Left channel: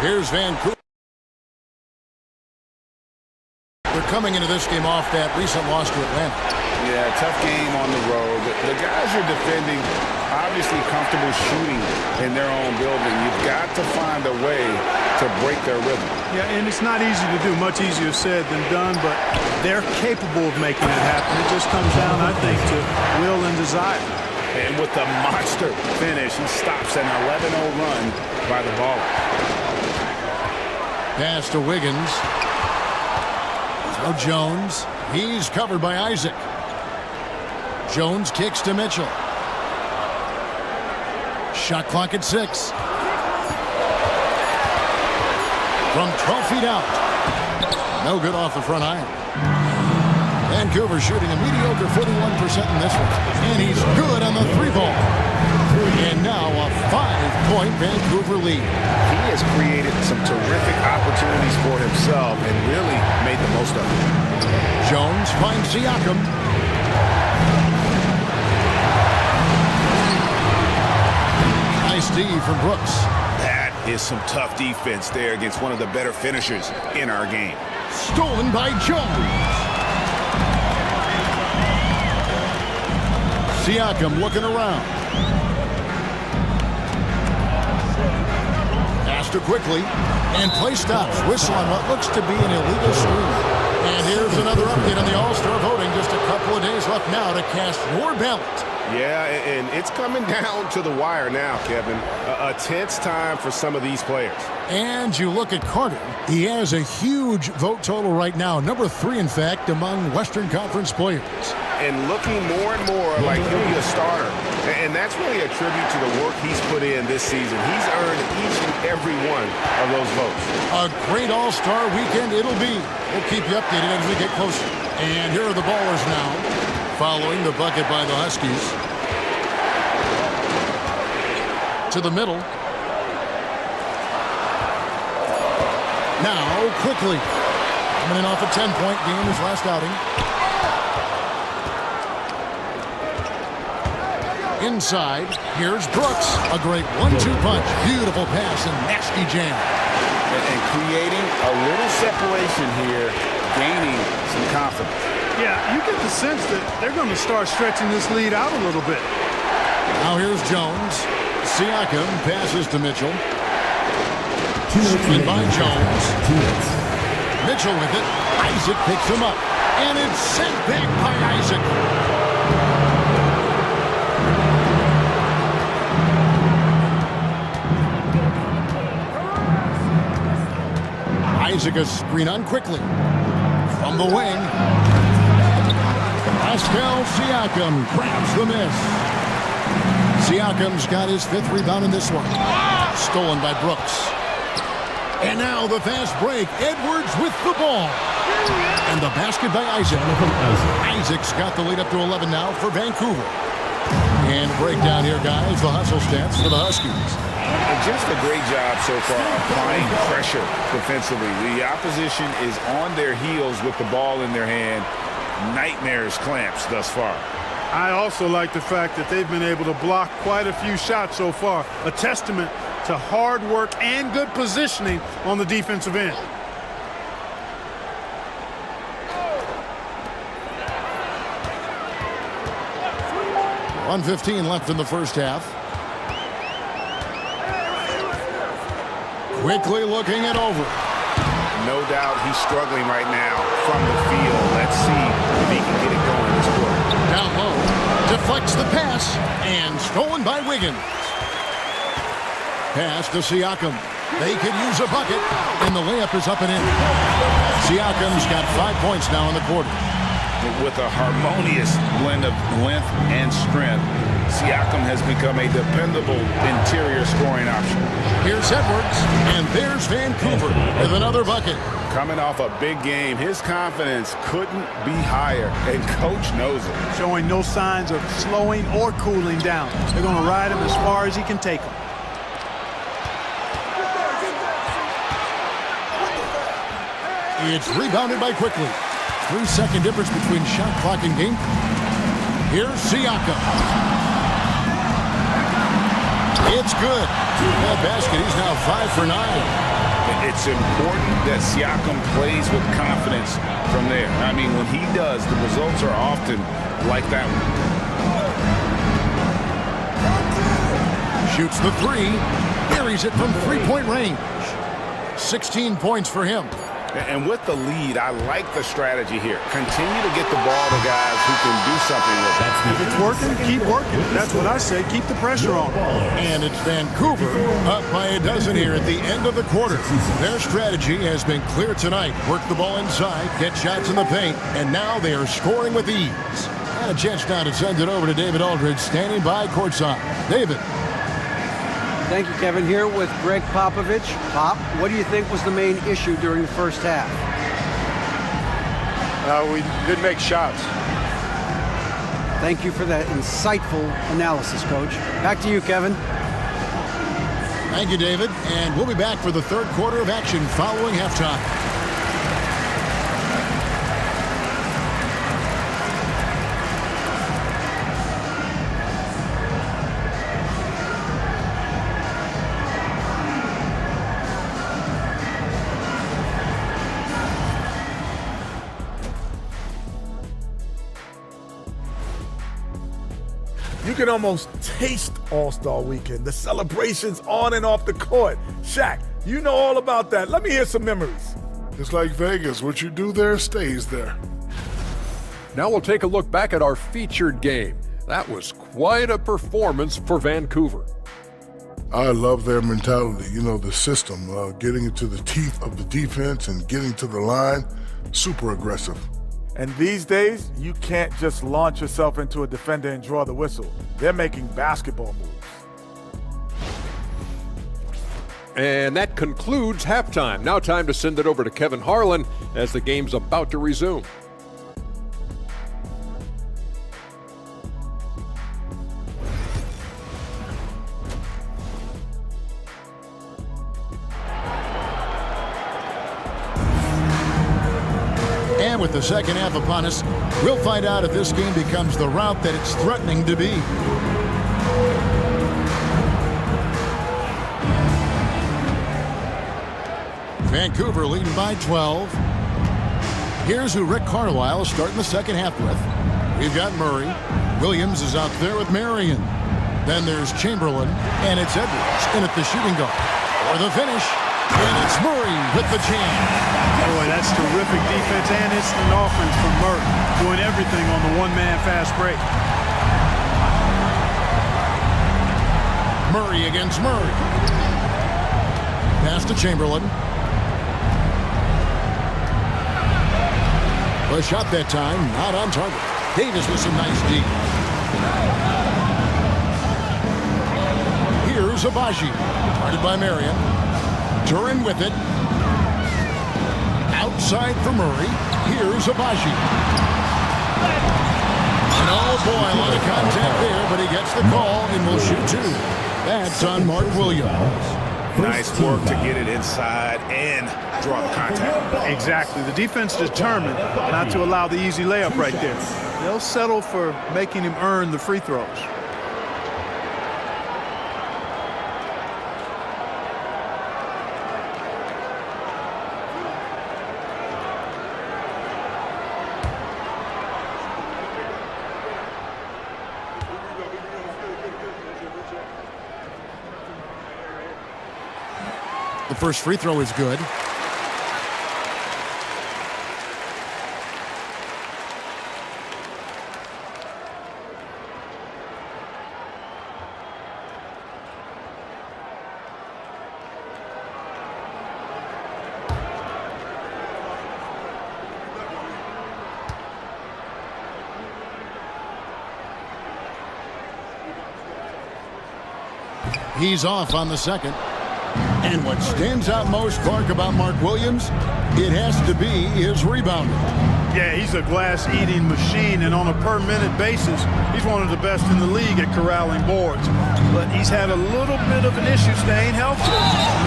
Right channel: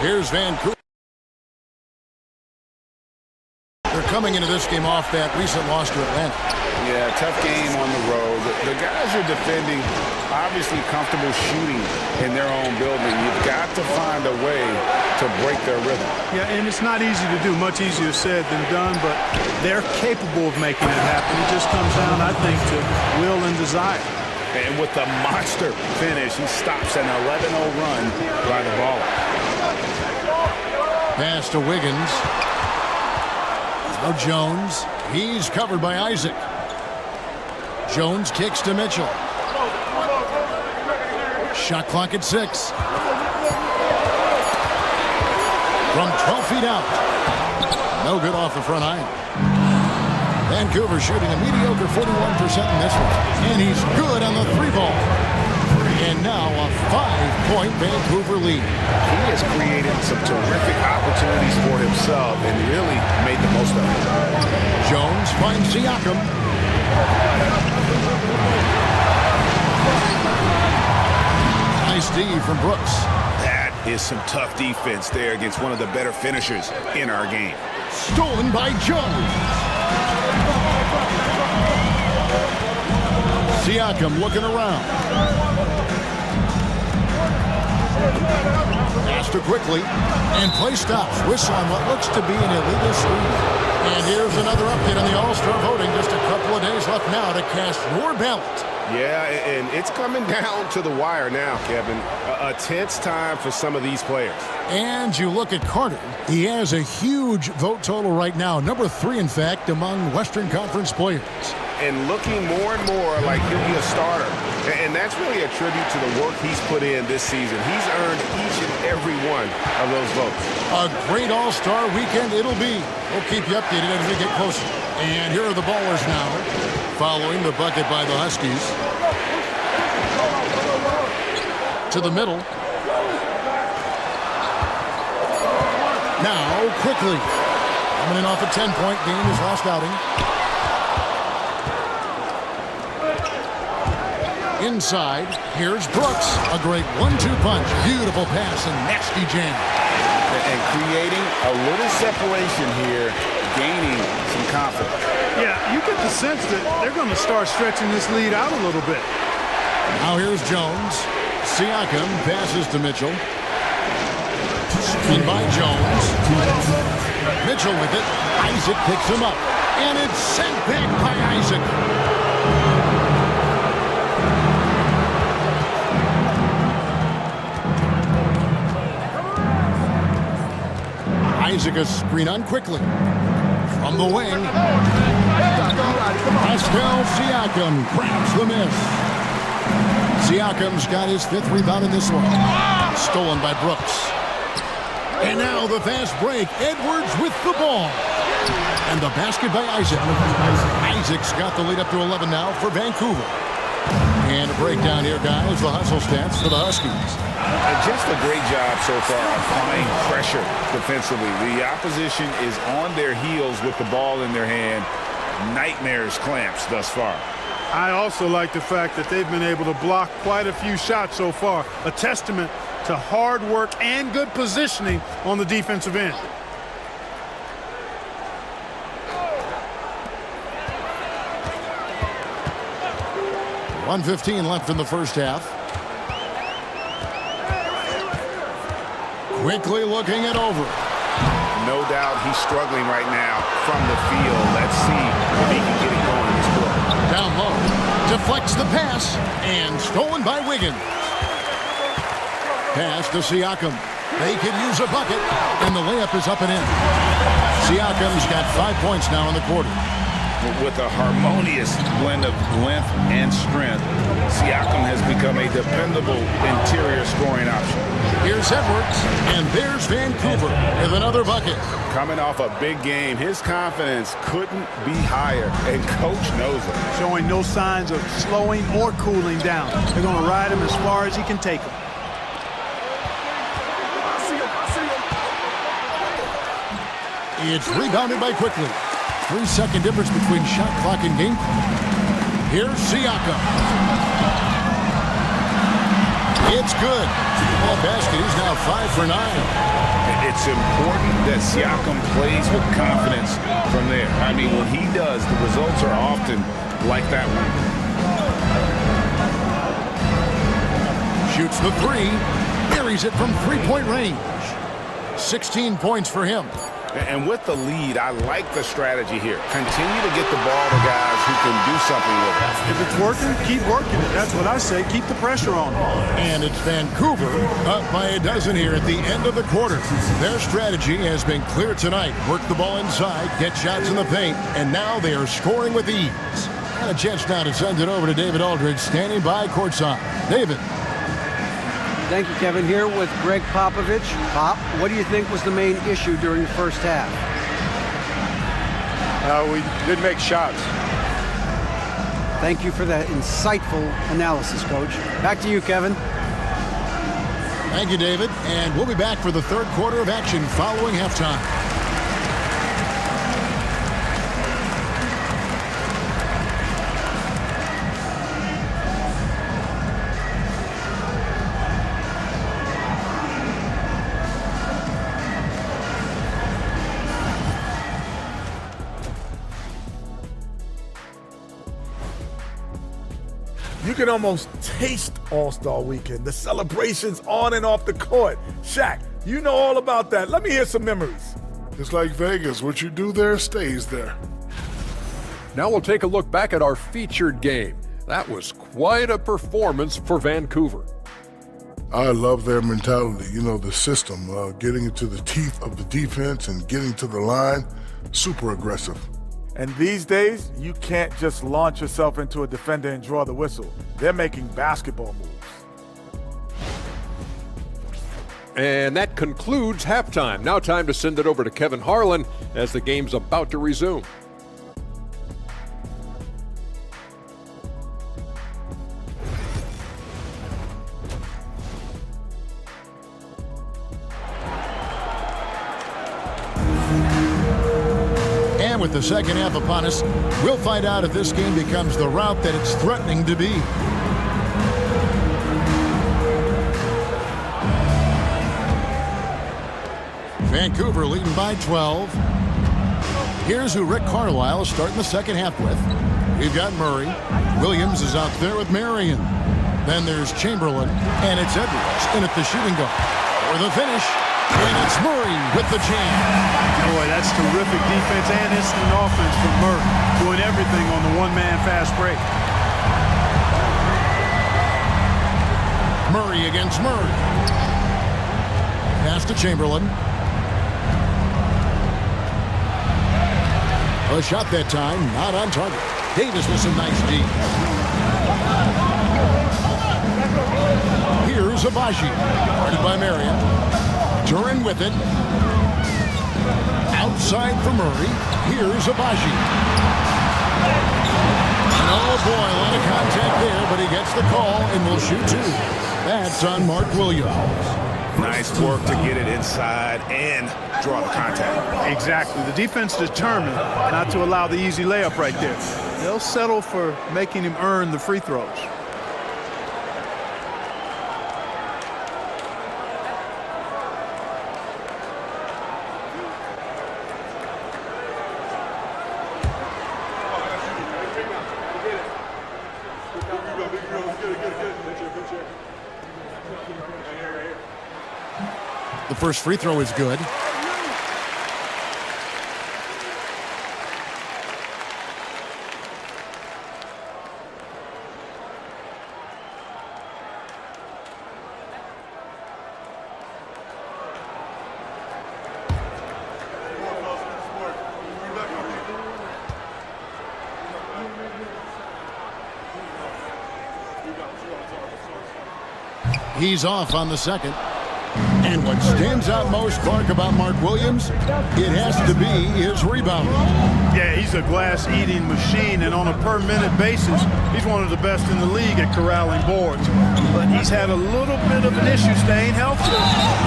Here's Vancouver. They're coming into this game off that recent loss to Atlanta. Yeah, tough game on the road. The guys you're defending, obviously comfortable shooting in their own building. You've got to find a way to break their rhythm. Yeah, and it's not easy to do. Much easier said than done, but they're capable of making it happen. It just comes down, I think, to will and desire. And with the monster finish, he stops an 11-0 run by the Ballers. Pass to Wiggins. Now Jones. He's covered by Isaac. Jones kicks to Mitchell. Shot clock at 6. From 12 feet out. No good off the front iron. Vancouver shooting a mediocre 41% in this one. And he's good on the 3-ball. And now a 5-point Vancouver lead. He has created some terrific opportunities for himself and really made the most of it. Jones finds Siakam. Nice D from Brooks. That is some tough defense there against one of the better finishers in our game. Stolen by Jones. Siakam looking around. Faster quickly. And play stops. Whistle on what looks to be an illegal screen. And here's another update on the All-Star voting. Just a couple of days left now to cast your ballot. Yeah, and it's coming down to the wire now, Kevin. A tense time for some of these players. And you look at Carter. He has a huge vote total right now. Number 3, in fact, among Western Conference players. And looking more and more like he'll be a starter. And that's really a tribute to the work he's put in this season. He's earned each and every one of those votes. A great All-Star weekend it'll be. We'll keep you updated as we get closer. And here are the Ballers now, following the bucket by the Huskies. To the middle. Now, quickly. Coming in off a 10-point game his last outing. Inside, here's Brooks. A great 1-2 punch. Beautiful pass and nasty jam. And creating a little separation here, gaining some confidence. Yeah, you get the sense that they're going to start stretching this lead out a little bit. Now here's Jones. Siakam passes to Mitchell. Screen by Jones. Mitchell with it. Isaac picks him up. And it's sent back by Isaac. Isaac a screen on quickly. From the wing. Pascal Siakam grabs the miss. Siakam's got his 5th rebound in this one. Stolen by Brooks. And now the fast break. Edwards with the ball. And the basket by Isaac. Isaac's got the lead up to 11 now for Vancouver. And a breakdown here, guys. The hustle stats for the Huskies. Just a great job so far applying pressure defensively. The opposition is on their heels with the ball in their hand. Nightmares clamps thus far. I also like the fact that they've been able to block quite a few shots so far. A testament to hard work and good positioning on the defensive end. .115 left in the first half. Quickly looking it over. No doubt he's struggling right now from the field. Let's see if he can get it going this quarter. Down low. Deflects the pass. And stolen by Wiggins. Pass to Siakam. They could use a bucket. And the layup is up and in. Siakam's got 5 points now in the quarter. With a harmonious blend of length and strength, Siakam has become a dependable interior scoring option. Here's Edwards, and there's Vancouver with another bucket. Coming off a big game, his confidence couldn't be higher, and coach knows it. Showing no signs of slowing or cooling down. They're going to ride him as far as he can take him. It's rebounded by quickly. 3-second difference between shot clock and game clock. Here's Siakam. It's good. That basket, he's now 5 for 9. It's important that Siakam plays with confidence from there. I mean, when he does, the results are often like that one. Shoots the three. Buries it from three-point range. 16 points for him. And with the lead, I like the strategy here. Continue to get the ball to guys who can do something with it. If it's working, keep working it. That's what I say. Keep the pressure on them. And it's Vancouver up by a dozen here at the end of the quarter. Their strategy has been clear tonight. Work the ball inside, get shots in the paint, and now they are scoring with ease. And a chance now to send it over to David Aldridge, standing by courtside. David. Thank you, Kevin. Here with Greg Popovich. Pop, what do you think was the main issue during the first half? We didn't make shots. Thank you for that insightful analysis, Coach. Back to you, Kevin. Thank you, David. And we'll be back for the third quarter of action following halftime. You can almost taste All-Star Weekend, the celebrations on and off the court. Shaq, you know all about that. Let me hear some memories. It's like Vegas. What you do there stays there. Now we'll take a look back at our featured game. That was quite a performance for Vancouver. I love their mentality, the system, getting into the teeth of the defense and getting to the line, super aggressive. And these days, you can't just launch yourself into a defender and draw the whistle. They're making basketball moves. And that concludes halftime. Now time to send it over to Kevin Harlan as the game's about to resume. And with the second half upon us, we'll find out if this game becomes the route that it's threatening to be. Vancouver leading by 12. Here's who Rick Carlisle is starting the second half with. We've got Murray. Williams is out there with Marion. Then there's Chamberlain, and it's Edwards in at the shooting guard. For the finish, and it's Murray with the jam. Boy, that's terrific defense and instant offense from Murray, doing everything on the one-man fast break. Murray against Murray. Pass to Chamberlain. A shot that time, not on target. Davis with some nice D. Here's Abaji, guarded by Marion. Duran with it. Outside for Murray. Here's Abaji. And oh boy, a lot of contact there, but he gets the call and will shoot two. That's on Mark Williams. Nice work to get it inside and draw the contact. Exactly. The defense determined not to allow the easy layup right there. They'll settle for making him earn the free throws. The first free throw is good. He's off on the second. And what stands out most, Clark, about Mark Williams, it has to be his rebounding. Yeah, he's a glass-eating machine, and on a per-minute basis, he's one of the best in the league at corralling boards. But he's had a little bit of an issue staying healthy.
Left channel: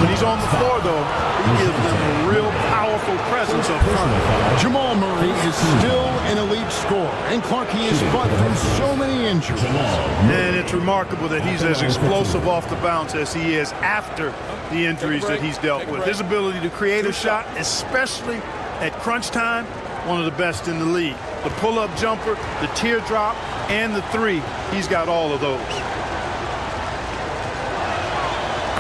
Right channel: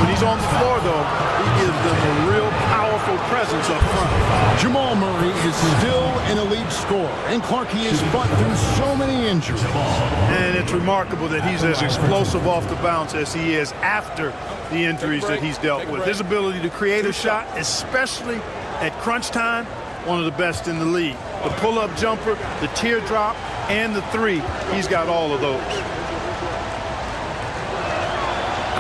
When he's on the floor, though, he gives them a real powerful presence up front. Jamal Murray is still an elite scorer, and Clark, he has fought through so many injuries. And it's remarkable that he's as explosive off the bounce as he is after the injuries that he's dealt with. His ability to create a shot, especially at crunch time, one of the best in the league. The pull-up jumper, the teardrop, and the three, he's got all of those.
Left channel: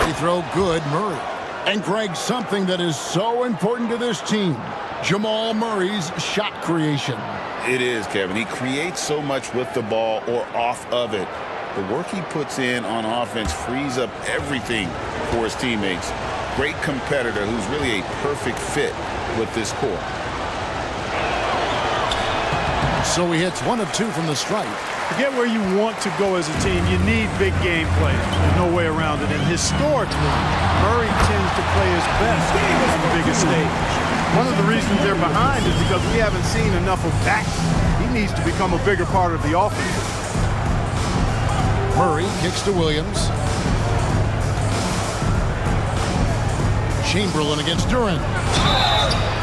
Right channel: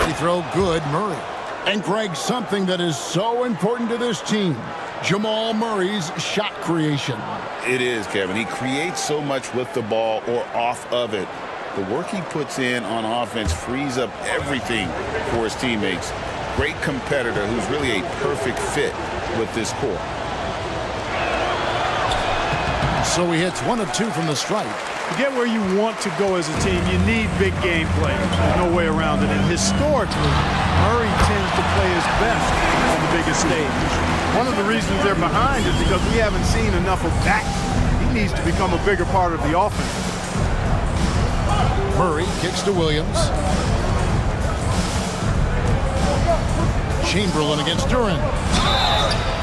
Free throw good, Murray. And Greg, something that is so important to this team, Jamal Murray's shot creation. It is, Kevin. He creates so much with the ball or off of it. The work he puts in on offense frees up everything for his teammates. Great competitor who's really a perfect fit with this core. So he hits 1 of 2 from the stripe. To get where you want to go as a team, you need big game players. There's no way around it. And historically, Murray tends to play his best on the biggest stage. One of the reasons they're behind is because we haven't seen enough of that. He needs to become a bigger part of the offense. Murray kicks to Williams. Chamberlain against Duran.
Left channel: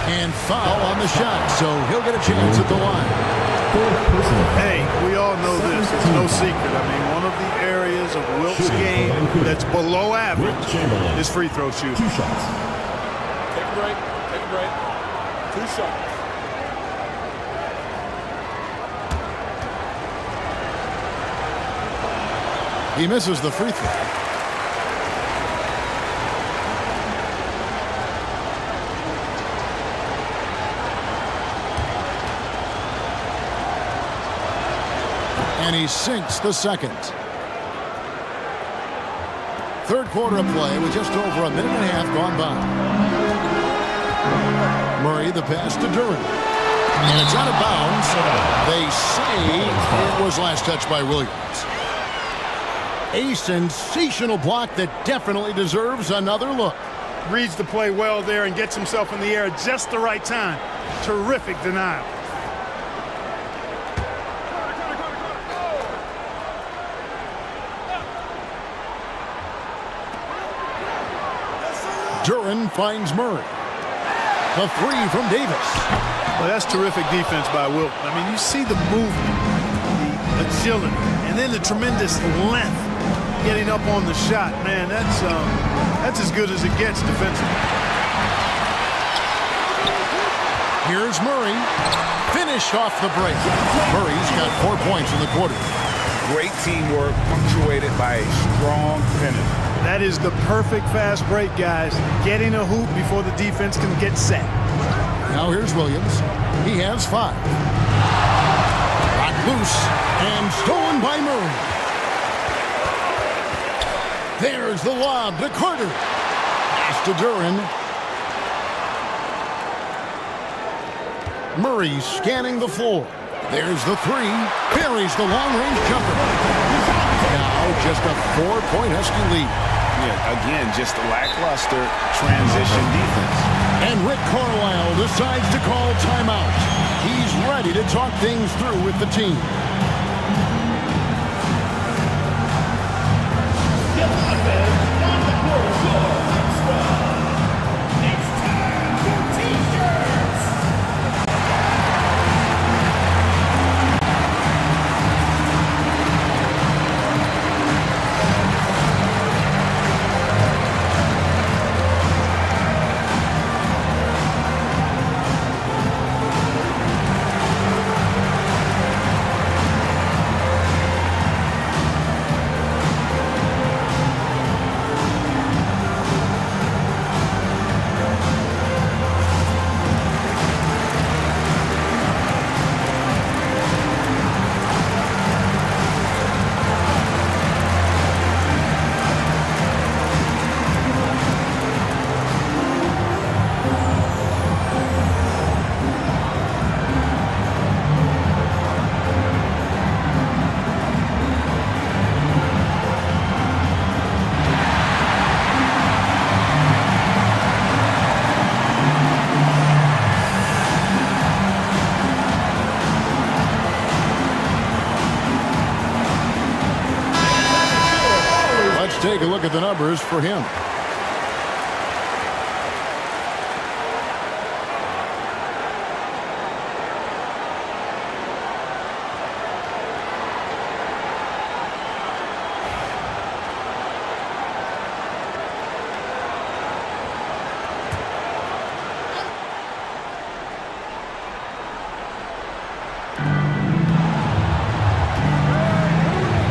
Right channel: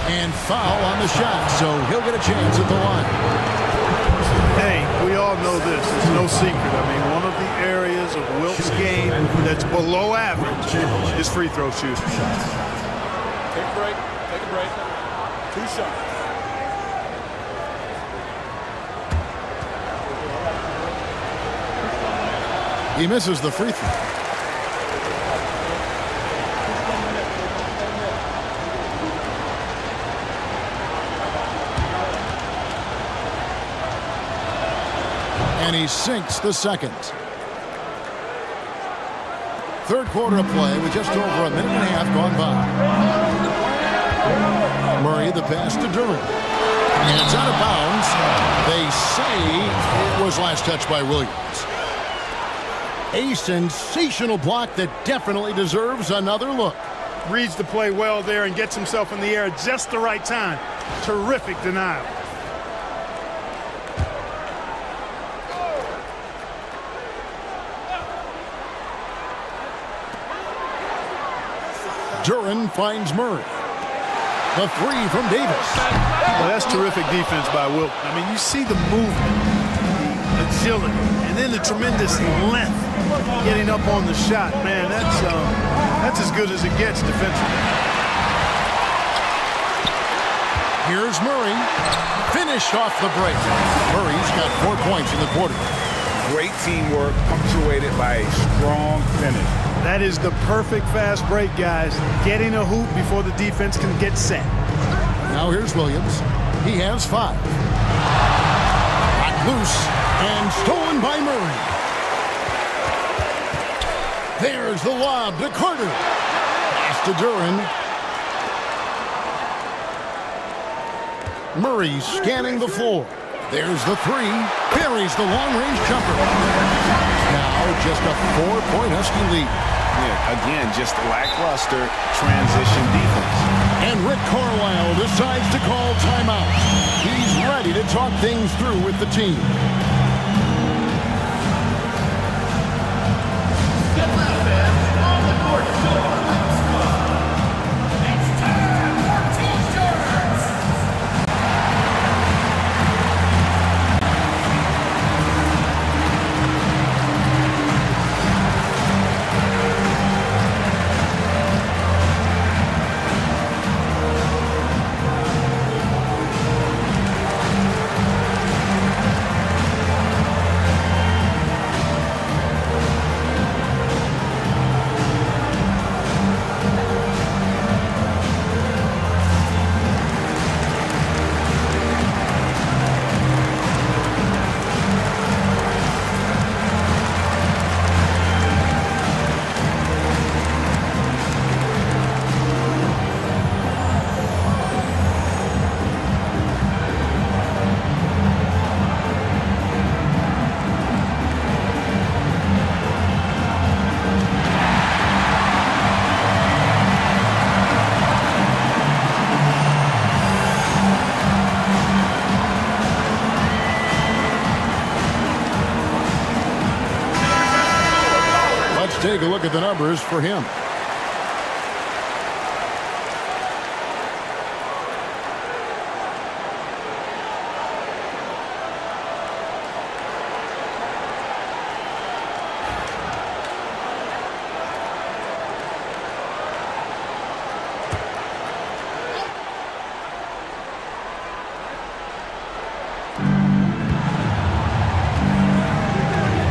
And foul on the shot, so he'll get a chance at the line. Hey, we all know this. It's no secret. I mean, one of the areas of Wilt's game that's below average is free throw shooting. 2 shots. Take a break. Take a break. 2 shots. He misses the free throw. And he sinks the second. Third quarter of play with just over a minute and a half gone by. Murray the pass to Duran. And it's out of bounds. They say it was last touched by Williams. A sensational block that definitely deserves another look. Reads the play well there and gets himself in the air at just the right time. Terrific denial. Duran finds Murray. The three from Davis. Well, that's terrific defense by Wilt. I mean, you see the movement, the agility, and then the tremendous length getting up on the shot. Man, that's as good as it gets defensively. Here's Murray. Finished off the break. Murray's got 4 points in the quarter. Great teamwork punctuated by a strong finish. That is the perfect fast break, guys. Getting a hoop before the defense can get set. Now here's Williams. He has 5. Knocked loose and stolen by Murray. There's the lob to Carter. Pass to Duran. Murray scanning the floor. There's the 3. Buries the long-range jumper. Now just a 4-point Husky lead. Yeah, again, just lackluster transition defense. And Rick Carlisle decides to call timeout. He's ready to talk things through with the team. On the court, it's time for T-shirts. take a look at the numbers for him.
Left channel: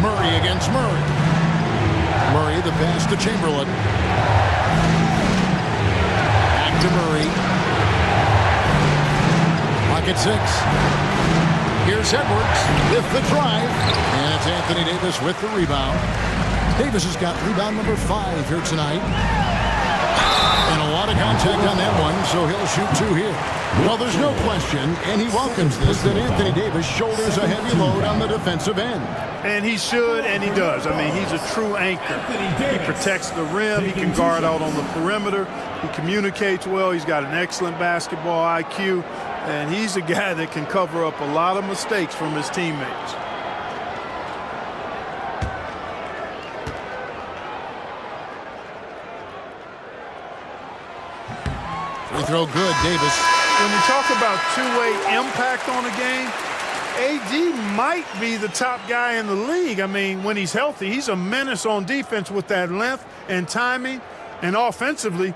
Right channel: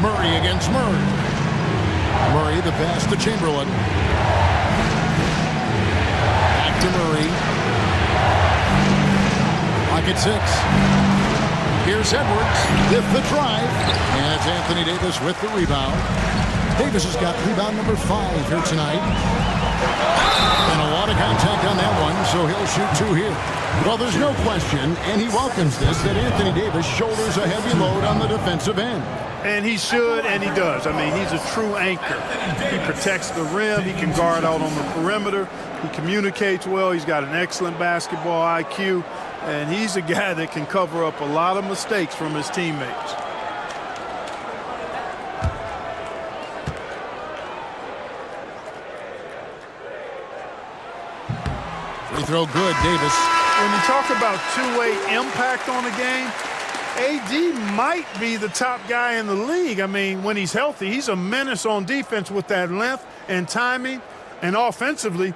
Murray against Murray. Murray, the pass to Chamberlain. Back to Murray. Pocket 6. Here's Edwards with the drive. And it's Anthony Davis with the rebound. Davis has got rebound number 5 here tonight. And a lot of contact on that one, so he'll shoot 2 here. Well, there's no question, and he welcomes this, that Anthony Davis shoulders a heavy load on the defensive end. And he should, and he does. I mean, he's a true anchor. He protects the rim. He can guard out on the perimeter. He communicates well. He's got an excellent basketball IQ. And he's a guy that can cover up a lot of mistakes from his teammates. Free throw good, Davis. When you talk about two-way impact on a game, AD might be the top guy in the league. I mean, when he's healthy, he's a menace on defense with that length and timing. And offensively,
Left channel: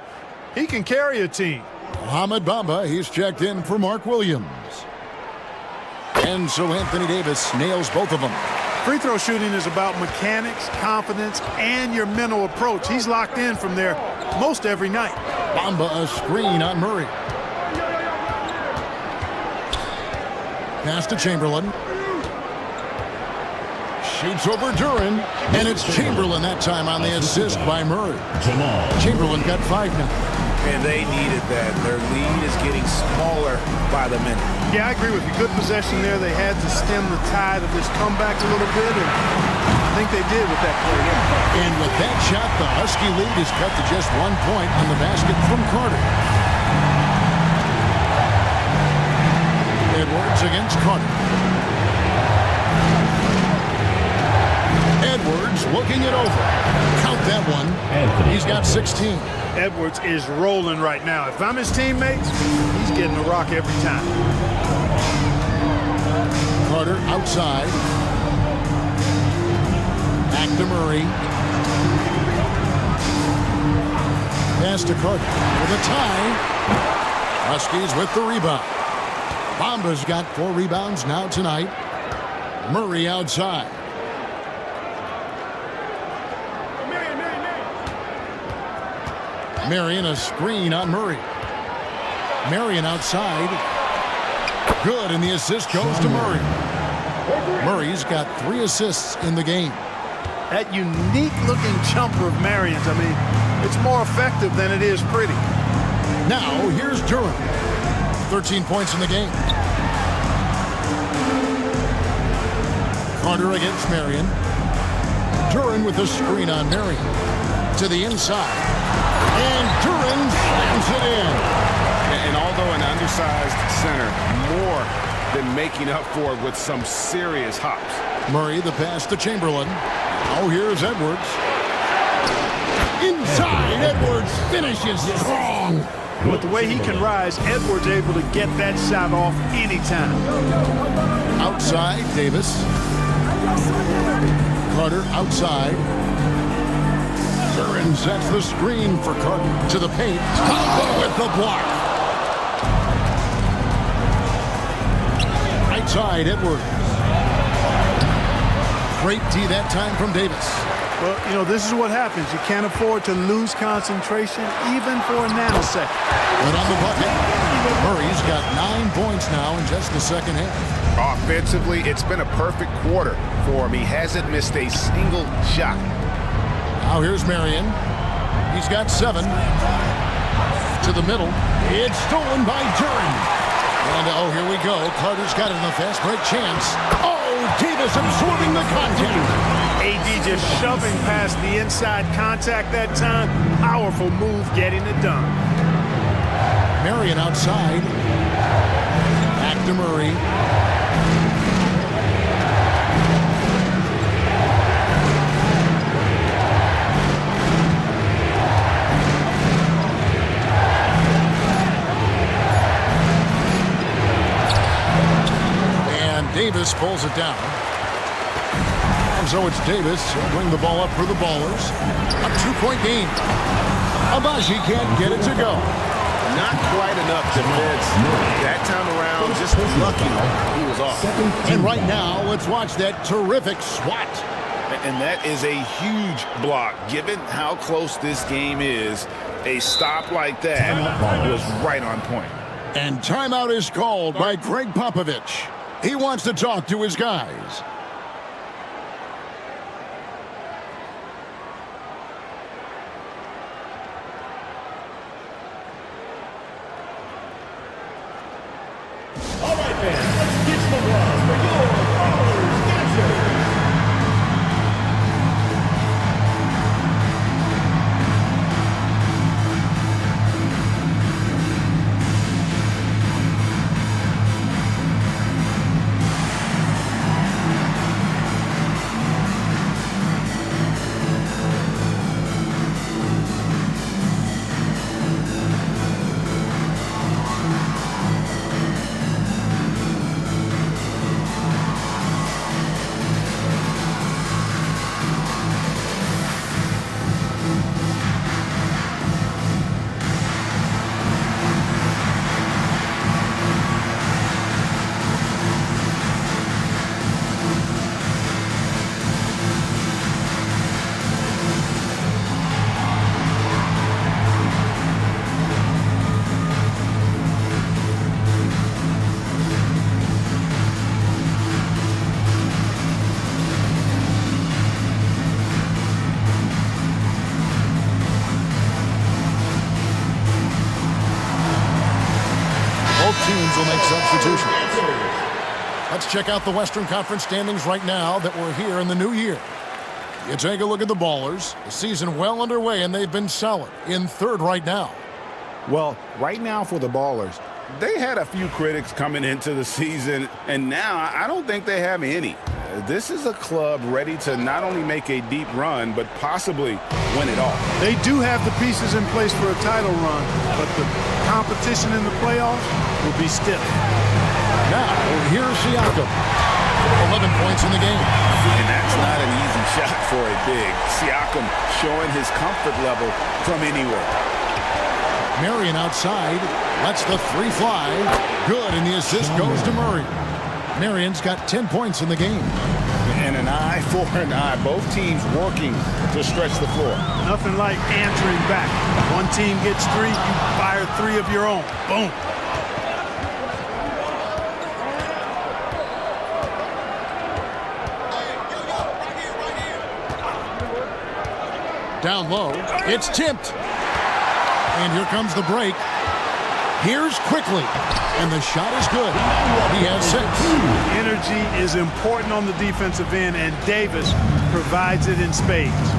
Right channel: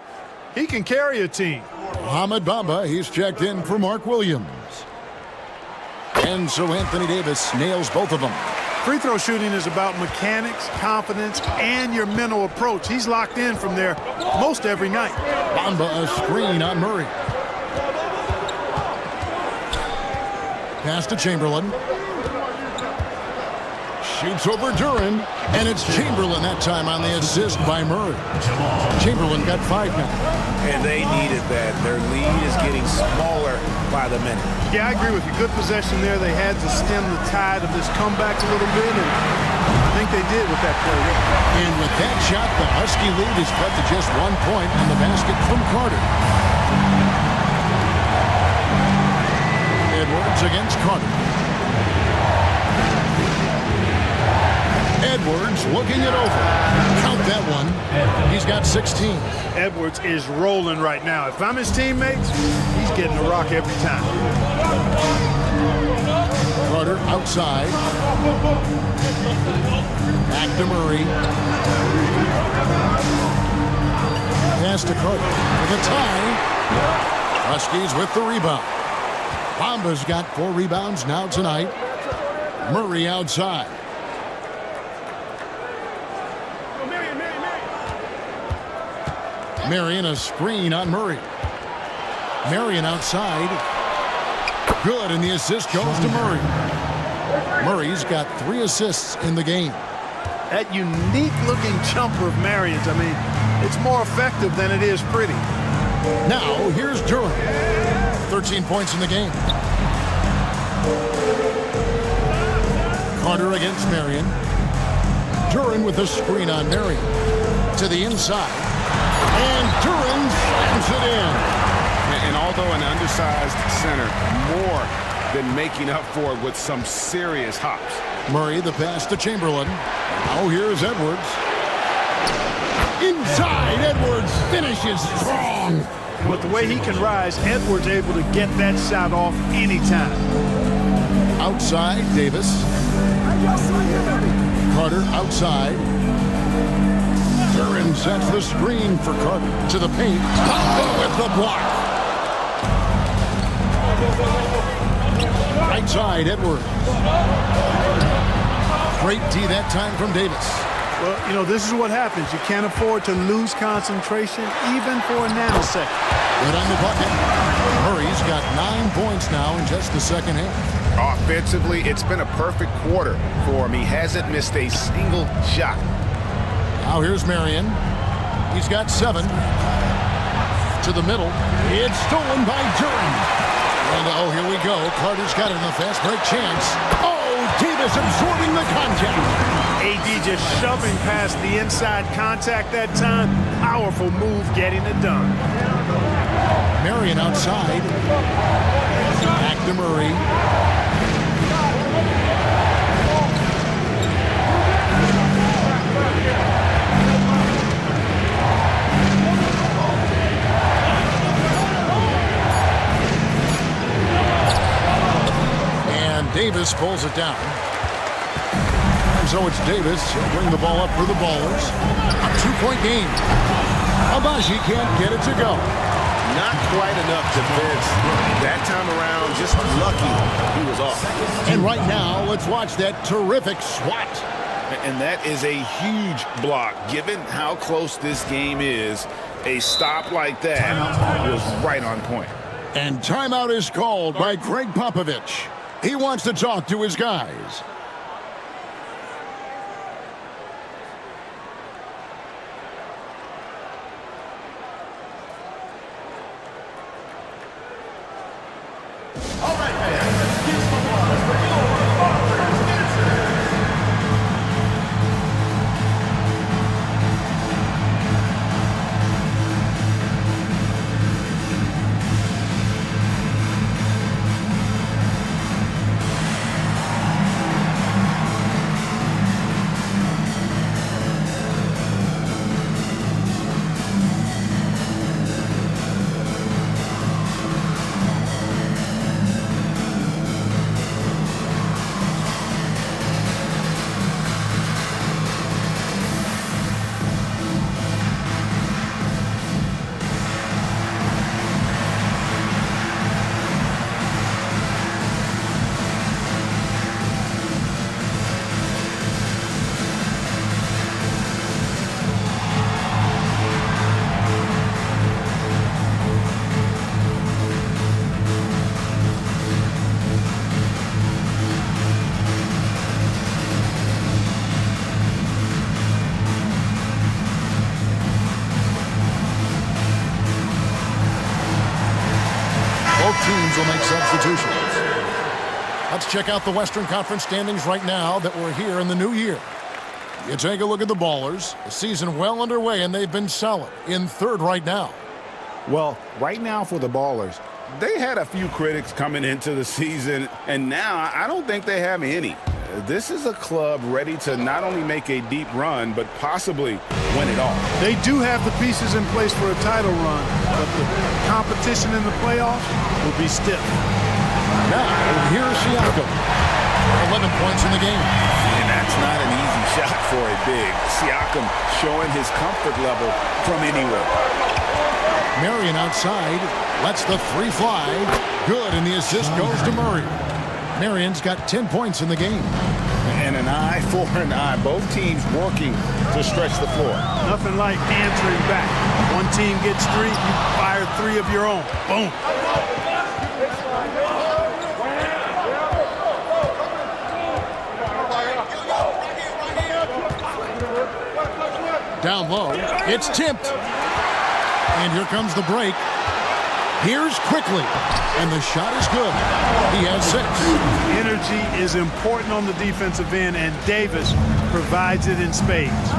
he can carry a team. Mohamed Bamba, he's checked in for Mark Williams. And so Anthony Davis nails both of them. Free throw shooting is about mechanics, confidence, and your mental approach. He's locked in from there most every night. Bamba a screen on Murray. Pass to Chamberlain. Shoots over Duran, and it's Chamberlain that time on the assist by Murray. Chamberlain got 5 now. And they needed that. Their lead is getting smaller by the minute. Yeah, I agree with you. Good possession there. They had to stem the tide of this comeback a little bit, and I think they did with that play there. And with that shot, the Husky lead is cut to just 1 point on the basket from Carter. Edwards against Carter. Edwards looking it over. Count that one. He's got 16. Edwards is rolling right now. If I'm his teammates, he's getting a rock every time. Carter outside. Back to Murray. Pass to Carter for the tie. Huskies with the rebound. Bamba's got 4 rebounds now tonight. Murray outside. Marion a screen on Murray. Marion outside. Good, and the assist goes to Murray. Murray's got 3 assists in the game. That unique-looking jumper of Marion's, I mean, it's more effective than it is pretty. Now, here's Duran. 13 points in the game. Carter against Marion. Duran with a screen on Marion. To the inside. And Duran slams it in. And although an undersized center, more than making up for it with some serious hops. Murray, the pass to Chamberlain. Now here's Edwards. Inside, Edwards finishes strong. And with the way he can rise, Edwards able to get that shot off anytime. Outside, Davis. Carter outside. Duran sets the screen for Carter to the paint. Bamba with the block. Right side, Edwards. Great D that time from Davis. Well, you know, this is what happens. You can't afford to lose concentration even for a nanosecond. Good on the bucket. Murray's got 9 points now in just the second half. Offensively, it's been a perfect quarter for him. He hasn't missed a single shot. Now here's Marion. He's got 7. To the middle. It's stolen by Duran. And oh, here we go. Carter's got it in the fast break chance. Oh, Davis absorbing the contact. AD just shoving past the inside contact that time. Powerful move getting it done. Marion outside. Back to Murray. Davis pulls it down. And so it's Davis. He'll bring the ball up for the Ballers. A 2-point game. Abaji can't get it to go. Not quite enough defense that time around. Just lucky he was off. And right now, let's watch that terrific swat. And that is a huge block. Given how close this game is, a stop like that was right on point. And timeout is called by Greg Popovich. He wants to talk to his guys. All right, man, let's kiss the blood. Bring over Father's Dancer. Both teams will make substitutions. Let's check out the Western Conference standings right now that we're here in the new year. You take a look at the Ballers. The season well underway, and they've been solid in third right now. Well, right now for the Ballers, they had a few critics coming into the season, and now I don't think they have any. This is a club ready to not only make a deep run, but possibly win it all. They do have the pieces in place for a title run, but the competition in the playoffs will be stiff. Now, here's Siakam. 11 points in the game. And that's not an easy shot for a big. Siakam showing his comfort level from anywhere. Marion outside, lets the three fly. Good, and the assist goes to Murray. Marion's got 10 points in the game. And an eye for an eye. Both teams working to stretch the floor. Nothing like answering back. One team gets three, you fire three of your own. Boom. Down low, it's tipped. And here comes the break. Here's quickly, and the shot is good. He has 6. Energy is important on the defensive end, and Davis provides it in spades.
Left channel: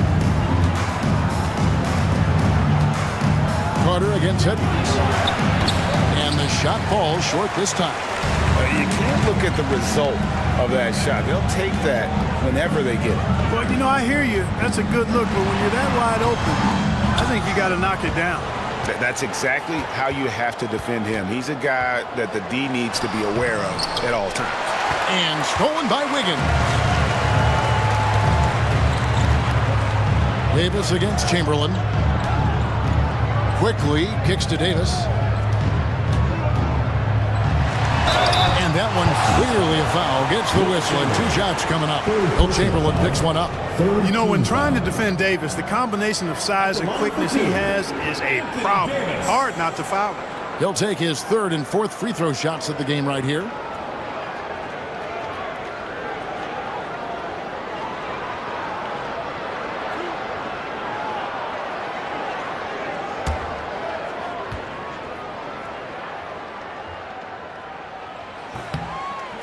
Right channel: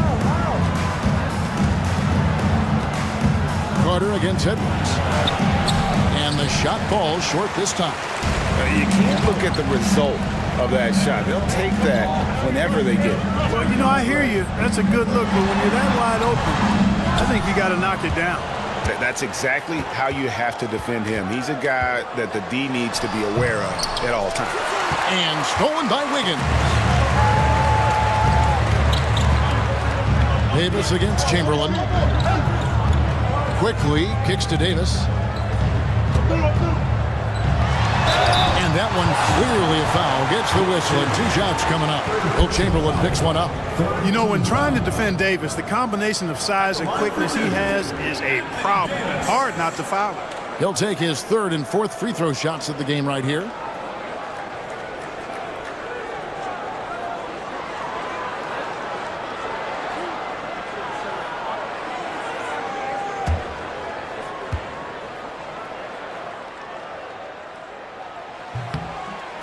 Carter against Edwards. And the shot falls short this time. You can't look at the result of that shot. They'll take that whenever they get it. Well, you know, I hear you. That's a good look, but when you're that wide open, I think you got to knock it down. That's exactly how you have to defend him. He's a guy that the D needs to be aware of at all times. And stolen by Wiggins. Davis against Chamberlain. Quickly kicks to Davis. And that one clearly a foul. Gets the whistle, and 2 shots coming up. Will Chamberlain picks one up. You know, when trying to defend Davis, the combination of size and quickness he has is a problem. Hard not to foul him. He'll take his 3rd and 4th free throw shots of the game right here.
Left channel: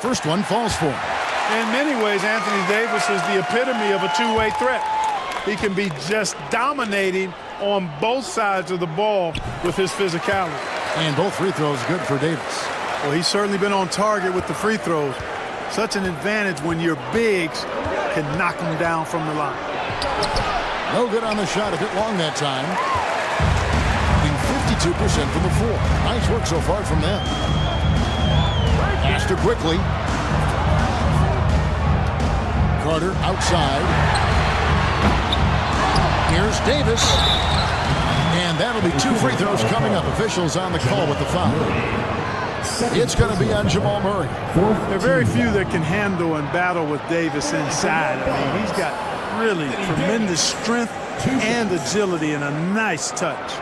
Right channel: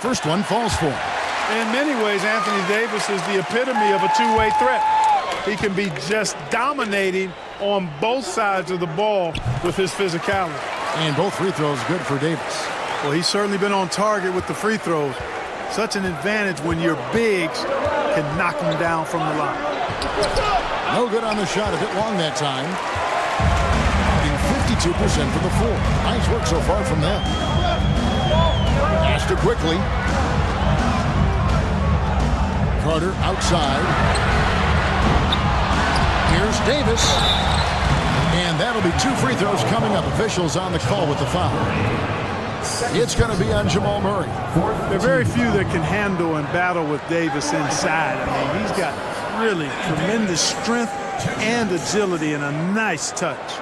First one falls for him. In many ways, Anthony Davis is the epitome of a two-way threat. He can be just dominating on both sides of the ball with his physicality. And both free throws good for Davis. Well, he's certainly been on target with the free throws. Such an advantage when your bigs can knock them down from the line. No good on the shot, a bit long that time. Shooting 52% from the floor. Nice work so far from them. Pass to quickly. Carter outside. Here's Davis. And that'll be 2 free throws coming up. Officials on the call with the foul. It's going to be on Jamal Murray. There are very few that can handle and battle with Davis inside. I mean, he's got really tremendous strength and agility and a nice touch.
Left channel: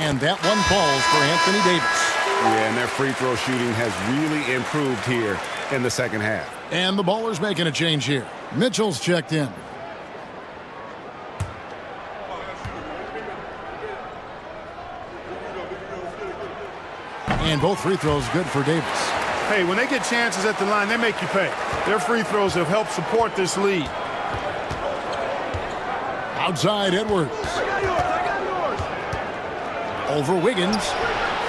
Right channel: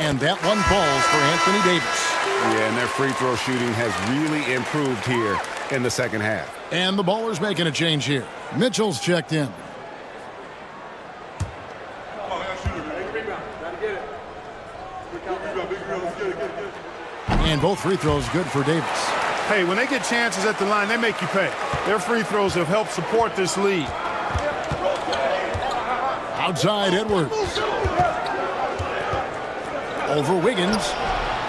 And that one falls for Anthony Davis. Yeah, and their free throw shooting has really improved here in the second half. And the Ballers making a change here. Mitchell's checked in. And both free throws good for Davis. Hey, when they get chances at the line, they make you pay. Their free throws have helped support this lead. Outside Edwards. Over Wiggins.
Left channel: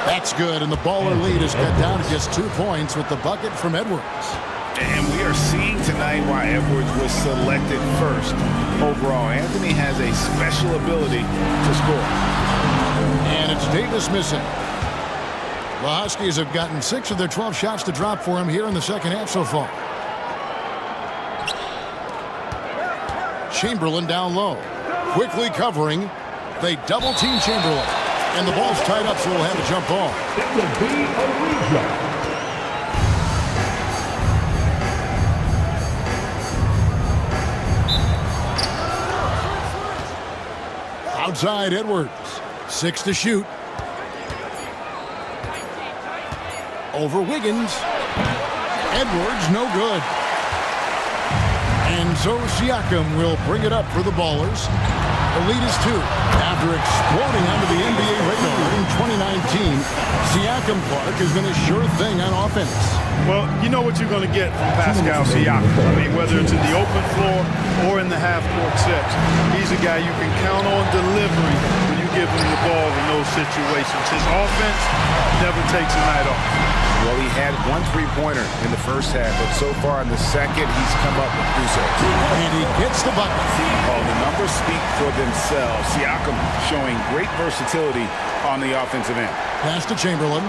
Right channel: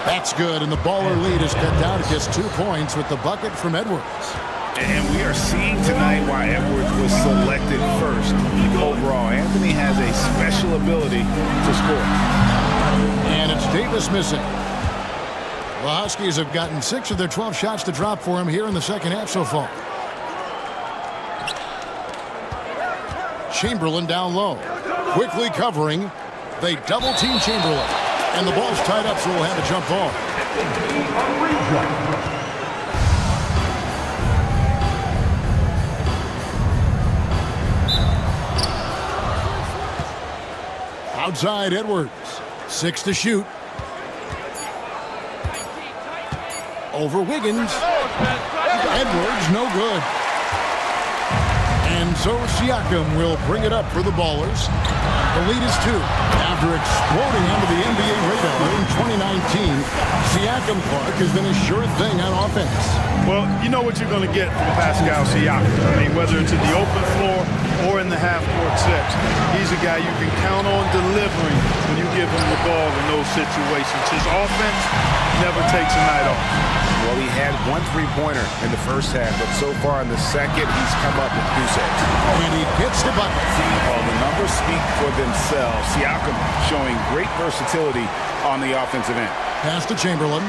That's good, and the Baller lead is cut down to just 2 points with the bucket from Edwards. And we are seeing tonight why Edwards was selected first overall. Anthony has a special ability to score. And it's Davis missing. The Huskies have gotten 6 of their 12 shots to drop for him here in the second half so far. Chamberlain down low. Quickly covering. They double-team Chamberlain. And the ball's tied up, so we'll have a jump ball. It will be a replay. Outside Edwards. 6 to shoot. Over Wiggins. Edwards, no good. And so Siakam will bring it up for the Ballers. The lead is 2. After exploding onto the NBA radar in 2019, Siakam Clark has been a sure thing on offense. Well, you know what you're going to get from Pascal Siakam. I mean, whether it's in the open floor or in the half-court sets, he's a guy you can count on delivering when you give him the ball in those situations. His offense never takes a night off. Well, he had 1 3-pointer in the first half, but so far in the second, he's come up with goose eggs. And he gets the bucket. Well, the numbers speak for themselves. Siakam showing great versatility on the offensive end. Pass to Chamberlain.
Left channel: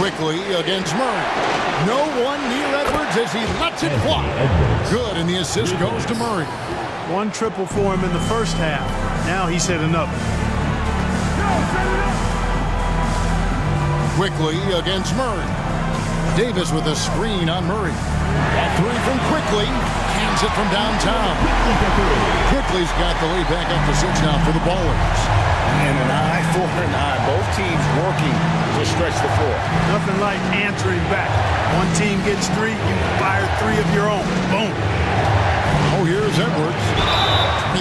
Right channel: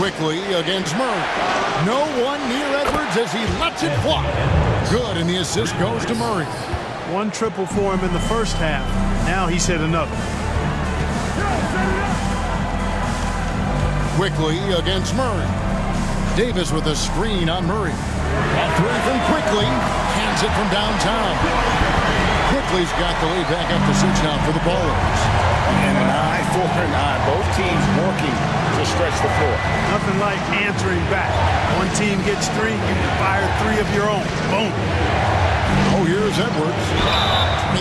Quickly against Murray. No one near Edwards as he lets it fly. Good, and the assist goes to Murray. 1 triple for him in the first half. Now he's hit another. Quickly against Murray. Davis with a screen on Murray. A 3 from Quickly. Cans it from downtown. Quickly's got the lead back up to 6 now for the Ballers. And an eye for an eye. Both teams working to stretch the floor. Nothing like answering back. One team gets 3, you fire 3 of your own. Boom. Oh, here's Edwards.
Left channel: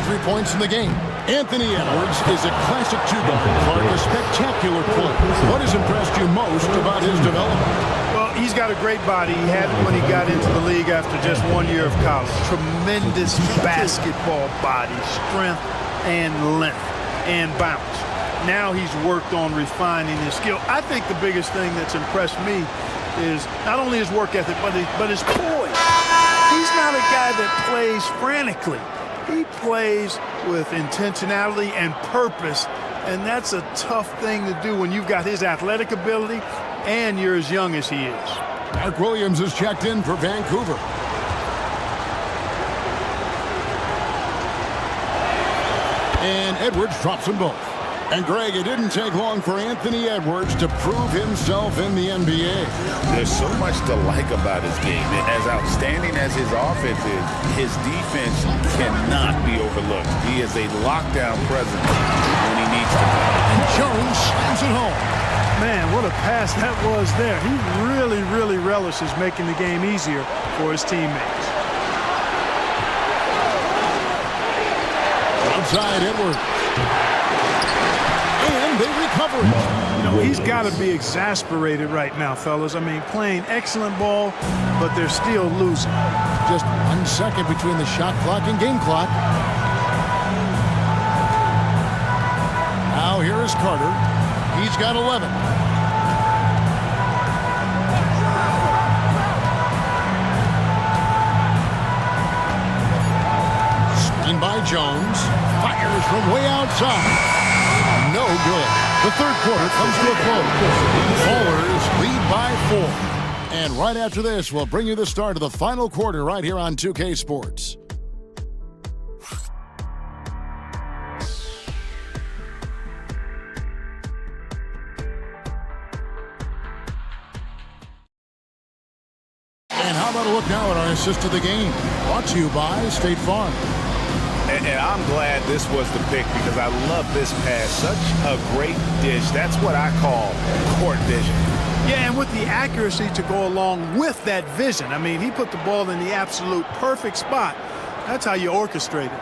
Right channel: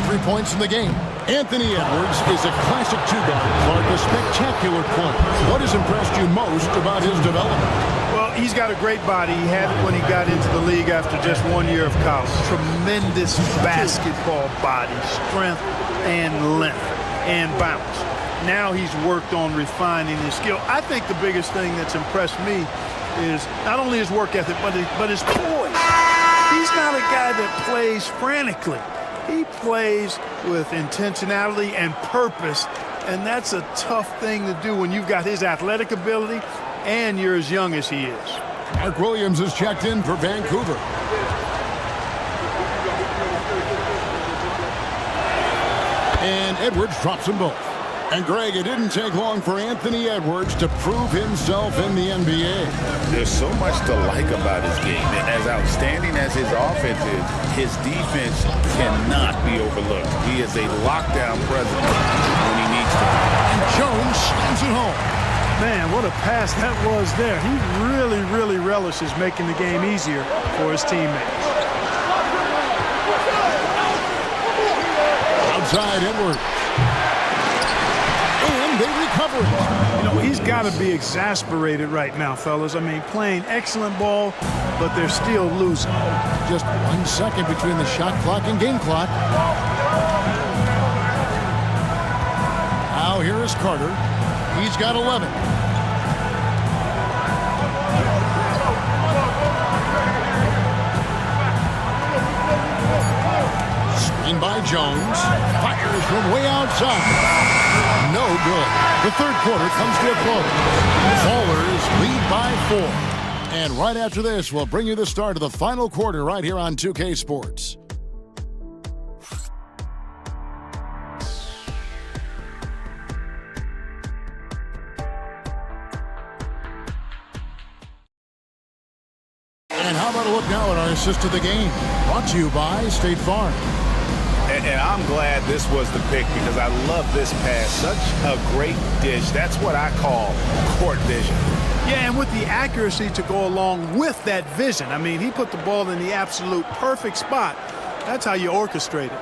23 points in the game. Anthony Edwards is a classic 2-guard. Clark, a spectacular player. What has impressed you most about his development? Well, he's got a great body. He had it when he got into the league after just 1 year of college. Tremendous basketball body, strength and length and bounce. Now he's worked on refining his skill. I think the biggest thing that's impressed me is not only his work ethic, but his poise. He's not a guy that plays frantically. He plays with intentionality and purpose, and that's a tough thing to do when you've got his athletic ability and you're as young as he is. Mark Williams is checked in for Vancouver. And Edwards drops them both. And Greg, it didn't take long for Anthony Edwards to prove himself in the NBA. There's so much to like about his game. As outstanding as his offense is, his defense cannot be overlooked. He is a lockdown presence when he needs to be. And Jones slams it home. Man, what a pass that was there. He really relishes making the game easier for his teammates. Outside Edwards. And they recover it. You know, he's got to be exasperated right now, fellas. I mean, playing excellent ball, but they're still losing. Just 1 second between the shot clock and game clock. Now here is Carter. He's got 11. In by Jones. Fires from way outside. No good. The third quarter comes to a close. Ballers lead by 4. And right after this, we'll bring you the start of the final quarter right here on 2K Sports. And how about a look now at our assist of the game? Brought to you by State Farm. And I'm glad this was the pick because I love this pass. Such a great dish. That's what I call court vision. Yeah, and with the accuracy to go along with that vision. I mean, he put the ball in the absolute perfect spot. That's how you orchestrate it.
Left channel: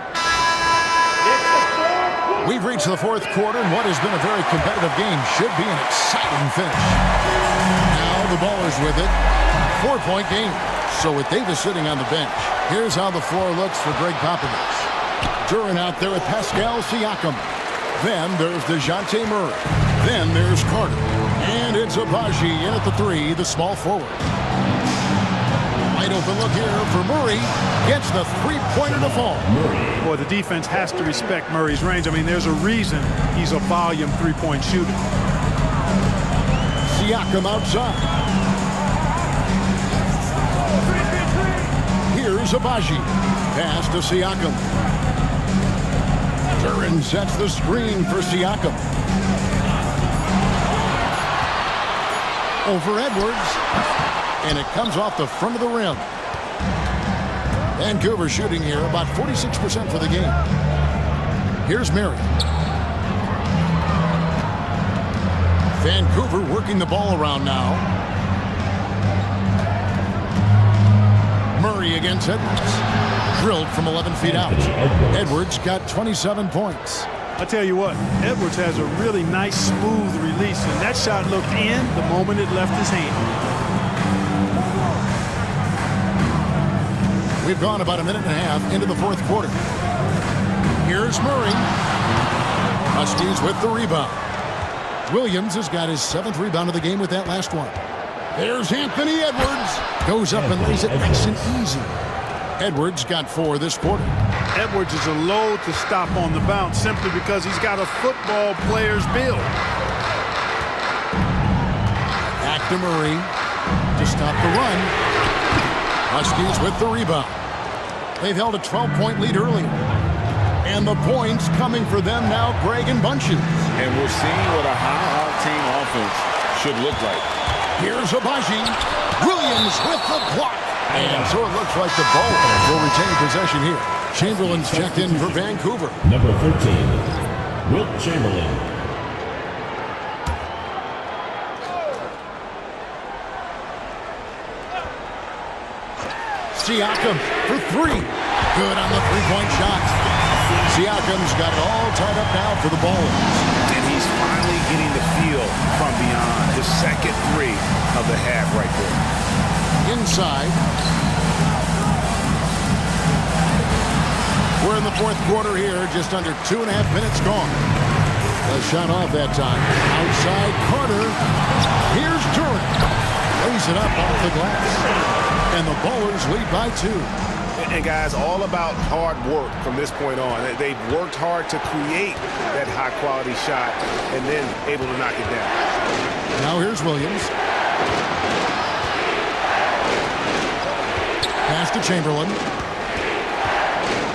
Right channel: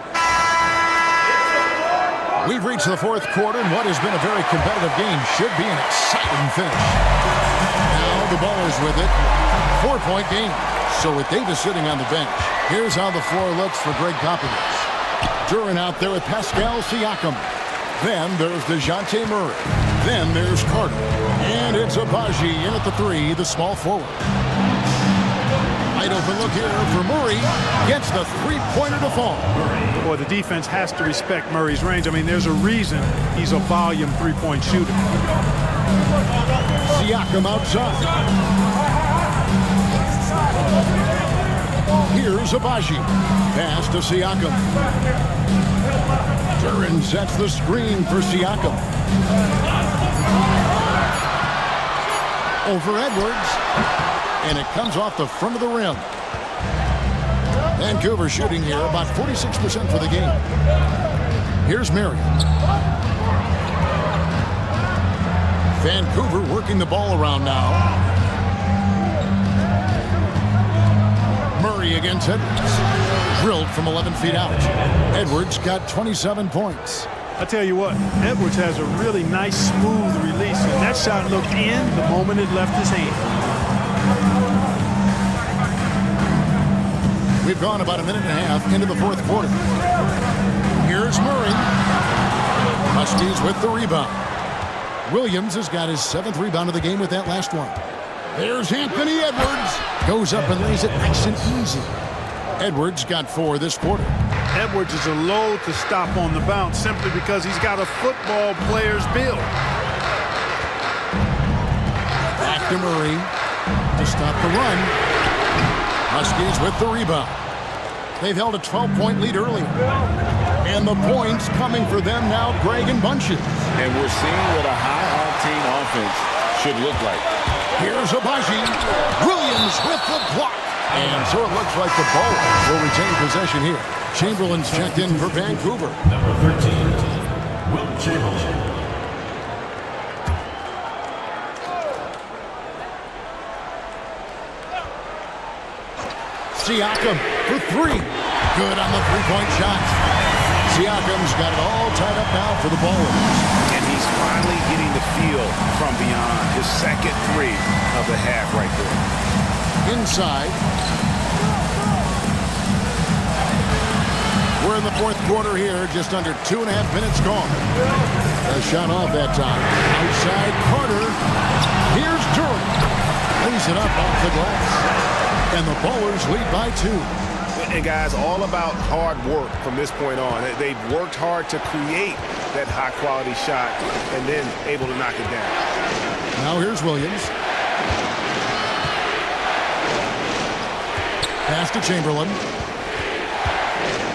We've reached the fourth quarter, and what has been a very competitive game should be an exciting finish. Now the Ballers with it. 4-point game. So with Davis sitting on the bench, here's how the floor looks for Greg Popovich. Duran out there with Pascal Siakam. Then there's DeJounte Murray. Then there's Carter. And it's Agbaji in at the 3, the small forward. Wide open look here for Murray. Gets the three-pointer to fall. Boy, the defense has to respect Murray's range. I mean, there's a reason he's a volume three-point shooter. Siakam outside. Here's Agbaji. Pass to Siakam. Duran sets the screen for Siakam. Over Edwards. And it comes off the front of the rim. Vancouver shooting here about 46% for the game. Here's Marion. Vancouver working the ball around now. Murray against Edwards. Drilled from 11 feet out. Edwards got 27 points. I tell you what, Edwards has a really nice, smooth release, and that shot looked in the moment it left his hand. We've gone about a minute and a half into the fourth quarter. Here's Murray. Huskies with the rebound. Williams has got his 7th rebound of the game with that last one. There's Anthony Edwards. Goes up and lays it nice and easy. Edwards got 4 this quarter. Edwards is a load to stop on the bounce simply because he's got a football player's build. Back to Murray to stop the run. Huskies with the rebound. They've held a 12-point lead earlier. And the points coming for them now, Greg, in bunches. And we're seeing what a high-octane offense should look like. Here's Agbaji. Williams with the block. And so it looks like the Ballers will retain possession here. Chamberlain's checked in for Vancouver. Number 13, Wilt Chamberlain. Siakam for 3. Good on the three-point shot. Siakam's got it all tied up now for the Ballers. And he's finally getting the feel from beyond. His second 3 of the half right there. Inside. We're in the fourth quarter here, just under 2.5 minutes gone. A shot off that time. Outside Carter. Here's Duran. Lays it up off the glass. And the Ballers lead by 2. And guys, all about hard work from this point on. They've worked hard to create that high-quality shot and then able to knock it down. Now here's Williams. Pass to Chamberlain.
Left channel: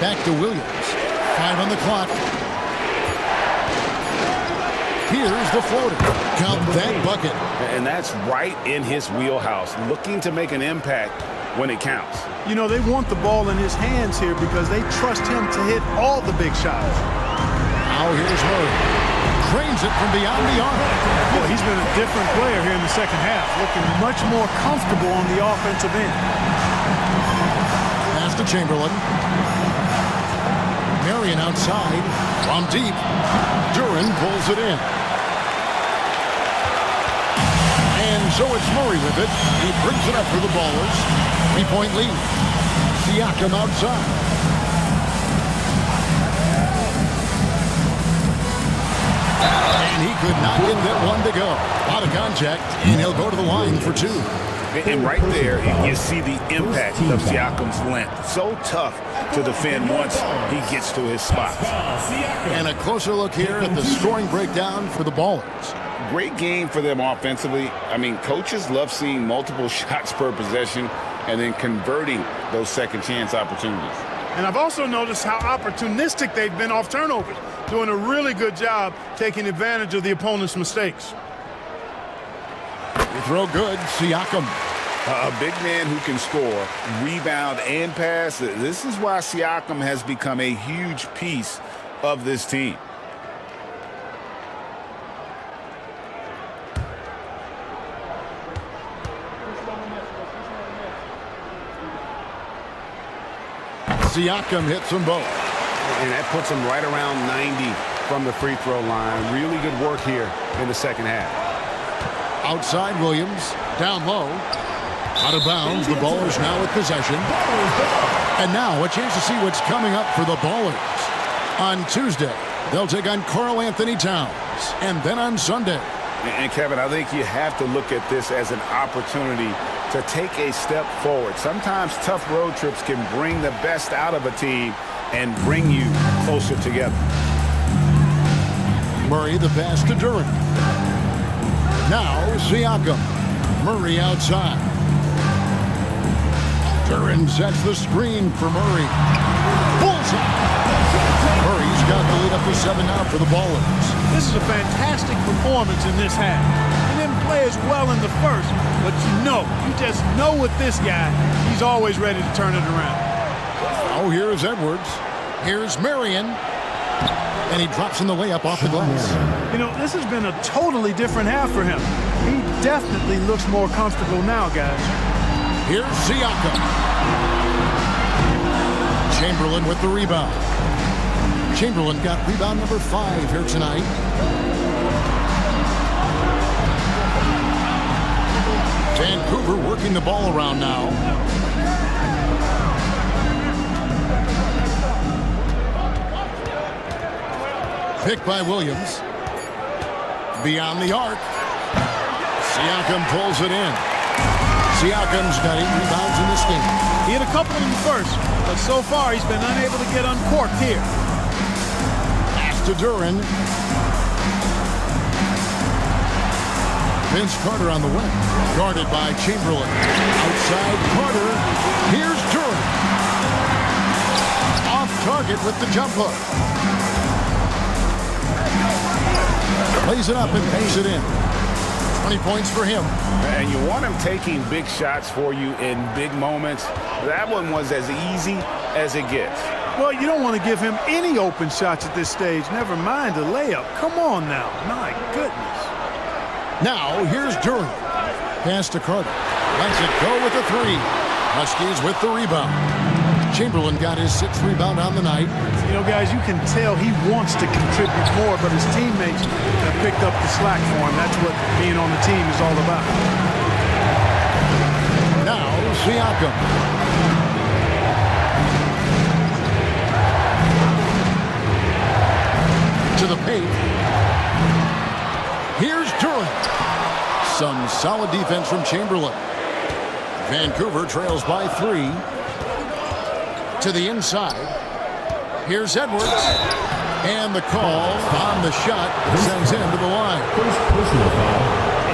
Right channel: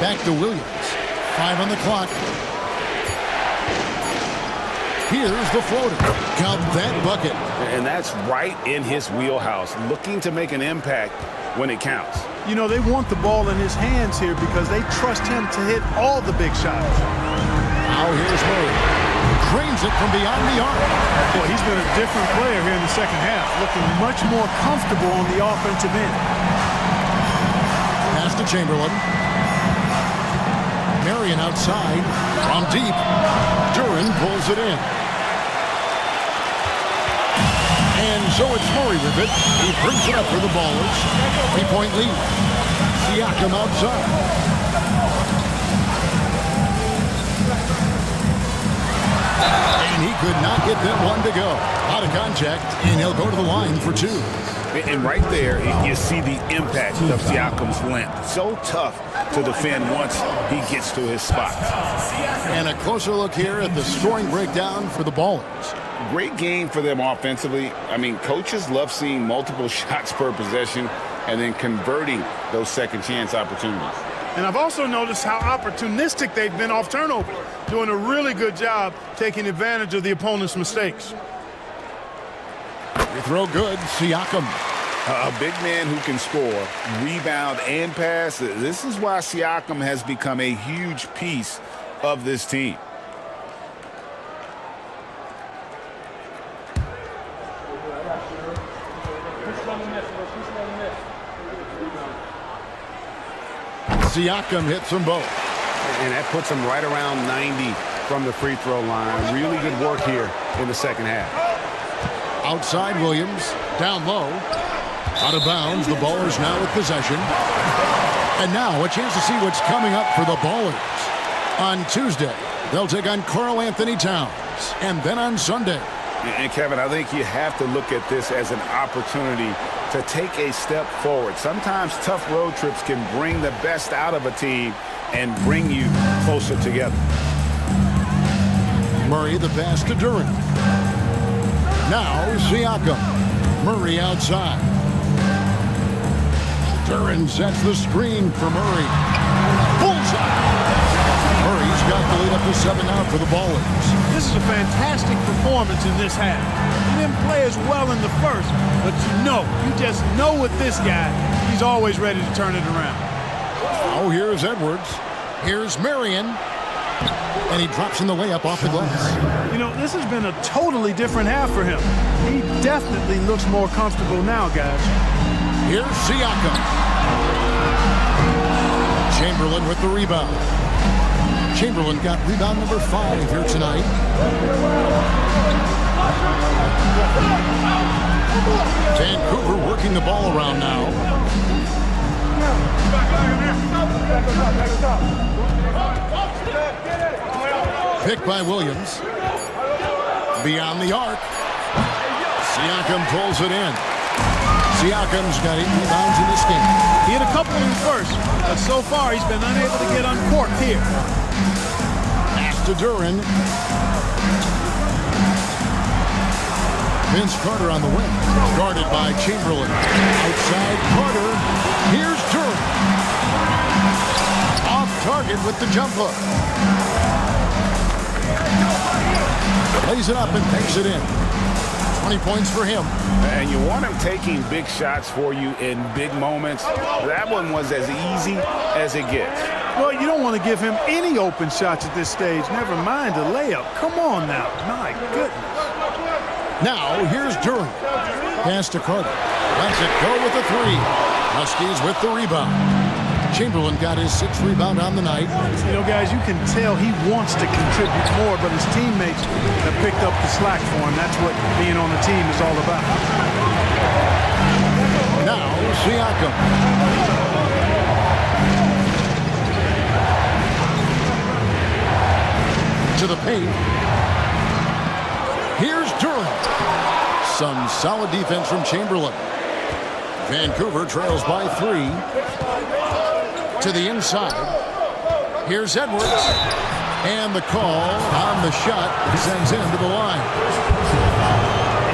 Back to Williams. 5 on the clock. Here's the floater. Count that bucket. And that's right in his wheelhouse, looking to make an impact when it counts. You know, they want the ball in his hands here because they trust him to hit all the big shots. Now here's Murray. Cranes it from beyond the arc. Boy, he's been a different player here in the second half, looking much more comfortable on the offensive end. Pass to Chamberlain. Marion outside from deep. Duran pulls it in. And so it's Murray with it. He brings it up for the Ballers. 3-point lead. Siakam outside. And he could not get that one to go. A lot of contact, and he'll go to the line for 2. And right there, you see the impact of Siakam's length. So tough to defend once he gets to his spots. And a closer look here at the scoring breakdown for the Ballers. Great game for them offensively. I mean, coaches love seeing multiple shots per possession and then converting those second chance opportunities. And I've also noticed how opportunistic they've been off turnovers, doing a really good job taking advantage of the opponent's mistakes. They throw good, Siakam. A big man who can score, rebound, and pass. This is why Siakam has become a huge piece of this team. Siakam hits them both. And that puts him right around 90 from the free throw line. Really good work here in the second half. Outside Williams, down low. Out of bounds, the Ballers now with possession. And now a chance to see what's coming up for the Ballers. On Tuesday, they'll take on Karl Anthony Towns. And then on Sunday. And Kevin, I think you have to look at this as an opportunity to take a step forward. Sometimes tough road trips can bring the best out of a team and bring you closer together. Murray the pass to Duren. Now Siakam. Murray outside. Duren sets the screen for Murray. Bullseye. Murray's got the lead up to 7 now for the Ballers. This is a fantastic performance in this half. He didn't play as well in the first, but you just know with this guy, he's always ready to turn it around. Oh, here's Edwards. Here's Marion. And he drops in the layup off the glass. This has been a totally different half for him. He definitely looks more comfortable now, guys. Here's Siakam. Chamberlain with the rebound. Chamberlain got rebound number 5 here tonight. Vancouver working the ball around now. Pick by Williams. Beyond the arc. Siakam pulls it in. Siakam's got 8 rebounds in this game. He had a couple in the first, but so far he's been unable to get uncorked here. Pass to Duren. Vince Carter on the wing. Guarded by Chamberlain. Outside Carter. Here's Duren. Off target with the jump hook. Lays it up and banks it in. 20 points for him. And you want him taking big shots for you in big moments. That one was as easy as it gets. Well, you don't want to give him any open shots at this stage. Never mind a layup. Come on now. My goodness. Now, here's Duren. Pass to Carter. Lets it go with the 3. Huskies with the rebound. Chamberlain got his 6th rebound on the night. Guys, you can tell he wants to contribute more, but his teammates have picked up the slack for him. That's what being on the team is all about. Now, Siakam. To the paint. Here's Duren. Some solid defense from Chamberlain. Vancouver trails by 3. To the inside. Here's Edwards. And the call on the shot that sends him to the line.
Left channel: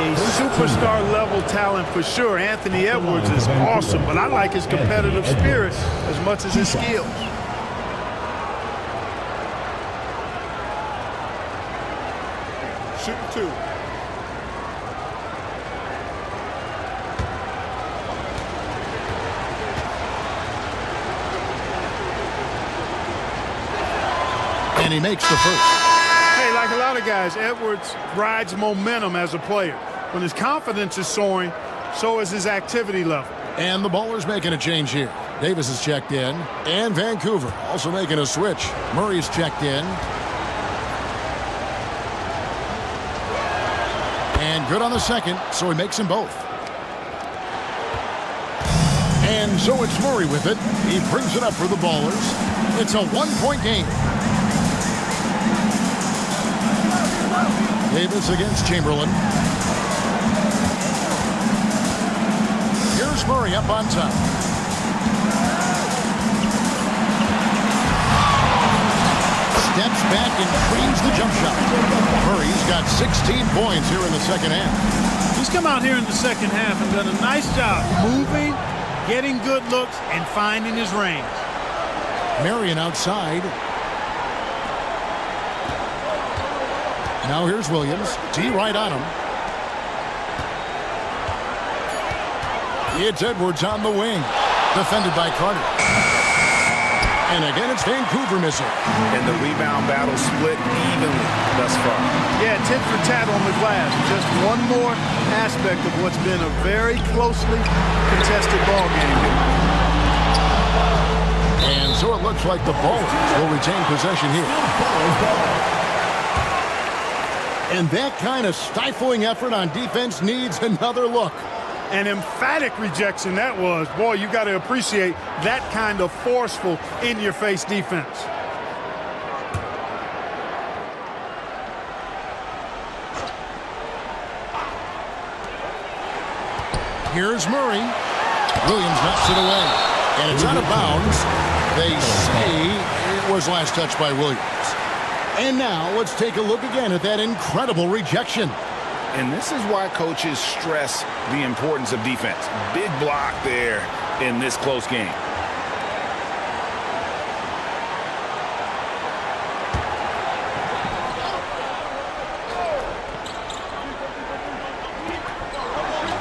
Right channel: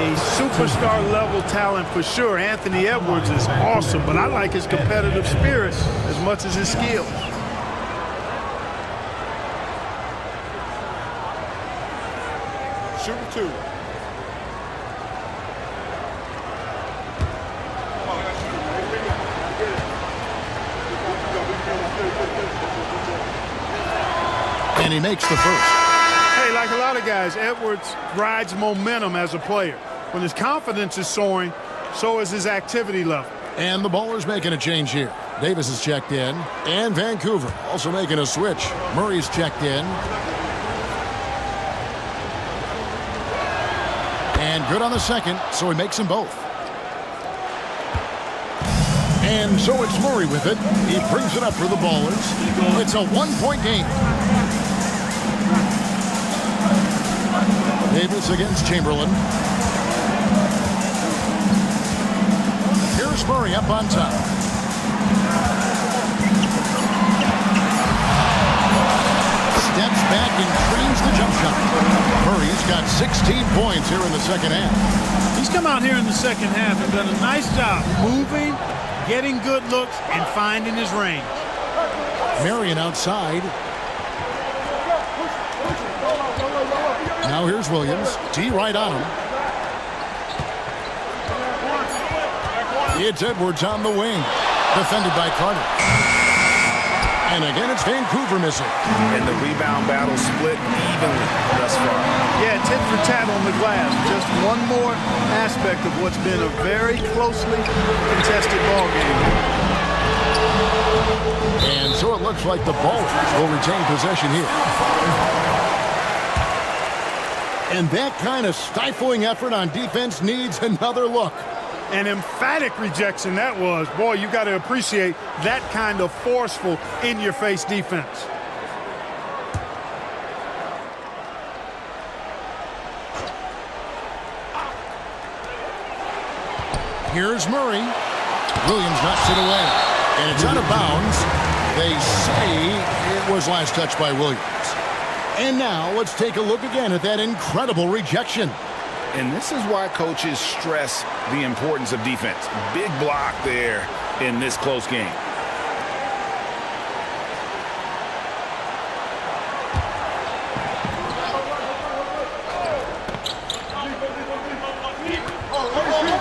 A superstar level talent for sure. Anthony Edwards is awesome, but I like his competitive spirit as much as his skills. Shooting 2. And he makes the first. Hey, like a lot of guys, Edwards rides momentum as a player. When his confidence is soaring, so is his activity level. And the Ballers making a change here. Davis is checked in. And Vancouver also making a switch. Murray's checked in. And good on the second, so he makes them both. And so it's Murray with it. He brings it up for the Ballers. It's a 1-point game. Davis against Chamberlain. Here's Murray up on top. Steps back and trains the jump shot. Murray's got 16 points here in the second half. He's come out here in the second half and done a nice job moving, getting good looks, and finding his range. Marion outside. Now here's Williams. D right on him. It's Edwards on the wing. Defended by Carter. And again, it's Vancouver missing. And the rebound battle split evenly thus far. Yeah, tit for tat on the glass. Just one more aspect of what's been a very closely contested ball game here. And so it looks like the Ballers will retain possession here. And that kind of stifling effort on defense needs another look. An emphatic rejection that was. Boy, you got to appreciate that kind of forceful, in-your-face defense. Here's Murray. Williams knocks it away. And it's out of bounds. They say it was last touched by Williams. And now let's take a look again at that incredible rejection. And this is why coaches stress the importance of defense. Big block there in this close game.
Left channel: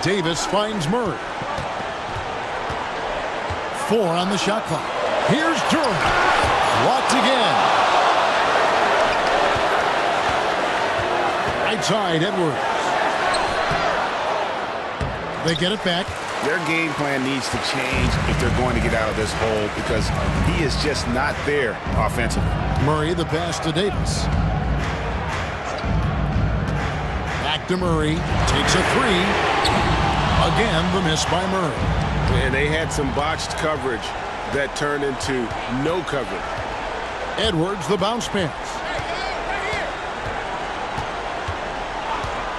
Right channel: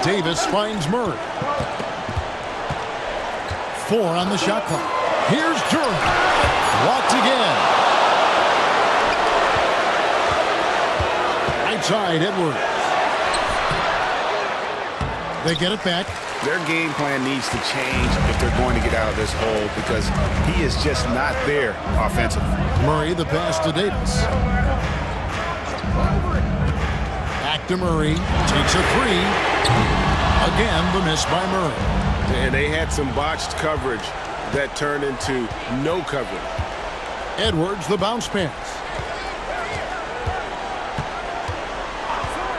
Davis finds Murray. 4 on the shot clock. Here's Durant. Blocked again. Right side, Edwards. They get it back. Their game plan needs to change if they're going to get out of this hole because he is just not there offensively. Murray, the pass to Davis. Back to Murray. Takes a 3. Again, the miss by Murray. And they had some botched coverage that turned into no coverage. Edwards, the bounce pass.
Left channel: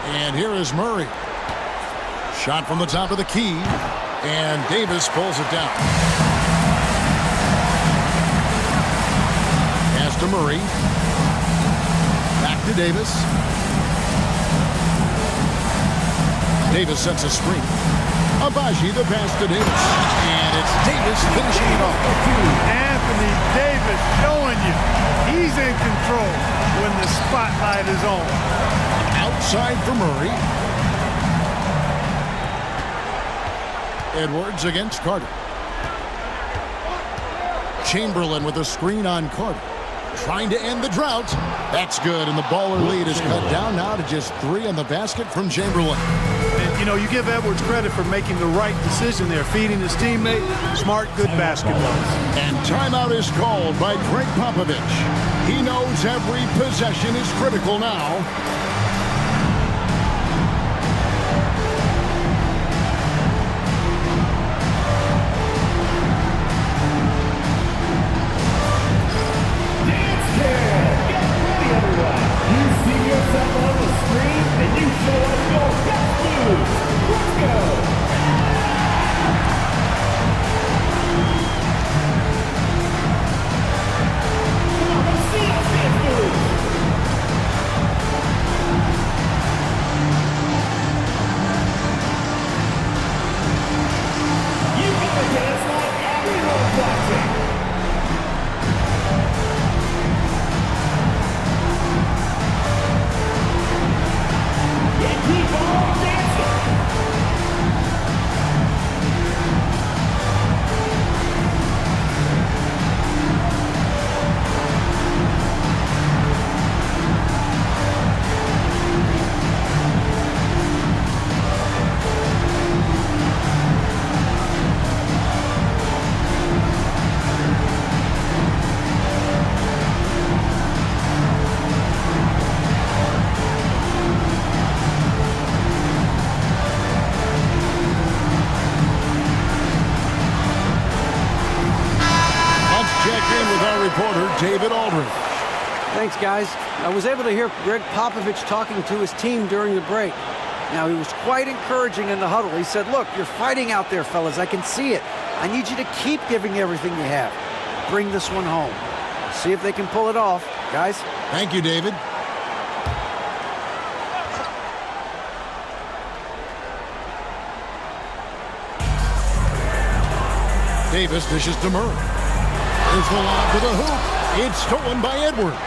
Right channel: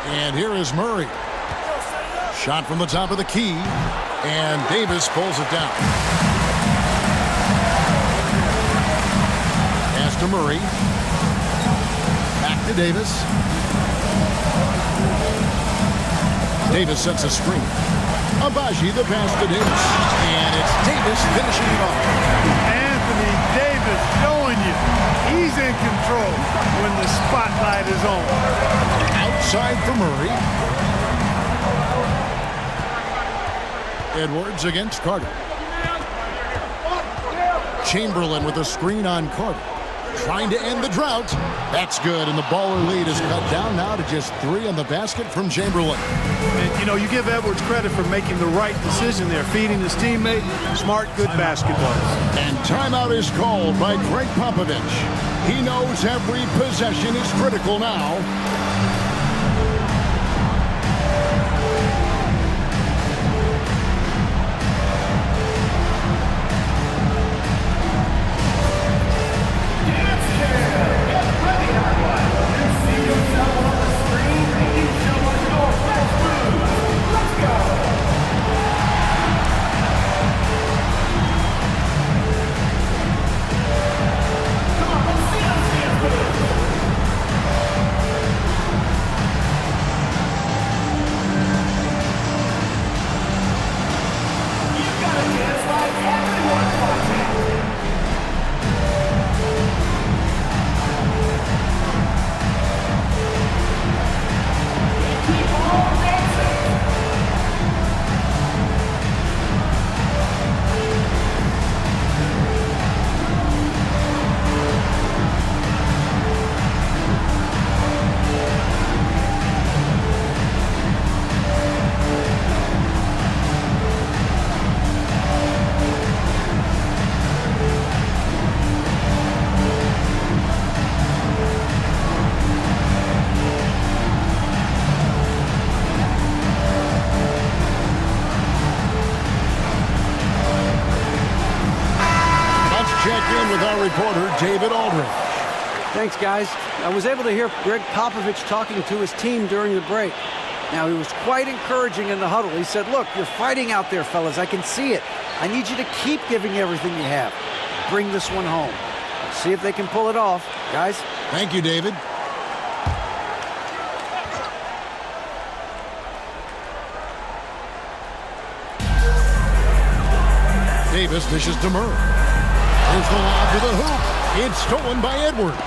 And here is Murray. Shot from the top of the key. And Davis pulls it down. Pass to Murray. Back to Davis. Davis sets a screen. Abaji, the pass to Davis. And it's Davis finishing it off. Anthony Davis showing you he's in control when the spotlight is on. Outside for Murray. Edwards against Carter. Chamberlain with a screen on Carter. Trying to end the drought. That's good, and the Baller lead is cut down now to just 3 on the basket from Chamberlain. And, you know, you give Edwards credit for making the right decision there, feeding his teammate. Smart, good basketball. And timeout is called by Greg Popovich. He knows every possession is critical now. Check in with our reporter, David Aldridge. Thanks, guys. I was able to hear Greg Popovich talking to his team during the break. Now, he was quite encouraging in the huddle. He said, look, you're fighting out there, fellas. I can see it. I need you to keep giving everything you have. Bring this one home. See if they can pull it off. Guys? Thank you, David. Davis dishes to Murray. There's the lob to the hoop. It's stolen by Edwards.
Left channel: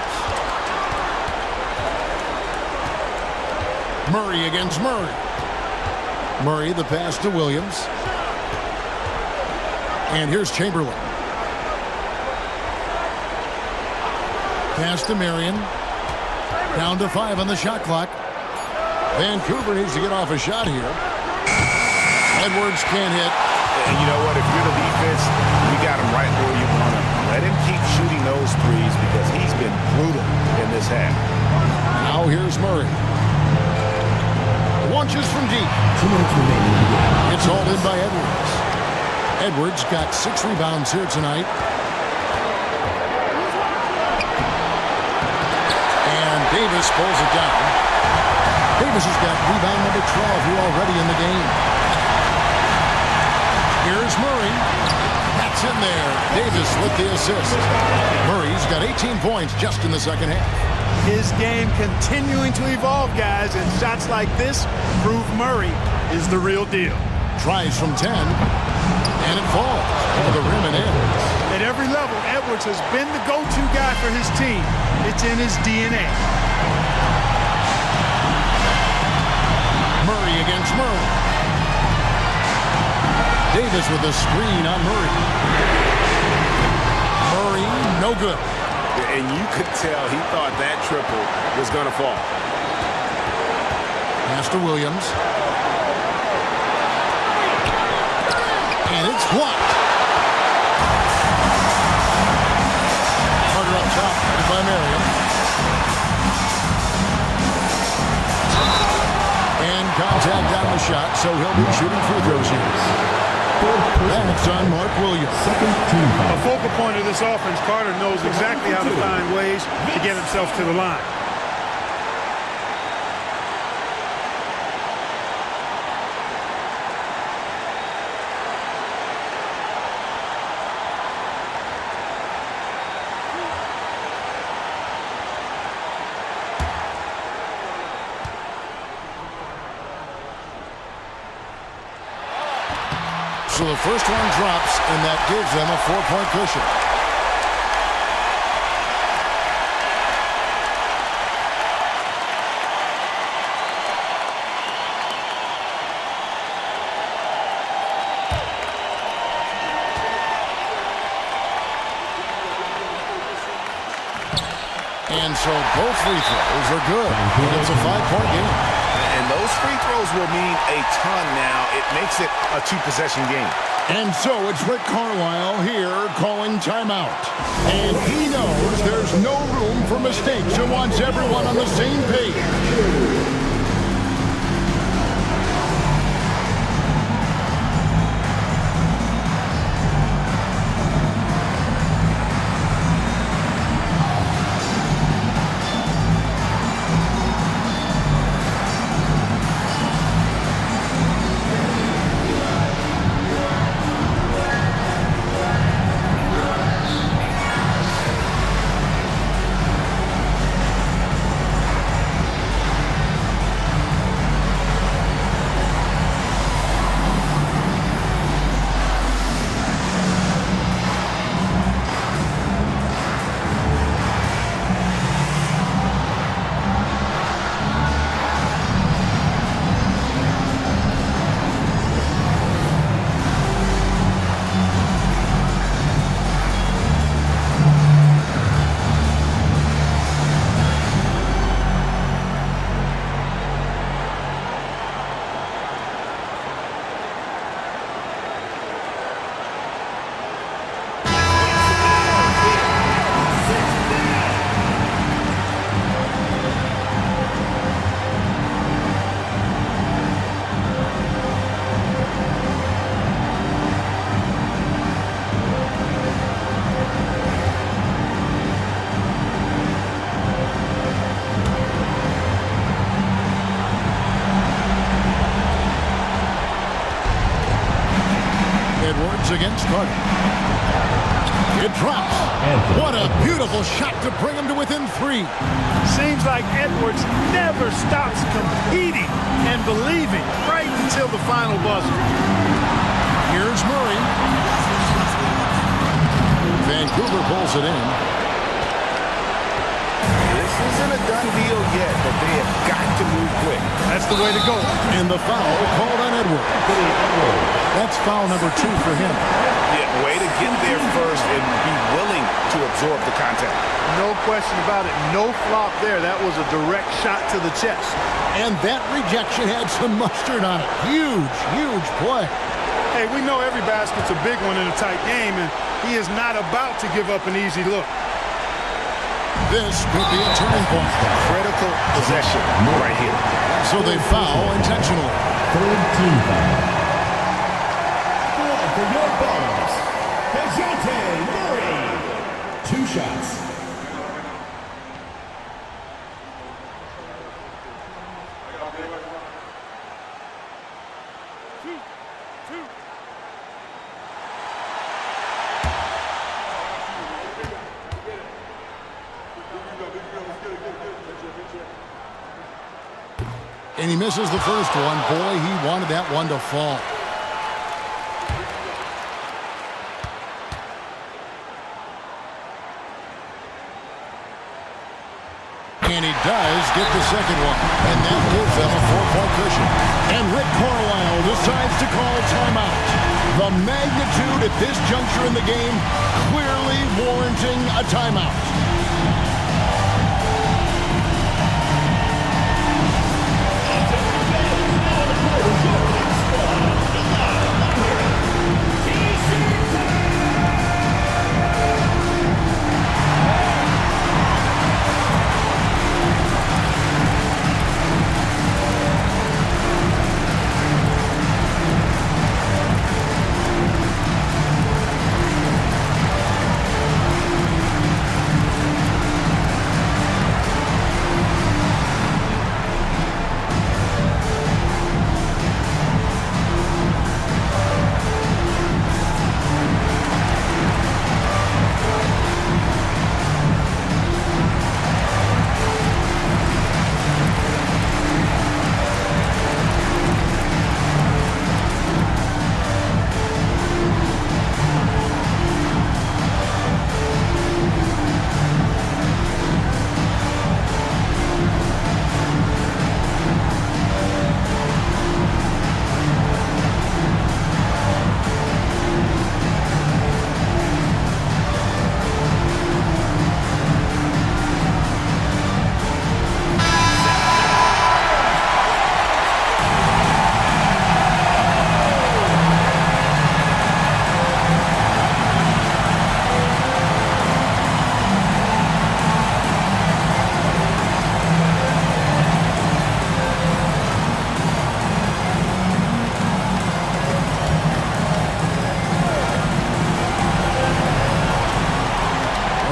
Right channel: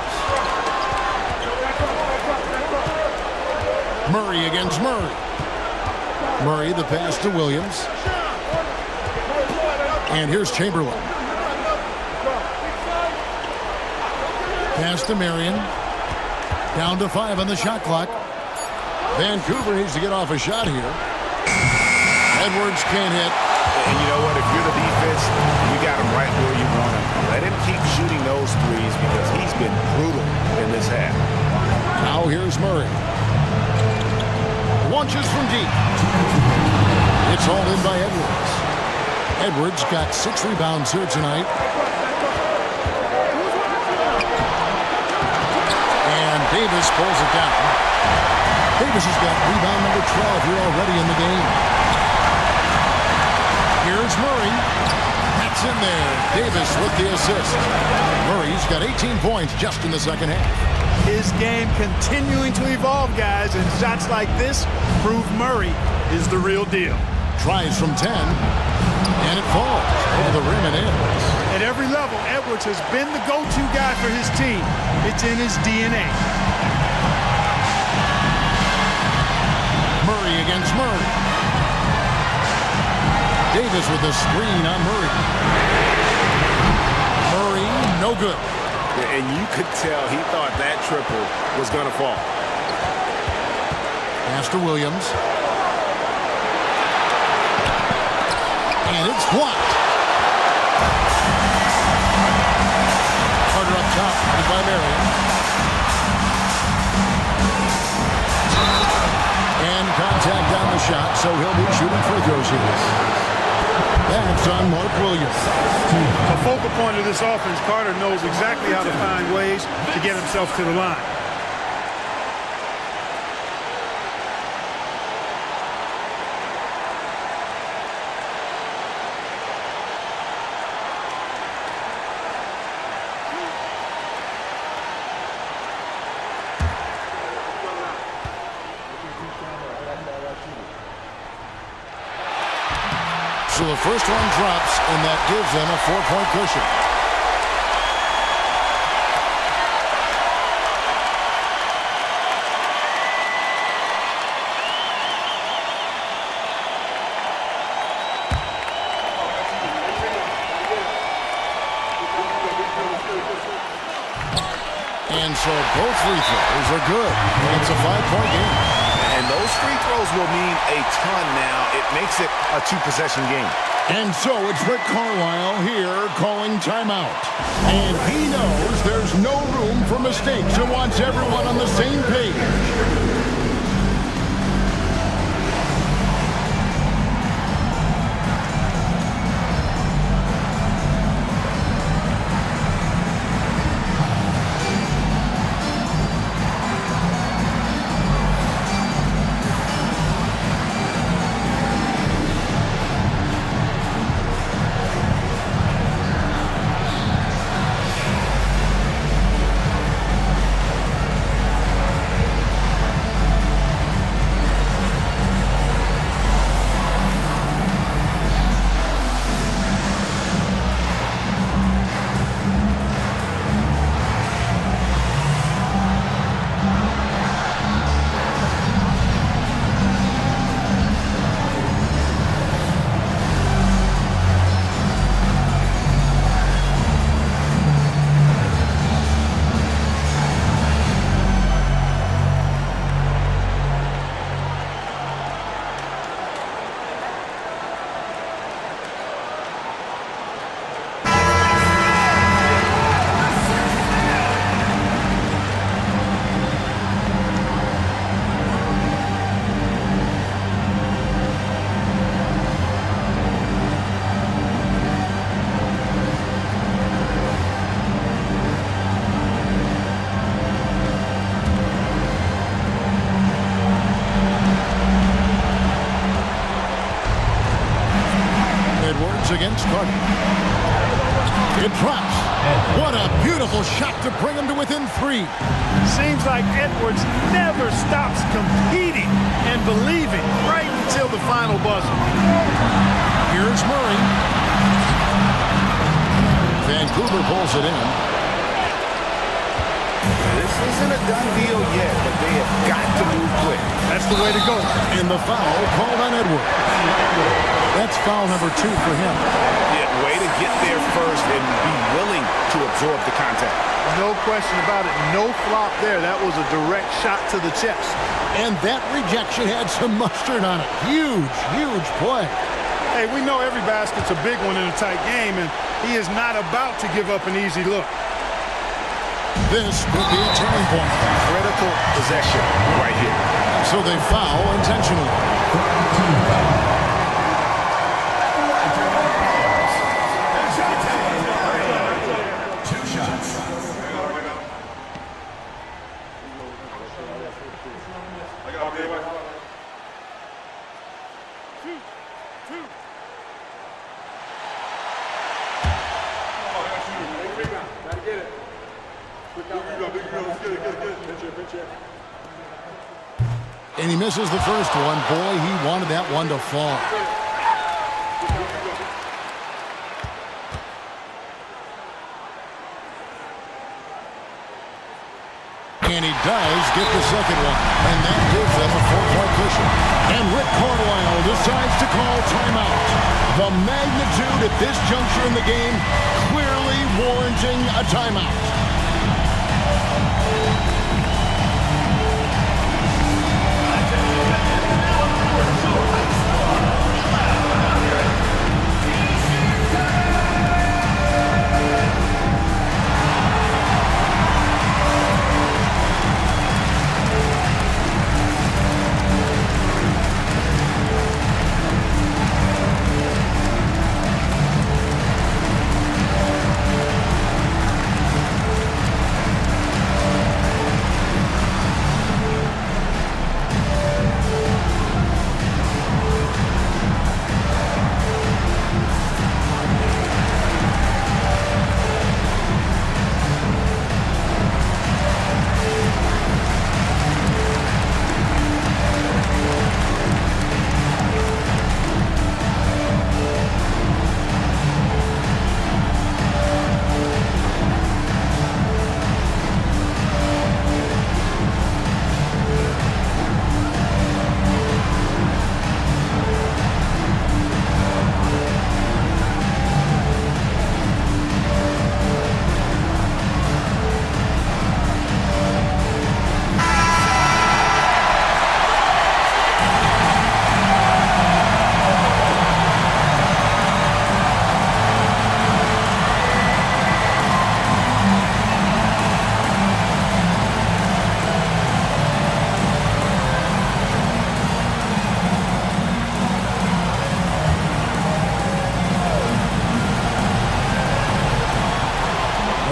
Murray against Murray. Murray, the pass to Williams. And here's Chamberlain. Pass to Marion. Down to 5 on the shot clock. Vancouver needs to get off a shot here. Edwards can't hit. And you know what? If you're the defense, you got him right where you want him. Let him keep shooting those threes because he's been brutal in this half. Now here's Murray. Launches from deep. It's hauled in by Edwards. Edwards got 6 rebounds here tonight. And Davis pulls it down. Davis has got rebound number 12 here already in the game. Here's Murray. That's in there. Davis with the assist. Murray's got 18 points just in the second half. His game continuing to evolve, guys, and shots like this prove Murray is the real deal. Tries from 10, and it falls over the rim and in. At every level, Edwards has been the go-to guy for his team. It's in his DNA. Murray against Murray. Davis with the screen on Murray. Murray, no good. And you could tell he thought that triple was going to fall. Pass to Williams. And it's blocked. Carter up top, headed by Marion. And contact on the shot, so he'll be shooting free throws here. That's on Mark Williams. A focal point of this offense, Carter knows exactly how to find ways to get himself to the line. So the first one drops, and that gives them a 4-point cushion. And so both free throws are good. And it's a 5-point game. And those free throws will mean a ton now. It makes it a 2-possession game. And so it's Rick Carlisle here calling timeout. And he knows there's no room for mistakes and wants everyone on the same page. Edwards against Carter. It drops. What a beautiful shot to bring him to within 3. Seems like Edwards never stops competing and believing right until the final buzzer. Here's Murray. Vancouver pulls it in. This isn't a done deal yet, but they have got to move quick. That's the way to go. And the foul called on Edwards. That's foul number 2 for him. Yeah, way to get there first and be willing to absorb the contact. No question about it. No flop there. That was a direct shot to the chest. And that rejection had some mustard on it. Huge, huge play. Hey, we know every basket's a big one in a tight game, and he is not about to give up an easy look. This could be a turning point. Critical possession right here. So they foul intentionally. Third team foul. At the line for your balls, Murray. 2 shots. And he misses the first one. Boy, he wanted that one to fall. And he does get the second one. And that gives them a 4-point cushion. And Rick Carlisle decides to call timeout. The magnitude at this juncture in the game clearly warranting a timeout.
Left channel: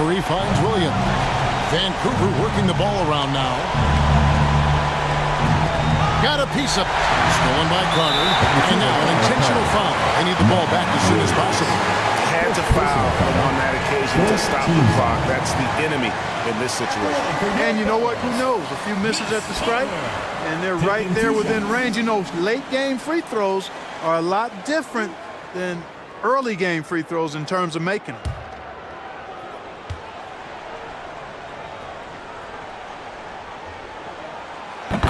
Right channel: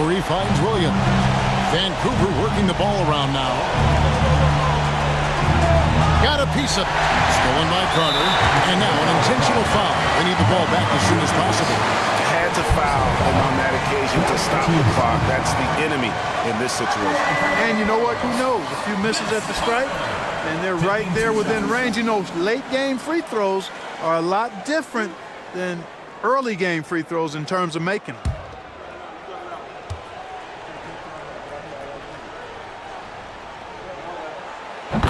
Murray finds Williams. Vancouver working the ball around now. Got a piece of it. Stolen by Carter. And now an intentional foul. They need the ball back as soon as possible. Had to foul on that occasion to stop the clock. That's the enemy in this situation. And you know what? Who knows? A few misses at the stripe, and they're right there within range. You know, late game free throws are a lot different than early game free throws in terms of making them.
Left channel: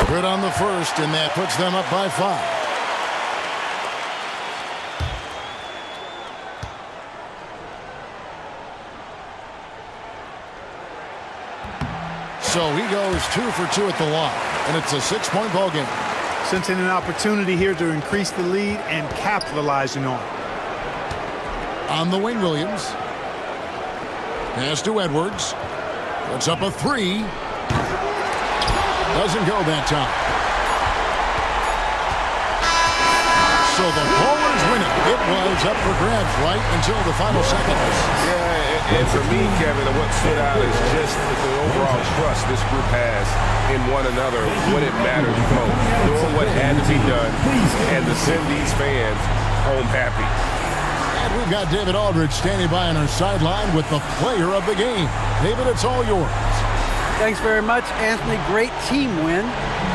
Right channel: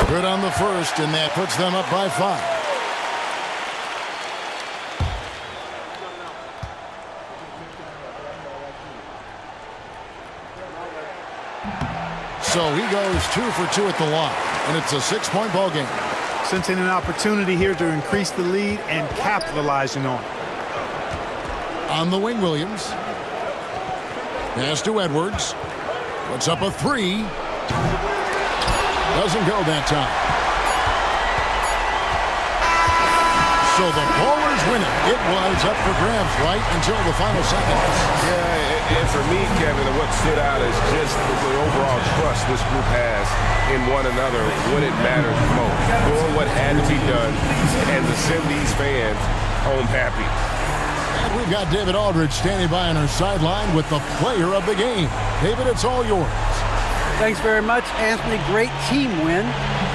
Good on the first, and that puts them up by 5. So he goes 2 for 2 at the line, and it's a 6-point ball game. Sensing an opportunity here to increase the lead and capitalizing on it. On the wing, Williams. Pass to Edwards. Puts up a 3. Doesn't go that time. So the Bowlers win it. It was up for grabs right until the final seconds. Yeah, and for me, Kevin, what stood out is just the overall trust this group has in one another when it matters most. Doing what had to be done and to send these fans home happy. And we've got David Aldridge standing by on our sideline with the player of the game. David, it's all yours. Thanks very much, Anthony. Great team win.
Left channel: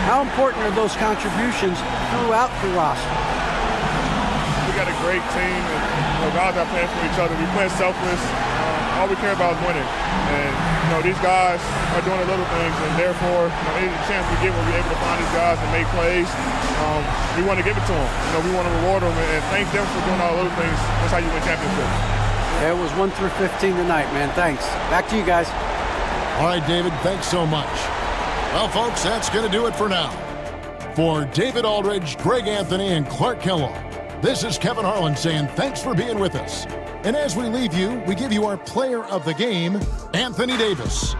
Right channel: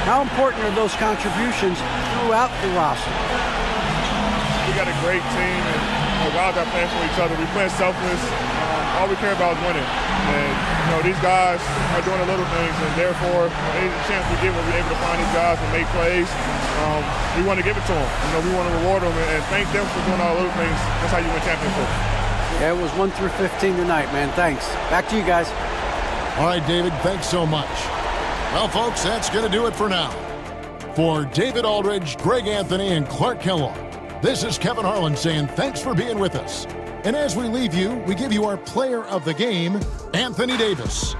How important are those contributions throughout the roster? We got a great team, and guys are playing for each other. We playing selfless. All we care about is winning. And these guys are doing the little things, and therefore, any chance we get where we're able to find these guys and make plays, we want to give it to them. We want to reward them and thank them for doing all the little things. That's how you win championships. Yeah, it was 1 through 15 tonight, man. Thanks. Back to you guys. All right, David, thanks so much. Well, folks, that's going to do it for now. For David Aldridge, Greg Anthony, and Clark Kellogg, this is Kevin Harlan saying thanks for being with us. And as we leave you, we give you our player of the game, Anthony Davis.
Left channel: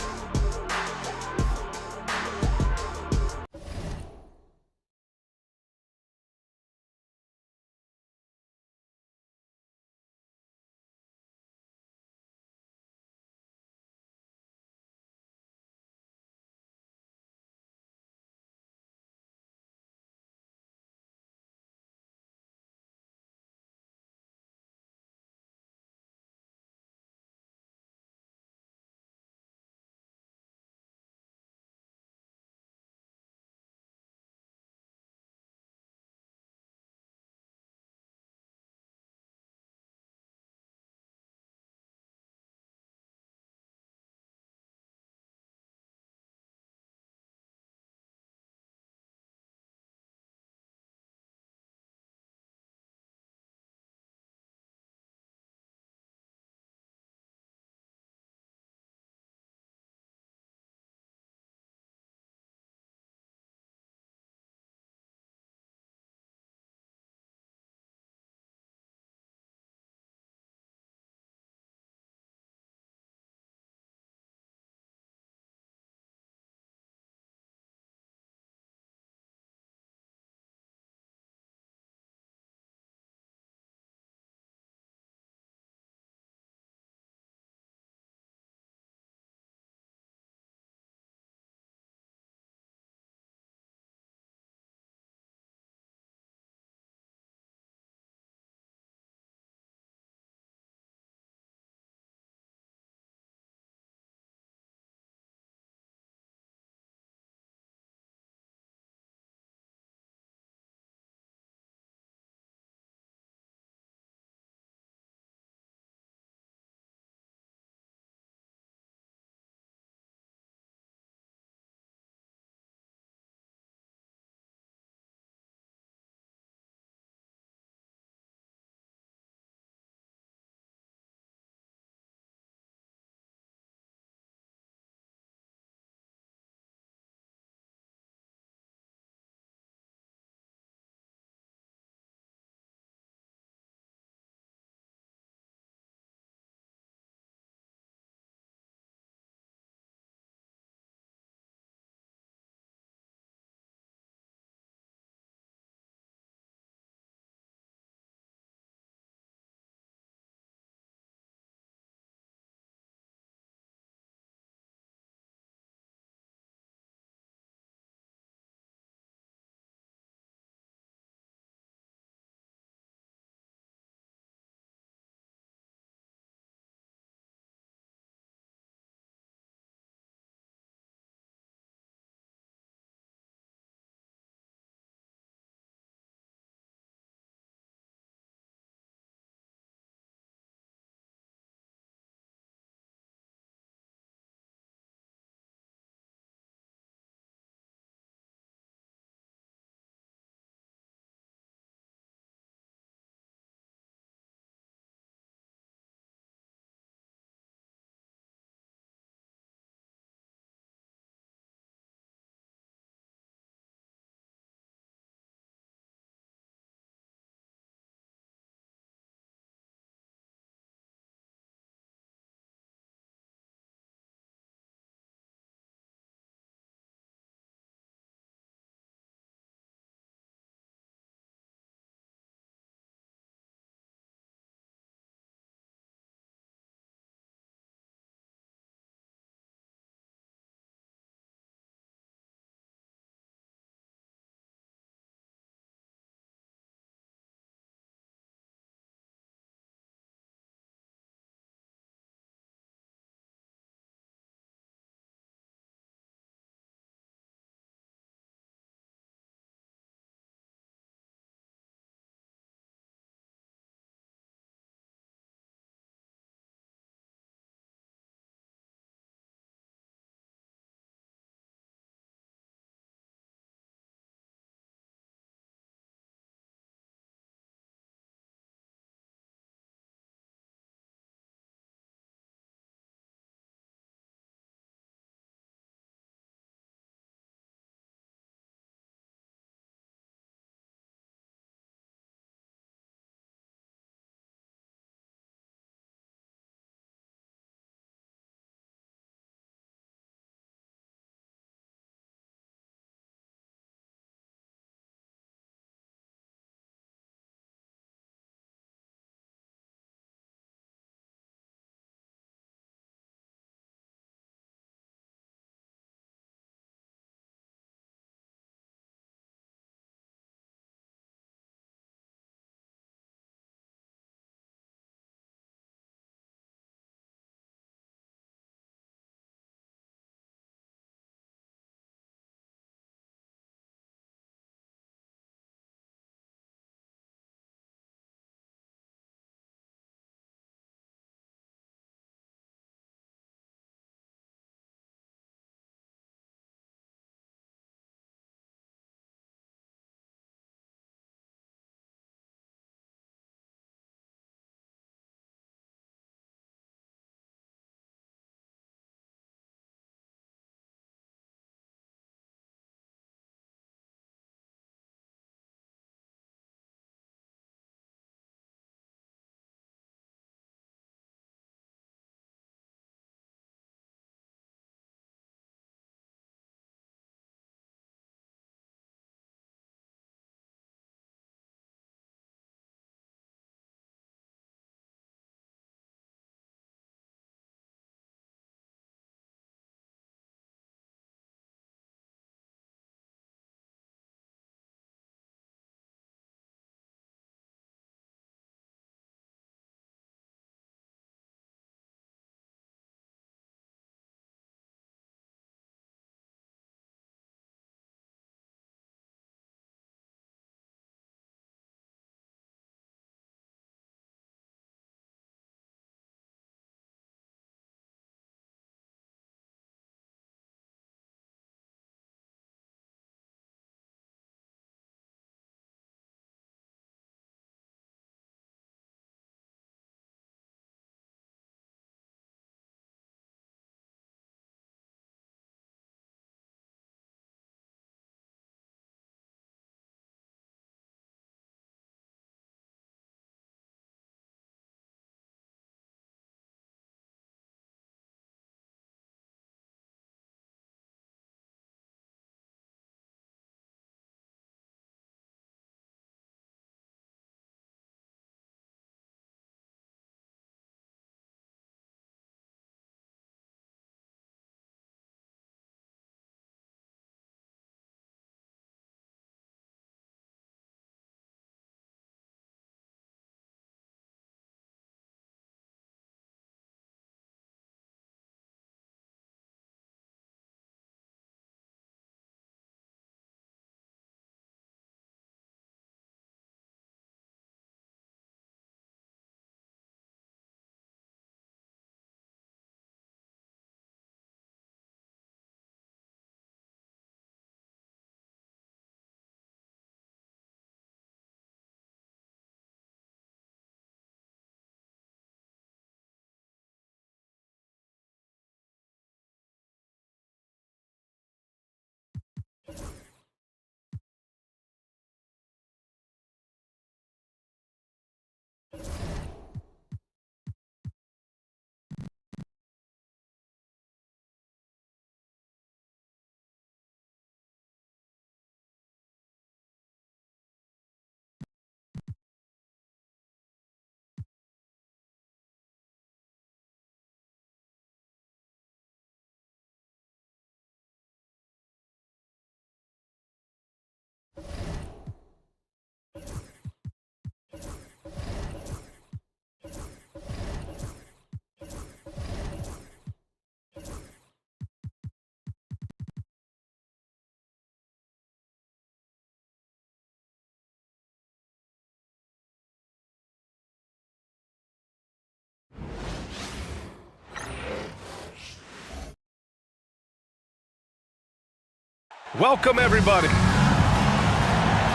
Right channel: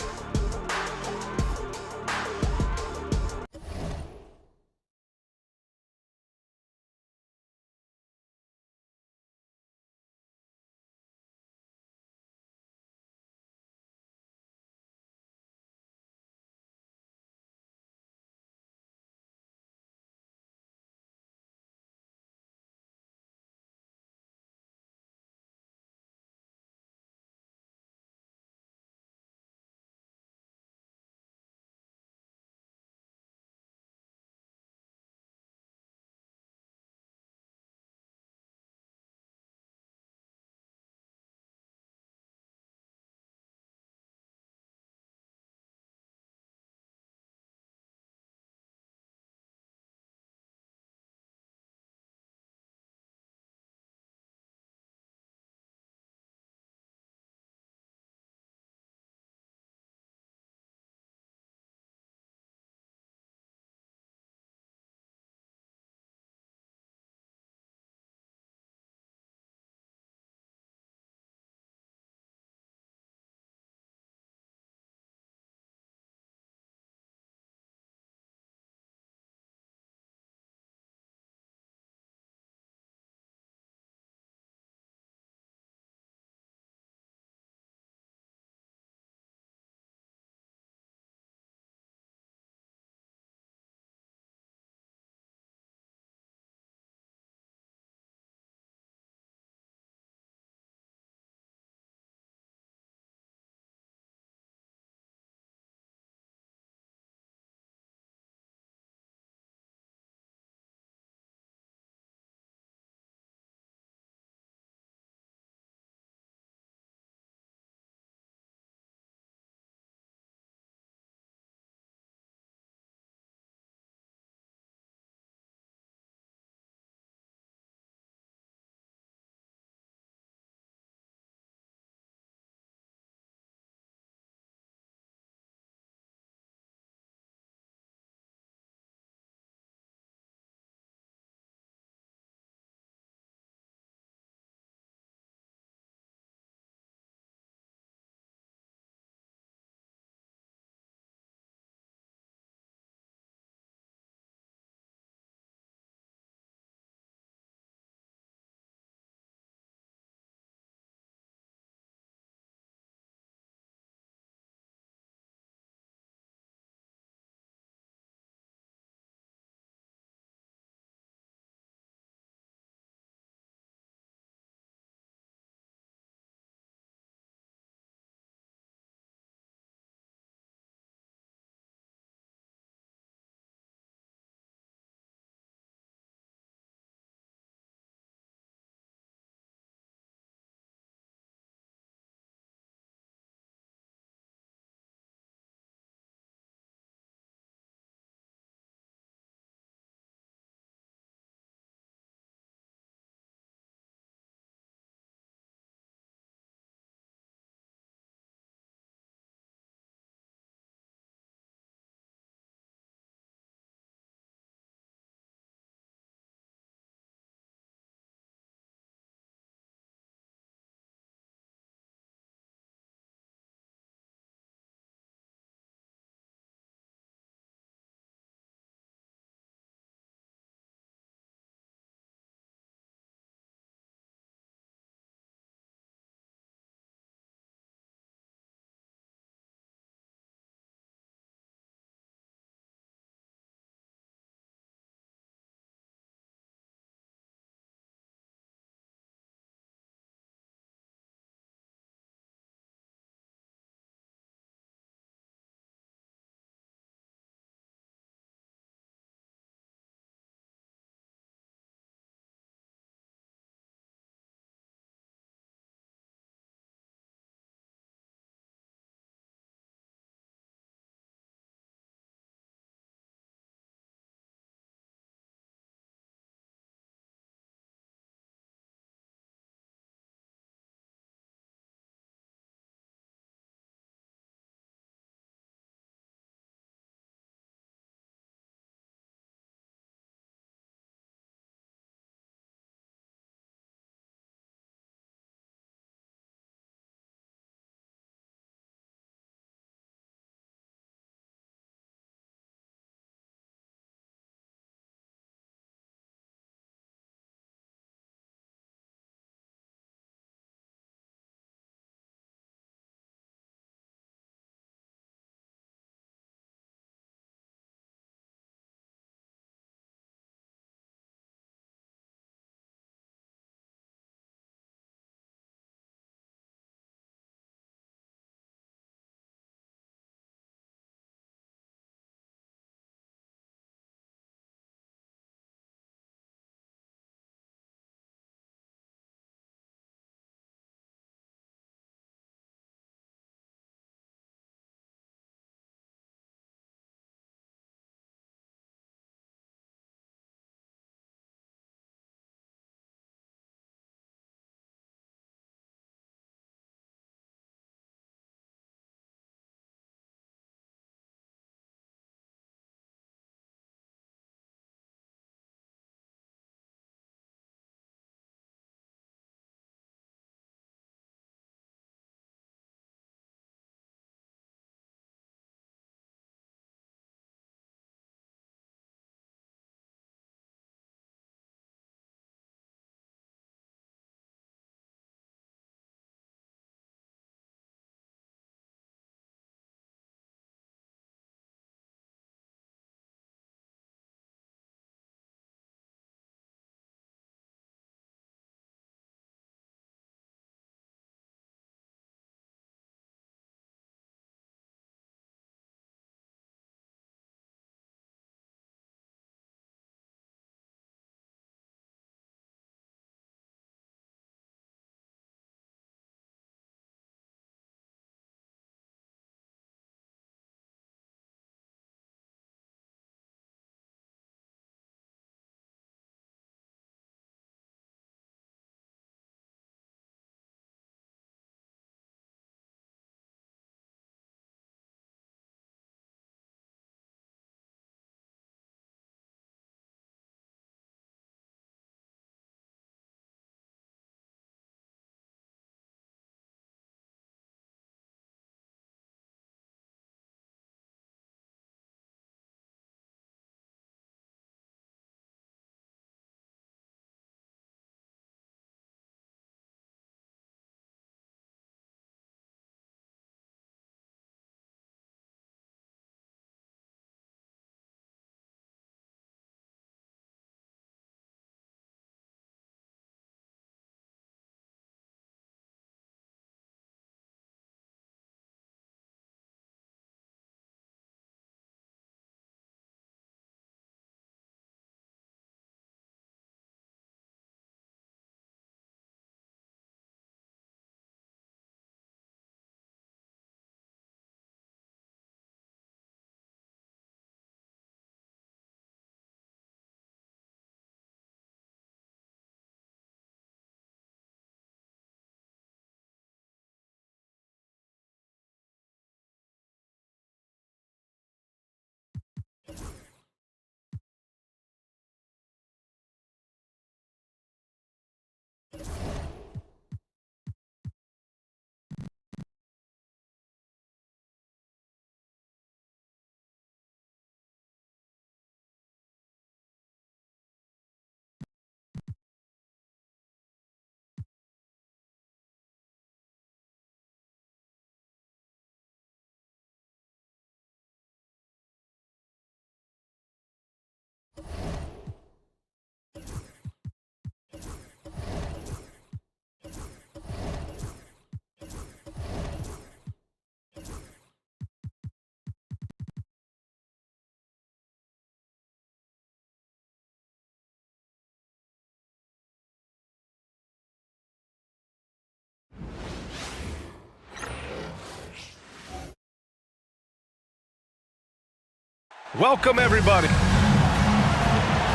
Welcome, everybody.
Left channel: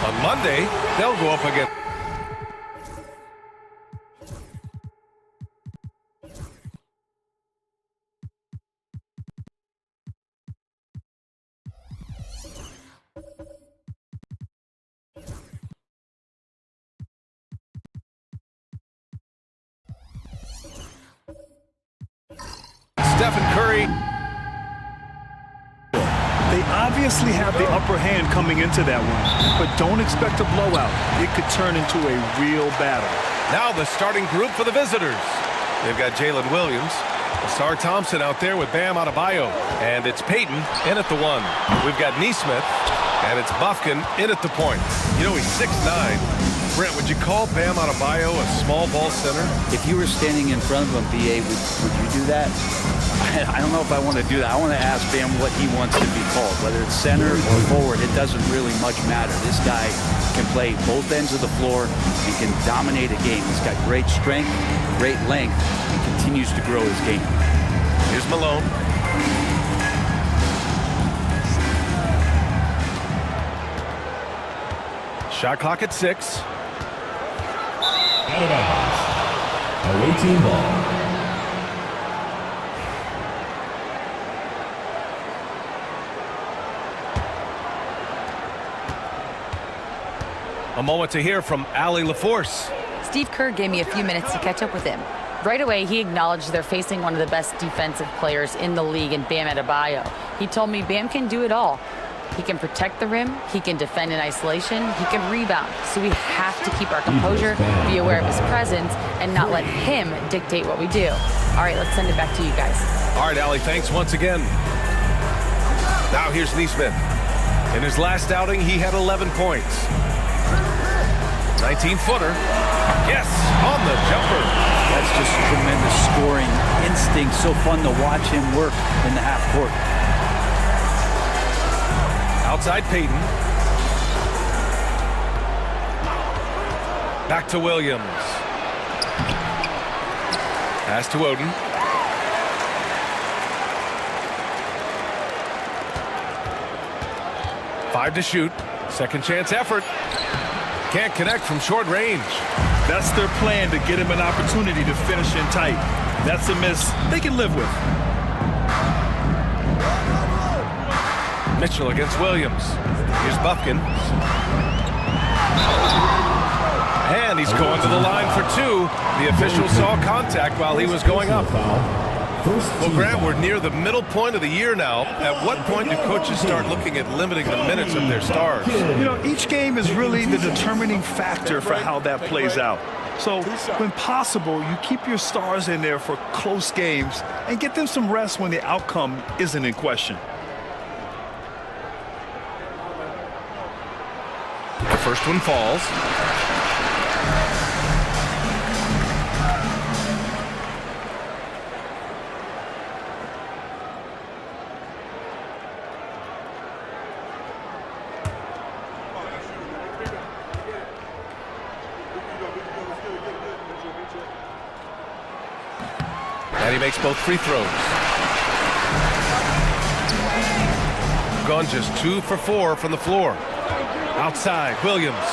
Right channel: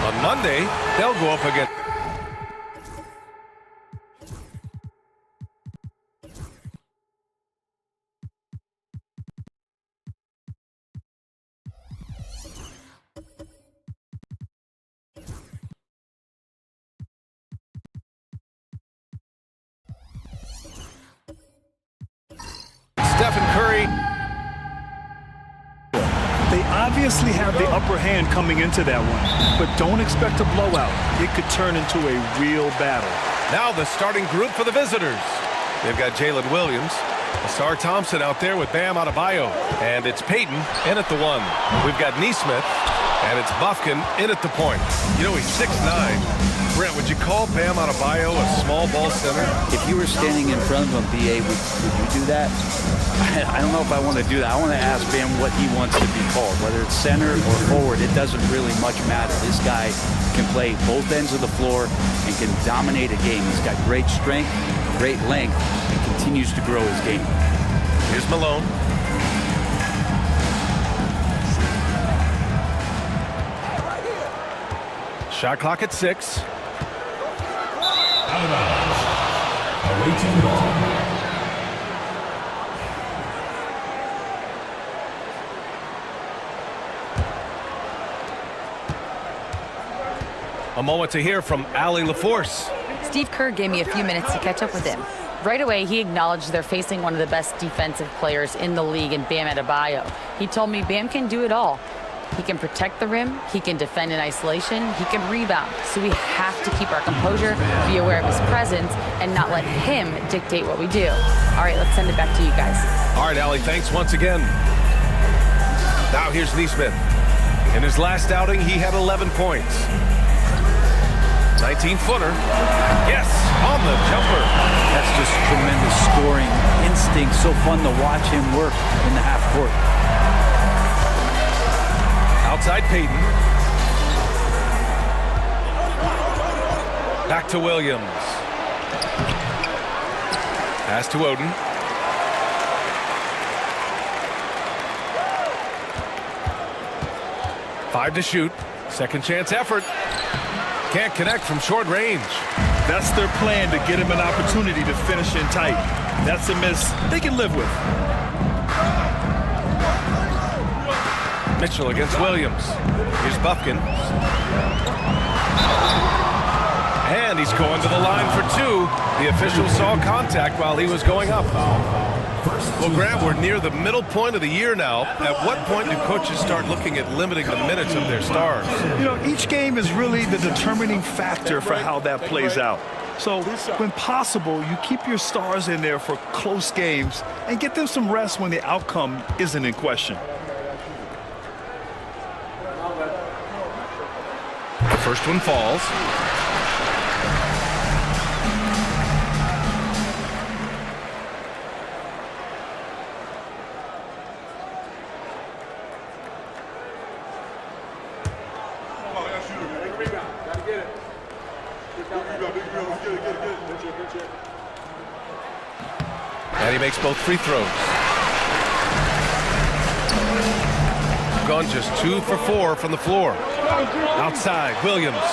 On Monday, they'll go up against... Stephen Curry. They obviously have the upper hand coming into that one, but don't expect a blowout. It could turn into a real battle. Now the starting group for the visitors. They've got Jalen Williams, Asar Thompson out there with Bam Adebayo, and it's Payton in at the 1. We've got Nesmith, and it's Bufkin in at the point. You know, he's 6'9". Brent, would you call Bam Adebayo a small ball center? If you were standing in front of him, BA, would you do that? I don't know if I want to do that. I want to ask Bam what he wants to be called, whether it's center or forward. It doesn't really much matter. This guy can play both ends of the floor and can dominate a game. He's got great strength, great length, and continues to grow his game. Here's Malone. Shot clock at 6. Out of bounds. Away team ball. A moment to hear from Allie LaForce. Steve Kerr gave me a few minutes to catch up with him. Right away, he acknowledged they're facing one of the best defensive players in the league in Bam Adebayo. He told me Bam can do it all. He can protect the rim, he can defend in isolation, he can rebound. So we have to keep our composure, be aware of his presence, and not let him dictate what we do. All right, let's send it back to you guys. All right, Allie, thanks once again. Now here's Nesmith. In his last outing, he had 11 points. 19-footer. Yes, on the jumper. That's just tremendous scoring instinct. So fun to watch him work in the half court. Outside Payton. Back to Williams. Pass to Oden. Five to shoot. Second chance effort. Can't connect from short range. That's their plan, to get him an opportunity to finish in tight. That's a miss they can live with. Mitchell against Williams. Here's Bufkin. And he's going to the line for 2. The official saw contact while he was going up. Well, Grant, we're near the middle point of the year now. At what point do coaches start looking at limiting the minutes of their stars? You know, each game is really the determining factor for how that plays out. So, when possible, you keep your stars in there for close games and get them some rest when the outcome isn't in question. The first one falls. And he makes both free throws. Gone just 2 for 4 from the floor. Outside, Williams.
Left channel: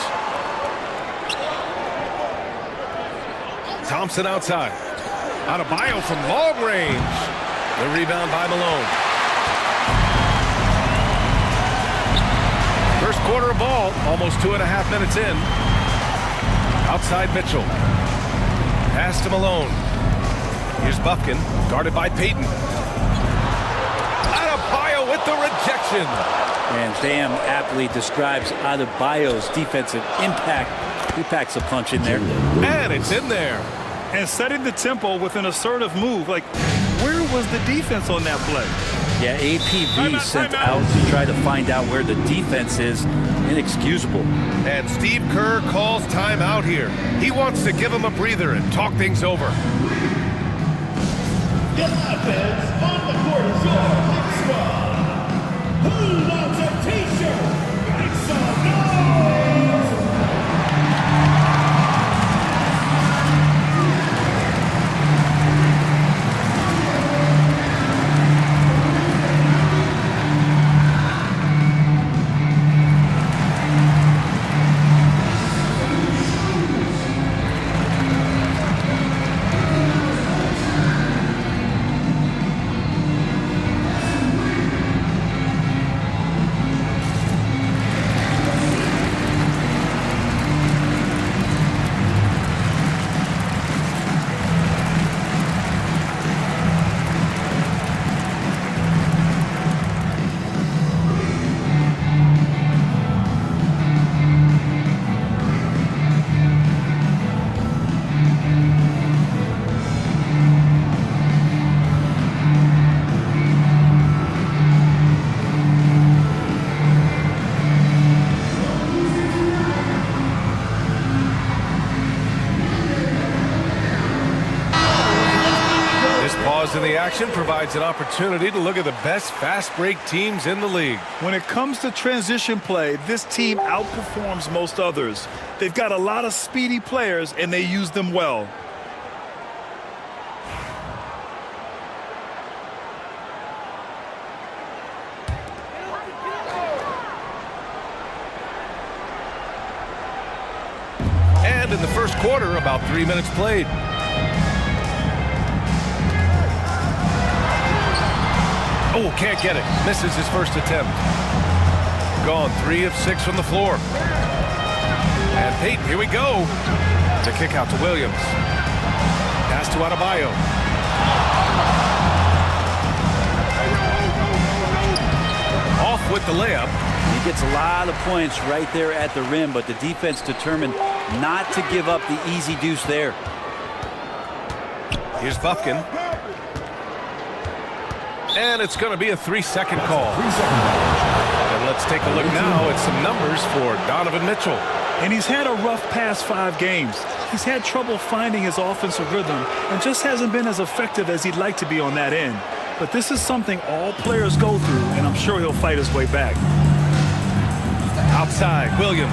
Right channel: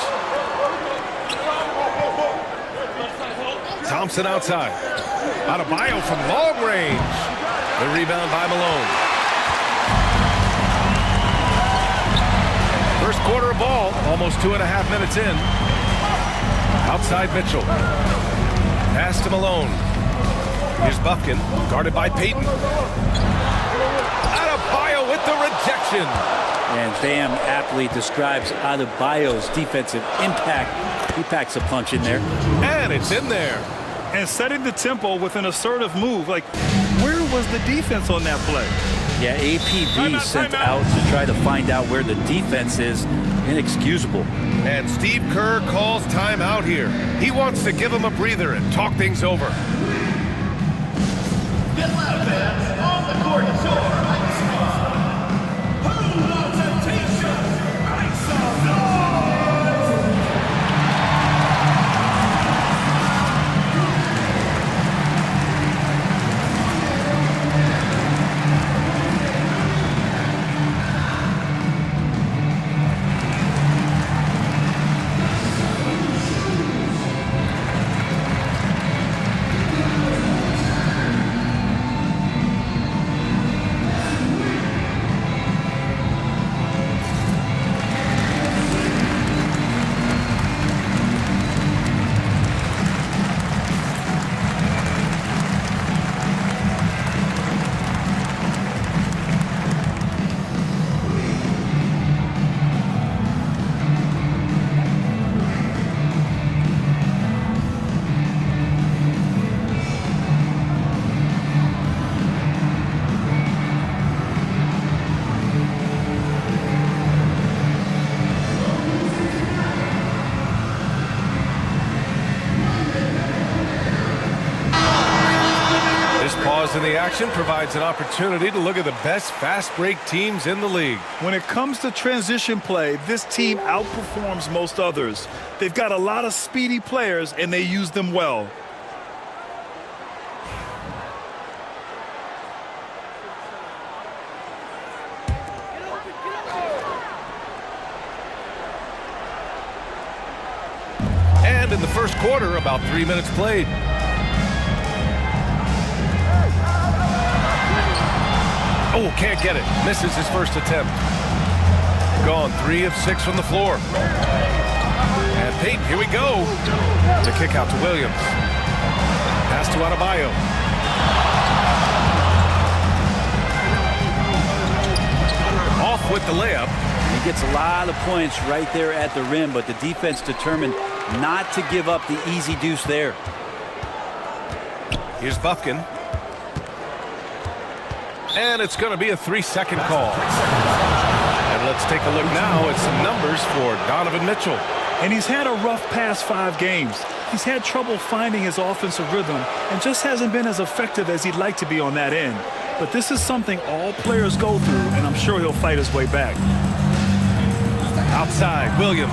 Thompson outside. Adebayo from long range. The rebound by Malone. First quarter of ball, almost 2.5 minutes in. Outside Mitchell. Pass to Malone. Here's Bufkin, guarded by Payton. Adebayo with the rejection. And Bam aptly describes Adebayo's defensive impact. He packs a punch in there. And it's in there. And setting the tempo with an assertive move. Like, where was the defense on that play? Yeah, APB sent out to try to find out where the defense is. Inexcusable. And Steve Kerr calls timeout here. He wants to give him a breather and talk things over. Get loud, fans. On the court is your hype squad. Who wants a t-shirt? Make some noise! Pausing the action provides an opportunity to look at the best fast break teams in the league. When it comes to transition play, this team outperforms most others. They've got a lot of speedy players, and they use them well. And in the first quarter, about 3 minutes played. Oh, can't get it. Misses his first attempt. Gone 3 of 6 from the floor. And Payton, here we go. The kick out to Williams. Pass to Adebayo. Off with the layup. And he gets a lot of points right there at the rim, but the defense determined not to give up the easy deuce there. Here's Bufkin. And it's going to be a 3-second call. And let's take a look now at some numbers for Donovan Mitchell. And he's had a rough past 5 games. He's had trouble finding his offensive rhythm and just hasn't been as effective as he'd like to be on that end. But this is something all players go through, and I'm sure he'll fight his way back. Outside, Williams.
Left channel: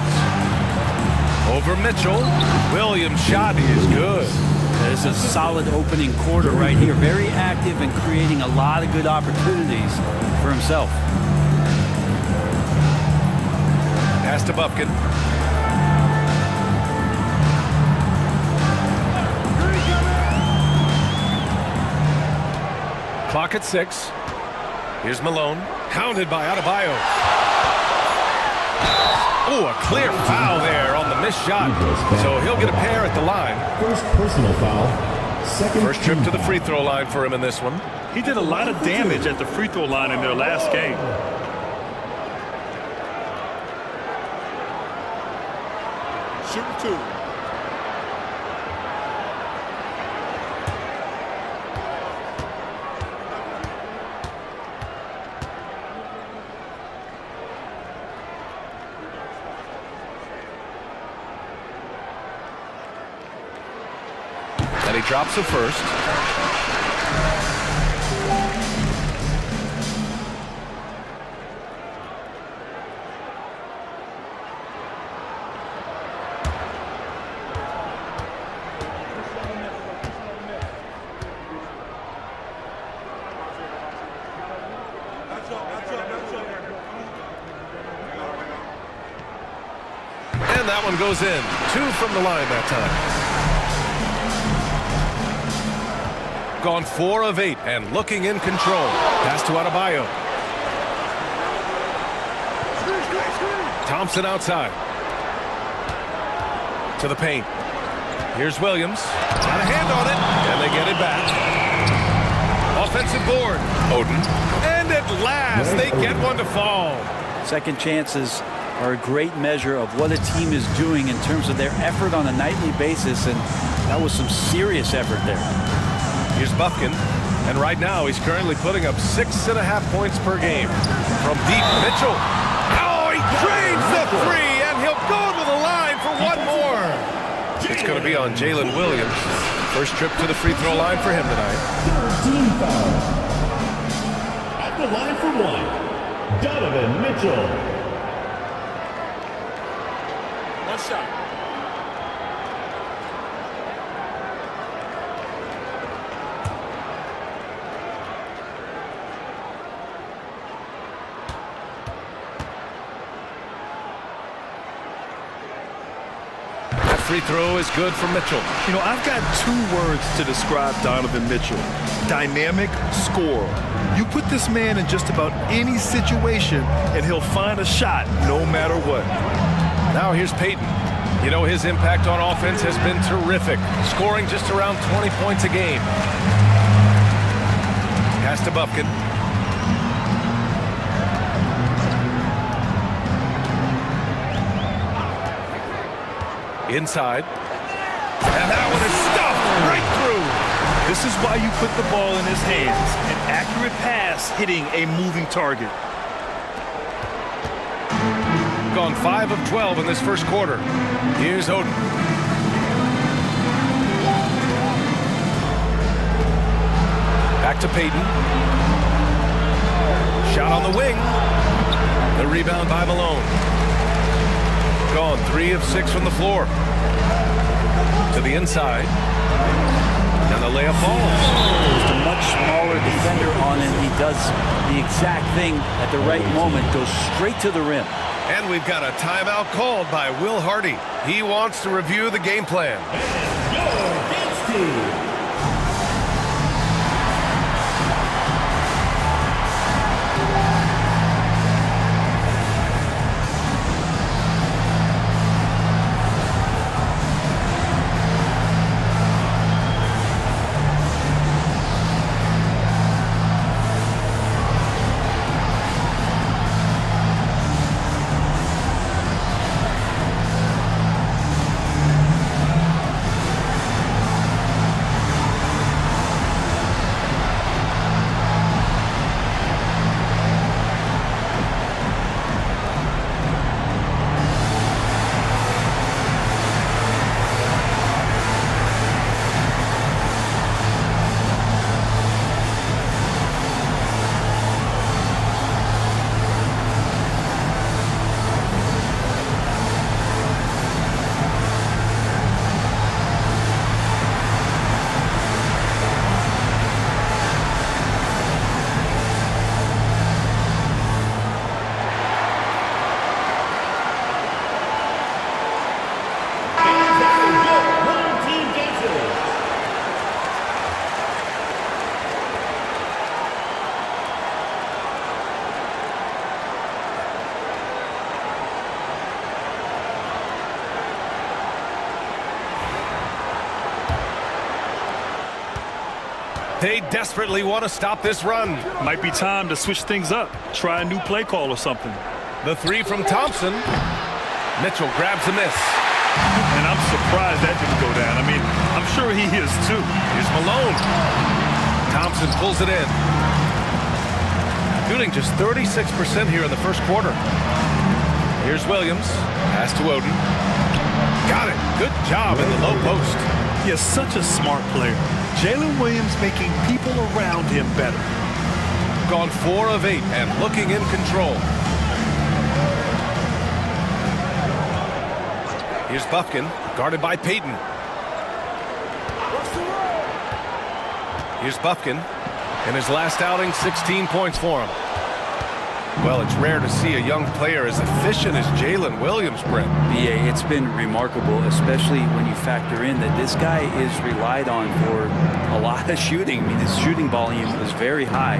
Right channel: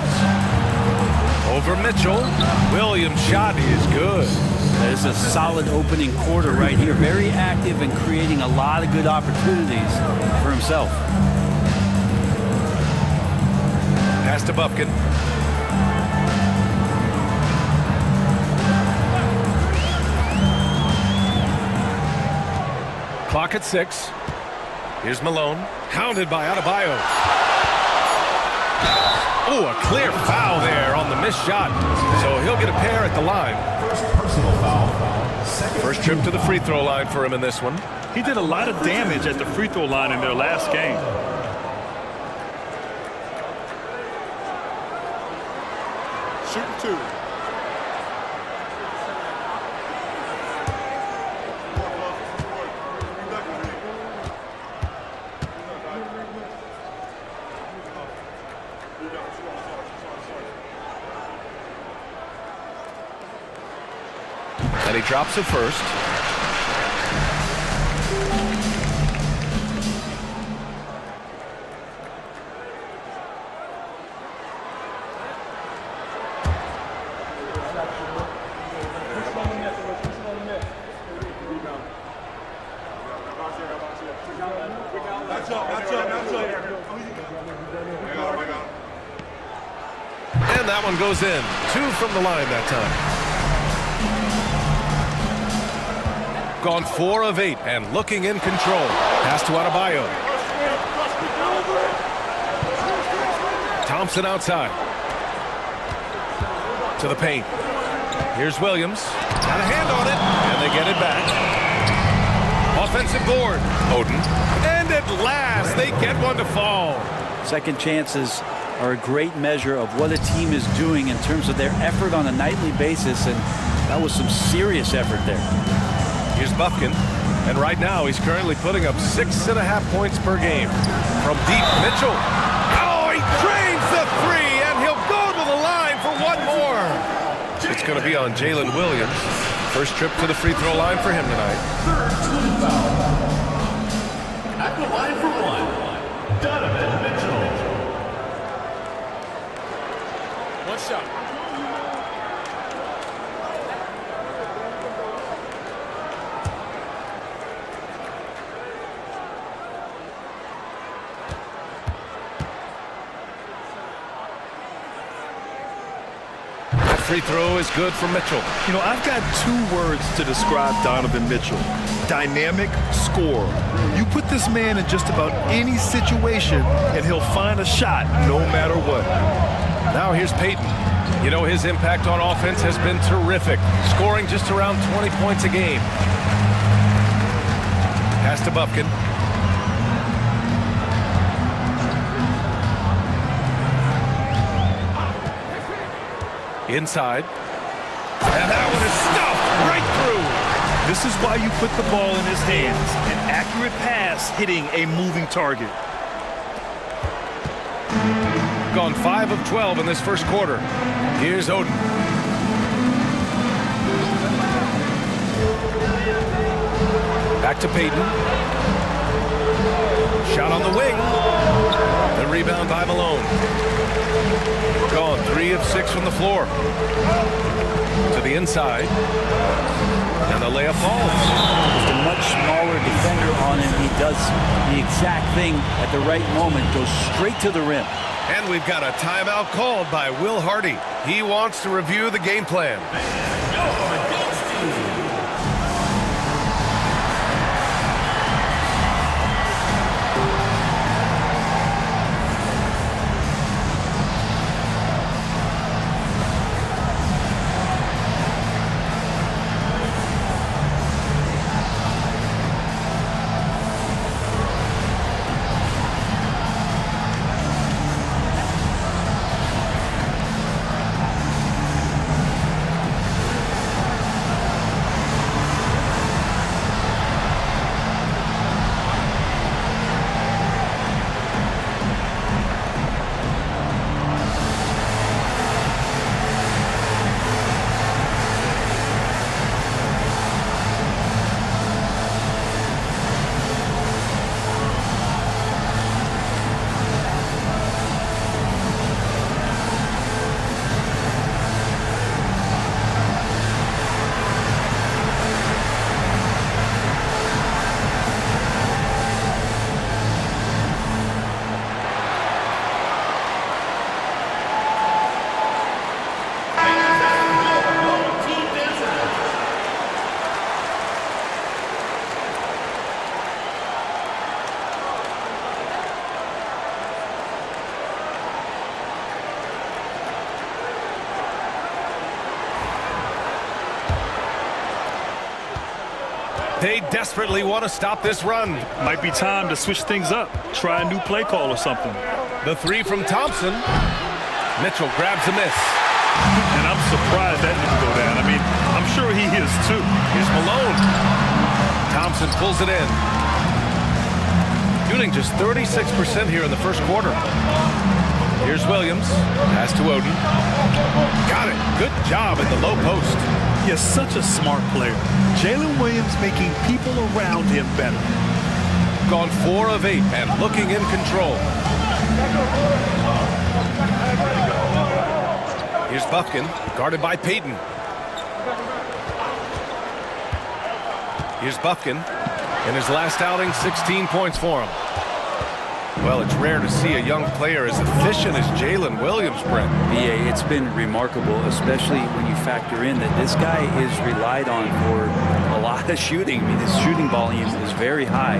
Over Mitchell. Williams' shot is good. There's a solid opening quarter right here. Very active and creating a lot of good opportunities for himself. Pass to Bufkin. Clock at 6. Here's Malone. Hounded by Adebayo. Oh, a clear foul there on the missed shot. So he'll get a pair at the line. First personal foul. First trip to the free throw line for him in this one. He did a lot of damage at the free throw line in their last game. Shooting 2. And he drops it first. And that one goes in. 2 from the line that time. Gone 4 of 8 and looking in control. Pass to Adebayo. Thompson outside. To the paint. Here's Williams. Got a hand on it, and they get it back. Offensive board. Oden. And at last, they get one to fall. Second chances are a great measure of what a team is doing in terms of their effort on a nightly basis, and that was some serious effort there. Here's Bufkin, and right now he's currently putting up 6.5 points per game. From deep, Mitchell. Oh, he drains the 3, and he'll go to the line for one more. It's going to be on Jalen Williams. First trip to the free throw line for him tonight. 13 foul. At the line for 1, Donovan Mitchell. One shot. Free throw is good for Mitchell. You know, I've got 2 words to describe Donovan Mitchell. Dynamic scorer. You put this man in just about any situation, and he'll find a shot no matter what. Now here's Payton. You know, his impact on offense has been terrific, scoring just around 20 points a game. Pass to Bufkin. Inside. And that one is stuffed right through. This is why you put the ball in his hands. An accurate pass hitting a moving target. Gone 5 of 12 in this first quarter. Here's Oden. Back to Payton. Shot on the wing. The rebound by Malone. Gone 3 of 6 from the floor. To the inside. And the layup falls. Just a much smaller defender on him. He does the exact thing at the right moment. Goes straight to the rim. And we've got a timeout called by Will Hardy. He wants to review the game plan. Your bench team. They desperately want to stop this run. Might be time to switch things up. Try a new play call or something. The 3 from Thompson. Mitchell grabs a miss. And I'm surprised that didn't go down. I mean, I'm sure he is too. Here's Malone. Thompson pulls it in. Shooting just 36% here in the first quarter. Here's Williams. Pass to Oden. Got it. Good job in the low post. He is such a smart player. Jalen Williams making people around him better. Gone 4 of 8 and looking in control. Here's Bufkin, guarded by Payton. Here's Bufkin. In his last outing, 16 points for him. Well, it's rare to see a young player as efficient as Jalen Williams, Brent. BA, it's been remarkable, especially when you factor in that this guy is relied on for a lot of shooting. I mean, his shooting volume is very high.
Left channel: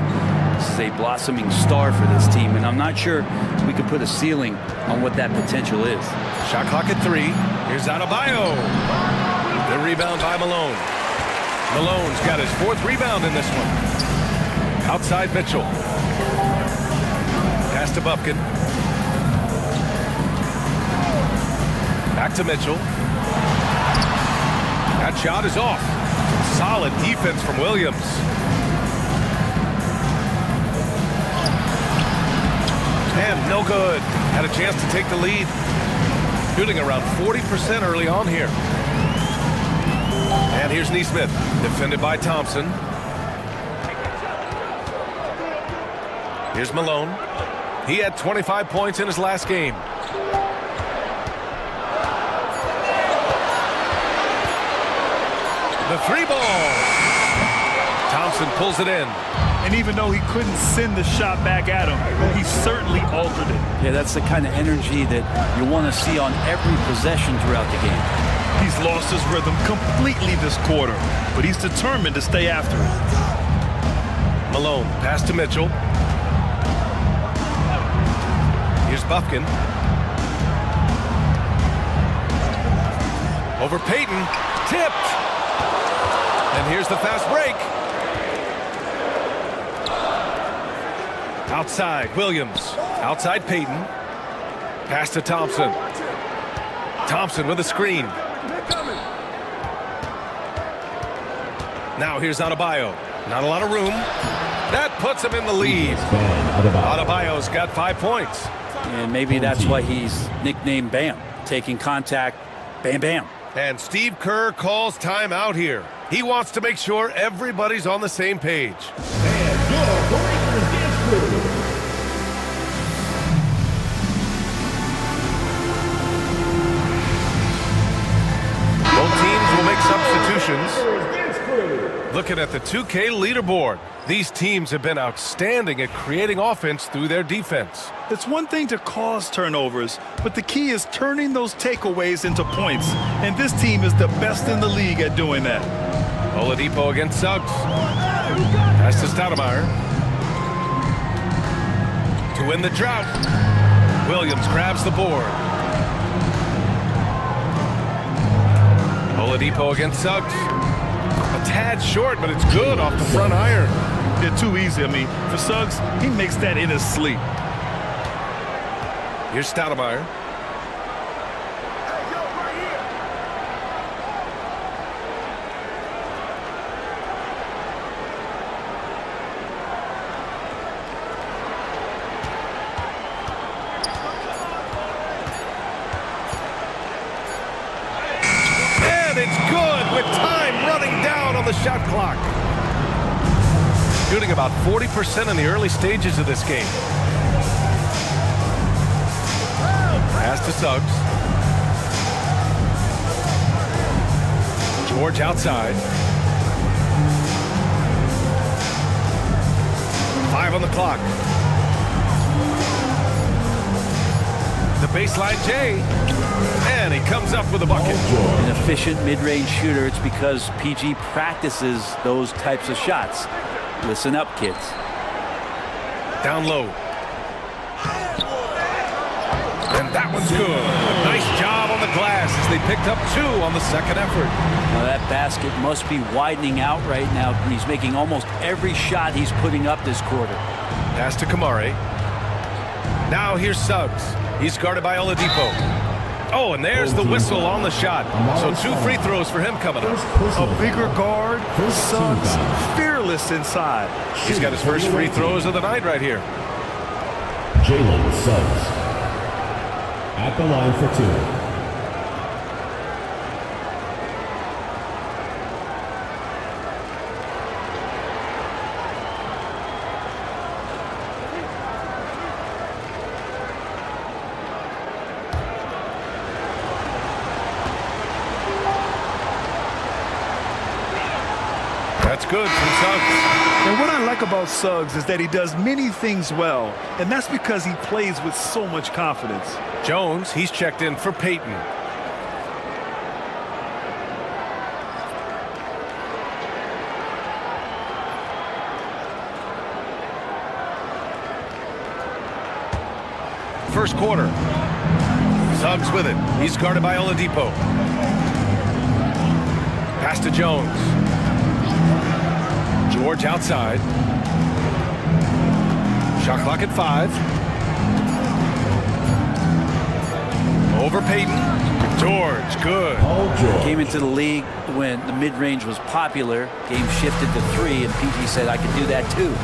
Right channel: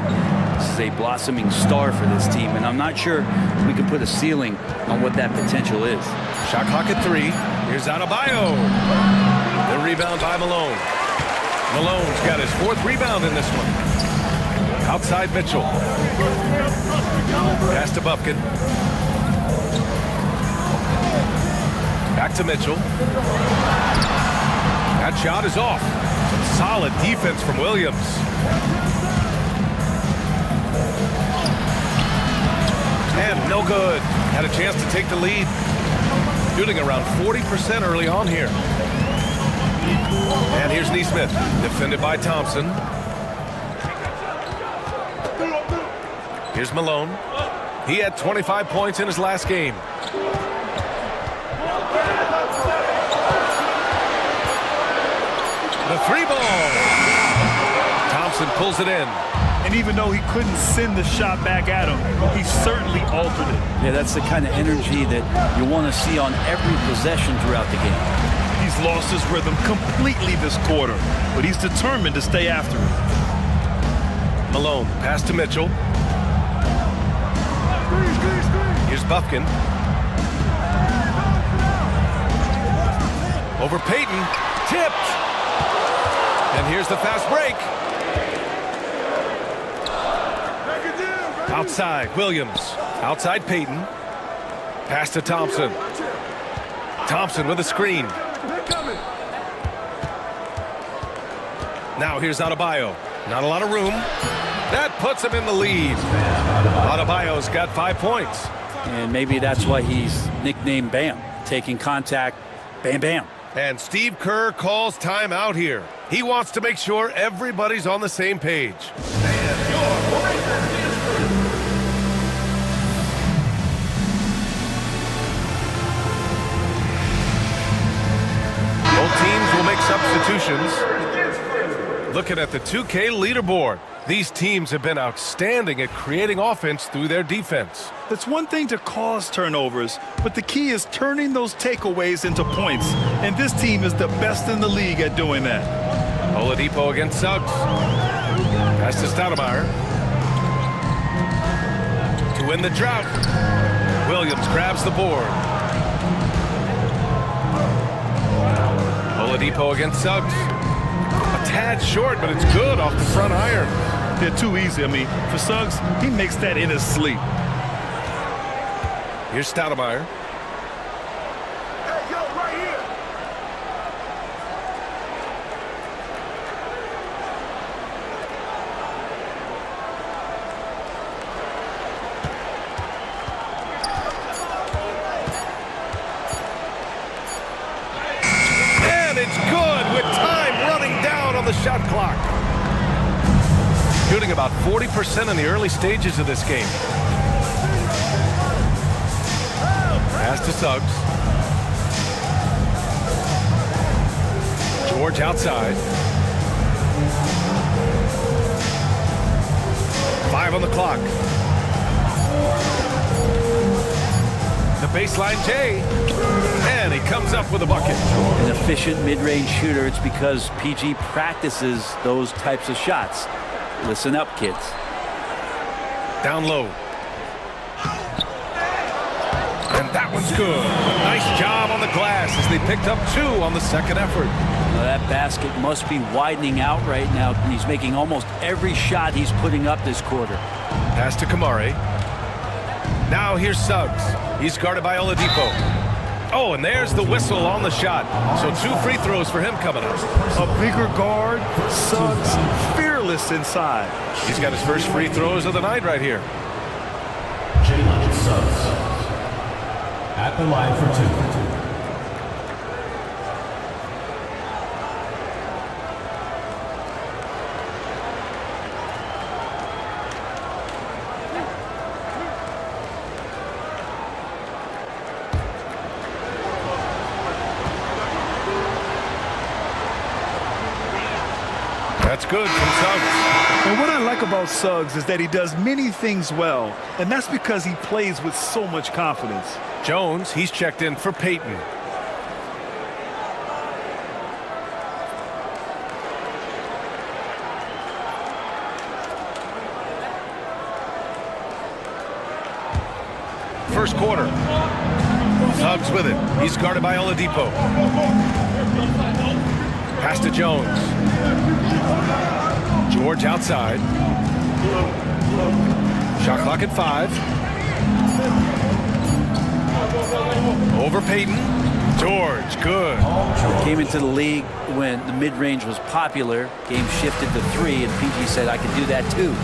This is a blossoming star for this team, and I'm not sure we can put a ceiling on what that potential is. Shot clock at 3. Here's Adebayo. The rebound by Malone. Malone's got his 4th rebound in this one. Outside Mitchell. Pass to Bufkin. Back to Mitchell. That shot is off. Some solid defense from Williams. And no good. Had a chance to take the lead. Shooting around 40% early on here. And here's Neesmith, defended by Thompson. Here's Malone. He had 25 points in his last game. The 3 ball. Thompson pulls it in. And even though he couldn't send the shot back at him, he certainly altered it. Yeah, that's the kind of energy that you want to see on every possession throughout the game. He's lost his rhythm completely this quarter, but he's determined to stay after it. Malone, pass to Mitchell. Here's Bufkin. Over Payton. Tipped. And here's the fast break. Outside, Williams. Outside Payton. Pass to Thompson. Thompson with a screen. Now here's Adebayo. Not a lot of room. That puts him in the lead. Adebayo's got 5 points. And maybe that's why he's nicknamed Bam. Taking contact, bam, bam. And Steve Kerr calls timeout here. He wants to make sure everybody's on the same page. And your Breakers dance crew. Both teams will make substitutions. Looking at the 2K leaderboard, these teams have been outstanding at creating offense through their defense. It's one thing to cause turnovers, but the key is turning those takeaways into points. And this team is the best in the league at doing that. Oladipo against Suggs. Pass to Stoudemire. To win the drought. Williams grabs the board. Oladipo against Suggs. A tad short, but it's good off the front iron. They're too easy. I mean, for Suggs, he makes that in his sleep. Here's Stoudemire. Hey, yo, right here. And it's good with time running down on the shot clock. Shooting about 40% in the early stages of this game. Pass to Suggs. George outside. 5 on the clock. The baseline J. And he comes up with a bucket. An efficient mid-range shooter. It's because PG practices those types of shots. Listen up, kids. Down low. And that one's good. A nice job on the glass as they picked up 2 on the second effort. Now that basket must be widening out right now, and he's making almost every shot he's putting up this quarter. Pass to Kamari. Now here's Suggs. He's guarded by Oladipo. Oh, and there's the whistle on the shot. So 2 free throws for him coming up. A bigger guard, Suggs, fearless inside. He's got his first free throws of the night right here. Jalen Suggs at the line for 2. That's good from Suggs. And what I like about Suggs is that he does many things well, and that's because he plays with so much confidence. Jones, he's checked in for Payton. First quarter. Suggs with it. He's guarded by Oladipo. Pass to Jones. George outside. Shot clock at 5. Over Payton. George, good. Came into the league when the mid-range was popular. Game shifted to 3, and PG said, I can do that too.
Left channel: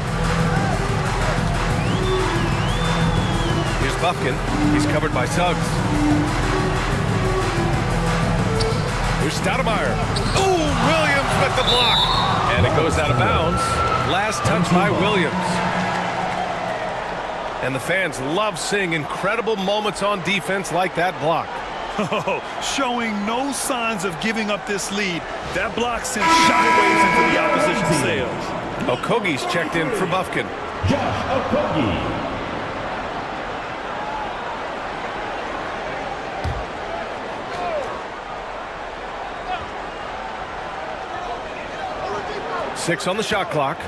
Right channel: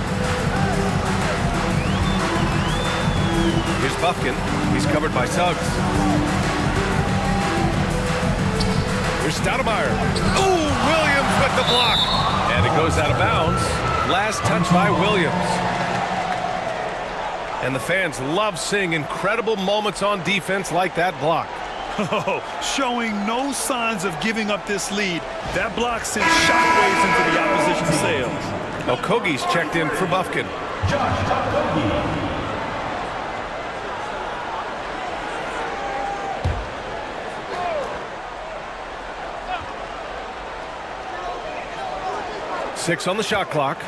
Here's Bufkin. He's covered by Suggs. Here's Stoudemire. Ooh, Williams with the block. And it goes out of bounds. Last touch by Williams. And the fans love seeing incredible moments on defense like that block. Showing no signs of giving up this lead. That block sent shockwaves into the opposition's sails. Okogie's checked in for Bufkin. Josh Okogie. Six on the shot clock.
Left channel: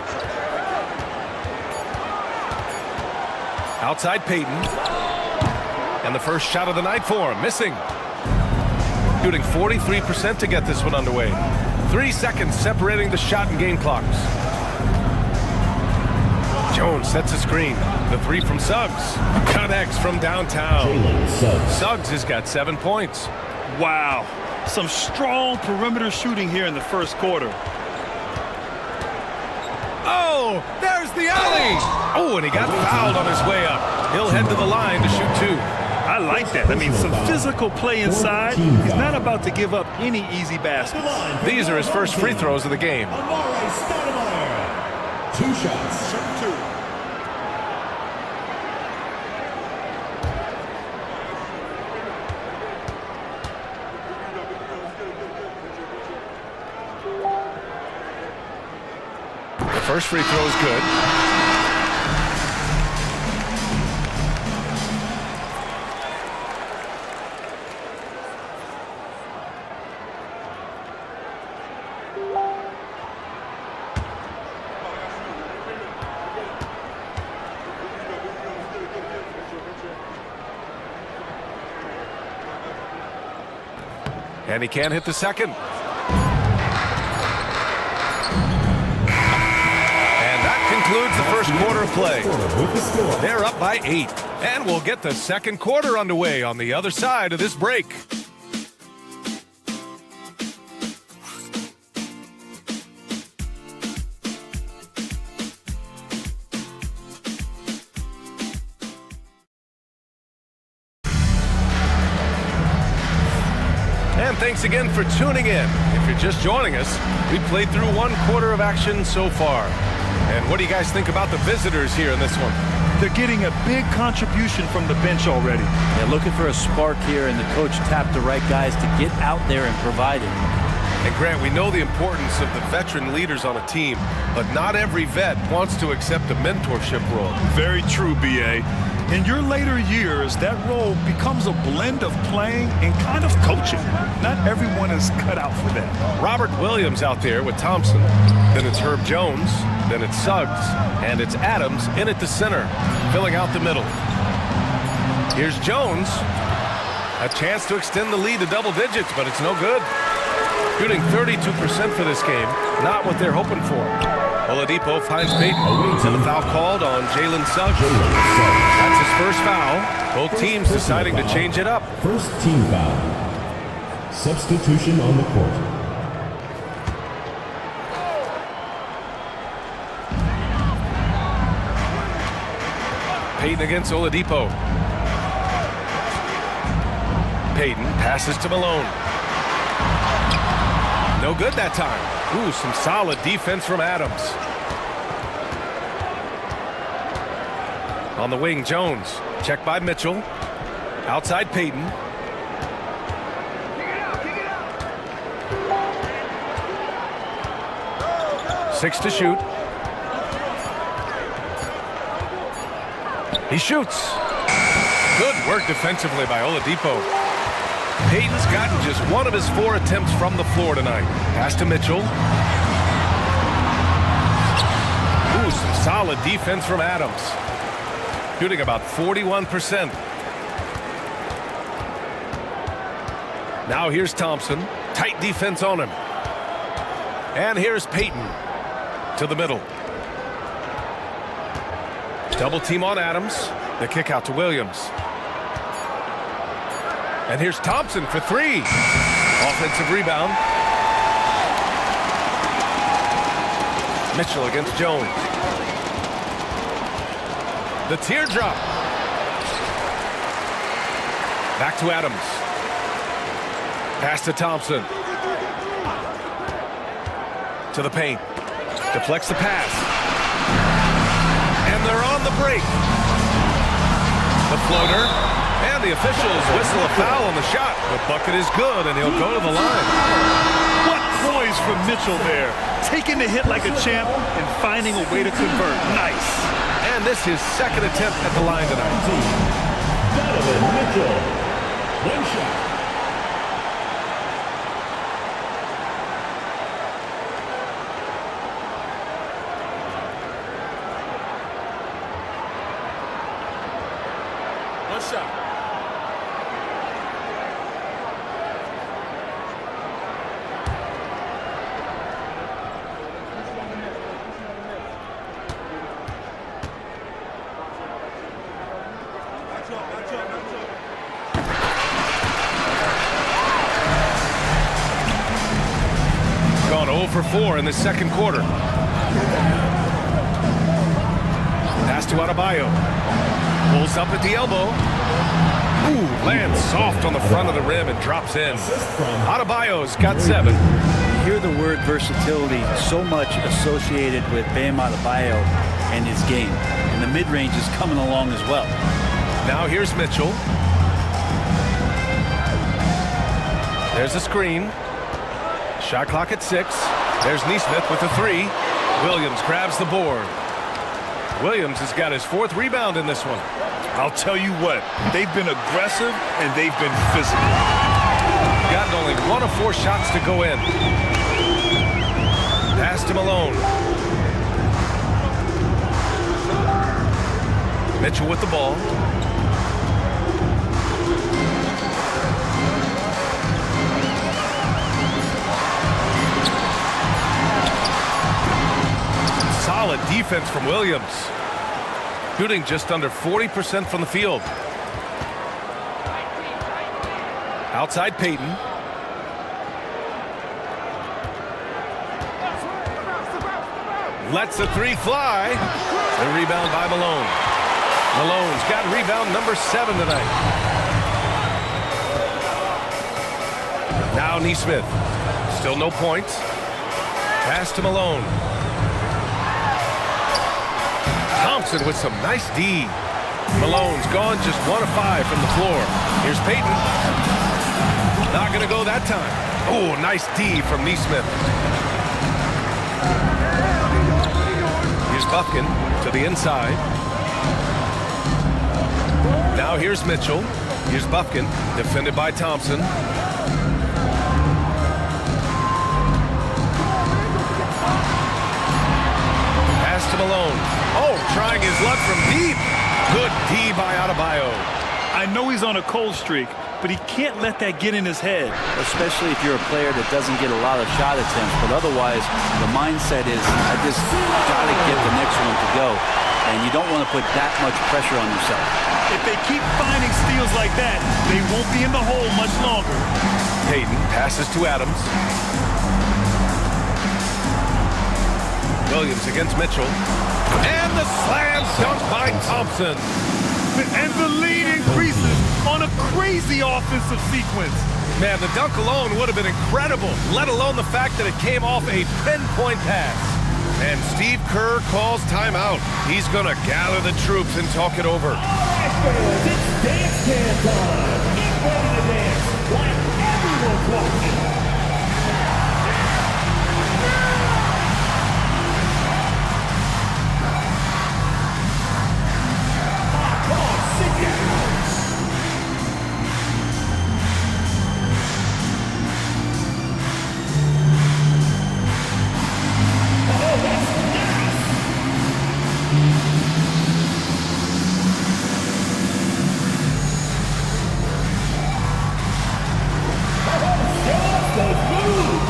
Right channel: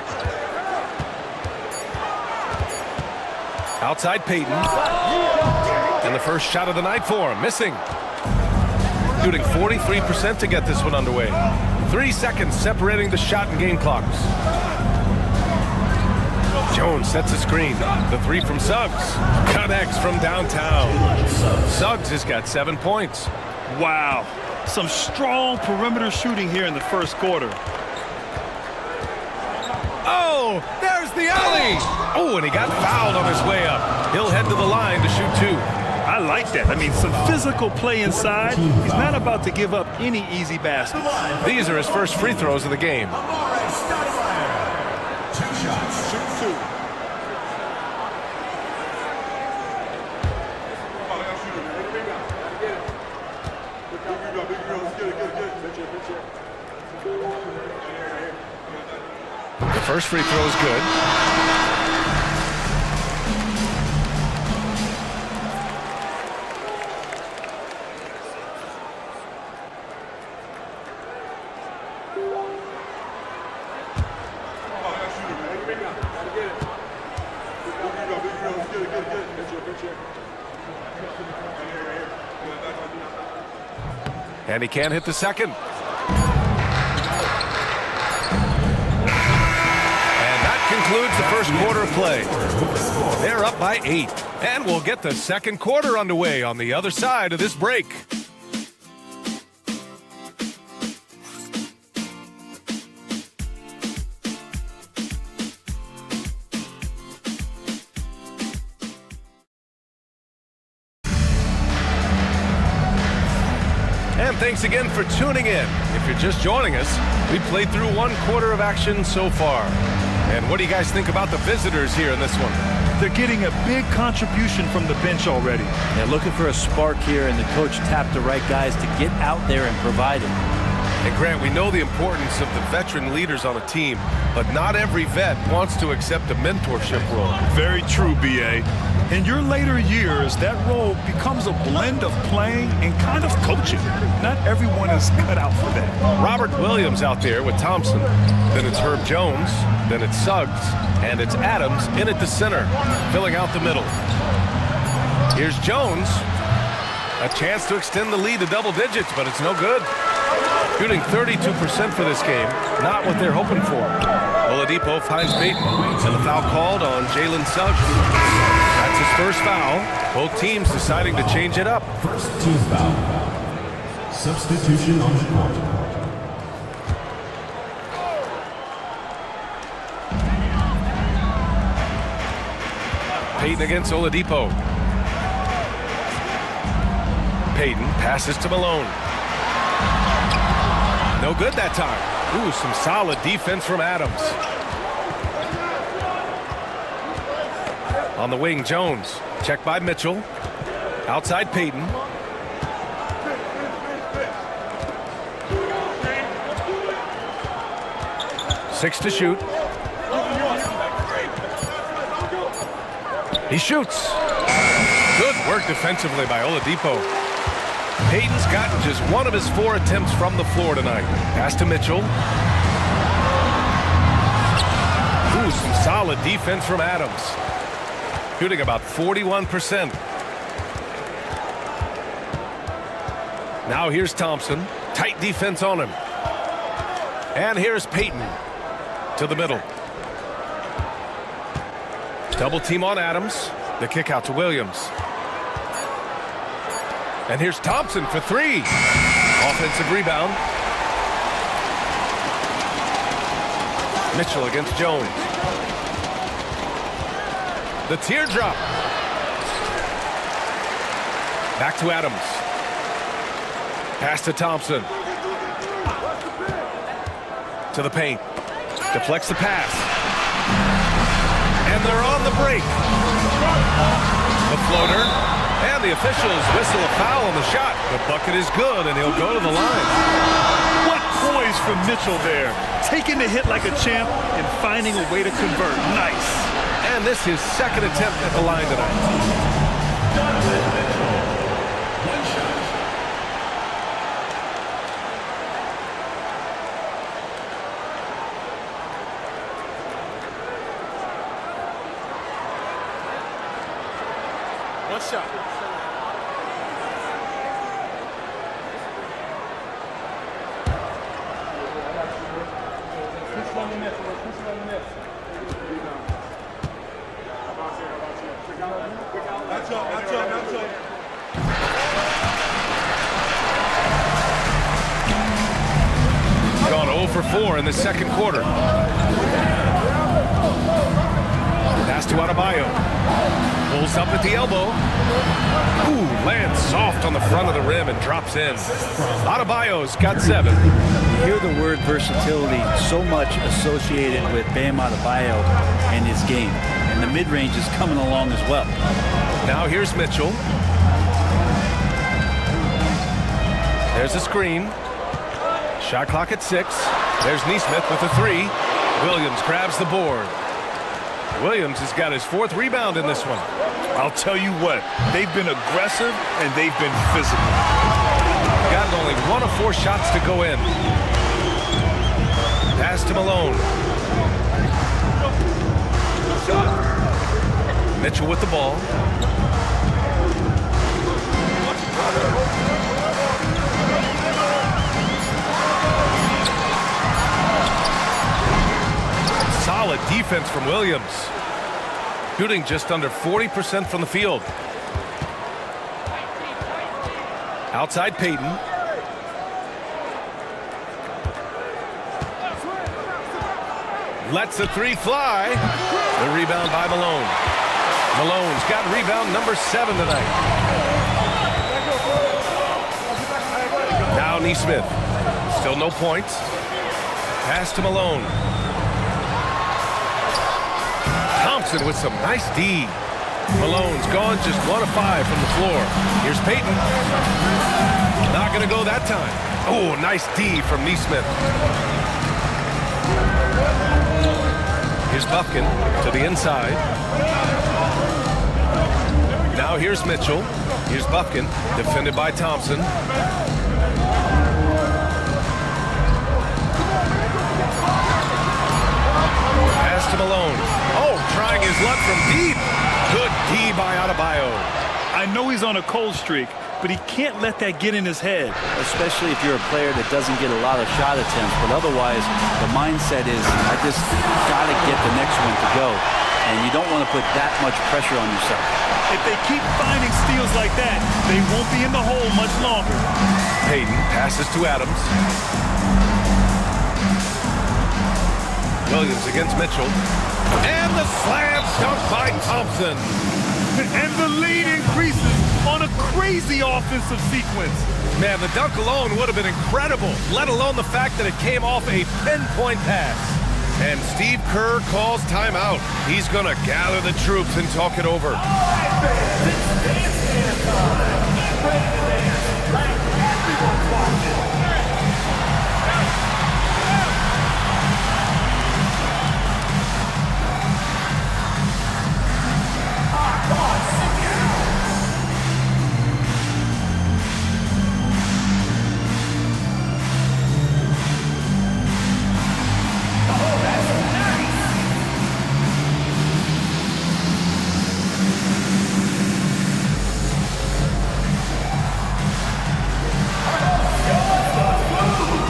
Outside Payton. And the first shot of the night for him. Missing. Shooting 43% to get this one underway. 3 seconds separating the shot and game clocks. Jones sets a screen. The 3 from Suggs. Connects from downtown. Suggs has got 7 points. Wow. Some strong perimeter shooting here in the first quarter. Oh, there's the alley. Oh, and he got fouled on his way up. He'll head to the line to shoot 2. I like that. I mean, some physical play inside. He's not about to give up any easy baskets. These are his first free throws of the game. 2 shots. Shoot 2. The first free throw is good. And he can't hit the second. And that concludes the first quarter of play. They're up by 8. And we'll get the second quarter underway on the other side of this break. And thanks again for tuning in. If you're just joining us, we played through 1 quarter of action so far. And what do you guys think about the visitors here in this one? They're getting a big contribution from the bench already. They're looking for a spark here, and the coach tapped the right guys to get out there and provide it. And Grant, we know the importance of the veteran leaders on a team, but not every vet wants to accept a mentorship role. Very true, B.A. In your later years, that role becomes a blend of playing and kind of coaching. Not everyone is cut out for that. Robert Williams out there with Thompson. Then it's Herb Jones. Then it's Suggs. And it's Adams in at the center, filling out the middle. Here's Jones. A chance to extend the lead to double digits, but it's no good. Shooting 32% for this game. Not what they're hoping for. Oladipo finds Payton. And the foul called on Jalen Suggs. That's his first foul. Both teams deciding to change it up. First team foul. Substitution on the court. Payton against Oladipo. Payton passes to Malone. No good that time. Ooh, some solid defense from Adams. On the wing, Jones. Checked by Mitchell. Outside Payton. Six to shoot. He shoots. Good work defensively by Oladipo. Payton's gotten just 1 of his 4 attempts from the floor tonight. Pass to Mitchell. Ooh, some solid defense from Adams. Shooting about 41%. Now here's Thompson. Tight defense on him. And here's Payton to the middle. Double team on Adams. The kick out to Williams. And here's Thompson for 3. Offensive rebound. Mitchell against Jones. The teardrop. Back to Adams. Pass to Thompson. To the paint. Deflects the pass. And they're on the break. The floater. And the officials whistle a foul on the shot. The bucket is good, and he'll go to the line. What poise from Mitchell there. Taking the hit like a champ and finding a way to convert. Nice. And this is his second attempt at the line tonight. Donovan Mitchell. 1 shot. One shot. Gone 0 for 4 in the second quarter. Pass to Adebayo. Pulls up at the elbow. Ooh, lands soft on the front of the rim and drops in. Adebayo's got 7. You hear the word versatility so much associated with Bam Adebayo and his game. And the mid-range is coming along as well. Now here's Mitchell. There's a screen. Shot clock at 6. There's Nesmith with a 3. Williams grabs the board. Williams has got his 4th rebound in this one. I'll tell you what, they've been aggressive and they've been physical. Got only 1 of 4 shots to go in. Pass to Malone. Mitchell with the ball. Solid defense from Williams. Shooting just under 40% from the field. Outside Payton. Lets the 3 fly. The rebound by Malone. Malone's got rebound number 7 tonight. Now Nesmith. Still no points. Pass to Malone. Thompson with some nice D. Malone's gone just 1 of 5 from the floor. Here's Payton. Not going to go that time. Oh, nice D from Nesmith. Here's Bufkin to the inside. Now here's Mitchell. Here's Bufkin, defended by Thompson. Pass to Malone. Oh, trying his luck from deep. Good D by Adebayo. I know he's on a cold streak, but he can't let that get in his head. Especially if you're a player that doesn't get a lot of shot attempts. But otherwise, the mindset is, I just got to get the next one to go. And you don't want to put that much pressure on yourself. If they keep finding steals like that, they won't be in the hole much longer. Payton passes to Adams. Williams against Mitchell. And the slam dunk by Thompson. And the lead increases on a crazy offensive sequence. Man, the dunk alone would have been incredible, let alone the fact that it came off a pinpoint pass. And Steve Kerr calls timeout. He's going to gather the troops and talk it over. All right, fans, it's dance can time. Get ready to dance like everyone's watching. Come on, sit down. Oh, that's nice. Oh, show us those moves.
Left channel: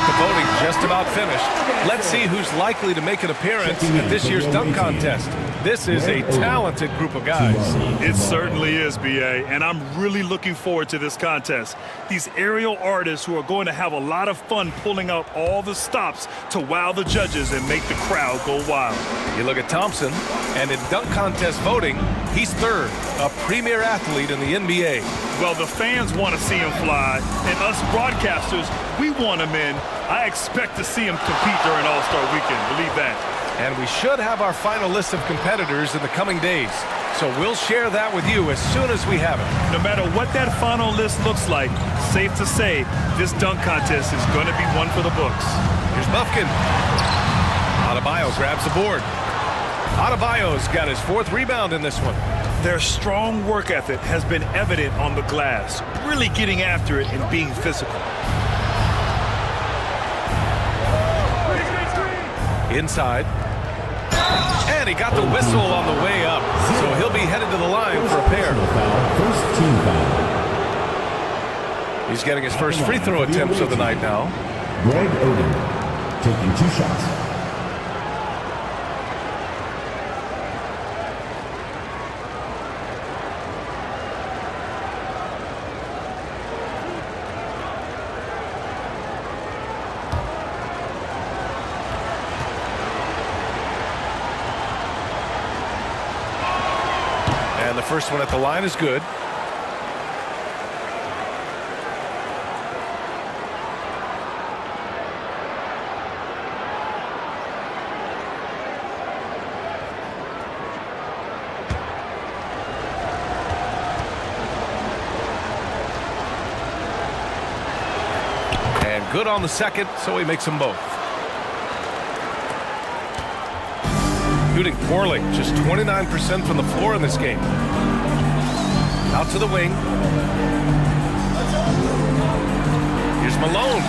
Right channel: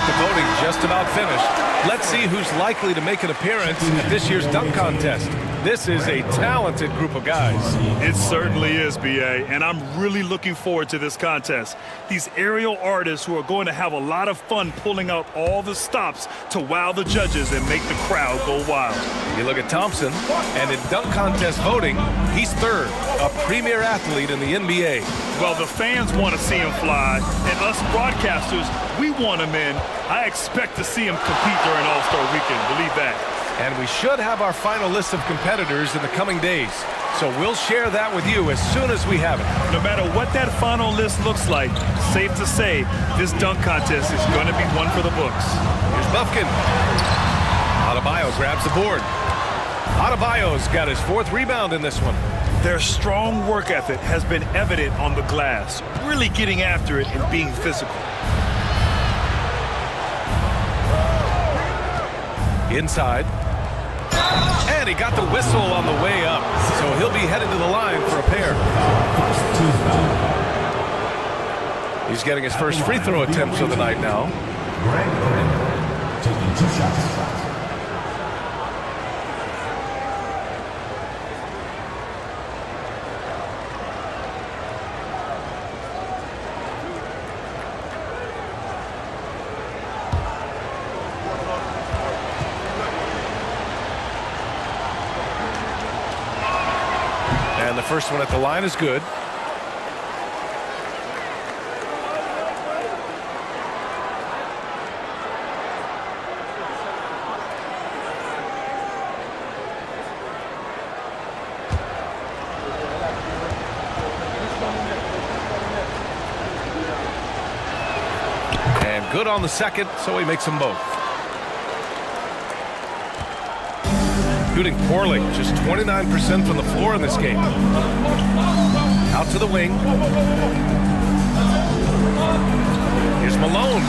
The voting just about finished. Let's see who's likely to make an appearance at this year's dunk contest. This is a talented group of guys. It certainly is, B.A., and I'm really looking forward to this contest. These aerial artists who are going to have a lot of fun pulling out all the stops to wow the judges and make the crowd go wild. You look at Thompson, and in dunk contest voting, he's 3rd, a premier athlete in the NBA. Well, the fans want to see him fly, and us broadcasters, we want him in. I expect to see him compete during All-Star Weekend, believe that. And we should have our final list of competitors in the coming days. So we'll share that with you as soon as we have it. No matter what that final list looks like, safe to say, this dunk contest is going to be one for the books. Here's Bufkin. Adebayo grabs the board. Adebayo's got his 4th rebound in this one. Their strong work ethic has been evident on the glass, really getting after it and being physical. Inside. And he got the whistle on the way up. So he'll be headed to the line for a pair. First team foul. He's getting his first free throw attempts of the night now. Greg Oden taking 2 shots. And the first one at the line is good. And good on the second, so he makes them both. Shooting poorly, just 29% from the floor in this game. Out to the wing. Here's Malone.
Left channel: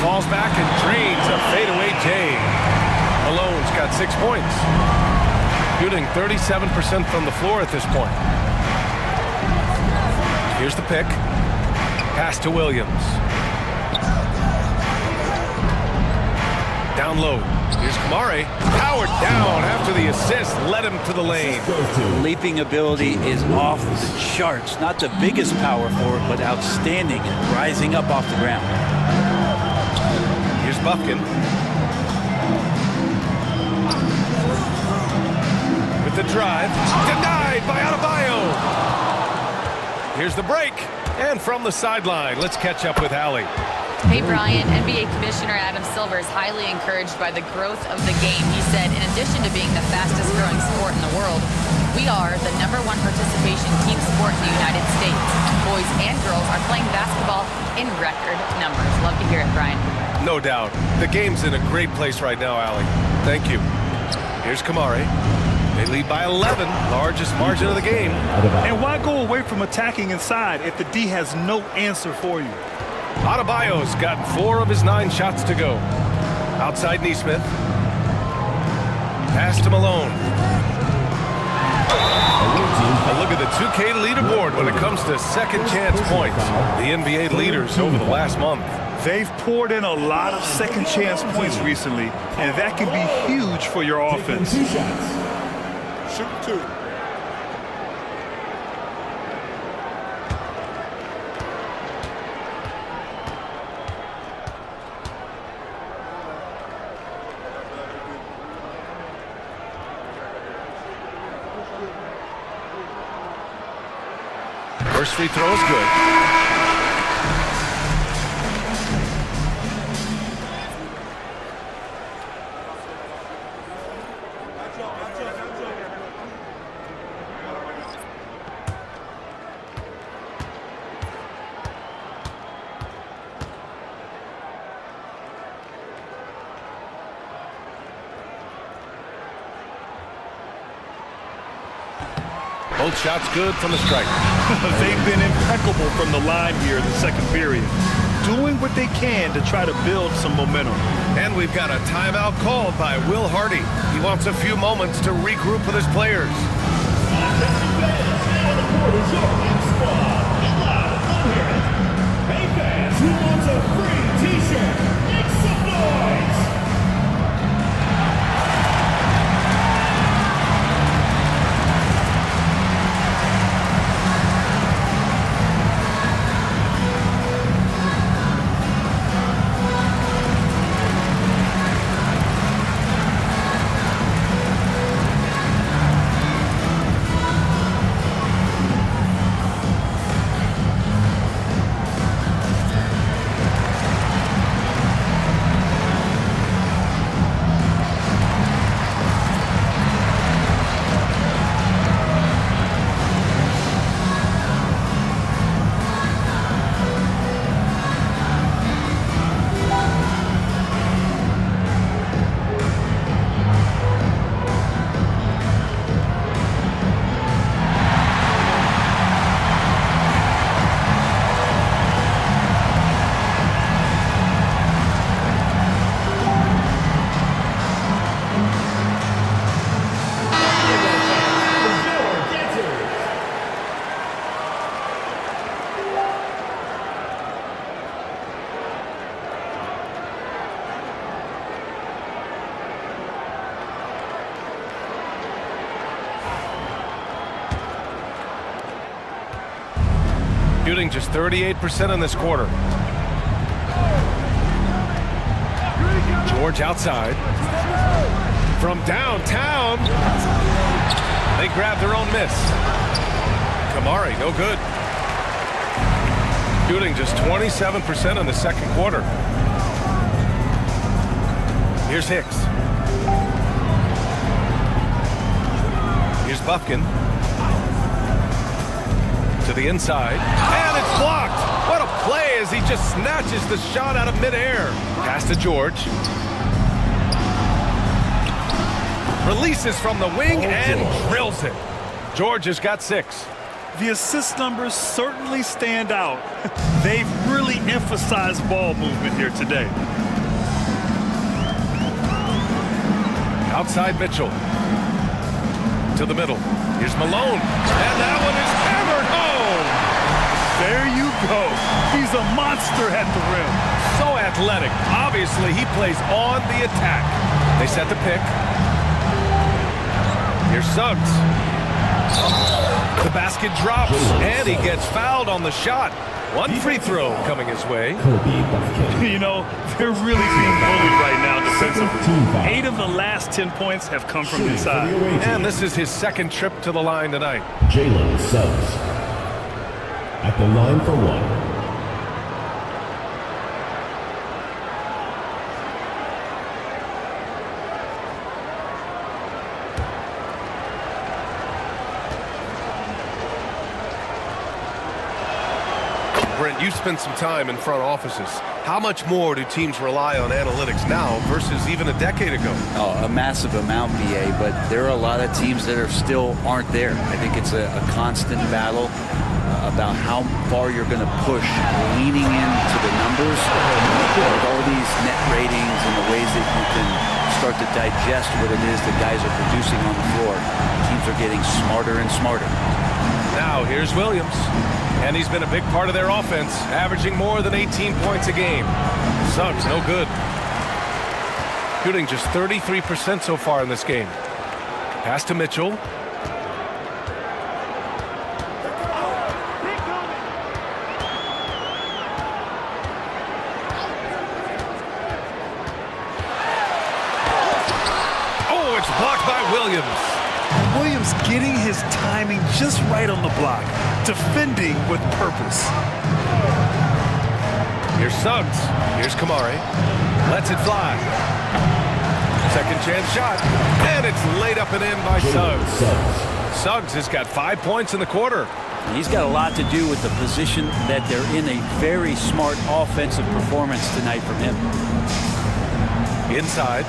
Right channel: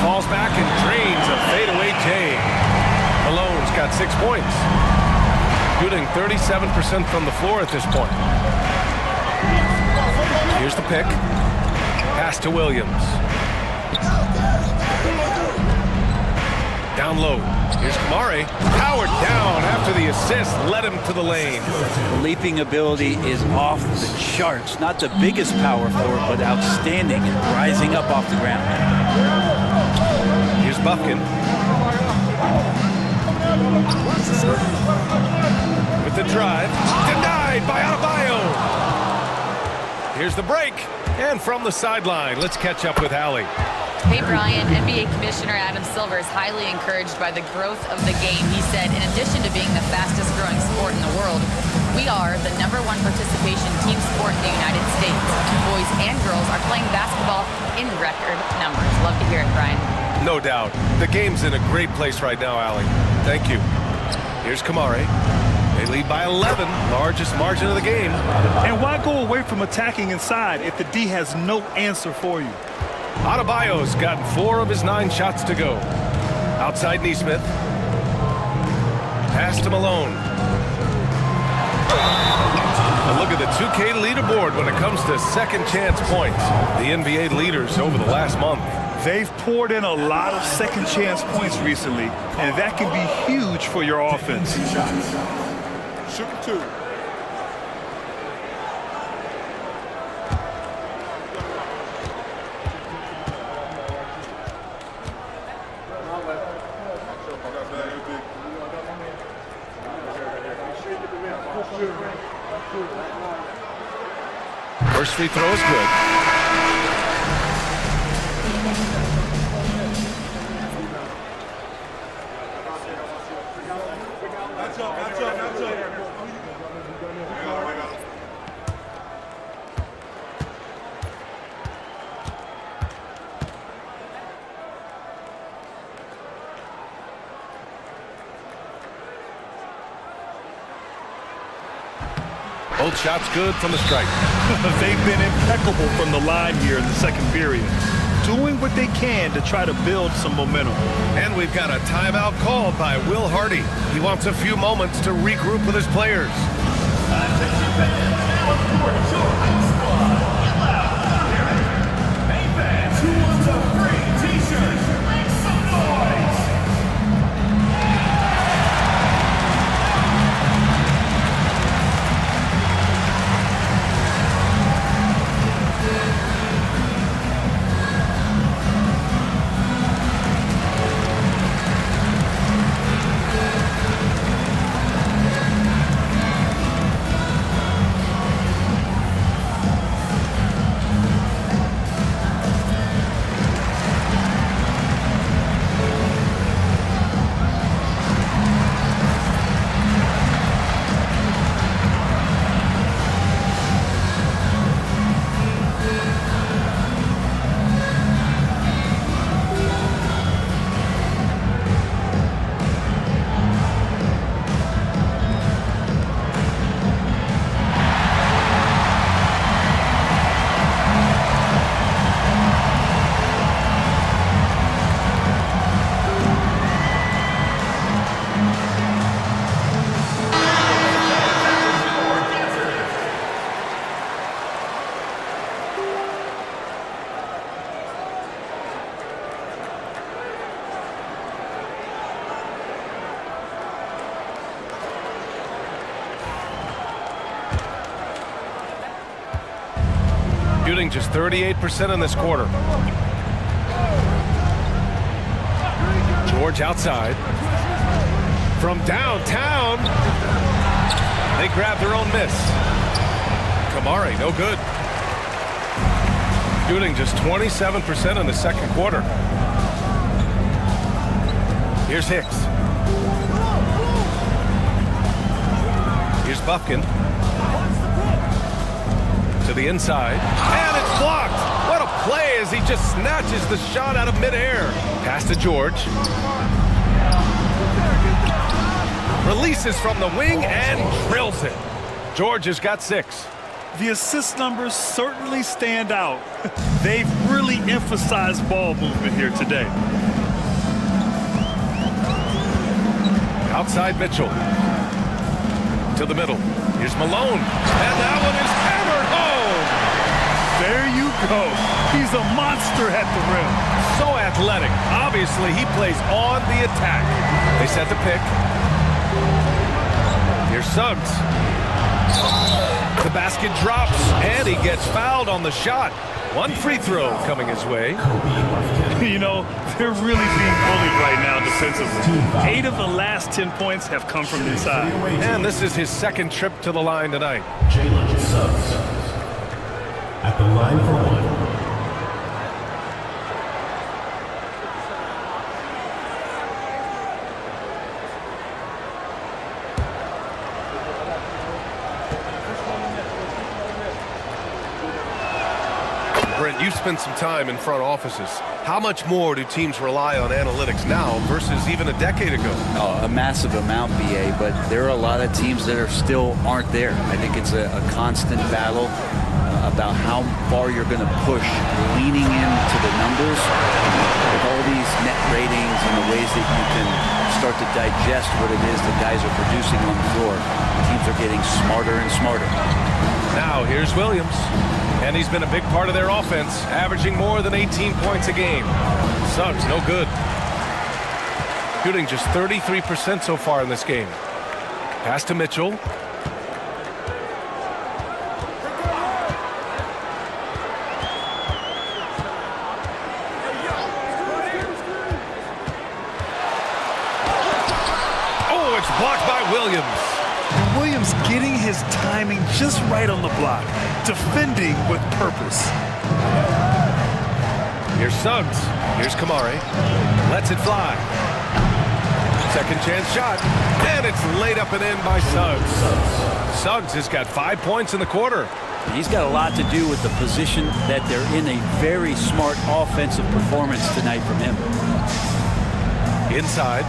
Falls back and drains a fadeaway J. Malone's got 6 points. Shooting 37% from the floor at this point. Here's the pick. Pass to Williams. Down low. Here's Kamare. Powered down after the assist led him to the lane. Leaping ability is off the charts. Not the biggest power forward, but outstanding and rising up off the ground. Here's Bufkin. With the drive. Denied by Adebayo. Here's the break. And from the sideline, let's catch up with Allie. Hey, Brian, NBA Commissioner Adam Silver is highly encouraged by the growth of the game. He said, in addition to being the fastest growing sport in the world, we are the #1 participation team sport in the United States. Boys and girls are playing basketball in record numbers. Love to hear it, Brian. No doubt. The game's in a great place right now, Allie. Thank you. Here's Kamare. They lead by 11, largest margin of the game. And why go away from attacking inside if the D has no answer for you? Adebayo's gotten 4 of his 9 shots to go. Outside Neesmith. Pass to Malone. A look at the 2K leaderboard when it comes to second chance points. The NBA leaders over the last month. They've poured in a lot of second chance points recently, and that can be huge for your offense. Shooting 2. First free throw is good. Both shots good from the stripe. They've been impeccable from the line here in the second period, doing what they can to try to build some momentum. And we've got a timeout called by Will Hardy. He wants a few moments to regroup with his players. Attention fans, now on the court is your hype squad. Get loud, come hear it. Hey fans, who wants a free t-shirt? Make some noise! Shooting just 38% in this quarter. George outside. From downtown, they grab their own miss. Kamari, no good. Shooting just 27% in the second quarter. Here's Hicks. Here's Bufkin. To the inside. And it's blocked. What a play as he just snatches the shot out of midair. Pass to George. Releases from the wing and drills it. George has got 6. The assist numbers certainly stand out. They've really emphasized ball movement here today. Outside Mitchell. To the middle. Here's Malone. And that one is hammered home. There you go. He's a monster at the rim. So athletic. Obviously, he plays on the attack. They set the pick. Here's Suggs. The basket drops, and he gets fouled on the shot. One free throw coming his way. You know, they're really being bullied right now defensively. 8 of the last 10 points have come from inside. And this is his second trip to the line tonight. Jalen Suggs at the line for 1. Brent, you've spent some time in front offices. How much more do teams rely on analytics now versus even a decade ago? Oh, a massive amount, BA, but there are a lot of teams that still aren't there. I think it's a constant battle about how far you're going to push, leaning into the numbers with all these net ratings and the ways that you can start to digest what it is that guys are producing on the floor. Teams are getting smarter and smarter. Now here's Williams. And he's been a big part of their offense, averaging more than 18 points a game. Suggs, no good. Shooting just 33% so far in this game. Pass to Mitchell. Oh, it's blocked by Williams. And Williams getting his timing just right on the block. Defending with purpose. Here's Suggs. Here's Kamari. Lets it fly. Second chance shot. And it's laid up and in by Suggs. Suggs has got 5 points in the quarter. And he's got a lot to do with the position that they're in. A very smart offensive performance tonight from him. Inside.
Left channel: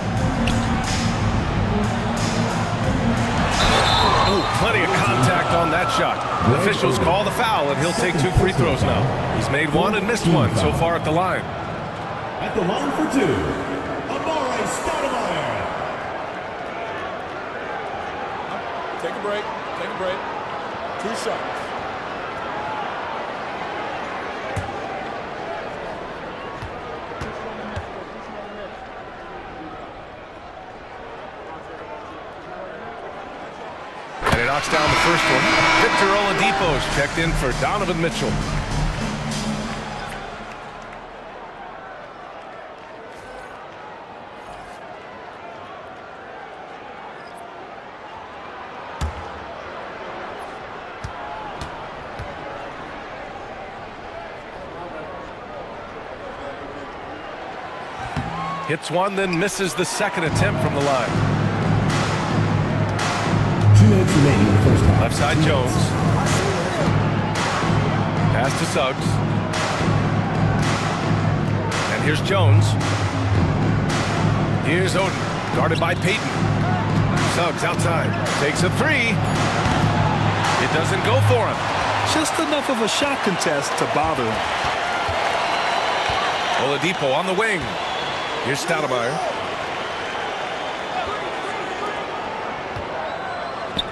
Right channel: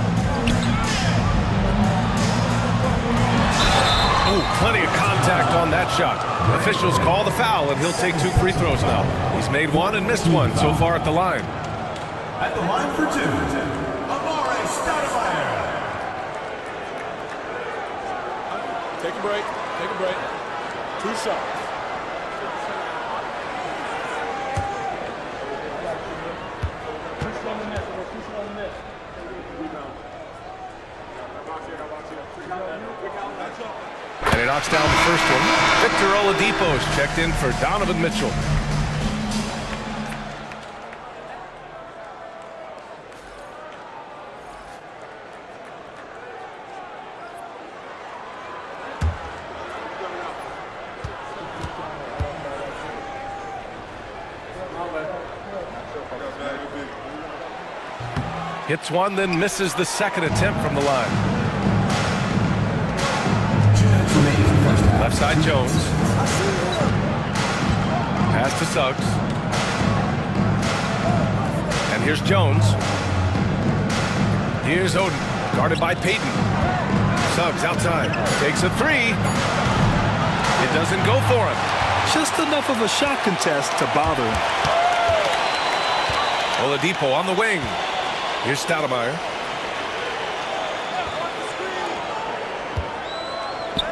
Ooh, plenty of contact on that shot. Officials call the foul, and he'll take 2 free throws now. He's made 1 and missed 1 so far at the line. At the line for 2, Amare Stoudemire. Take a break. Take a break. 2 shots. And he knocks down the first one. Victor Oladipo's checked in for Donovan Mitchell. Hits one, then misses the second attempt from the line. 2 minutes remaining in the first half. Left side Jones. Pass to Suggs. And here's Jones. Here's Oden, guarded by Payton. Suggs outside, takes a 3. It doesn't go for him. Just enough of a shot contest to bother him. Oladipo on the wing. Here's Stoudemire.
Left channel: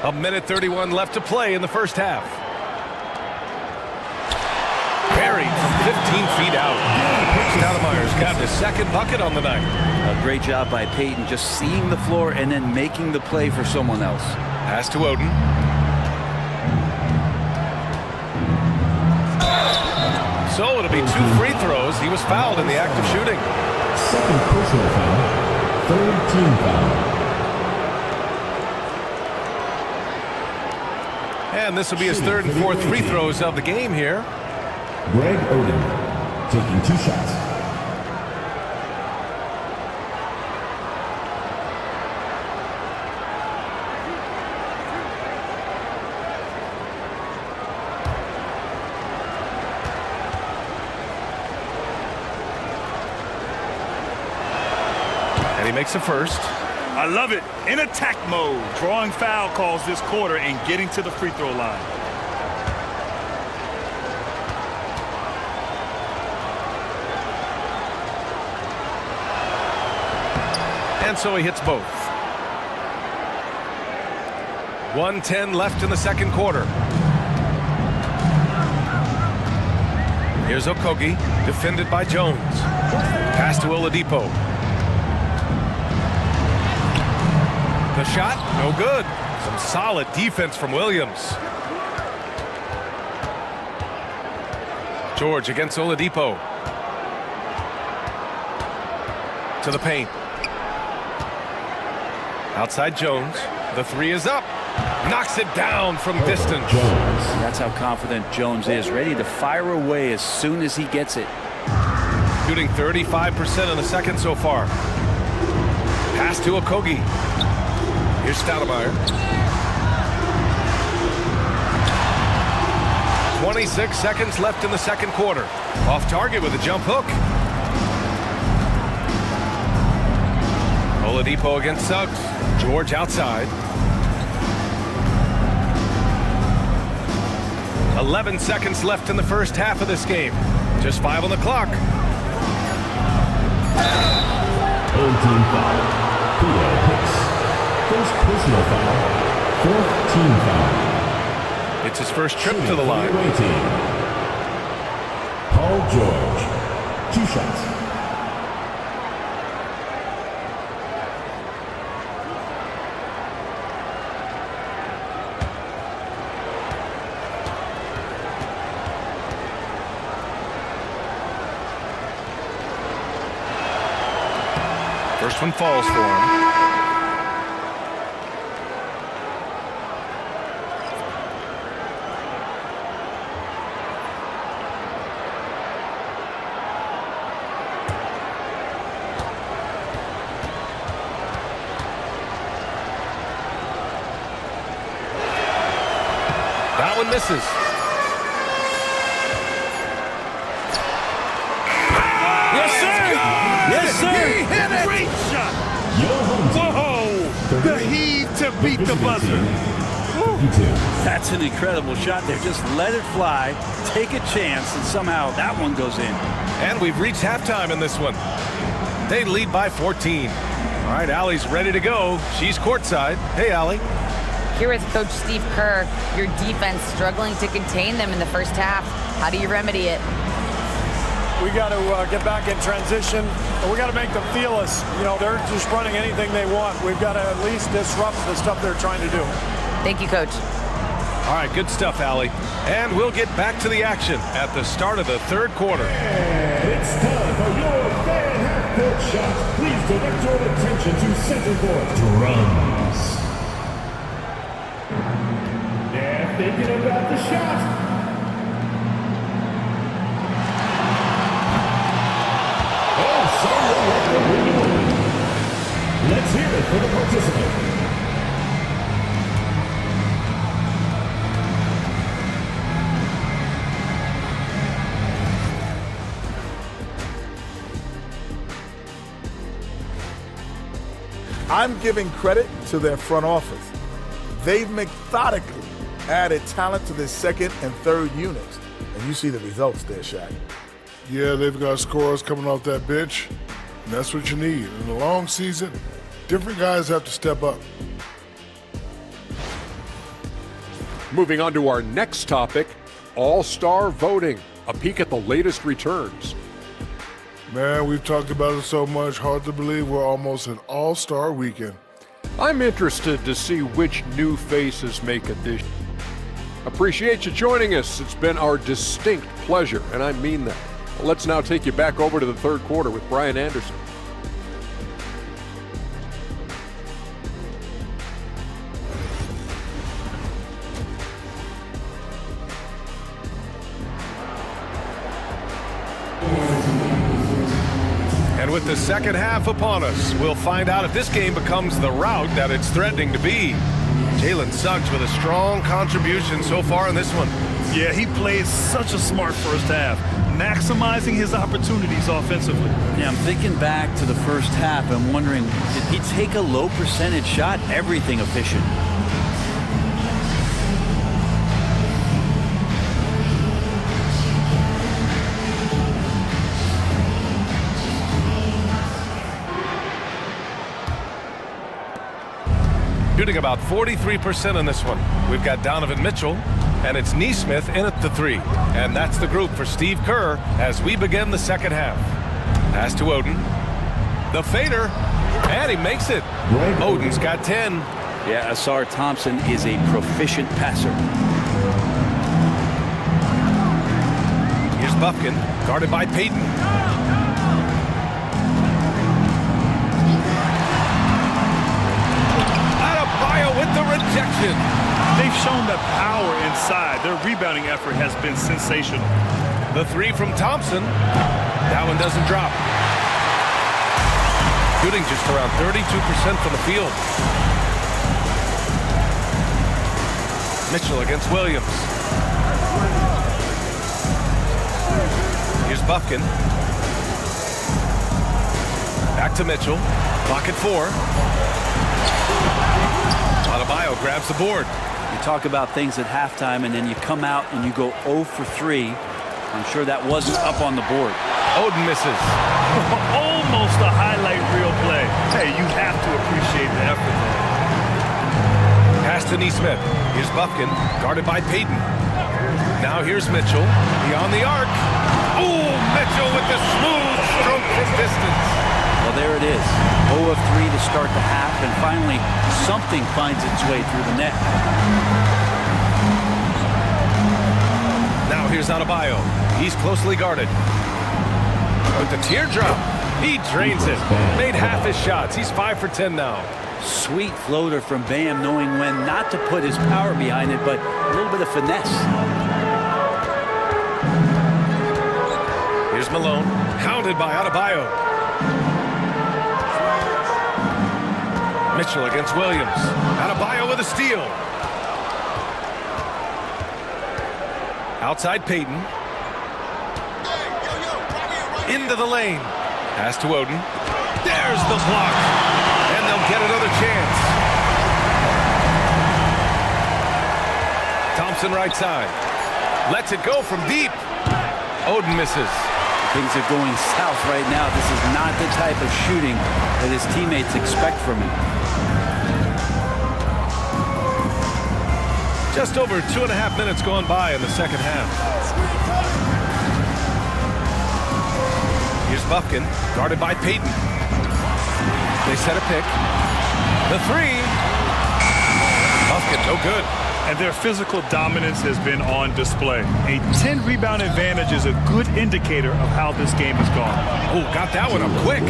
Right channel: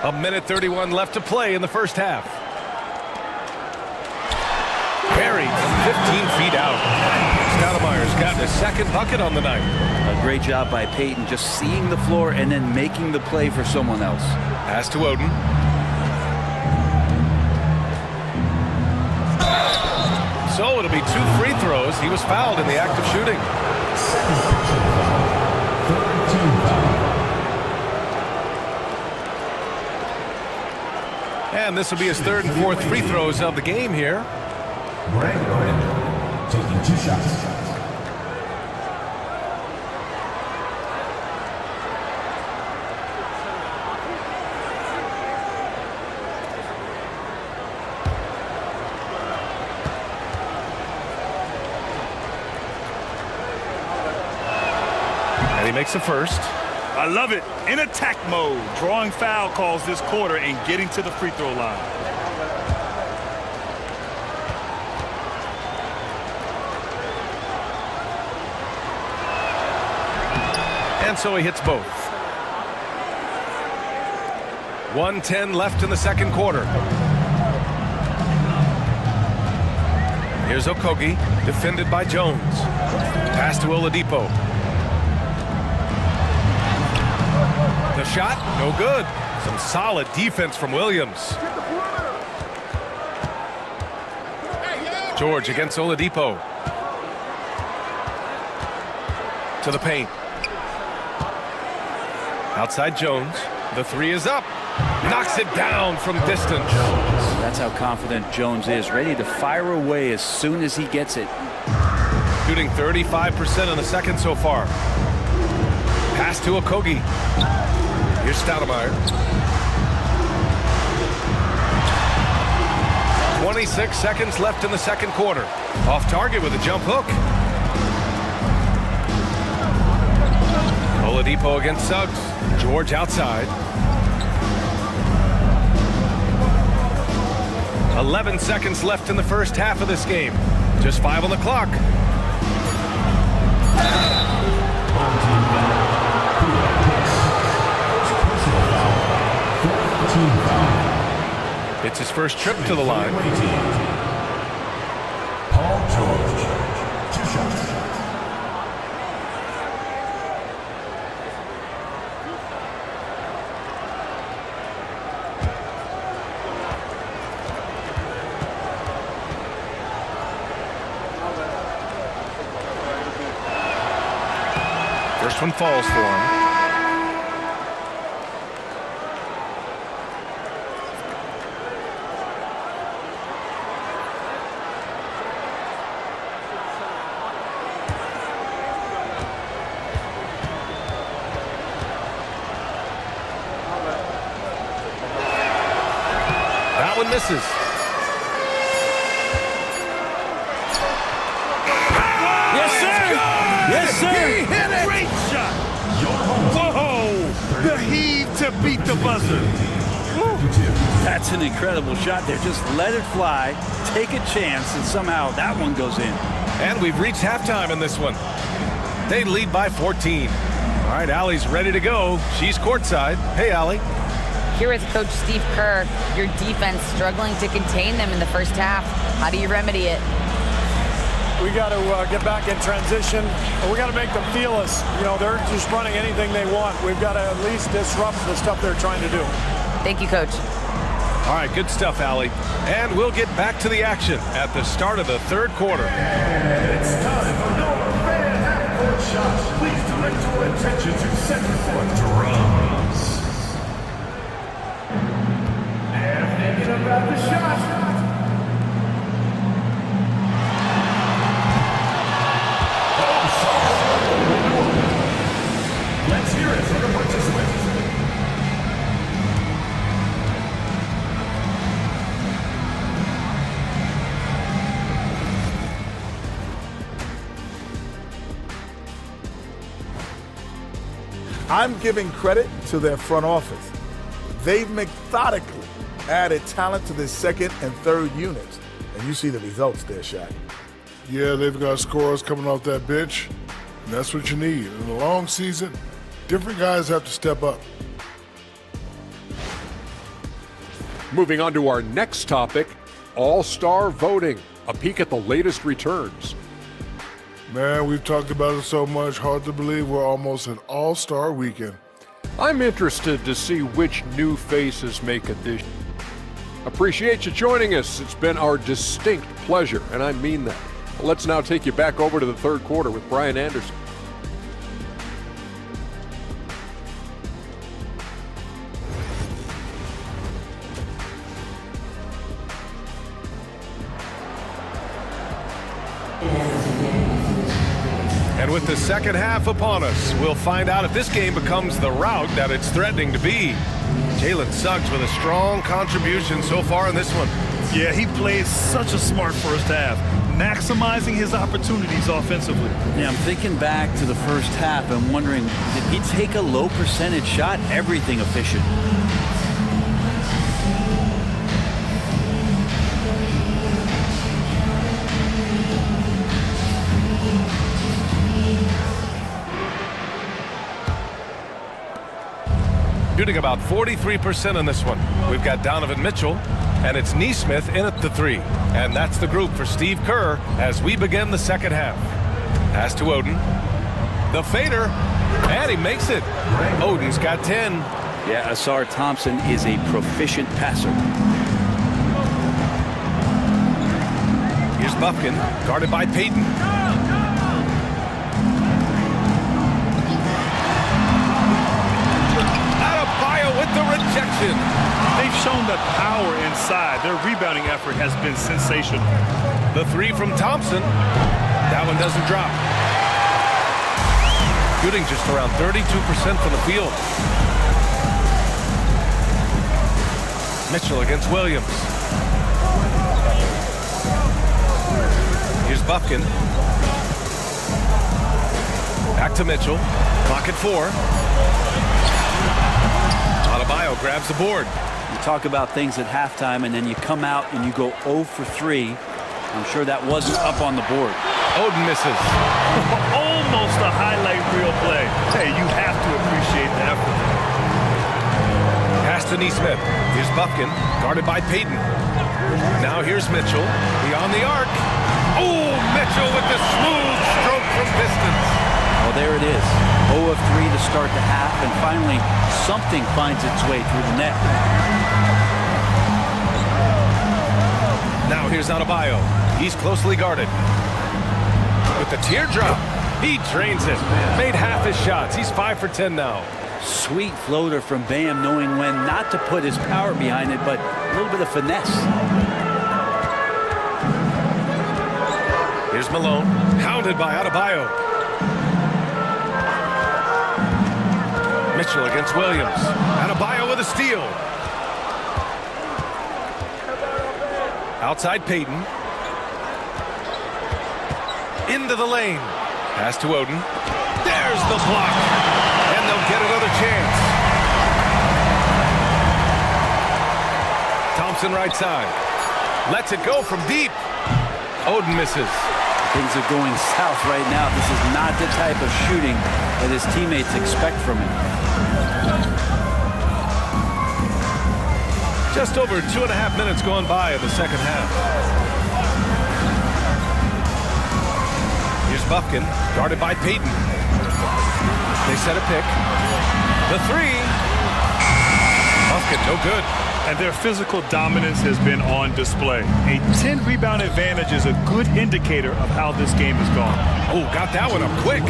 A minute 31 left to play in the first half. Buried from 15 feet out. Stoudemire's gotten his second bucket on the night. A great job by Payton, just seeing the floor and then making the play for someone else. Pass to Oden. So it'll be 2 free throws. He was fouled in the act of shooting. Second personal foul. Third team foul. And this will be his 3rd and 4th free throws of the game here. Greg Oden taking 2 shots. And he makes a first. I love it. In attack mode, drawing foul calls this quarter and getting to the free throw line. And so he hits both. 1:10 left in the second quarter. Here's Okogie, defended by Jones. Pass to Oladipo. The shot, no good. Some solid defense from Williams. George against Oladipo. To the paint. Outside Jones. The 3 is up. Knocks it down from distance. That's how confident Jones is. Ready to fire away as soon as he gets it. Shooting 35% in the second so far. Pass to Okogie. Here's Stoudemire. 26 seconds left in the second quarter. Off target with a jump hook. Oladipo against Suggs. George outside. 11 seconds left in the first half of this game. Just 5 on the clock. Home team foul. Theo Hicks. First personal foul. 4th team foul. It's his first trip to the line. Paul George. 2 shots. First one falls for him. That one misses. Yes, sir. Yes, sir. He hit it. Great shot. Whoa. The heave to beat the buzzer. That's an incredible shot there. Just let it fly, take a chance, and somehow that one goes in. And we've reached halftime in this one. They lead by 14. All right, Allie's ready to go. She's courtside. Hey, Allie. Here with Coach Steve Kerr, your defense struggling to contain them in the first half. How do you remedy it? We got to get back in transition, and we got to make them feel us. You know, they're just running anything they want. We've got to at least disrupt the stuff they're trying to do. Thank you, Coach. All right, good stuff, Allie. And we'll get back to the action at the start of the third quarter. And it's time for your fan half-court shot. Please direct your attention to center court. Drums. They're thinking about the shot. Let's hear it from the participant. I'm giving credit to their front office. They've methodically added talent to their second and third units. And you see the results there, Shaq. Yeah, they've got scorers coming off that bench, and that's what you need. In a long season, different guys have to step up. Moving on to our next topic, All-Star voting. A peek at the latest returns. Man, we've talked about it so much, hard to believe we're almost an All-Star weekend. I'm interested to see which new faces make addition. Appreciate you joining us. It's been our distinct pleasure, and I mean that. Well, let's now take you back over to the third quarter with Brian Anderson. And with the second half upon us, we'll find out if this game becomes the rout that it's threatening to be. Jalen Suggs with a strong contribution so far in this one. Yeah, he played such a smart first half, maximizing his opportunities offensively. Yeah, I'm thinking back to the first half and wondering, did he take a low percentage shot? Everything efficient. Shooting about 43% in this one. We've got Donovan Mitchell, and it's Neesmith in at the 3. And that's the group for Steve Kerr as we begin the second half. Pass to Oden. The fader, and he makes it. Oden's got 10. Yeah, Asar Thompson is a proficient passer. Here's Bufkin, guarded by Payton. Adebayo with the rejection. They've shown that power inside. Their rebounding effort has been sensational. The 3 from Thompson. That one doesn't drop. Shooting just around 32% from the field. Mitchell against Williams. Here's Bufkin. Back to Mitchell. Clock at 4. Adebayo grabs the board. You talk about things at halftime, and then you come out and you go 0 for 3. I'm sure that wasn't up on the board. Oden misses. Almost a highlight reel play. Hey, you have to appreciate the effort there. Pass to Neesmith. Here's Bufkin, guarded by Payton. Now here's Mitchell. Beyond the arc. Oh, Mitchell with the smooth stroke from distance. Well, there it is. 0 of 3 to start the half, and finally something finds its way through the net. Now here's Adebayo. He's closely guarded. With the teardrop, he drains it. Made half his shots. He's 5 for 10 now. Sweet floater from Bam, knowing when not to put his power behind it, but a little bit of finesse. Here's Malone, hounded by Adebayo. Mitchell against Williams. Adebayo with a steal. Outside Payton. Into the lane. Pass to Oden. There's the block. And they'll get another chance. Thompson right side. Lets it go from deep. Oden misses. Things are going south right now. This is not the type of shooting that his teammates expect from him. Just over 2.5 minutes gone by in the second half. Here's Bufkin, guarded by Payton. They set a pick. The 3. Bufkin, no good. And their physical dominance has been on display. A 10-rebound advantage is a good indicator of how this game has gone. Oh, got that one up quick.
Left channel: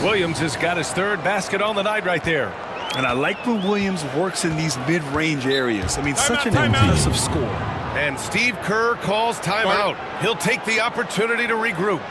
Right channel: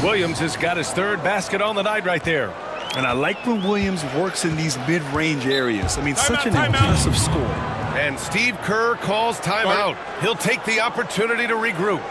Williams has got his 3rd basket on the night right there. And I like when Williams works in these mid-range areas. I mean, such an impressive score. And Steve Kerr calls timeout. He'll take the opportunity to regroup.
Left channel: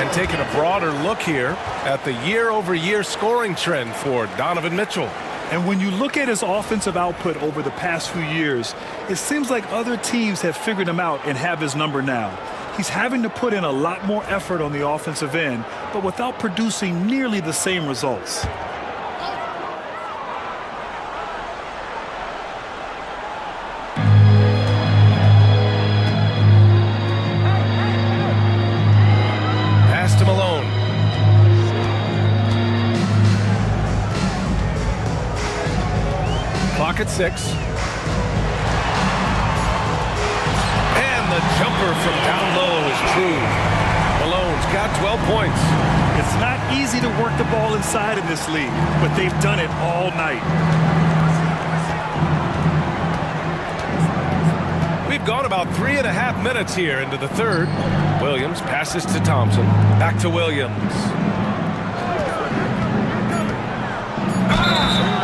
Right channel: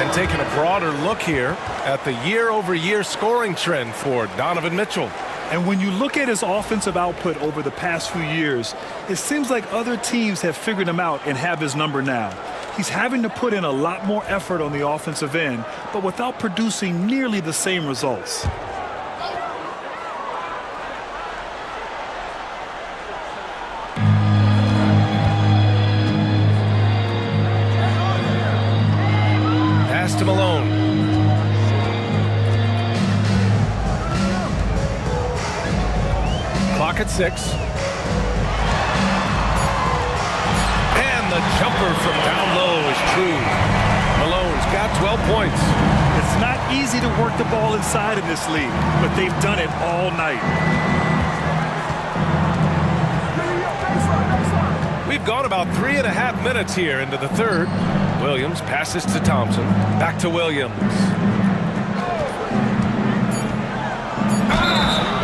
And taking a broader look here at the year-over-year scoring trend for Donovan Mitchell. And when you look at his offensive output over the past few years, it seems like other teams have figured him out and have his number now. He's having to put in a lot more effort on the offensive end, but without producing nearly the same results. Pass to Malone. Clock at 6. And the jumper from down low is true. Malone's got 12 points. It's not easy to work the ball inside in this league, but they've done it all night. We've gone about 3.5 minutes here into the third. Williams passes to Thompson. Back to Williams.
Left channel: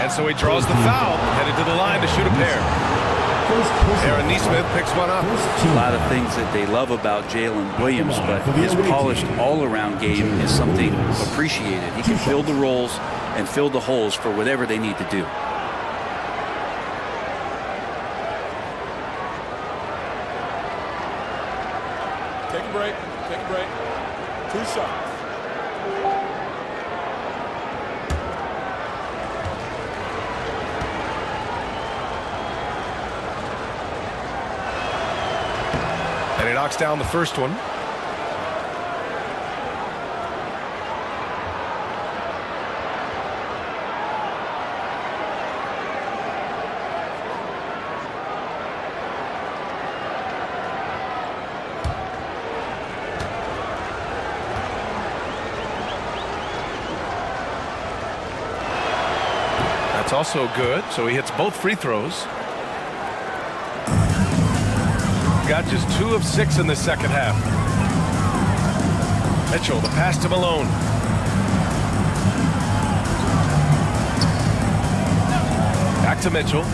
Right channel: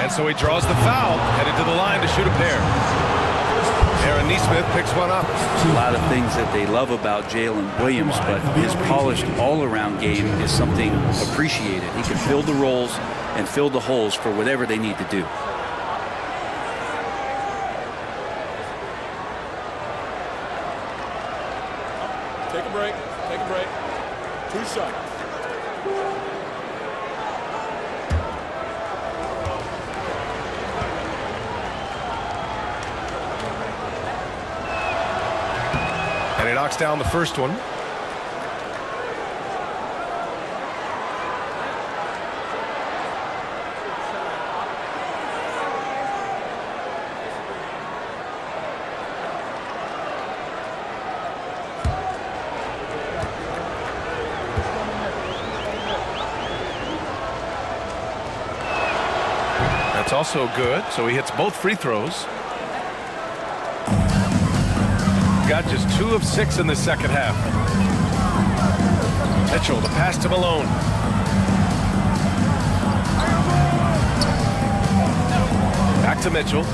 And so he draws the foul, headed to the line to shoot a pair. Aaron Nesmith picks one up. A lot of things that they love about Jalen Williams, but his polished all-around game is something appreciated. He can fill the roles and fill the holes for whatever they need to do. Take a break. Take a break. 2 shots. And he knocks down the first one. That's also good. So he hits both free throws. Got just 2 of 6 in the second half. Mitchell, the pass to Malone. Back to Mitchell.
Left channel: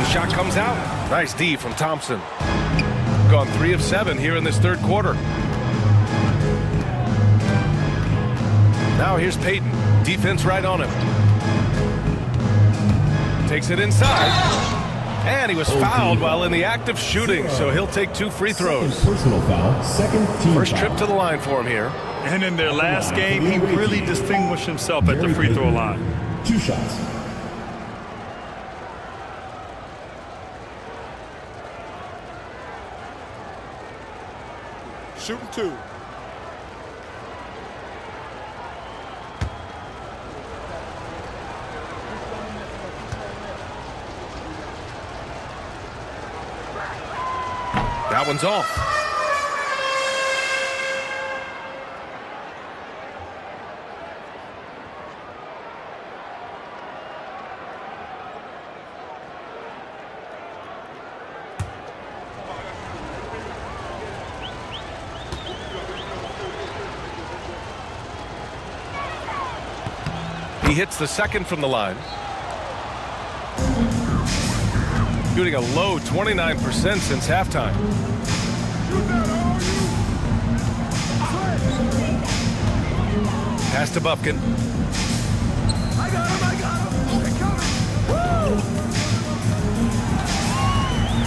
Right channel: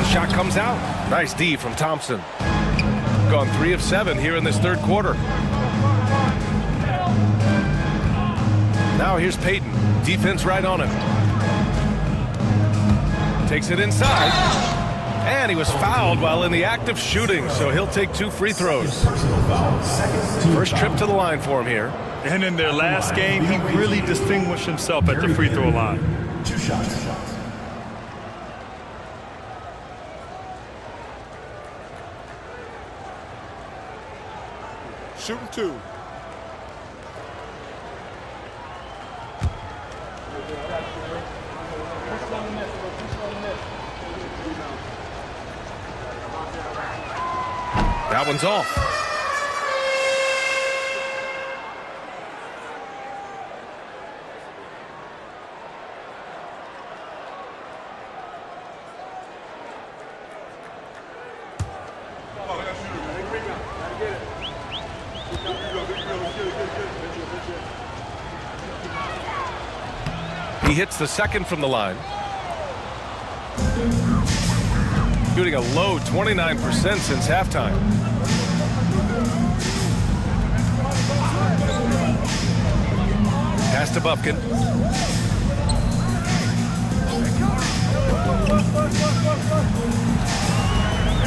The shot comes out. Nice D from Thompson. Gone 3 of 7 here in this third quarter. Now here's Payton. Defense right on him. Takes it inside. And he was fouled while in the act of shooting, so he'll take 2 free throws. Personal foul, second team First trip to the line for him here. And in their last game, he really distinguished himself at the free throw line. 2 shots. Shooting 2. That one's off. He hits the second from the line. Shooting a low 29% since halftime. Pass to Bufkin.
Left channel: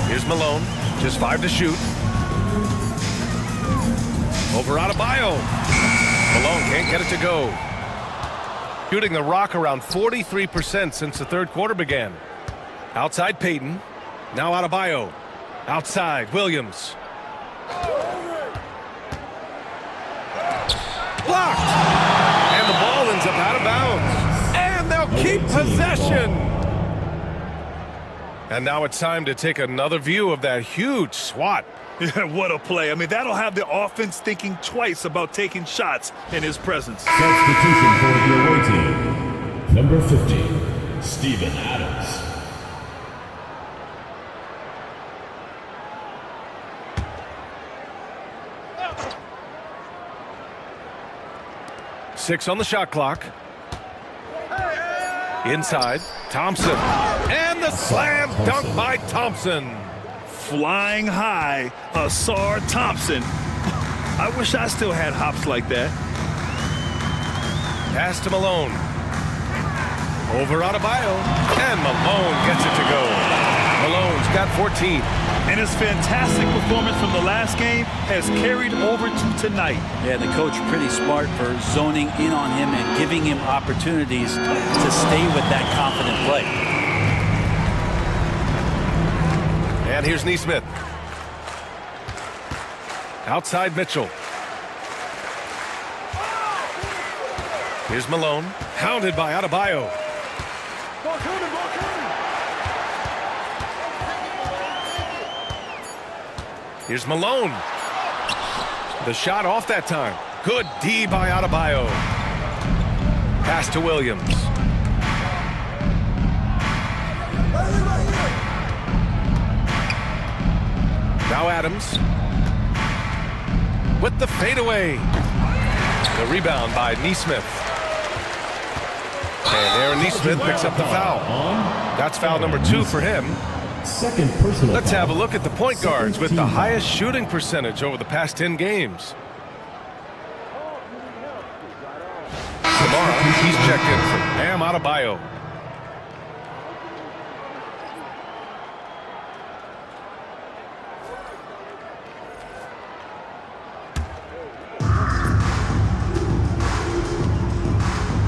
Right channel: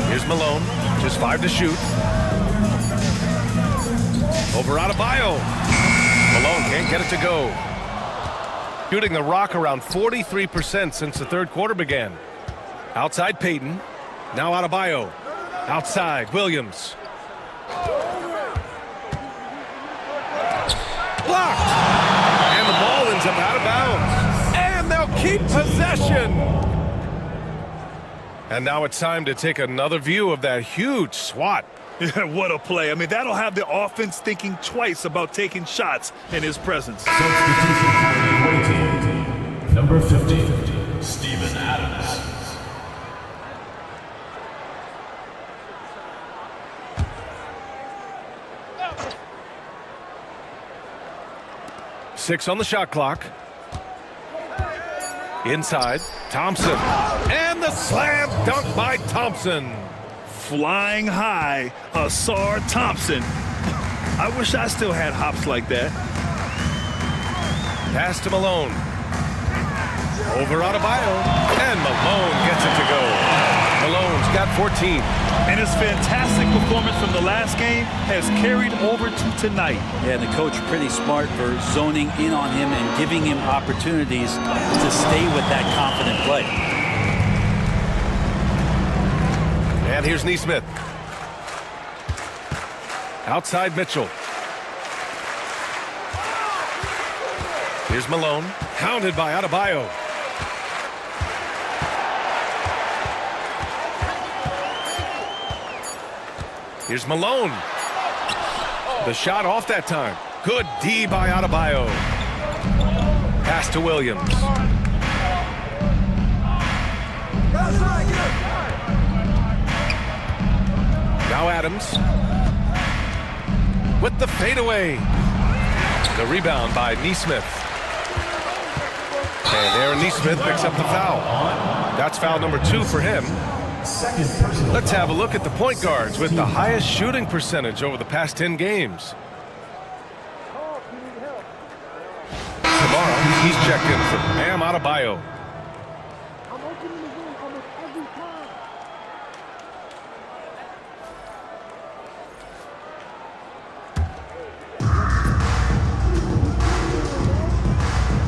Here's Malone. Just 5 to shoot. Over Adebayo. Malone can't get it to go. Shooting the rock around 43% since the third quarter began. Outside Payton. Now Adebayo. Outside Williams. Blocked. And the ball ends up out of bounds. And they'll keep possession. And now it's time to take another view of that huge swat. Yeah, what a play. I mean, that'll have the offense thinking twice about taking shots in his presence. Substitution for the away team. Number 50, Steven Adams. Six on the shot clock. Inside, Thompson. And the slam dunk by Thompson. Flying high, Asar Thompson. I wish I still had hops like that. Pass to Malone. Over Adebayo. And Malone gets it to go. Malone's got 14. And his fantastic performance from the last game has carried over to tonight. Yeah, the coach pretty smart for zoning in on him and giving him opportunities to stay with that confident play. And here's Neesmith. Outside Mitchell. Here's Malone. Hounded by Adebayo. Here's Malone. The shot off that time. Good D by Adebayo. Pass to Williams. Now Adams. With the fadeaway. The rebound by Neesmith. And Aaron Neesmith picks up the foul. That's foul number 2 for him. Second personal. Let's have a look at the point guards with the highest shooting percentage over the past 10 games. Tomorrow, he's checked in for Bam Adebayo.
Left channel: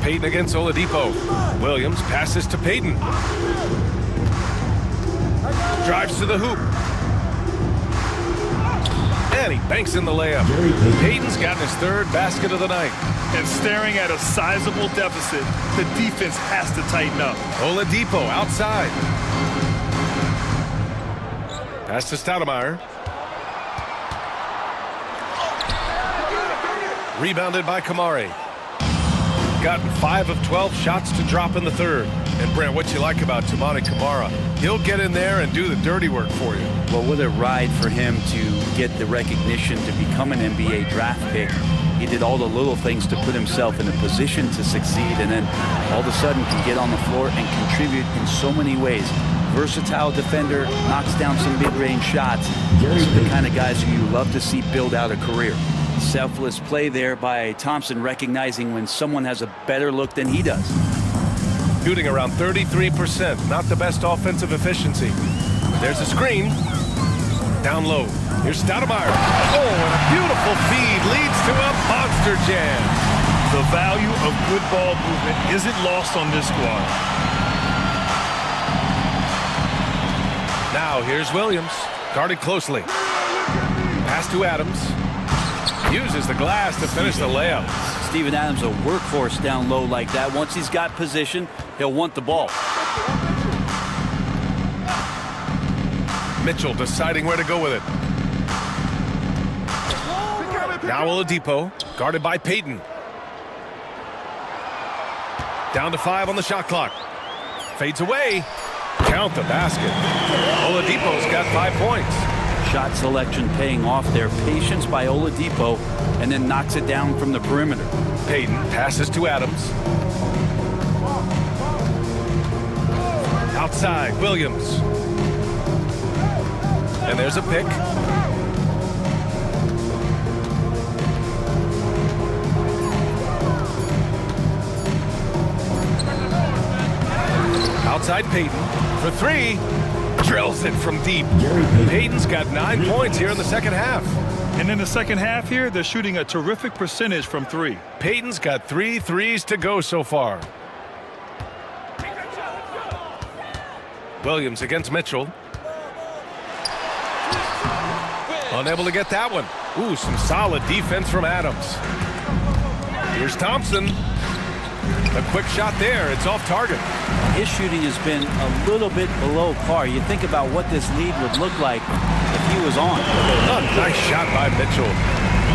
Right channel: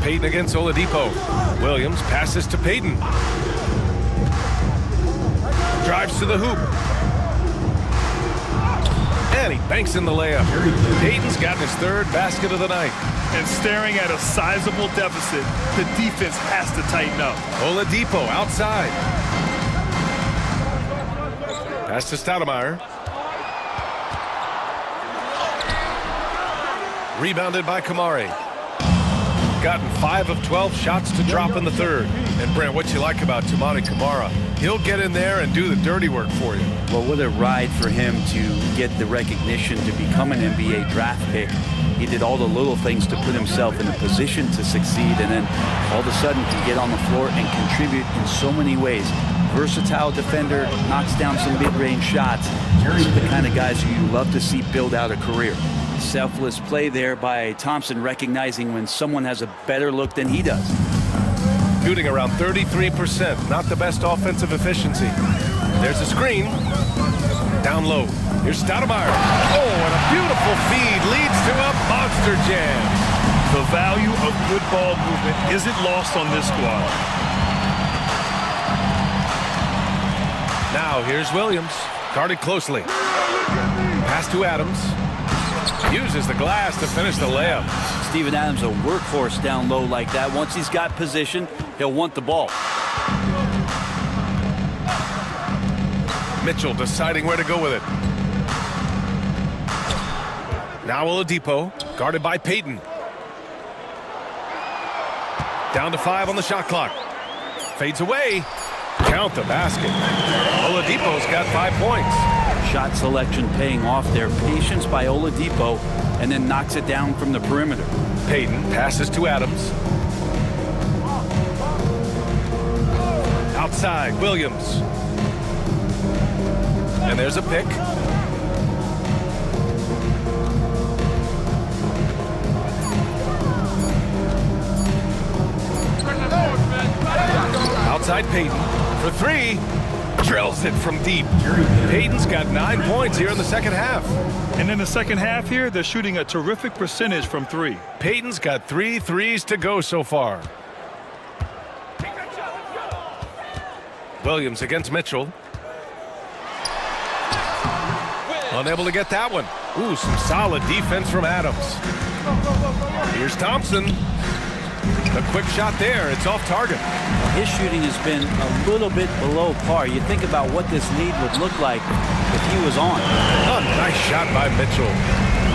Payton against Oladipo. Williams passes to Payton. Drives to the hoop. And he banks in the layup. Payton's gotten his 3rd basket of the night. And staring at a sizable deficit, the defense has to tighten up. Oladipo outside. Pass to Stoudemire. Rebounded by Kamari. Gotten 5 of 12 shots to drop in the 3rd. And Brent, what you like about Toumani Camara? He'll get in there and do the dirty work for you. Well, what a ride for him to get the recognition to become an NBA draft pick. He did all the little things to put himself in a position to succeed, and then all of a sudden can get on the floor and contribute in so many ways. Versatile defender, knocks down some mid-range shots. These are the kind of guys who you love to see build out a career. Selfless play there by Thompson, recognizing when someone has a better look than he does. Shooting around 33%, not the best offensive efficiency. There's a screen. Down low. Here's Stoudemire. Oh, and a beautiful feed leads to a monster jam. The value of good ball movement isn't lost on this squad. Now here's Williams. Guarded closely. Pass to Adams. Uses the glass to finish the layup. Steven Adams, a workhorse down low like that. Once he's got position, he'll want the ball. Mitchell deciding where to go with it. Now Oladipo, guarded by Payton. Down to 5 on the shot clock. Fades away. Count the basket. Oladipo's got 5 points. Shot selection paying off there. Patience by Oladipo, and then knocks it down from the perimeter. Payton passes to Adams. Outside, Williams. And there's a pick. Outside Payton for 3. Drills it from deep. Payton's got 9 points here in the second half. And in the second half here, they're shooting a terrific percentage from 3. Payton's got 3 threes to go so far. Williams against Mitchell. Unable to get that one. Ooh, some solid defense from Adams. Here's Thompson. A quick shot there. It's off target. His shooting has been a little bit below par. You think about what this lead would look like if he was on. Oh, nice shot by Mitchell.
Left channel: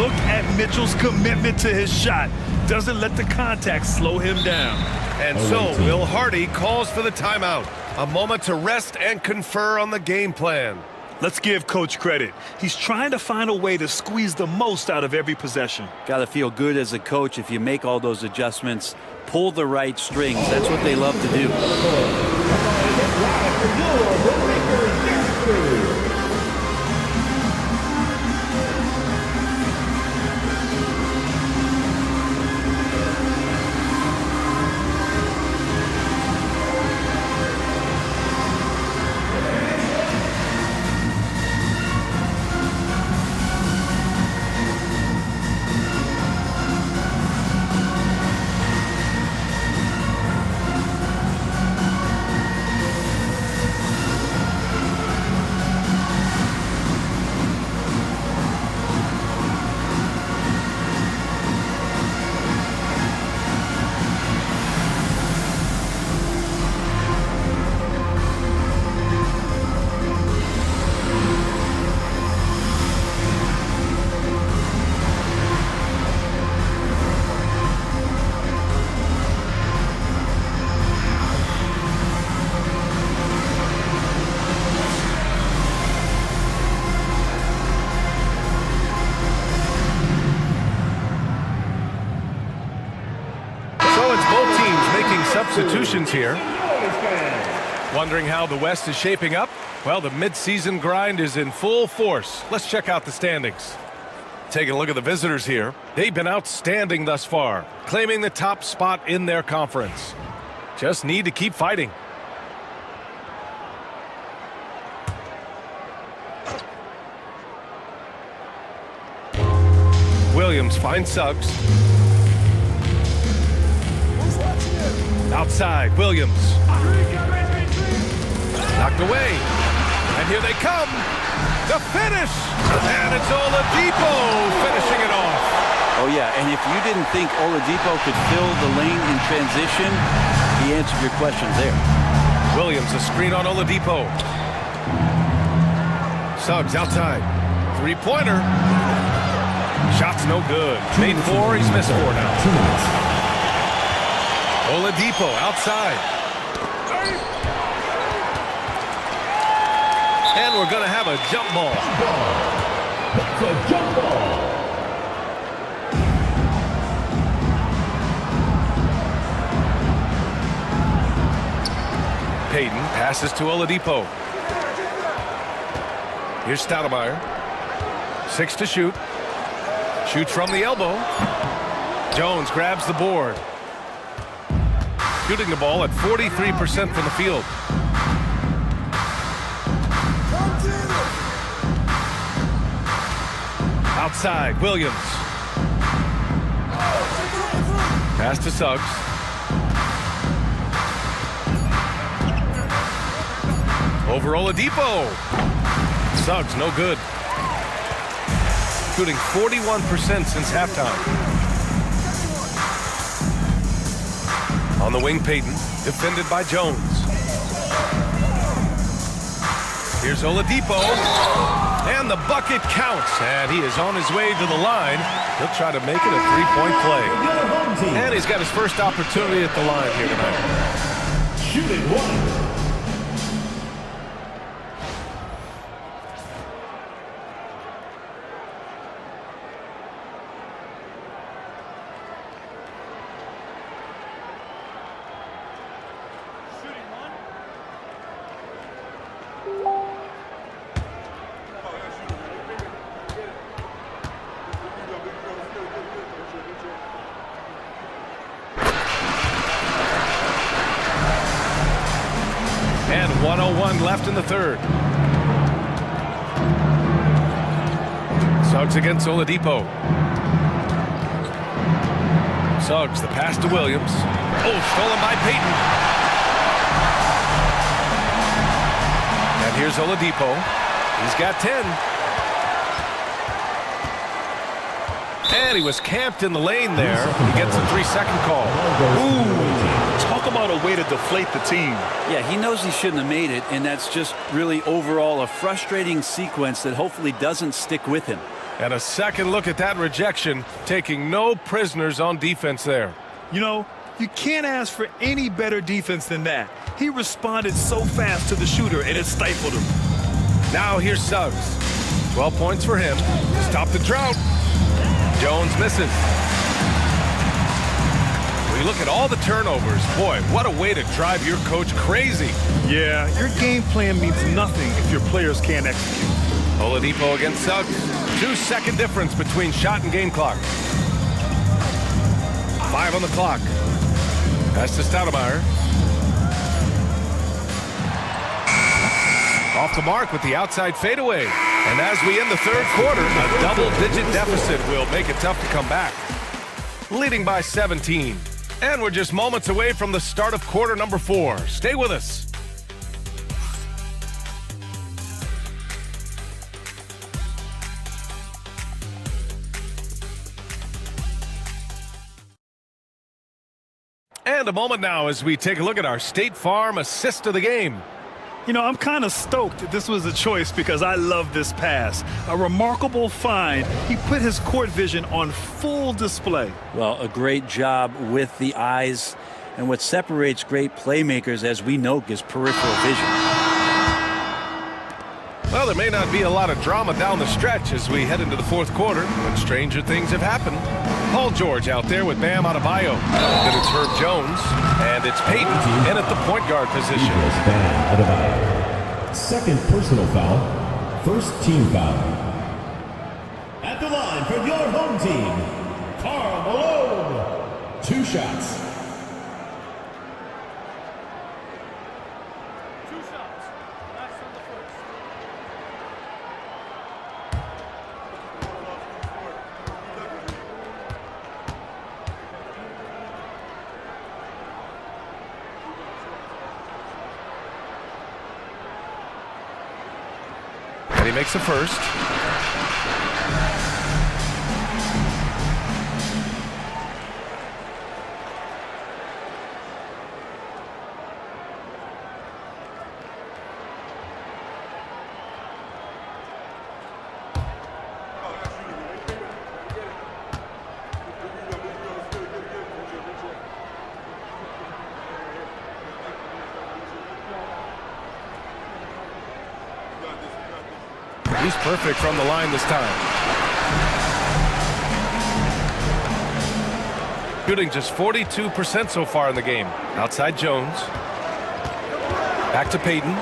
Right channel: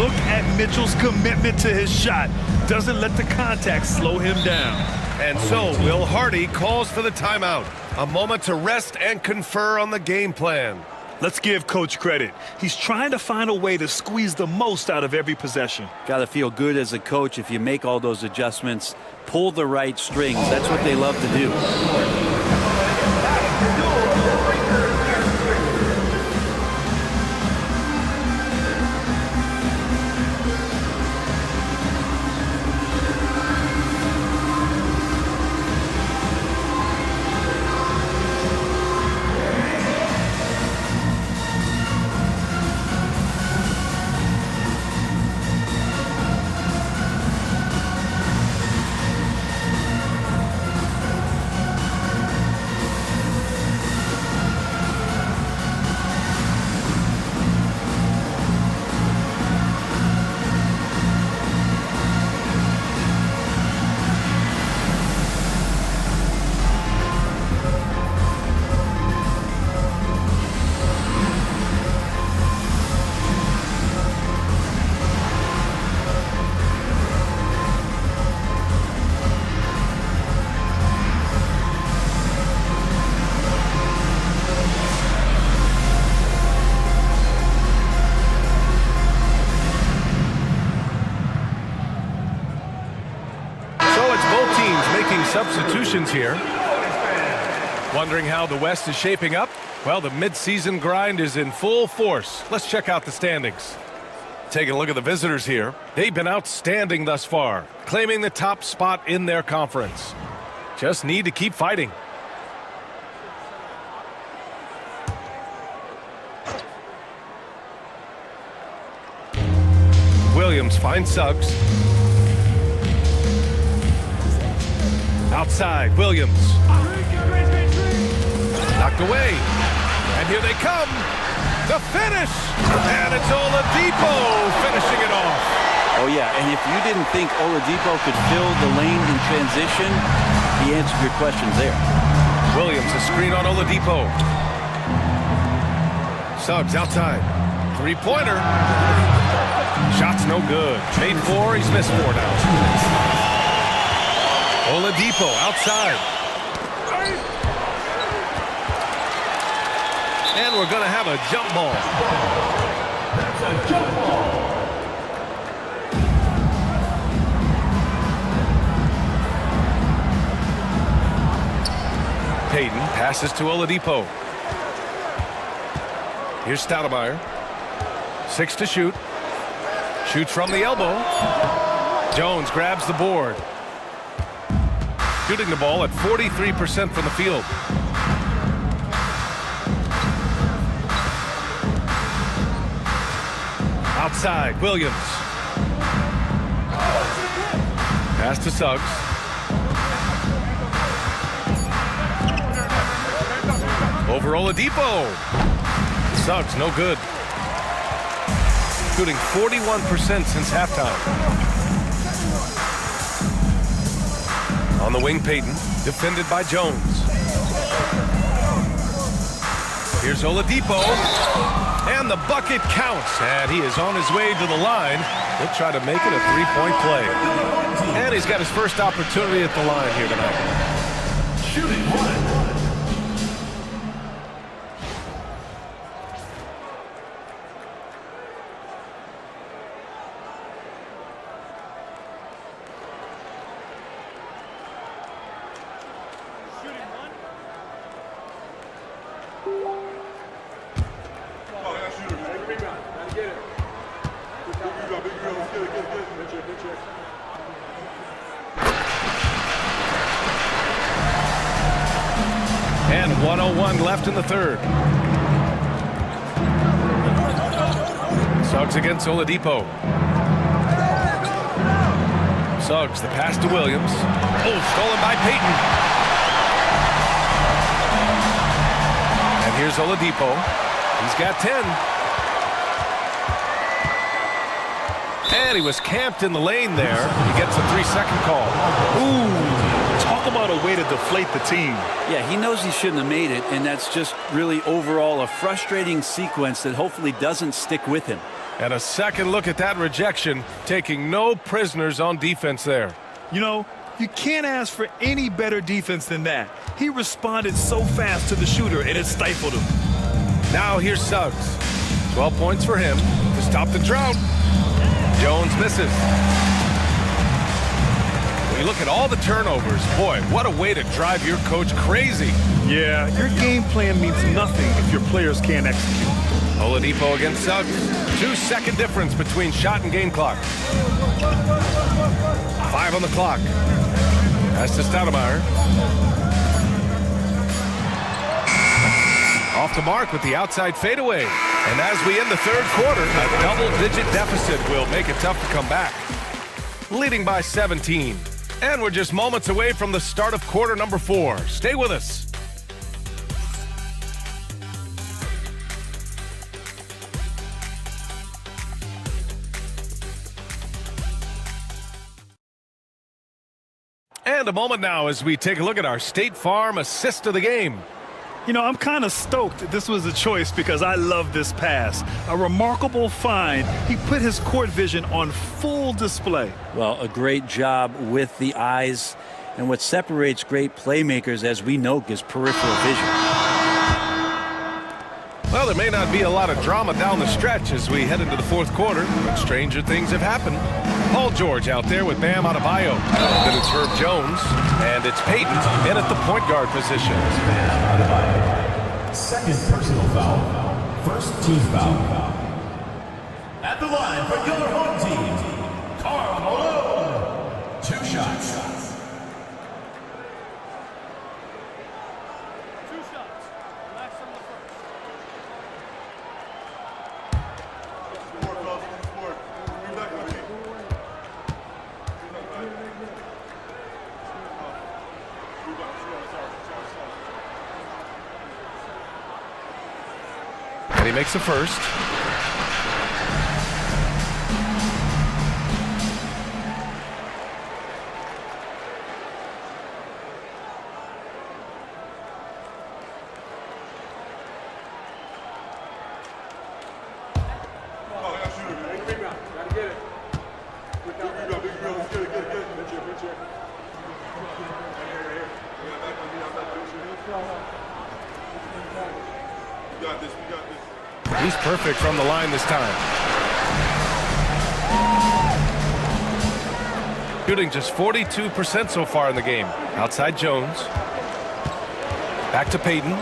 Look at Mitchell's commitment to his shot. Doesn't let the contact slow him down. And so Will Hardy calls for the timeout. A moment to rest and confer on the game plan. Let's give Coach credit. He's trying to find a way to squeeze the most out of every possession. Got to feel good as a coach if you make all those adjustments, pull the right strings. That's what they love to do. Both teams making substitutions here. Wondering how the West is shaping up? Well, the midseason grind is in full force. Let's check out the standings. Taking a look at the visitors here. They've been outstanding thus far, claiming the top spot in their conference. Just need to keep fighting. Williams finds Suggs. Outside, Williams. Knocked away. And here they come. The finish. And it's Oladipo finishing it off. Oh, yeah, and if you didn't think Oladipo could fill the lane in transition, he answered your questions there. Williams, a screen on Oladipo. Suggs outside. Three-pointer. Shot's no good. Made 4, he's missed 4 now. Oladipo outside. And we're going to have a jump ball. That's a jump ball. Payton passes to Oladipo. Here's Stoudemire. 6 to shoot. Shoots from the elbow. Jones grabs the board. Shooting the ball at 43% from the field. Outside, Williams. Pass to Suggs. Over Oladipo. Suggs, no good. Shooting 41% since halftime. On the wing, Payton, defended by Jones. Here's Oladipo. And the bucket counts. And he is on his way to the line. He'll try to make it a three-point play. And he's got his first opportunity at the line here tonight. Shooting 1. And 1:01 left in the third. Suggs against Oladipo. Suggs, the pass to Williams. Oh, stolen by Payton. And here's Oladipo. He's got 10. And he was camped in the lane there. He gets a 3-second call. Ooh, talk about a way to deflate the team. Yeah, he knows he shouldn't have made it, and that's just really overall a frustrating sequence that hopefully doesn't stick with him. And a second look at that rejection, taking no prisoners on defense there. You know, you can't ask for any better defense than that. He responded so fast to the shooter, and it stifled him. Now here's Suggs. 12 points for him to stop the drought. Jones misses. When you look at all the turnovers, boy, what a way to drive your coach crazy. Yeah, your game plan means nothing if your players can't execute. Oladipo against Suggs. 2-second difference between shot and game clock. 5 on the clock. Pass to Stoudemire. Off the mark with the outside fadeaway. And as we end the third quarter, a double-digit deficit will make it tough to come back. Leading by 17. And we're just moments away from the start of quarter number 4. Stay with us. And a moment now as we take a look at our State Farm assist of the game. You know, I'm kind of stoked that this was a choice because I love this pass. A remarkable find. He put his court vision on full display. Well, a great job with the eyes. And what separates great playmakers, as we know, is peripheral vision. Well, there may not be a lot of drama down the stretch as we head into the fourth quarter, but stranger things have happened. Paul George out there with Bam Adebayo. Then it's Herb Jones, and it's Peyton in at the point guard position. Bam Adebayo. Second personal foul, first team foul. At the line for your home team, Karl Malone. 2 shots. 2 shots. Relax on the first. And he makes the first. He's perfect from the line this time. Shooting just 42% so far in the game. Outside Jones. Back to Peyton.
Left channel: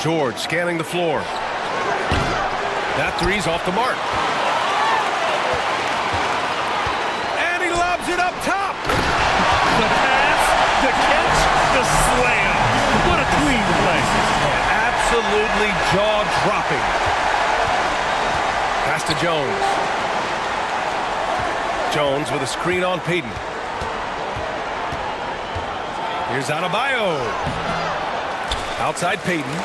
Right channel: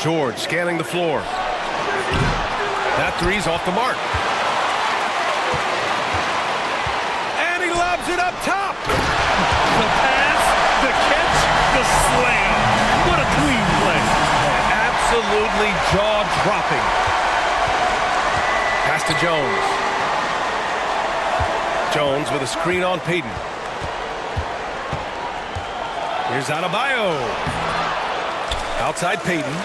George scanning the floor. That three's off the mark. And he lobs it up top. The pass, the catch, the slam. What a clean play. Man, absolutely jaw-dropping. Pass to Jones. Jones with a screen on Peyton. Here's Adebayo. Outside Peyton.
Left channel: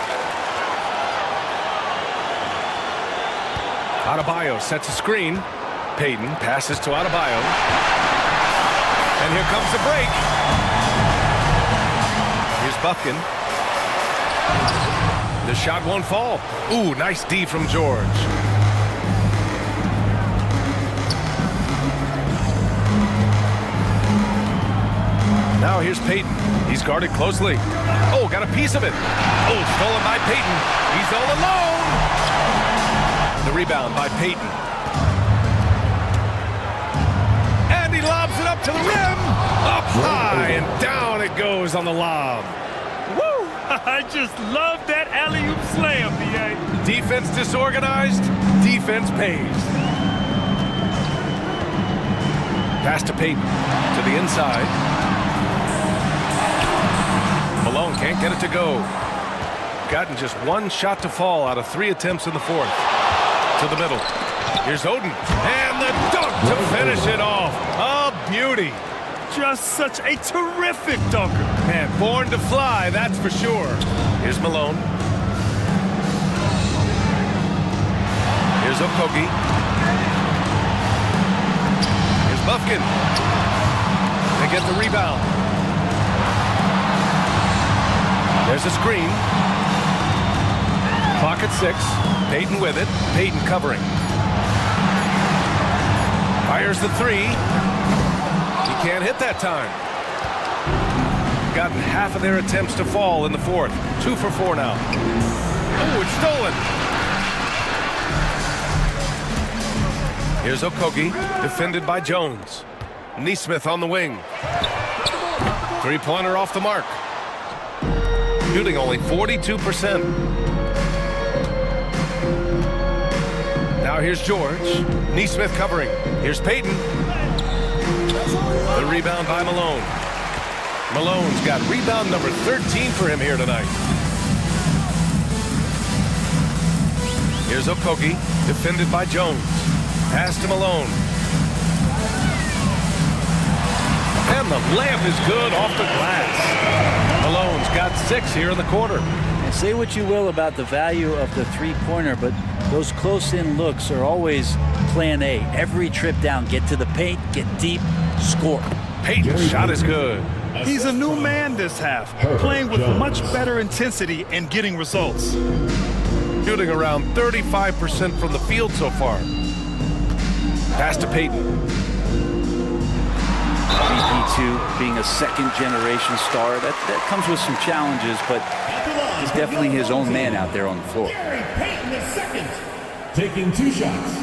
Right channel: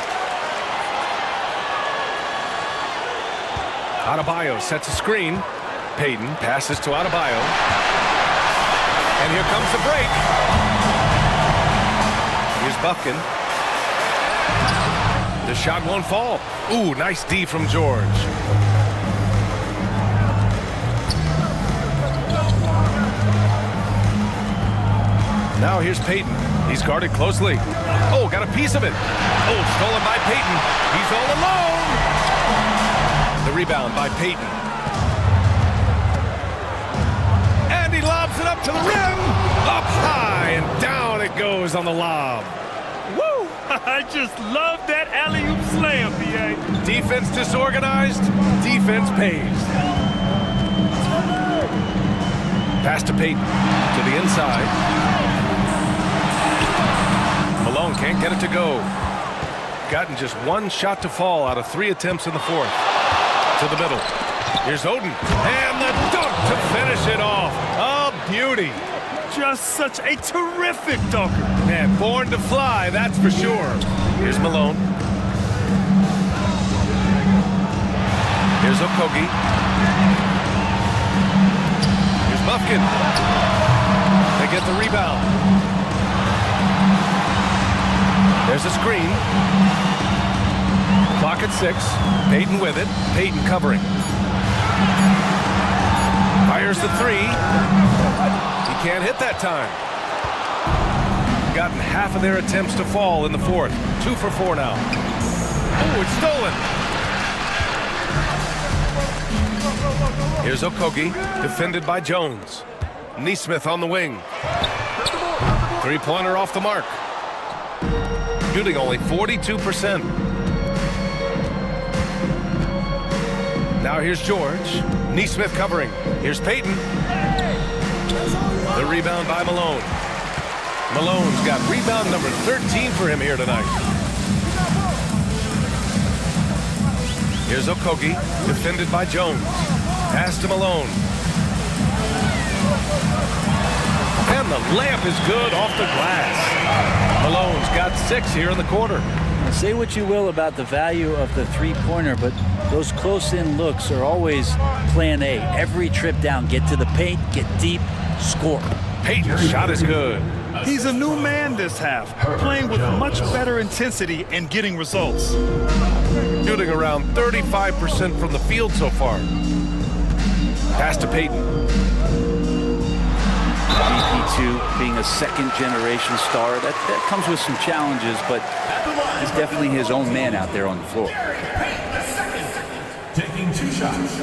Adebayo sets a screen. Peyton passes to Adebayo. And here comes the break. Here's Bufkin. The shot won't fall. Ooh, nice D from George. Now here's Peyton. He's guarded closely. Oh, got a piece of it. Oh, stolen by Peyton. He's all alone. The rebound by Peyton. And he lobs it up to the rim. Up high and down it goes on the lob. Woo! I just love that alley-oop slam, B.A. Defense disorganized, defense pays. Pass to Peyton, to the inside. Malone can't get it to go. Gotten just 1 shot to fall out of 3 attempts in the fourth. To the middle. Here's Oden. And the dunk to finish it off. A beauty. Just such a terrific dunker. Man, born to fly, that's for sure. Here's Malone. Here's Okogie. Here's Bufkin. They get the rebound. There's a screen. Clock at 6. Peyton with it. Peyton covering. Fires the 3. He can't hit that time. Gotten half of their attempts to fall in the fourth. 2 for 4 now. Oh, it's stolen. Here's Okogie, defended by Jones. Neesmith on the wing. 3-pointer off the mark. Shooting only 42%. Now here's George. Neesmith covering. Here's Peyton. The rebound by Malone. Malone's got rebound number 13 for him here tonight. Here's Okogie, defended by Jones. Pass to Malone. And the layup is good off the glass. Malone's got 6 here in the quarter. And say what you will about the value of the three-pointer, but those close-in looks are always plan A. Every trip down, get to the paint, get deep, score. Peyton's shot is good. He's a new man this half, playing with much better intensity and getting results. Shooting around 35% from the field so far. Pass to Peyton. VP2 being a second-generation star, that comes with some challenges, but he's definitely his own man out there on the floor. taking 2 shots.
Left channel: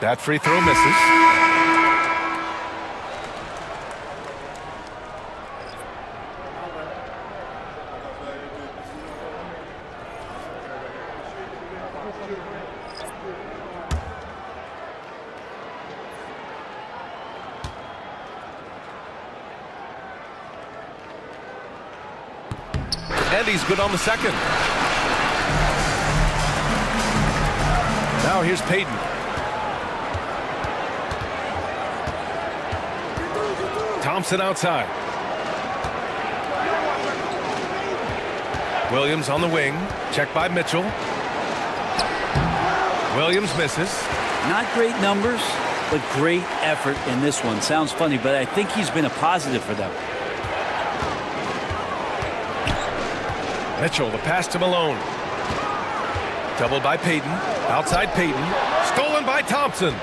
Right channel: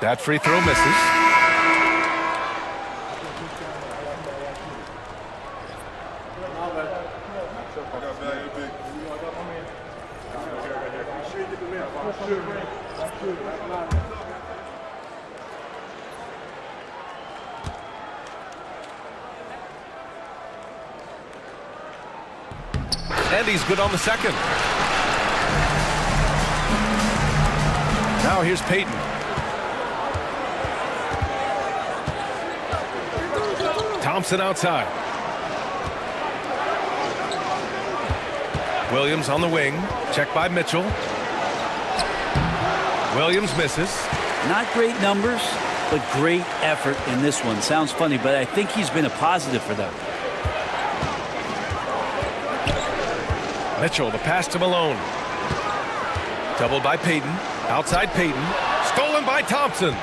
That free throw misses. And he's good on the second. Now here's Payton. Thompson outside. Williams on the wing. Check by Mitchell. Williams misses. Not great numbers, but great effort in this one. Sounds funny, but I think he's been a positive for them. Mitchell, the pass to Malone. Doubled by Payton. Outside Payton. Stolen by Thompson.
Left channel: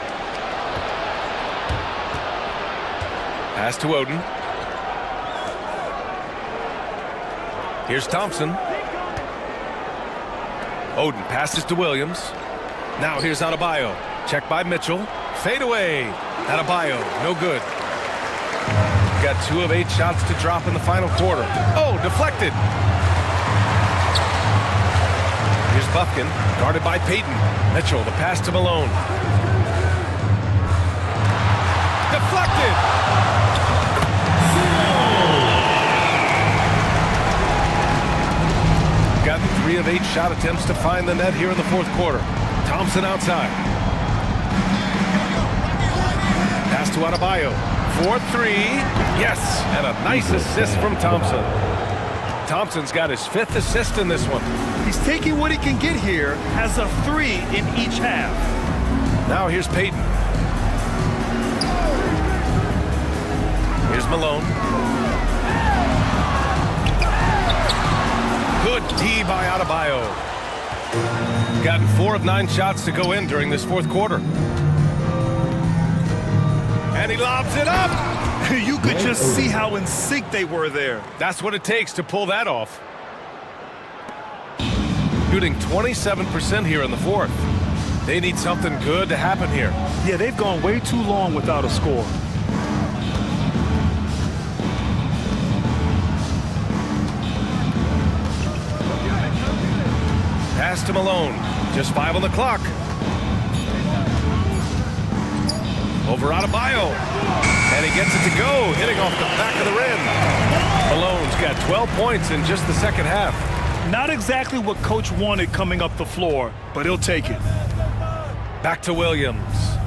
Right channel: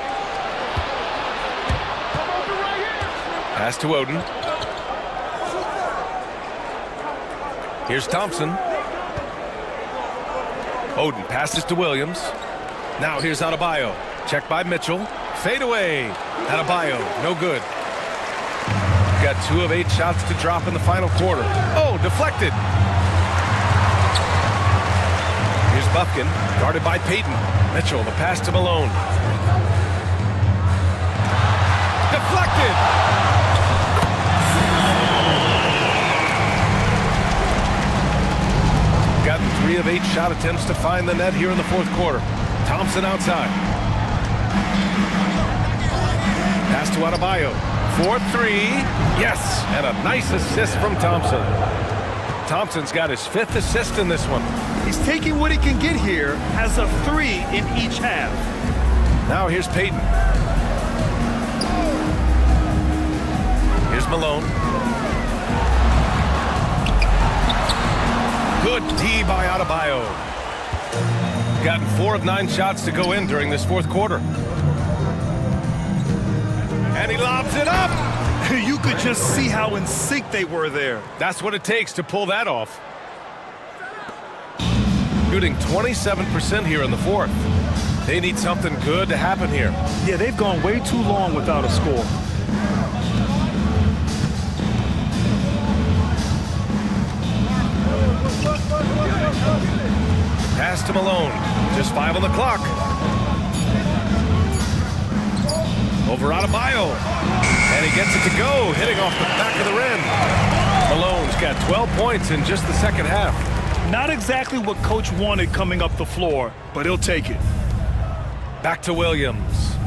Pass to Oden. Here's Thompson. Oden passes to Williams. Now here's Adebayo. Check by Mitchell. Fade away. Adebayo, no good. Got 2 of 8 shots to drop in the final quarter. Oh, deflected. Here's Bufkin, guarded by Payton. Mitchell, the pass to Malone. Deflected! Gotten 3 of 8 shot attempts to find the net here in the fourth quarter. Thompson outside. Pass to Adebayo. 4-3. Yes, and a nice assist from Thompson. Thompson's got his 5th assist in this one. He's taking what he can get here, has a 3 in each half. Now here's Payton. Here's Malone. Good D by Adebayo. Gotten 4 of 9 shots to go in during this fourth quarter. And he lobs it up. You could just see how in sync they were there. That's what it takes to pull that off. Shooting 27% here in the fourth. They need something good to happen here. Yeah, they've gone way too long without a score. Pass to Malone. Just 5 on the clock. Over Adebayo. And he gets it to go, hitting off the back of the rim. Malone's got 12 points in just the second half. Not exactly what Coach wanted coming up the floor, but he'll take it. Back to Williams.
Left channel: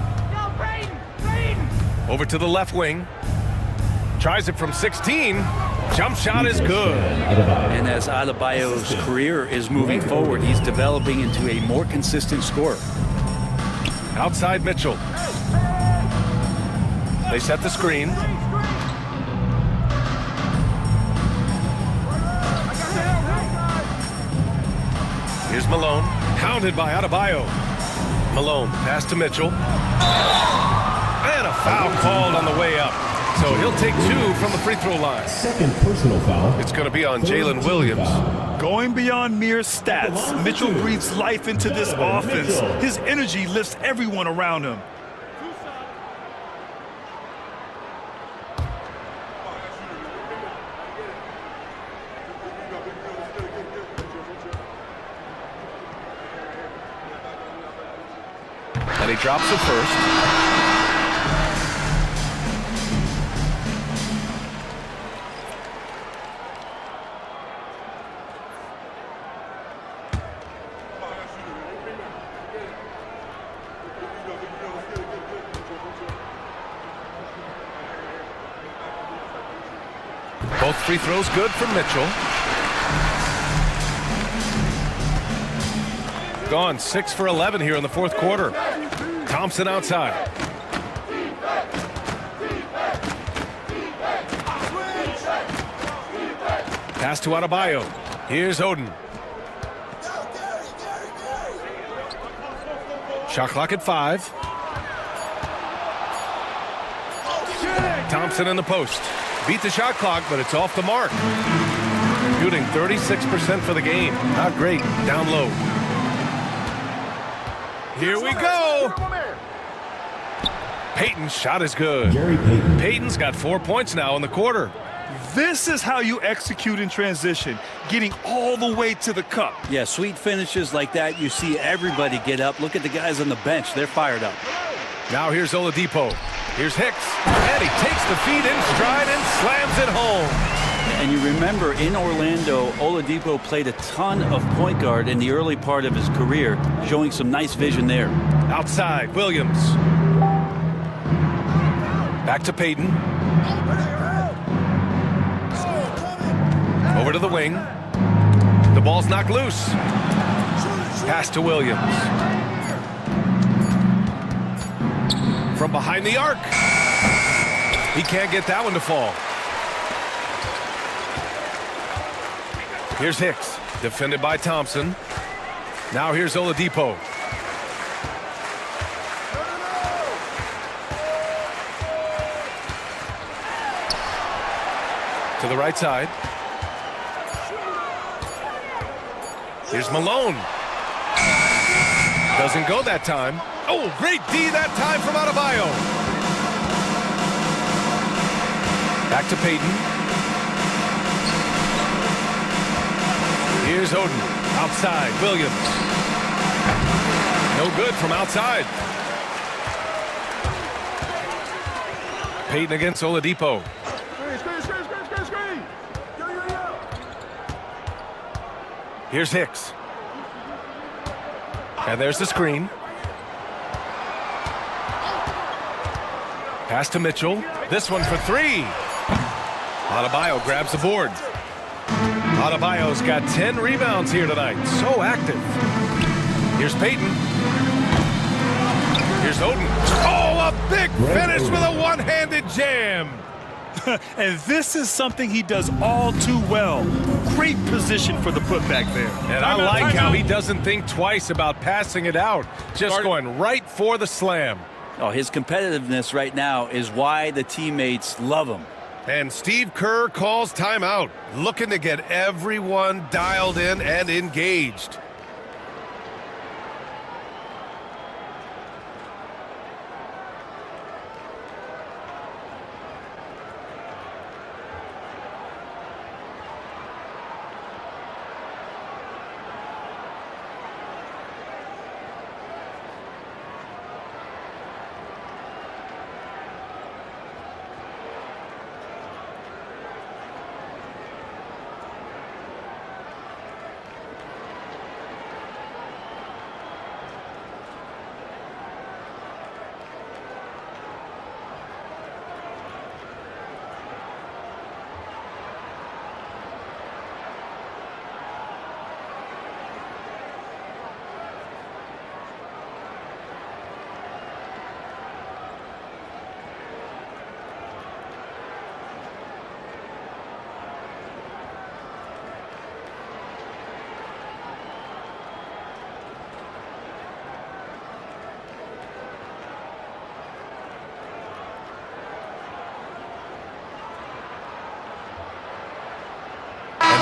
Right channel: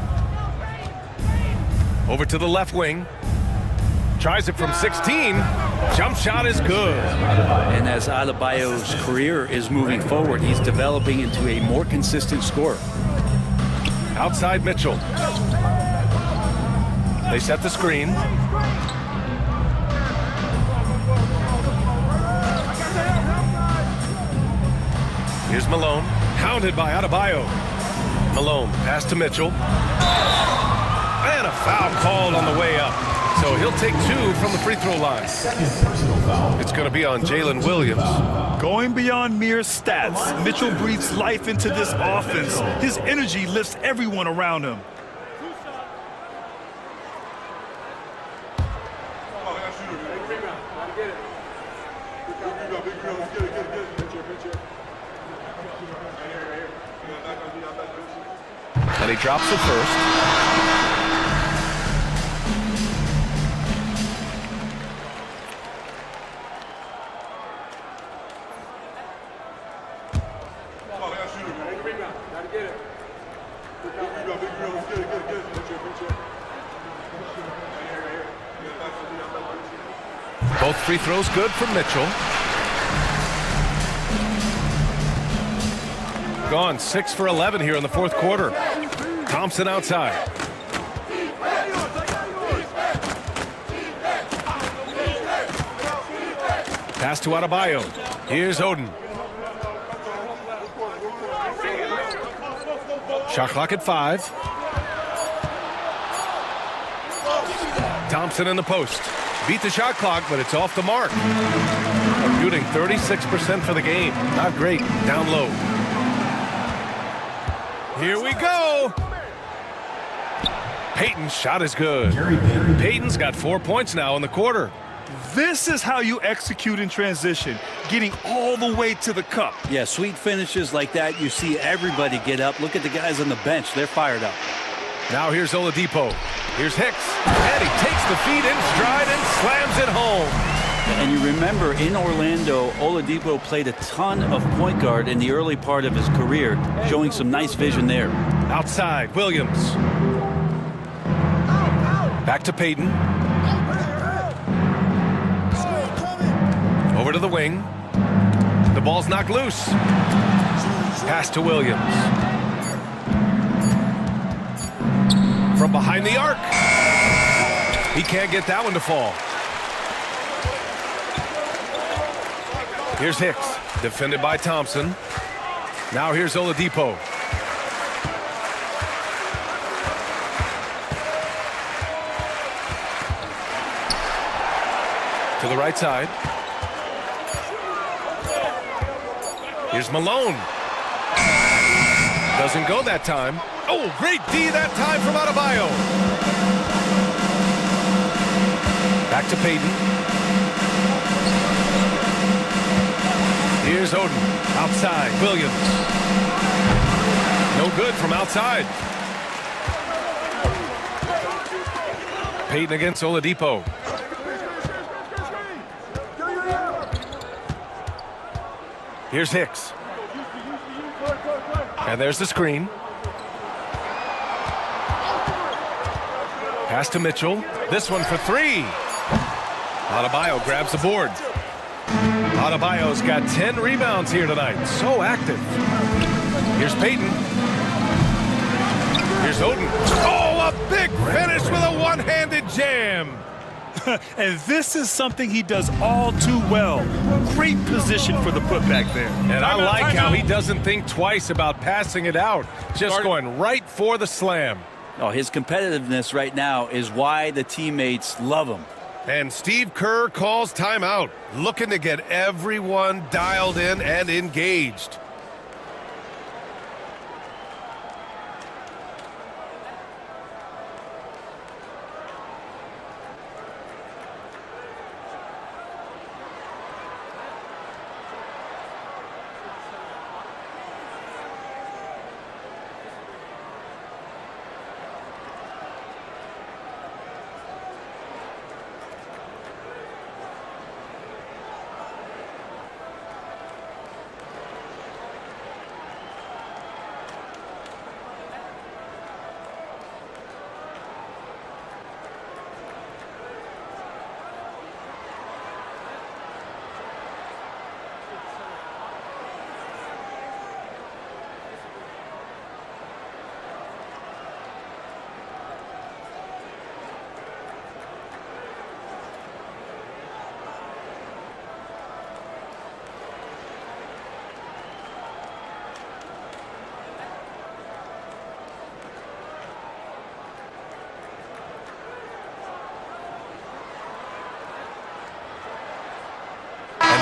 Over to the left wing. Tries it from 16. Jump shot is good. And as Adebayo's career is moving forward, he's developing into a more consistent scorer. Outside Mitchell. They set the screen. Here's Malone, hounded by Adebayo. Malone, pass to Mitchell. And a foul called on the way up. So he'll take 2 from the free throw line. Second personal foul. It's going to be on Jalen Williams. Going beyond mere stats, Mitchell breathes life into this offense. His energy lifts everyone around him. And he drops it first. Both free throws good from Mitchell. Gone 6 for 11 here in the fourth quarter. Thompson outside. Pass to Adebayo. Here's Oden. Shot clock at 5. Thompson in the post. Beat the shot clock, but it's off the mark. Shooting 36% for the game. Not great. Down low. Here we go. Payton's shot is good. Payton's got 4 points now in the quarter. This is how you execute in transition, getting all the way to the cup. Yeah, sweet finishes like that, you see everybody get up. Look at the guys on the bench. They're fired up. Now here's Oladipo. Here's Hicks. And he takes the feed in stride and slams it home. And you remember in Orlando, Oladipo played a ton of point guard in the early part of his career, showing some nice vision there. Outside, Williams. Back to Payton. Over to the wing. The ball's knocked loose. Pass to Williams. From behind the arc. He can't get that one to fall. Here's Hicks, defended by Thompson. Now here's Oladipo. To the right side. Here's Malone. Doesn't go that time. Oh, great D that time from Adebayo. Back to Payton. Here's Oden. Outside, Williams. No good from outside. Payton against Oladipo. Here's Hicks. And there's the screen. Pass to Mitchell. This one for 3. Adebayo grabs the board. Adebayo's got 10 rebounds here tonight. So active. Here's Payton. Here's Oden. Oh, a big finish with a one-handed jam. And this is something he does all too well. Great position for the putback there. And I like how he doesn't think twice about passing it out. Just going right for the slam. Oh, his competitiveness right now is why the teammates love him. And Steve Kerr calls timeout, looking to get everyone dialed in and engaged.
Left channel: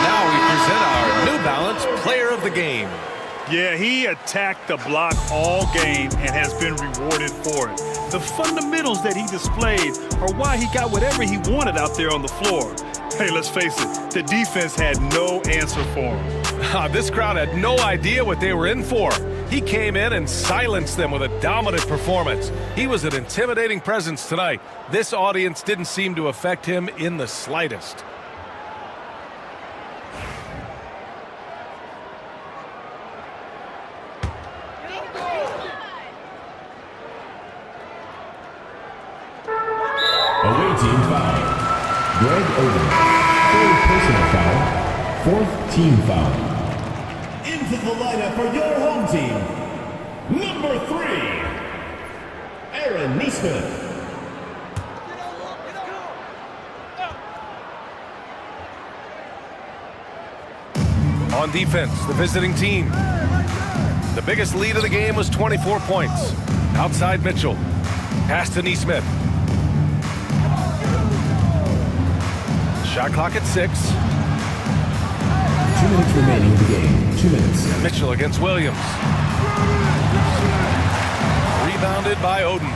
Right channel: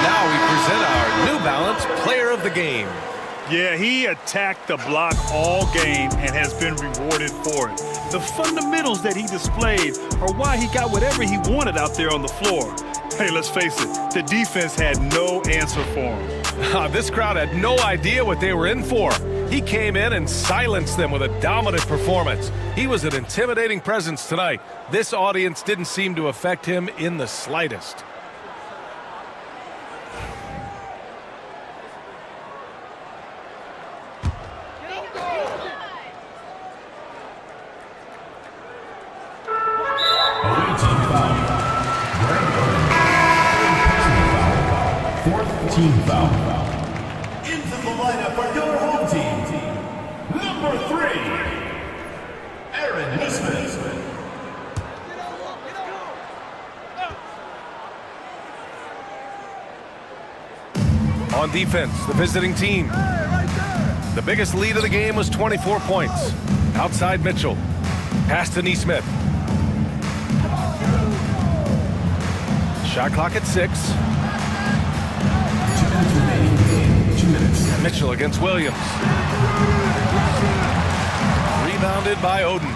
Now we present our New Balance Player of the Game. Yeah, he attacked the block all game and has been rewarded for it. The fundamentals that he displayed are why he got whatever he wanted out there on the floor. Hey, let's face it, the defense had no answer for him. This crowd had no idea what they were in for. He came in and silenced them with a dominant performance. He was an intimidating presence tonight. This audience didn't seem to affect him in the slightest. Away team foul. Greg Oden. Third personal foul. Fourth team foul. Into the lineup for your home team. Number 3. Aaron Nesmith. On defense, the visiting team. The biggest lead of the game was 24 points. Outside Mitchell. Pass to Neesmith. Shot clock at 6. 2 minutes remaining in the game. 2 minutes. Mitchell against Williams. Rebounded by Oden.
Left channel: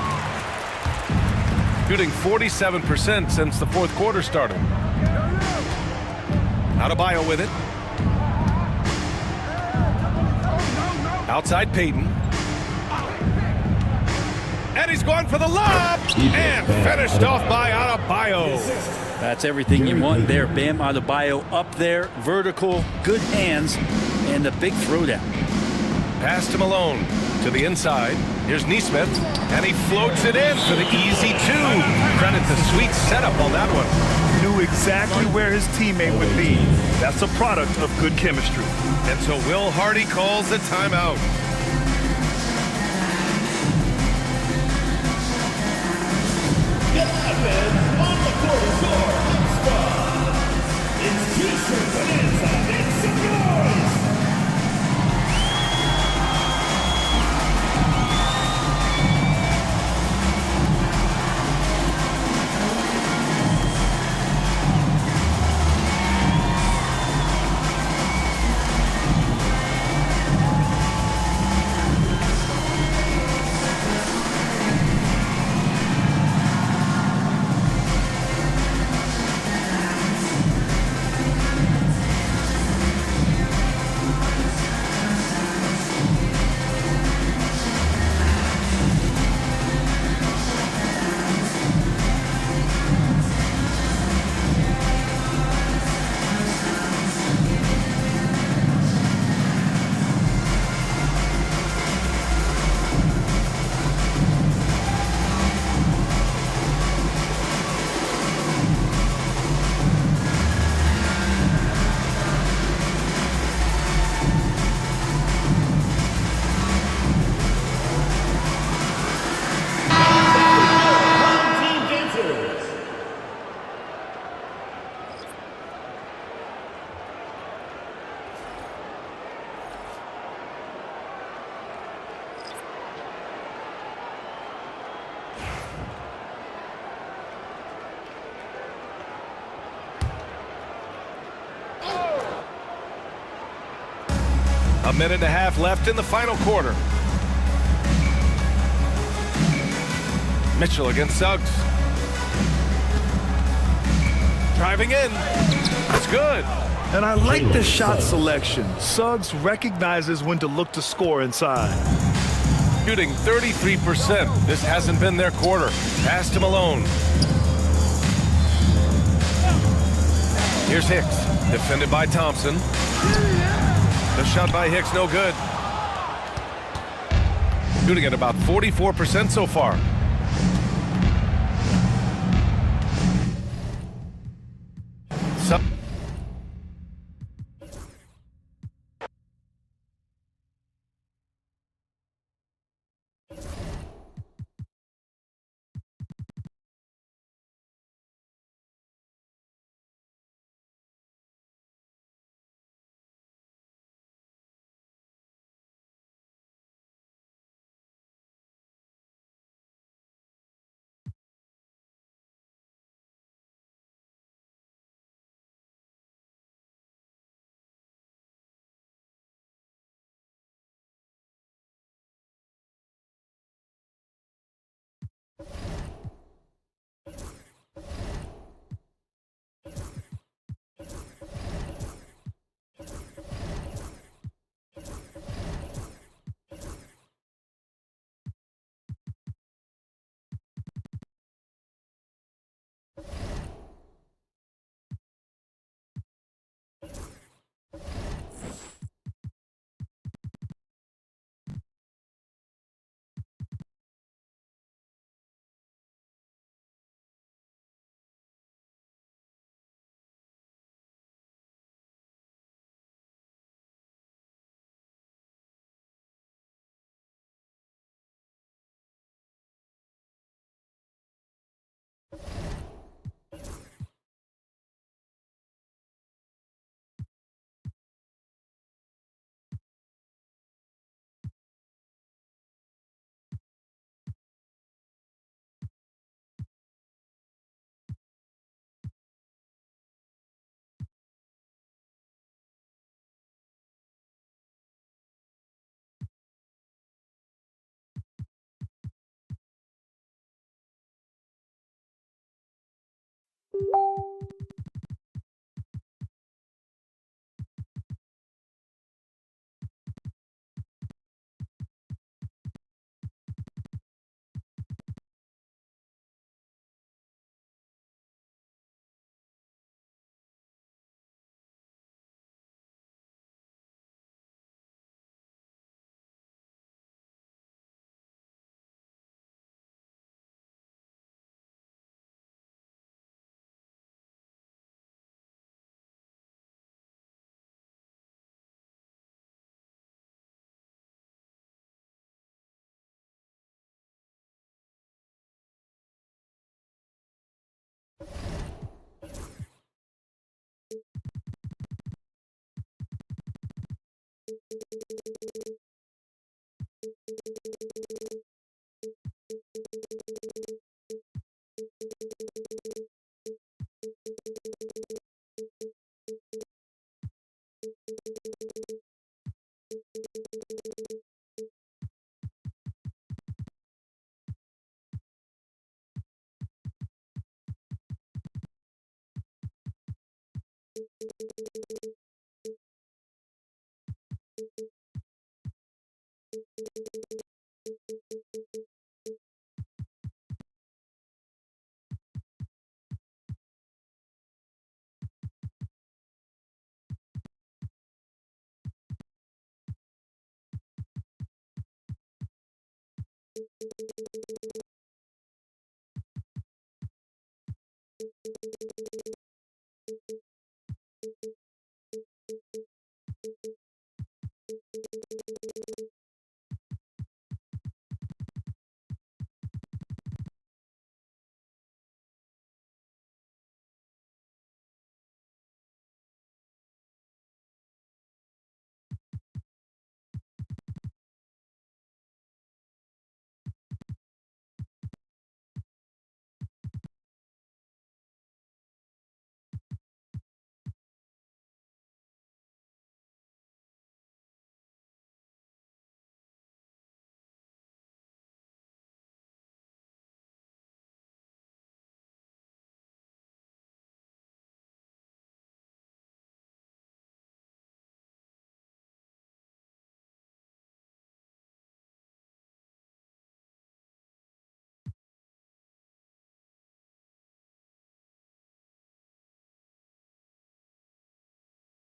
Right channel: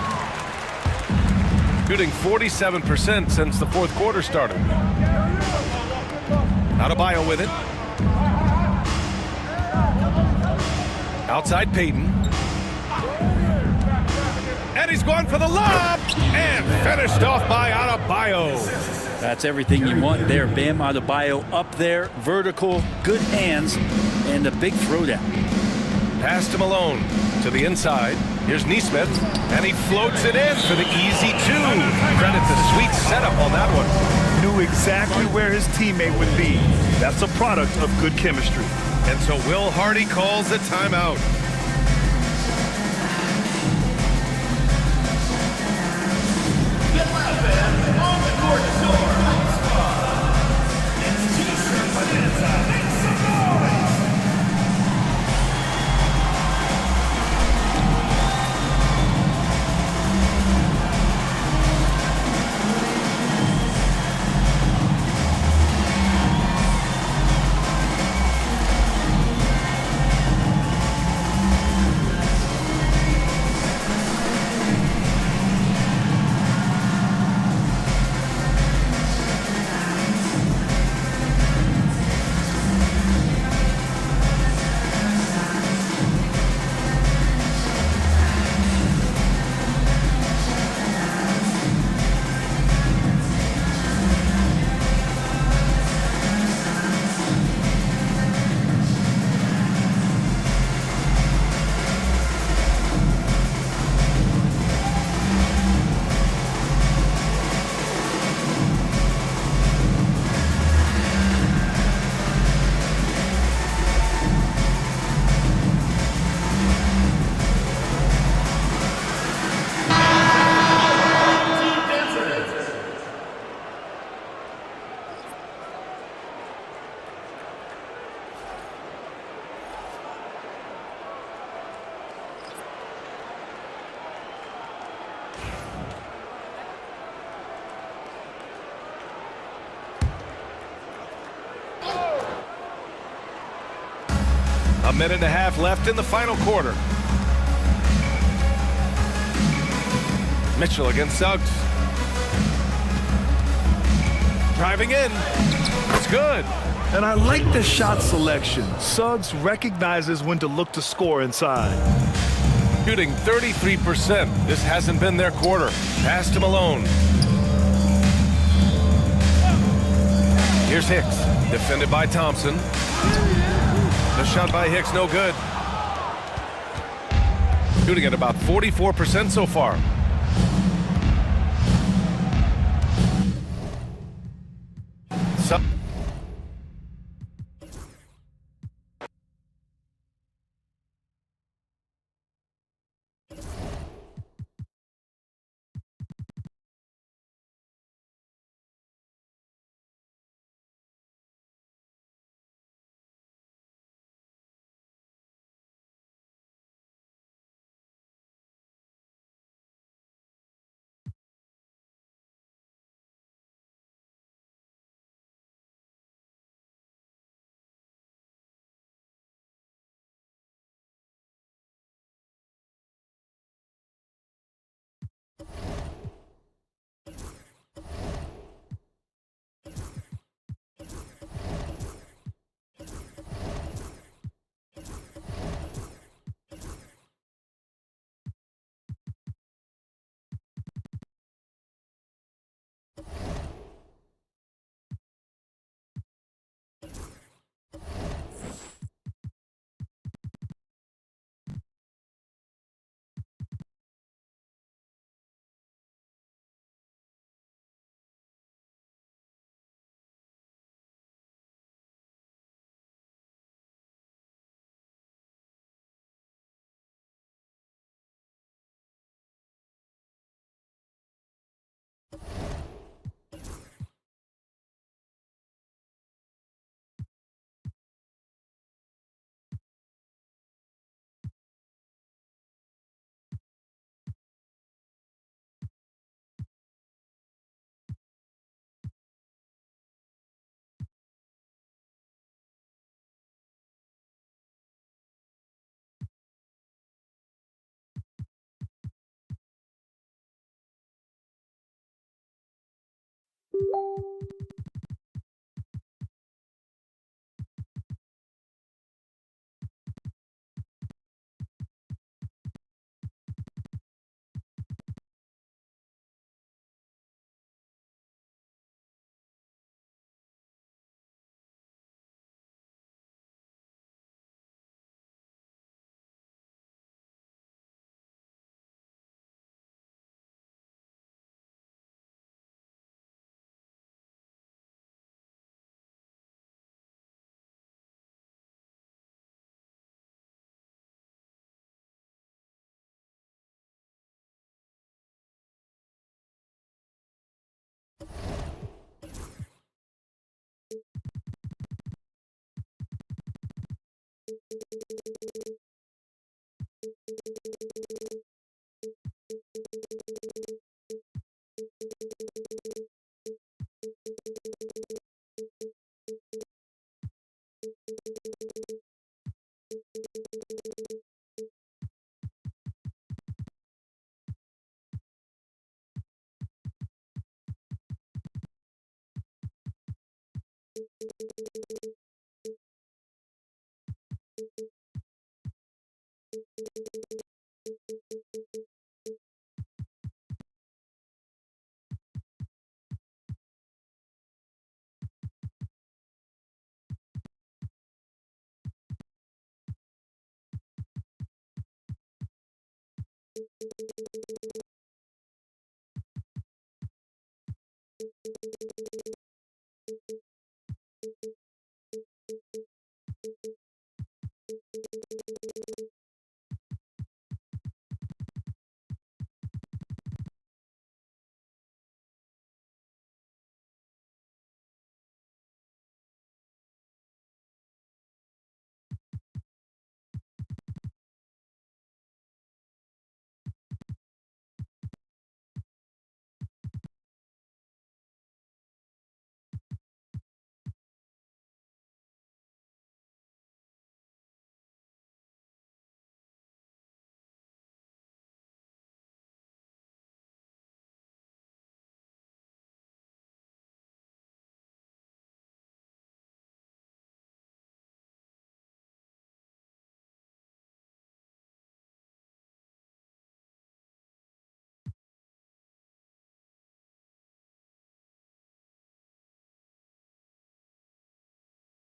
Shooting 47% since the fourth quarter started. Adebayo with it. Outside Payton. And he's going for the lob. And finished off by Adebayo. That's everything you want there. Bam Adebayo up there, vertical, good hands, and a big throwdown. Pass to Malone. To the inside. Here's Neesmith. And he floats it in for the easy 2. Credit the sweet setup on that one. Knew exactly where his teammate would be. That's a product of good chemistry. And so Will Hardy calls the timeout. On the court is your squad. It's T-shirt, but inside, it's some noise. A minute and a half left in the final quarter. Mitchell against Suggs. Driving in. It's good. And I like the shot selection. Suggs recognizes when to look to score inside. Shooting 33%. This hasn't been their quarter. Pass to Malone. Here's Hicks. Defended by Thompson. The shot by Hicks, no good. Shooting at about 44% so far.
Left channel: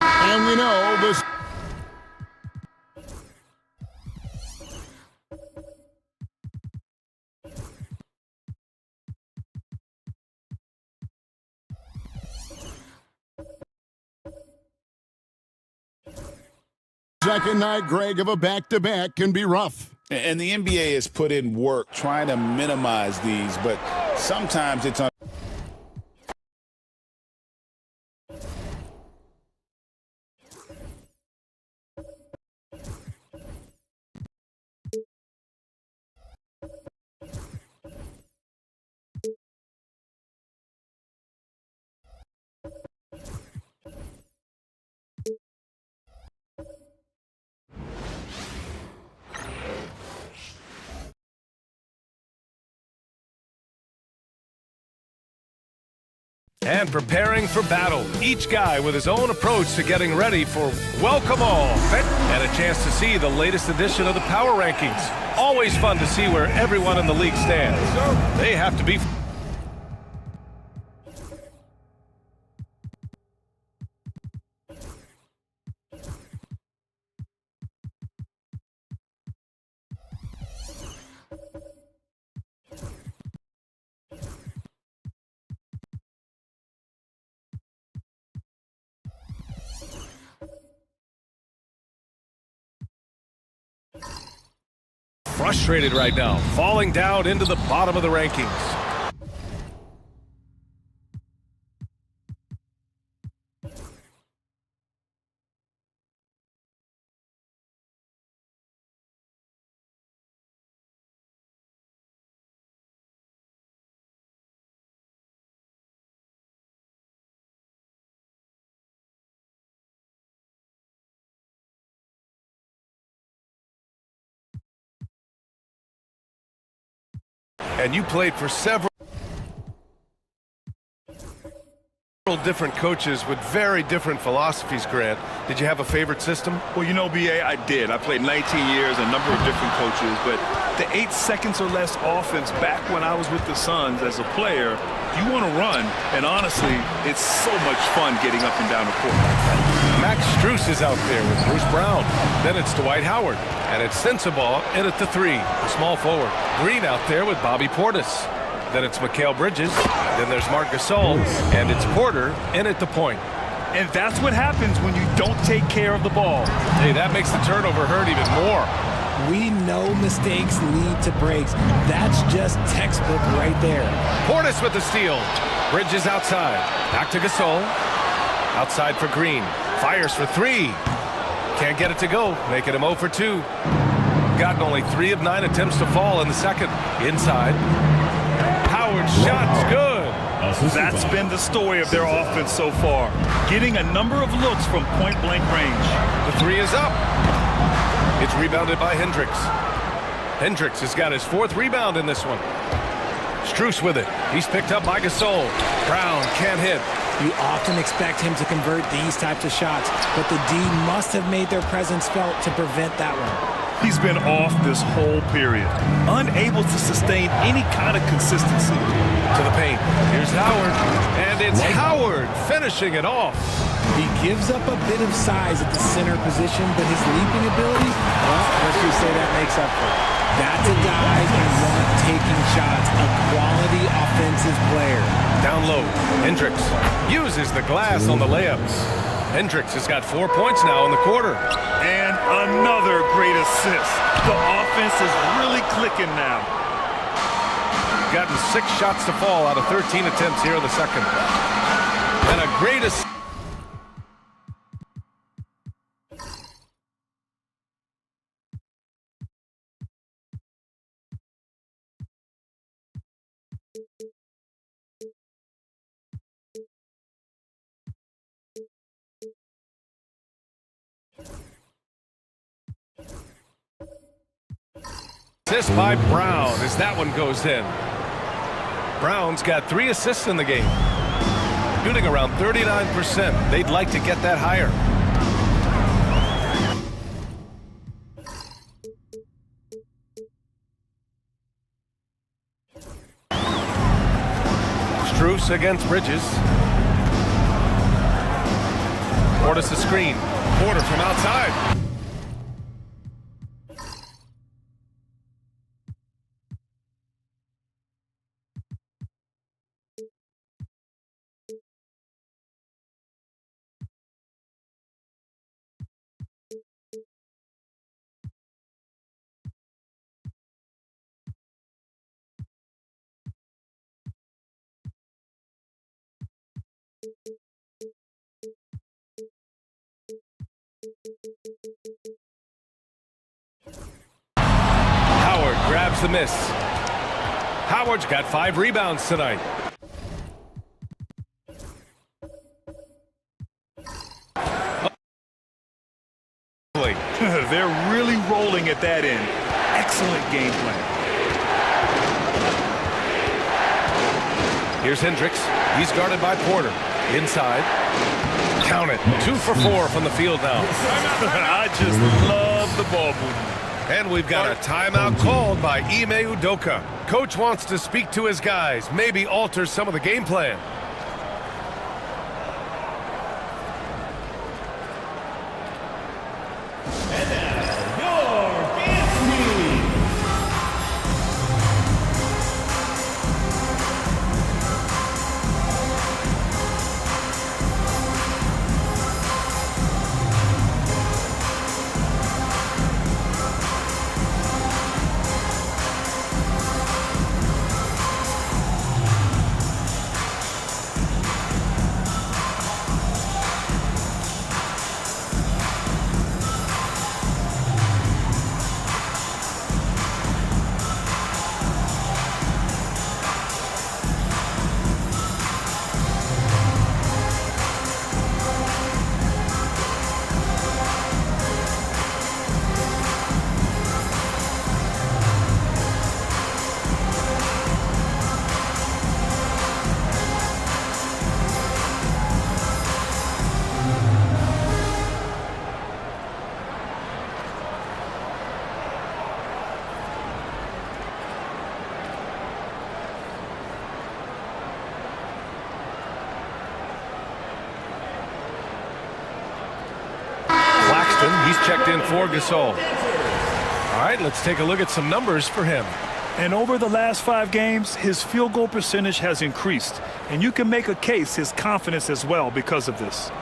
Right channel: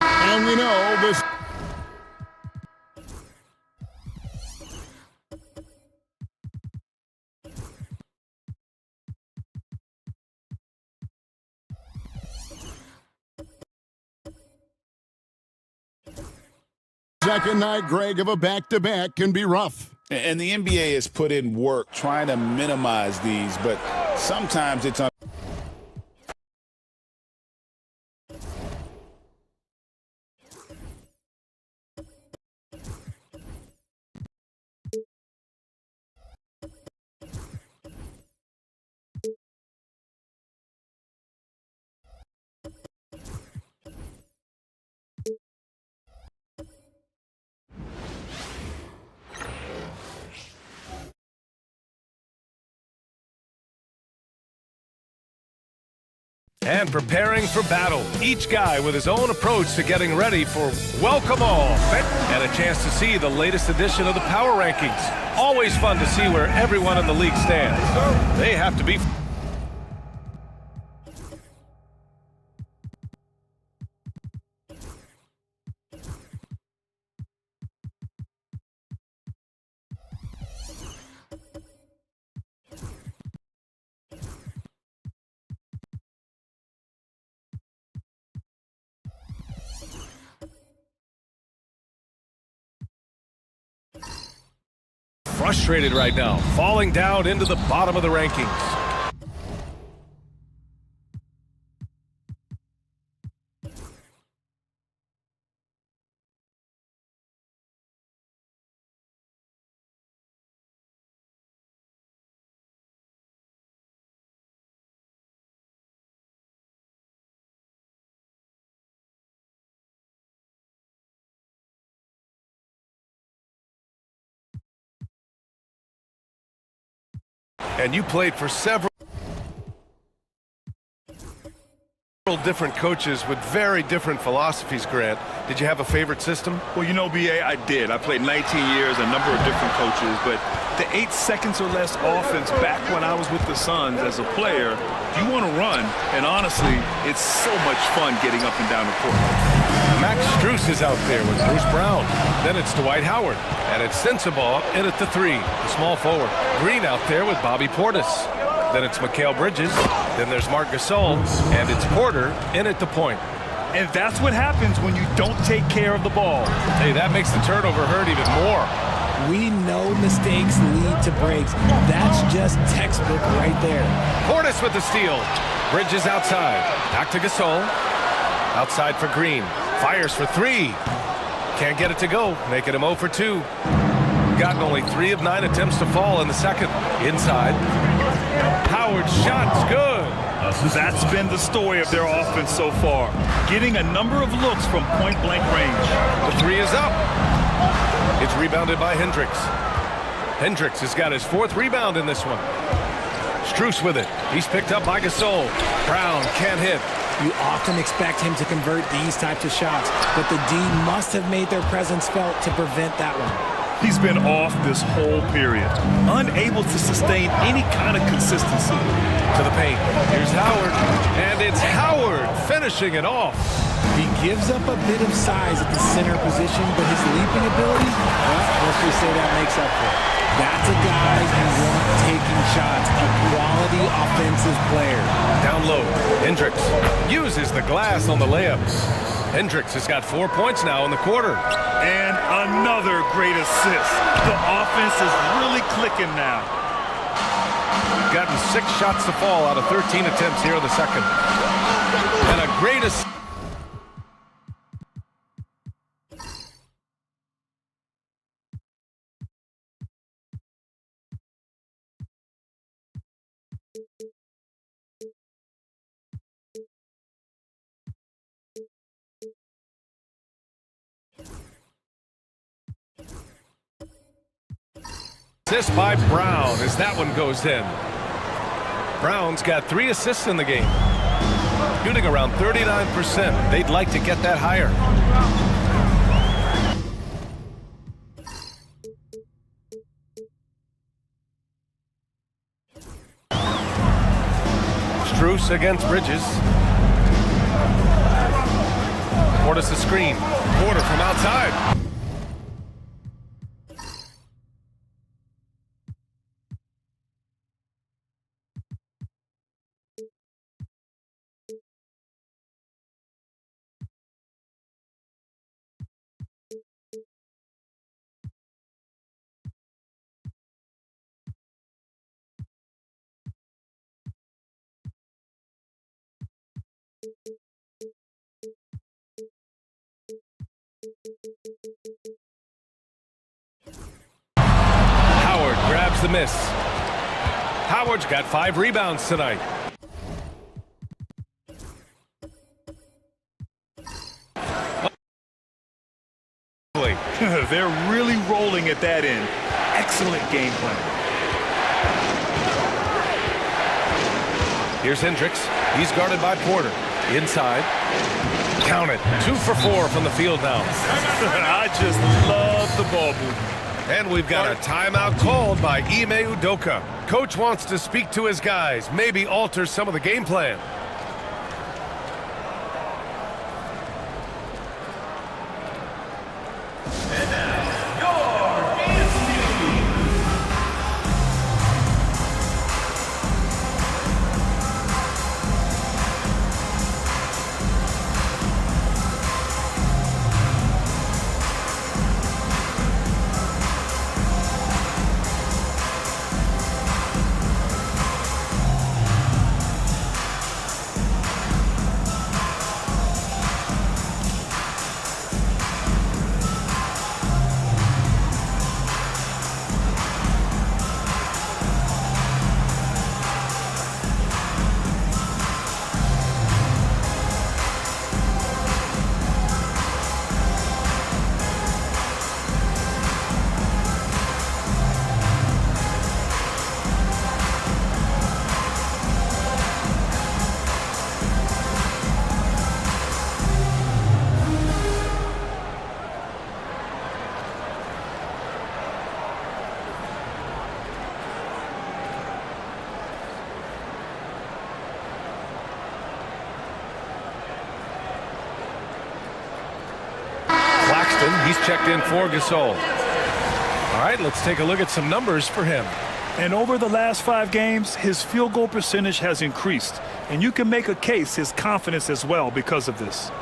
And we know this. Second night, Greg, of a back-to-back can be rough. And the NBA has put in work trying to minimize these, but sometimes it's And preparing for battle. Each guy with his own approach to getting ready for welcome all. And a chance to see the latest edition of the Power Rankings. Always fun to see where everyone in the league stands. They have to be... frustrated right now, falling down into the bottom of the rankings. And you played for several different coaches with very different philosophies, Grant. Did you have a favorite system? Well, you know, B.A., I did. I played 19 years, a number of different coaches, but the 8 seconds or less offense back when I was with the Suns as a player, you want to run, and honestly, it's so much fun getting up and down the court like that. Max Strus is out there with Bruce Brown. Then it's Dwight Howard. And it's Sensabaugh in at the 3, the small forward. Green out there with Bobby Portis. Then it's Mikal Bridges. Then there's Marc Gasol. And it's Porter in at the point. And that's what happens when you don't take care of the ball. Hey, that makes the turnover hurt even more. We know mistakes lead to breaks. That's just textbook right there. Portis with the steal. Bridges outside. Back to Gasol. Outside for Green. Fires for 3. Can't get it to go, making him 0 for 2. Gotten only 3 of 9 attempts to fall in the second. Inside. Howard's shot's good. That's been the story of their offense so far. Getting a number of looks from point-blank range. The 3 is up. It's rebounded by Hendricks. Hendricks has got his 4th rebound in this one. Strus with it. He's picked up by Gasol. Brown can't hit. You often expect him to convert these types of shots, but the D must have made their presence felt to prevent that one. He's been off this whole period, unable to sustain any kind of consistency. To the paint. Here's Howard, and it's Howard finishing it off. He gives up a bit of size at the center position, but his leaping ability, well, let's just say that makes up for it. That's a guy you want taking shots, a quality offensive player. Down low, Hendricks uses the glass on the layups. Hendricks has got 4 points now in the quarter. And another great assist. The offense is really clicking now. Gotten 6 shots to fall out of 13 attempts here in the second. And a great assist. Assist by Brown as that one goes in. Brown's got 3 assists in the game. Shooting around 39%. They'd like to get that higher. Strus against Bridges. Portis a screen. Porter from outside. Howard grabs the miss. Howard's got 5 rebounds tonight. They're really rolling at that end. Excellent game plan. Here's Hendricks. He's guarded by Porter. Inside. Count it. 2 for 4 from the field now. I just love the ball movement. And we've got a timeout called by Ime Udoka. Coach wants to speak to his guys, maybe alter some of the game plan. He's checked in for Gasol. All right, let's take a look at some numbers for him. And over the last 5 games, his field goal percentage has increased. And you can make a case his confidence as well because of this.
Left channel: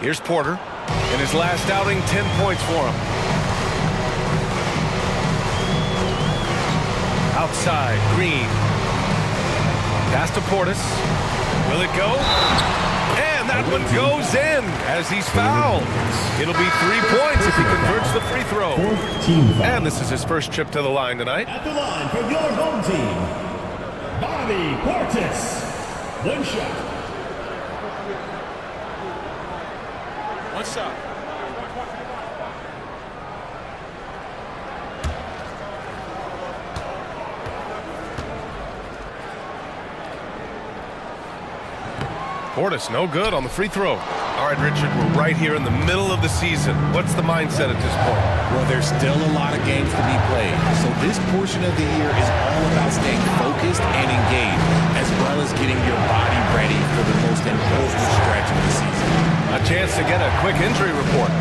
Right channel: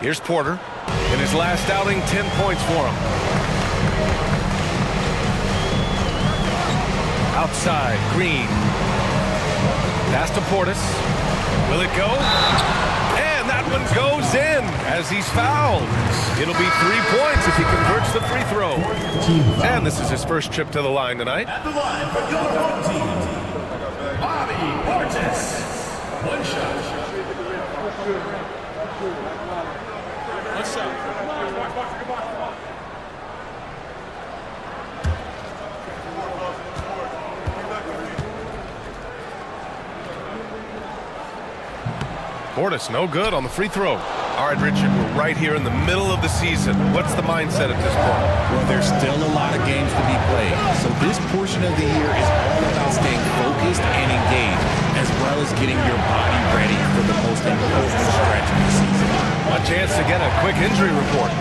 Here's Porter. In his last outing, 10 points for him. Outside, Green. Pass to Portis. Will it go? that one goes in as he's fouled. It'll be 3 points if he converts the free throw. And this is his first trip to the line tonight. At the line for your home team, Bobby Portis. One shot. One shot. Portis, no good on the free throw. All right, Richard, we're right here in the middle of the season. What's the mindset at this point? Well, there's still a lot of games to be played. So this portion of the year is all about staying focused and engaged, as well as getting your body ready for the most important stretch of the season. A chance to get a quick injury report.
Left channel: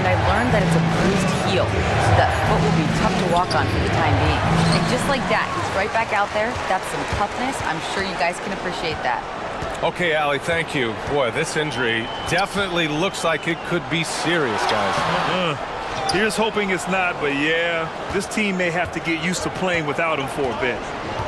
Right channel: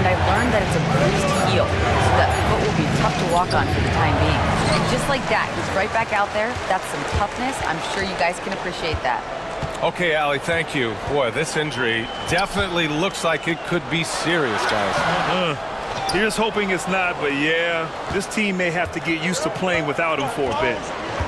And I learned that it's a bruised heel, so that foot will be tough to walk on for the time being. And just like that, he's right back out there. That's some toughness. I'm sure you guys can appreciate that. Okay, Allie, thank you. Boy, this injury definitely looks like it could be serious, guys. Here's hoping it's not, but yeah, this team may have to get used to playing without him for a bit.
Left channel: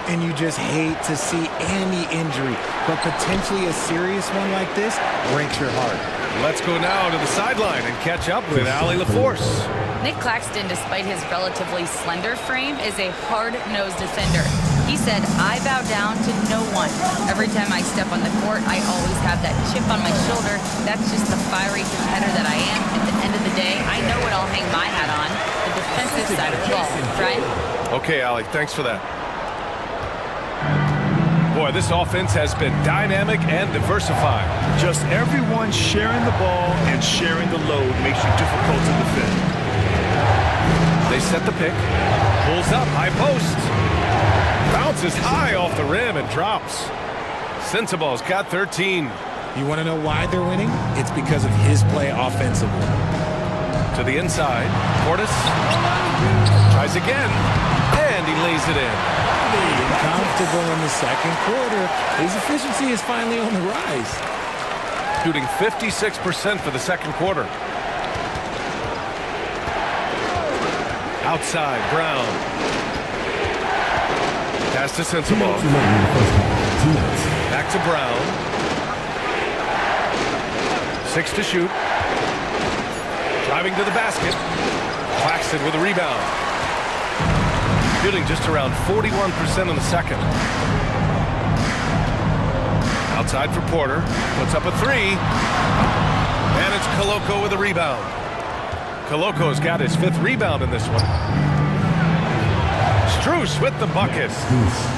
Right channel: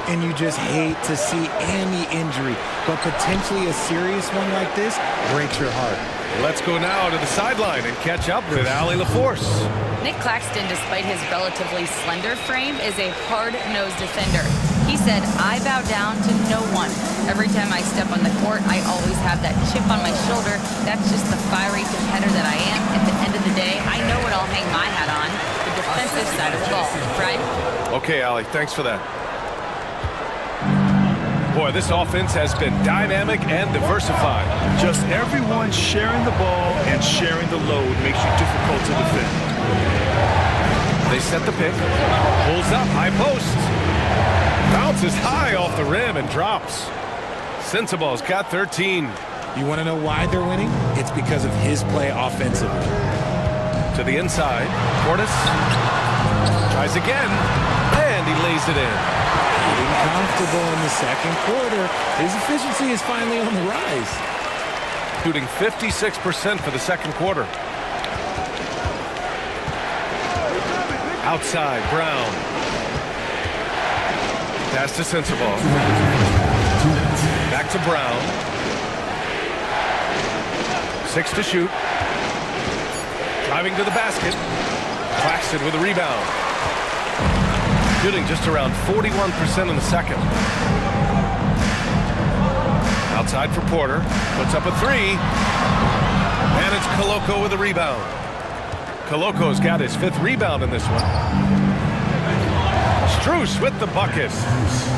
And you just hate to see any injury, but potentially a serious one like this breaks your heart. Let's go now to the sideline and catch up with Allie LaForce. Nick Claxton, despite his relatively slender frame, is a hard-nosed defender. He said, I bow down to no one. Every time I step on the court, I always have that chip on my shoulder. That's just the fiery competitor that I am. At the end of the day, I know what I'll hang my hat on, the defensive side of the ball. Brian? Okay, Allie, thanks for that. Boy, this offense has been dynamic and diversified. Just everyone sharing the ball and sharing the load makes you difficult to defend. They set the pick. Pulls up, high post. Bounces high off the rim and drops. Sensabaugh's got 13. You want to know why they're winning? It's because of his play offensively. To the inside, Portis tries again, and he lays it in. Getting comfortable in the second quarter. His efficiency is finally on the rise. Shooting 56% for the second quarter. Outside, Brown. Pass to Sensabaugh. Back to Brown. 6 to shoot. Driving to the basket. Claxton with a rebound. Shooting just around 41% in the second. Outside for Porter. Puts up a 3. And it's Koloko with a rebound. Koloko's got his 5th rebound in this one. Strus with the bucket.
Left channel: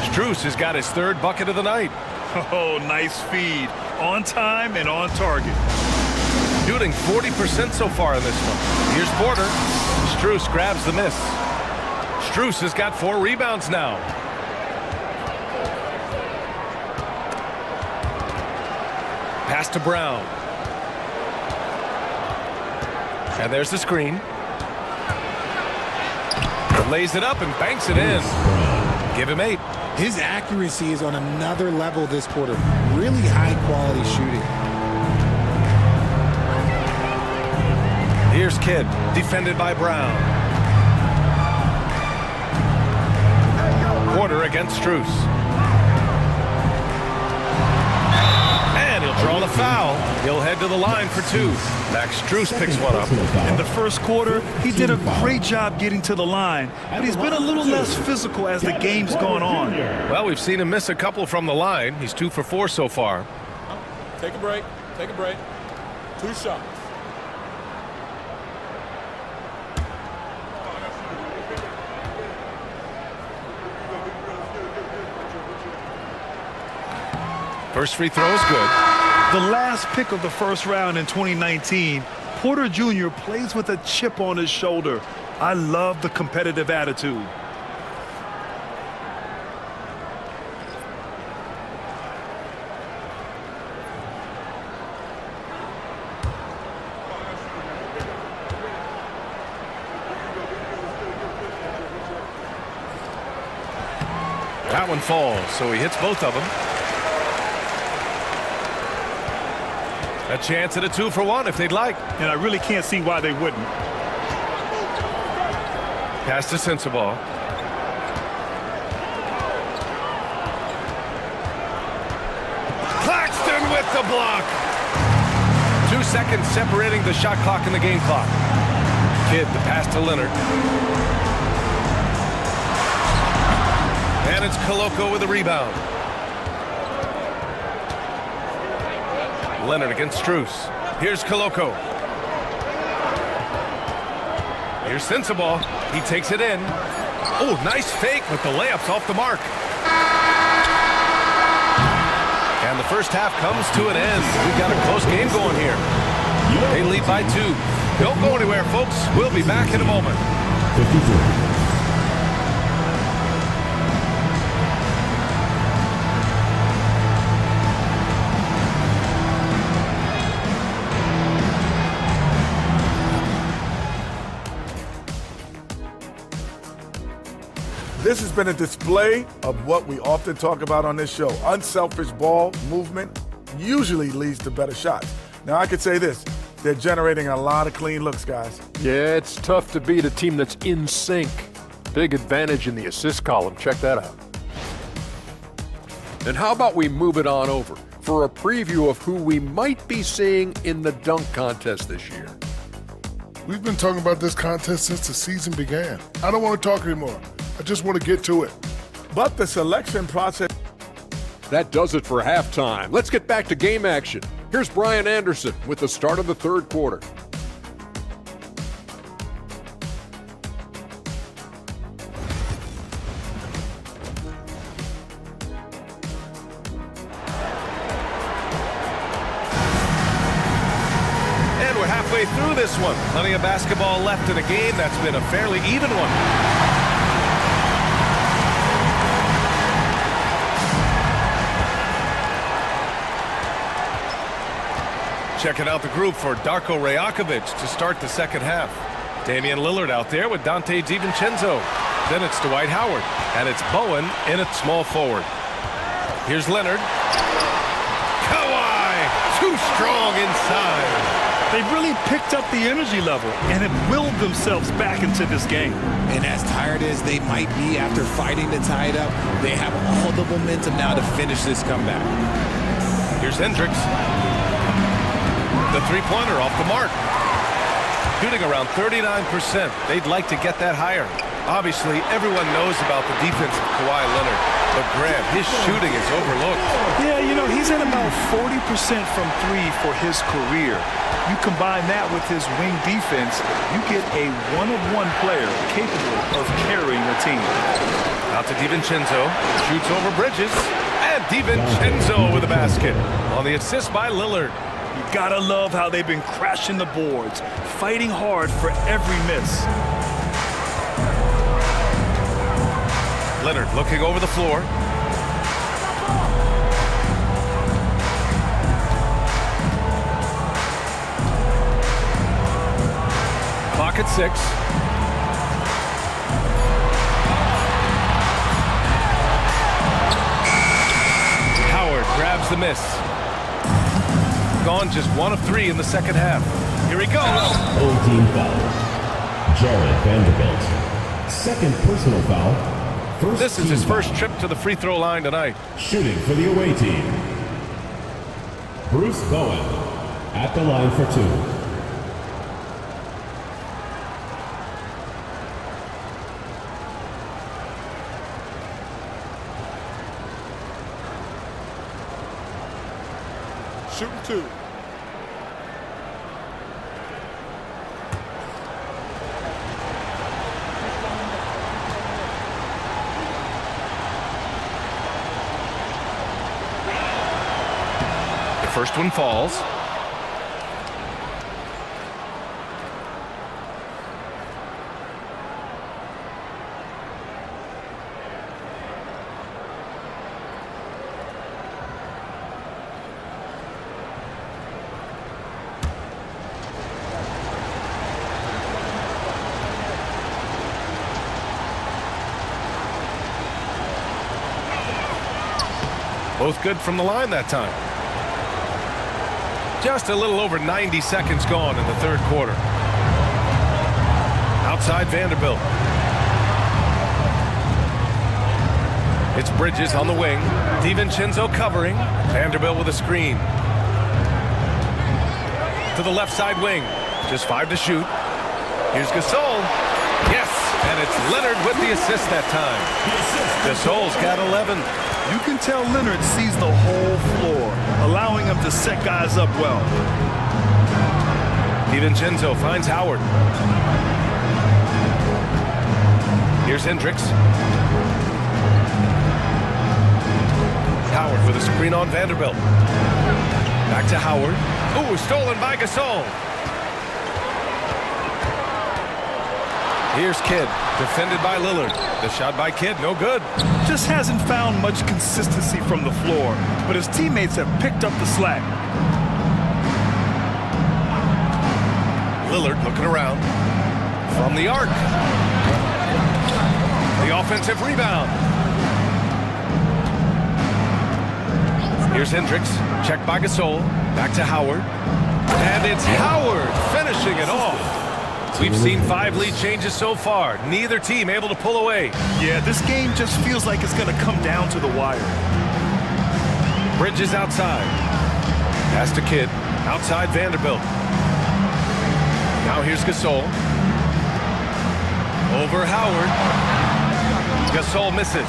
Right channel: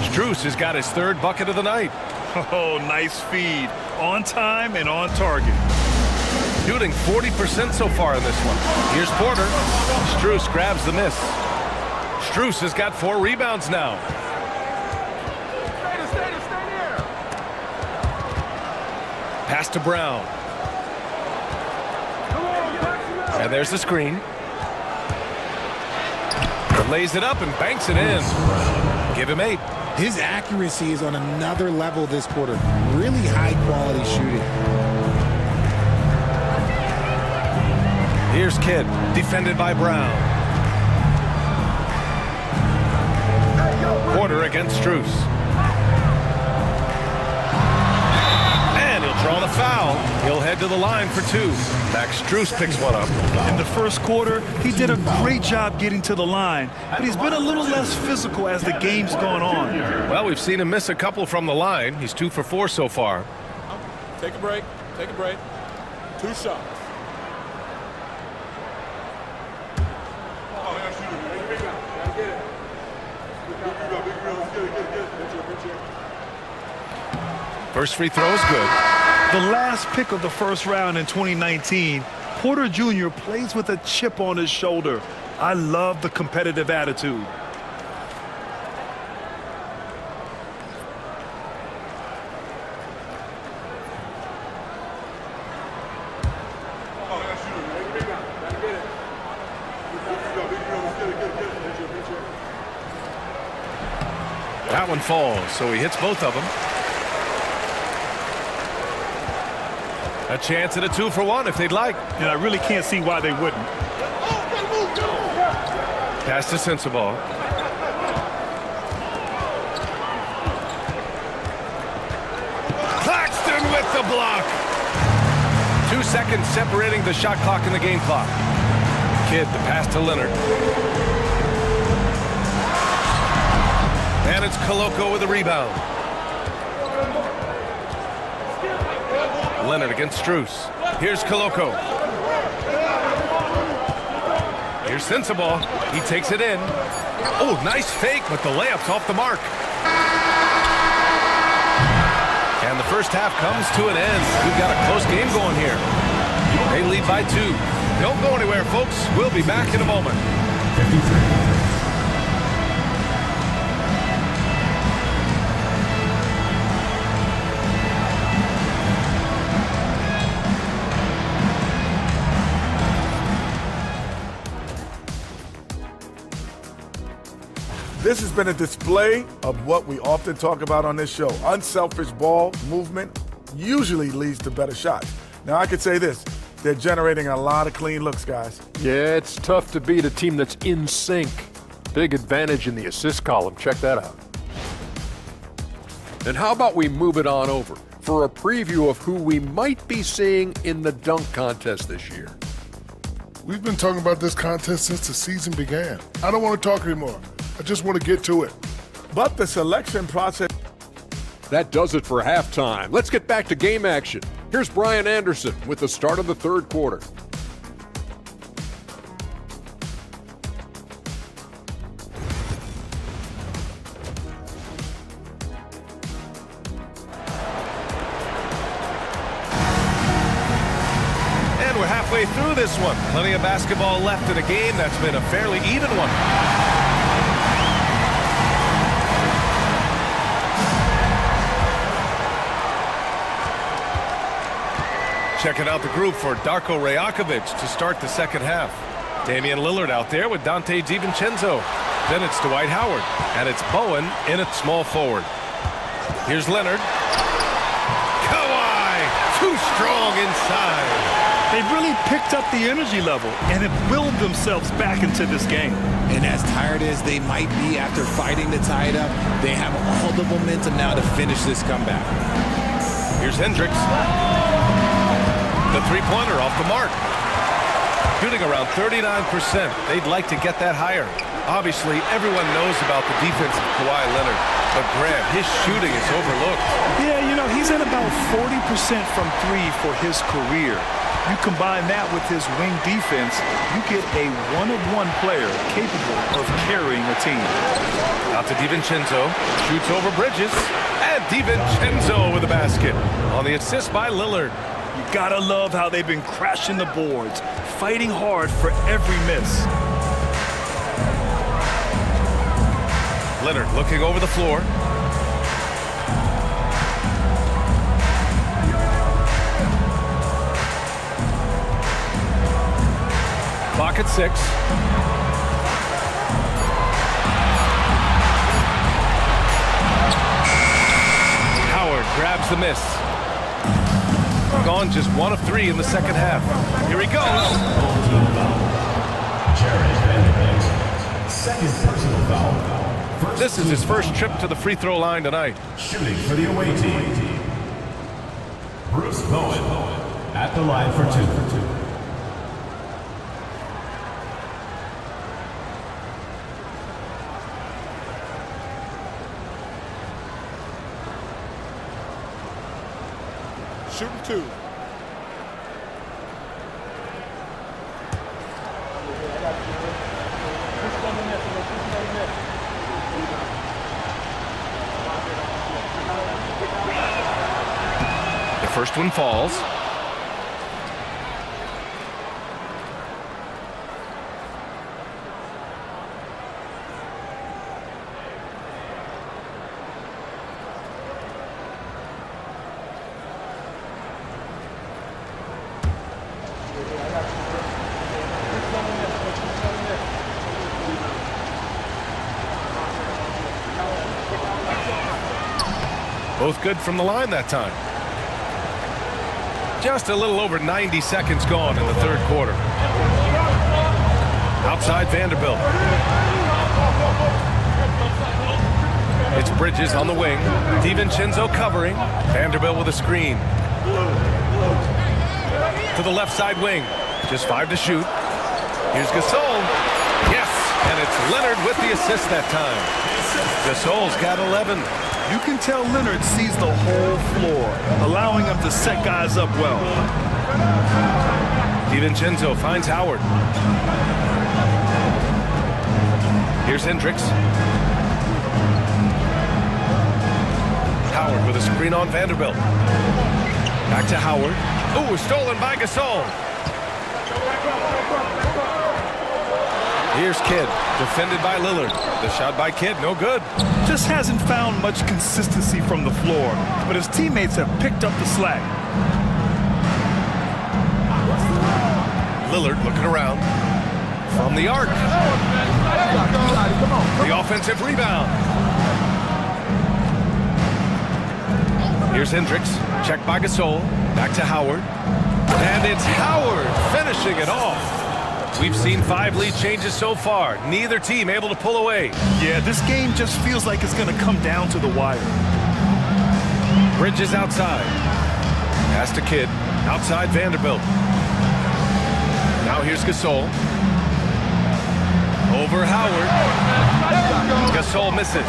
Strus has got his 3rd bucket of the night. Oh, nice feed. On time and on target. Shooting 40% so far in this one. Here's Porter. Strus grabs the miss. Strus has got 4 rebounds now. Pass to Brown. And there's the screen. Lays it up and banks it in. Give him 8. His accuracy is on another level this quarter. Really high quality shooting. Here's Kidd, defended by Brown. Porter against Strus. And he'll draw the foul. He'll head to the line for 2. Max Strus picks one up. In the first quarter, he did a great job getting to the line, but he's been a little less physical as the game's gone on. Well, we've seen him miss a couple from the line. He's 2 for 4 so far. Take a break. Take a break. 2 shots. First free throw is good. The last pick of the first round in 2019, Porter Jr. plays with a chip on his shoulder. I love the competitive attitude. That one falls, so he hits both of them. A chance at a 2 for 1 if they'd like. And I really can't see why they wouldn't. Pass to Sensabaugh. Claxton with the block. 2 seconds separating the shot clock and the game clock. Kidd, the pass to Leonard. And it's Koloko with the rebound. Leonard against Strus. Here's Koloko. Here's Sensabaugh. He takes it in. Oh, nice fake, but the layup's off the mark. And the first half comes to an end. We've got a close game going here. They lead by 2. Don't go anywhere, folks. We'll be back in a moment. 53. This has been a display of what we often talk about on this show. Unselfish ball movement usually leads to better shots. Now, I could say this. They're generating a lot of clean looks, guys. Yeah, it's tough to beat a team that's in sync. Big advantage in the assist column. Check that out. And how about we move it on over for a preview of who we might be seeing in the dunk contest this year. We've been talking about this contest since the season began. I don't want to talk anymore. I just want to get to it. But the selection process... That does it for halftime. Let's get back to game action. Here's Brian Anderson with the start of the third quarter. And we're halfway through this one. Plenty of basketball left in a game that's been a fairly even one. Checking out the group for Darko Rajakovic to start the second half. Damian Lillard out there with Dante DiVincenzo. Then it's Dwight Howard. And it's Bowen in at small forward. Here's Leonard. Kawhi! Too strong inside. They've really picked up the energy level and have willed themselves back into this game. And as tired as they might be after fighting to tie it up, they have all the momentum now to finish this comeback. Here's Hendricks. The three-pointer off the mark. Shooting around 39%. They'd like to get that higher. Obviously, everyone knows about the defense of Kawhi Leonard, but Graham, his shooting is overlooked. Yeah, you know, he's at about 40% from 3 for his career. You combine that with his wing defense, you get a one-of-one player capable of carrying a team. Out to DiVincenzo, shoots over Bridges, and DiVincenzo with a basket on the assist by Lillard. You gotta love how they've been crashing the boards, fighting hard for every miss. Leonard looking over the floor. Clock at 6. Howard grabs the miss. Gone just 1 of 3 in the second half. Here he goes. Full team foul. Jared Vanderbilt. Second personal foul. This is his first trip to the free throw line tonight. Shooting for the away team. Bruce Bowen at the line for 2. Shooting 2. The first one falls. Both good from the line that time. Just a little over 90 seconds gone in the third quarter. Outside Vanderbilt. It's Bridges on the wing. DiVincenzo covering. Vanderbilt with a screen. to the left side wing. Just 5 to shoot. Here's Gasol. Yes, and it's Leonard with the assist that time. Gasol's got 11. You can tell Leonard sees the whole floor, allowing him to set guys up well. DiVincenzo finds Howard. Here's Hendricks. Howard with a screen on Vanderbilt. Back to Howard. Ooh, stolen by Gasol. Here's Kidd, defended by Lillard. The shot by Kidd, no good. Just hasn't found much consistency from the floor, but his teammates have picked up the slack. Lillard looking around. From the arc. The offensive rebound. Here's Hendricks, checked by Gasol. Back to Howard. And it's Howard finishing it off. We've seen 5 lead changes so far. Neither team able to pull away. Yeah, this game just feels like it's going to come down to the wire. Bridges outside. Pass to Kidd. Outside Vanderbilt. Now here's Gasol. Over Howard. Gasol misses.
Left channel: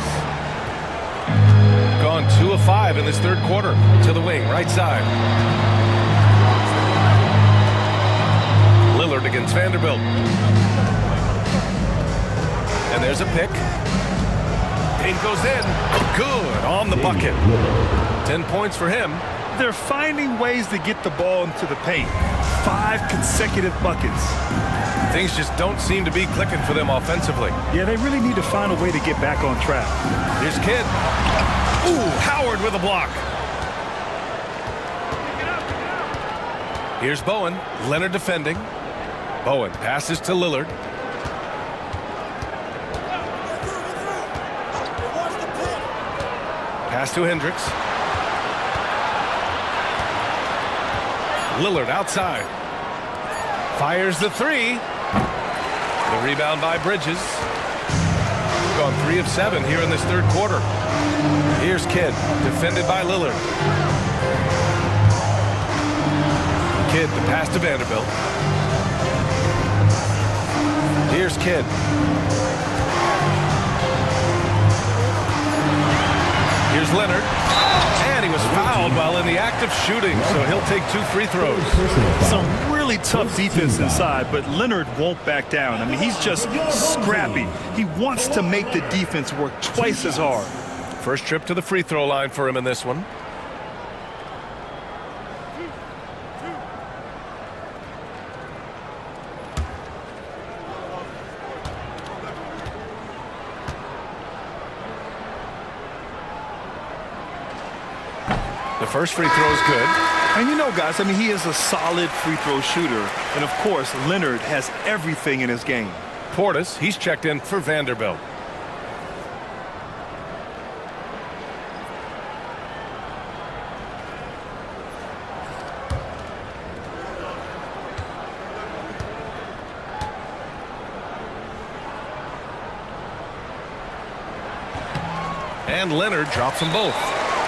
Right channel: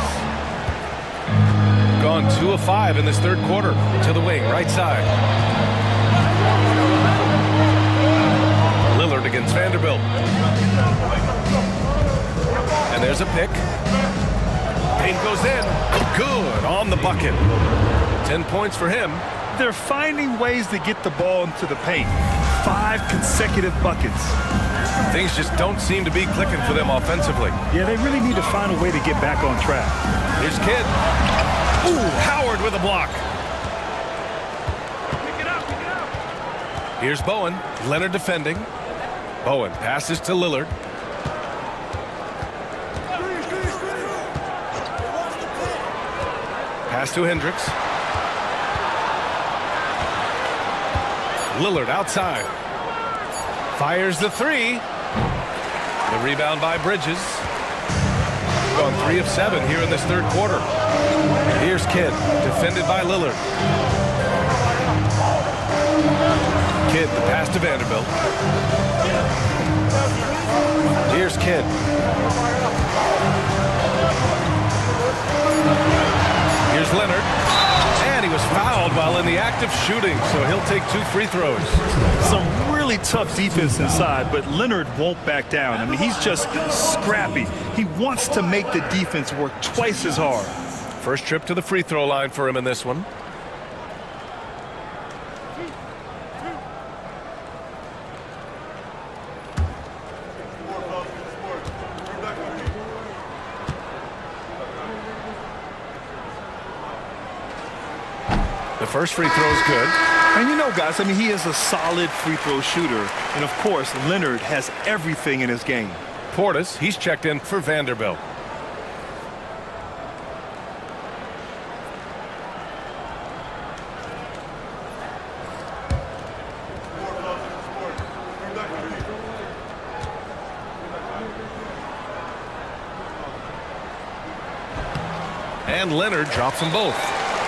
Gone 2 of 5 in this third quarter. To the wing, right side. Lillard against Vanderbilt. And there's a pick. Payne goes in. Good on the bucket. 10 points for him. They're finding ways to get the ball into the paint. 5 consecutive buckets. Things just don't seem to be clicking for them offensively. Yeah, they really need to find a way to get back on track. Here's Kidd. Ooh, Howard with a block. Here's Bowen. Leonard defending. Bowen passes to Lillard. Pass to Hendricks. Lillard outside. Fires the 3. The rebound by Bridges. Gone 3 of 7 here in this third quarter. Here's Kidd, defended by Lillard. Kidd, the pass to Vanderbilt. Here's Kidd. Here's Leonard. And he was fouled while in the act of shooting, so he'll take 2 free throws. Some really tough defense inside, but Leonard won't back down. I mean, he's just scrappy. He wants to make the defense work twice as hard. First trip to the free throw line for him in this one. The first free throw is good. And you know, guys, I mean, he is a solid free throw shooter. And, of course, Leonard has everything in his game. Portis, he's checked in for Vanderbilt. And Leonard drops them both.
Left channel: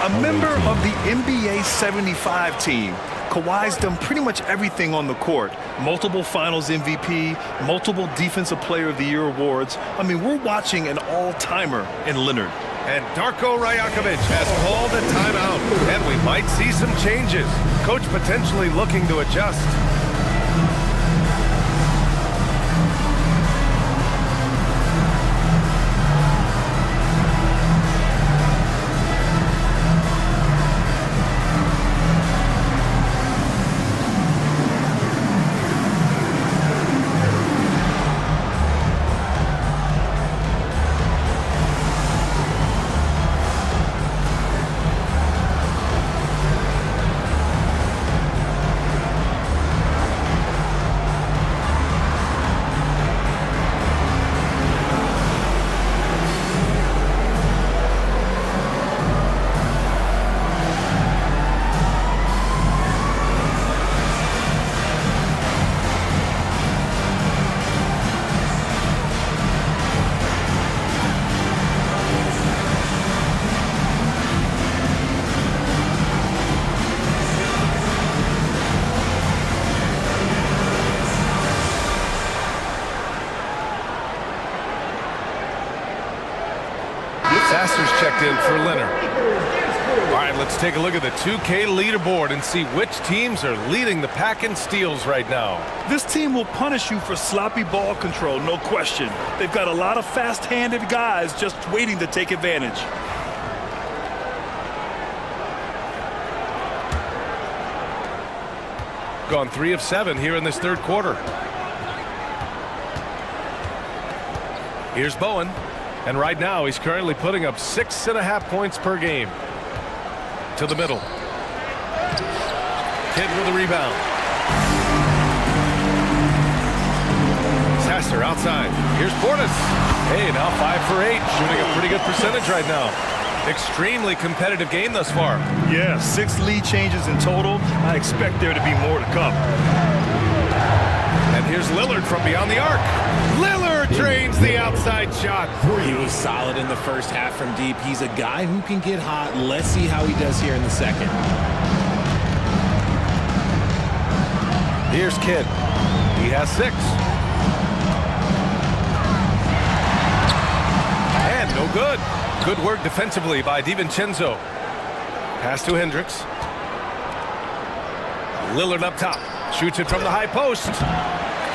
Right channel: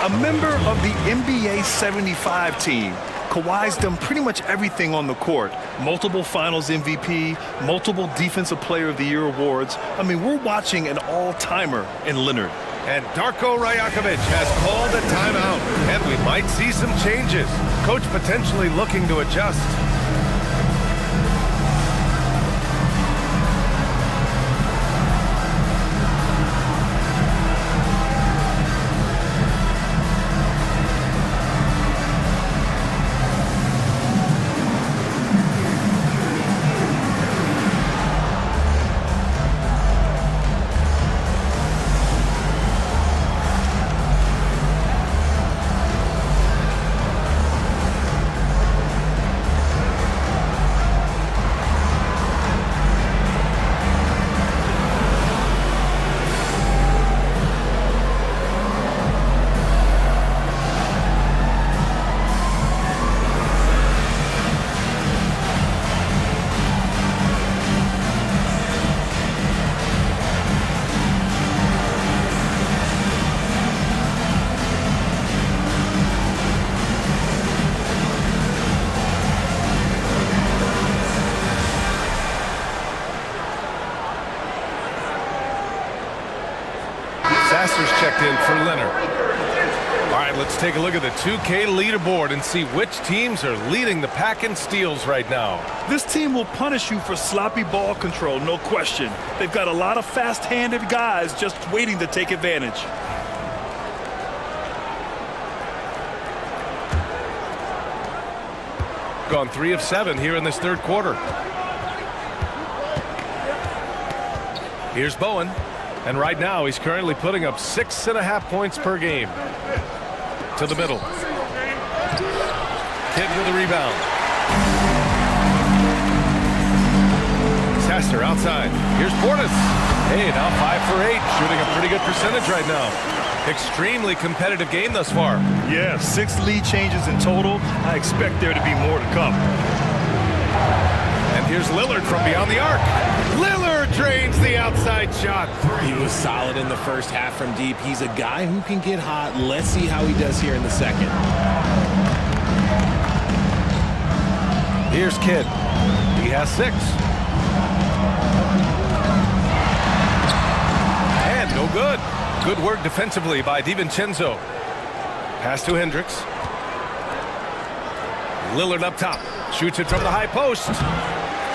A member of the NBA 75 team. Kawhi's done pretty much everything on the court. Multiple Finals MVP, multiple Defensive Player of the Year awards. I mean, we're watching an all-timer in Leonard. And Darko Rajakovic has called a timeout. And we might see some changes. Coach potentially looking to adjust. announcers checked in for Leonard. All right, let's take a look at the 2K leaderboard and see which teams are leading the pack in steals right now. This team will punish you for sloppy ball control, no question. They've got a lot of fast-handed guys just waiting to take advantage. Gone 3 of 7 here in this third quarter. Here's Bowen. And right now he's currently putting up 6.5 points per game. To the middle. Kidd with a rebound. Sasser outside. Here's Portis. Hey, now 5 for 8. Shooting a pretty good percentage right now. Extremely competitive game thus far. Yeah, 6 lead changes in total. I expect there to be more to come. And here's Lillard from beyond the arc. Lillard drains the outside shot. He was solid in the first half from deep. He's a guy who can get hot. Let's see how he does here in the second. Here's Kidd. He has 6. And no good. Good work defensively by DiVincenzo. Pass to Hendricks. Lillard up top. Shoots it from the high post.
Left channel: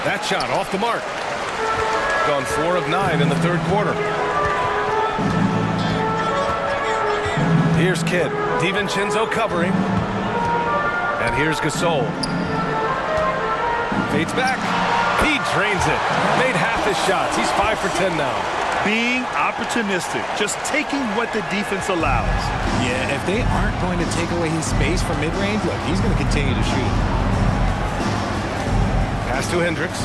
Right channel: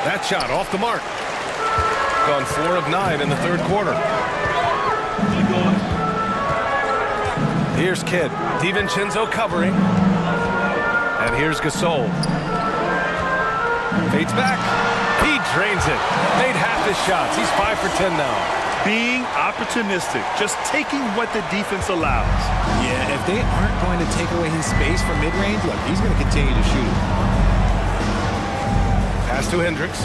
That shot off the mark. Gone 4 of 9 in the third quarter. Here's Kidd. DiVincenzo covering. And here's Gasol. Fades back. He drains it. Made half his shots. He's 5 for 10 now. Being opportunistic, just taking what the defense allows. Yeah, if they aren't going to take away his space from mid-range, look, he's going to continue to shoot it. Pass to Hendricks.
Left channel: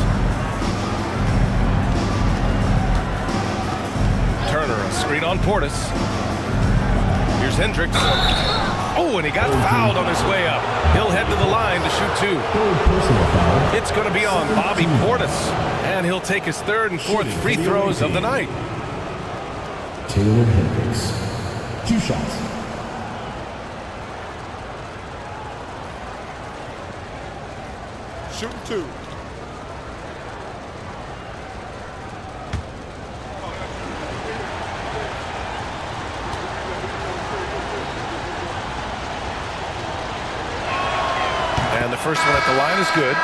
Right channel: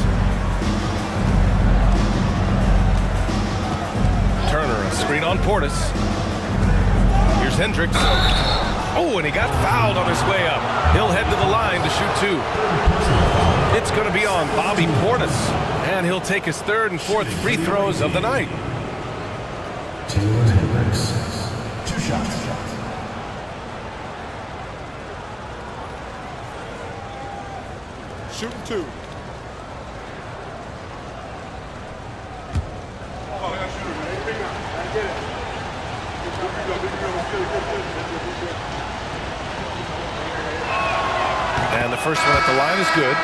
Turner, a screen on Portis. Here's Hendricks. Oh, and he got fouled on his way up. He'll head to the line to shoot 2. It's going to be on Bobby Portis. And he'll take his 3rd and 4th free throws of the night. Taylor Hendricks, 2 shots. Shooting 2. And the first one at the line is good.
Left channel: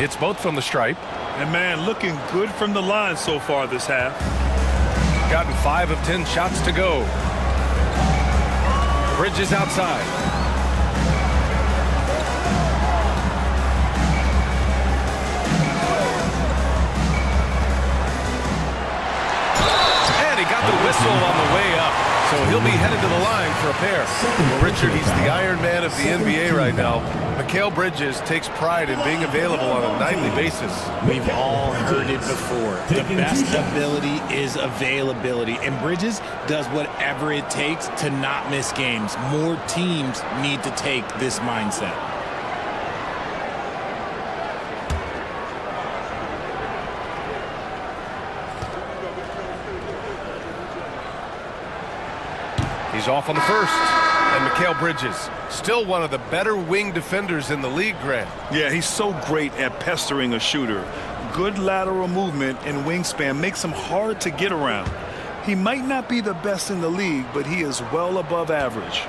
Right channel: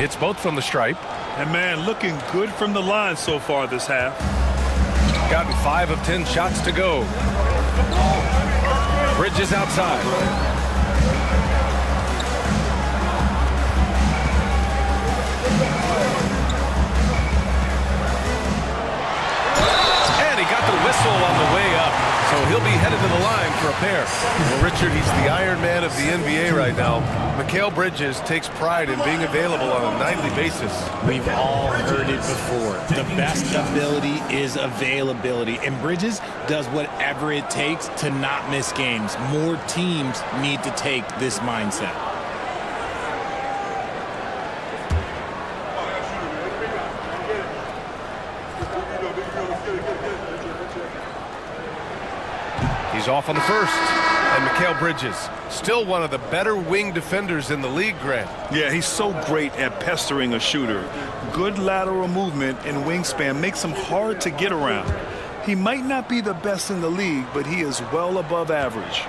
It's both from the stripe. And man, looking good from the line so far this half. Gotten 5 of 10 shots to go. Bridges outside. And he got the whistle on the way up. So he'll be headed to the line for a pair. Well, Richard, he's the Iron Man of the NBA right now. Mikal Bridges takes pride in being available on a nightly basis. We've all heard it before. The best ability is availability. And Bridges does whatever it takes to not miss games. More teams need to take this mindset. He's off on the first. And Mikal Bridges, still one of the better wing defenders in the league, Grant. Yeah, he's so great at pestering a shooter. Good lateral movement and wingspan makes him hard to get around. He might not be the best in the league, but he is well above average.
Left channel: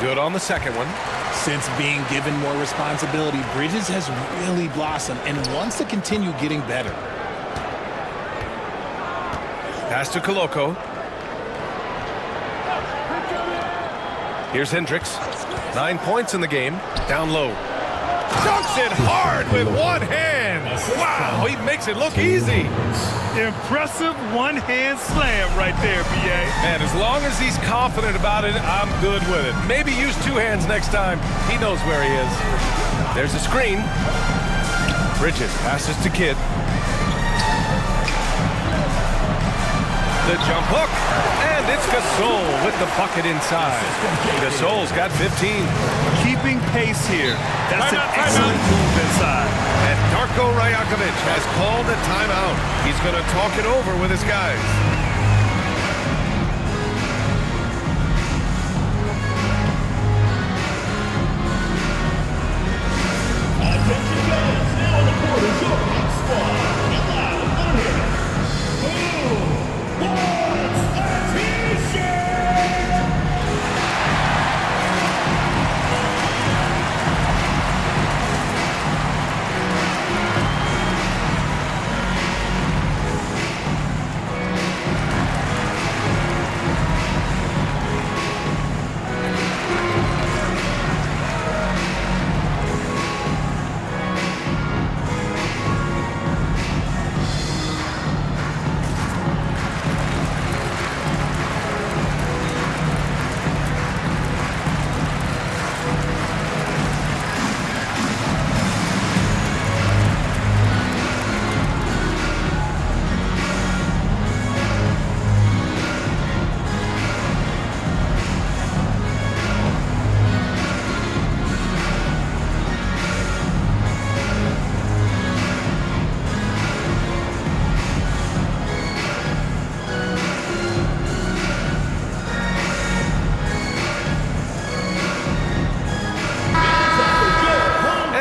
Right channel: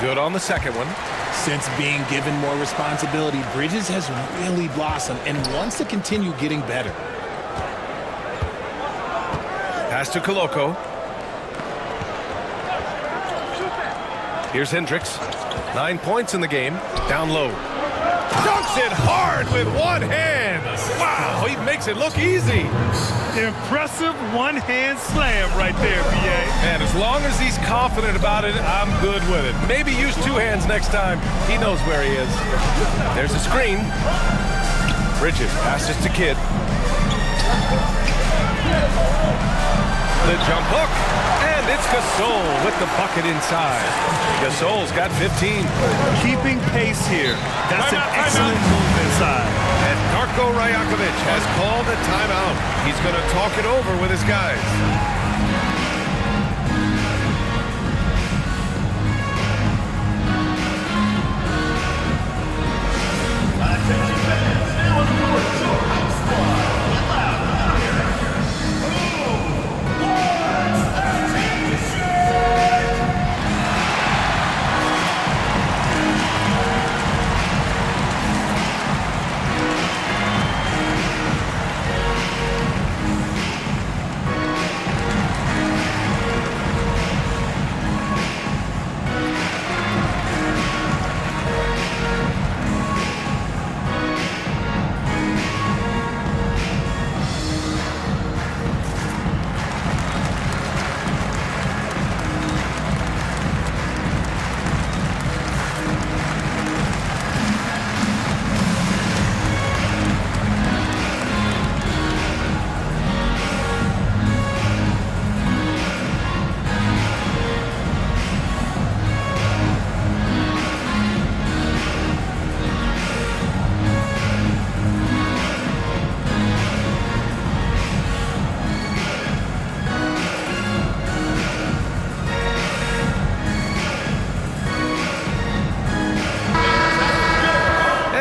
Good on the second one. Since being given more responsibility, Bridges has really blossomed and wants to continue getting better. Pass to Koloko. Here's Hendricks. 9 points in the game. Down low. Dunks it hard with one hand. Wow, he makes it look easy. Impressive one-hand slam right there, B.A. And as long as he's confident about it, I'm good with it. Maybe use 2 hands next time. He knows where he is. There's a screen. Bridges passes to Kidd. The jump hook, and it's Gasol with the bucket inside. Gasol's got 15. Keeping pace here. That's an excellent move inside. And Darko Rajakovic has called a timeout. He's going to talk it over with his guys.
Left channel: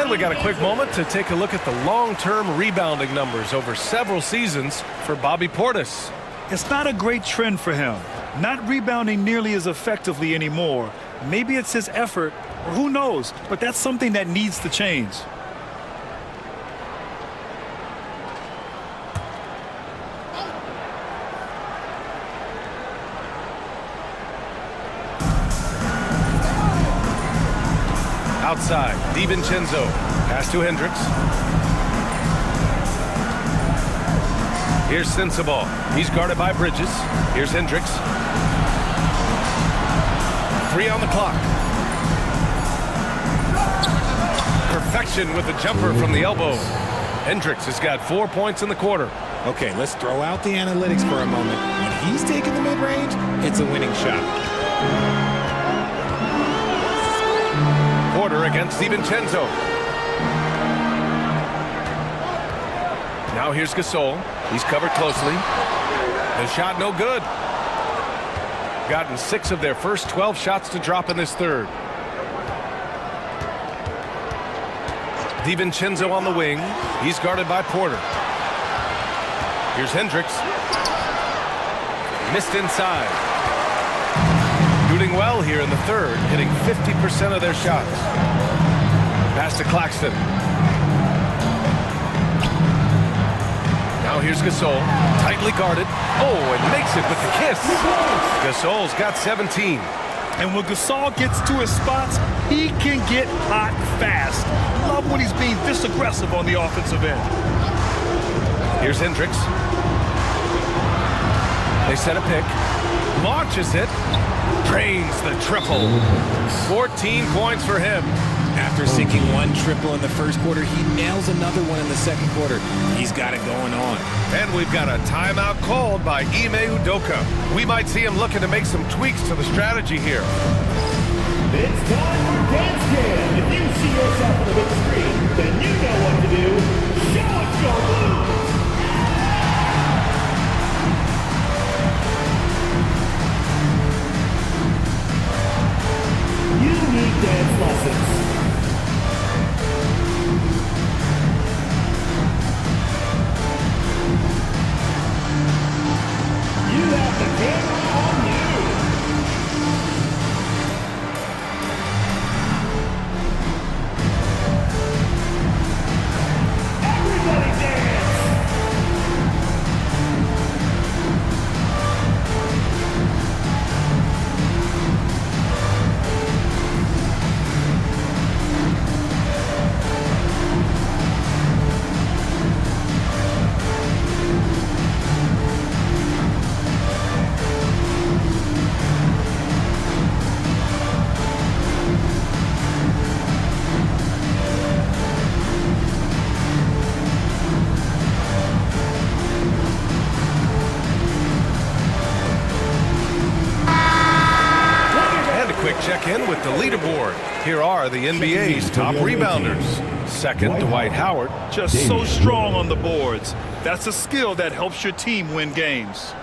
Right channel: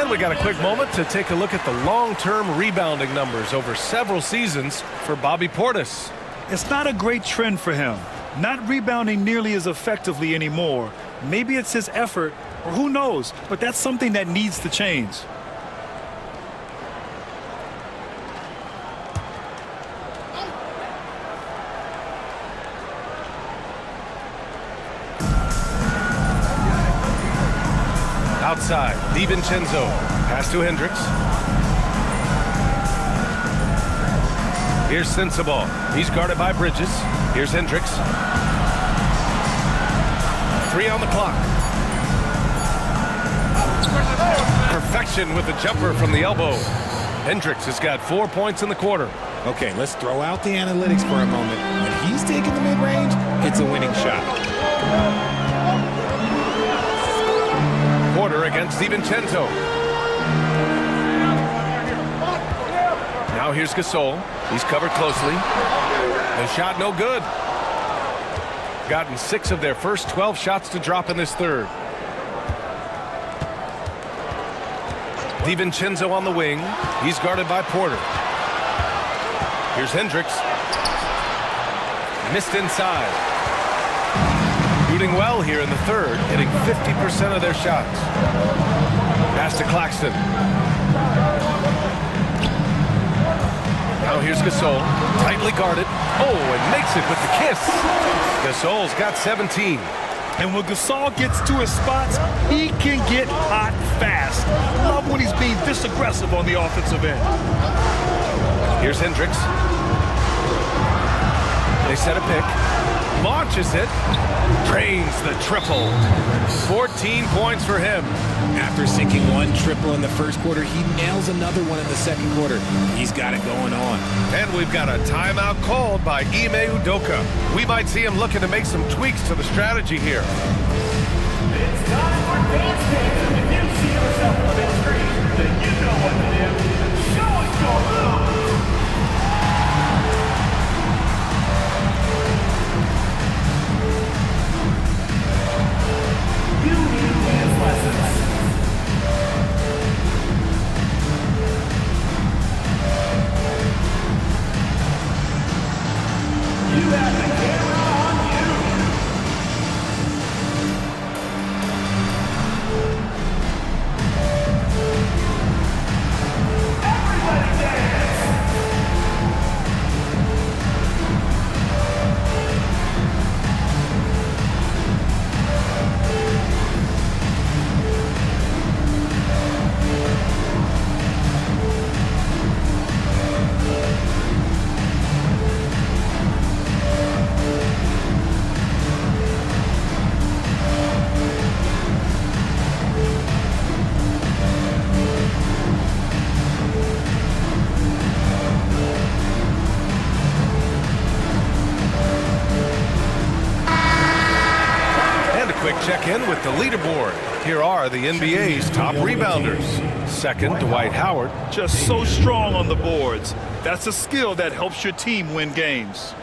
We got a quick moment to take a look at the long-term rebounding numbers over several seasons for Bobby Portis. It's not a great trend for him. Not rebounding nearly as effectively anymore. Maybe it's his effort, or who knows, but that's something that needs to change. Outside, DiVincenzo. Pass to Hendricks. Here's Sensabaugh. He's guarded by Bridges. Here's Hendricks. 3 on the clock. Perfection with the jumper from the elbow. Hendricks has got 4 points in the quarter. Okay, let's throw out the analytics for a moment. When he's taking the mid-range, it's a winning shot. Porter against DiVincenzo. Now here's Gasol. He's covered closely. The shot no good. Gotten 6 of their first 12 shots to drop in this third. DiVincenzo on the wing. He's guarded by Porter. Here's Hendricks. Missed inside. Shooting well here in the third, hitting 50% of their shots. Pass to Claxton. Now here's Gasol, tightly guarded. Oh, and makes it with the kiss. Gasol's got 17. And when Gasol gets to his spots, he can get hot fast. Love when he's being this aggressive on the offensive end. Here's Hendricks. They set a pick. Launches it. Drains the triple. 14 points for him. After sinking 1 triple in the first quarter, he nails another one in the second quarter. He's got it going on. And we've got a timeout called by Ime Udoka. We might see him looking to make some tweaks to the strategy here. It's time for Dance Cam. If you see yourself on the big screen, then you know what to do. Show us your moves. You need dance lessons. You have the camera on you. Everybody dance. check in with the leaderboard. Here are the NBA's top rebounders. Second, Dwight Howard. Just so strong on the boards. That's a skill that helps your team win games.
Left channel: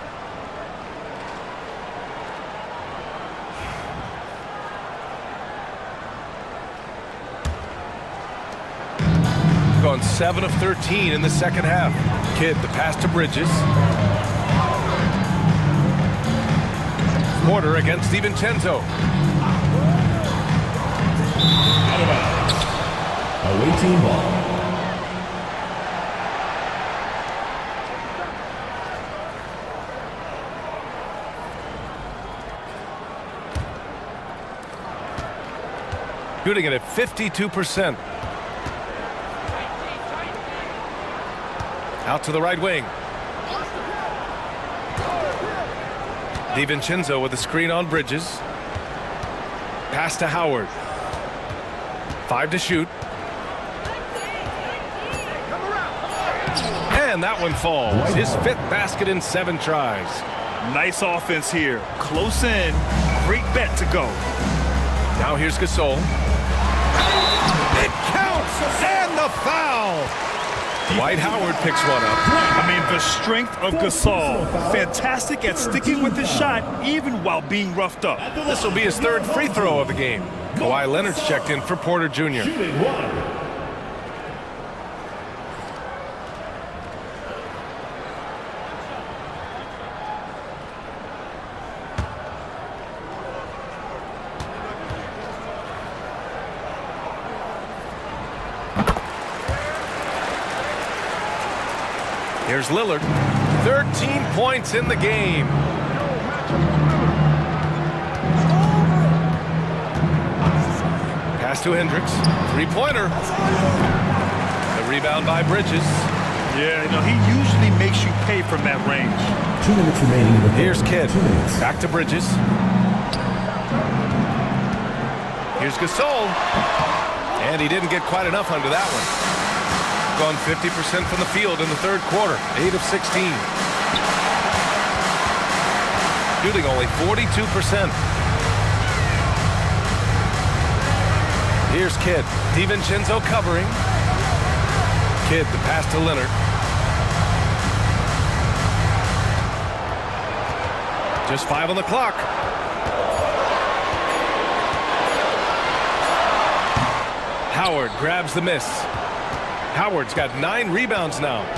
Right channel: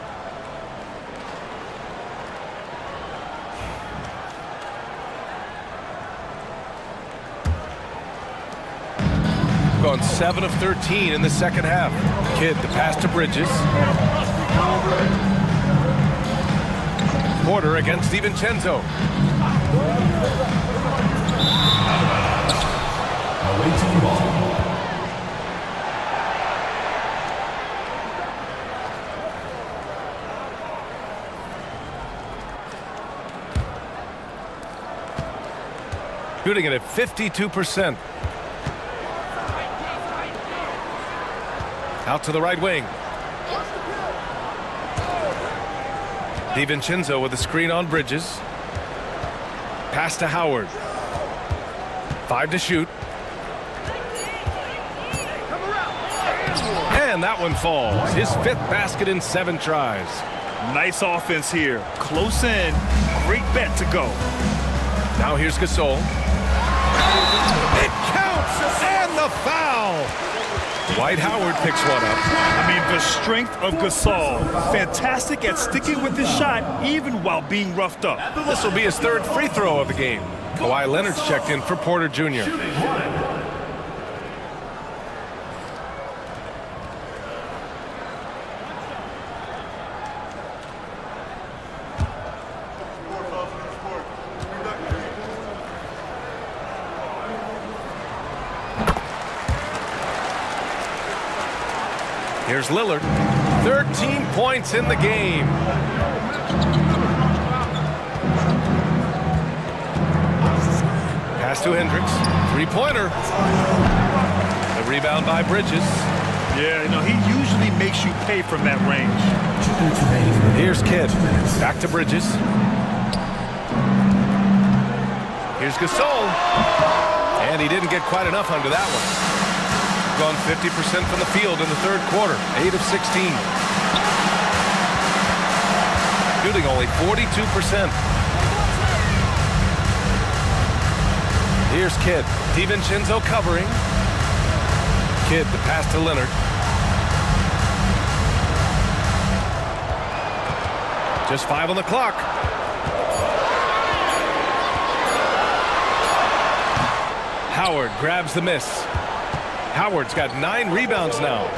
Gone 7 of 13 in the second half. Kidd, the pass to Bridges. Porter against DiVincenzo. Away team ball. Shooting it at 52%. Out to the right wing. DiVincenzo with a screen on Bridges. Pass to Howard. 5 to shoot. And that one falls. His 5th basket in 7 tries. Nice offense here. Close in. Great bet to go. Now here's Gasol. It counts! And the foul! Dwight Howard picks one up. I mean, the strength of Gasol. Fantastic at sticking with his shot, even while being roughed up. This will be his 3rd free throw of the game. Kawhi Leonard's checked in for Porter Jr. Here's Lillard. 13 points in the game. Pass to Hendricks. 3-pointer. The rebound by Bridges. Yeah, you know, he usually makes you pay from that range. 2 minutes remaining. Here's Kidd. 2 minutes. Back to Bridges. Here's Gasol. And he didn't get quite enough under that one. Gone 50% from the field in the 3rd quarter. 8 of 16. Shooting only 42%. Here's Kidd. DiVincenzo covering. Kidd, the pass to Leonard. Just 5 on the clock. Howard grabs the miss. Howard's got 9 rebounds now.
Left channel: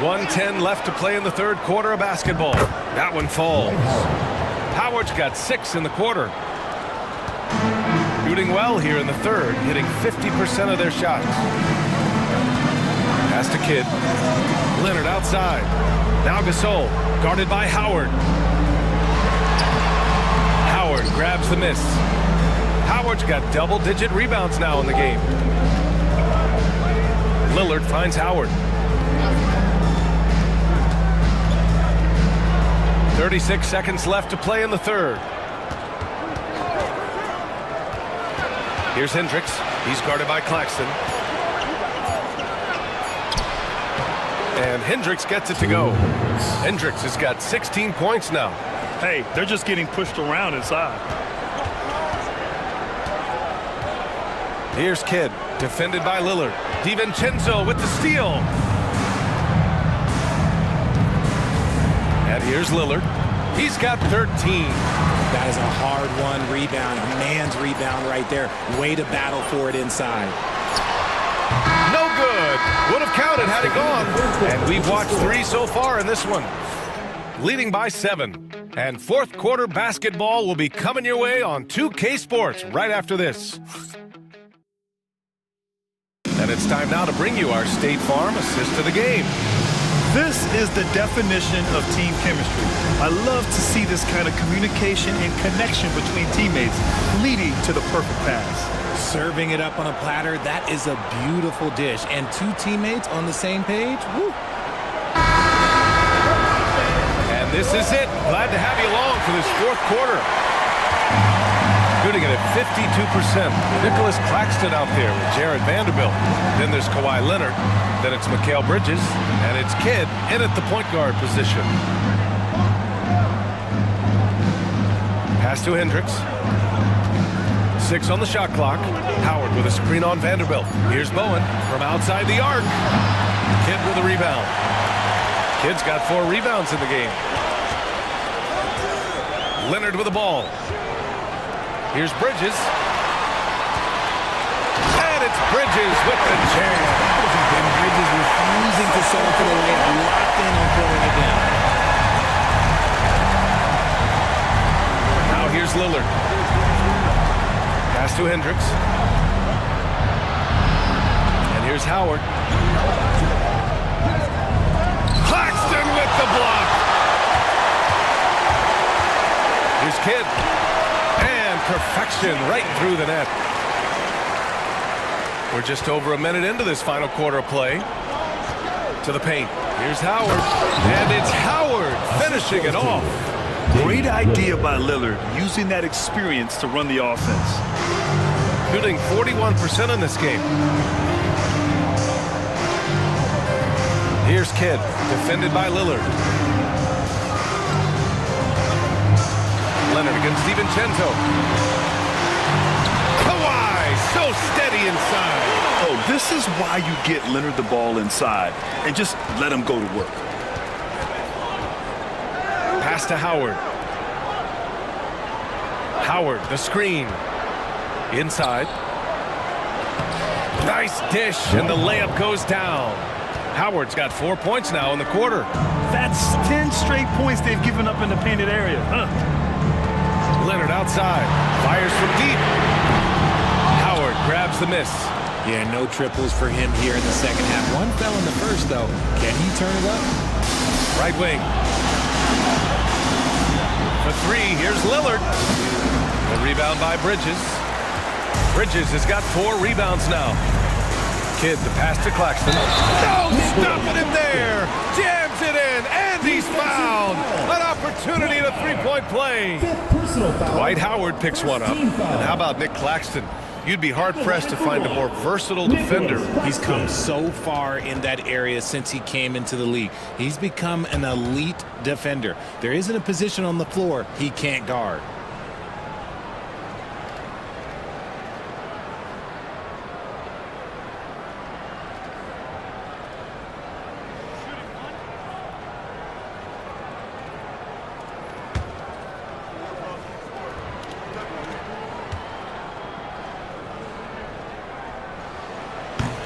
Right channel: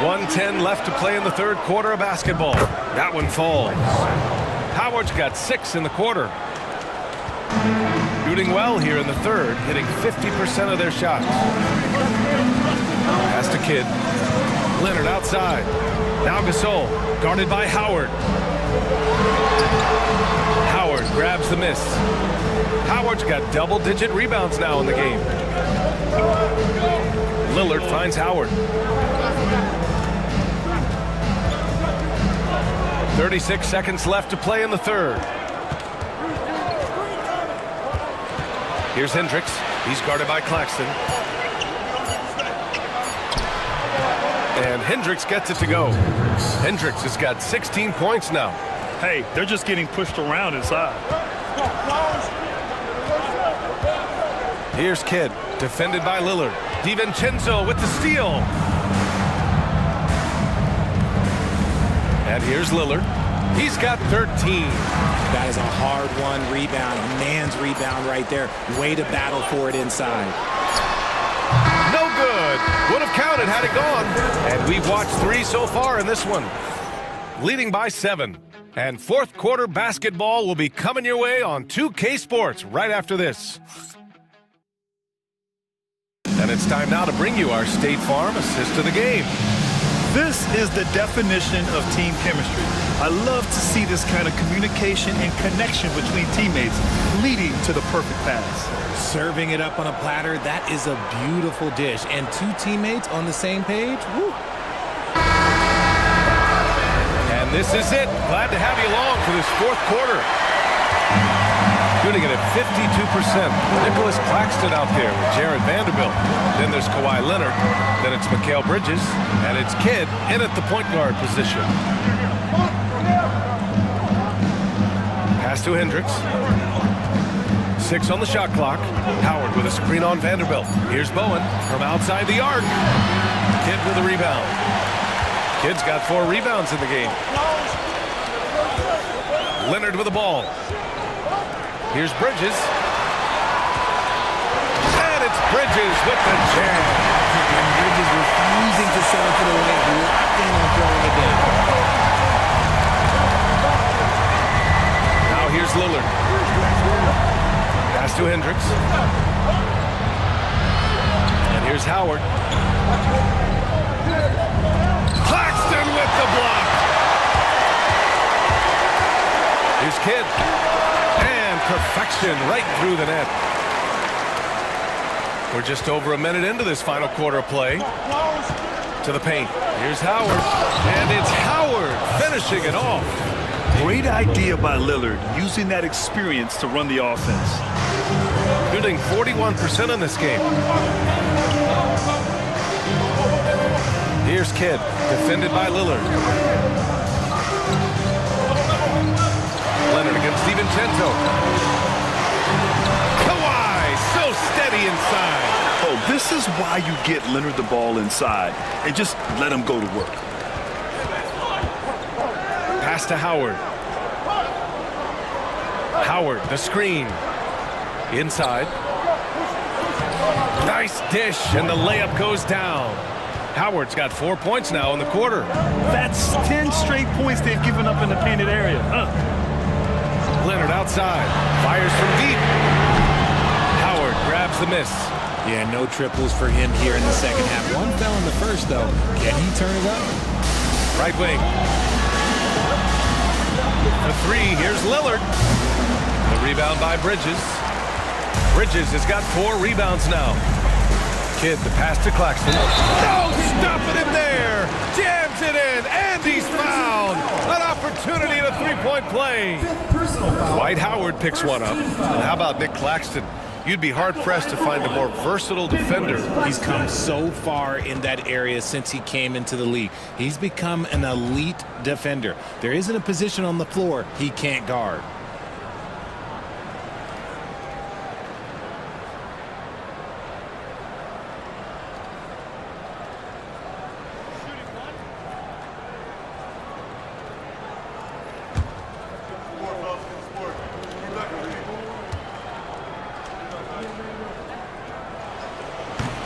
1:10 left to play in the 3rd quarter of basketball. That one falls. Howard's got 6 in the quarter. Shooting well here in the 3rd, hitting 50% of their shots. Pass to Kidd. Leonard outside. Now Gasol, guarded by Howard. Howard grabs the miss. Howard's got double-digit rebounds now in the game. Lillard finds Howard. 36 seconds left to play in the 3rd. Here's Hendricks. He's guarded by Claxton. And Hendricks gets it to go. Hendricks has got 16 points now. Hey, they're just getting pushed around inside. Here's Kidd, defended by Lillard. DiVincenzo with the steal. And here's Lillard. He's got 13. That is a hard-won rebound, a man's rebound right there. Way to battle for it inside. No good. Would have counted had it gone. And we've watched 3 so far in this one. Leading by 7. And 4th quarter basketball will be coming your way on 2K Sports right after this. And it's time now to bring you our State Farm assist to the game. This is the definition of team chemistry. I love to see this kind of communication and connection between teammates leading to the perfect pass. Serving it up on a platter, that is a beautiful dish. And 2 teammates on the same page, woo. And this is it. Glad to have you along for this 4th quarter. shooting it at 52%. Nicholas Claxton out there with Jared Vanderbilt. Then there's Kawhi Leonard. Then it's Mikal Bridges. And it's Kidd in at the point guard position. Pass to Hendricks. 6 on the shot clock. Howard with a screen on Vanderbilt. Here's Bowen from outside the arc. Kidd with a rebound. Kidd's got 4 rebounds in the game. Leonard with the ball. Here's Bridges. And it's Bridges with the jam. And Bridges refusing to settle for the layup. Locked in on throwing it down. Now here's Lillard. Pass to Hendricks. And here's Howard. Claxton with the block. Here's Kidd. And perfection right through the net. We're just over a minute into this final quarter of play. To the paint. Here's Howard. And it's Howard finishing it off. Great idea by Lillard, using that experience to run the offense. Shooting 41% in this game. Here's Kidd, defended by Lillard. Leonard against DiVincenzo. Kawhi, so steady inside. Oh, this is why you get Leonard the ball inside and just let him go to work. Pass to Howard. Howard, the screen. Inside. Nice dish, and the layup goes down. Howard's got 4 points now in the quarter. That's 10 straight points they've given up in the painted area. Leonard outside. Fires from deep. Howard grabs the miss. Yeah, no triples for him here in the second half. One fell in the first, though. Can he turn it up? Right wing. For 3, here's Lillard. The rebound by Bridges. Bridges has got 4 rebounds now. Kidd, the pass to Claxton. No, stopping him there. Jams it in, and he's fouled. An opportunity at a 3-point play. Dwight Howard picks one up. And how about Nick Claxton? You'd be hard-pressed to find a more versatile defender. He's come so far in that area since he came into the league. He's become an elite defender. There isn't a position on the floor he can't guard.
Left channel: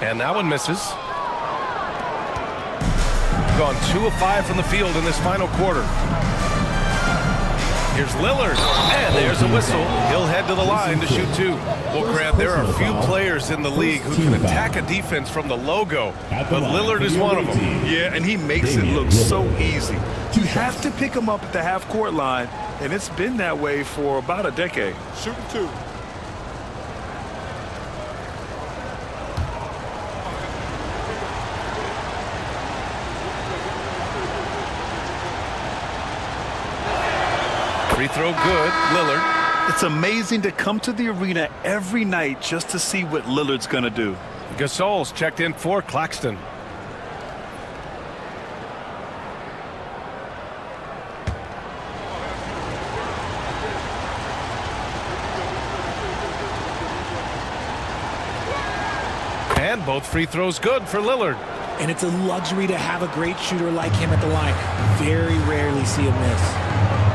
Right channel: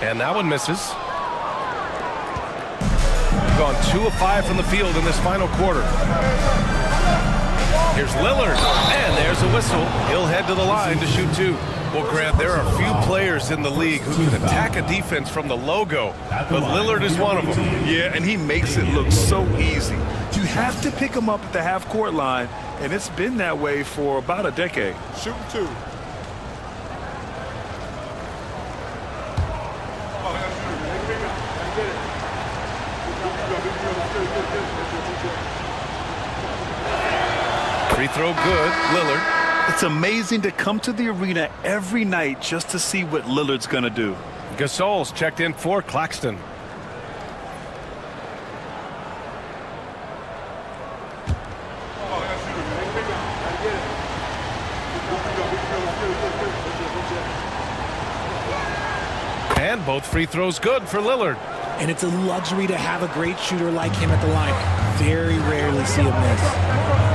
And that one misses. Gone 2 of 5 from the field in this final quarter. Here's Lillard, and there's a whistle. He'll head to the line to shoot 2. Well, Grant, there are few players in the league who can attack a defense from the logo, but Lillard is one of them. Yeah, and he makes it look so easy. You have to pick him up at the half-court line, and it's been that way for about a decade. Shooting 2. Free throw good, Lillard. It's amazing to come to the arena every night just to see what Lillard's going to do. Gasol's checked in for Claxton. And both free throws good for Lillard. And it's a luxury to have a great shooter like him at the line. Very rarely see him miss.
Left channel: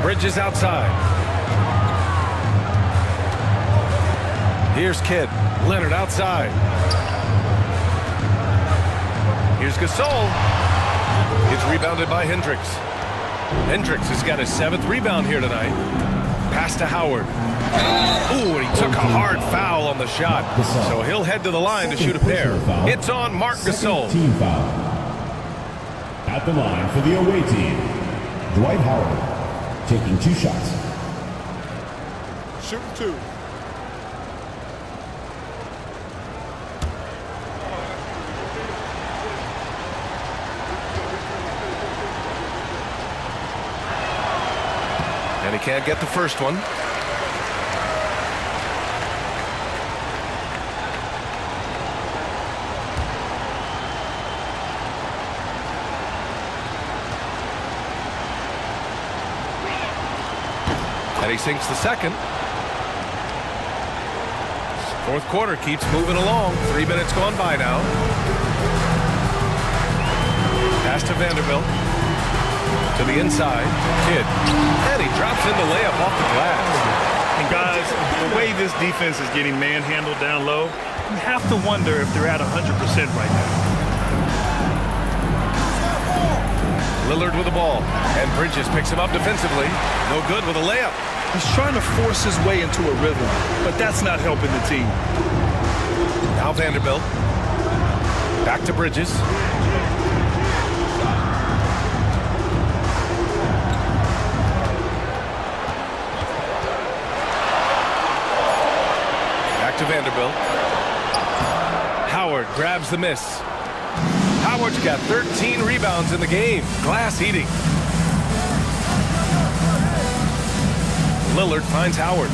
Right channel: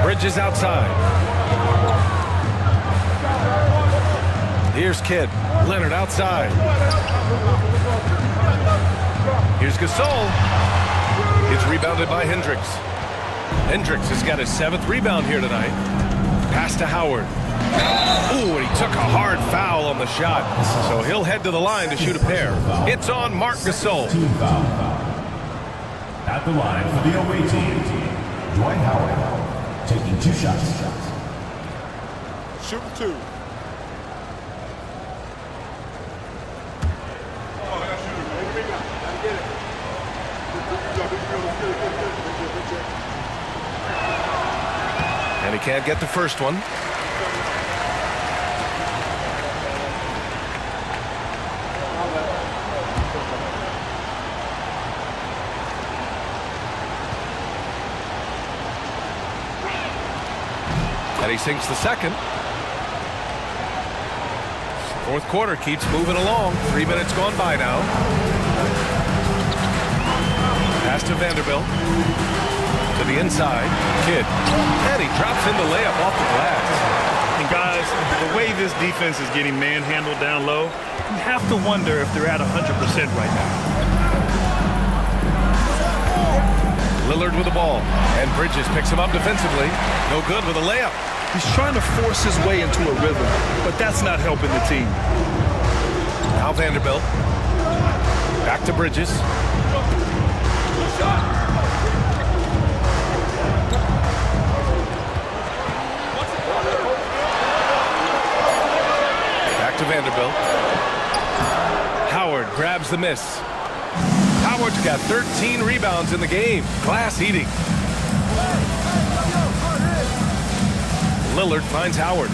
Bridges outside. Here's Kidd. Leonard outside. Here's Gasol. It's rebounded by Hendricks. Hendricks has got his 7th rebound here tonight. Pass to Howard. Ooh, and he took a hard foul on the shot. So he'll head to the line to shoot a pair. It's on Marc Gasol. Team foul. At the line for the away team, Dwight Howard, taking 2 shots. Shooting 2. And he can't get the first one. And he sinks the second. Fourth quarter keeps moving along. 3 minutes gone by now. Pass to Vanderbilt. To the inside. Kidd. And he drops in the layup off the glass. And guys, the way this defense is getting manhandled down low, you have to wonder if they're at 100% right now. Lillard with the ball. And Bridges picks him up defensively. No good with a layup. He's trying to force his way into a rhythm, but that's not helping the team. Now Vanderbilt. Back to Bridges. Back to Vanderbilt. Howard grabs the miss. Howard's got 13 rebounds in the game. Glass eating. Lillard finds Howard.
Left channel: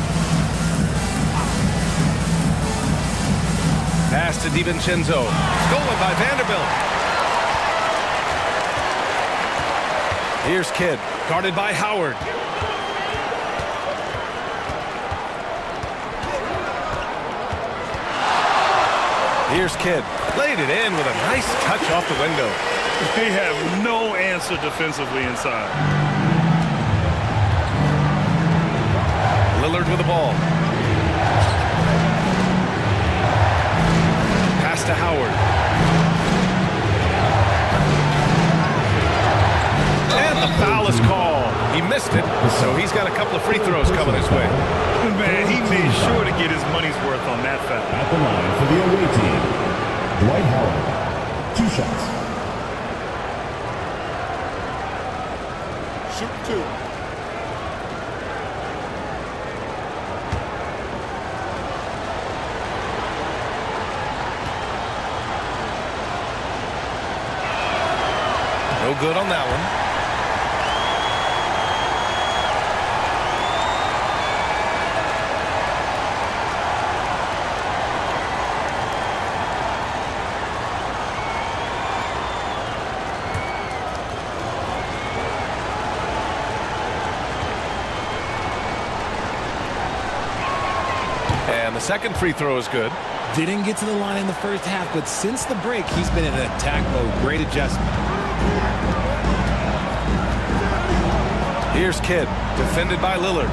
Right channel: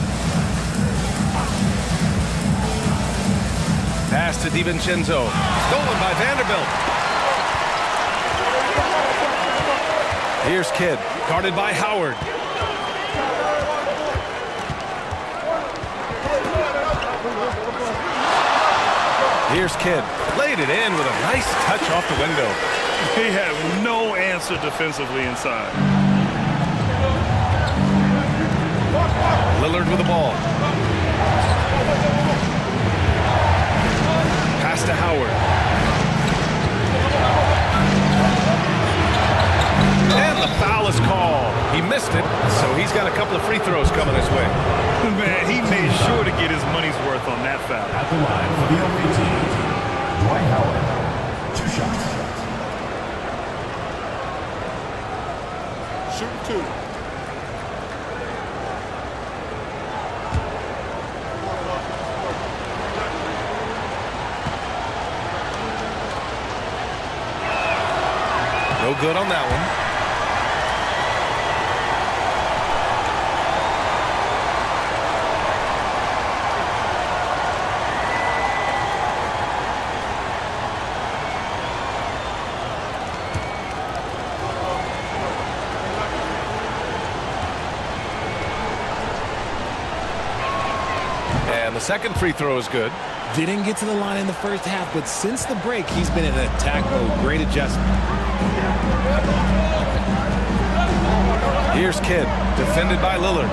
Pass to DiVincenzo. Stolen by Vanderbilt. Here's Kidd. Guarded by Howard. Here's Kidd. Laid it in with a nice touch off the window. They have no answer defensively inside. Lillard with the ball. Pass to Howard. And the foul is called. He missed it, so he's got a couple of free throws coming his way. Man, he made sure to get his money's worth on that foul. At the line for the away team, Dwight Howard. 2 shots. Shooting 2. No good on that one. And the second free throw is good. Didn't get to the line in the first half, but since the break, he's been in attack mode. Great adjustment. Here's Kidd, defended by Lillard.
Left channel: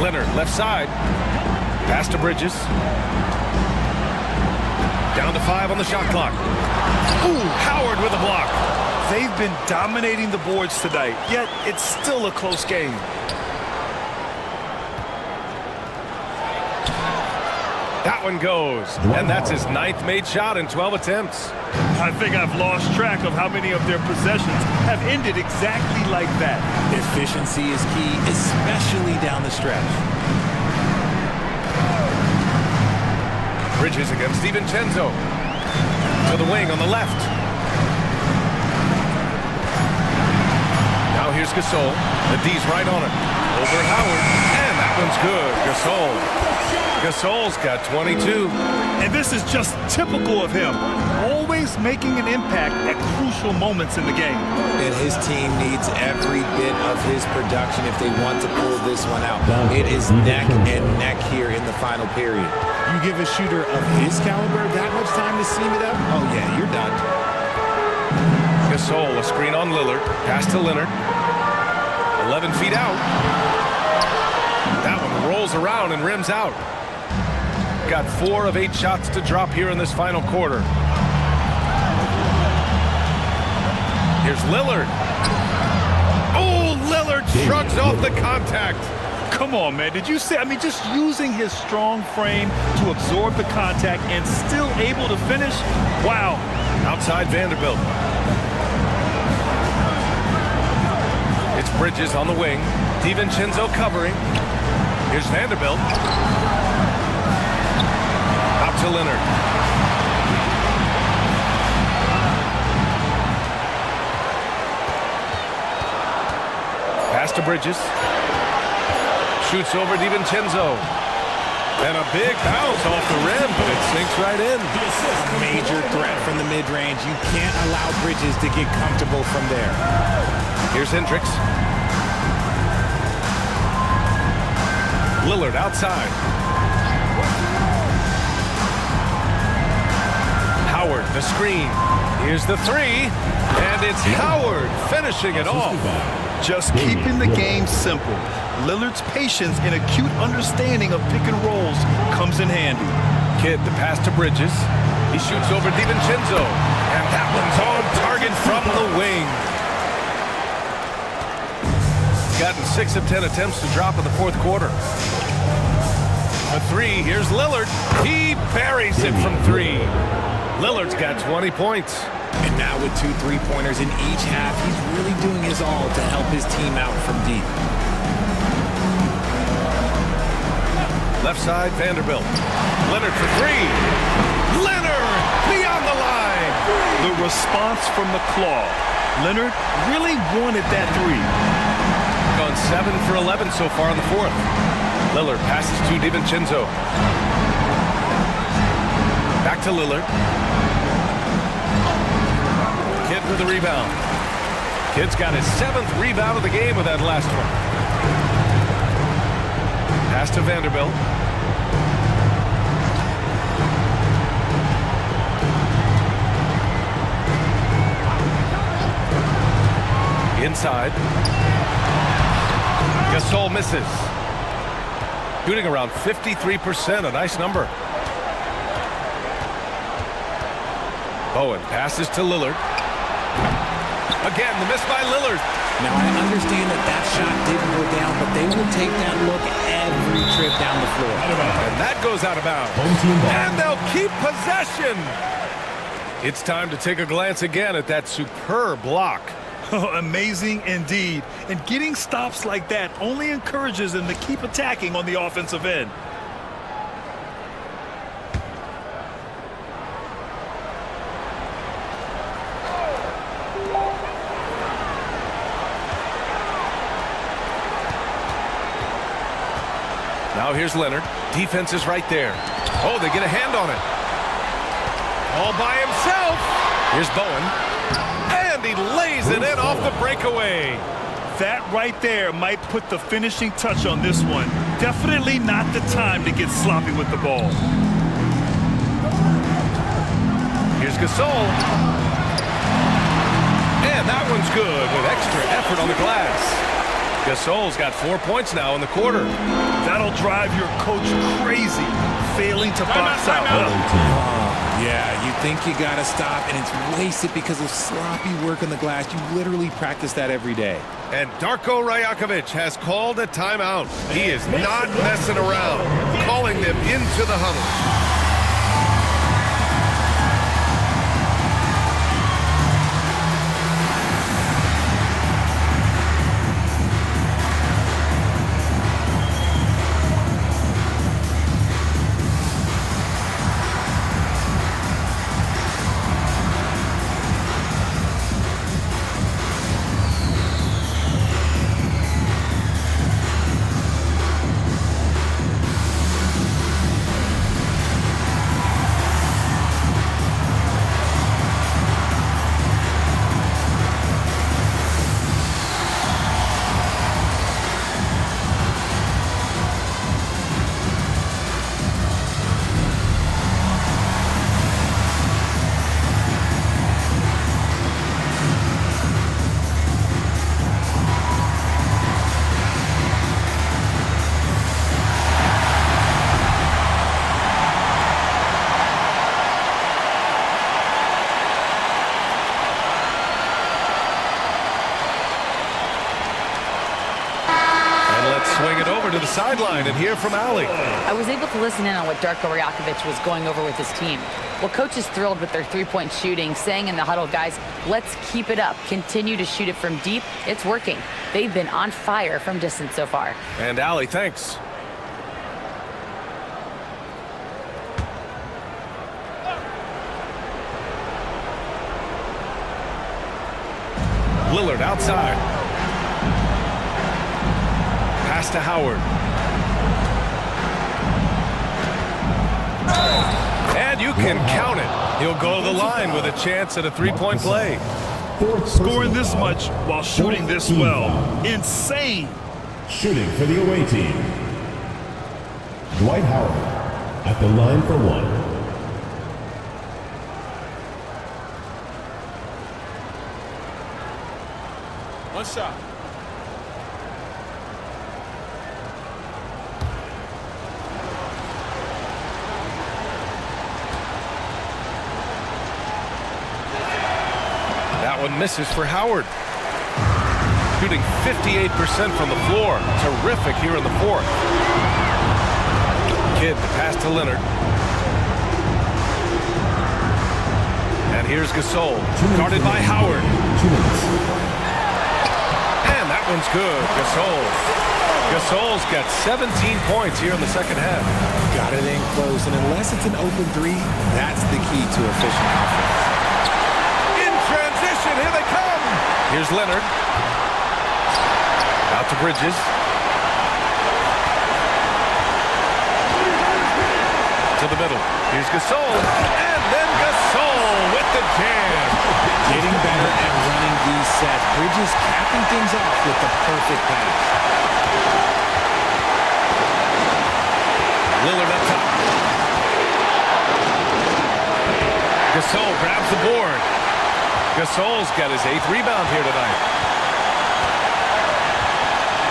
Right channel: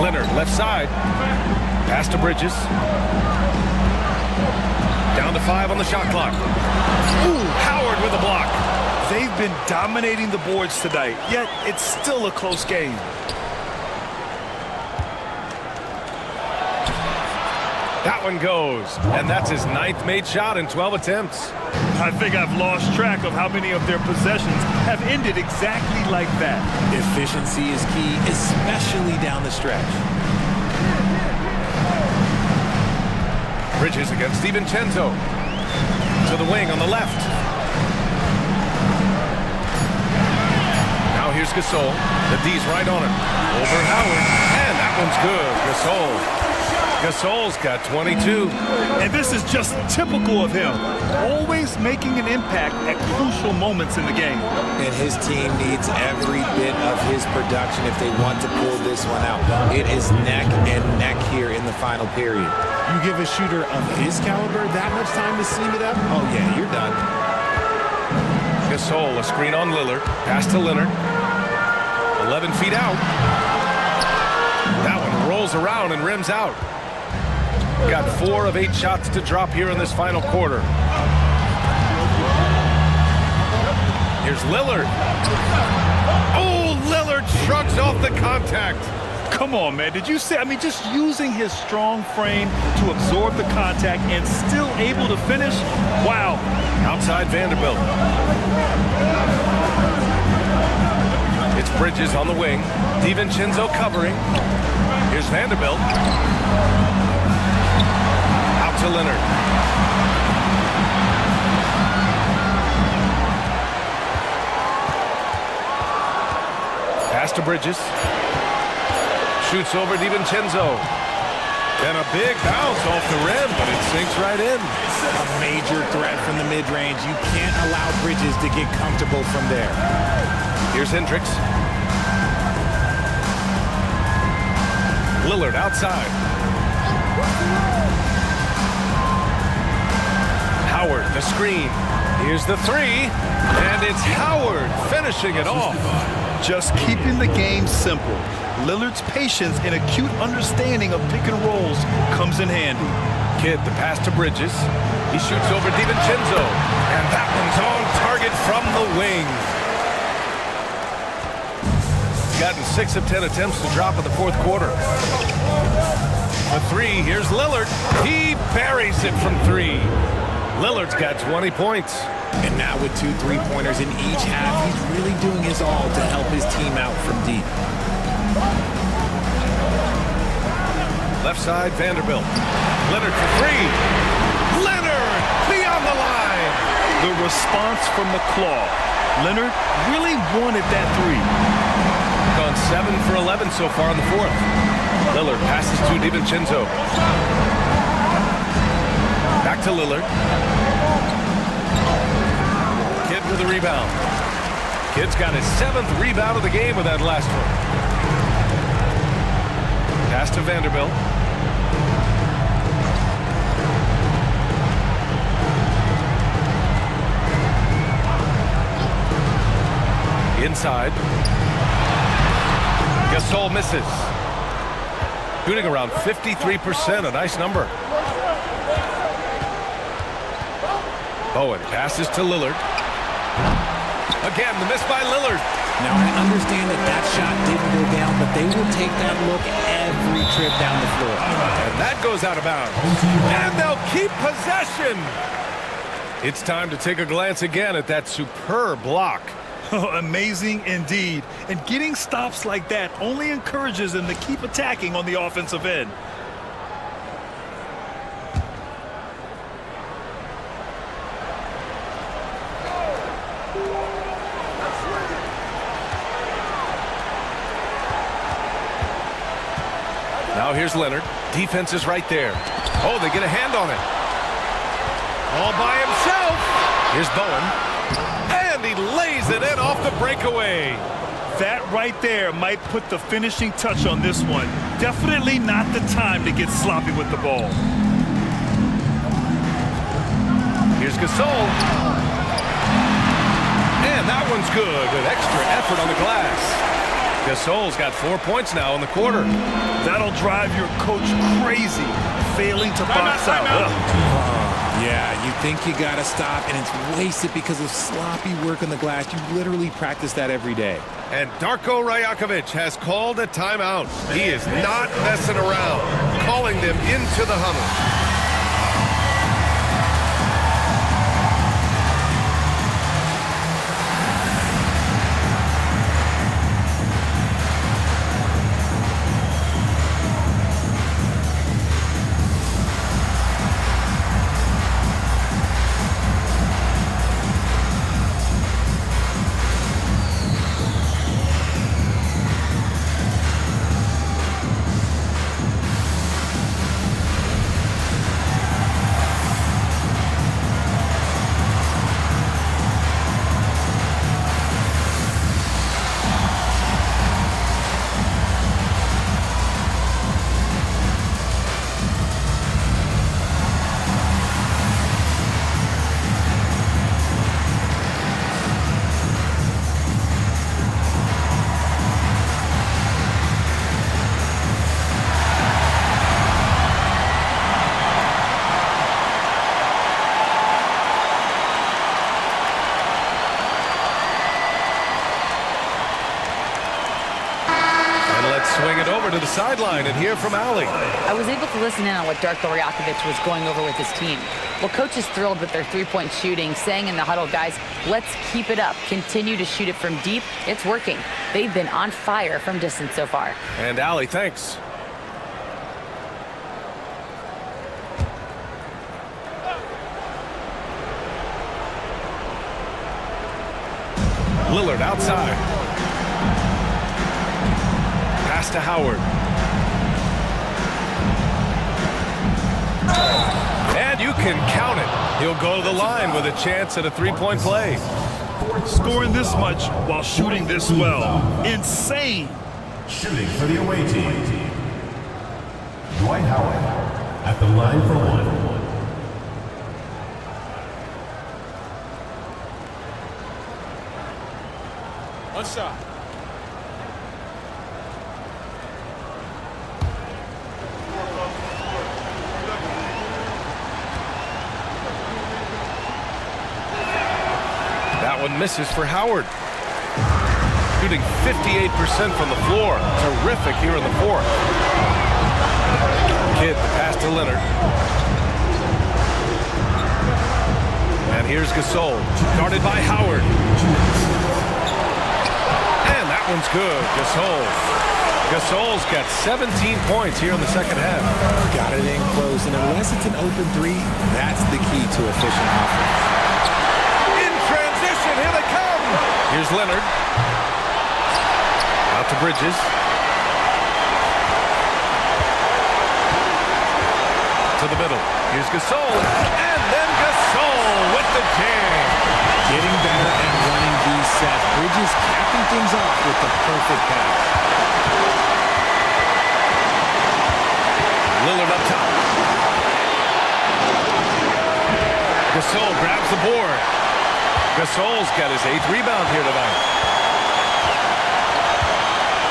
Leonard, left side. Pass to Bridges. Down to 5 on the shot clock. Ooh, Howard with a block. They've been dominating the boards tonight, yet it's still a close game. That one goes, and that's his 9th made shot in 12 attempts. I think I've lost track of how many of their possessions have ended exactly like that. Efficiency is key, especially down the stretch. Bridges against DiVincenzo. To the wing on the left. Now here's Gasol. The D's right on it. Over Howard, and that one's good. Gasol. Gasol's got 22. And this is just typical of him. Always making an impact at crucial moments in the game. And his team needs every bit of his production if they want to pull this one out. It is neck and neck here in the final period. You give a shooter of his caliber that much time to seam it up, oh yeah, you're done. Gasol, a screen on Lillard. Pass to Leonard. 11 feet out. That one rolls around and rims out. Got 4 of 8 shots to drop here in this final quarter. Here's Lillard. Oh, Lillard shrugs off the contact. Come on, man. Did you see? I mean, just using his strong frame to absorb the contact and still able to finish. Wow. Outside Vanderbilt. It's Bridges on the wing. DiVincenzo covering. Here's Vanderbilt. Out to Leonard. Pass to Bridges. Shoots over DiVincenzo. And a big bounce off the rim, but it sinks right in. A major threat from the mid-range. You can't allow Bridges to get comfortable from there. Here's Hendricks. Lillard outside. Howard, the screen. Here's the three. And it's Howard finishing it off. Just keeping the game simple. Lillard's patience and acute understanding of pick and rolls comes in handy. Kidd, the pass to Bridges. He shoots over DiVincenzo. And that one's on target from the wing. He's gotten 6 of 10 attempts to drop in the fourth quarter. For three, here's Lillard. He buries it from three. Lillard's got 20 points. And now with 2 3-pointers in each half, he's really doing his all to help his team out from deep. Left side, Vanderbilt. Leonard for three. Leonard beyond the line. The response from the claw. Leonard really wanted that three. Gone 7 for 11 so far in the fourth. Lillard passes to DiVincenzo. Back to Lillard. Kidd with the rebound. Kidd's got his 7th rebound of the game with that last one. Pass to Vanderbilt. Inside. Gasol misses. Shooting around 53%, a nice number. Bowen passes to Lillard. Again, the miss by Lillard. Now, I understand that shot didn't go down, but they will take that look every trip down the floor. And that goes out of bounds. And they'll keep possession. It's time to take a glance again at that superb block. Amazing indeed. And getting stops like that only encourages them to keep attacking on the offensive end. Now here's Leonard. Defense is right there. Oh, they get a hand on it. All by himself. Here's Bowen. And he lays it in off the breakaway. That right there might put the finishing touch on this one. Definitely not the time to get sloppy with the ball. Here's Gasol. And that one's good with extra effort on the glass. Gasol's got 4 points now in the quarter. That'll drive your coach crazy, failing to box out. Yeah, you think you got to stop, and it's wasted because of sloppy work on the glass. You literally practice that every day. And Darko Rajakovic has called a timeout. He is not messing around, calling them into the huddle. Swing it over to the sideline and hear from Allie. I was able to listen in on what Darko Rajakovic was going over with his team. Well, coach is thrilled with their three-point shooting, saying in the huddle, guys, let's keep it up. Continue to shoot it from deep. It's working. They've been on fire from distance so far. And Allie, thanks. Lillard outside. Pass to Howard. And you can count it. He'll go to the line with a chance at a three-point play. Scoring this much while shooting this well. Insane. Shooting for the away team, Dwight Howard at the line for one. One shot. That one misses for Howard. Shooting 58% from the floor. Terrific here in the fourth. Kidd, the pass to Leonard. And here's Gasol, guarded by Howard. And that one's good. Gasol's got 17 points here in the second half. Got it in close, and unless it's an open three, that's the key to efficient offense. In transition, here they come. Here's Leonard. Out to Bridges. To the middle. Here's Gasol. And then Gasol with the jam. Getting better at running these sets. Bridges capping things off with the perfect pass. Lillard up top. Gasol grabs the board. Gasol's got his 8th rebound here tonight.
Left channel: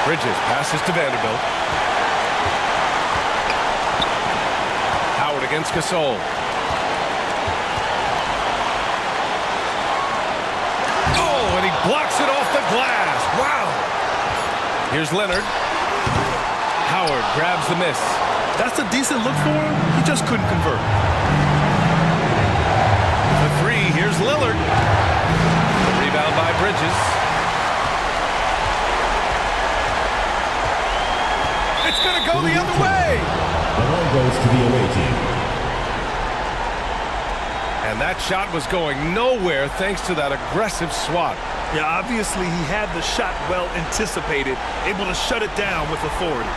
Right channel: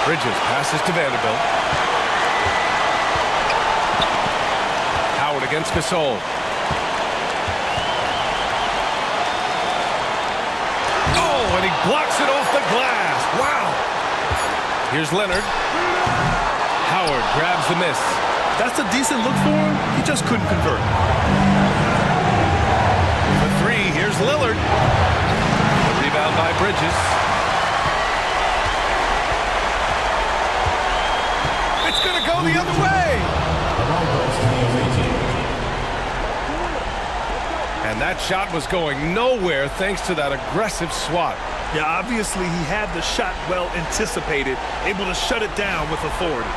Bridges passes to Vanderbilt. Howard against Gasol. Oh, and he blocks it off the glass. Wow. Here's Leonard. Howard grabs the miss. That's a decent look for him. He just couldn't convert. For three, here's Lillard. The rebound by Bridges. It's going to go the other way. The ball goes to the away team. And that shot was going nowhere thanks to that aggressive swat. Yeah, obviously he had the shot well anticipated, able to shut it down with authority.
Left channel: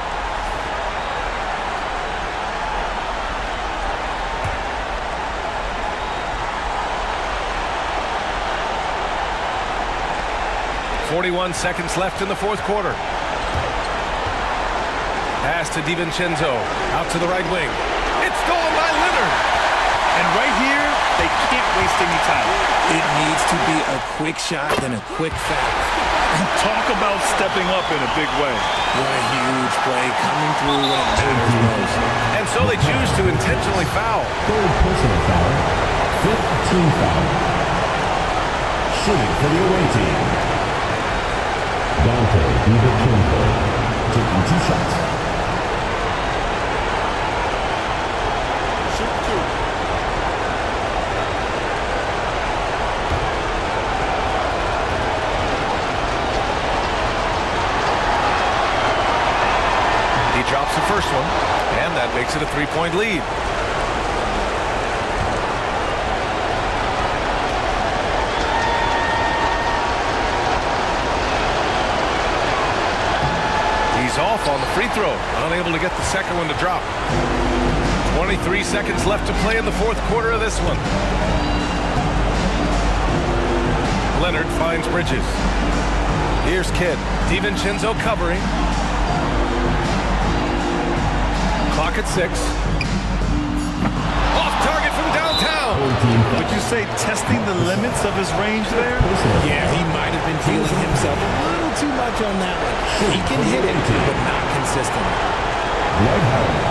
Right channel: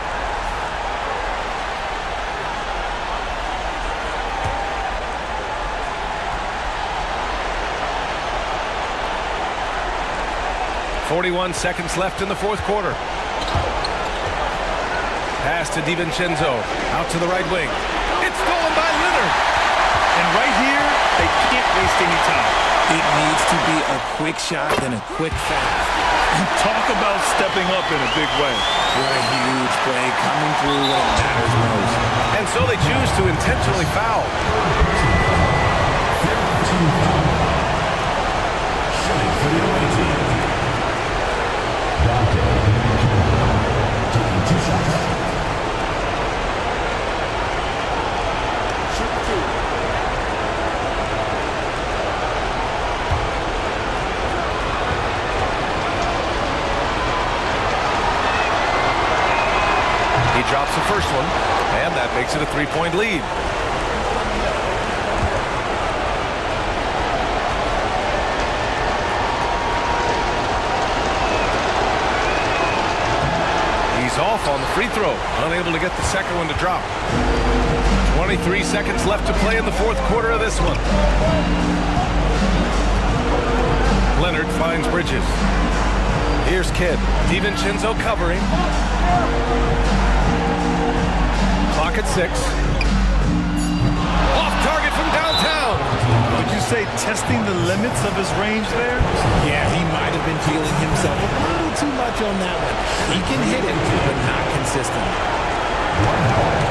.41 seconds left in the fourth quarter. Pass to DiVincenzo. Out to the right wing. It's stolen by Leonard. And right here, they can't waste any time. It needs to be a quick shot and a quick foul. And talk about stepping up in a big way. What a huge play coming through when it matters most. And so they choose to intentionally foul. Third personal foul. 5th team foul. Shooting for the away team, Dante DiVincenzo taking 2 shots. Shoot 2. He drops the first one, and that makes it a 3-point lead. He's off on the free throw, unable to get the second one to drop. 23 seconds left to play in the fourth quarter of this one. Leonard finds Bridges. Here's Kidd. DiVincenzo covering. Clock at 6. Off target from downtown. Would you say testing the limits of his range there? Yeah, he might have been feeling himself a little too much on that one. He can hit it, but not consistently. Dwight Howard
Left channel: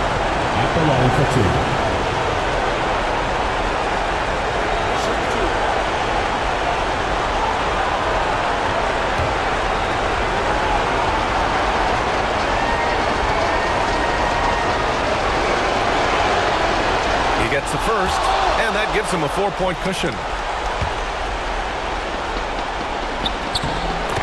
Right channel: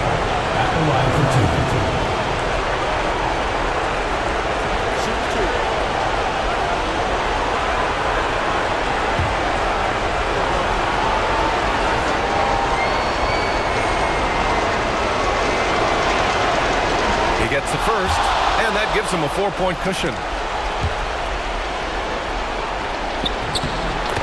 at the line for 2. Shoot 2. He gets the first, and that gives him a 4-point cushion.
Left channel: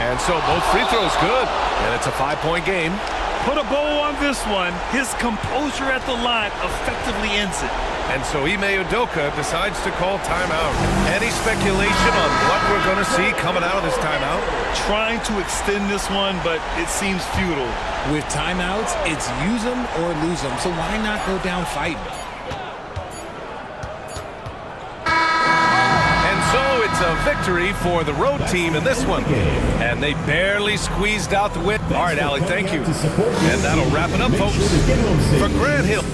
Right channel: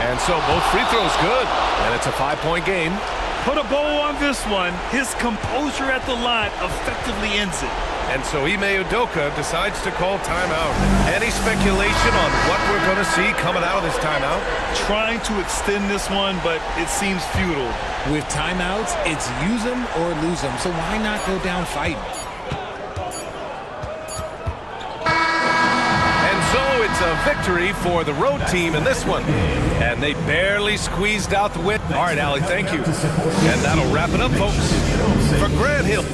And so both free throws good, and it's a 5-point game. Put a bow on this one. His composure at the line effectively ends it. And so Ime Udoka decides to call timeout. Any speculation on what we're going to see coming out of this timeout? Trying to extend this one, but it seems futile. With timeouts, it's use them or lose them, so why not go down fighting? And so it's It's a victory for the road team in this one. And they barely squeezed out the win. All right, Allie, thank you. And that'll wrap it up, folks. For Grant Hill.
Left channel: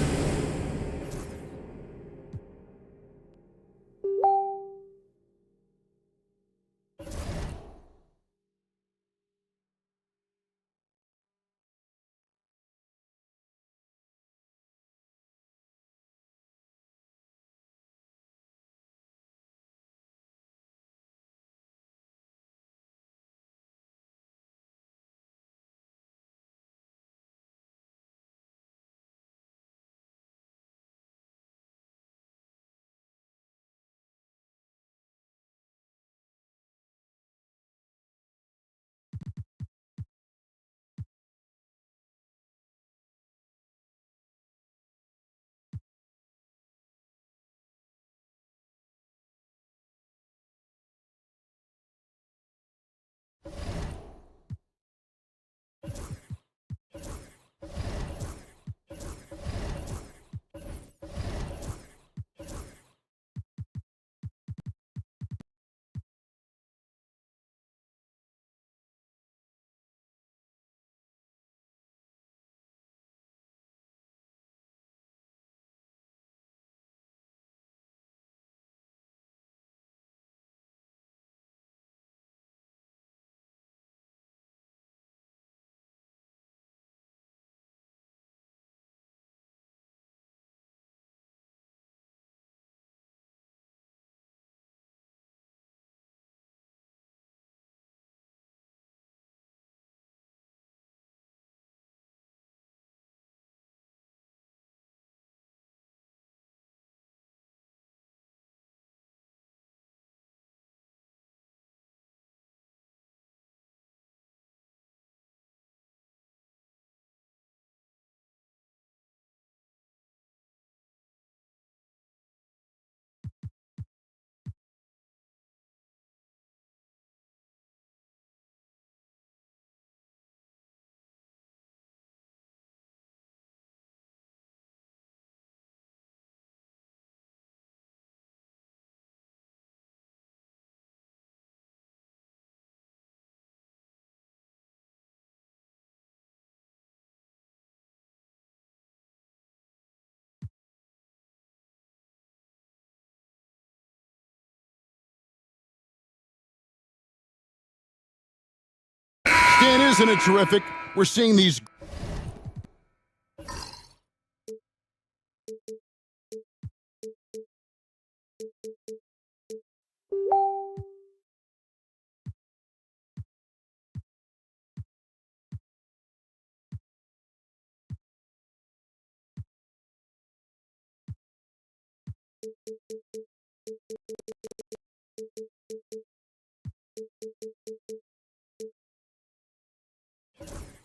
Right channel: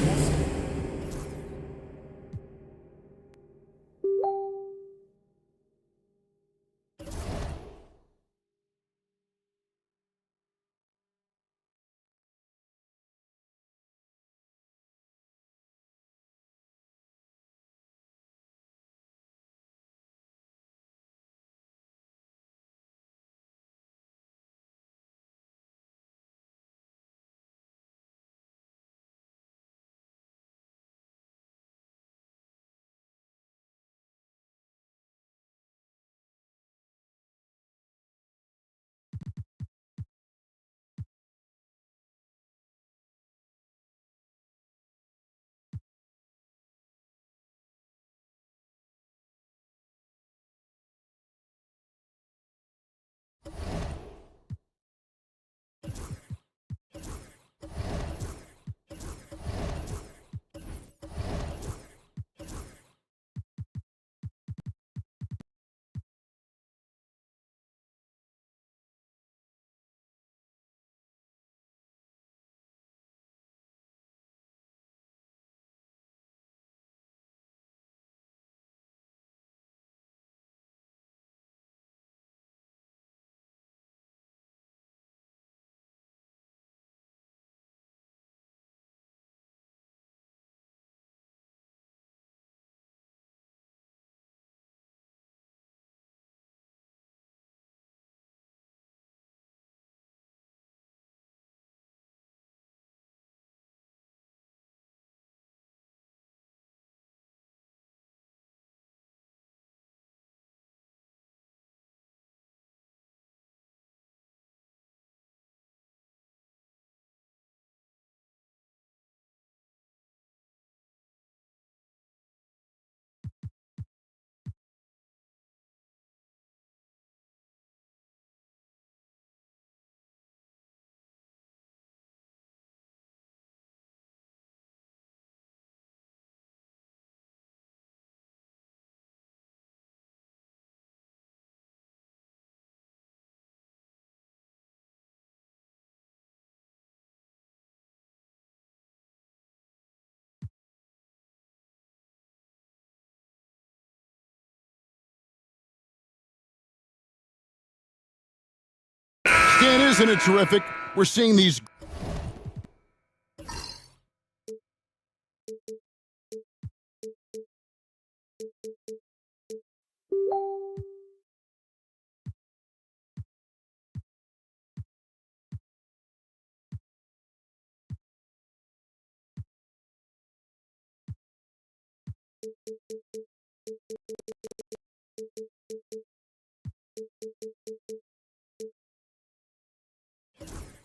Stan, isn't it terrific? We're seeing these...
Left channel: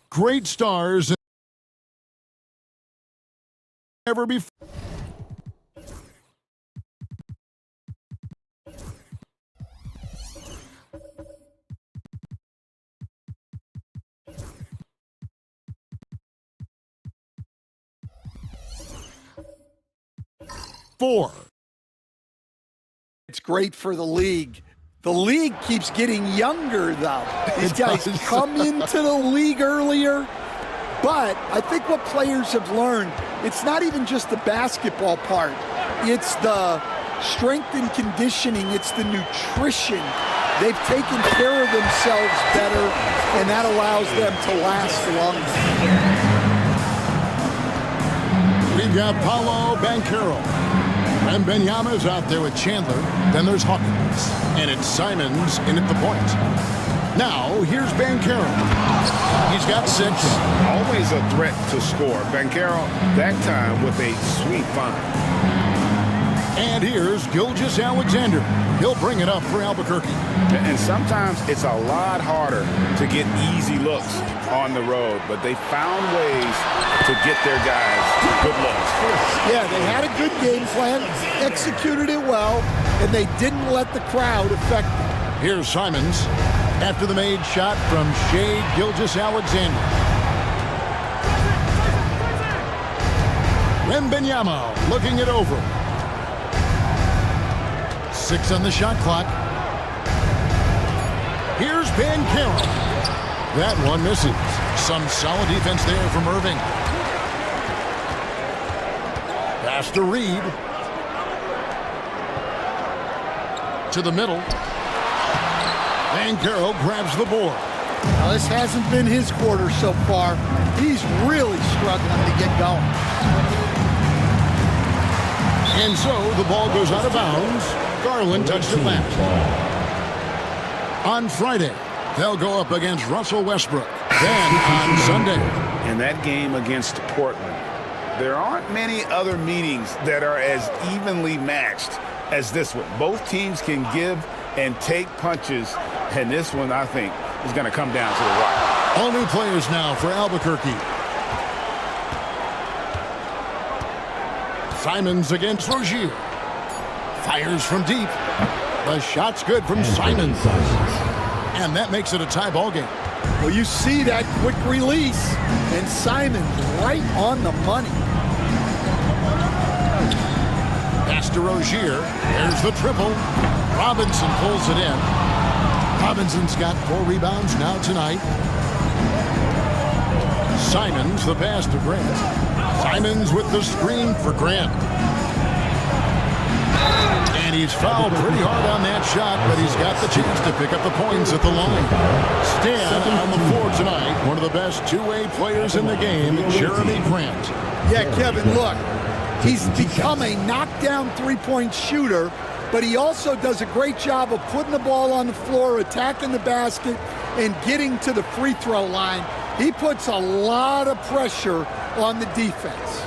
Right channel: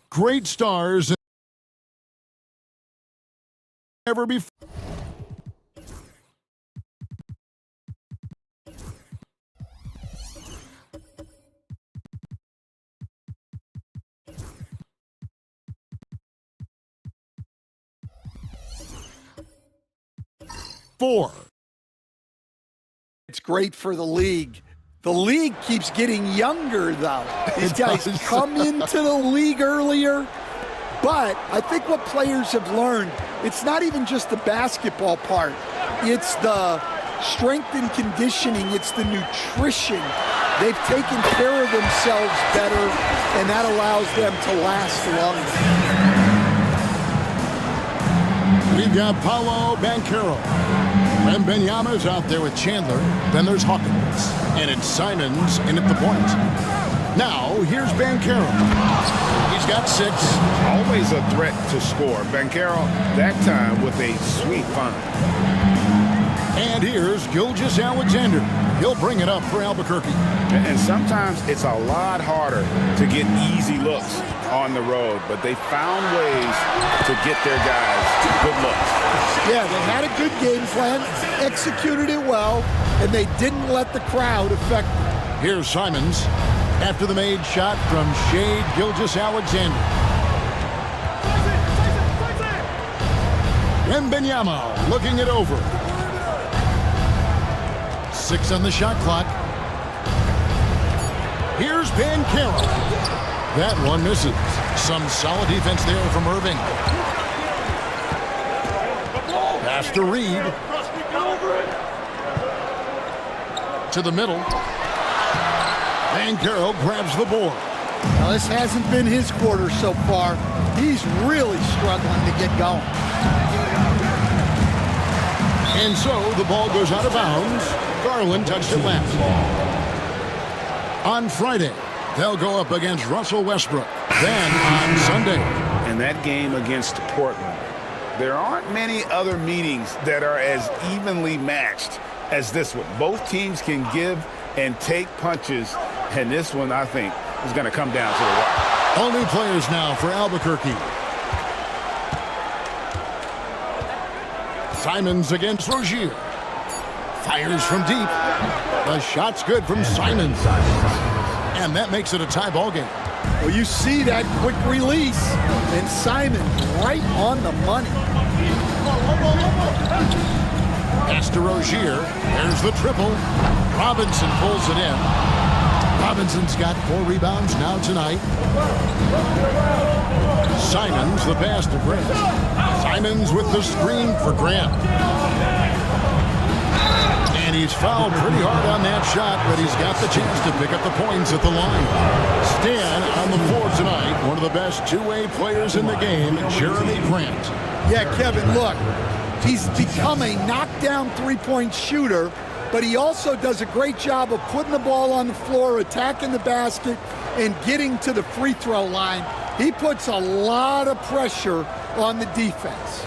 great stars ever before. It's great for the league. The league keeps getting younger, though. These guys come into the league earlier. But I think what players have learned, it's not even just the basketball part. It's the strength and conditioning. It's the nutrition. They've taken care of themselves better, and that allows them to last longer. We've got Paolo Banchero. Wembanyama's out there with Chandler. Then there's Hawkins. And it's Simons in at the point. Now, here's Banchero. He's got 6. Always a threat to score. Banchero, that time with a sweet find. And here's Gilgeous-Alexander. He'll bring it up for Albuquerque. And sometimes it's a lot harder to get easy looks on the road, but they found ways to get their guys good looks. Yeah, they had a good game plan, executed it well, and they didn't let the crowd affect them. Here's Simons after the made shot from Shai Gilgeous-Alexander. Wembanyama looking it over. 6 on the shot clock. Here's Ben Carroll. That one misses. Some solid defense there from Irving. Pass to Reed. To the middle. Van Carroll grabs the board. Now, this hasn't been his quarter so far. He's really struggling to get going. And so the ball goes out of bounds. Garland touched it last. On Friday, they'll go up against Russell Westbrook. Then on Sunday. In that game against Portland, there aren't many other meetings that are as evenly matched as this one. Both teams can give and take punches, and this one, I think, is going to come down to the wire. All new players now for Albuquerque. Simons against Rozier. Fires from deep. The shot's good from Simons. And that makes it a tie ball game. Well, you see that quick release, and Simons right on the money. Pass to Rozier. There's the triple. Robinson pulls it in. Robinson's got 4 rebounds now tonight. Simons, the pass to Grant. Simons with the screen for Grant. And he's fouled pretty hard on that shot, but he's got the chance to pick up the points at the line. Stan on the floor tonight, one of the best two-way players in the game, Jeremy Grant. Yeah, Kevin, look, he's become a knockdown three-point shooter, but he also does a great job of putting the ball on the floor, attacking the basket, and getting to the free throw line. He puts a lot of pressure on the defense.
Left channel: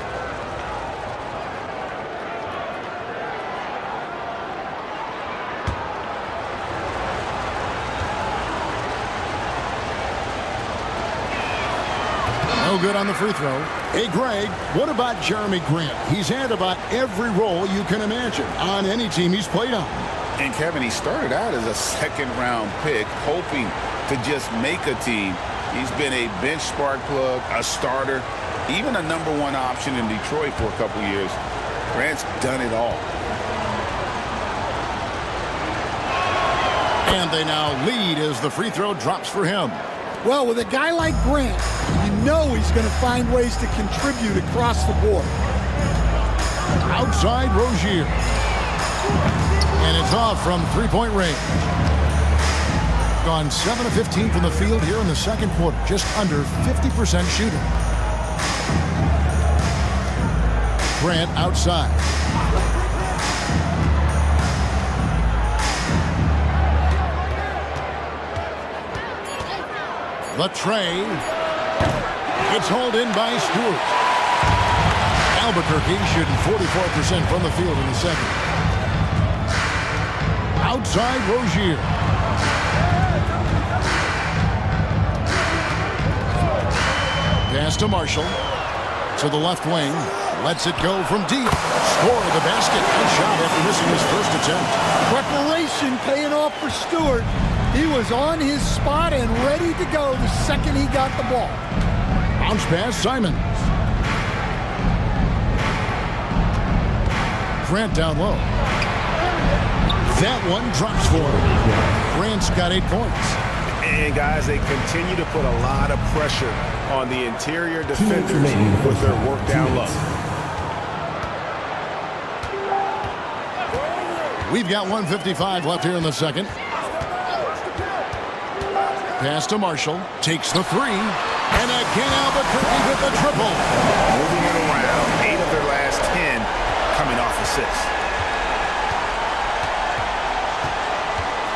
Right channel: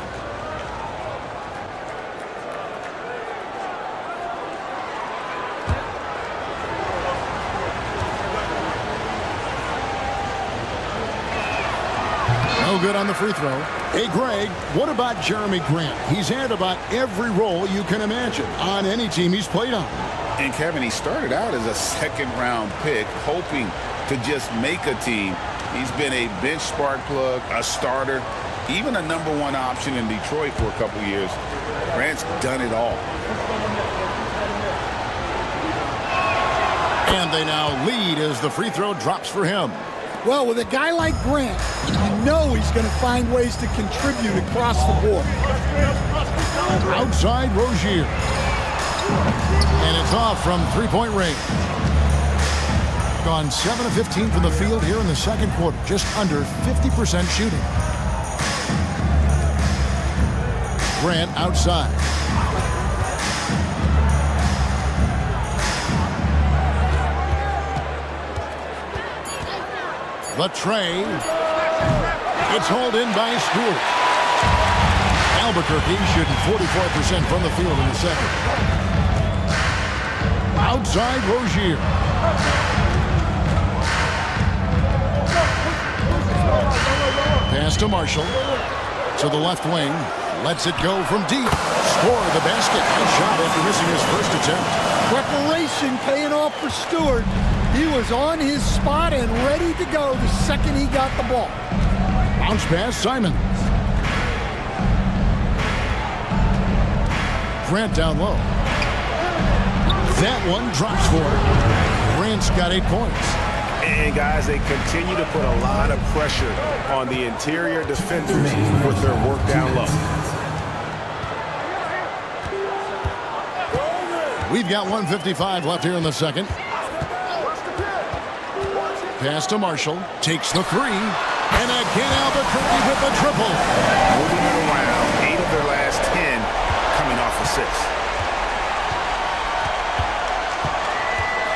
No good on the free throw. Hey, Greg, what about Jeremy Grant? He's had about every role you can imagine on any team he's played on. And, Kevin, he started out as a second-round pick, hoping to just make a team. He's been a bench spark plug, a starter, even a #1 option in Detroit for a couple years. Grant's done it all. And they now lead as the free throw drops for him. Well, with a guy like Grant, you know he's going to find ways to contribute across the board. Outside Rozier. And it's off from three-point range. Gone 7 of 15 from the field here in the second quarter. Just under 50% shooting. Grant outside. The tray. It's hauled in by Stewart. Albuquerque shooting 44% from the field in the second. Outside Rozier. Pass to Marshall. To the left wing. Lets it go from deep. Score the basket. Nice shot after missing his first attempt. Preparation paying off for Stewart. He was on his spot and ready to go the second he got the ball. Bounce pass, Simons. Grant down low. That one drops for him. Grant's got 8 points. And, guys, they continue to put a lot of pressure on the interior defenders with their work down low. We've got 1:55 left here in the second. Pass to Marshall. Takes the three. And again, Albuquerque with the triple. Moving it around. 8 of their last 10 coming off assists.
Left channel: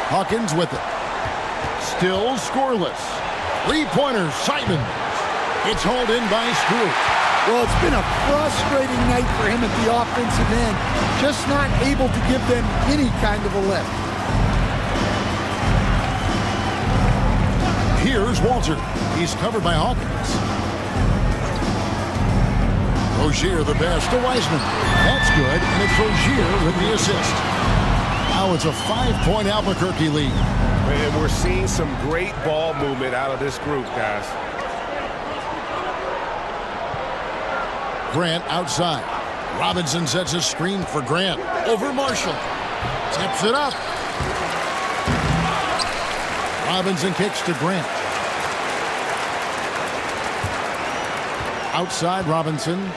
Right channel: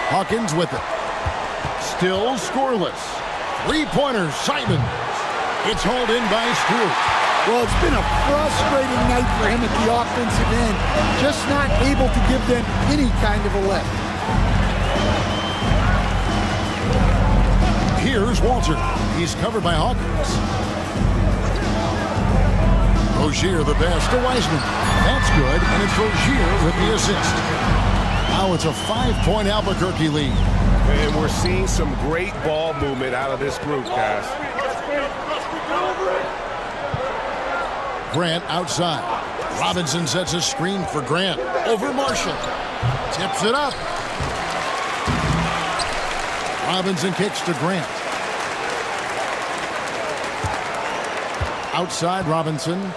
Hawkins with it. Still scoreless. Three-pointer, Simons. It's hauled in by Stewart. Well, it's been a frustrating night for him at the offensive end. Just not able to give them any kind of a lift. Here's Walter. He's covered by Hawkins. Rozier the pass to Wiseman. That's good, and it's Rozier with the assist. Now it's a 5-point Albuquerque lead. And we're seeing some great ball movement out of this group, guys. Grant outside. Robinson sets a screen for Grant. Over Marshall. Tips it up. Robinson kicks to Grant. Outside Robinson.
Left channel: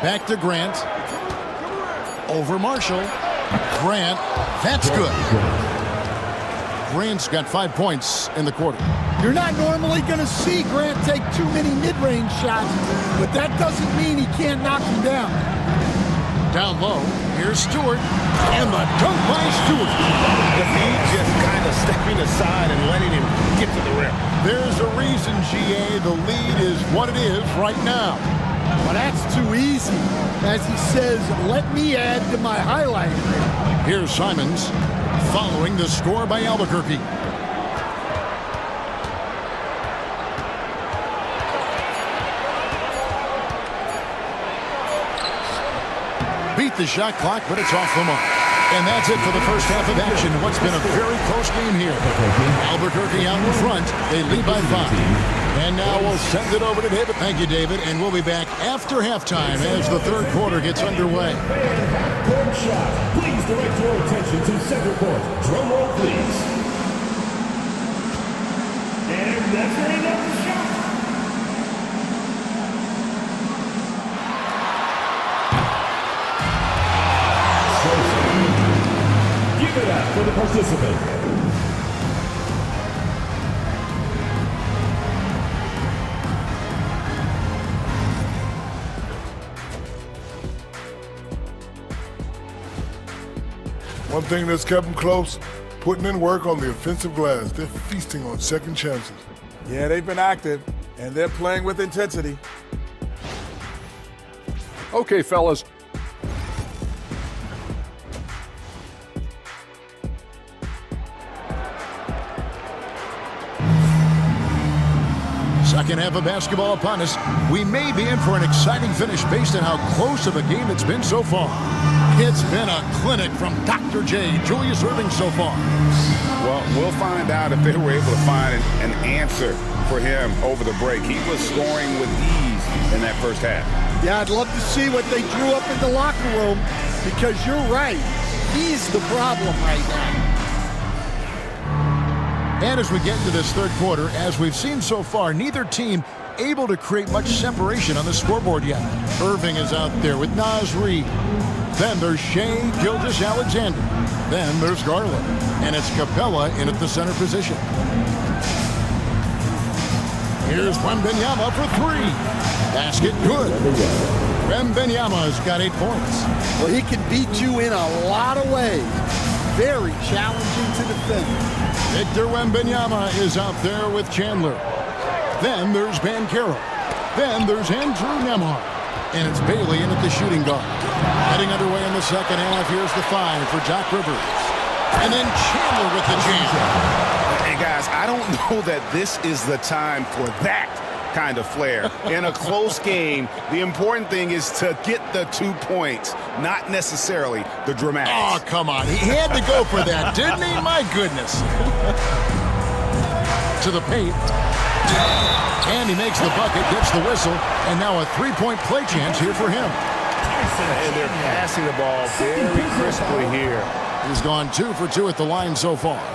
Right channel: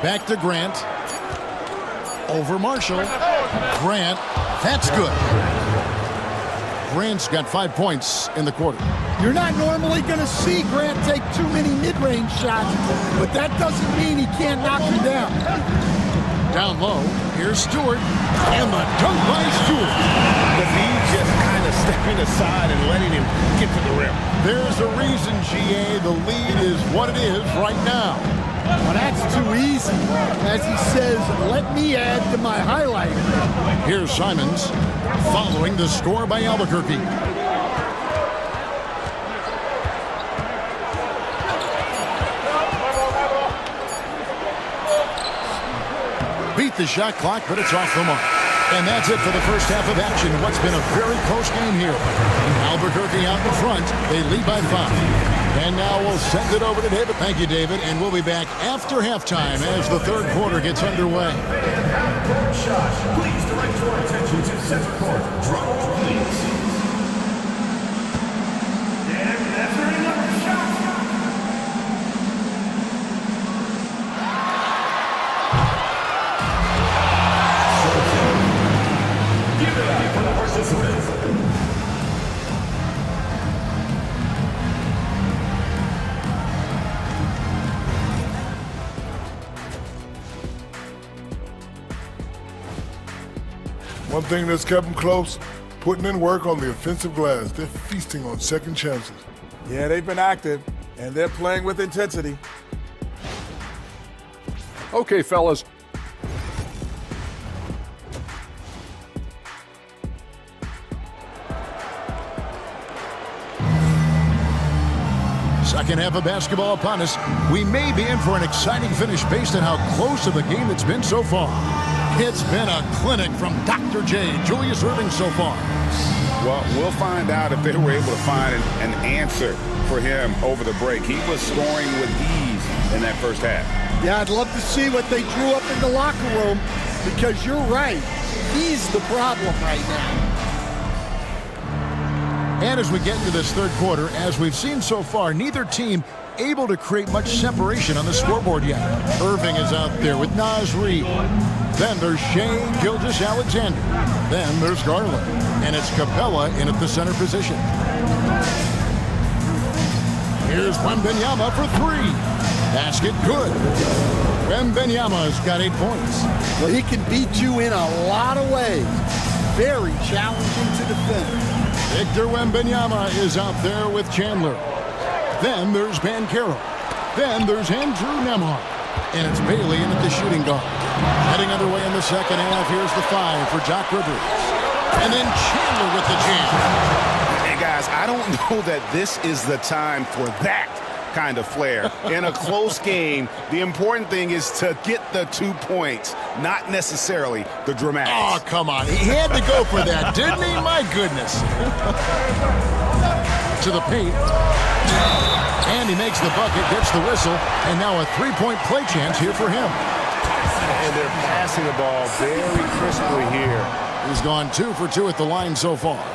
Back to Grant. Over Marshall. Grant. That's good. Grant's got 5 points in the quarter. You're not normally going to see Grant take too many mid-range shots, but that doesn't mean he can't knock them down. Down low, here's Stewart, and the dunk by Stewart. The lead just kind of stepping aside and letting him get to the rim. There's a reason, GA, the lead is what it is right now. Well, that's too easy. As he says, let me add to my highlight reel. Here's Simons, following the score by Albuquerque. Beat the shot clock, but it's off the mark. And that's it for the first half of action. What's been a very close game here. Albuquerque out in front. They lead by 5. And now we'll send it over to David. Thank you, David. And we'll be back after halftime as the third quarter gets underway. Half-court shot. Please direct your attention to center court. Drum roll, please. And that's very another shot. Give it up for the participants. One thing that's kept them close, putting in work on the offensive glass. They're feasting on second chances. Yeah, they've been active, and they're playing with intensity. Okay, fellas. Second half of basketball upon us. We may be in for an exciting finish based on how close of a game it's been so far. It's been a clinic from Dr. J, Julius Erving so far. Well, we'll find out if they were able to find an answer for him over the break. He was scoring with ease in that first half. Yeah, I'd love to see what they drew up in the locker room, because you're right. He's the problem right now. And as we get into this third quarter, as we've seen so far, neither team able to create much separation on the scoreboard yet. Erving is out there with Naz Reid. Then there's Shea Gilgeous-Alexander. Then there's Garland. And it's Capella in at the center position. Here's Wembanyama for 3. Basket good. Wembanyama's got 8 points. Well, he can beat you in a lot of ways. Very challenging to defend. Victor Wembanyama is out there with Chandler. Then there's Banchero. Then there's Andrew Nembhard. And it's Bailey in at the shooting guard. Heading underway in the second half, here's the 5 for Jock Rivers. And then Chandler with the jam. Hey, guys, I don't know that this is the time for that kind of flair. In a close game, the important thing is to get the 2 points, not necessarily the dramatics. Oh, come on. He had to go for that, didn't he? My goodness. To the paint. And he makes the bucket, gets the whistle, and now a 3-point play chance here for him. And they're passing the ball very crisply here. He's gone 2 for 2 at the line so far.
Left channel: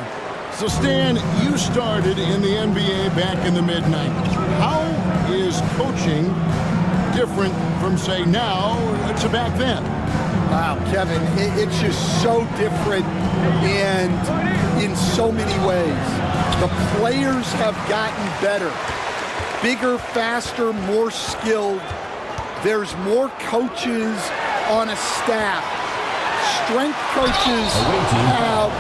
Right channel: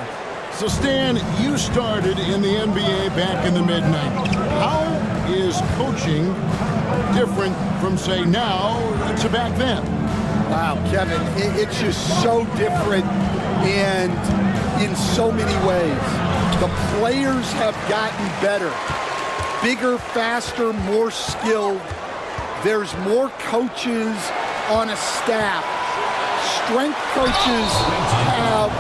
So, Stan, you started in the NBA back in the mid-90s. How is coaching different from, say, now to back then? Wow, Kevin, it's just so different and in so many ways. The players have gotten better. Bigger, faster, more skilled. There's more coaches on a staff. Strength coaches have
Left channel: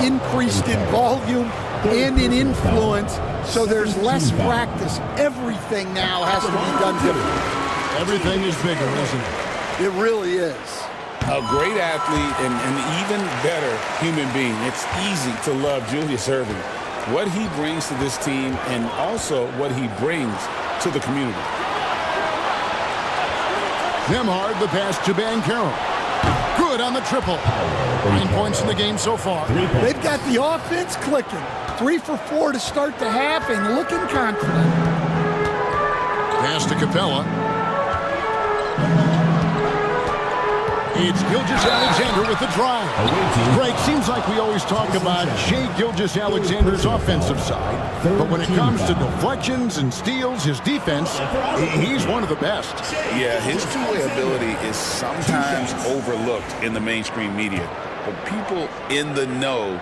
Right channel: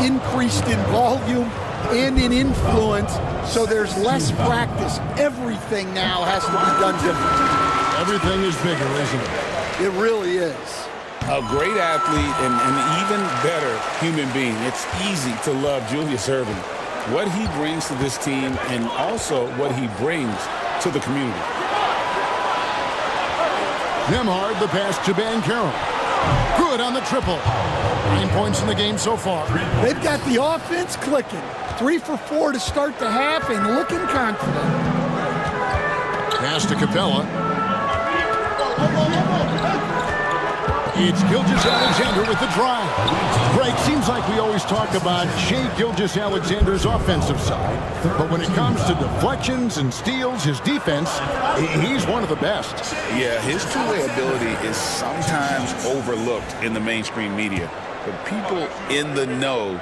increased in volume and in influence, so there's less practice. Everything now has to be done different. Everything is bigger, isn't it? It really is. A great athlete and an even better human being. It's easy to love Julius Erving. What he brings to this team and also what he brings to the community. Nembhard, the pass to Banchero. Good on the triple. 9 points in the game so far. They've got the offense clicking. 3 for 4 to start the half and looking confident. Pass to Capella. It's Gilgeous-Alexander with the drive. Greg, seems like we always talk about Shai Gilgeous-Alexander's offensive side, but when it comes to deflections and steals, his defense, he's one of the best. Yeah, his two-way ability is sometimes overlooked in the mainstream media, but people in the know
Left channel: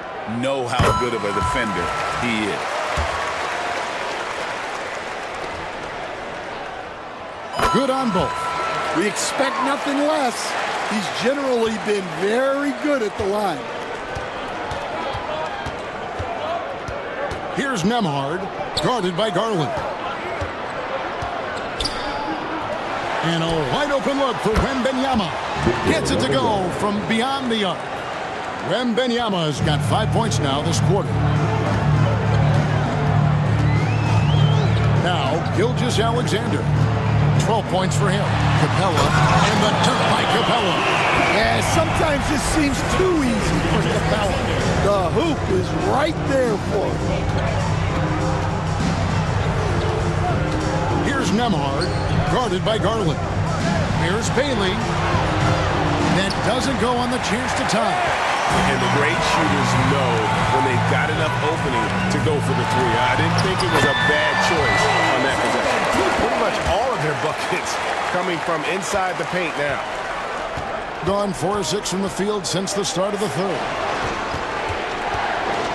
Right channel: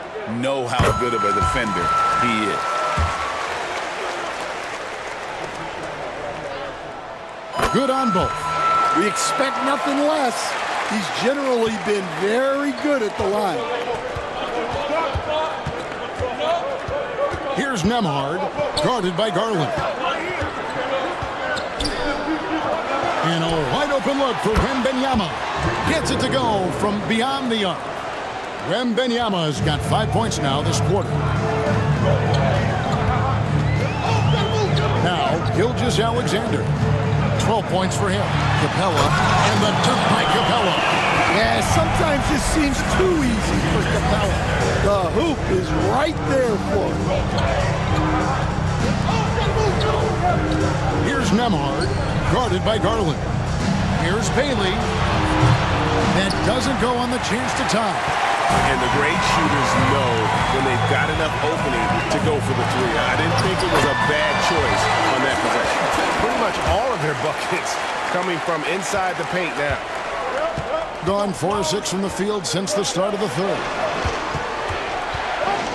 how good of a defender he is. Good on both. We expect nothing less. He's generally been very good at the line. Here's Nembhard, guarded by Garland. And a wide open look for Wembanyama. Gets it to go from beyond the arc. Wembanyama has got 5 points now this quarter. Now, Gilgeous-Alexander. 12 points for him. Capella, and the dunk by Capella. Yeah, sometimes this seems too easy for Capella. The hoop is right there for him. Here's Nembhard, guarded by Garland. Here's Bailey. That doesn't go on the chance to tie. And the great shooters know when they've got enough opening to go for the three. I didn't think it was a bad choice on that possession. Pretty much all of their buckets coming from inside the paint now. Gone 4 of 6 from the field since the start of the third.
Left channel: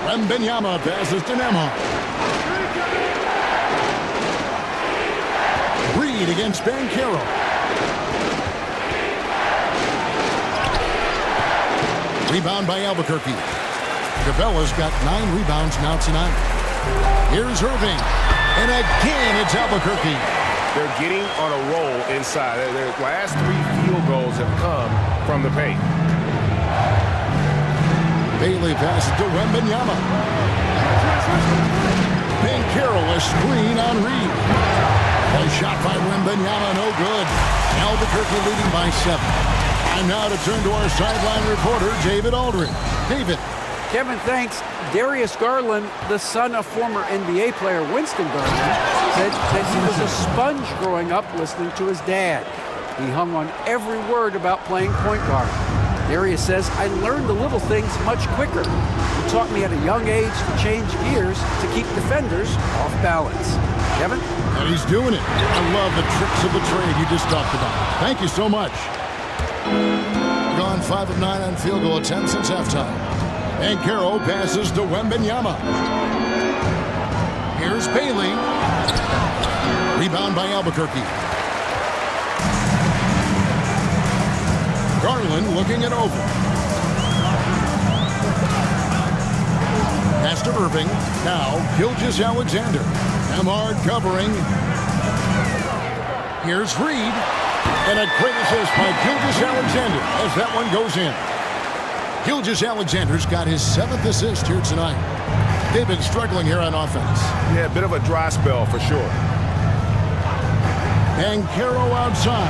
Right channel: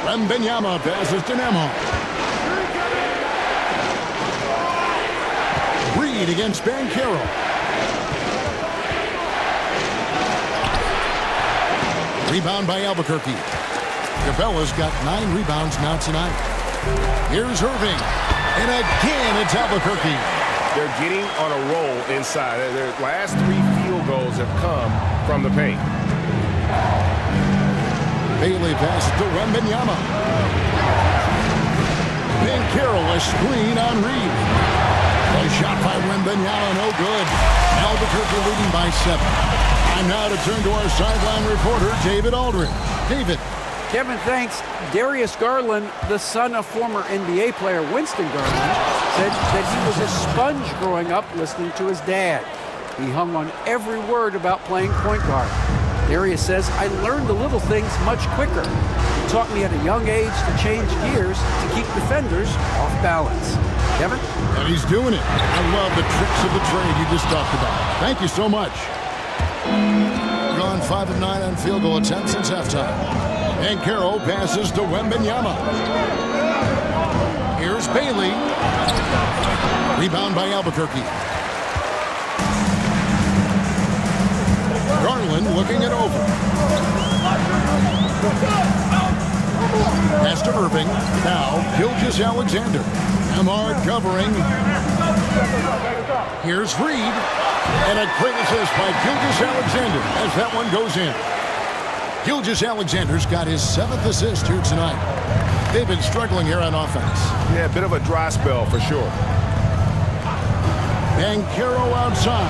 Wembanyama passes to Nembhard. Reed against Banchero. Rebound by Albuquerque. Capella's got 9 rebounds now tonight. Here's Irving. And again, it's Albuquerque. They're getting on a roll inside. Their last 3 field goals have come from the paint. Bailey passes to Wembanyama. Banchero, a screen on Reed. A shot by Wembanyama, no good. Albuquerque leading by 7. Time now to turn to our sideline reporter, David Aldridge. David. Kevin, thanks. Darius Garland, the son of former NBA player Winston Garland, said that he was a sponge growing up listening to his dad. He hung on every word about playing point guard. Darius says, I learned the little things much quicker. He taught me at a young age to change gears to keep defenders off balance. Kevin? And he's doing it. I love the tricks of the trade you just talked about. Thank you so much. Gone 5 of 9 on field goal attempts since halftime. Banchero passes to Wembanyama. Here's Bailey. Rebound by Albuquerque. Garland looking it over. Pass to Irving. Now Gilgeous-Alexander. Nembhard covering. Here's Reed. And a great assist by Gilgeous-Alexander as that one goes in. Gilgeous-Alexander's got his 7th assist here tonight. They've been struggling here on offense. Yeah, a bit of a dry spell for sure. Banchero outside.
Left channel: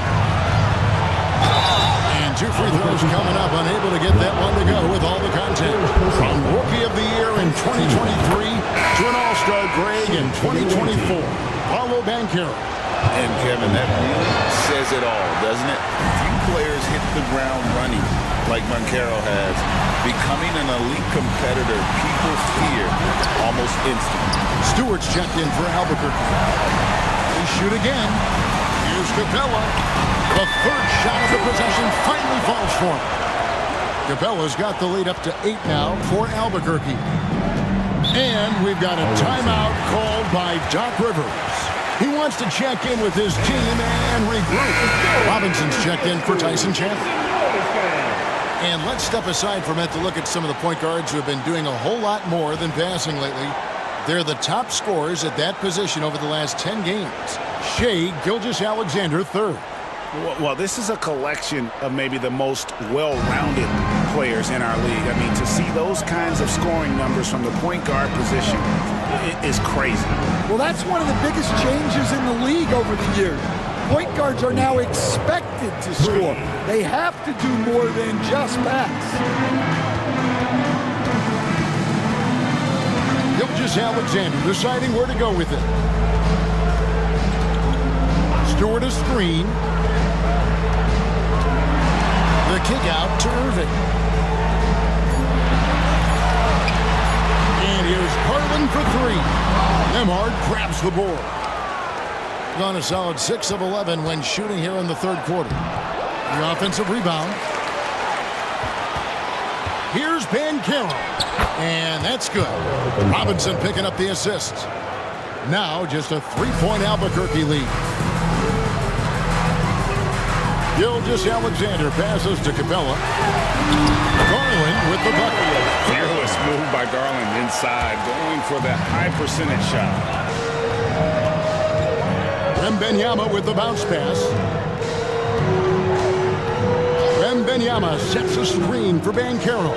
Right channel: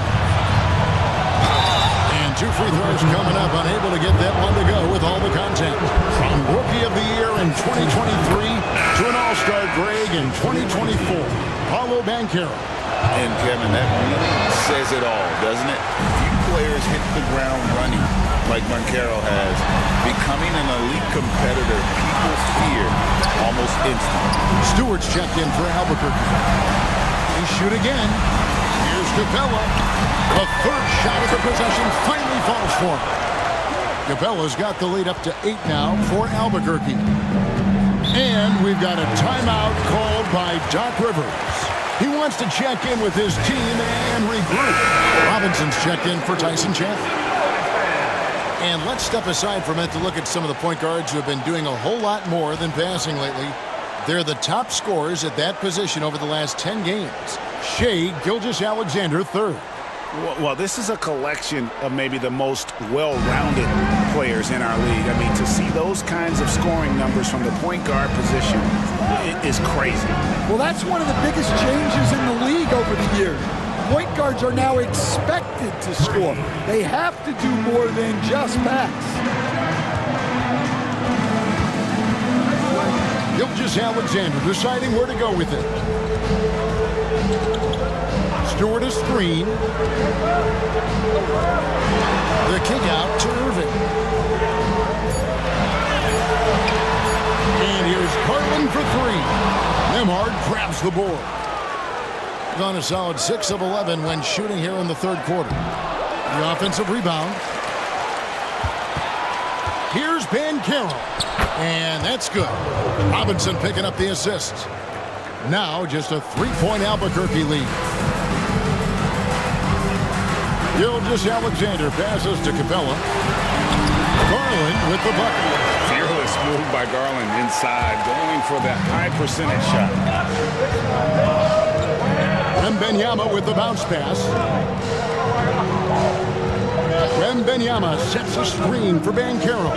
And 2 free throws coming up, unable to get that one to go with all the content. From Rookie of the Year in 2023 to an All-Star Greg in 2024, Paolo Banchero. And Kevin, that really says it all, doesn't it? Few players hit the ground running like Banchero has. Becoming an elite competitor, people fear almost instantly. Stewart's checked in for Albuquerque. They shoot again. Here's Capella. The 3rd shot of the possession finally falls for him. Capella's got the lead up to 8 now for Albuquerque. And we've got a timeout called by Doc Rivers. He wants to check in with his team and regroup. Robinson's checked in for Tyson Chandler. And let's step aside for a minute to look at some of the point guards who have been doing a whole lot more than passing lately. They're the top scorers at that position over the last 10 games. Shai Gilgeous-Alexander, 3rd. Well, this is a collection of maybe the most well-rounded players in our league. I mean, to see those kinds of scoring numbers from the point guard position is crazy. Well, that's one of the biggest changes in the league over the years. Point guards are now expected to score. They have to do more than just pass. Gilgeous-Alexander deciding where to go with it. Stewart a screen. The kick out to Irving. And here's Garland for three. Nembhard grabs the board. Gone a solid 6 of 11 when shooting here in the third quarter. The offensive rebound. Here's Banchero. And that's good. Robinson picking up the assist. Now just a 3-point Albuquerque lead. Gilgeous-Alexander passes to Capella. Garland with the bucket. Fearless move by Garland inside, going for the high percentage shot. Wembanyama with the bounce pass. Wembanyama sets a screen for Banchero.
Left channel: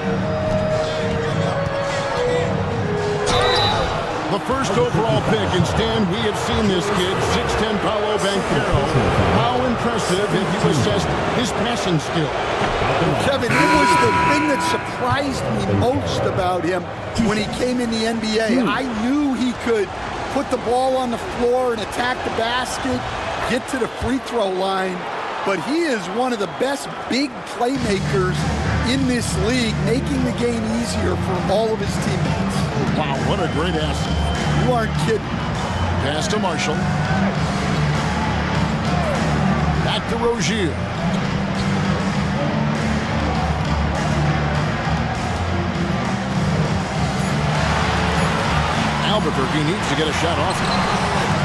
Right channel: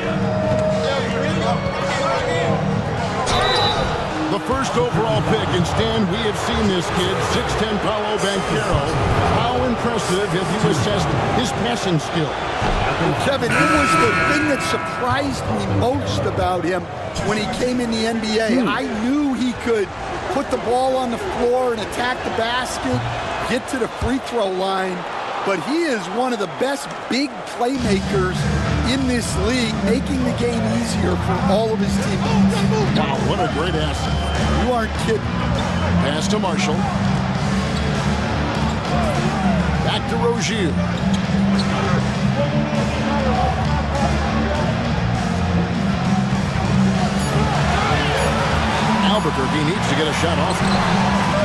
The first overall pick, and Stan, we have seen this kid, 6'10" Paolo Banchero. How impressive have you assessed his passing skill? Kevin, it was the thing that surprised me most about him when he came in the NBA. I knew he could put the ball on the floor and attack the basket, get to the free throw line, but he is one of the best big playmakers in this league, making the game easier for all of his teammates. Wow, what a great asset. You aren't kidding. Pass to Marshall. Back to Rozier. Albuquerque needs to get a shot off him.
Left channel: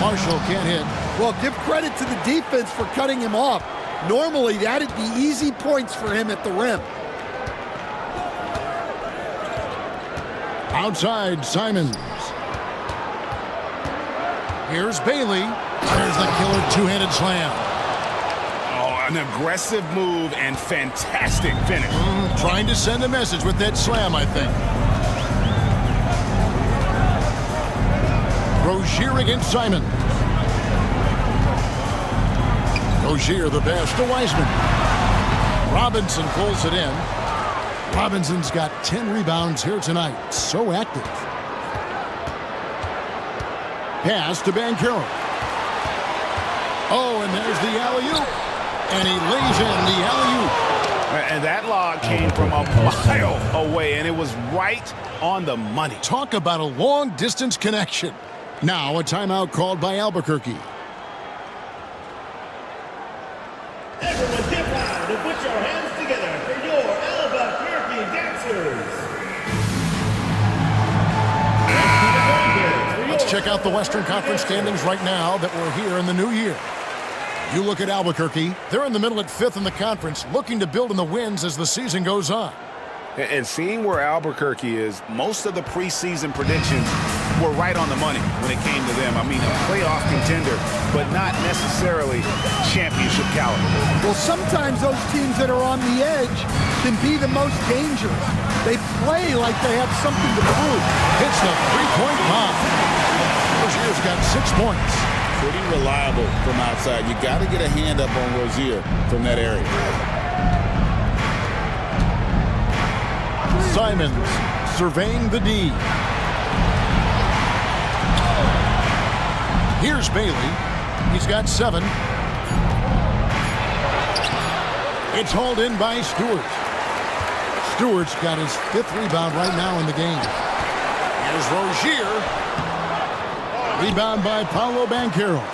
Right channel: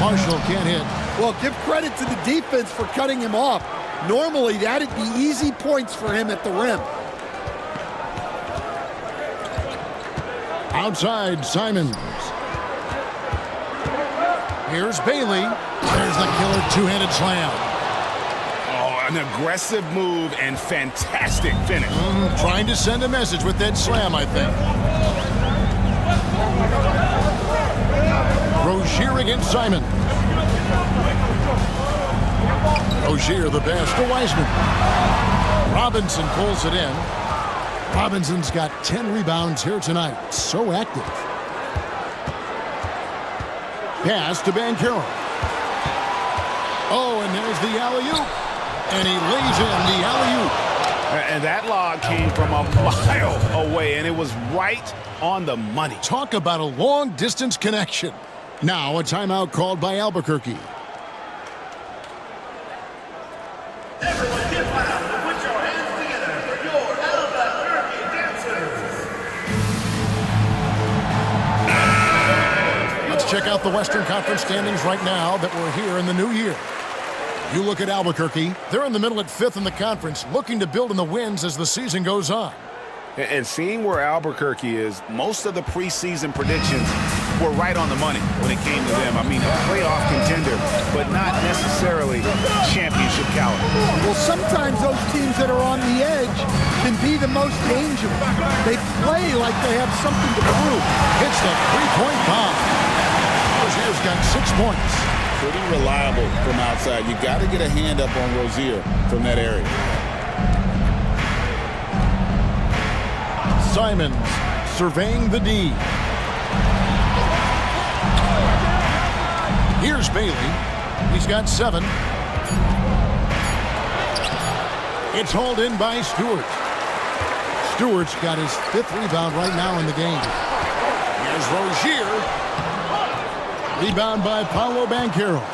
Marshall can't hit. Well, give credit to the defense for cutting him off. Normally, that'd be easy points for him at the rim. Outside, Simons. Here's Bailey. There's the killer two-handed slam. Oh, an aggressive move and fantastic finish. Trying to send a message with that slam, I think. Rozier against Simon. Rozier the pass to Wiseman. Robinson pulls it in. Robinson's got 10 rebounds here tonight. So active. Pass to Banchero. Oh, and there's the alley-oop. And he lays in the alley-oop. And that lob came from a mile away, and it was right on the money. Talk about a long-distance connection. Now a timeout called by Albuquerque. Everyone get loud and put your hands together for your Albuquerque dancers. Let's check out the Western Conference standings right now that we're here in the new year. You look at Albuquerque, they're in the middle at 5th in the conference, looking to build in the wins as the season goes on. And seeing where Albuquerque is, most of the preseason predictions were right on the money when it came to them. I mean, a playoff contender, but not necessarily championship caliber. Well, sometimes those teams that are on the edge can be the most dangerous. They play like they have something to prove. Hits the three-point bomb. Rozier's got 6 points. Pretty reliable from outside. You got to get a hand up on Rozier from that area. Simons surveying the D. Here's Bailey. He's got 7. It's hauled in by Stewart. Stewart's got his 5th rebound right now in the game. Here's Rozier. Rebound by Paolo Banchero.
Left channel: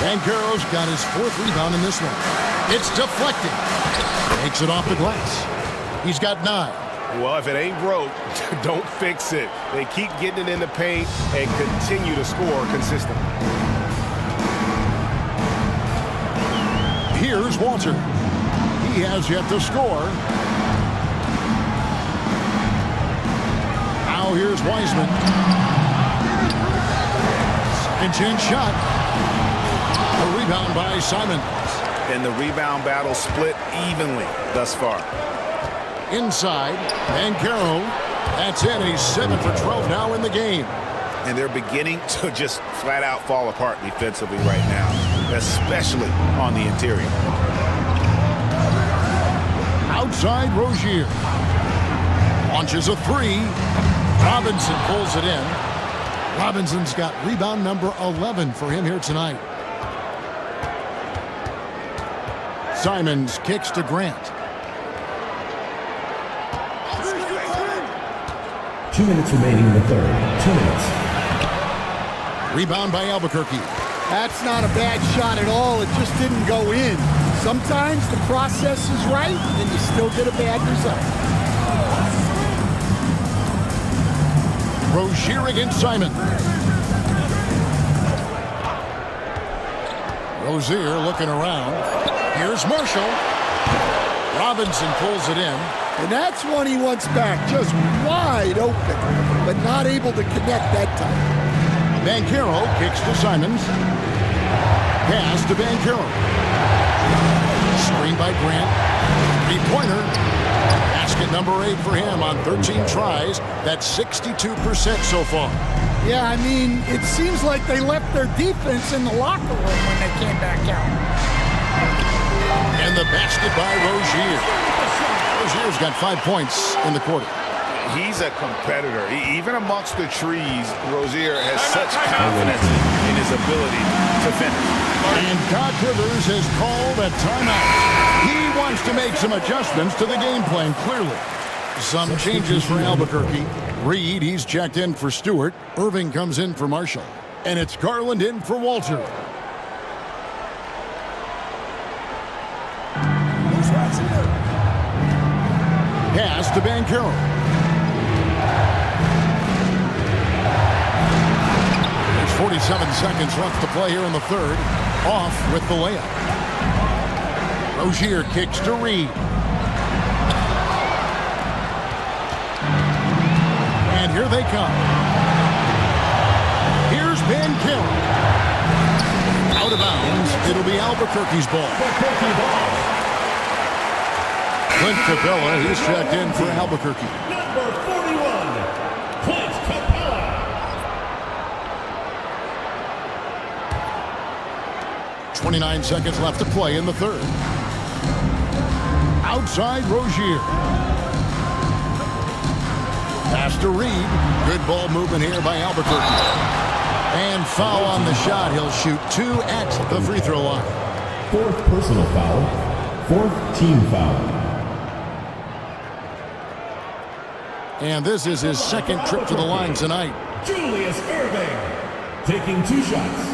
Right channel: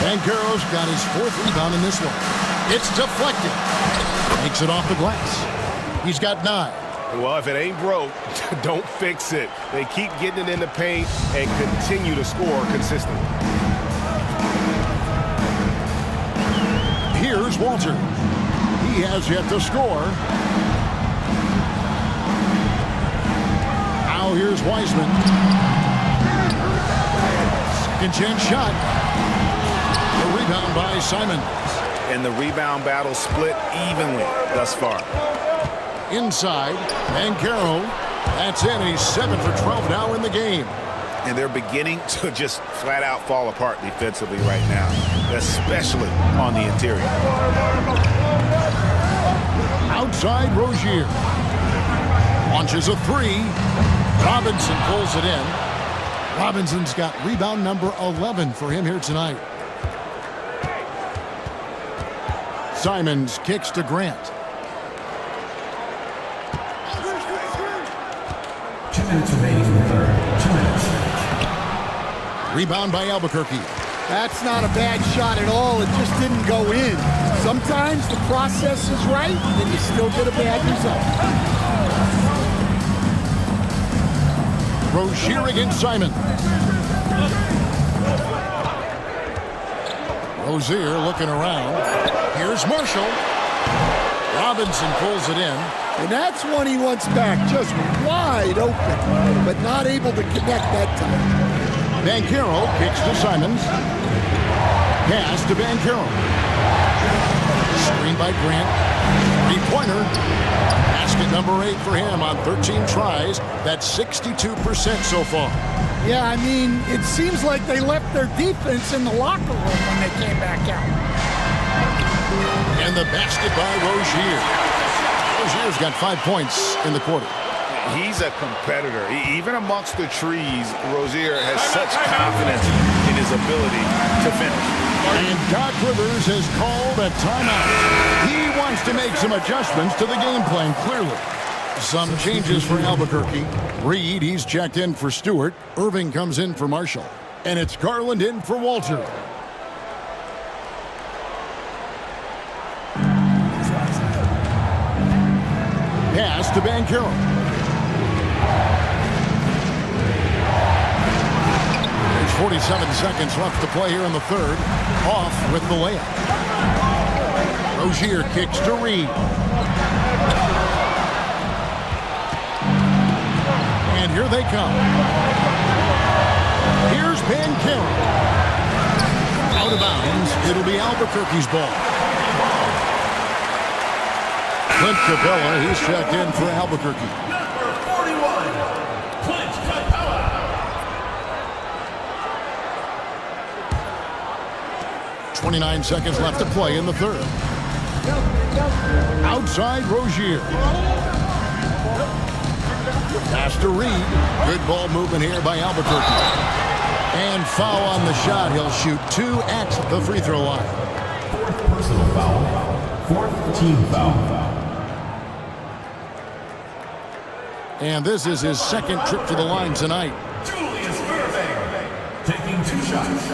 Banchero's got his 4th rebound in this one. It's deflected. Takes it off the glass. He's got 9. Well, if it ain't broke, don't fix it. They keep getting it in the paint and continue to score consistently. Here's Walter. He has yet to score. Now here's Wiseman. Second chance shot. The rebound by Simons. And the rebound battle split evenly thus far. Inside, Banchero. That's it. He's 7 for 12 now in the game. And they're beginning to just flat out fall apart defensively right now, especially on the interior. Outside, Rozier. Launches a 3. Robinson pulls it in. Robinson's got rebound number 11 for him here tonight. Simons kicks to Grant. 2 minutes remaining in the third. 2 minutes. Rebound by Albuquerque. That's not a bad shot at all. It just didn't go in. Sometimes the process is right, and you still get a bad result. Rozier against Simon. Rozier looking around. Here's Marshall. Robinson pulls it in. And that's one he wants back, just wide open, but not able to connect that time. Banchero kicks to Simons. Pass to Banchero. Screen by Grant. Three-pointer. Basket number 8 for him on 13 tries. That's 62% so far. Yeah, I mean, it seems like they left their defense in the locker room when they came back out. And the basket by Rozier. Rozier's got 5 points in the quarter. He's a competitor. Even amongst the trees, Rozier has such confidence in his ability to finish. And Doc Rivers has called a timeout. He wants to make some adjustments to the game plan, clearly. Some changes for Albuquerque. Reed, he's checked in for Stewart. Irving comes in for Marshall. And it's Garland in for Walter. Pass to Banchero. There's 47 seconds left to play here in the third. Off with the layup. Rozier kicks to Reed. And here they come. Here's Banchero. Out of bounds. It'll be Albuquerque's ball. Clint Capella, he's checked in for Albuquerque. Number 41, Clint Capella. .29 seconds left to play in the third. Outside Rozier. Pass to Reed. Good ball movement here by Albuquerque. And foul on the shot. He'll shoot 2 at the free throw line. 4th personal foul. 4th team foul. And this is his second trip to the line tonight. Julius Irving taking 2 shots.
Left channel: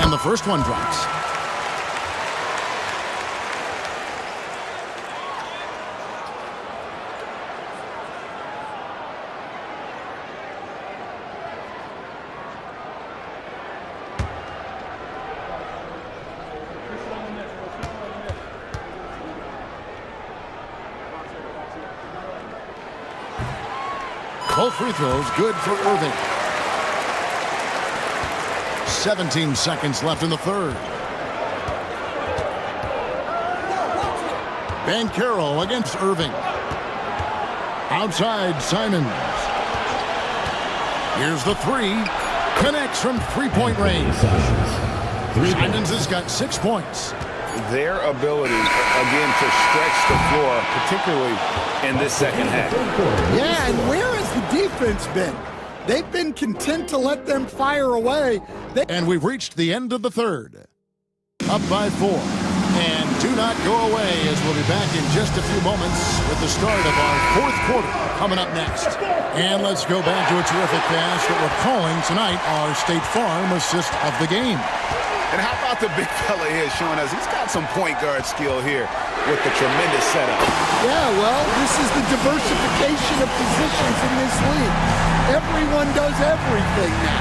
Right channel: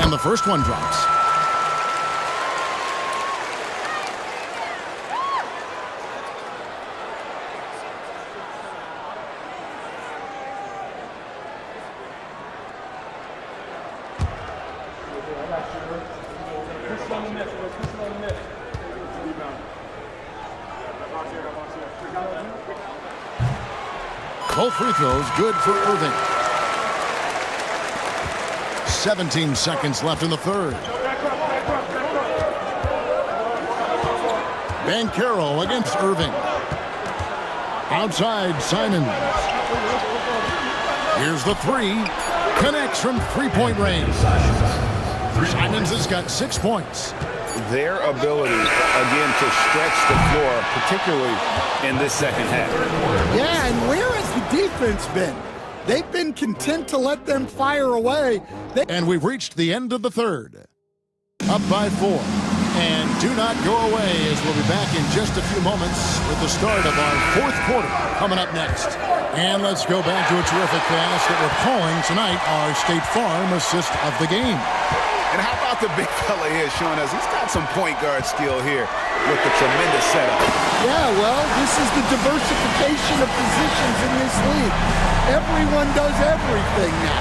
And the first one drops. Both free throws good for Irving. 17 seconds left in the third. Banchero against Irving. Outside Simons. Here's the 3. Connects from three-point range. Simons has got 6 points. Their ability, again, to stretch the floor, particularly in this second half. Yeah, and where has the defense been? They've been content to let them fire away. And we've reached the end of the third. Up by 4. And do not go away, as we'll be back in just a few moments with the start of our 4th quarter coming up next. And let's go back to a terrific pass that we're calling tonight our State Farm assist of the game. And how about the big fella here showing us he's got some point guard skill here with the tremendous setup. Yeah, well, this is the diversification of positions in this league. Everyone does everything now.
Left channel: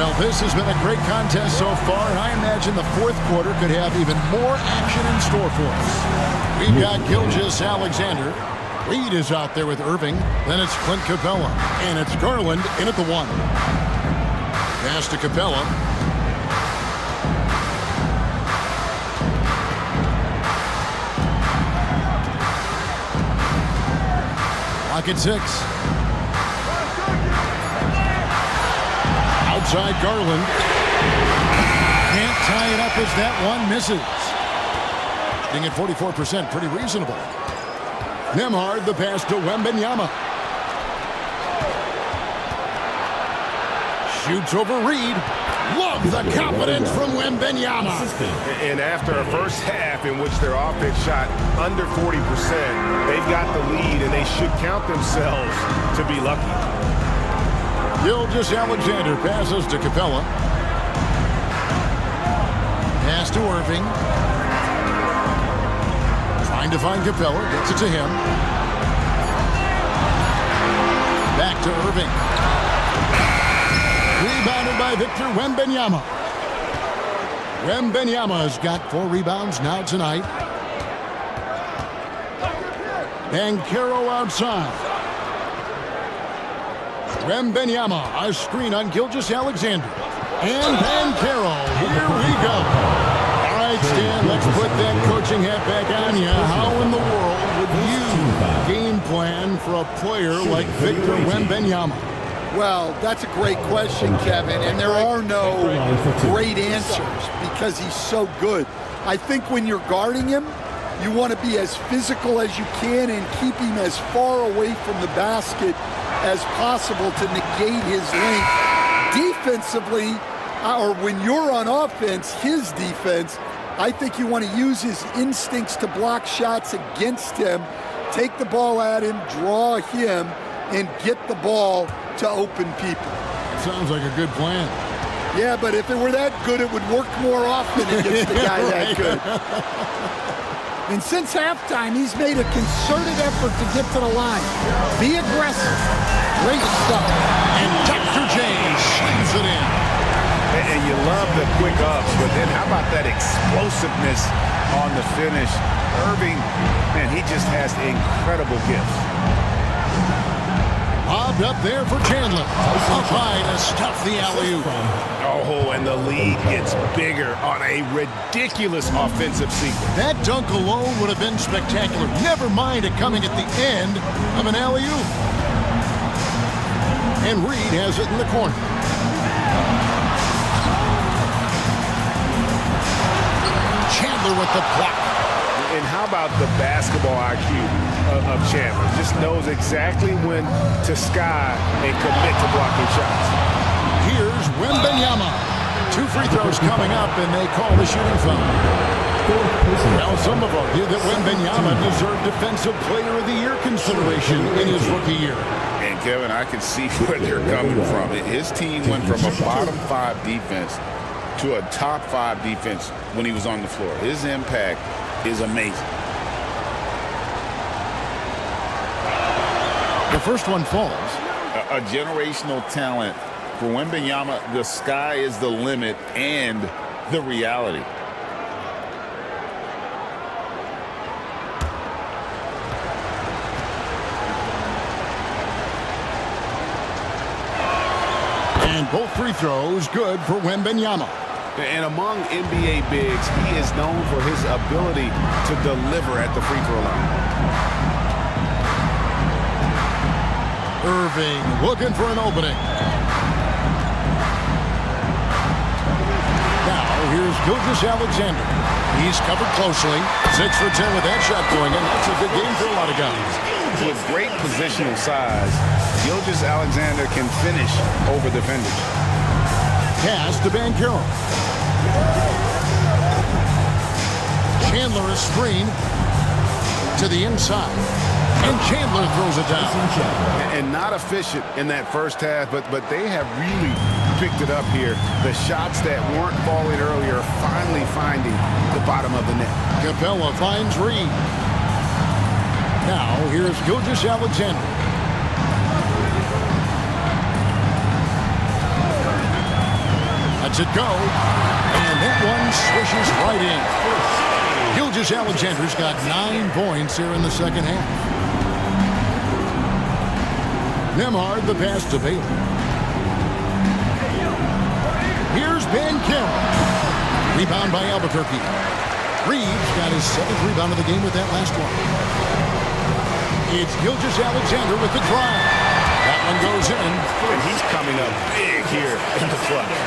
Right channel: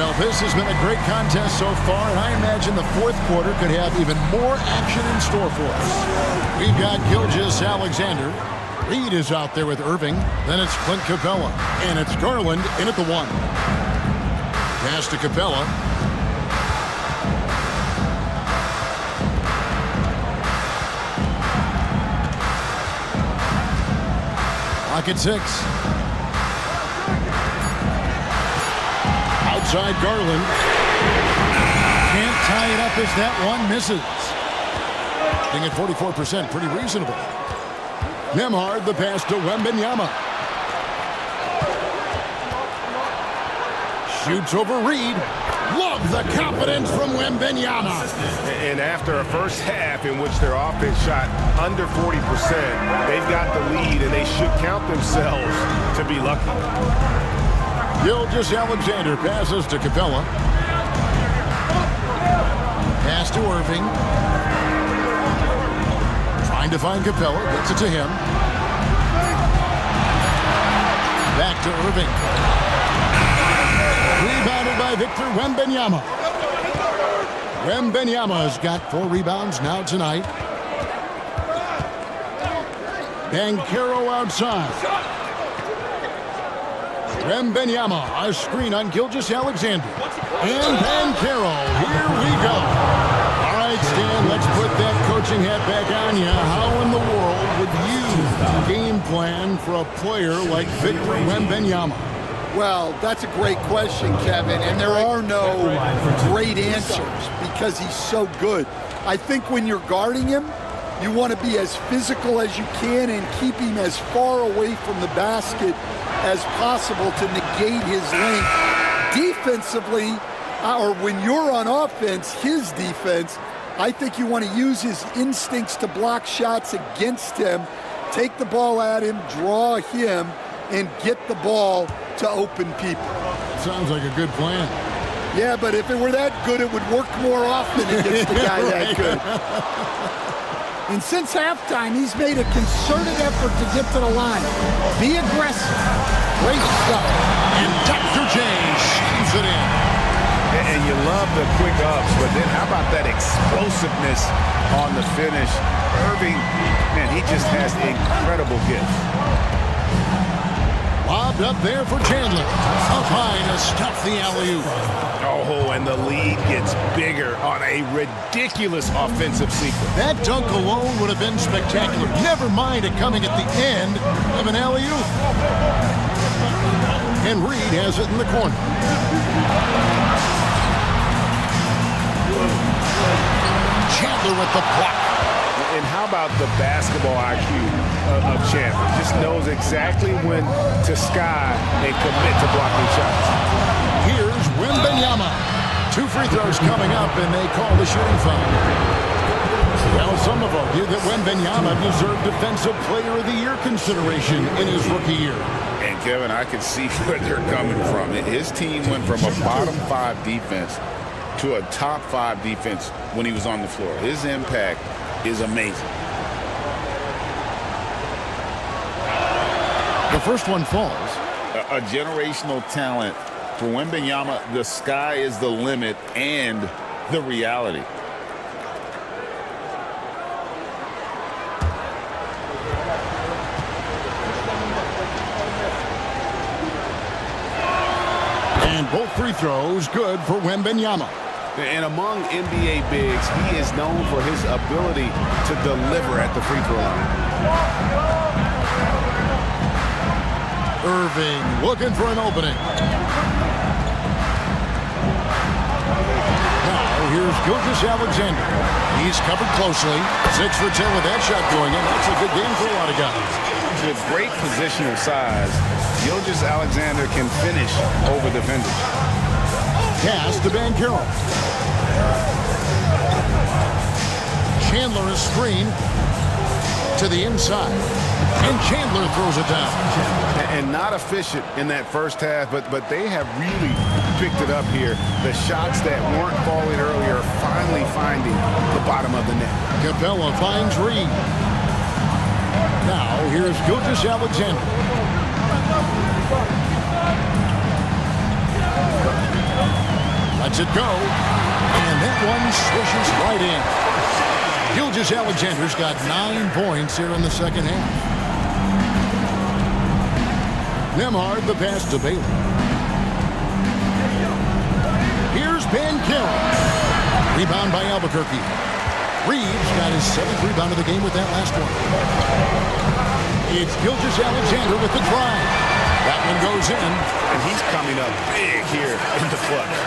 Well, this has been a great contest so far, and I imagine the 4th quarter could have even more action in store for us. We've got Gilgeous-Alexander. Reed is out there with Irving. Then it's Clint Capella. And it's Garland in at the 1. Pass to Capella. Clock at 6. Outside Garland. Can't tie it up as that one misses. Being at 44%, pretty reasonable. Nembhard, the pass to Wembanyama. Shoots over Reed. Love the confidence from Wembanyama. And after a first half in which their offense shot under 40%, they've got the lead, and they should count themselves to be lucky. Gilgeous-Alexander passes to Capella. Pass to Irving. Trying to find Capella. Gets it to him. Back to Irving. Rebounded by Victor Wembanyama. Wembanyama has got 4 rebounds now tonight. Banchero outside. Wembanyama, a screen on Gilgeous-Alexander. And Banchero, here we go. All right, Stan, let's put that coaching hat back on you. How in the world would you game plan for a player like Victor Wembanyama? Well, that's a great question, Kevin, and there are no great answers because he's so good. I think when you're guarding him, you want to be as physical as you can and keep him as far away from the basket as possible to negate his length. Defensively, or when you're on offense, his defense, I think you want to use his instincts to block shots against him, take the ball at him, draw him, and get the ball to open people. Sounds like a good plan. Yeah, but if it were that good, it would work more often against the guy that good. And since halftime, he's made a concerted effort to get to the line. Be aggressive. Great stuff. And Dr. J slams it in. And you love the quick ups, but then how about that explosiveness on the finish? Irving, man, he just has incredible gifts. Lobbed up there for Chandler. Up high to stuff the alley-oop. Oh, and the lead gets bigger on a ridiculous offensive sequence. That dunk alone would have been spectacular. Never mind it coming at the end of an alley-oop. And Reed has it in the corner. Chandler with the block. And how about the basketball IQ of Chandler? Just knows exactly when to sky and commit to blocking shots. Here's Wembanyama. 2 free throws coming up, and they call the shooting foul. Well, some have argued that Wembanyama deserved Defensive Player of the Year consideration in his rookie year. And, Kevin, I can see where they're coming from. His team went from a bottom 5 defense to a top 5 defense when he was on the floor. His impact is amazing. The first one falls. A generational talent. For Wembanyama, the sky is the limit and the reality. And both free throws good for Wembanyama. And among NBA bigs, he is known for his ability to deliver at the free throw line. Irving looking for an opening. Now here's Gilgeous-Alexander. He's covered closely. 6 for 10 with that shot going in. That's a good game for a lot of guys. With great positional size, Gilgeous-Alexander can finish over defenders. Pass to Banchero. Chandler is screened to the inside. And Chandler throws it down. And not efficient in that first half, but they have really picked it up here. The shots that weren't falling earlier are finally finding the bottom of the net. Capella finds Reed. Now here's Gilgeous-Alexander. Lets it go. And that one swishes right in. Gilgeous-Alexander's got 9 points here in the second half. Nembhard, the pass to Bailey. Here's Banchero. Rebound by Albuquerque. Reeves got his 7th rebound of the game with that last one. It's Gilgeous-Alexander with the drive. That one goes in. And he's coming up big here in the clutch.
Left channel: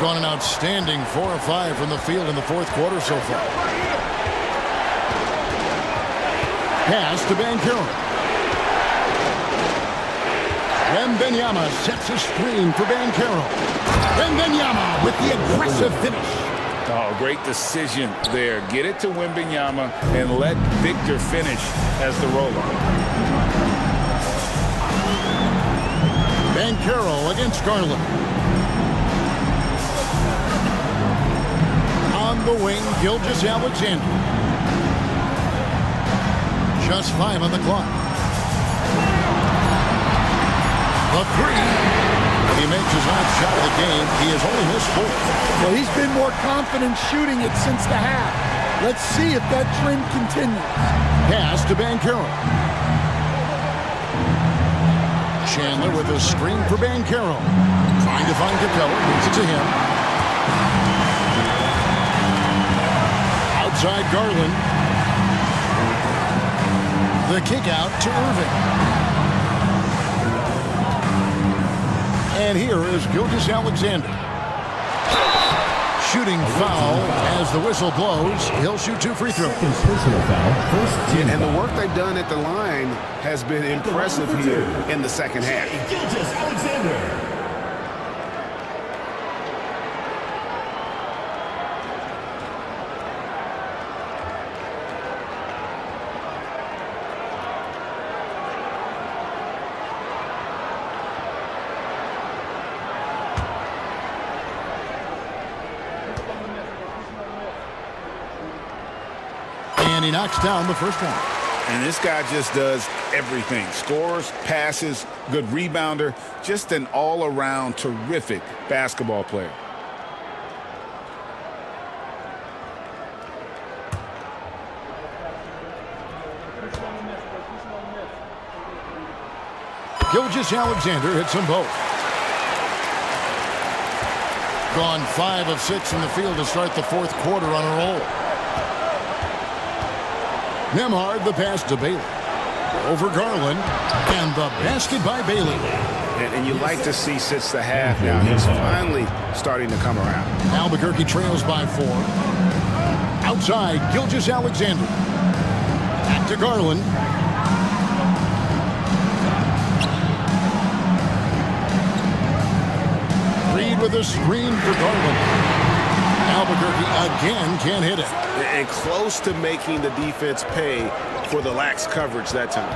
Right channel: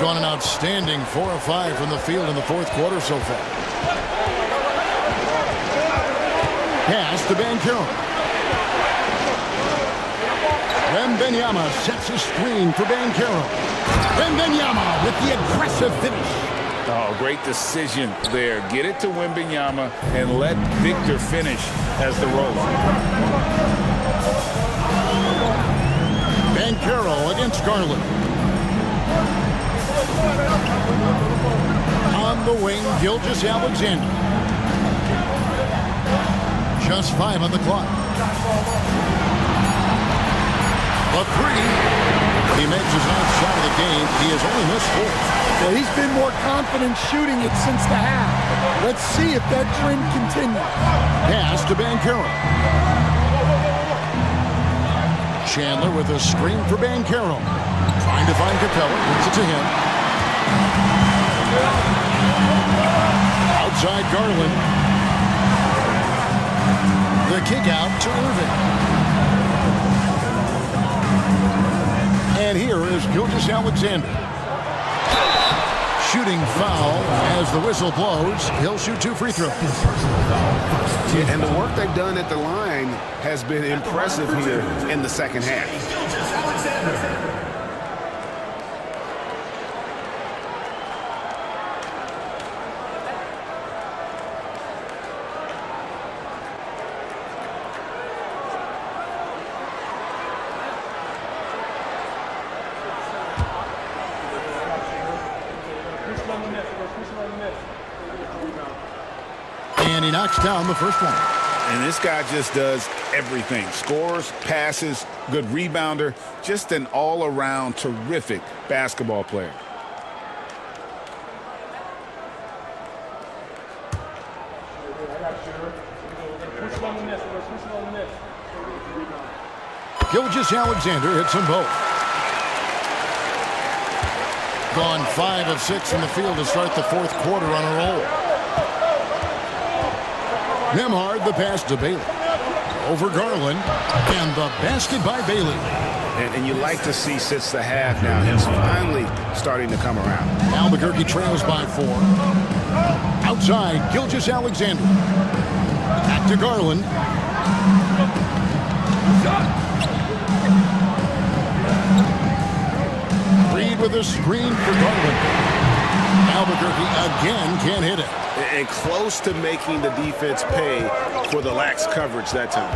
Gone an outstanding 4 of 5 from the field in the fourth quarter so far. Pass to Banchero. Wembanyama sets a screen for Banchero. Wembanyama with the aggressive finish. Oh, great decision there. Get it to Wembanyama and let Victor finish as the roller. Banchero against Garland. On the wing, Gilgeous-Alexander. Just 5 on the clock. The 3. He makes his 9th shot of the game. He has only missed 4. Well, he's been more confident shooting it since the half. Let's see if that trend continues. Pass to Banchero. Chandler with a screen for Banchero. Trying to find Capella. Moves it to him. Outside Garland. The kick out to Irving. And here is Gilgeous-Alexander. Shooting foul as the whistle blows. He'll shoot 2 free throws. Yeah, and the work they've done at the line has been impressive here in the second half. Gilgeous-Alexander. And he knocks down the first one. And this guy just does everything. Scores, passes, good rebounder. Just an all-around terrific basketball player. Gilgeous-Alexander hits them both. Gone 5 of 6 from the field to start the fourth quarter on a roll. Nembhard the pass to Bailey. Over Garland. And the basket by Bailey. And you like to see since the half now, he's finally starting to come around. Albuquerque trails by 4. Outside, Gilgeous-Alexander. Back to Garland. Reed with a screen for Garland. Albuquerque again can't hit it. And close to making the defense pay for the lax coverage that time.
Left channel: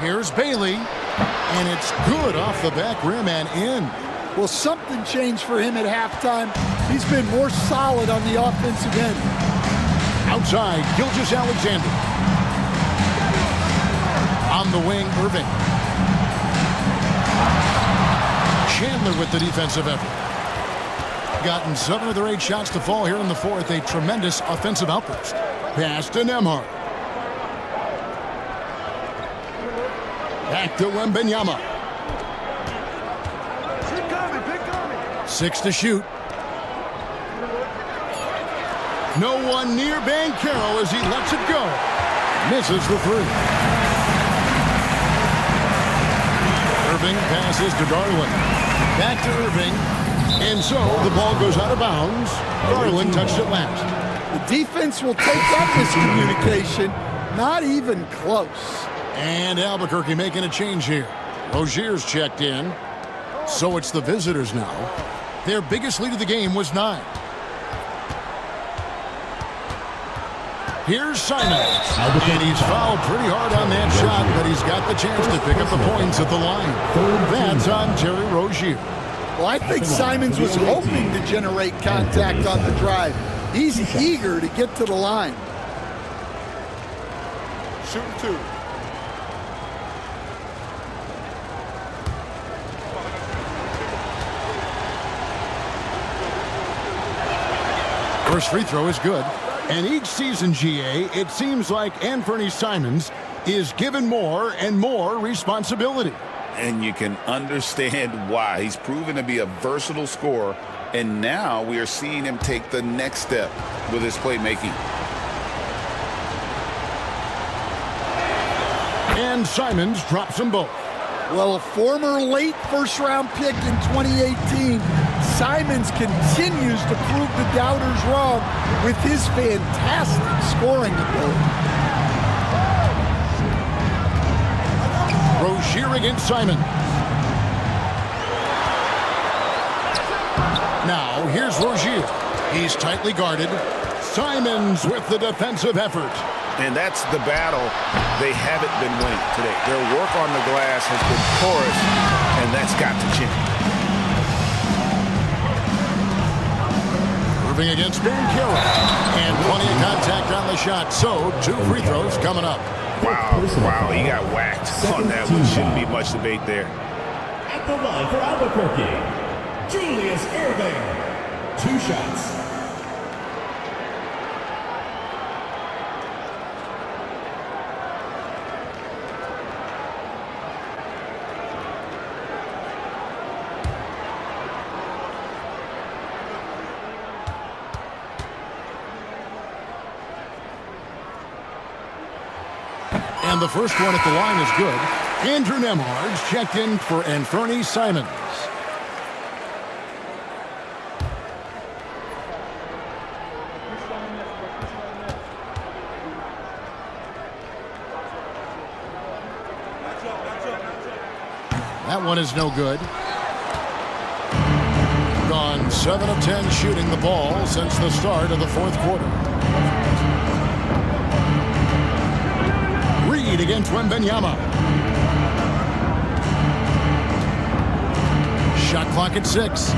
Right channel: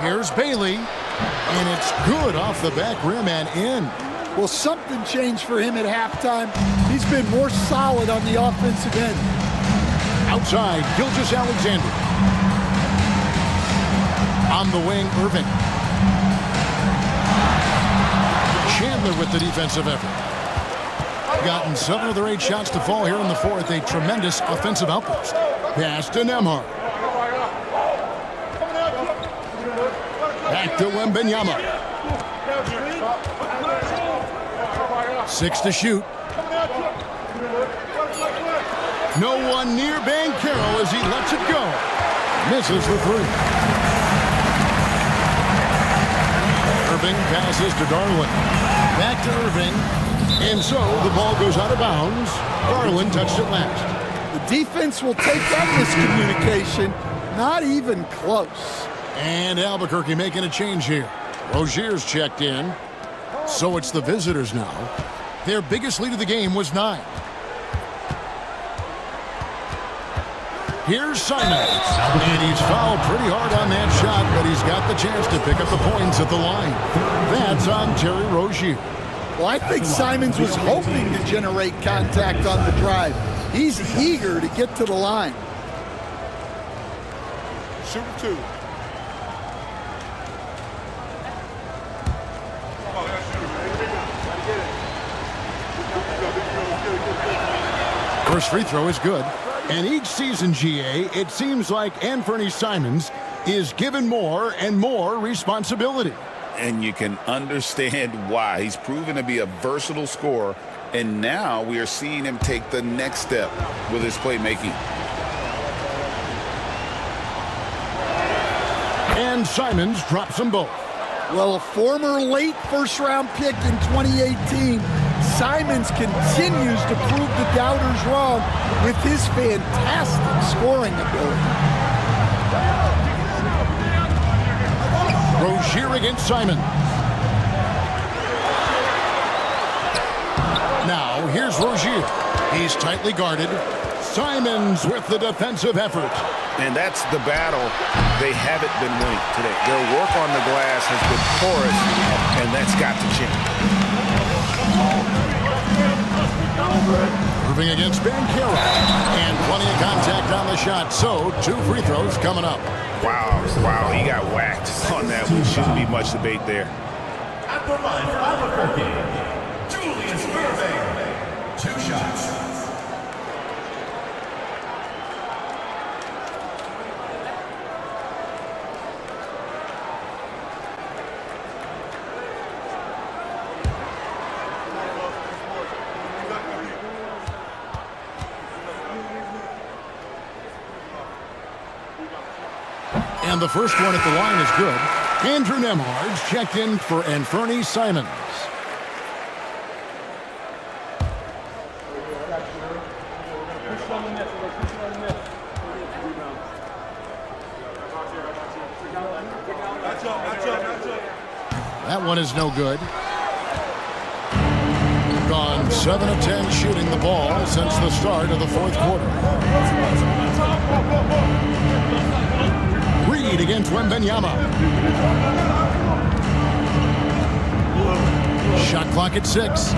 Here's Bailey, and it's good off the back rim and in. Well, something changed for him at halftime. He's been more solid on the offensive end. Outside, Gilgeous-Alexander. On the wing, Irving. Chandler with the defensive effort. Gotten 7 of their 8 shots to fall here in the fourth. A tremendous offensive outburst. Pass to Nembhard. Back to Wembanyama. 6 to shoot. No one near Banchero as he lets it go. Misses the 3. Irving passes to Garland. Back to Irving. And so the ball goes out of bounds. Garland touched it last. The defense will take that miscommunication. Not even close. And Albuquerque making a change here. Rozier's checked in. So it's the visitors now. Their biggest lead of the game was 9. Here's Simons. And he's fouled pretty hard on that shot, but he's got the chance to pick up the points at the line. That's on Terry Rozier. Well, I think Simons was hoping to generate contact on the drive. He's eager to get to the line. Shooting 2. First free throw is good. And each season, GA, it seems like Anthony Simons is given more and more responsibility. And you can understand why. He's proven to be a versatile scorer, and now we are seeing him take the next step with his playmaking. And Simons drops them both. Well, a former late first-round pick in 2018, Simons continues to prove the doubters wrong with his fantastic scoring ability. Rozier against Simons. Now, here's Rozier. He's tightly guarded. Simons with the defensive effort. And that's the battle they haven't been winning today. Their work on the glass has been porous, and that's got to change. Irving against Banchero. And plenty of contact on the shot, so 2 free throws coming up. Wow, he got whacked on that one. Shouldn't be much debate there. At the line for Albuquerque, Julius Irving. 2 shots. And the first one at the line is good. Andrew Nembhard's checked in for Anthony Simons. That one is no good. Gone 7 of 10 shooting the ball since the start of the 4th quarter. Reed against Wembanyama. Shot clock at 6.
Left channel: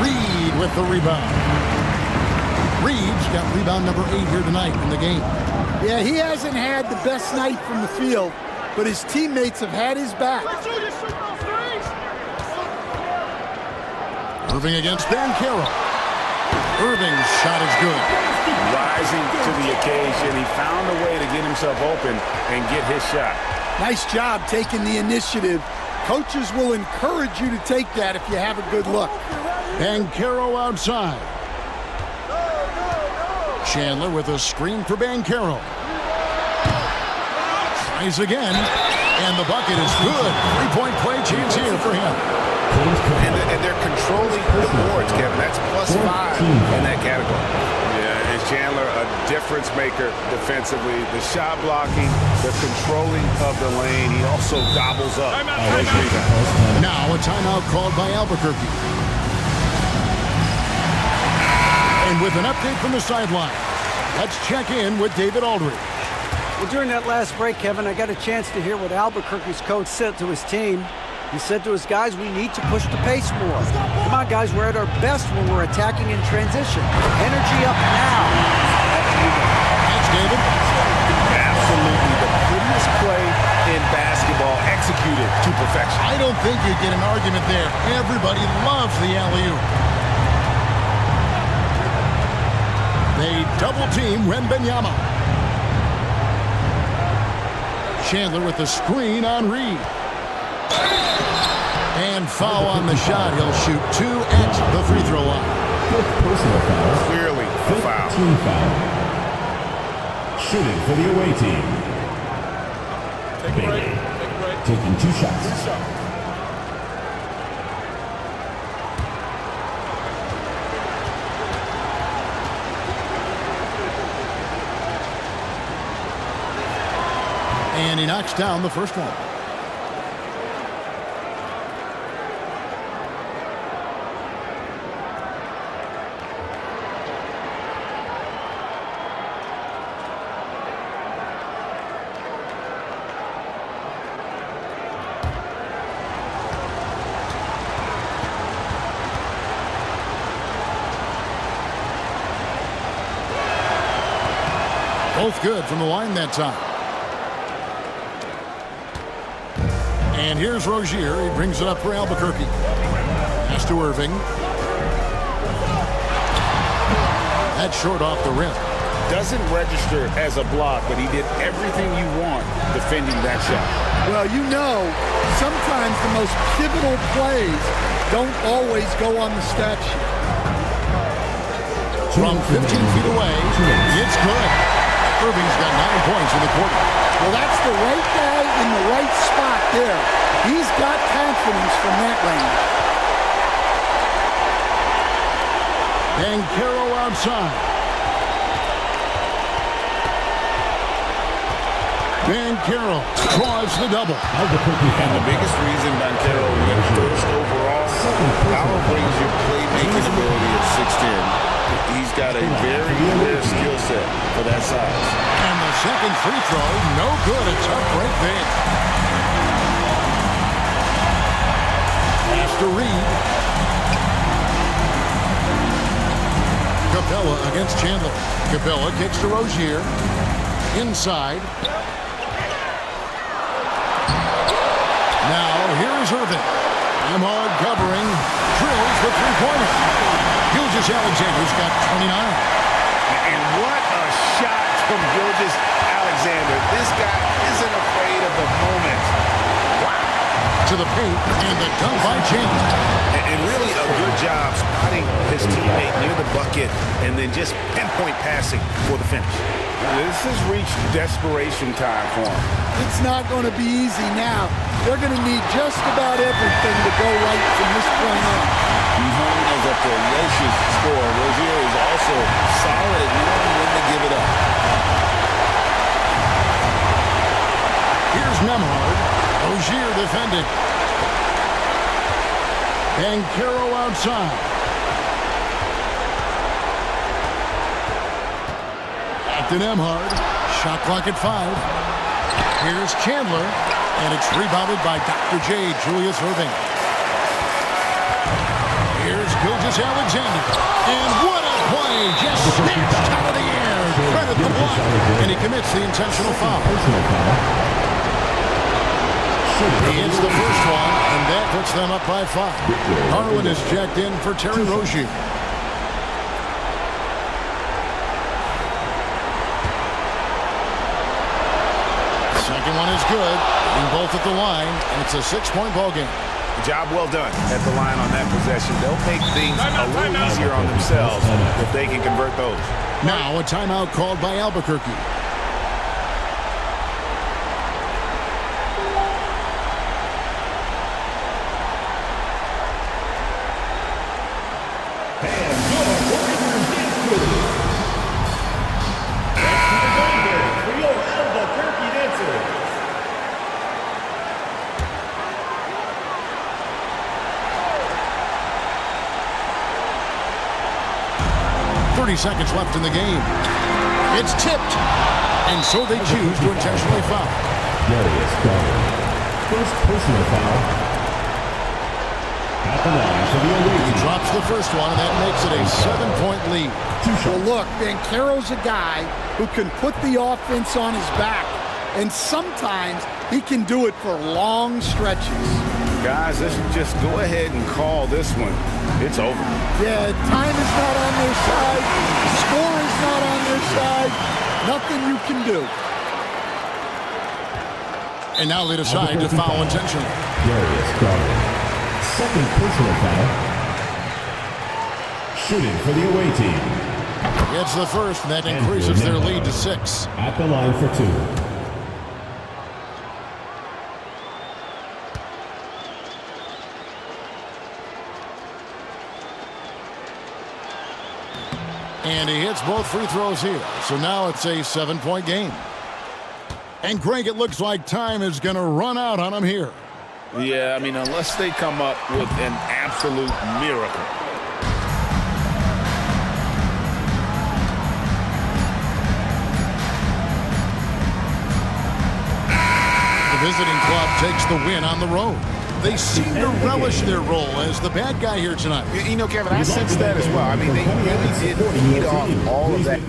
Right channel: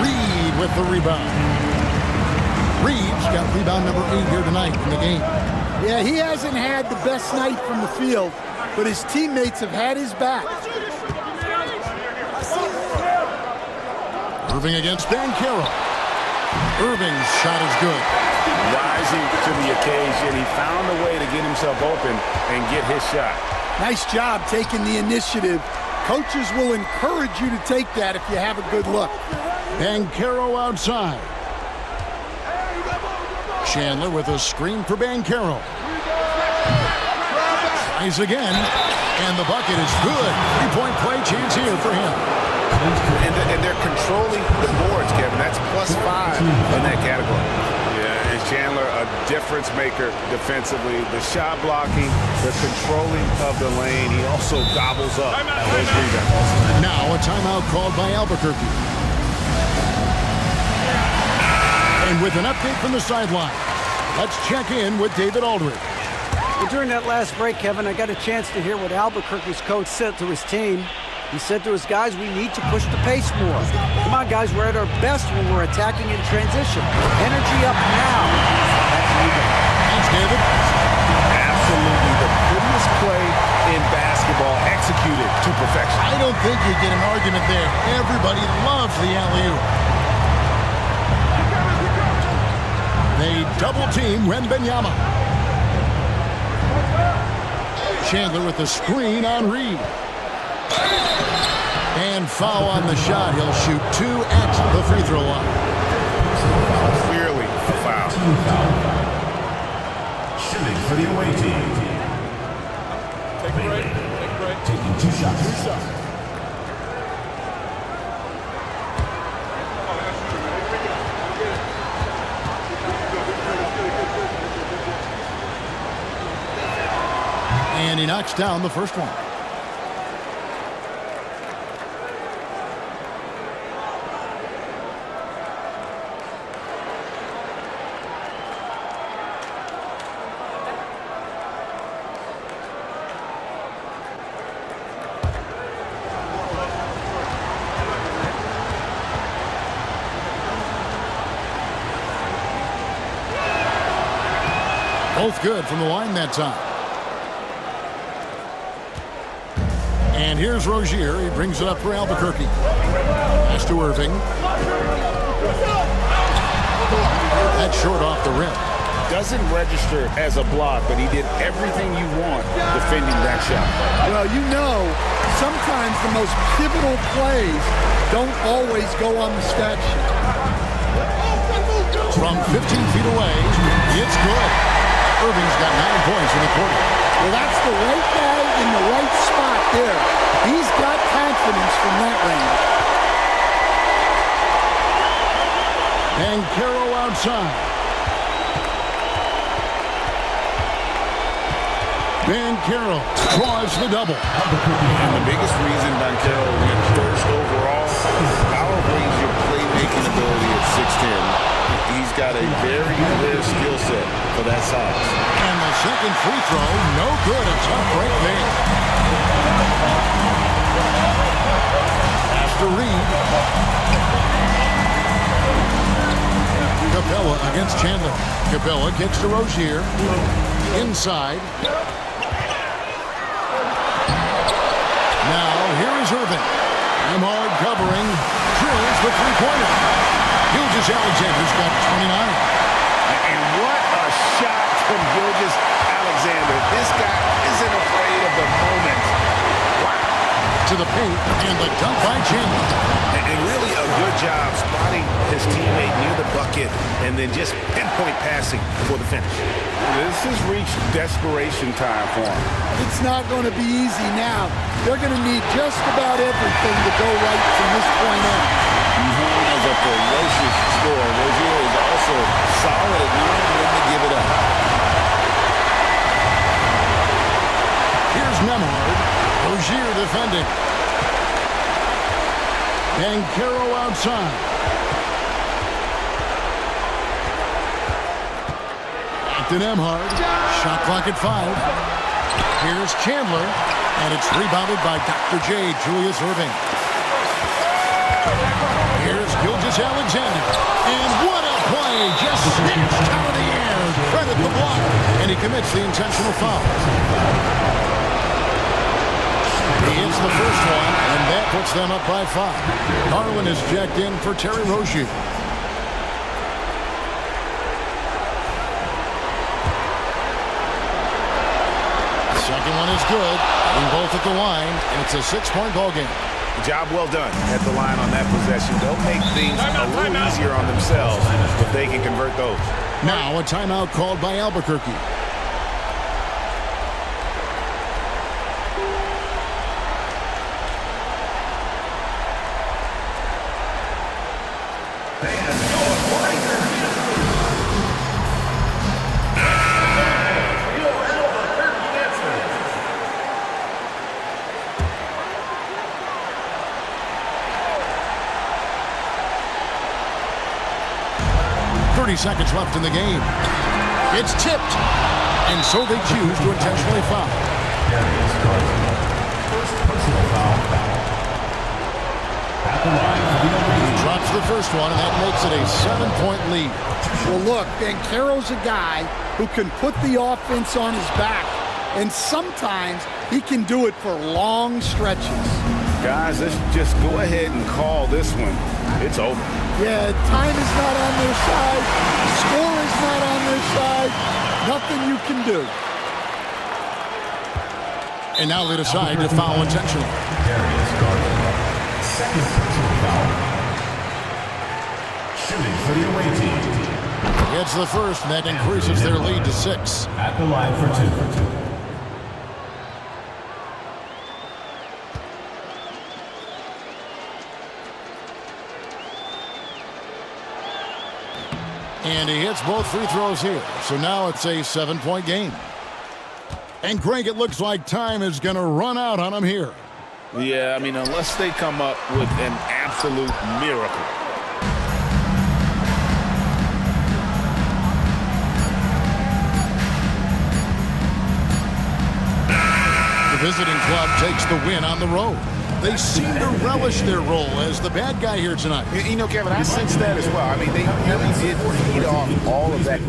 Reed with the rebound. Reed's got rebound number 8 here tonight in the game. Yeah, he hasn't had the best night from the field, but his teammates have had his back. Irving against Banchero. Irving's shot is good. Rising to the occasion, he found a way to get himself open and get his shot. Nice job taking the initiative. Coaches will encourage you to take that if you have a good look. Banchero outside. Chandler with a screen for Banchero. Tries again, and the bucket is good. 3-point play chance here for him. And they're controlling the boards, Kevin. That's +5 in that category. Yeah, and Chandler, a difference maker defensively. The shot blocking, the controlling of the lane. He also gobbles up those rebounds. Now a timeout called by Albuquerque. And with an update from the sidelines, let's check in with David Aldridge. Well, during that last break, Kevin, I got a chance to hear what Albuquerque's coach said to his team. He said to his guys, we need to push the pace more. Come on, guys, we're at our best when we're attacking in transition. Energy up now. Back to you guys. Thanks, David. Absolutely the prettiest play in basketball, executed to perfection. I don't think you'd get an argument there. Everybody loves the alley-oop. They double-team Wembanyama. Chandler with the screen on Reed. And foul on the shot. He'll shoot 2 at the free throw line. Personal foul. Clearly a foul. Team foul. Shooting for the away team. Take a break. Take a break. Taking 2 shots. 2 shots. And he knocks down the first one. Both good from the line that time. And here's Rozier. He brings it up for Albuquerque. Pass to Irving. That's short off the rim. Doesn't register as a block, but he did everything you want defending that shot. Well, you know, sometimes the most pivotal plays don't always go on the stat sheet. From 15 feet away, it's good. Irving's got 9 points in the quarter. Well, that's the right guy in the right spot there. He's got confidence from that range. Banchero outside. Banchero draws the double. And the biggest reason Banchero went first overall, power brings your playmaking ability at 6'10". He's got a very rare skill set for that size. And the second free throw, no good. A tough break there. Pass to Reed. Capella against Chandler. Capella kicks to Rozier. Inside. Now, here is Irving. Emhard covering. Drills the three-pointer. Gilgeous-Alexander's got 29. And what a shot from Gilgeous-Alexander. This guy isn't afraid of the moment. Wow. To the paint, and the dunk by Chandler. And really a good job spotting his teammate near the bucket and then just pinpoint passing for the finish. This has reached desperation time for him. It's not going to be easy now. They're going to need just about everything to go right from this point on. Known as a ferocious scorer, Rozier is also solid at knowing when to give it up. Here's Nembhard. Rozier defending. Banchero outside. Back to Nembhard. Shot clock at 5. Here's Chandler. And it's rebounded by Dr. J, Julius Irving. Here's Gilgeous-Alexander. And what a play! Just snatched out of the air. Credit the block. And he commits the intentional foul. He hits the first one, and that puts them up by 5. Garland is checked in for Terry Rozier. Second one is good. Hitting both at the line, and it's a 6-point ball game. Job well done at the line on that possession. They'll make things a little easier on themselves if they can convert those. Now a timeout called by Albuquerque. For your Albuquerque dancers. 30 seconds left in the game. It's tipped. And so they choose to intentionally foul. Darius Garland. First personal foul. At the line for the away team. He drops the first one, and that makes it a 7-point lead. Well, look, Banchero's a guy who can put the offense on his back, and sometimes he can do it for long stretches. Guys, let's just go ahead and call this one. It's over. Yeah, time is not on their side. The score is not on their side. Nothing you can do. And now they decide to foul intentionally. Darius Garland. Second personal foul. Shooting for the away team. Gets the first, and that increases their lead to 6. At the line for 2. And he hits both free throws here. So now it's a 7-point game. And Greg, it looks like time is going to run out on him here. Yeah, I mean, unless they come up with an absolute miracle. The visiting club takes the win on the road. They seem to relish their role as the bad guy here tonight. You know, Kevin, I sense that as well. I mean, they really did feed off all of that.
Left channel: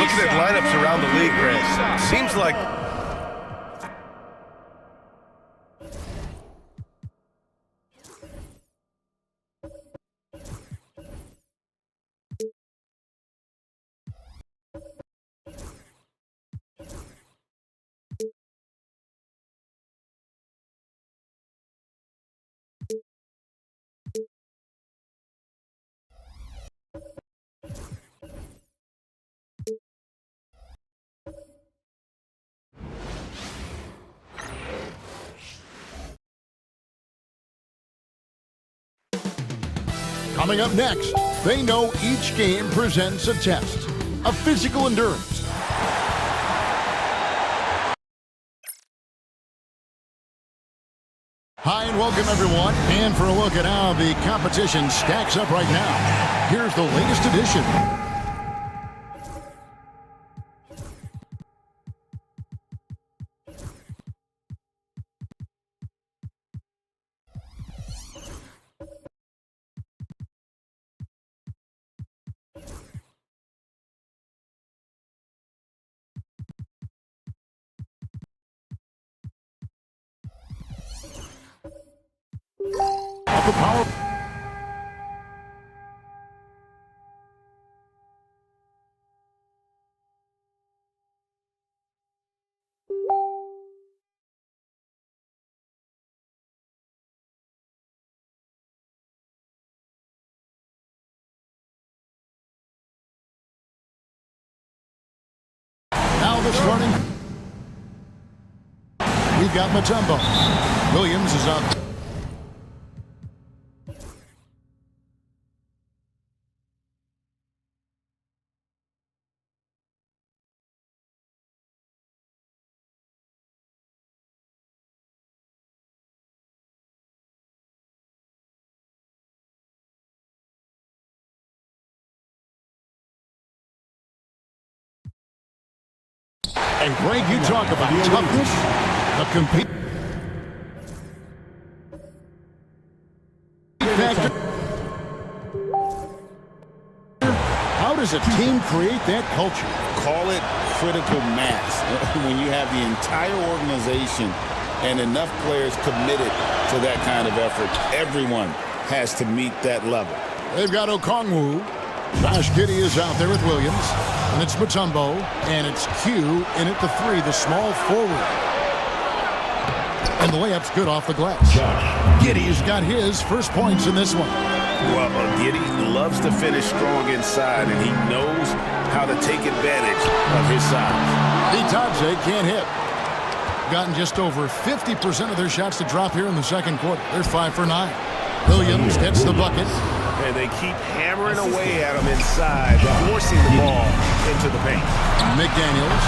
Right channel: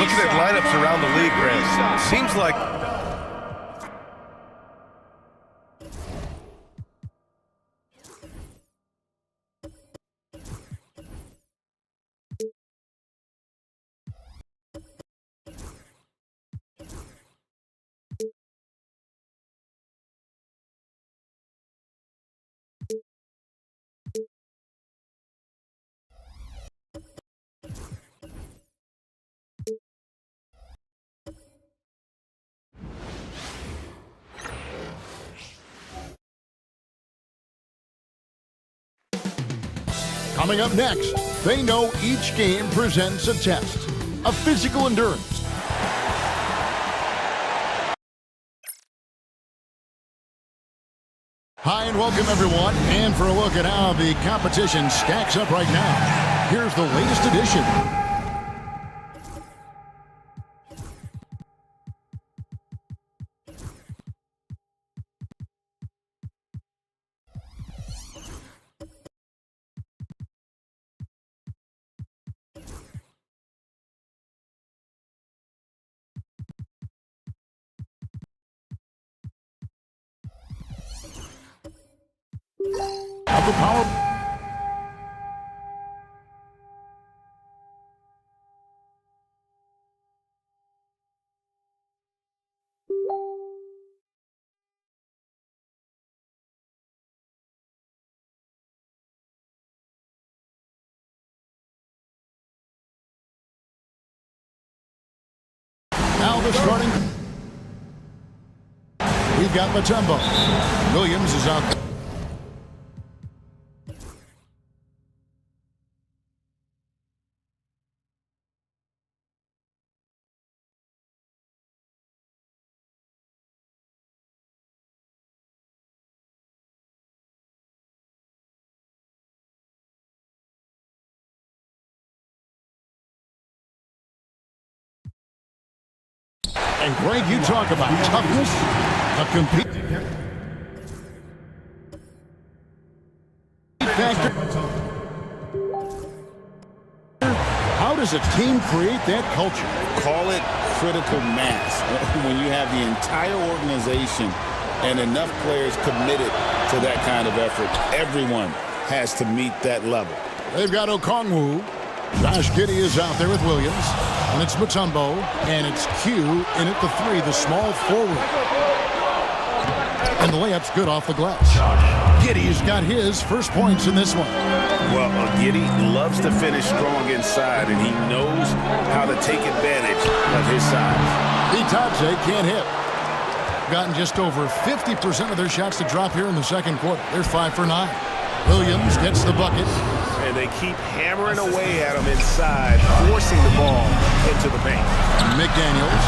Looking at lineups around the league, Grant, seems like Coming up next, they know each game presents a test of physical endurance. Hi and welcome everyone, and for a look at how the competition stacks up right now, here's the latest edition. Of the power. Now the starting. We've got Mutombo. Williams is out. And Greg, you talk about toughness, the compete factor. How does a team create that culture? Call it critical mass. When you have the entire organization and enough players committed to that kind of effort, everyone has to meet that level. They've got Okongwu. Josh Giddey is out there with Williams. And it's Mutombo. And it's Q in at the 3, the small forward. And the layup's good off the glass. Giddey's got his first points in this one. Well, Giddey loves to finish strong inside, and he knows how to take advantage of his size. Bitadze can't hit. Gotten just over 50% of their shots to drop here in the second quarter. They're 5 for 9. Williams gets the bucket. And they keep hammering away at him inside, forcing the ball into the paint. McDaniels.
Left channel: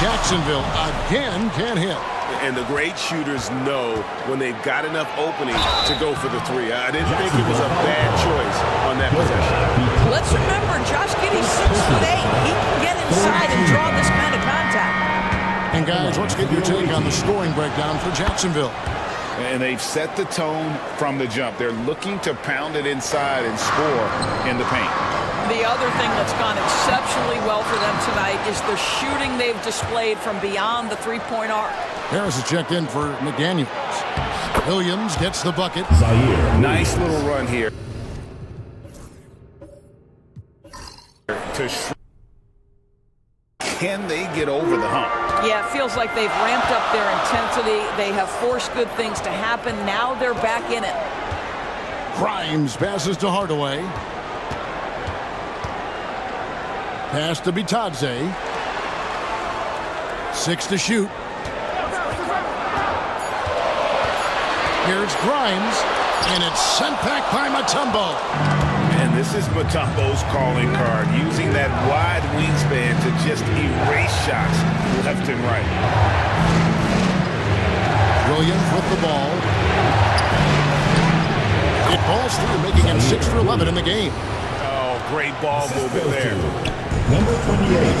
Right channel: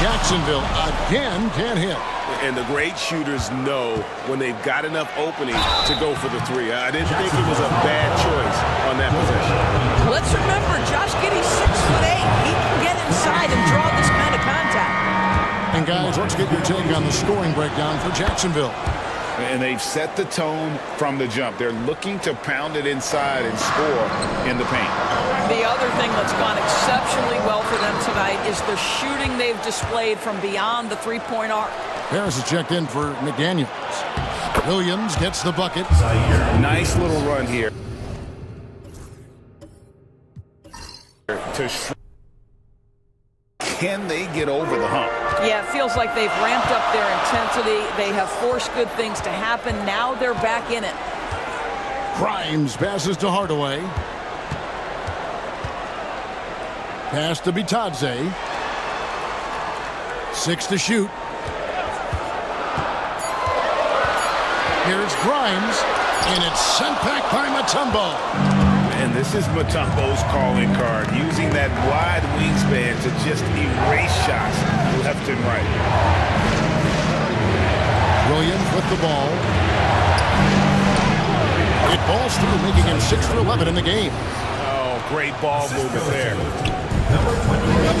Jacksonville again can't hit. And the great shooters know when they've got enough opening to go for the 3. I didn't think it was a bad choice on that possession. Let's remember, Josh Giddey's 6'8". He can get inside and draw this kind of contact. And guys, let's get your take on the scoring breakdown for Jacksonville. And they've set the tone from the jump. They're looking to pound it inside and score in the paint. The other thing that's gone exceptionally well for them tonight is the shooting they've displayed from beyond the three-point arc. Harris is checked in for McDaniels. Williams gets the bucket. Nice little run here. Can they get over the hump? Yeah, it feels like they've ramped up their intensity. They have forced good things to happen. Now they're back in it. Grimes passes to Hardaway. Pass to Bitadze. 6 to shoot. Here's Grimes, and it's sent back by Mutombo. And this is Mutombo's calling card, using that wide wingspan to just erase shots left and right. Williams with the ball. It falls through, making him 6 for 11 in the game. Oh, great ball movement there.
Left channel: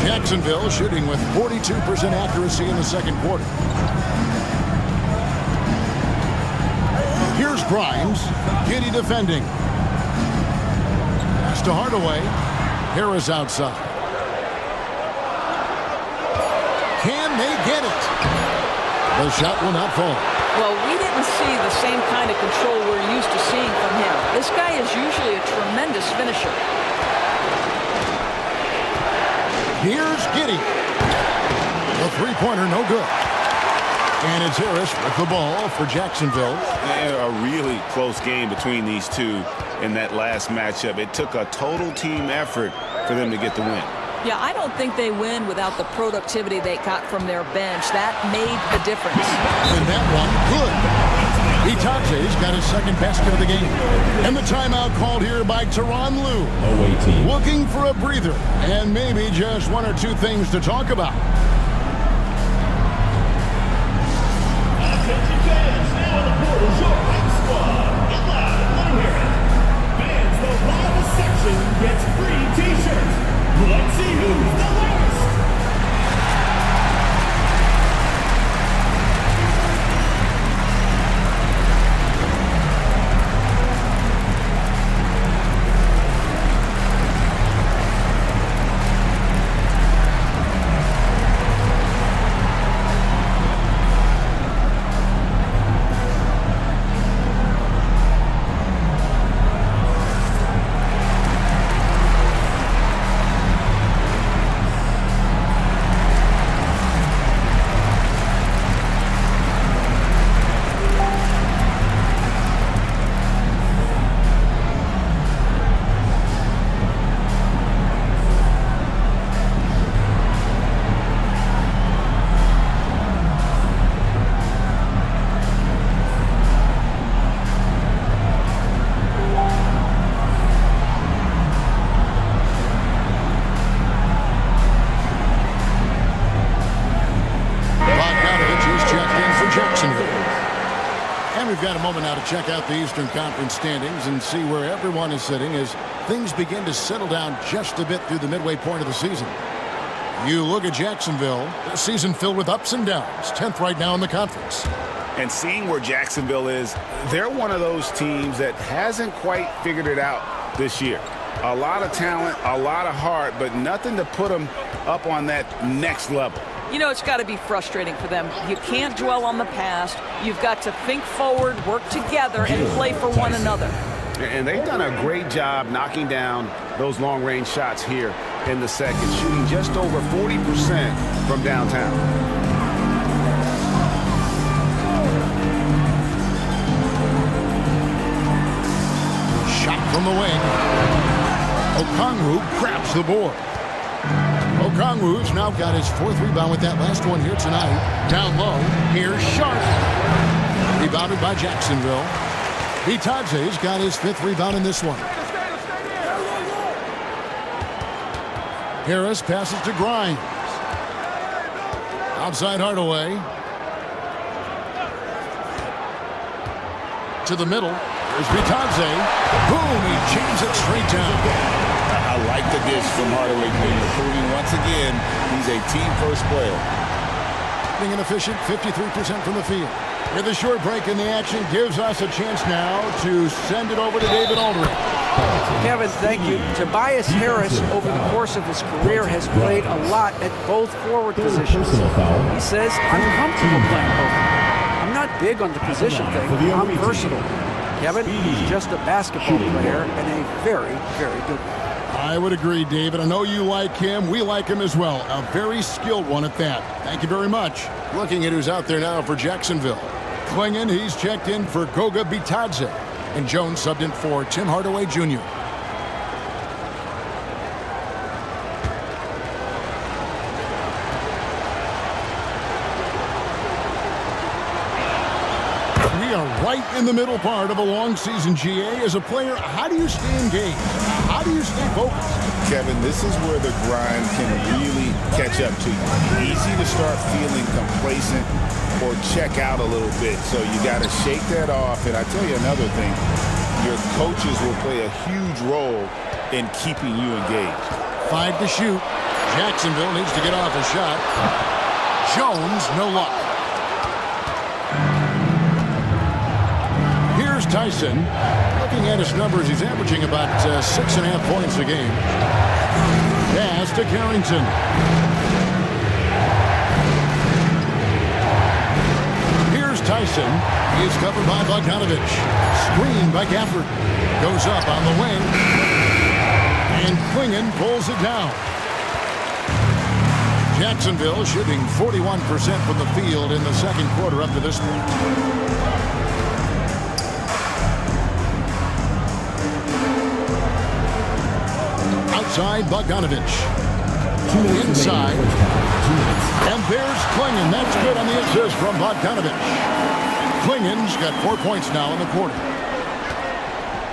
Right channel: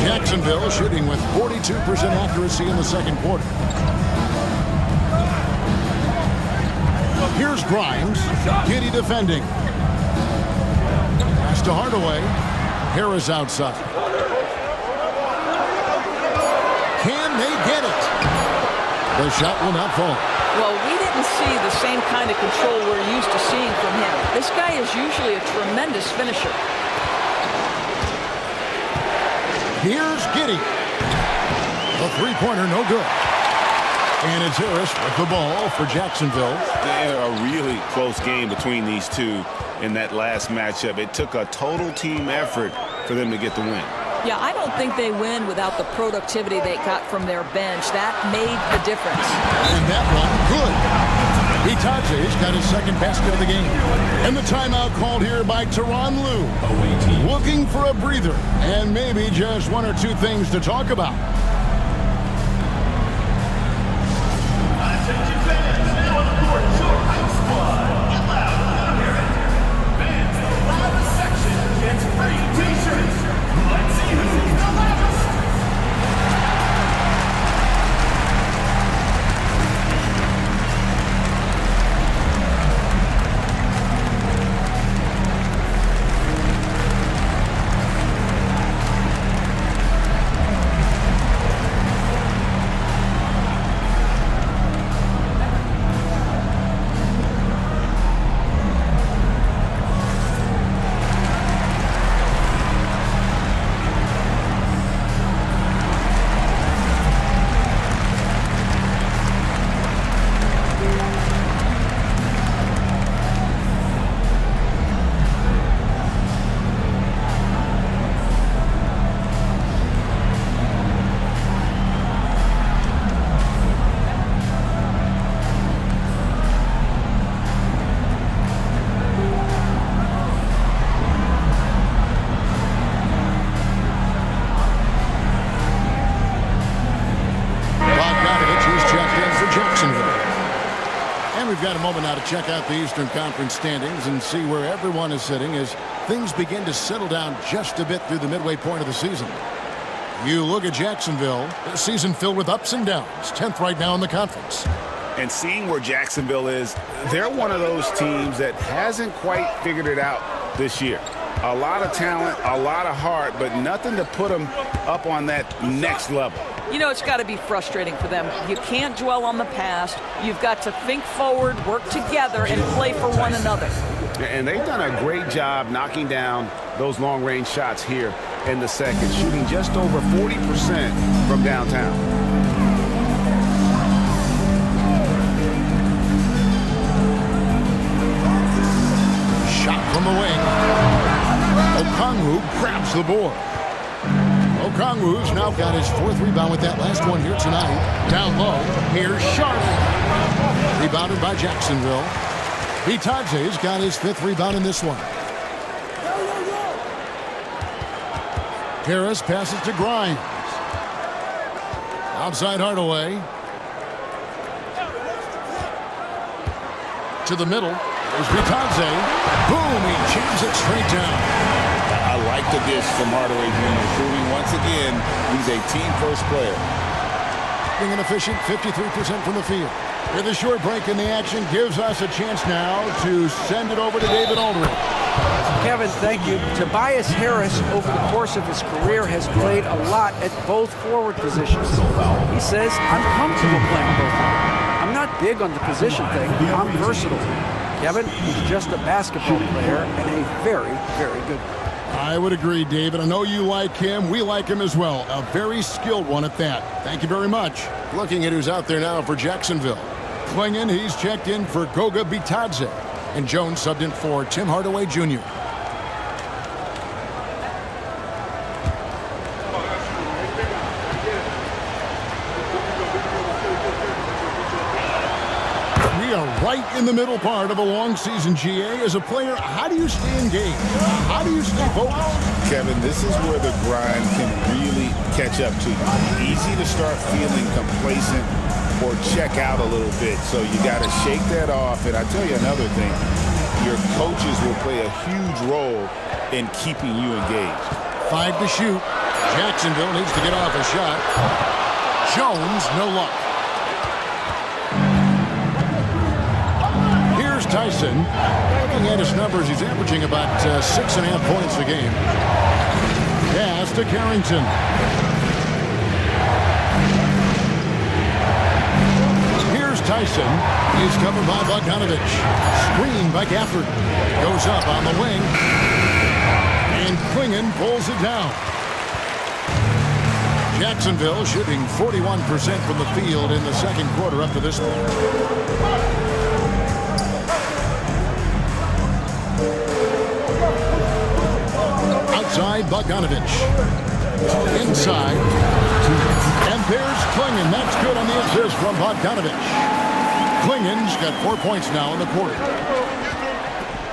Jacksonville shooting with 42% accuracy in the second quarter. Here's Grimes. Giddey defending. Pass to Hardaway. Harris outside. Can they get it? The shot will not fall. Well, we didn't see the same kind of control we're used to seeing from him. This guy is usually a tremendous finisher. Here's Giddey. The three-pointer, no good. And it's Harris with the ball for Jacksonville. A really close game between these two in that last matchup. It took a total team effort for them to get the win. Yeah, I don't think they win without the productivity they got from their bench. That made the difference. And that one, good. Bitadze's got his second basket of the game. And the timeout called here by Tyronn Lue. Looking for a breather and maybe just one or two things to talk about. Attention fans, now on the court is your hype squad. Get loud, let 'em hear it. Fans, the loudest section gets free t-shirts. Let's see who's the loudest. And we've got a moment now to check out the Eastern Conference standings and see where everyone is sitting as things begin to settle down just a bit through the midway point of the season. You look at Jacksonville, a season filled with ups and downs, 10th right now in the conference. And seeing where Jacksonville is, they're one of those teams that hasn't quite figured it out this year. A lot of talent, a lot of heart, but nothing to put them up on that next level. You know, it's got to be frustrating for them. You can't dwell on the past. You've got to think forward, work together, and play for one another. And they've done a great job knocking down those long-range shots here in the second, shooting just over 40% from downtown. Shot from the wing. Okongwu grabs the board. Okongwu's now got his 4th rebound with that last one here tonight. Down low, here's Sharp. Rebounded by Jacksonville. Bitadze's got his 5th rebound in this one. Harris passes to Grimes. Outside Hardaway. To the middle. There's Bitadze. Boom, he jams it straight down. I like the dish from Hardaway Jr., proving once again he's a team-first player. Being an efficient 53% from the field. With a short break in the action, gives us a chance now to send it over to David Aldridge. Kevin, thank you. Tobias Harris, over the course of his career, has played a lot at both forward positions. He says, I'm comfortable playing both of them. I'm not big on the position thing. I'm versatile. Kevin, he's just a basketball player and a very, very good one. I would agree, David. I know you like him. We like him as well. A very skilled one at that. Thank you very much. Looking at who's out there now for Jacksonville. Klingon, he's checked in for Goga Bitadze. And Jones subbed in for Tim Hardaway Jr. We are right in the middle part of a long season, GA. As a player, how do you stay engaged? How do you stay focused? Kevin, this is where the grind can really catch up to you. Easy to start feeling complacent or check out a little bit. So you got to shake that off. And I tell you another thing, your coaches will play a huge role in keeping you engaged. 5 to shoot. Jacksonville needs to get off a shot. Jones, no luck. Here's Tyson. Looking at his numbers, he's averaging about 6.5 points a game. Pass to Carrington. Here's Tyson. He's covered by Bogdanovich. Screen by Gafford. Goes up on the wing. And Klingon pulls it down. Jacksonville shooting 41% from the field in the second quarter up to this point. Outside, Bogdanovich. Inside. And there's Klingon. That's good on the assist from Bogdanovich. Klingon's got 4 points now in the quarter.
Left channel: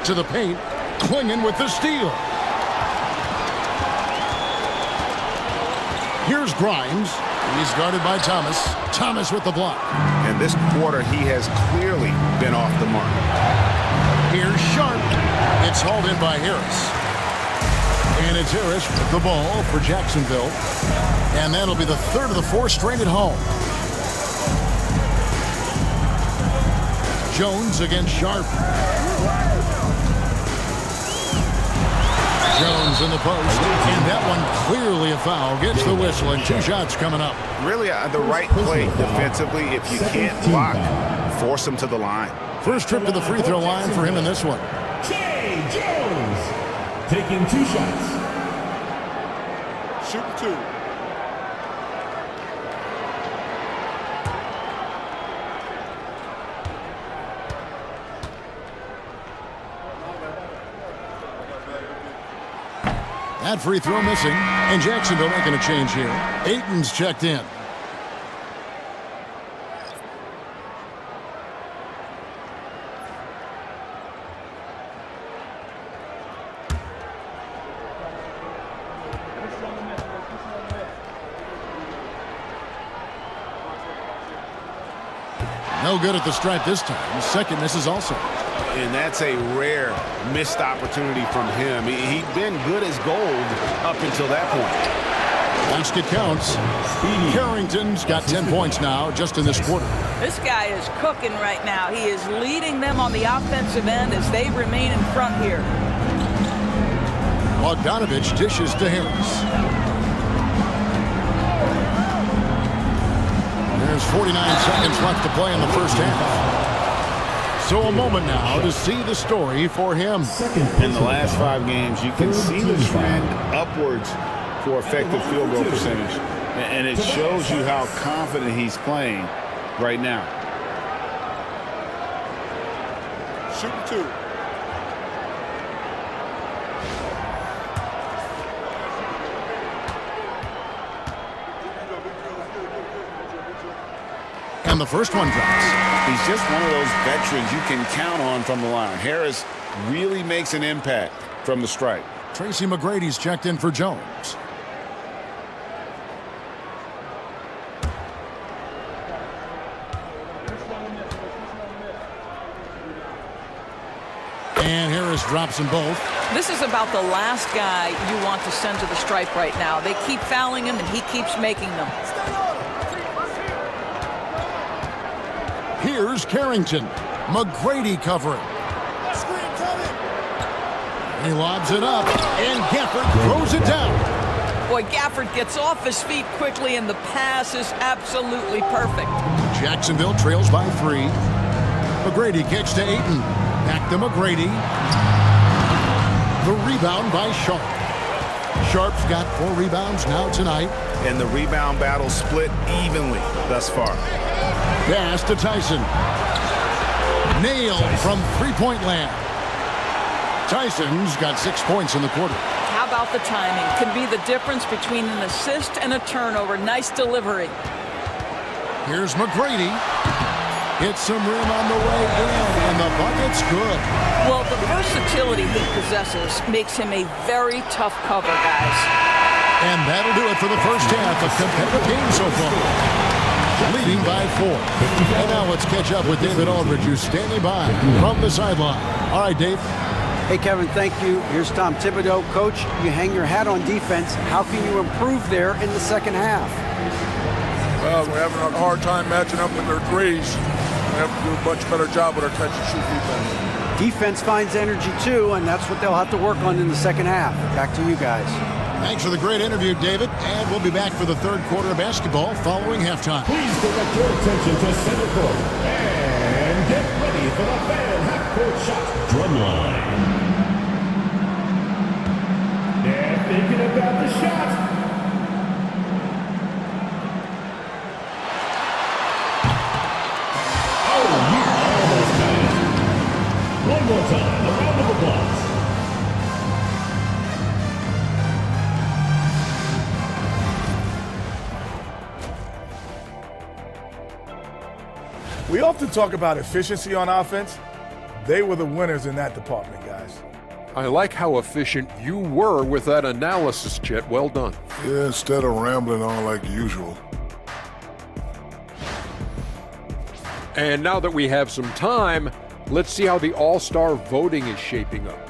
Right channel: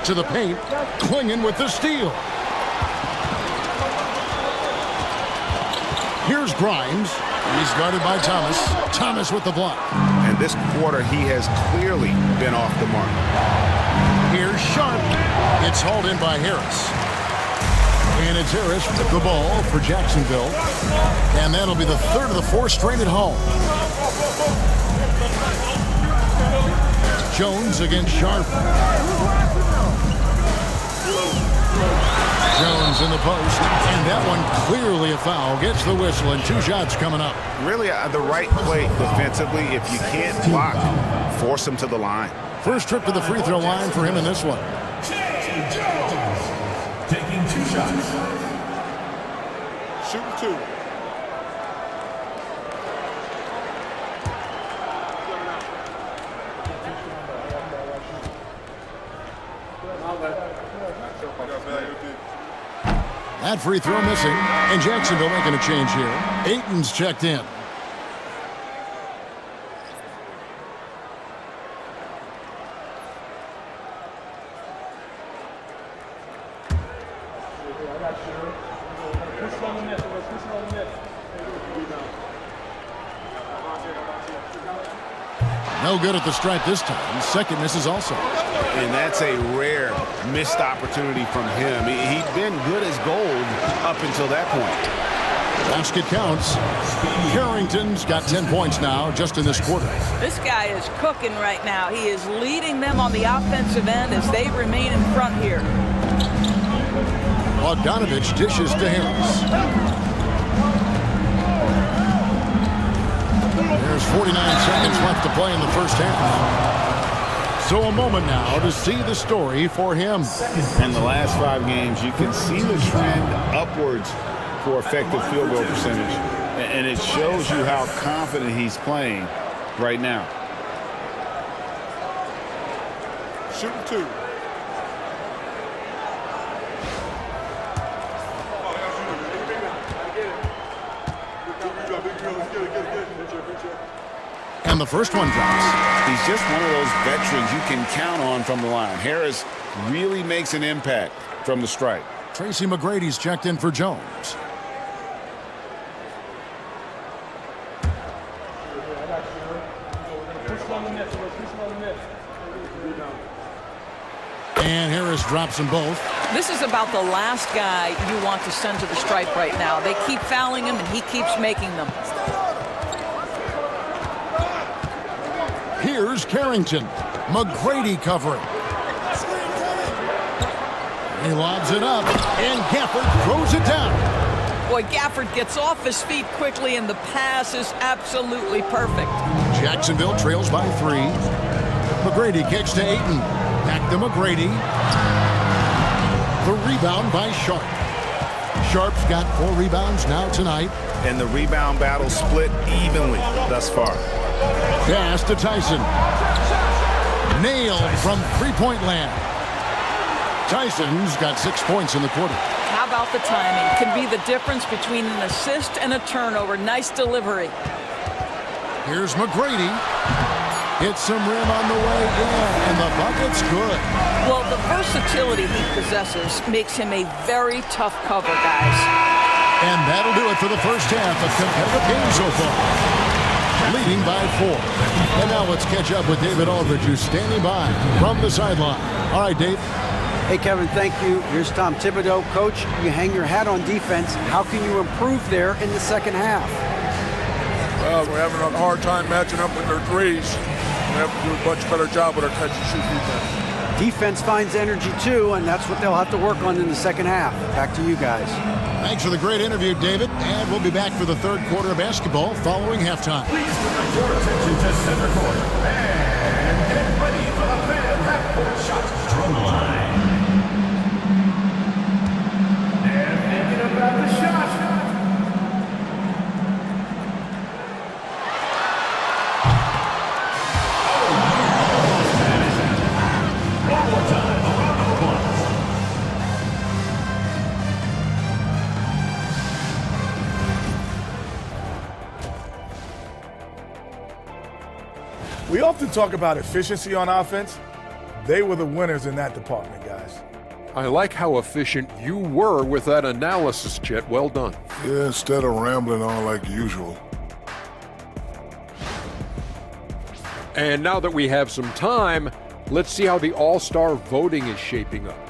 To the paint. Klingon with the steal. Here's Grimes. He's guarded by Thomas. Thomas with the block. And this quarter, he has clearly been off the mark. Here's Sharp. It's hauled in by Harris. And it's Harris with the ball for Jacksonville. And that'll be the 3rd of the 4 straight at home. Jones against Sharp. Jones in the post. And that one clearly a foul. Gets the whistle and 2 shots coming up. Really the right play defensively. If you can't block, force him to the line. First trip to the free throw line for him in this one. Jones taking 2 shots. Shooting 2. That free throw missing, and Jacksonville making a change here. Ayton's checked in. No good at the stripe this time. Second misses also. And that's a rare missed opportunity from him. He'd been good as gold up until that point. Basket counts. Carrington's got 10 points now just in this quarter. This guy is cooking right now. He is leading them on the offensive end as they remain in front here. Bogdanovich dishes to Harris. There's 49 seconds left to play in the first half. So a moment now to see the story for him. In the last 5 games, you can see the trend upwards for effective field goal percentage. And it shows you how confident he's playing right now. Shooting 2. And the first one drops. He's just one of those veterans you can count on from the line. Harris really makes an impact from the stripe. Tracy McGrady's checked in for Jones. And Harris drops them both. This is about the last guy you want to send to the stripe right now. They keep fouling him, and he keeps making them. Here's Carrington. McGrady covering. He lobs it up, and Gafford throws it down. Boy, Gafford gets off his feet quickly, and the pass is absolutely perfect. Jacksonville trails by 3. McGrady kicks to Ayton. Back to McGrady. The rebound by Sharp. Sharp's got 4 rebounds now tonight. And the rebound battle split evenly thus far. Pass to Tyson. Nailed from three-point land. Tyson's got 6 points in the quarter. How about the timing? Can be the difference between an assist and a turnover. Nice delivery. Here's McGrady. Hits some rim on the way in, and the bucket's good. Well, the versatility he possesses makes him a very tough cover, guys. And that'll do it for the first half of competitive game so far. Leading by 4. And now let's catch up with David Aldridge, who's standing by from the sideline. All right, Dave. Hey, Kevin, thank you. Here's Tom Thibodeau. Coach, you hang your hat on defense. How can you improve there in the second half? Well, we're having a hard time matching up with their threes. We have to do a much better job with our catch-and-shoot defense. Defense finds energy, too, and that's what they'll have to work on in the second half. Back to you guys. Thanks for the great interview, David. And we'll be back for the third quarter of basketball following halftime. Please direct your attention to center court and get ready for the fan half-court shot drum line. They're thinking about the shot. One more time, a round of applause. We often talk about efficiency on offense. They were the winners in that department, guys. I like how efficient you were with that analysis, Chet. Well done. Yeah, instead of rambling on like usual. And now that we have some time, let's see how the All-Star voting is shaping up.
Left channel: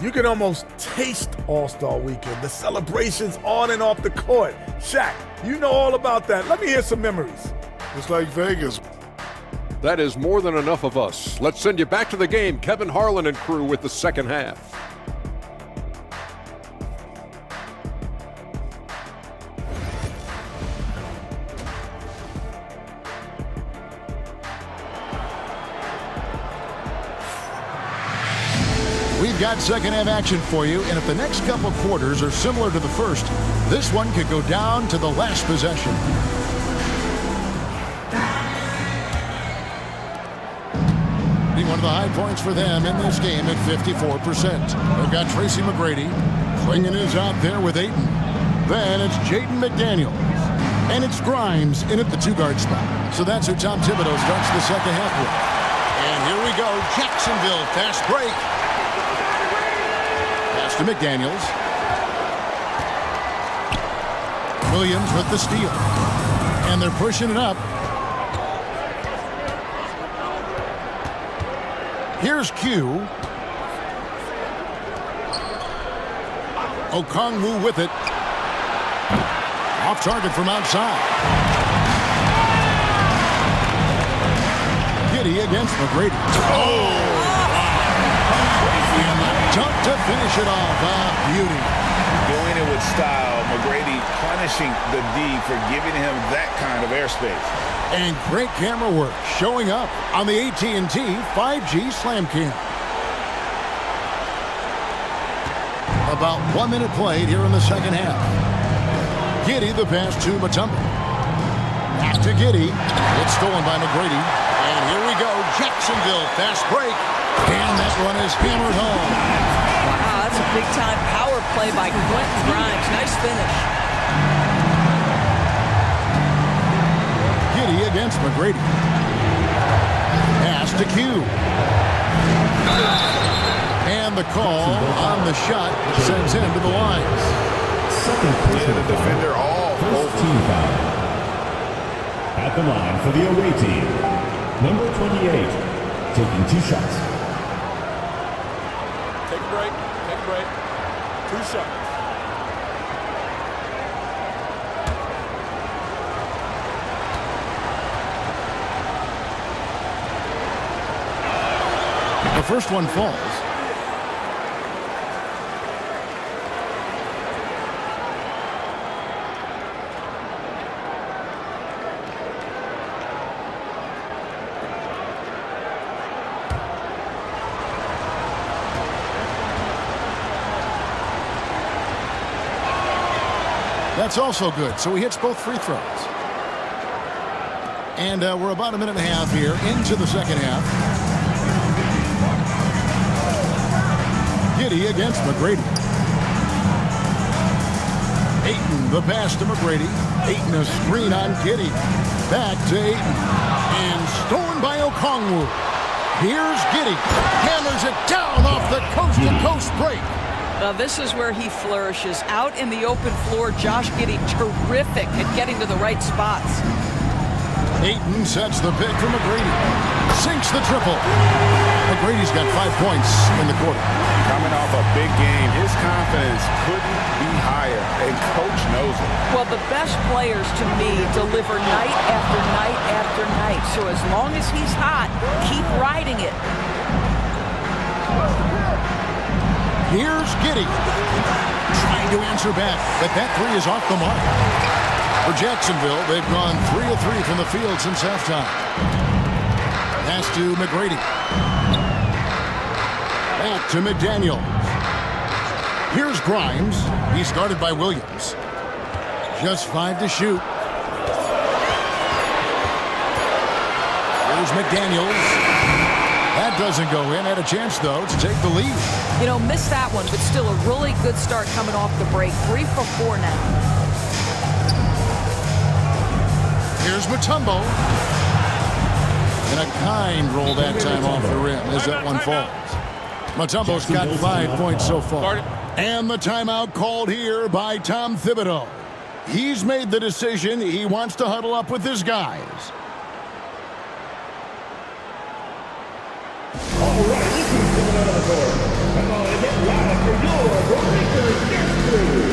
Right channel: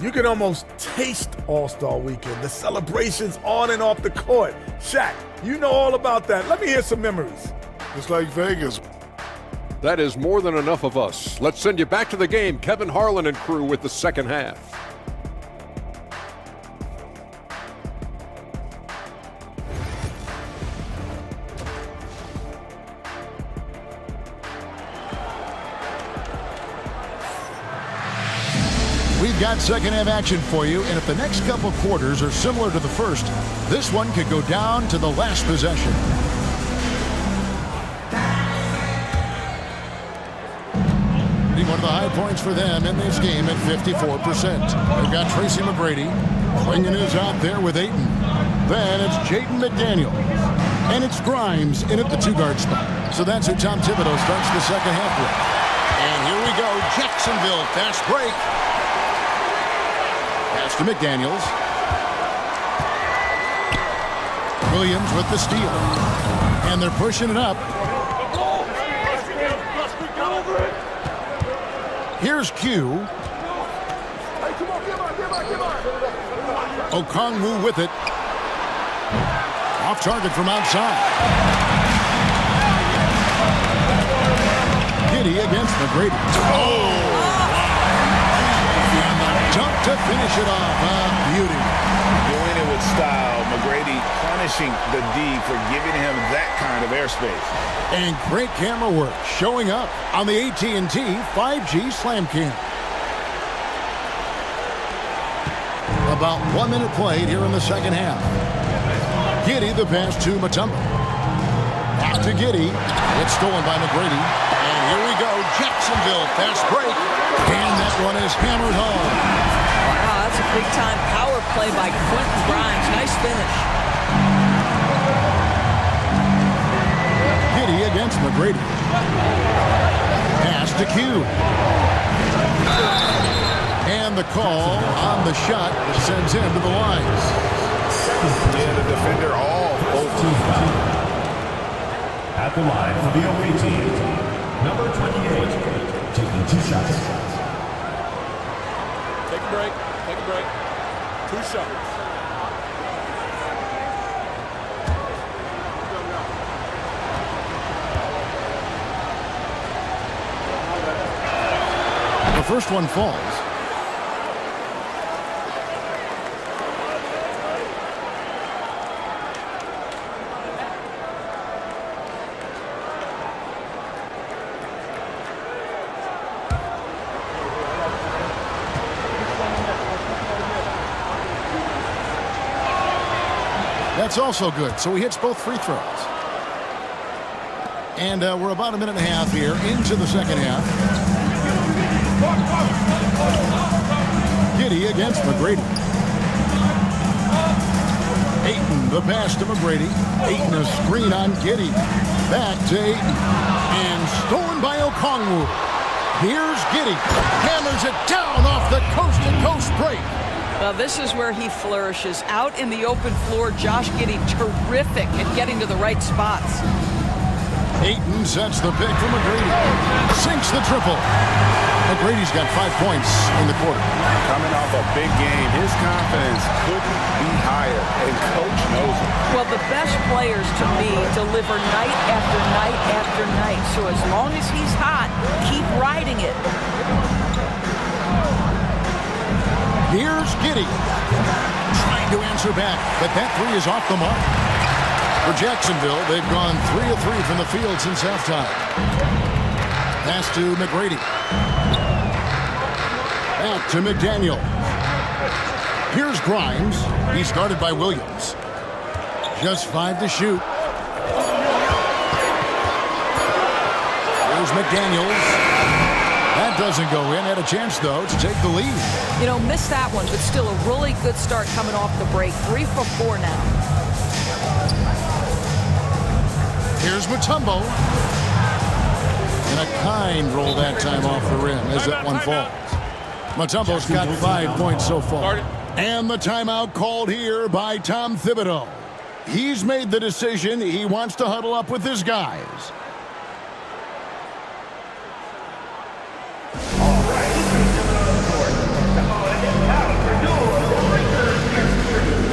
You can almost taste All-Star Weekend, the celebrations on and off the court. Shaq, you know all about that. Let me hear some memories. It's like Vegas. That is more than enough of us. Let's send you back to the game. Kevin Harlan and crew with the second half. We've got second half action for you, and if the next couple quarters are similar to the first, this one could go down to the last possession. One of the high points for them in this game at 54%. They've got Tracy McGrady. Swinging is out there with Ayton. Then it's Jaden McDaniels. And it's Grimes in at the 2-guard spot. So that's who Tom Thibodeau starts the second half with. And here we go. Jacksonville fast break. Pass to McDaniels. Williams with the steal. And they're pushing it up. Here's Q. Okongwu with it. Off target from outside. Giddy against McGrady. Oh! Wow. And the dunk to finish it off. A beauty. Doing it with style. McGrady punishing the D for giving him that kind of airspace. And great camera work showing up on the AT&T 5G Slam Cam. About 1 minute played here in the second half. Giddy the pass to Mutombo. Back to Giddy. It's stolen by McGrady. And here we go. Jacksonville fast break. And that one is hammered home. Wow, that's a big-time power play by Quentin Grimes. Nice finish. Giddy against McGrady. Pass to Q. And the call on the shot that sends him to the lines. Yeah, the defender all over. At the line for the away team, number 28, taking 2 shots. Take a break. Take a break. 2 shots. The first one falls. That's also good. So he hits both free throws. And we're about 1.5 minutes here into the second half. Giddy against McGrady. Ayton, the pass to McGrady. Ayton, a screen on Giddy. Back to Ayton. And stolen by Okongwu. Here's Giddy. Hammers it down off the coast-to-coast break. Well, this is where he flourishes. Out in the open floor, Josh Giddey terrific at getting to the right spots. Ayton sets the pick for McGrady. Sinks the triple. McGrady's got 5 points in the quarter. Coming off a big game, his confidence couldn't be higher, and coach knows it. Well, the best players, to me, deliver night after night after night. So as long as he's hot, keep riding it. Here's Giddy. Trying to answer back, but that three is off the mark. For Jacksonville, they've gone 3 of 3 from the field since halftime. Pass to McGrady. Back to McDaniel. Here's Grimes. He's guarded by Williams. Just 5 to shoot. Here's McDaniels. That doesn't go in. Had a chance, though, to take the lead. You know, missed that one, but still a really good start coming off the break. 3 for 4 now. Here's Mutombo. And a kind roll that time off the rim as that one falls. Mutombo's got 5 points so far. And the timeout called here by Tom Thibodeau. He's made the decision. He wants to huddle up with his guys. All right, this is coming out of the court. Come on, and get loud for your Racers Destiny.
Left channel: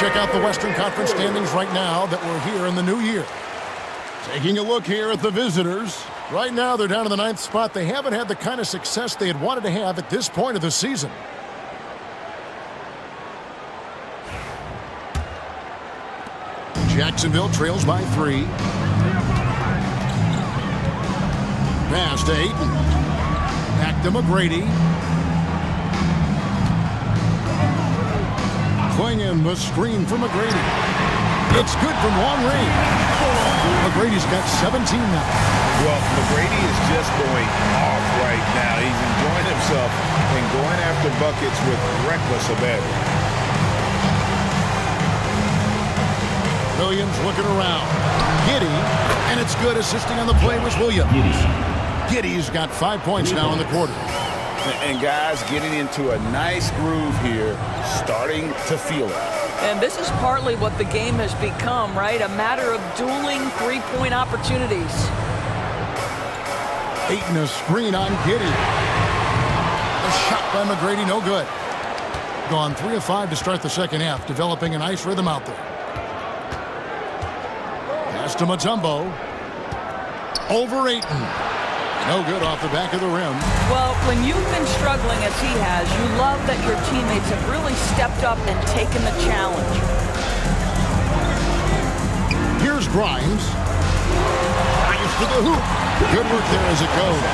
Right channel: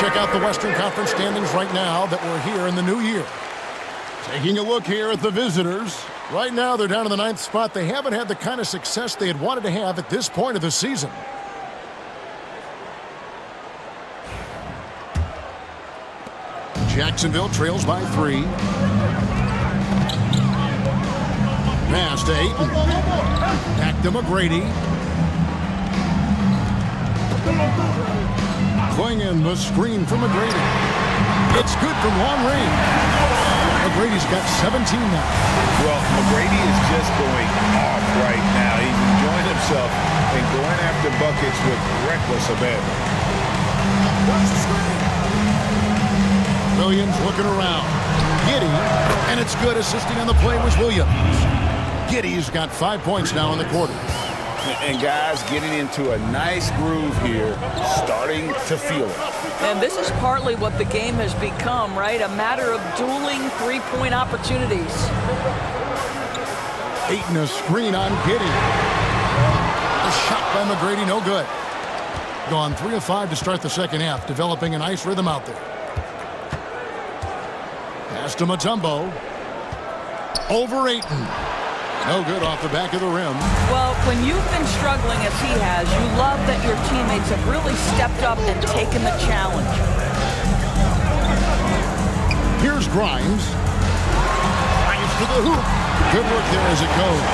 Check out the Western Conference standings right now that we're here in the new year. Taking a look here at the visitors. Right now, they're down in the 9th spot. They haven't had the kind of success they had wanted to have at this point of the season. Jacksonville trails by 3. pass to Ayton. Back to McGrady. Clinging the screen for McGrady. It's good from long range. McGrady's got 17 now. Well, McGrady is just going off right now. He's enjoying himself and going after buckets with reckless abandon. Williams looking around. Giddey, and it's good. Assisting on the play was Williams. Giddey's got 5 points now in the quarter. And guys getting into a nice groove here, starting to feel it. And this is partly what the game has become, right? A matter of dueling three-point opportunities. Ayton a screen on Giddey. A shot by McGrady, no good. Gone 3 of 5 to start the second half, developing a nice rhythm out there. Pass to Mutombo. Over Ayton. No good off the back of the rim. Well, when you've been struggling as he has, you love that your teammates have really stepped up and taken the challenge. Here's Grimes. Drives to the hoop. Good work there as it goes.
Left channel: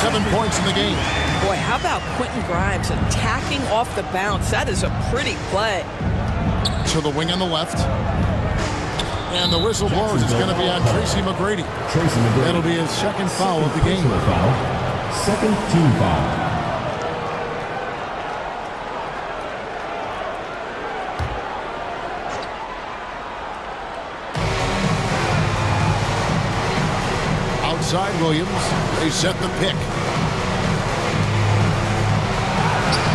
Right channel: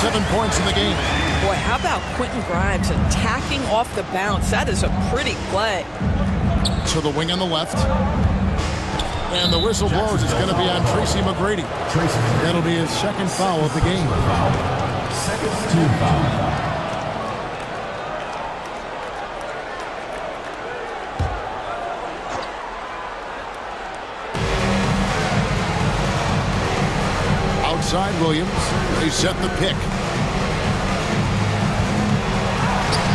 7 points in the game. Boy, how about Quentin Grimes attacking off the bounce? That is a pretty play. To the wing on the left. And the whistle blows. It's going to be on Tracy McGrady. That'll be his second foul of the game. Second team foul. Outside Williams. They set the pick.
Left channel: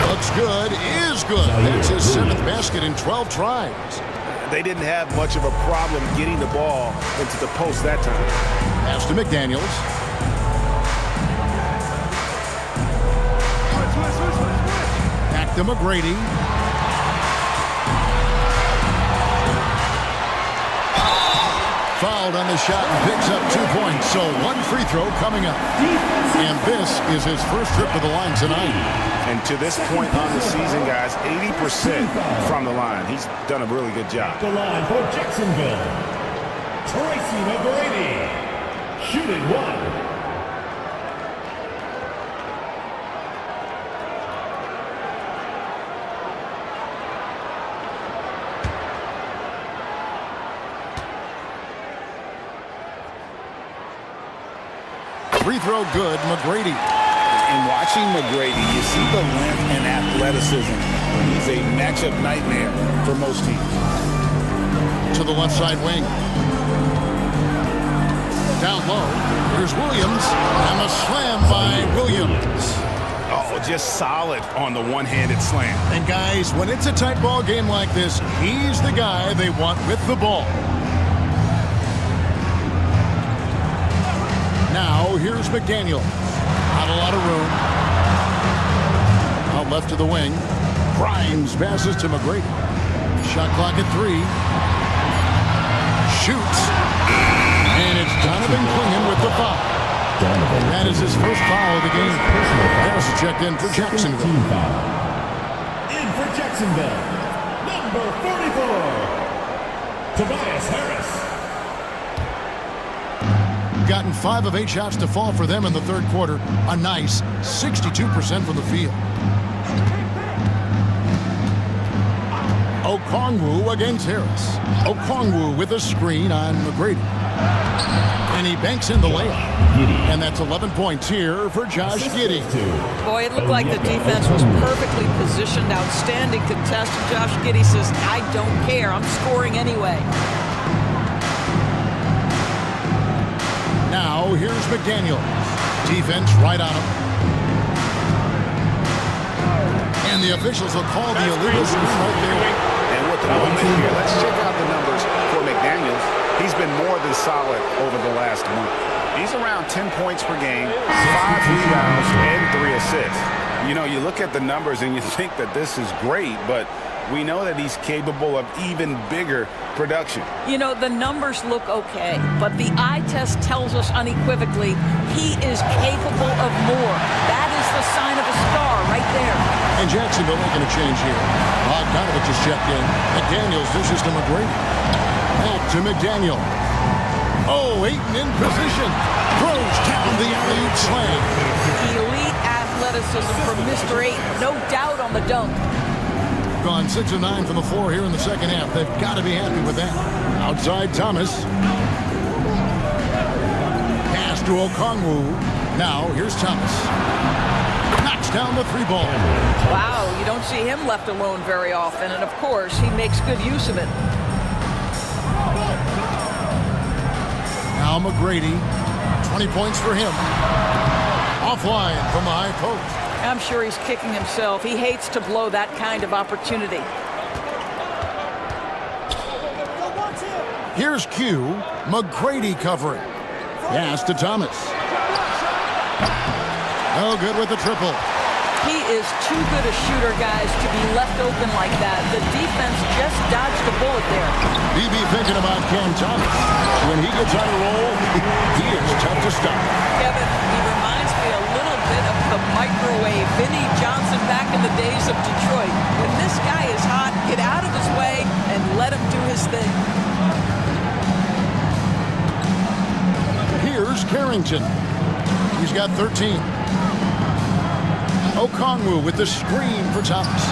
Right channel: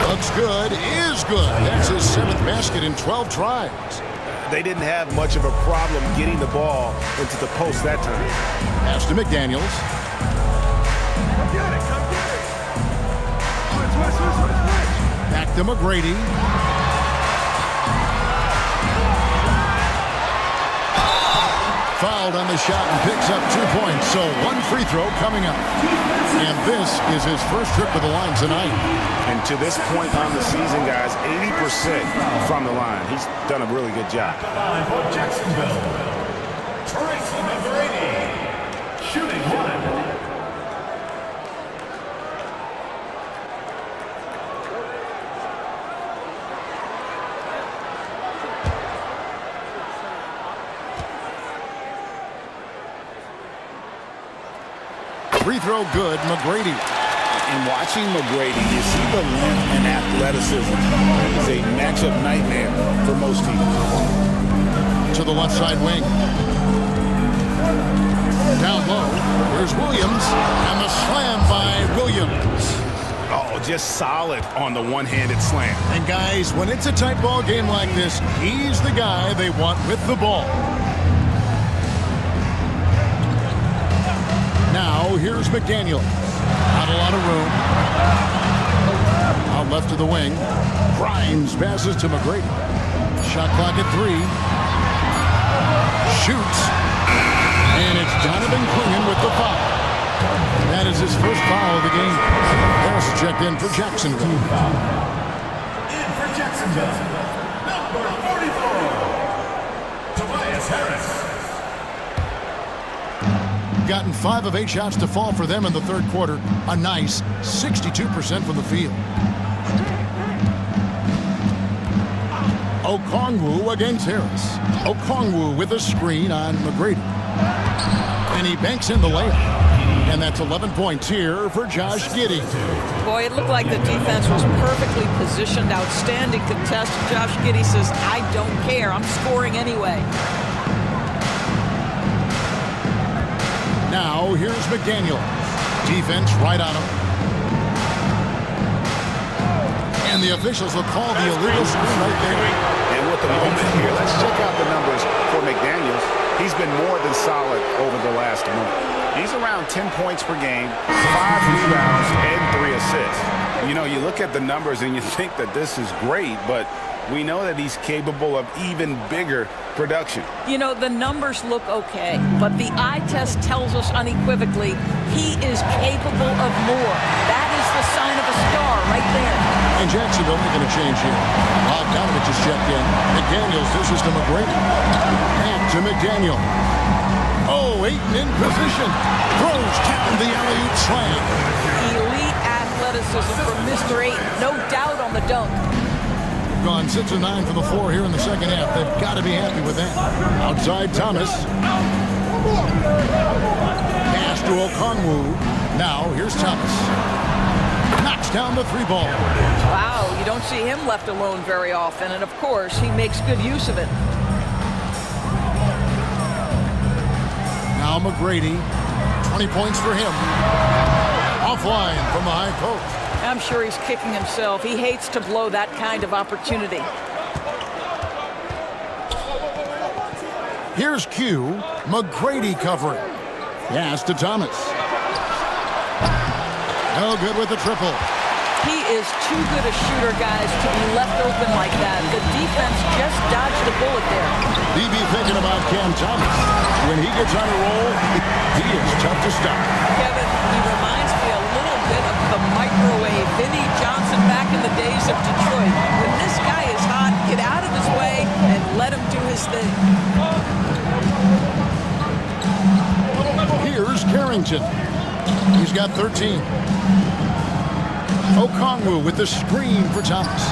Looks good. Is good. That's his 7th basket in 12 tries. They didn't have much of a problem getting the ball into the post that time. Pass to McDaniels. Back to McGrady. Fouled on the shot and picks up 2 points. So 1 free throw coming up. And this is his first trip to the line tonight. And to this point on the season, guys, 80% from the line. He's done a really good job. The line for Jacksonville, Tracy McGrady, shooting 1. Free throw good, McGrady. And watching McGrady, you see the length and athleticism. He's a matchup nightmare for most teams. To the left side wing. Down low, here's Williams, and the slam by Williams. Oh, just solid on the one-handed slam. And guys, when it's a tight ball game like this, he's the guy they want with the ball. Now, here's McDaniels. Not a lot of room. Out left to the wing. Grimes passes to McGrady. Shot clock at 3. Shoots. And it's Donovan Clingan with the foul. That is his first foul of the game. Harris is checked in for Jacksonville. In for Jacksonville, number 44, Tobias Harris. Gotten 5 of 8 shots to fall for them in the third quarter. A nice 62% from the field. Okongwu against Harris. Okongwu with a screen on McGrady. And he banks in the layup. And that's 11 points here for Josh Giddey. Boy, it looked like the defense was perfectly positioned. Outstanding contest. And Josh Giddey says, I don't care. I'm scoring anyway. Now, here's McDaniels. Defense right on him. And the officials will call the illegal screen right there. And with the moment here, let's check out the numbers for McDaniels. He's been more than solid over the last month. He's around 10 points per game, 5 rebounds, and 3 assists. You know, you look at the numbers and you think that this is great, but we know that he's capable of even bigger production. You know, the numbers look okay, but the eye test tells us unequivocally he is capable of more. That is the sign of a star right there. And Jacksonville making a change here. Bogdanovich just checked in. McDaniels dishes to McGrady. Back to McDaniel. Oh, Ayton in position. Throws down the alley-oop slam. Elite athleticism from Mr. Ayton. No doubt on the dunk. Gone 6 of 9 from the floor here in the second half. They've got to be happy with that. Outside Thomas. Pass to Okongwu. Now here's Thomas. Knocks down the 3-ball. Wow, you don't see him left alone very often, and of course, he makes good use of it. Now McGrady, 20 points for him. Offline from the high post. I'm sure he's kicking himself. He hates to blow that kind of opportunity. Here's Q. McGrady covering. Pass to Thomas. No good with the triple. He is too good a shooter, guys, to be left open like that. The defense just dodged a bullet there. BB thinking about Cam Thomas. When he gets on a roll, he is tough to stop. Kevin, he reminds me a little bit of the microwave Vinnie Johnson back in the days of Detroit. When this guy is hot, get out of his way and let him do his thing. Here's Carrington. He's got 13. Okongwu with the screen for Thomas.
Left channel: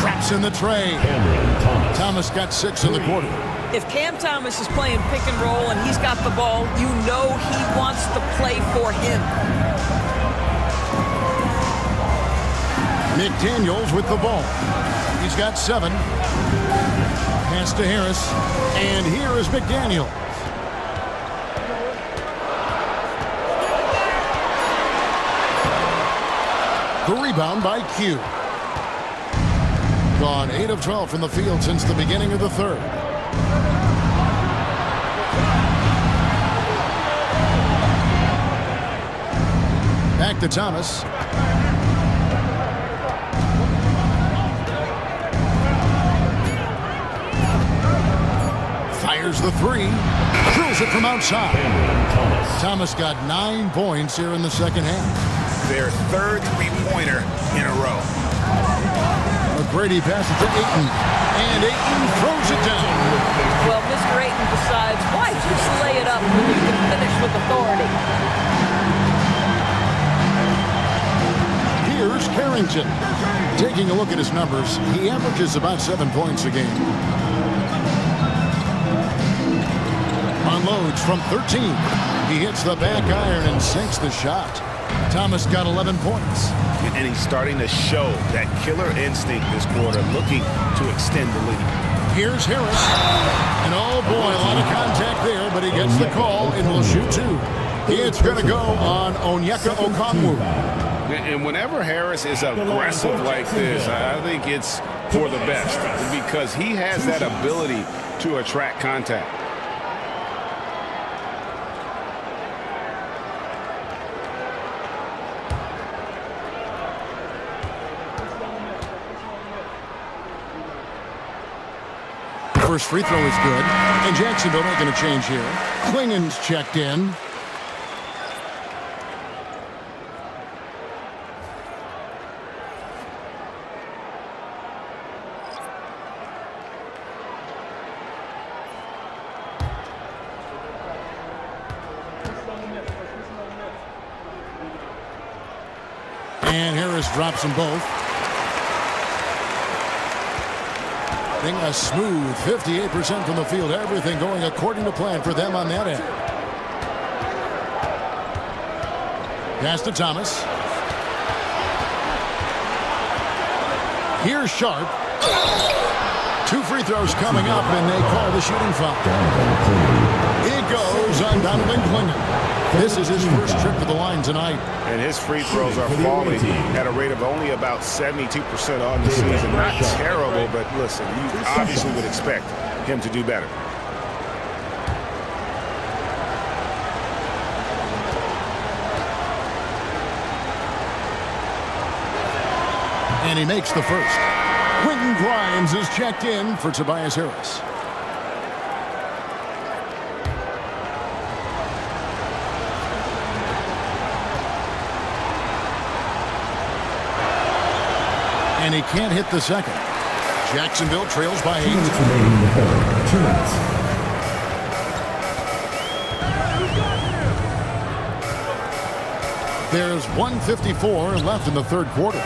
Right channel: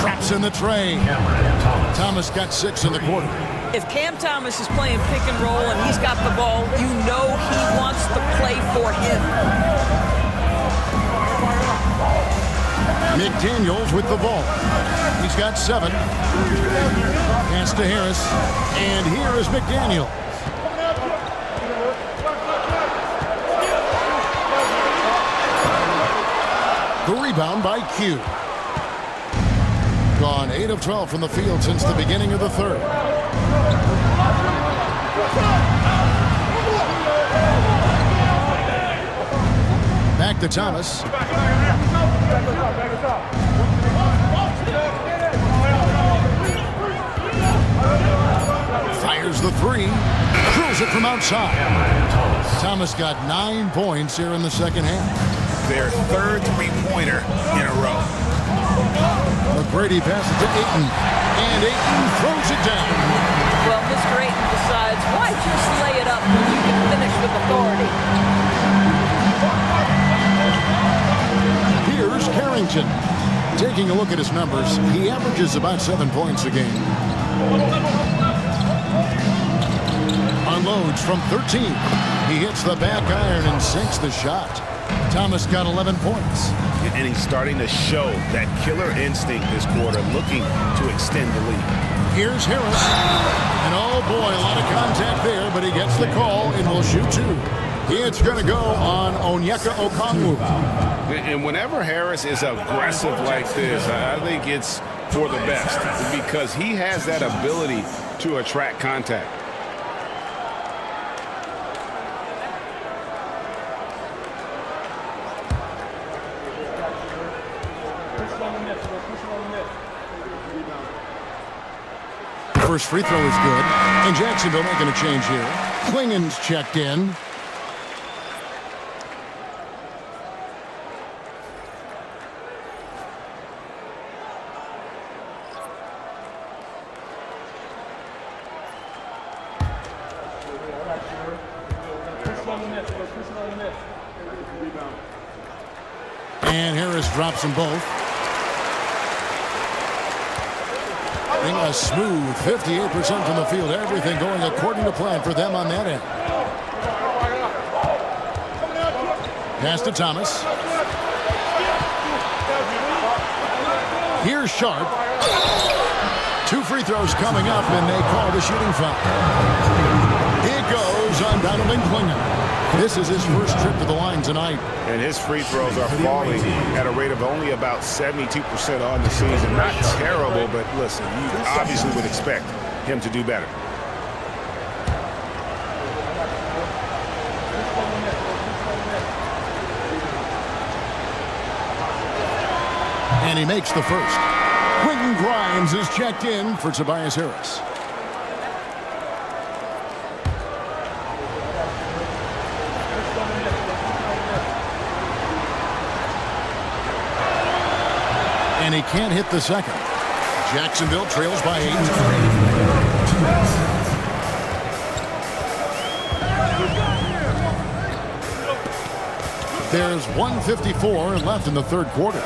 Traps in the tray. Thomas got 6 in the quarter. If Cam Thomas is playing pick and roll and he's got the ball, you know he wants the play for him. McDaniels with the ball. He's got 7. Pass to Harris. And here is McDaniels. The rebound by Q. Gone 8 of 12 from the field since the beginning of the third. Back to Thomas. Fires the 3. Drills it from outside. Thomas got 9 points here in the second half. Their third three-pointer in a row. McGrady passes to Ayton, and Ayton throws it down. Well, Mr. Ayton decides, why just lay it up when you can finish with authority? Here's Carrington. Taking a look at his numbers, he averages about 7 points a game. Unloads from 13. He hits the back iron and sinks the shot. Thomas got 11 points. And he's starting to show that killer instinct this quarter, looking to extend the lead. Here's Harris. And oh boy, a lot of contact there, but he gets the call and will shoot 2. It's going to go on Onyeka Okongwu. And whenever Harris is aggressive like this, I think it's for the best because he has that ability to attract contact. First free throw is good, and Jacksonville making a change here. Klingen's checked in. And Harris drops them both. A smooth 58% from the field. Everything going according to plan for them on that end. Pass to Thomas. Here's Sharp. 2 free throws coming up, and they call the shooting foul. It goes on Donovan Klingen. This is his first trip to the line tonight. And his free throws are falling at a rate of only about 72% on the season. Not terrible, but listen, you obviously would expect him to do better. And he makes the first. Quentin Grimes is checked in for Tobias Harris. And he can't hit the second. Jacksonville trails by 8. There's 1:54 left in the third quarter.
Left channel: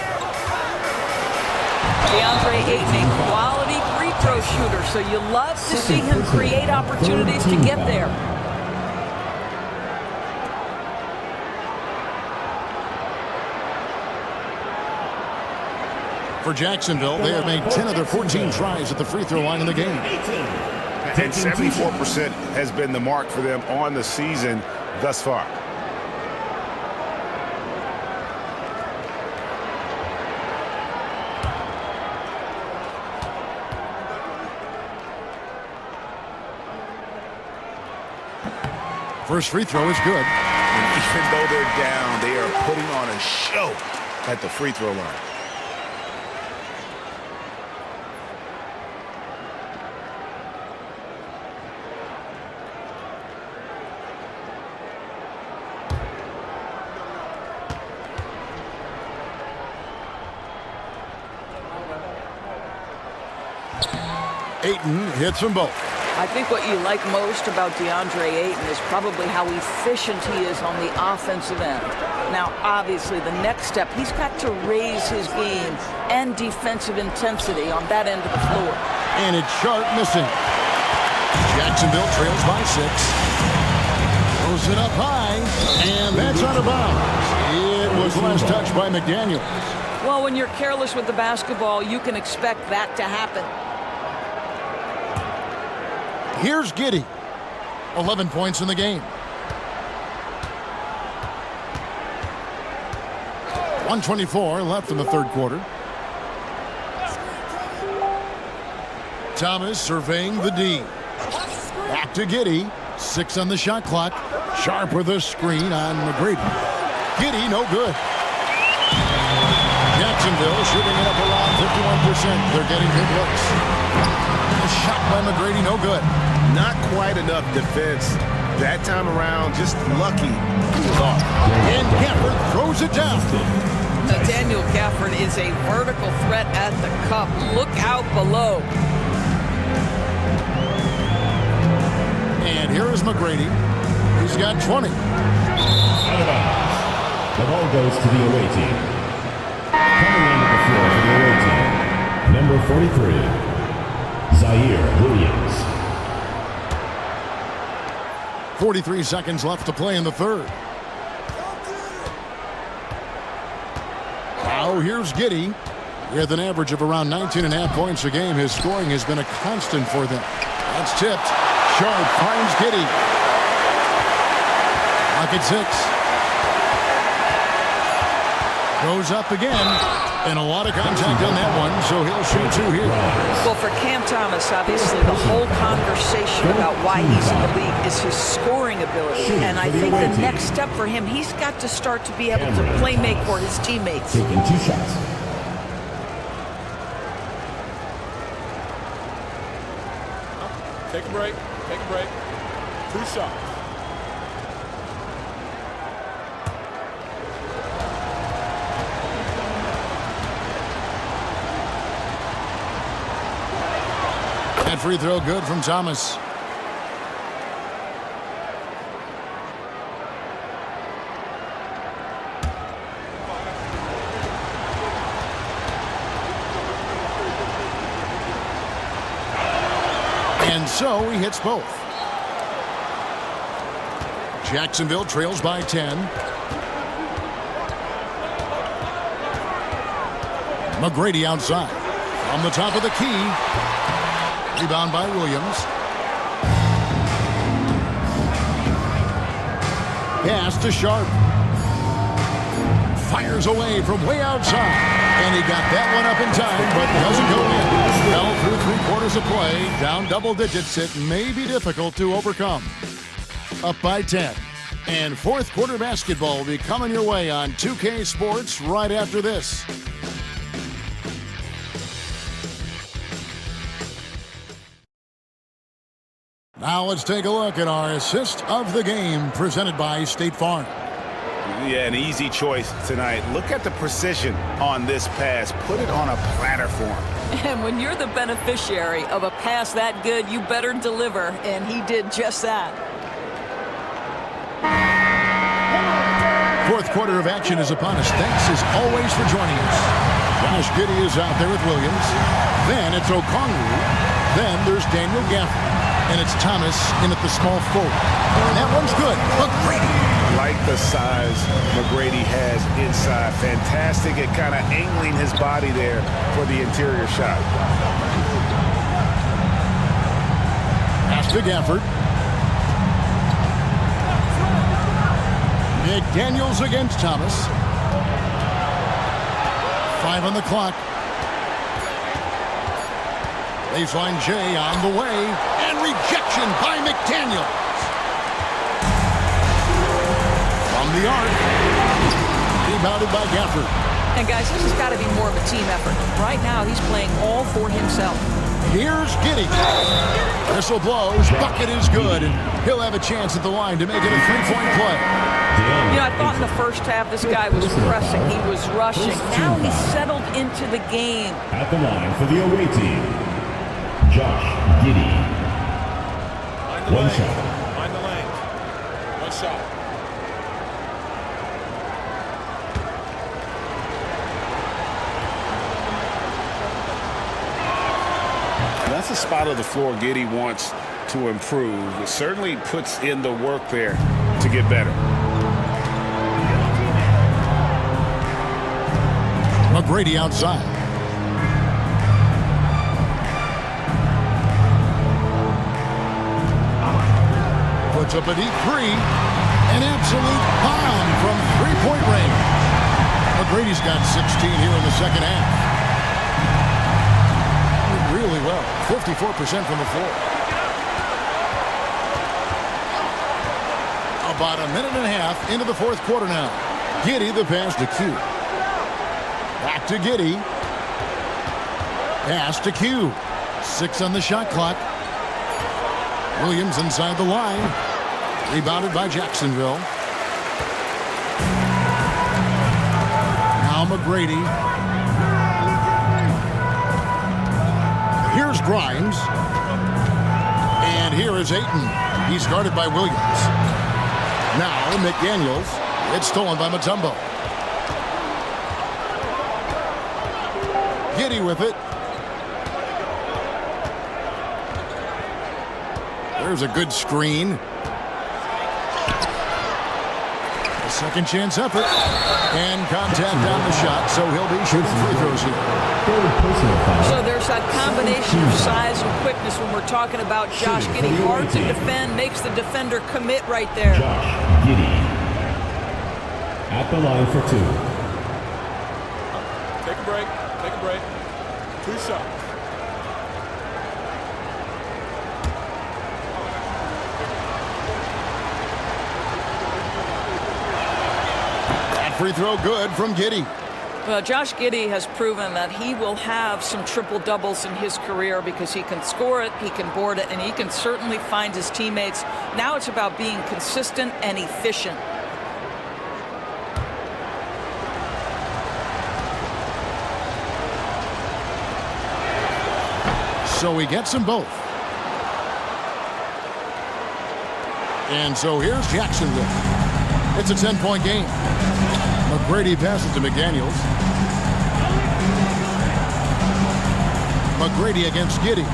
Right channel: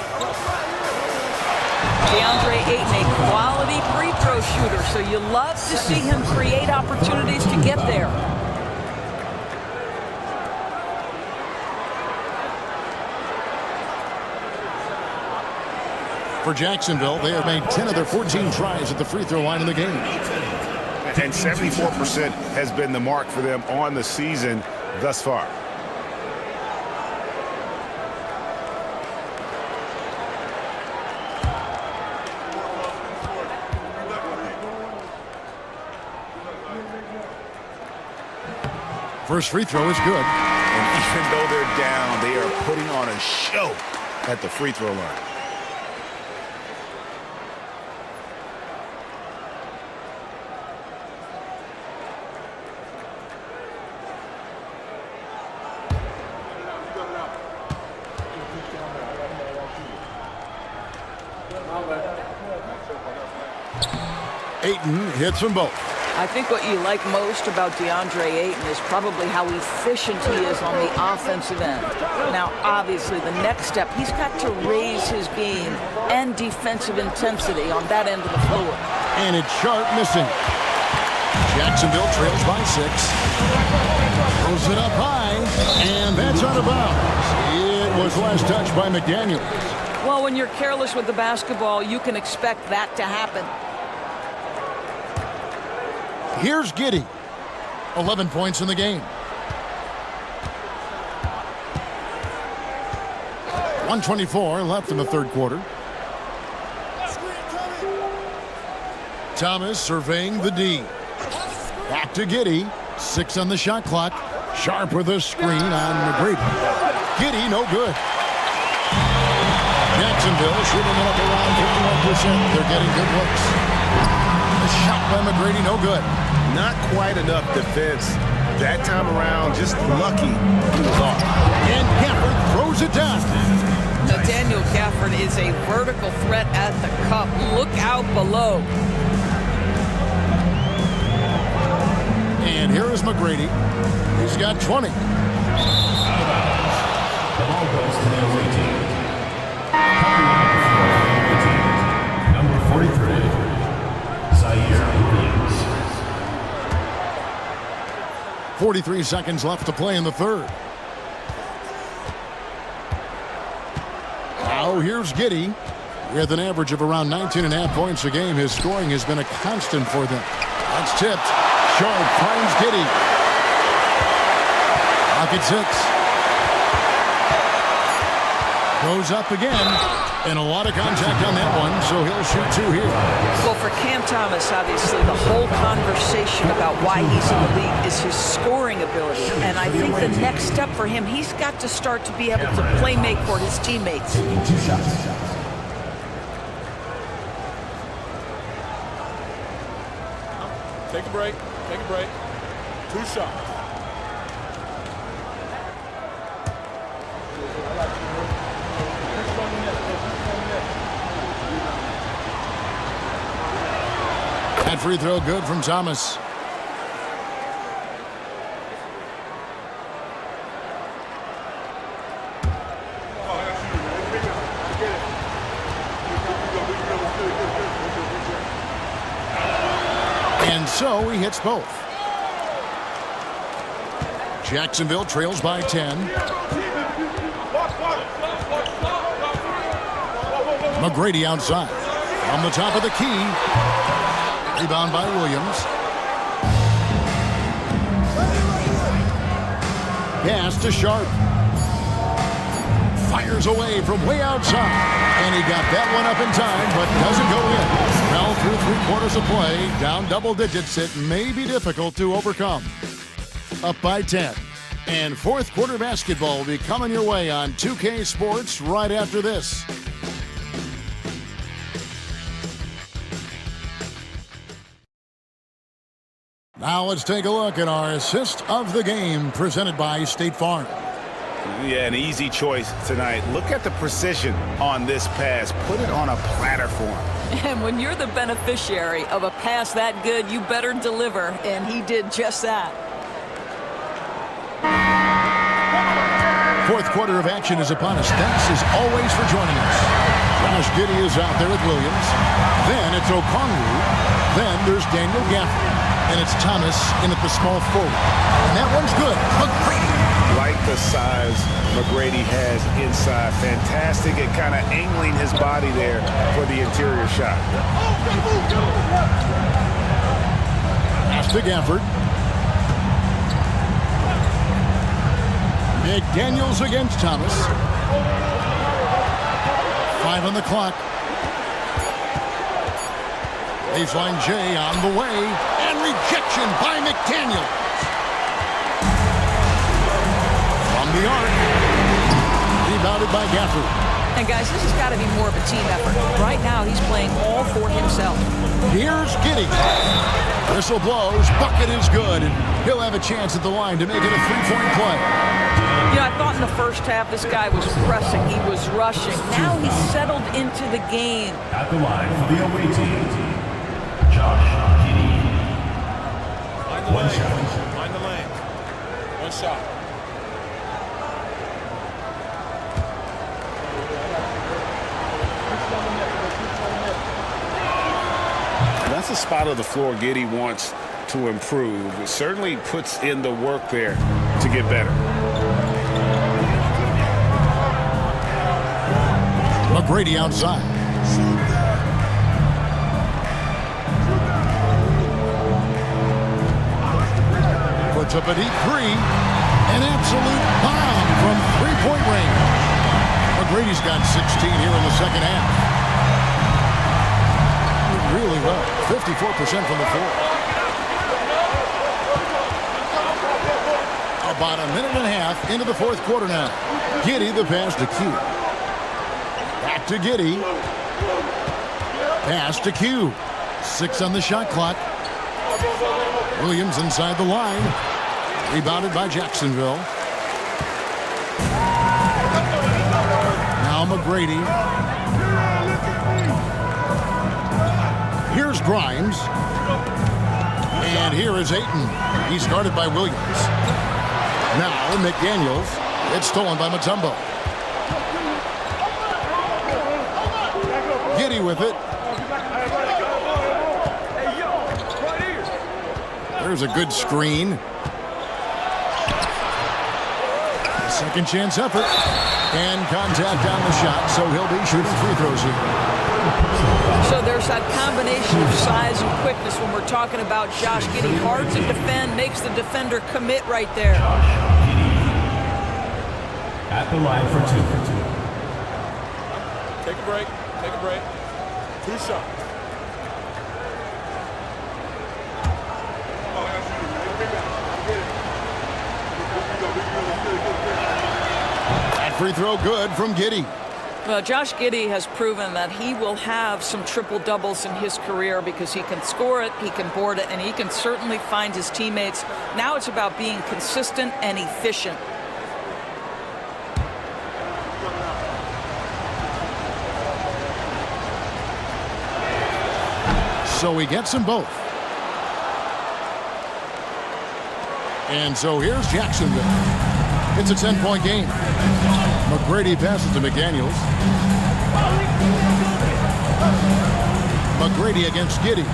DeAndre Ayton, a quality free throw shooter, so you love to see him create opportunities to get there. For Jacksonville, they have made 10 of their 14 tries at the free throw line in the game. And 74% has been the mark for them on the season thus far. First free throw is good. And even though they're down, they are putting on a show at the free throw line. Ayton hits them both. I think what you like most about DeAndre Ayton is probably how efficient he is on the offensive end. Now, obviously, the next step, he's got to raise his game and defensive intensity on that end of the floor. And it's Sharp missing. Jacksonville trails by 6. Throws it up high, and that's out of bounds. It was last touched by McDaniels. Well, when you're careless with the basketball, you can expect that to happen. Here's Giddey. 11 points in the game. 1:24 left in the third quarter. Thomas surveying the D. Back to Giddey. 6 on the shot clock. Sharp with a screen on McGrady. Giddey, no good. Jacksonville shooting it up around 51%. They're getting good looks. A shot by McGrady, no good. Not quite enough defense that time around. Just lucky he was off. And Gafford throws it down. Now, Daniel Gafford is a vertical threat at the cup. Look out below. And here is McGrady. He's got 20. The ball goes to the away team. Coming on the floor for the away team, number 43, Zaire Williams. 43 seconds left to play in the third. Now here's Giddey. With an average of around 19.5 points a game, his scoring has been a constant for them. That's tipped. Sharp finds Giddey. Clock at 6. Goes up again. And a lot of contact on that one, so he'll shoot 2 here. Well, for Cam Thomas, obviously, the whole conversation about why he's in the league is his scoring ability. And I think the next step for him, he's got to start to be able to play make for his teammates. Taking 2 shots. Take a break. Take a break. 2 shots. That free throw good from Thomas. And so he hits both. Jacksonville trails by 10. McGrady outside. From the top of the key. Rebound by Williams. Pass to Sharp. Fires away from way outside. And he got that one up in time, but doesn't go in. Well, through 3 quarters of play, down double digits, it may be difficult to overcome. Up by 10. And fourth quarter basketball will be coming your way on 2K Sports right after this. Now let's take a look at our assist of the game presented by State Farm. Yeah, an easy choice tonight. Look at the precision on this pass. Put it on a platter for him. And when you're the beneficiary of a pass that good, you better deliver, and he did just that. Fourth quarter of action is upon us. Thanks as always for joining us. Josh Giddey is out there with Williams. Then it's Okongwu. Then there's Daniel Gafford. And it's Thomas in at the small forward. And that one's good. McGrady. Like the size McGrady has inside. Fantastic at kind of angling his body there for the interior shot. Pass to Gafford. McDaniels against Thomas. 5 on the clock. Baseline J on the way. And rejection by McDaniels. From the arc. Rebounded by Gafford. And guys, this has got to be more of a team effort. Right now, he's playing all for himself. Here's Giddey. Whistle blows. Bucket is good. And he'll have a chance at the line to make it a three-point play. You know, I thought in the first half this guy was pressing. He was rushing. Now he's settled into the game. At the line for the away team, Josh Giddey. Mind the One lanes. shot. Mind the lanes. One shot. That's a spot of the floor Giddey wants to improve. It certainly puts in the work there to get better. McGrady outside. Puts up a deep three. An absolute bomb from three-point range. McGrady's got 16 here in the second half. Really well. 54% from the floor. About a minute and a half into the fourth quarter now. Giddey the pass to Q. Back to Giddey. Pass to Q. 6 on the shot clock. Williams inside the line. Rebounded by Jacksonville. Now McGrady. Here's Grimes. And here is Ayton. He's guarded by Williams. Now McDaniels. It's stolen by Mutombo. Giddey with it. There's a good screen. A second chance effort. And contact on the shot, so he'll be shooting free throws here. So there's that combination of size and quickness when we're talking about Josh Giddey. Hard to defend, makes the defender commit right there. Josh Giddey. At the line for 2. Take a break. Take a break. 2 shots. That free throw good from Giddey. Well, Josh Giddey has proven that he will have some triple doubles in his career because he can score it, he can board it, and he can certainly find his teammates. Now it's about being consistent and efficient. So he gets them both. And so here's Jacksonville. It's a 10-point game. McGrady passes to McDaniels. McGrady against Giddey.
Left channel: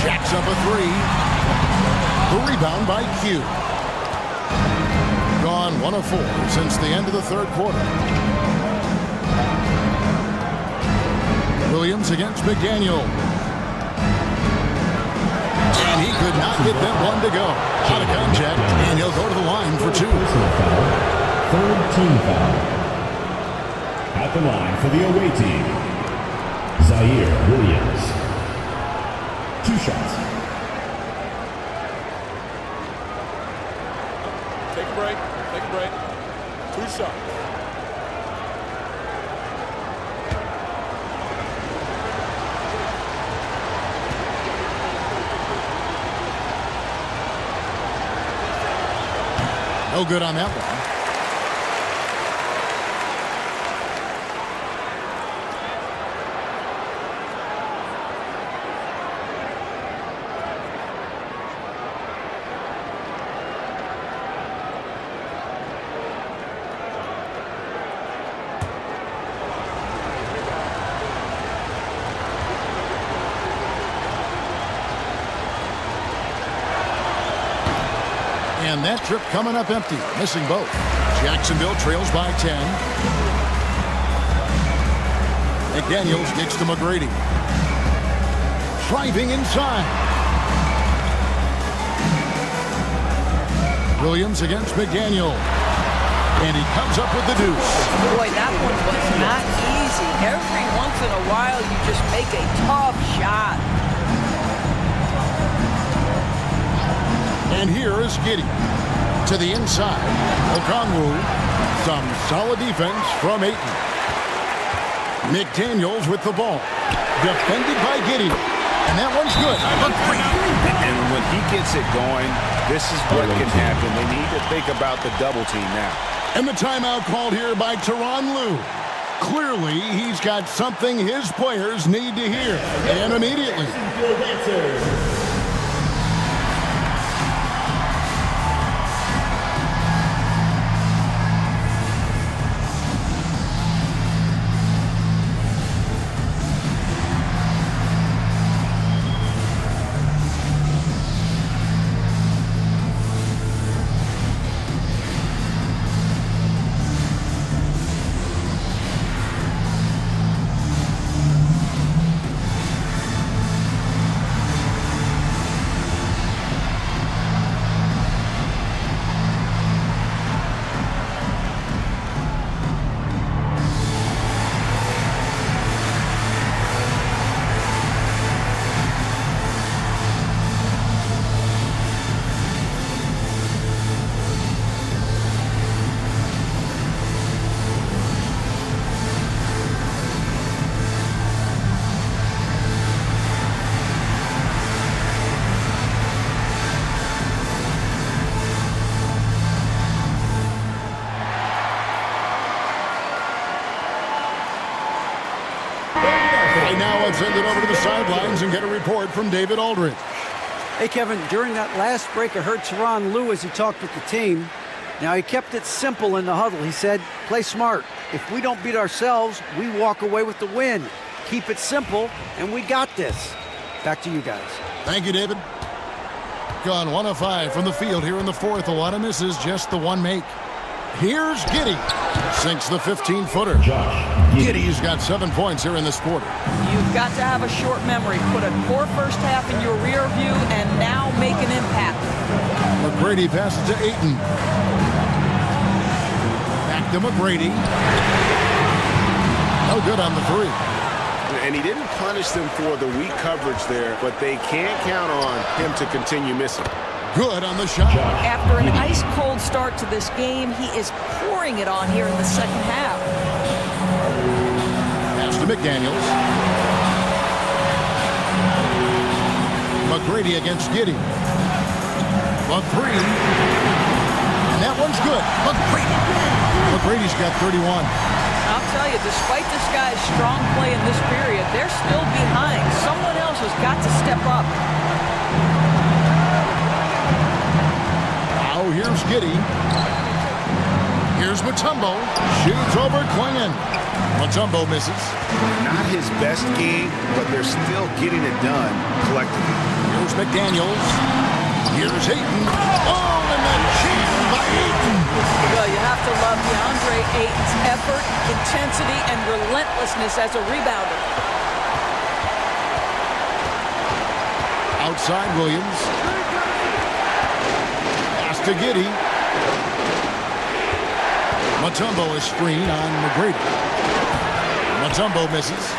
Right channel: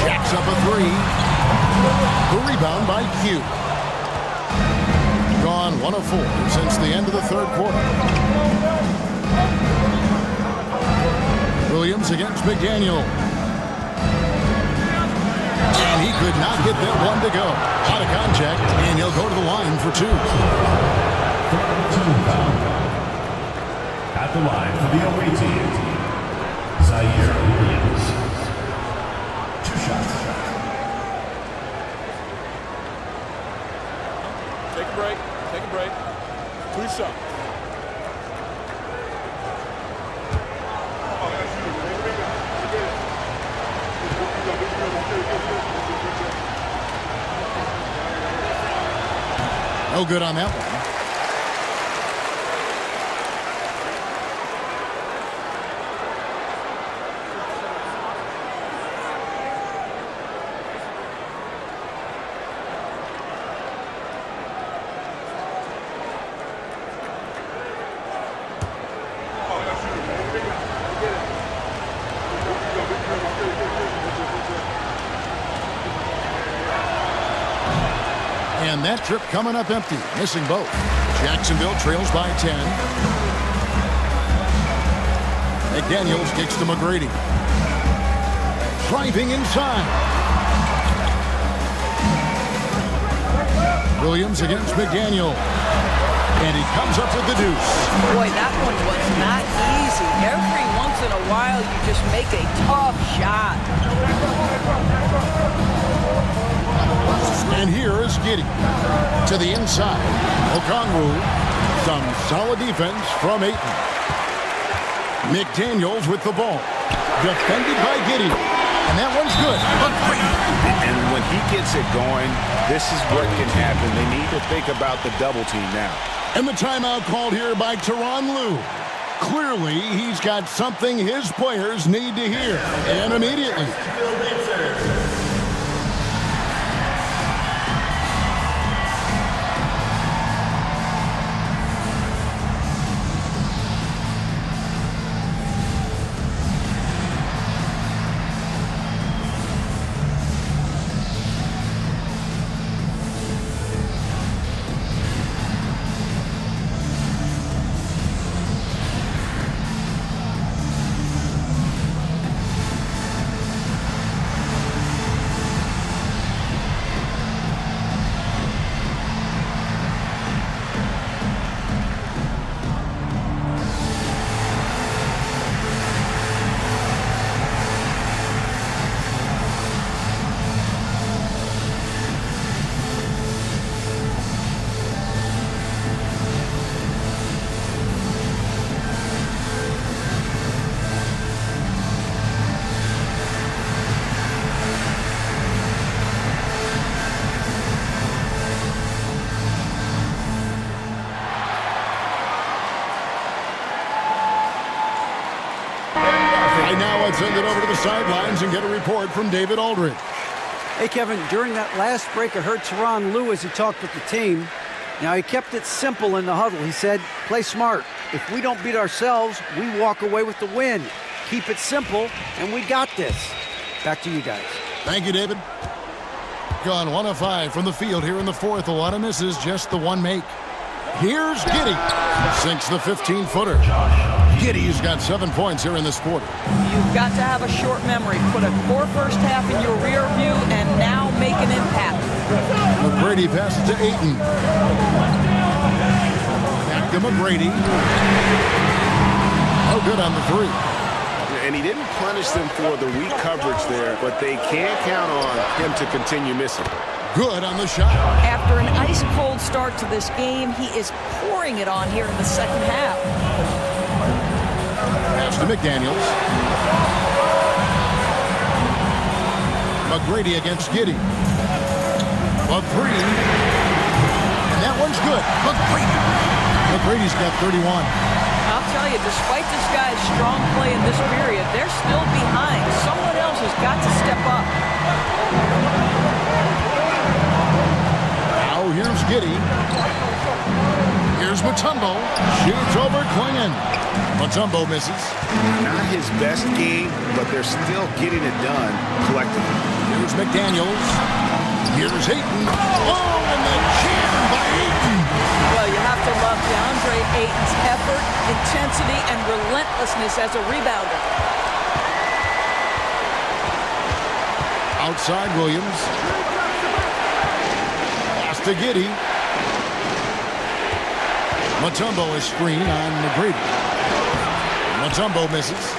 Jacks up a three. The rebound by Q. Gone 1 of 4 since the end of the third quarter. Williams against McDaniel. And he could not get that one to go. Out of contact, and he'll go to the line for 2. Third team foul. At the line for the away team, Zaire Williams. 2 shots. Take a break. Take a break. 2 shots. No good on that one. And that trip coming up empty, missing both. Jacksonville trails by 10. McDaniels kicks to McGrady. Driving inside. Williams against McDaniel. And he comes up with the deuce. Boy, that one was not easy. Every once in a while, you just make a tough shot. And here is Giddey. To the inside. Okongwu. Some solid defense from Ayton. McDaniels with the ball. Defended by Giddey. And that one's good. And when he gets it going, this is what can happen. They need to think about the double team now. And the timeout called here by Tyronn Lue. Clearly, he's got something his players need to hear. And immediately. Now let's send it over to the sidelines and get a report from David Aldridge. Hey, Kevin, during that last break, I heard Tyronn Lue as he talked with the team. Now, he kept it simple in the huddle. He said, play smart. If we don't beat ourselves, we walk away with the win. Keep it simple, and we got this. Back to you guys. Thank you, David. Gone 1 of 5 from the field here in the fourth. A lot of misses, just the one make. Here's Giddey. Sinks the 15-footer. Giddey's got 7 points here in this quarter. You've got to have a short memory. Put a poor first half in your rear view and now make an impact. McGrady passes to Ayton. Back to McGrady. No good on the three. And he didn't punish them for the weak coverage there, but they can't count on him to continue missing. Good on the shot. After an ice-cold start to this game, he is pouring it on here in the second half. Pass to McDaniels. McGrady against Giddey. A three. And that one's good. McGrady's got 31. I'll tell you, despite this guy's strong play in this period, they're still behind. Someone else has got to step up. Now here's Giddey. Here's Mutombo. Shoots over Klingon. Mutombo misses. Not his best game, but they're still getting it done collectively. Here's McDaniels. Here's Ayton. Oh, and the jam by Ayton. Well, you have to love DeAndre Ayton's effort, intensity, and relentlessness as a rebounder. Outside Williams. Pass to Giddey. Mutombo is screen on McGrady. Mutombo misses.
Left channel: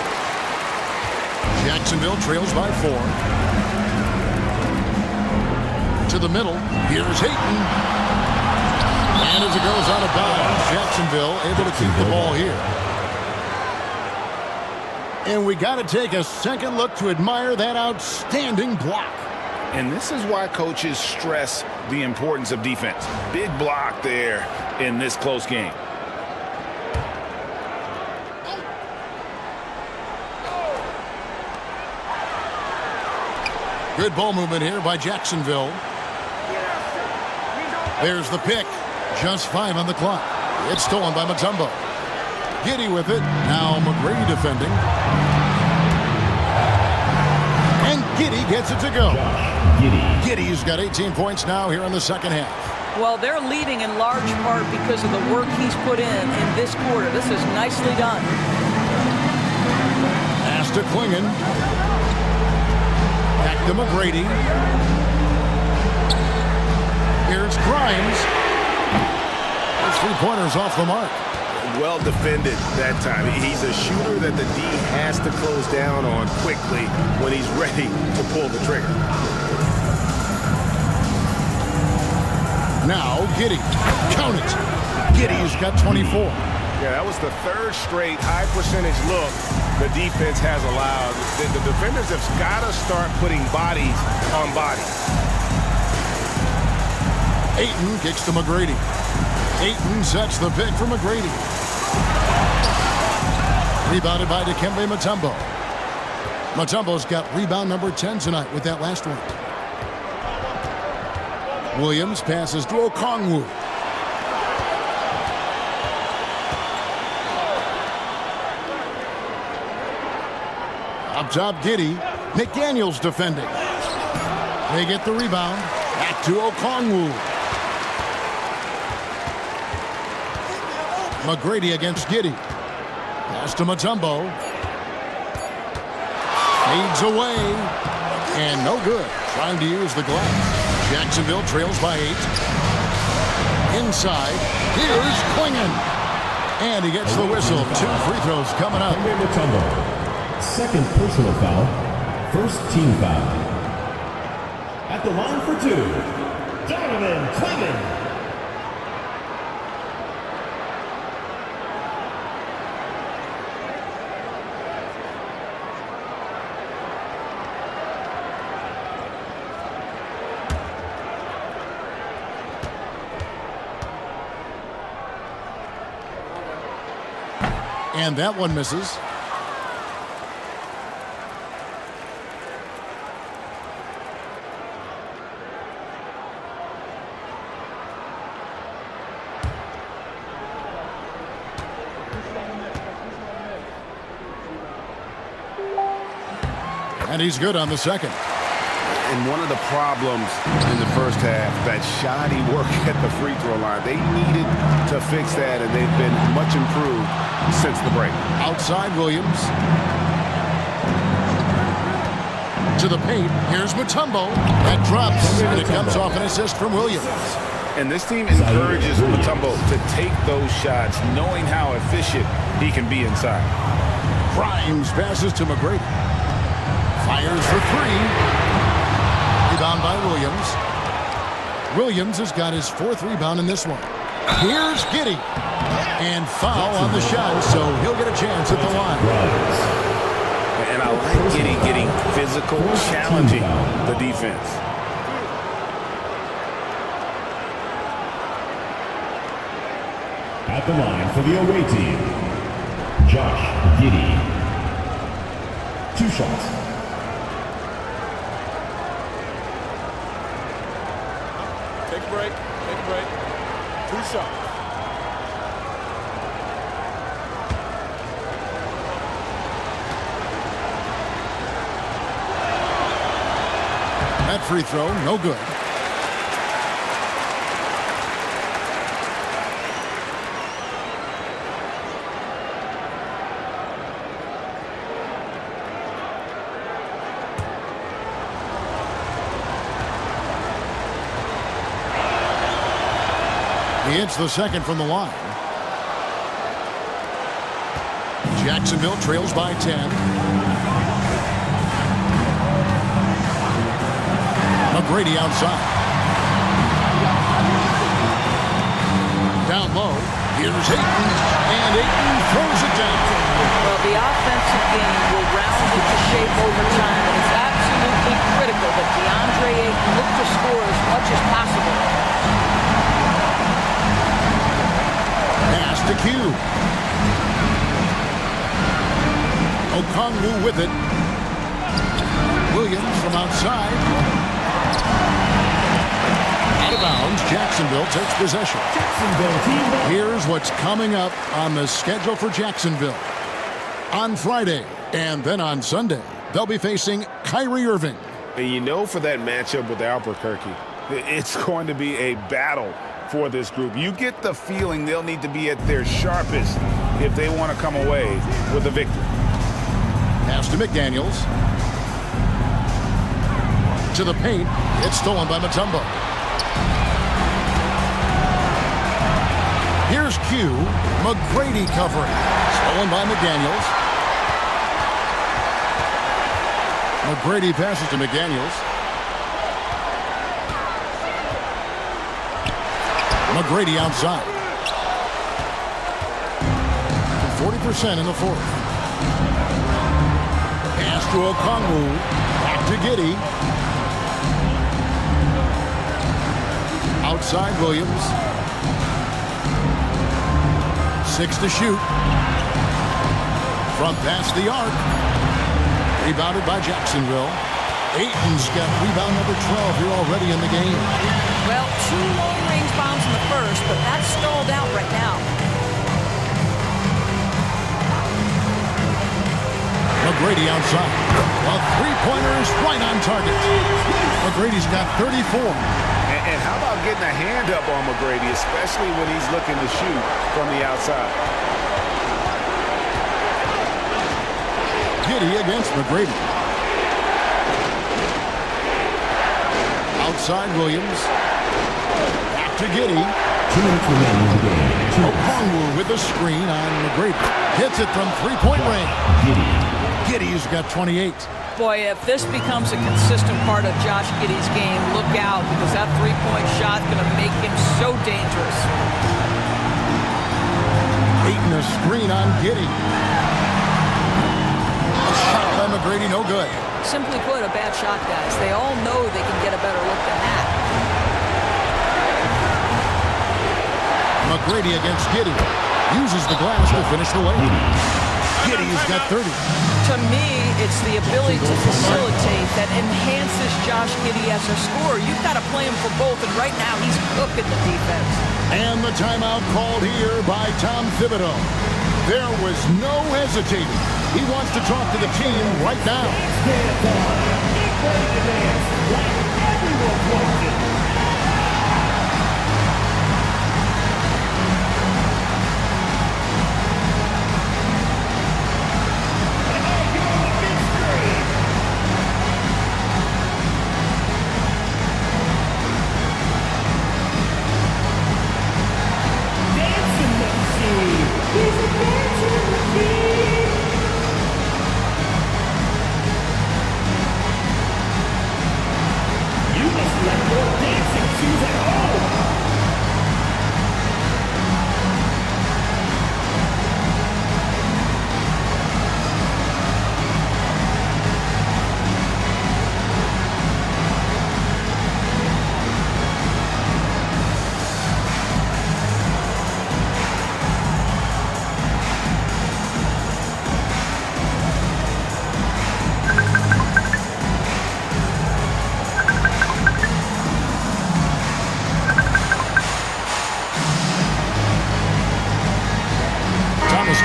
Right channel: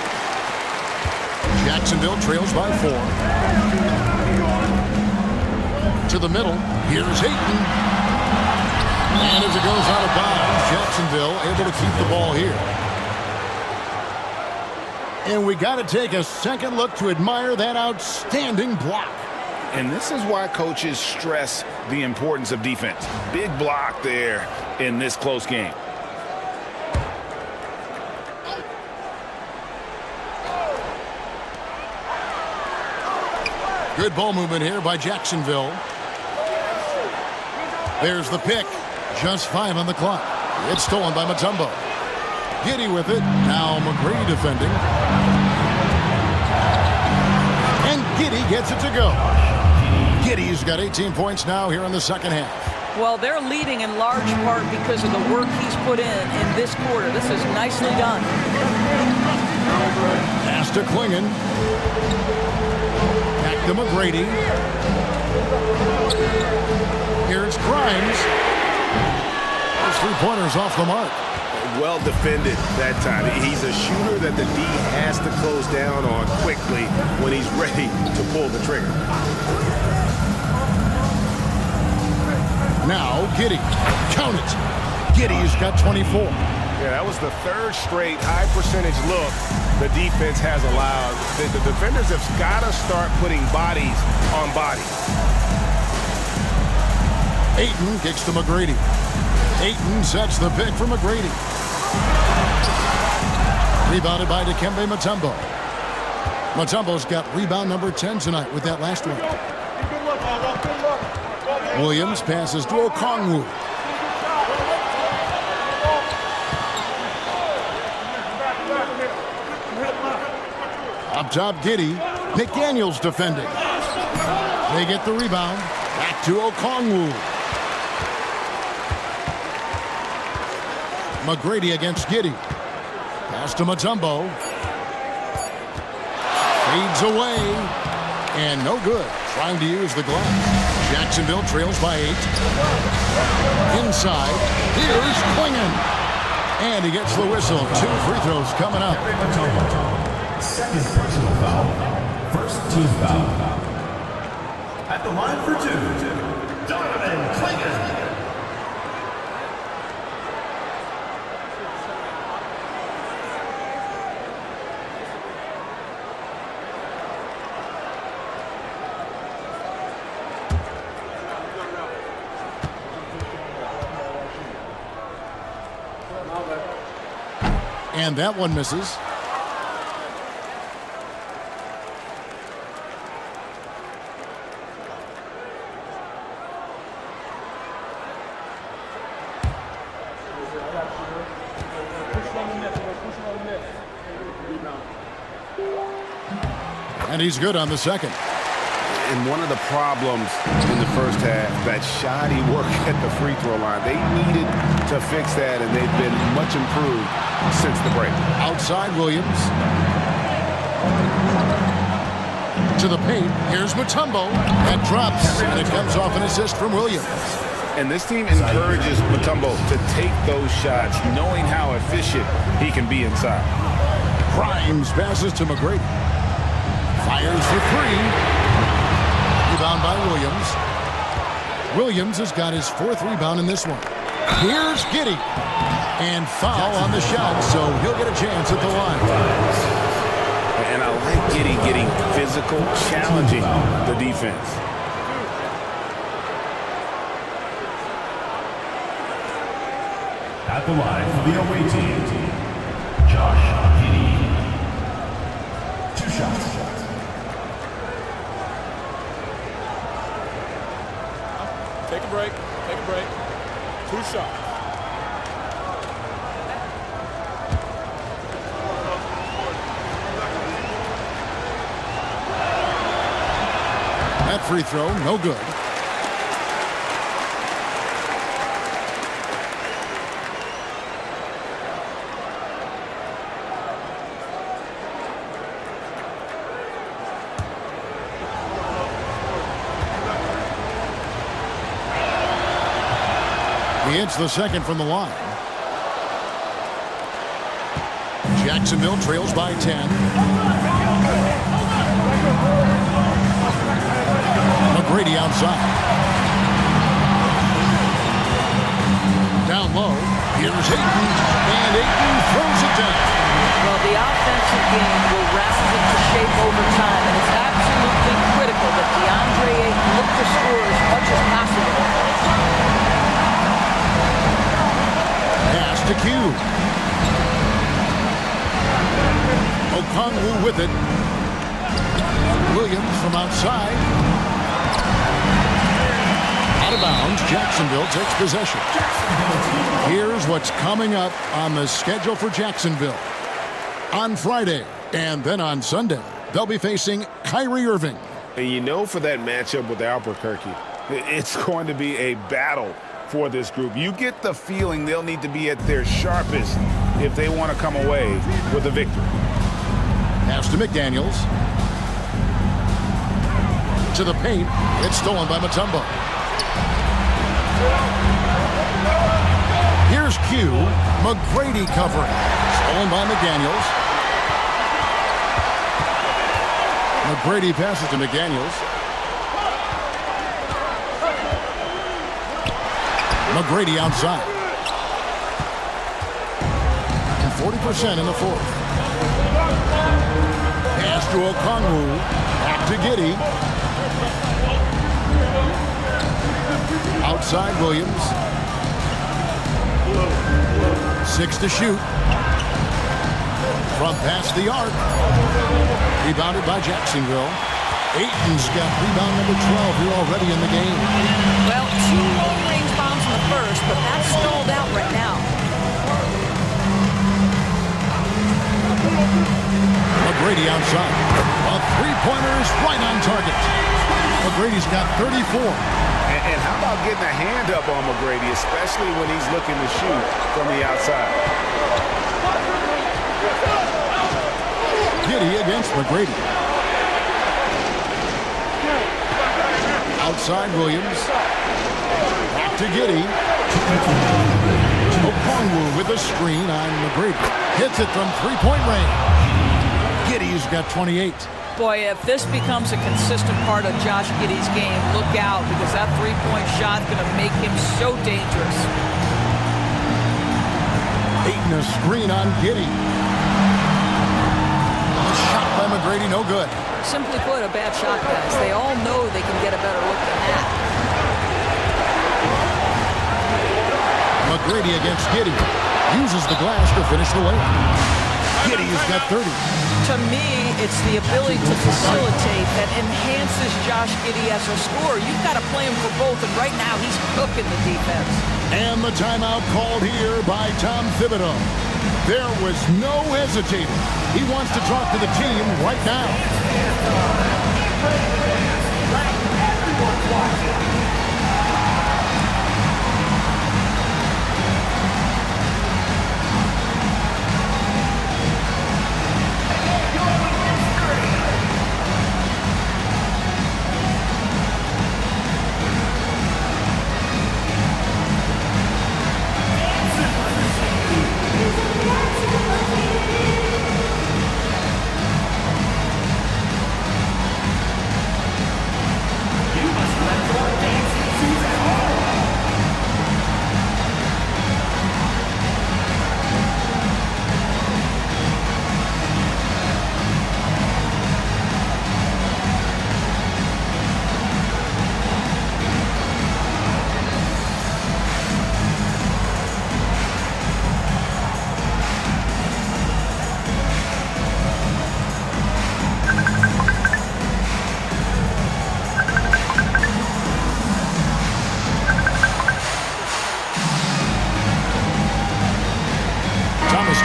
Jacksonville trails by 4. To the middle. Here's Ayton. And as it goes out of bounds, Jacksonville able to keep the ball here. And we got to take a second look to admire that outstanding block. And this is why coaches stress the importance of defense. Big block there in this close game. Good ball movement here by Jacksonville. There's the pick. Just 5 on the clock. It's stolen by Mutombo. Giddey with it. Now McGrady defending. And Giddey gets it to go. Giddey's got 18 points now here in the second half. Well, they're leading in large part because of the work he's put in this quarter. This is nicely done. Pass to Klingon. Back to McGrady. Here's Grimes. Those 3-pointers off the mark. Well defended that time. He's a shooter that the D has to close down on quickly when he's ready to pull the trigger. Now Giddey. Count it. Giddey's got 24. Yeah, that was the third straight high percentage look the defense has allowed. The defenders have got to start putting bodies on bodies. Ayton kicks to McGrady. Ayton sets the pick for McGrady. Rebounded by Dikembe Mutombo. Mutombo's got rebound number 10 tonight with that last one. Williams passes to Okongwu. Up top, Giddey. McDaniels defending. They get the rebound. Back to Okongwu. McGrady against Giddey. Pass to Mutombo. Fades away. And no good. Trying to use the glass. Jacksonville trails by 8. Inside. Here's Klingon. And he gets the whistle. 2 free throws coming up. Mutombo. Second personal foul. First team foul. At the line for 2, Donovan Klingon. And that one misses. And he's good on the second. And one of the problems in the first half, that shoddy work at the free throw line. They needed to fix that, and they've been much improved since the break. Outside Williams. To the paint. Here's Mutombo. That drops, and it comes off an assist from Williams. And this team encourages Mutombo to take those shots, knowing how efficient he can be inside. Grimes passes to McGrady. Fires for 3. Rebound by Williams. Williams has got his 4th rebound in this one. Here's Giddey. And foul on the shot, so he'll get a chance at the line. And I like Giddey getting physical, challenging the defense. At the line for the away team, Josh Giddey. 2 shots. Take a break. Take a break. 2 shots. That free throw, no good. He hits the second from the line. Jacksonville trails by 10. McGrady outside. Down low. Here's Ayton. And Ayton throws it down. Well, the offensive game will round into shape over time, and it's absolutely critical that DeAndre Ayton look to score as much as possible. Pass to Q. Okongwu with it. Williams from outside. Out of bounds. Jacksonville takes possession. Here's what's coming up on the schedule for Jacksonville. On Friday and then on Sunday, they'll be facing Kyrie Irving. And you know, for that matchup with Albuquerque, it's going to be a battle for this group. You get the feeling they'll need to be at their sharpest if they want to come away with a victory. Pass to McDaniels. To the paint. It's stolen by Mutombo. Here's Q. McGrady covering. Stolen by McDaniels. McGrady passes to McDaniels. McGrady outside. 40% in the fourth. Pass to Okongwu. Back to Giddey. Outside Williams. 6 to shoot. Front past the arc. Rebounded by Jacksonville. Ayton's got rebound number 12 here already in the game. Well, 2 long-range bombs in the first, but that's stalled out right now. McGrady outside. A three-pointer is right on target. McGrady's got 34. And how about getting a hand up on McGrady, especially when he's looking to shoot from the outside? Giddey against McGrady. Outside Williams. Back to Giddey. Okongwu with a screen on McGrady. Hits it from three-point range. Giddey's got 28. Boy, if this becomes a consistent part of Josh Giddey's game, look out, because that three-point shot is going to make him so dangerous. Ayton a screen on Giddey. A shot by McGrady, no good. Simply put, a bad shot, guys. They all know they can get a better look than that. McGrady against Giddey. Uses the glass to finish the layup. Giddey's got 30. To me, it's the ability to facilitate that enhances Josh Giddey as a scorer. You've got to play him for both, and right now he's cooking the defense. And the timeout called here by Tom Thibodeau. There was no hesitating. He wants to talk to the team right now.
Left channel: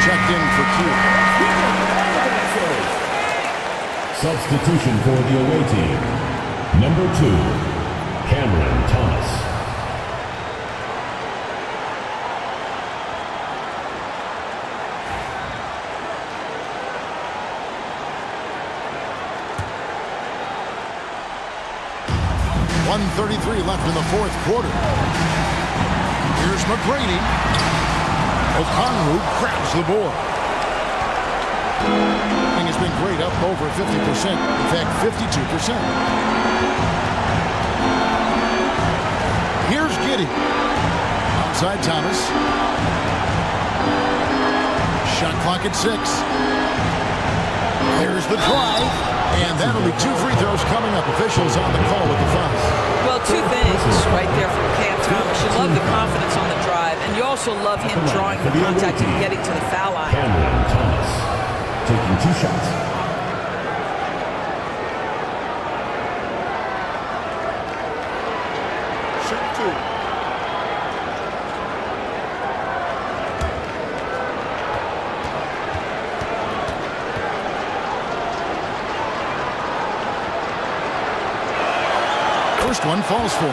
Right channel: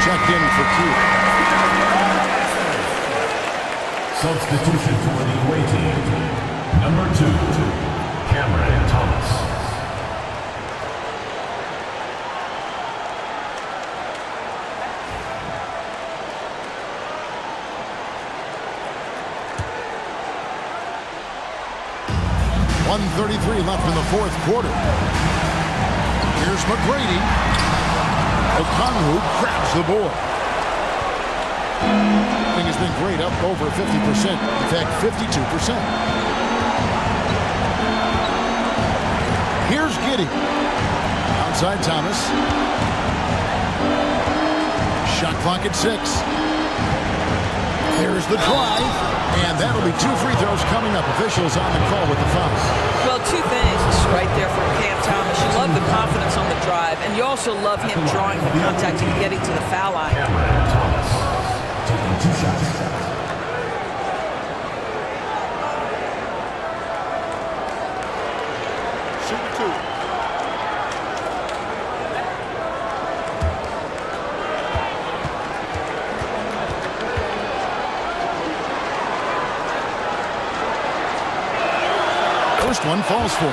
Checked in for Q. Substitution for the away team. Number 2, Cameron Thomas. .133 left in the fourth quarter. Here's McGrady. Okongwu grabs the board. Thing has been great, up over 50%. In fact, 52%. Here's Giddey. Outside Thomas. Shot clock at 6. There's the drive. And that'll be 2 free throws coming up. Officials on the call with the foul. Well, 2 things right there for Cam Thomas. You love the confidence on the drive, and you also love him drawing the contact and getting to the foul line. Cameron Thomas taking 2 shots. Shooting 2. First one falls for.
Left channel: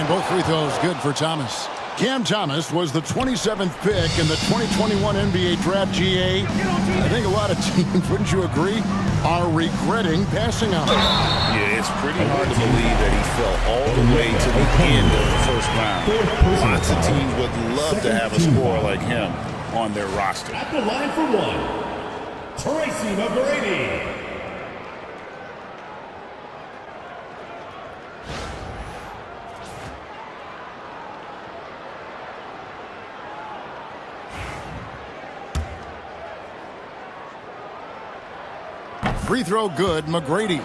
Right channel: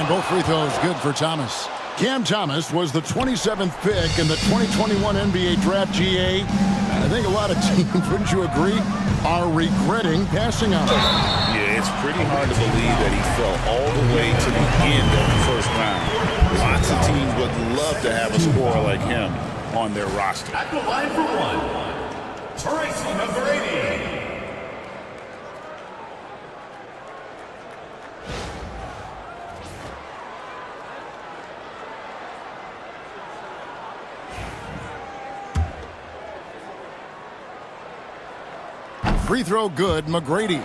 And both free throws good for Thomas. Cam Thomas was the 27th pick in the 2021 NBA Draft. GA. I think a lot of teams, wouldn't you agree, are regretting passing on him. Yeah, it's pretty hard to believe that he fell all the way to the end of the first round. Lots of teams would love to have a scorer like him on their roster. At the line for one, Tracy McGrady. Free throw good, McGrady.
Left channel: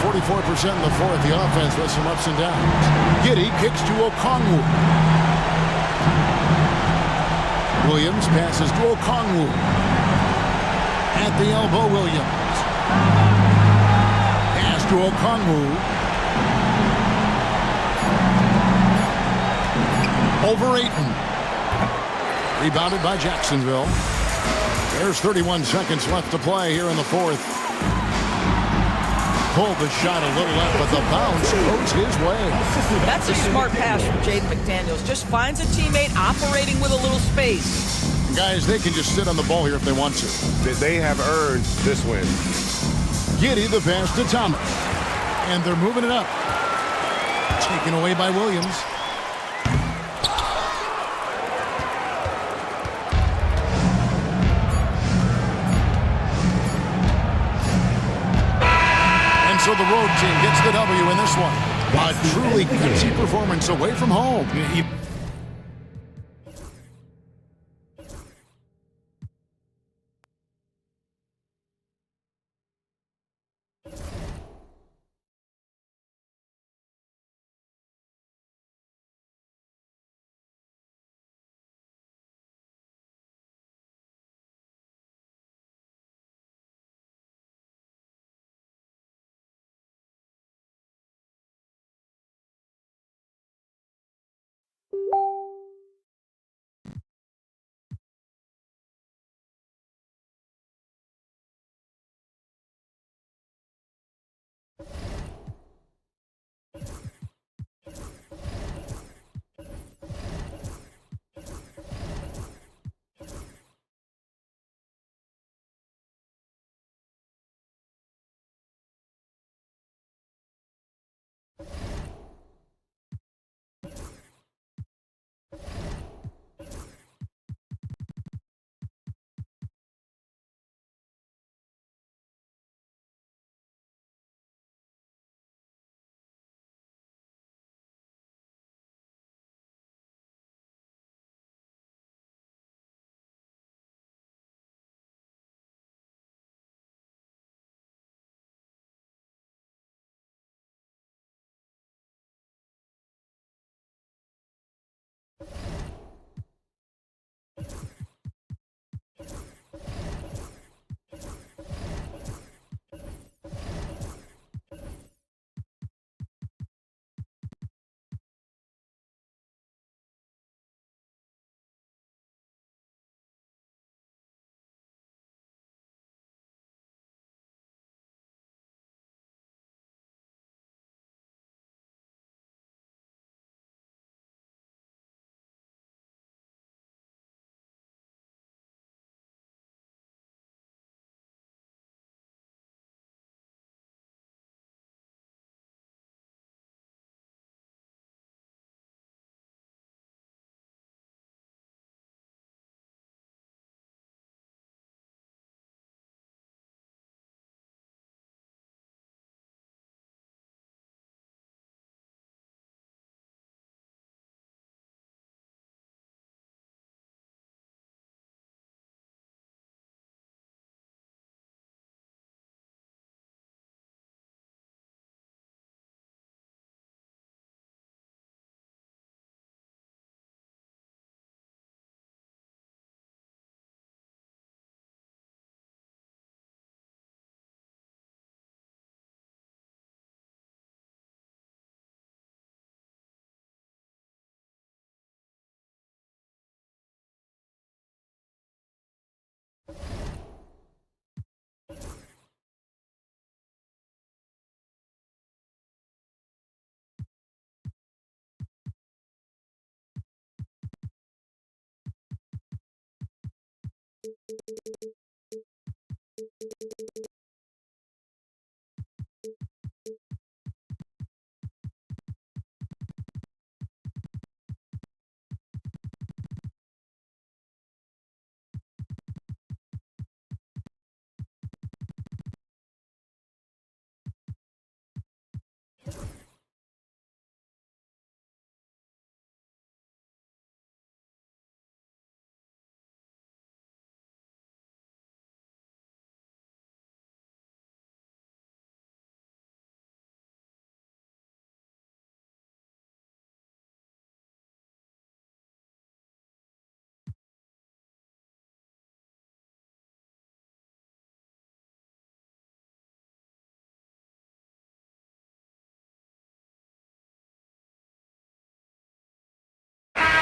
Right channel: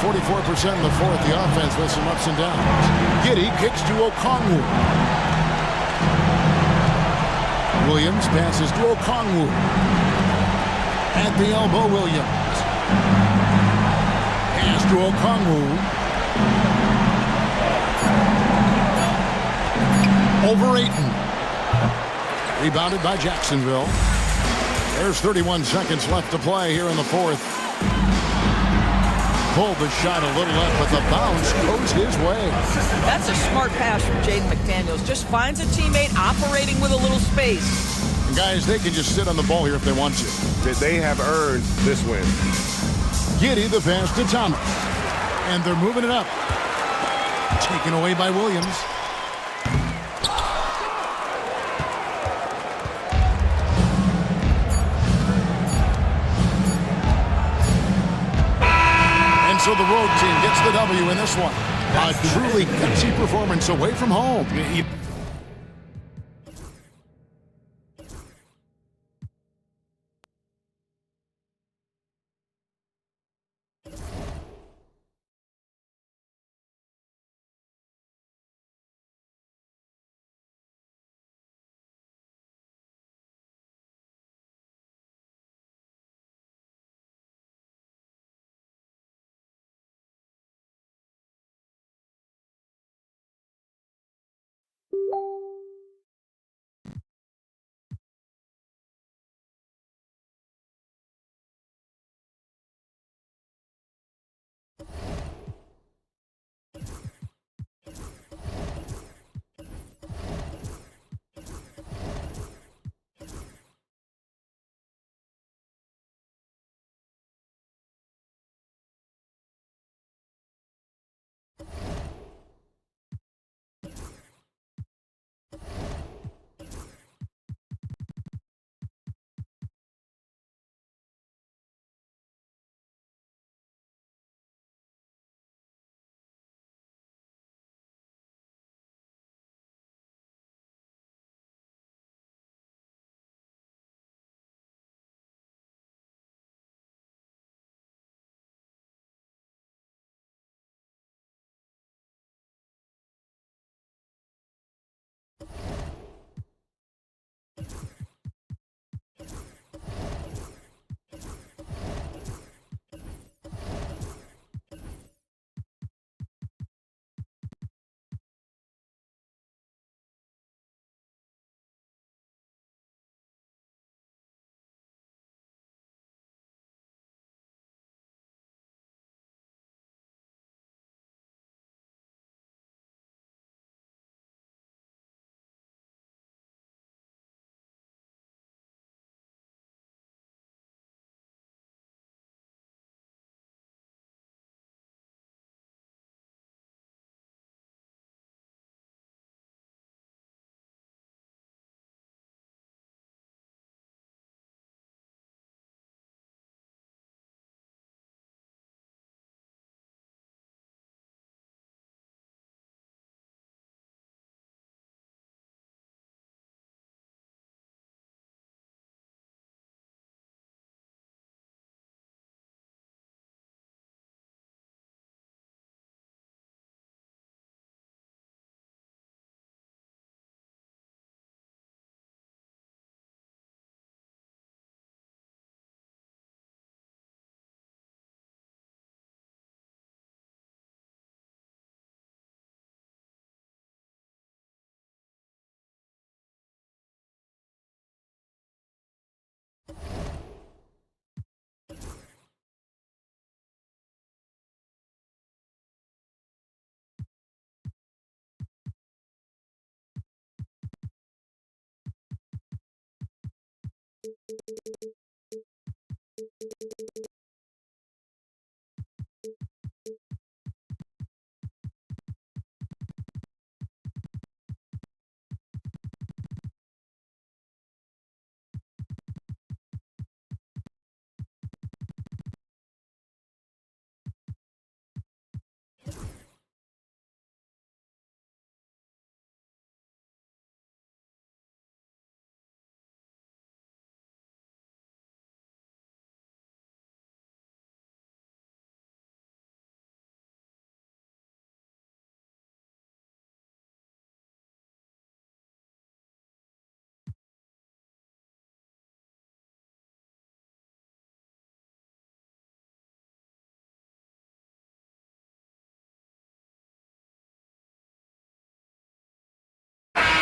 44% in the fourth. The offense with some ups and downs. Giddey kicks to Okongwu. Williams passes to Okongwu. At the elbow, Williams. Pass to Okongwu. Over Ayton. Rebounded by Jacksonville. There's 31 seconds left to play here in the fourth. Pulled the shot a little left, but the bounce goes his way. That's a smart pass from Jaden McDaniels. Just finds a teammate operating with a little space. And guys, they can just sit on the ball here if they want to. They have earned this win. Giddey the pass to Thomas. And they're moving it up. Taken away by Williams. So the road team gets the W in this one. A truly gutsy performance away from home.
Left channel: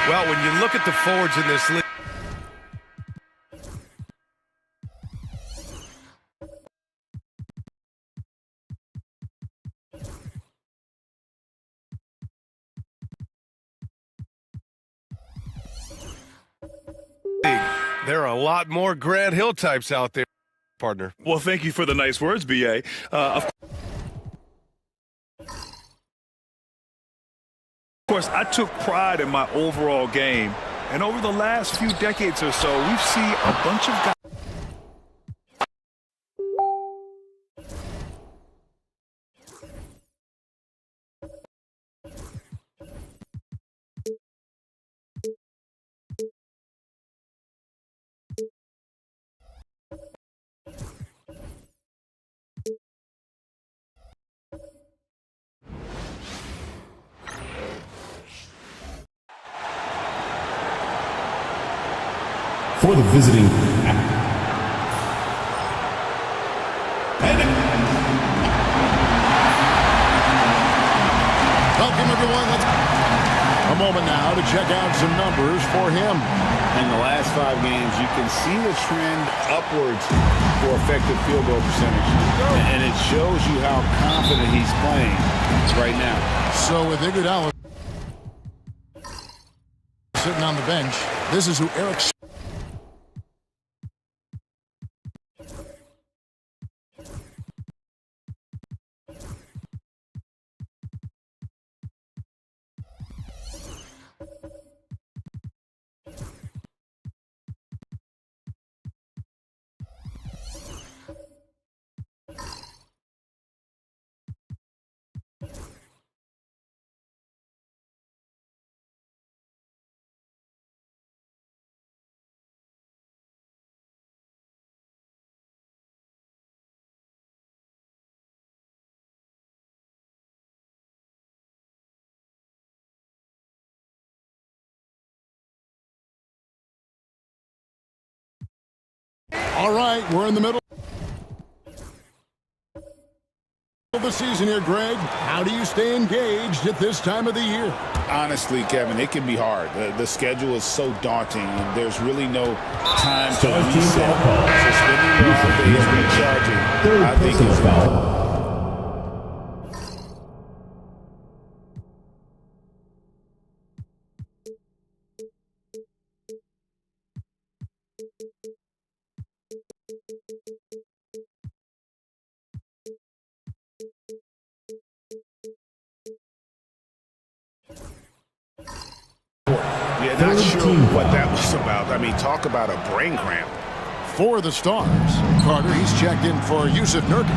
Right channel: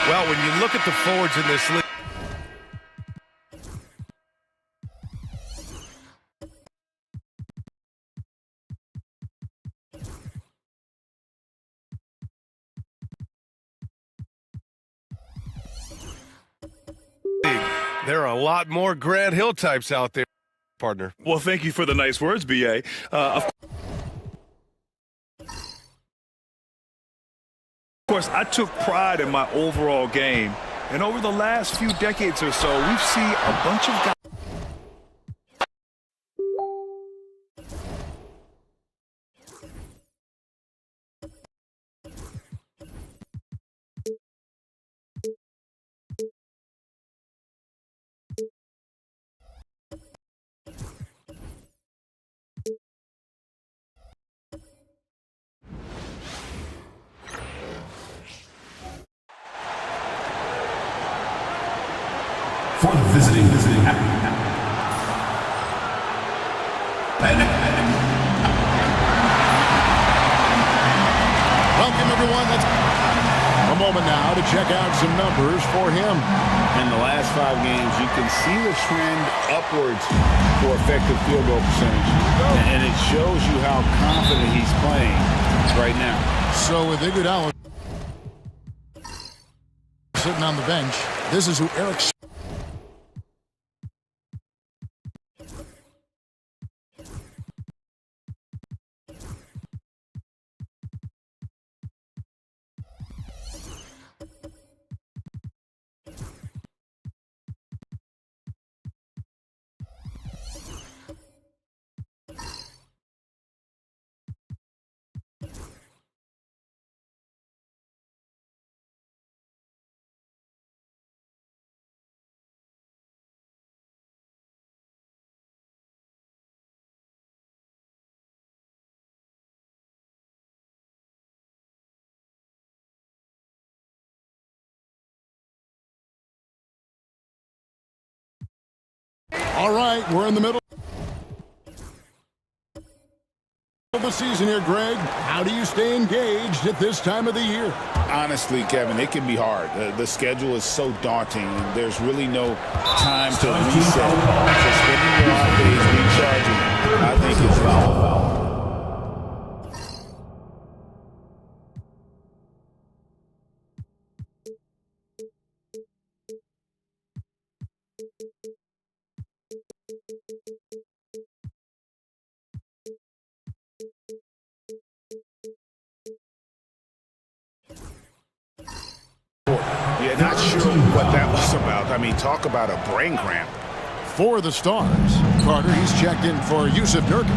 Well, when you look at the forwards in this league, there are a lot more Grant Hill types out there, partner. Well, thank you for the nice words, B.A. Of course, I took pride in my overall game, and over the last few decades or so, we've seen a bunch of guys. For the visiting Welcome, everyone. Let's a moment now to check out some numbers for him. In the last 5 games, you can see the trend upwards for effective field goal percentage. And it shows you how confident he's playing right now. So with Iguodala sitting on the bench, this is who Eric All right, we're in the middle of the season here, Greg. How do you stay engaged at this time of the year? Honestly, Kevin, it can be hard. The schedule is so daunting, and there's really no time to reset. So spending your off days recharging, I think, is valuable. Yeah, not sure what that was about. I mean, talk about a brain cramp. For the Stars, Carter, he's checked in for Yusuf Nurkic.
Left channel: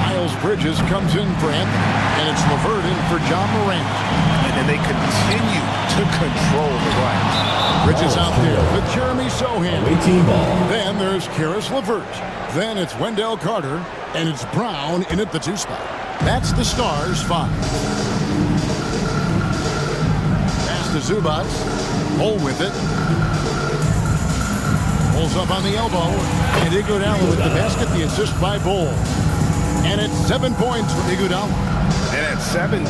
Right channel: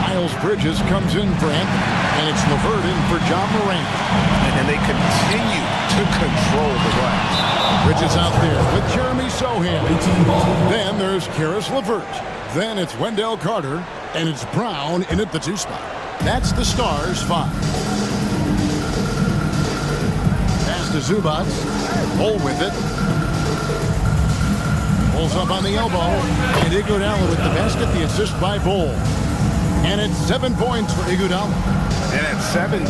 Miles Bridges comes in for Anthony. And it's LeVert in for John Morant. And then they continue to control the glass. Bridges out there with Jeremy Sohan. Then there's Karis LeVert. Then it's Wendell Carter. And it's Brown in at the 2 spot. That's the Stars' 5. Pass to Zubac. Bull with it. Pulls up on the elbow. And Iguodala with the basket, the assist by Bull. And it's 7 points for Iguodala. And at 7'2",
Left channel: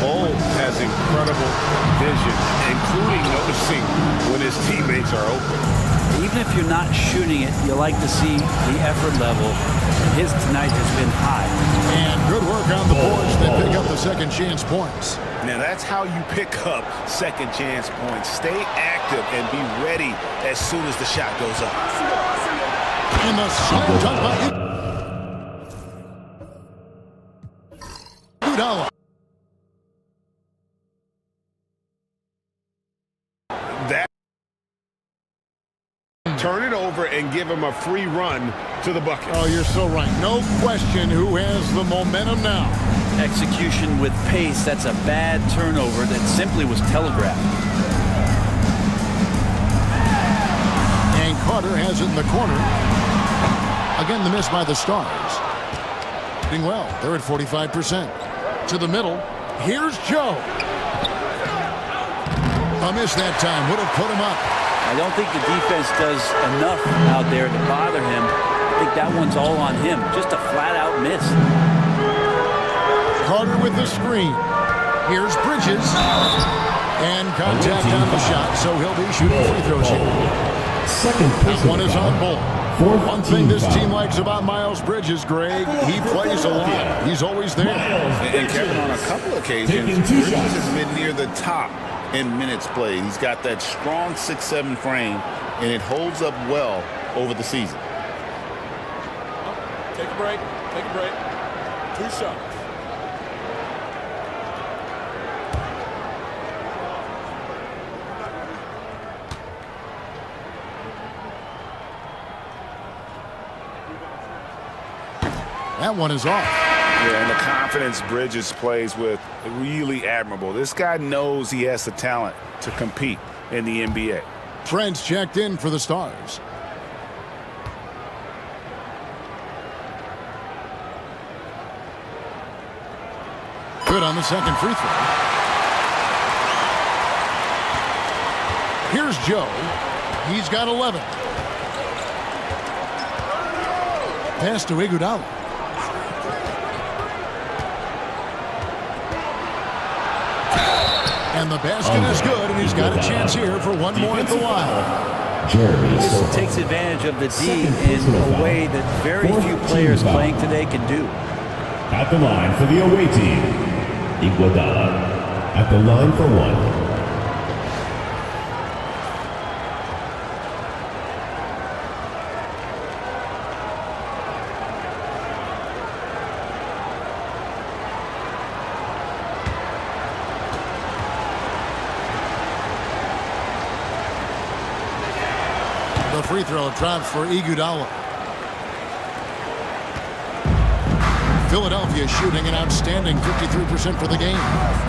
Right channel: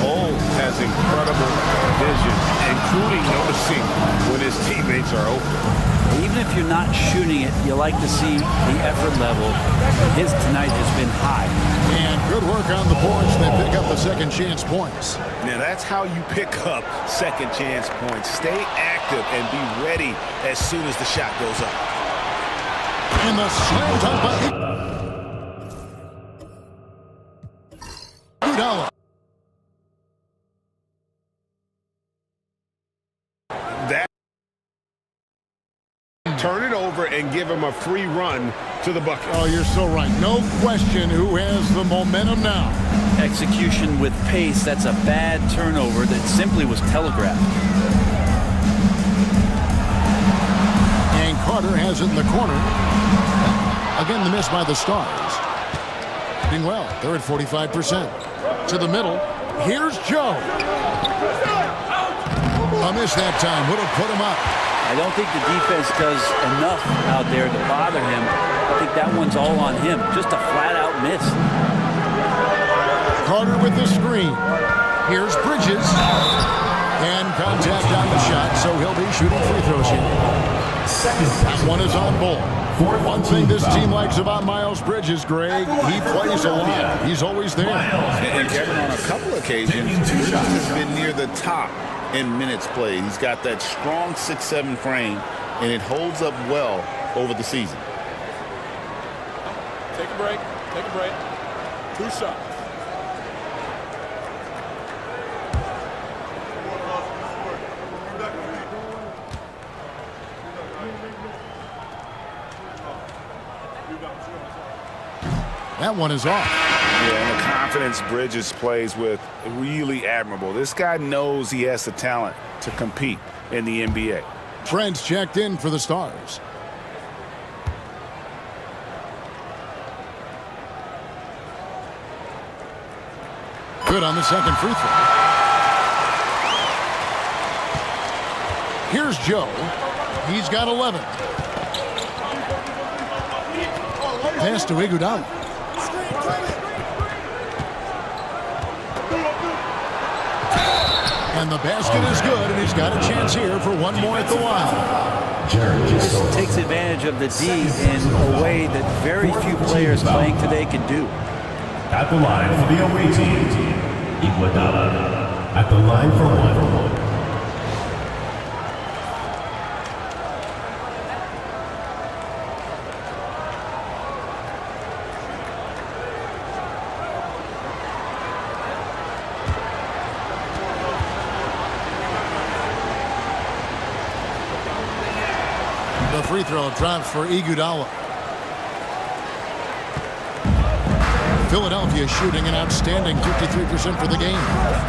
Bull has incredible vision, including noticing when his teammates are open. Even if you're not shooting it, you like to see the effort level. And his tonight has been high. And good work on the boards. They pick up the second chance points. Now that's how you pick up second chance points. Stay active and be ready as soon as the shot goes up. And the slam dunk by Iguodala. That turn it over and give him a free run to the bucket. Oh, you're so right. No question who has the momentum now. Execution with pace. That's a bad turnover that simply was telegraphed. And Carter has it in the corner. Again, the miss by the Stars. Doing well. They're at 45%. To the middle. Here's Joe. A miss that time. Would have put him up. I don't think the defense does enough out there to bother him. I think that one's all on him. Just a flat-out miss. Carter with the screen. Here's Bridges. And contact on the shot, so he'll be shooting free throws here. That one is on Bull. One thing this team likes about Miles Bridges, Greg, he plays a lot. He's always there. And Kevin, on a couple occasions, Bridges has been near the top in minutes played. He's got that strong 6'7" frame, and it holds up well over the season. Take a break. Take a break. 2 shots. That one is off. Yeah, and the confidence Bridges plays with, really admirable. This guy knows he has the talent to compete in the NBA. Trent's checked in for the Stars. Good on the second free throw. Here's Joe. He's got 11. Pass to Iguodala. And the basket is good, and he's got a chance here for one more at the line. He just takes advantage of the D in a way that very few players playing today can do. At the line for the away team, Iguodala. At the line for one. The free throw drops for Iguodala. Philadelphia shooting an outstanding 53% for the game.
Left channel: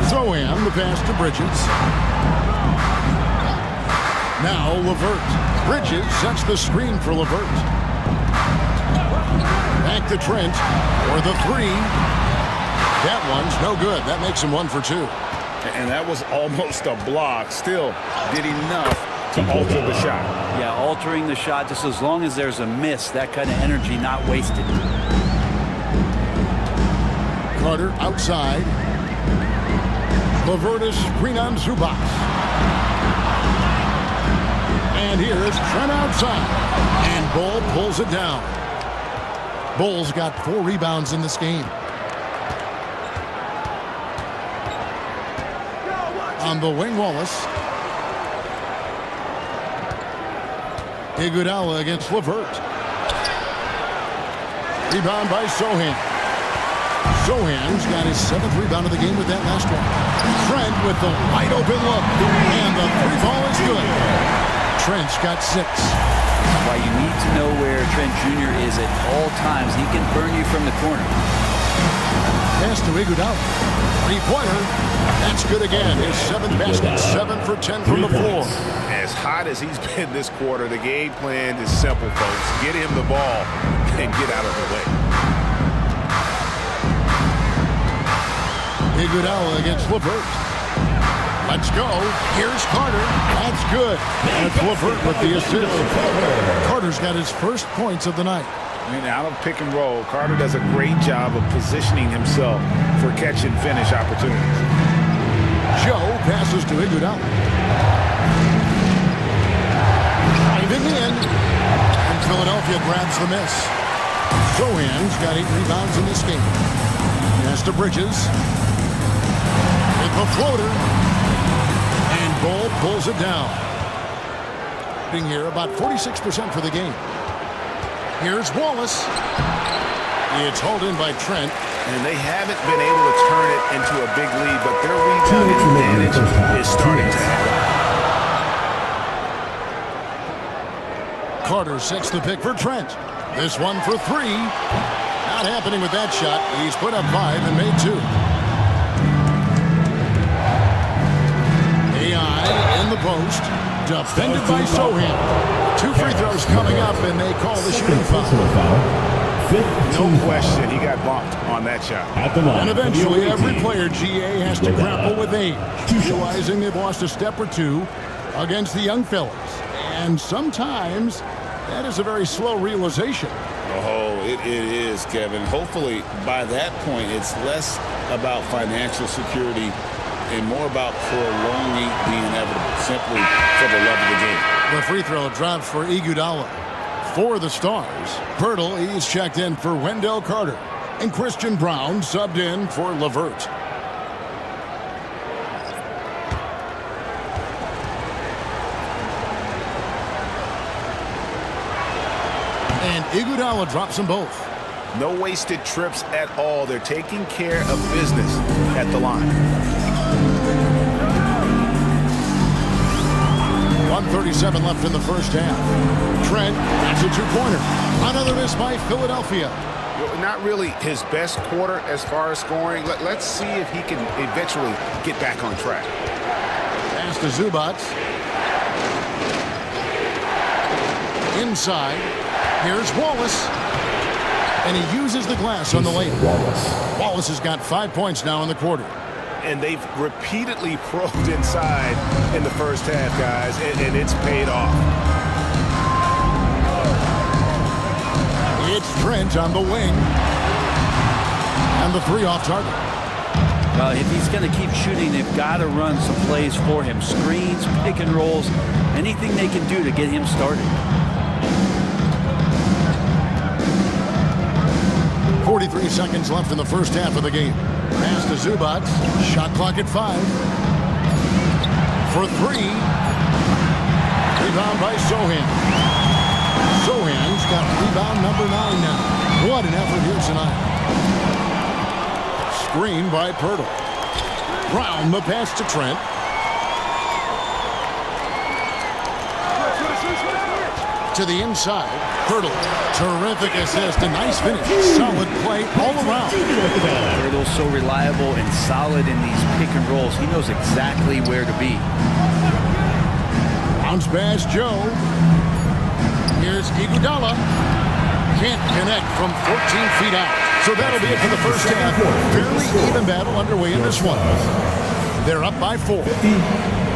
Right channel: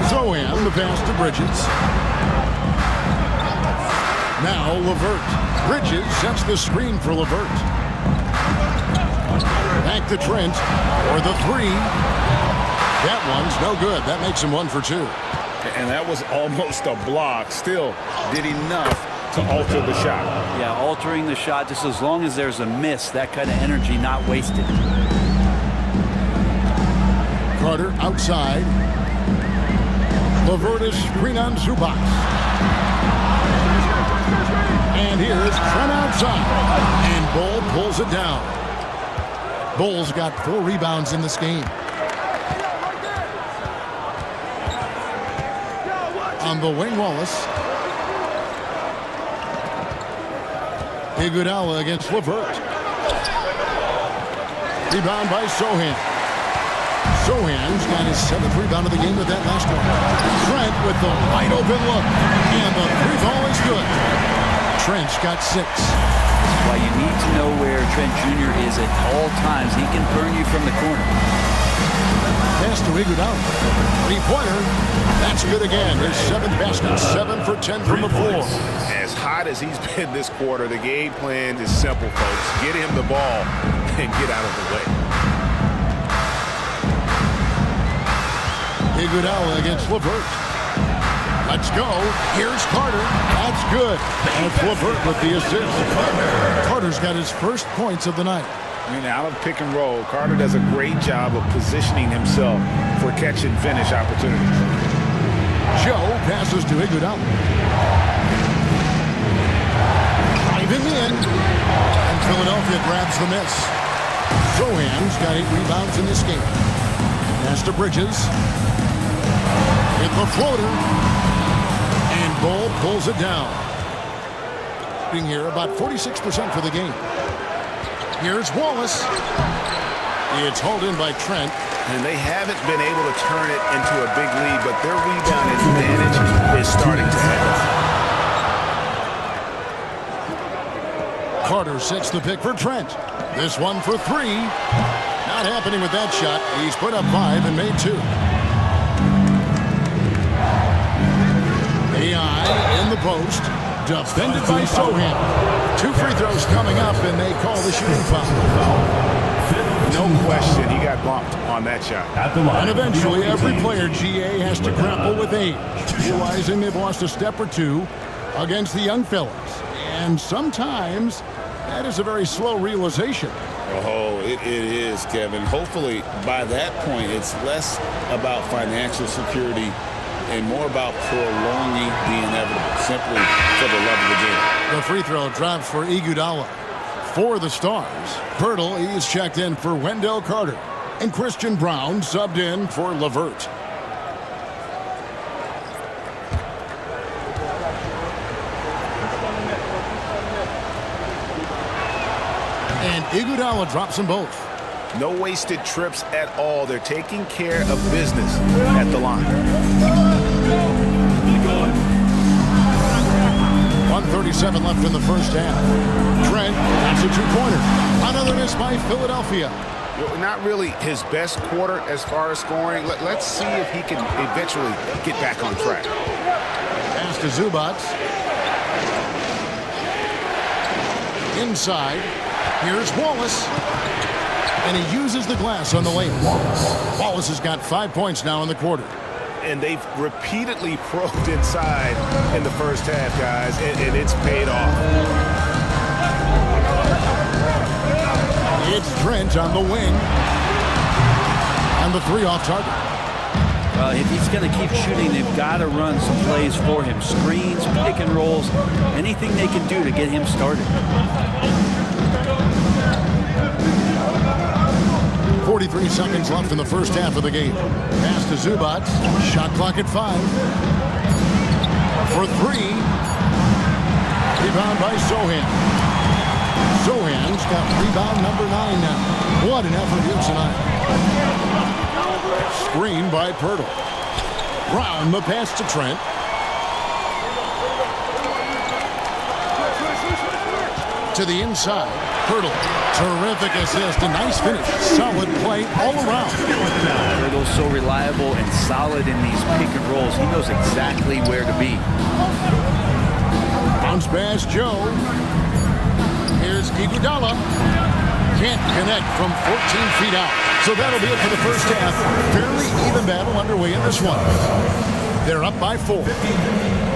Zohan, the pass to Bridges. Now LeVert. Bridges sets the screen for LeVert. Back to Trent for the three. That one's no good. That makes him 1 for 2. And that was almost a block. Still did enough to alter the shot. Yeah, altering the shot, just as long as there's a miss, that kind of energy not wasted. Carter outside. LeVert is screen on Zubac. And here's Trent outside. And Bull pulls it down. Bull's got 4 rebounds in this game. On the wing, Wallace. Iguodala against LeVert. Rebound by Zohan. Zohan's got his 7th rebound of the game with that last one. Trent with the wide open look. And the 3 ball is good. Trent's got 6. This is why you need to know where Trent Jr. is at all times. He can burn you from the corner. Pass to Iguodala. 3-pointer. That's good again. His 7th basket. 7 for 10 from the floor. As hot as he's been this quarter, the game plan is simple, folks. Get him the ball and get out of the way. Iguodala against LeVert. Let's go. Here's Carter. That's good. That's LeVert with the assist. Carter's got his first points of the night. And out of pick and roll, Carter does a great job of positioning himself for catch and finish opportunities. Joe passes to Iguodala. Driving in. And Philadelphia grabs the miss. Zohan's got 8 rebounds in this game. Pass to Bridges. With the floater. And Bull pulls it down. Being here about 46% for the game. Here's Wallace. It's hauled in by Trent. And they haven't been able to turn it into a big lead, but their rebounding advantage is starting to add up. Carter sets the pick for Trent. This one for three. Not happening with that shot. He's put up 5 and made 2. AI in the post. Defended by Sohan. 2 free throws coming up, and they call the shooting foul. No question, he got bumped on that shot. And eventually, every player, GA, has to grapple with age, realizing they've lost a step or two against the young fellas. And sometimes, that is a very slow realization. Oh, it is, Kevin. Hopefully, by that point, it's less about financial security and more about prolonging the inevitable, simply for the love of the game. The free throw drops for Iguodala. For the Stars, Pirtle, he's checked in for Wendell Carter. And Christian Brown subbed in for LeVert. And Iguodala drops them both. No wasted trips at all. They're taking care of business at the line. 1:37 left in the first half. Trent, that's a 2-pointer. Another miss by Philadelphia. Not really his best quarter as far as scoring. Let's see if he can eventually get back on track. Pass to Zubac. Inside. Here's Wallace. And he uses the glass on the layup. Wallace has got 5 points now in the quarter. And they've repeatedly probed inside in the first half, guys, and it's paid off. It's Trent on the wing. And the 3 off target. Well, if he's going to keep shooting, they've got to run some plays for him. Screens, pick and rolls, anything they can do to get him started. 43 seconds left in the first half of the game. Pass to Zubac. Shot clock at 5. For 3. Rebound by Sohan. Sohan's got rebound number 9 now. What an effort here tonight. Screen by Pirtle. Brown the pass to Trent. To the inside. Pirtle. Terrific assist. A nice finish. Solid play all around. Pirtle's so reliable and solid in these pick and rolls. He knows exactly where to be. Bounce pass, Joe. Here's Iguodala. Can't connect from 14 feet out. So that'll be it for the first half. Fairly even battle underway in this one. They're up by 4.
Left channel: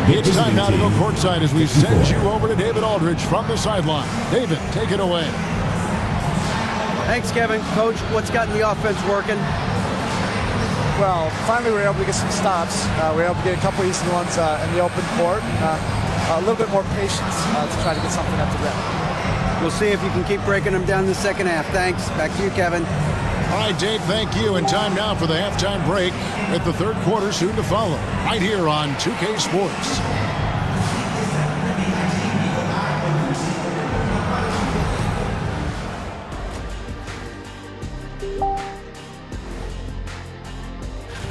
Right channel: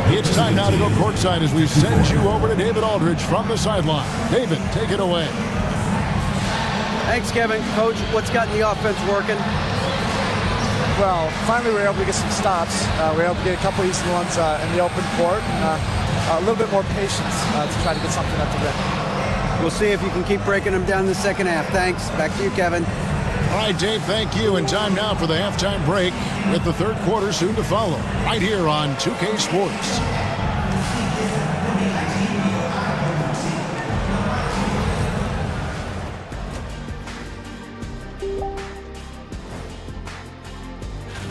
It's time now to go courtside as we send you over to David Aldridge from the sideline. David, take it away. Thanks, Kevin. Coach, what's gotten the offense working? Well, finally we were able to get some stops. We were able to get a couple easy ones in the open court and a little bit more patience to try to get something at the rim. We'll see if you can keep breaking them down in the second half. Thanks. Back to you, Kevin. All right, Dave, thank you. And time now for the halftime break with the third quarter soon to follow. Right here on 2K Sports.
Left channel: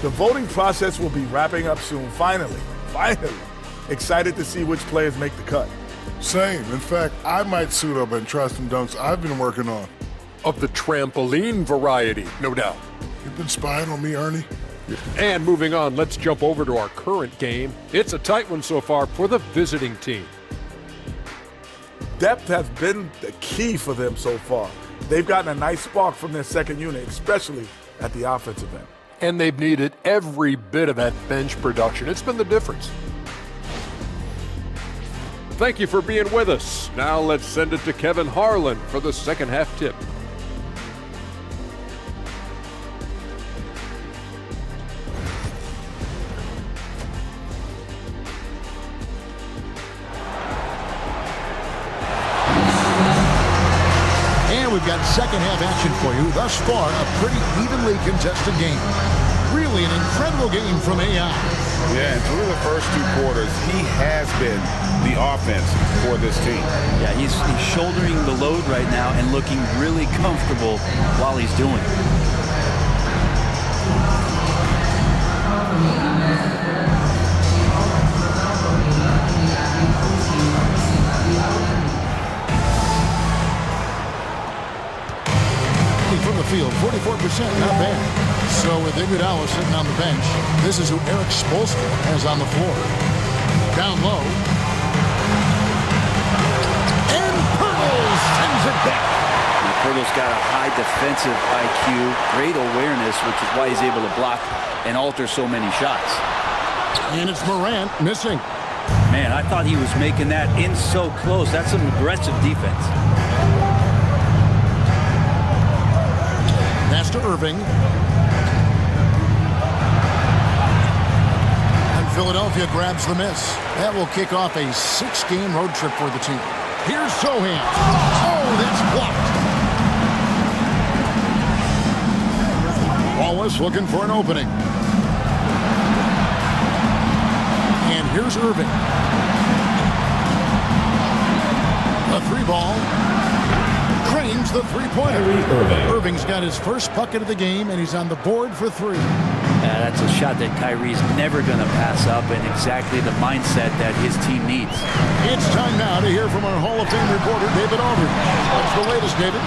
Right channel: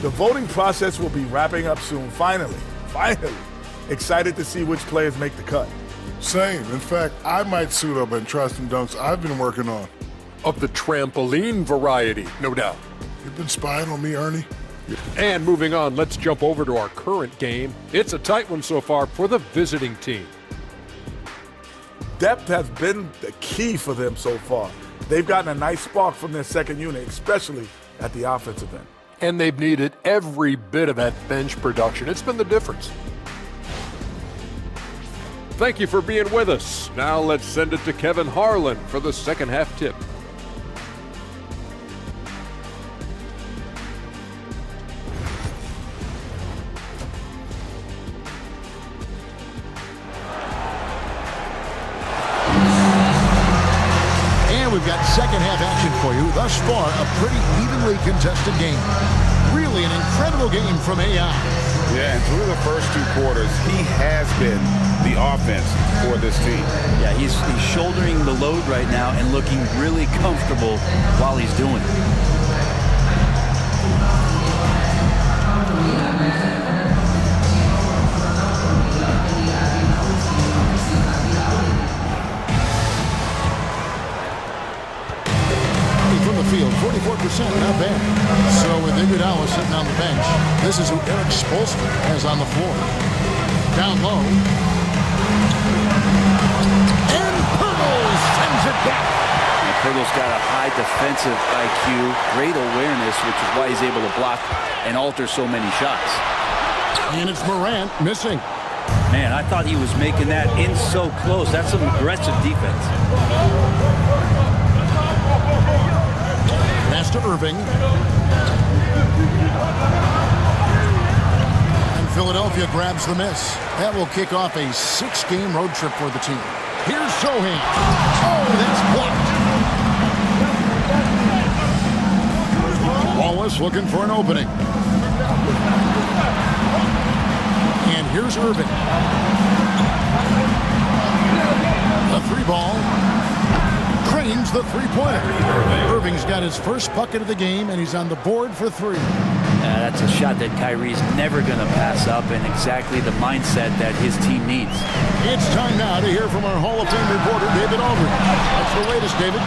The voting process will be wrapping up soon. Finally. Excited to see which players make the cut. Same. In fact, I might suit up and try some dunks I've been working on. Of the trampoline variety, no doubt. You've been spying on me, Ernie? And moving on, let's jump over to our current game. It's a tight one so far for the visiting team. Depth has been the key for them so far. They've gotten a nice spark from their second unit, especially at the offensive end. And they've needed every bit of that bench production. It's been the difference. Thank you for being with us. Now let's send it to Kevin Harlan for the second half tip. And we've got second half action for you. Thus far, a pretty evenly contested game. Really an incredible game from AI. Yeah, and through the first 2 quarters, he has been the offense for this team. Yeah, he's shouldering the load right now and looking really comfortable while he's doing it. From the field, 44%, not bad. So with Iguodala sitting on the bench, this is who Eric Spoelstra has on the floor. Down low. And Pirtle sends it back. Now, Pirtle's got a high defensive IQ, great awareness, which is why he's able to block and alter so many shots. And it's Morant missing. Man, I thought he was making that in so close. That's some aggressive defense. Pass to Irving. And Philadelphia grabs the miss. That will kick off a 6-game road trip for the team. Here's Sohan. Oh, that's blocked. Wallace looking for an opening. And here's Irving. A 3-ball. Cranes the three-pointer. Irving's got his first bucket of the game, and he's on the board for 3. That's a shot that Kyrie's never going to pass up, and exactly the mindset that his team needs. It's time now to hear from our Hall of Fame reporter, David Aldridge. What's the latest, David?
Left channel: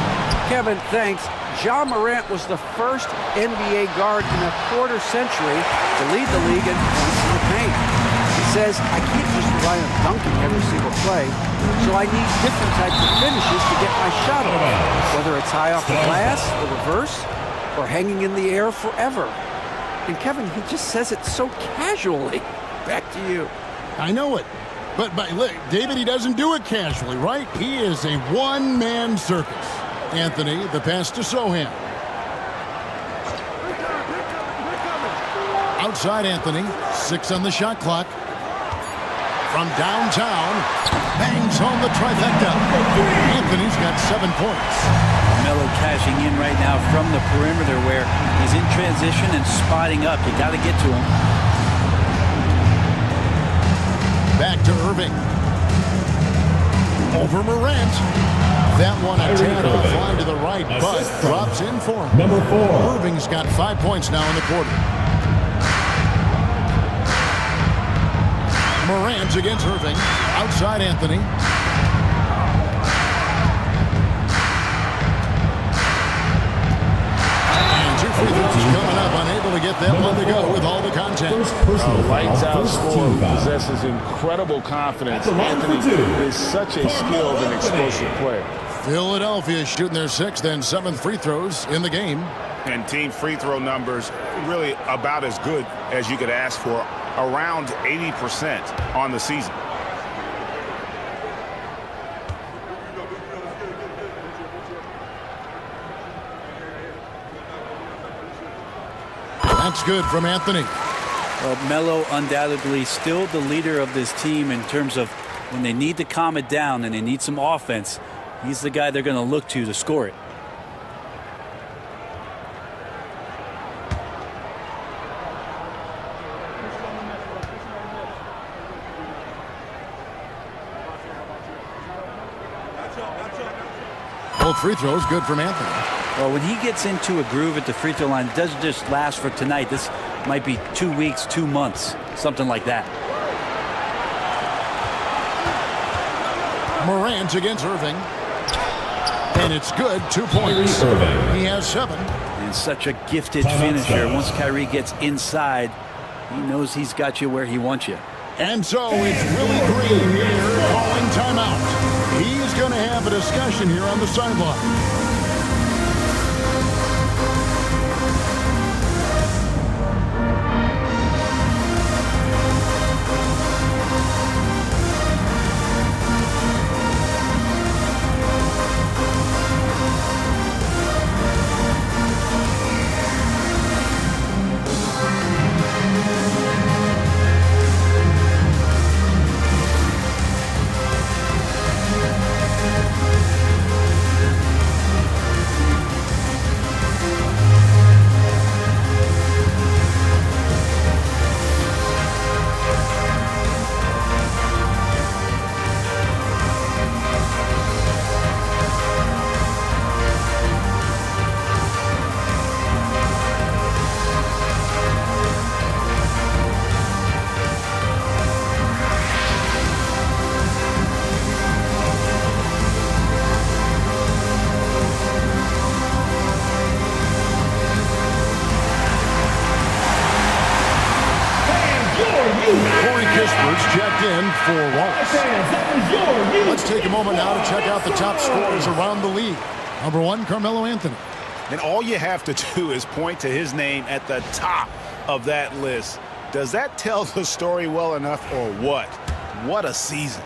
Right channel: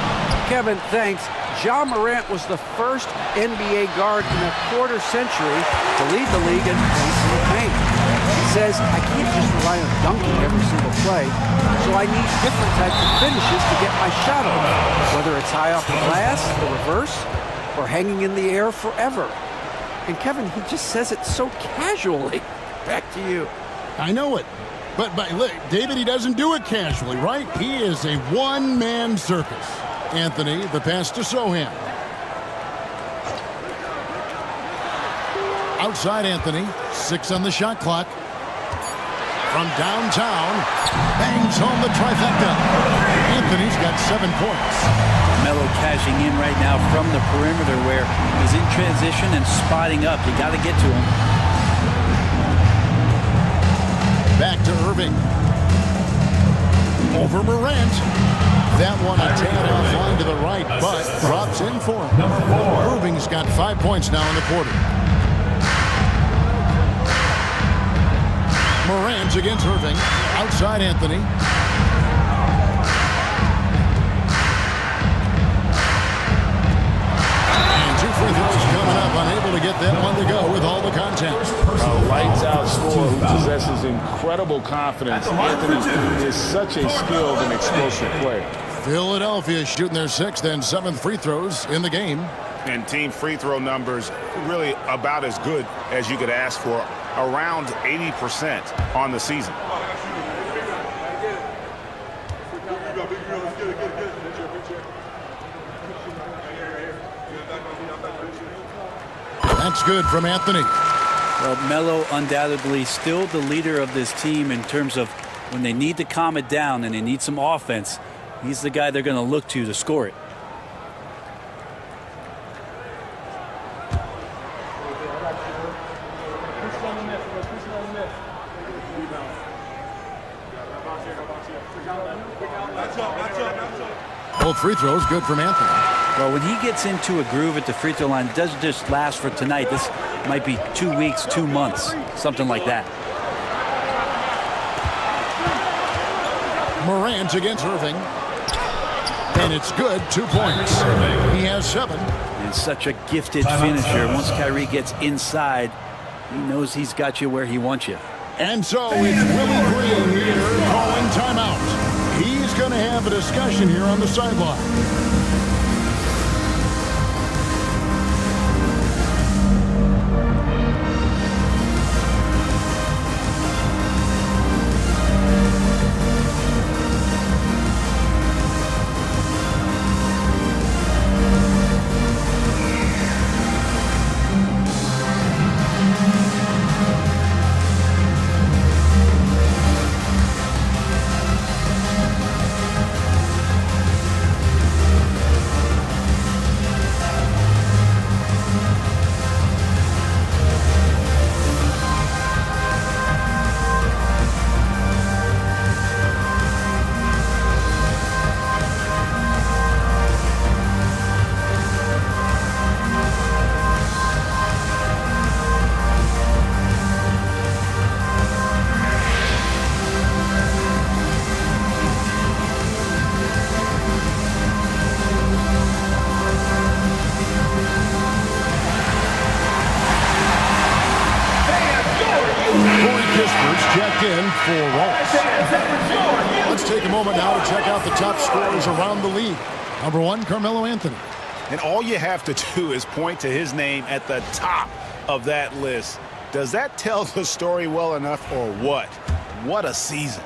Kevin, thanks. Ja Morant was the first NBA guard in a quarter century to lead the league in points in the paint. He says, I can't just rely on dunking every single play, so I need different types of finishes to get my shot off, whether it's high off the glass, the reverse, or hanging in the air forever. And Kevin, he just says it so casually. Back to you. I know it. But David, he doesn't do it casually, right? He is a one-man circus. Anthony, the pass to Sohan. Outside Anthony, 6 on the shot clock. From downtown, bangs home the trifecta. Anthony's got 7 points. Melo cashing in right now from the perimeter where he's in transition and spotting up. You got to get to him. Back to Irving. Over Morant. That one a tad offline to the right, but drops in for him. Number 4. Irving's got 5 points now in the quarter. Morant against Irving. Outside Anthony. And 2 free throws coming up. Unable to get that one to go with all the content. A lights-out scorer who possesses incredible confidence. Anthony is such a skilled and explosive player. Philadelphia shooting their 6th and 7th free throws in the game. And team free throw numbers really about as good as you could ask for. Around 80% on the season. That's good from Anthony. Well, Melo undoubtedly still the leader of this team in terms of when they need to calm it down and they need some offense. He's the guy they're going to look to score it. Both free throws good from Anthony. Well, when he gets into a groove at the free throw line, it doesn't just last for tonight. This might be 2 weeks, 2 months, something like that. Morant against Irving. And it's good, 2 points. He has 7. And such a gifted finisher. Once Kyrie gets inside, he knows he's got you where he wants you. And so it's Willie Green here calling timeout. He's going to have a discussion here on the sideline. Kispert's checked in for Wallace. Let's take a moment now to check out the top scorers around the league. Number 1, Carmelo Anthony. And all you have to do is point to his name at the top of that list. Does that tell the story well enough or what? What a season.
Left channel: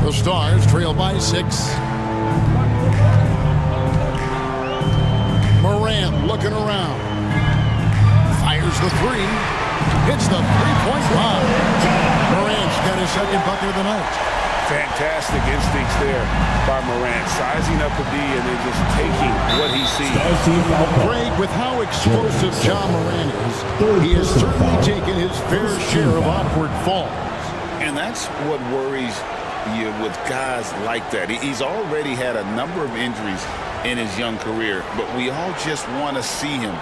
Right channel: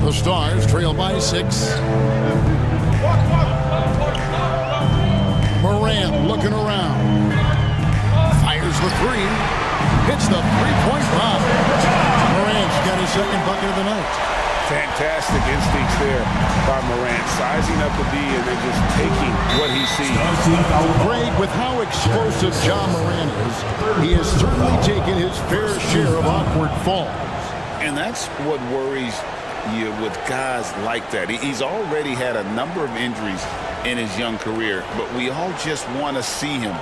The Stars trail by 6. Morant looking around. Fires the 3. Hits the three-point line. Morant's got his second bucket of the night. Fantastic instincts there by Morant, sizing up the D and then just taking what he sees. Greg, with how explosive John Morant is, he has certainly taken his fair share of awkward falls. And that's what worries you with guys like that. He's already had a number of injuries in his young career, but we all just want to see him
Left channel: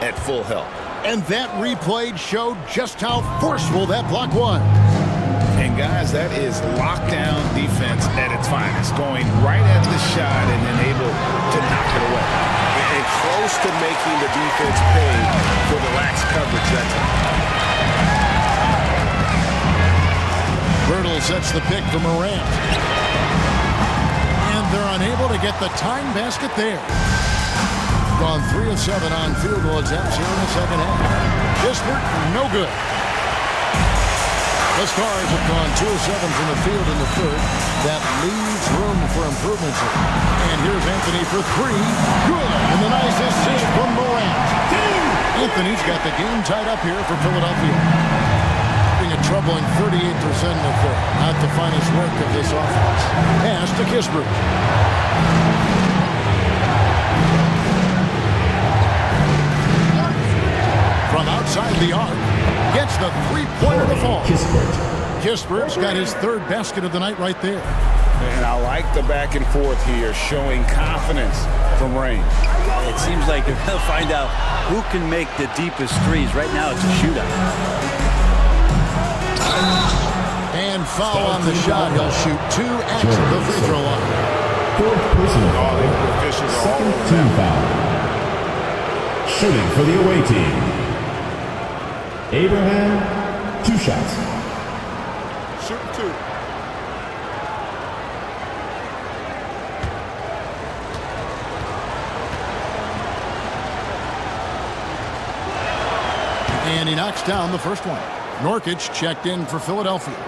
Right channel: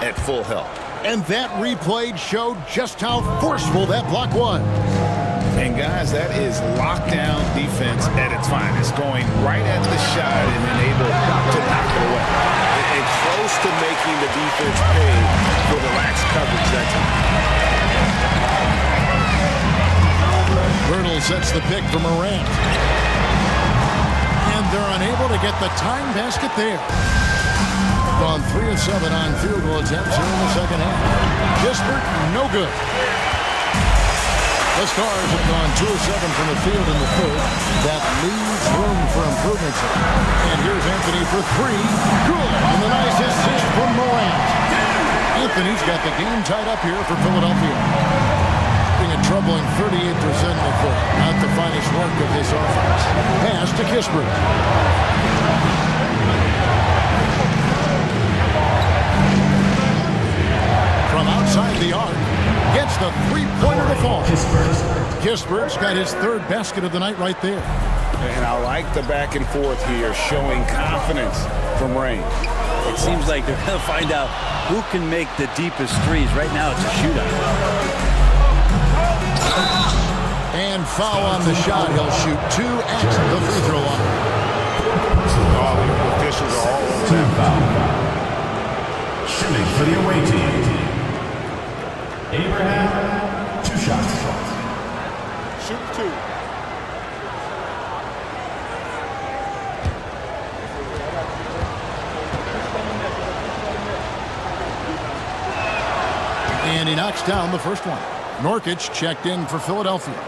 at full health. And that replay showed just how forceful that block was. And guys, that is lockdown defense at its finest, going right at the shot and then able to knock it away. And close to making the defense pay for the lax coverage that time. Birtle sets the pick for Morant. And they're unable to get the time basket there. Gone 3 of 7 on field goal attempts here in the second half. Kispert, no good. The Stars have gone 2 of 7 from the field in the third. That leaves room for improvements. And here's Anthony for 3. Good. And the nice assist from Morant. Anthony's got the game tied up here for Philadelphia. Being a troubling 38% in the third. Not the finest work of this offense. Pass to Kispert. From outside the arc, gets the three-pointer to fall. Kispert's got his third basket of the night right there. And I like the back and forth here, showing confidence from Rain. It seems like they're going to find out who can make the deepest threes. Right now, it's a shootout. And foul on the shot. He'll shoot 2 at the free throw line. Oh, the officials are all over that. Shooting for the away team. Abraham, 2 shots. Shoot 2. And he knocks down the first one. Nurkic checked in for Philadelphia.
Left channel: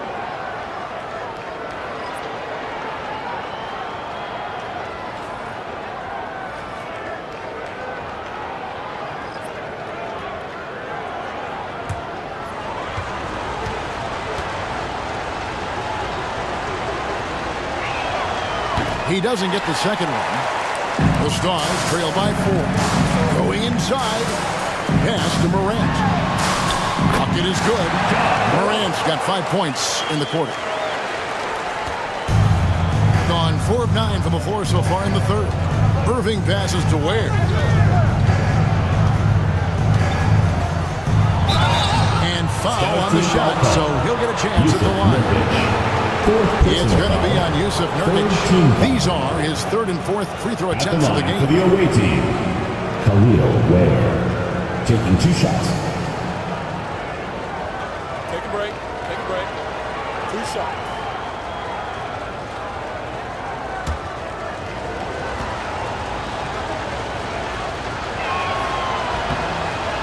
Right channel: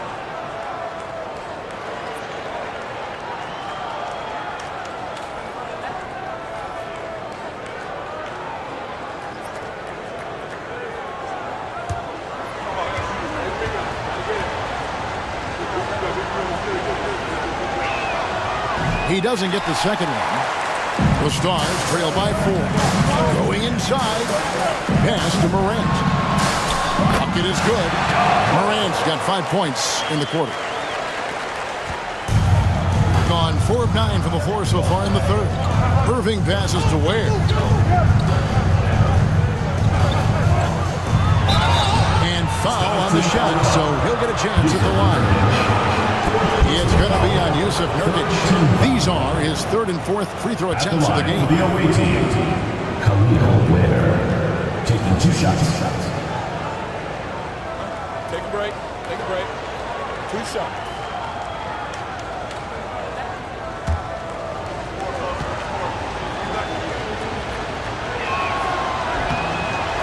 He doesn't get the second one. The Stars trail by 4. Going inside. Pass to Morant. Bucket is good. Morant's got 5 points in the quarter. Gone 4 of 9 from the floor so far in the third. Irving passes to Ware. And foul on the shot, so he'll get a chance at the line. It's going to be on Yusuf Nurkic. These are his third and fourth free throw attempts of the game. For the away team, Khalil Ware taking 2 shots. Take a break. Take a break. 2 shots.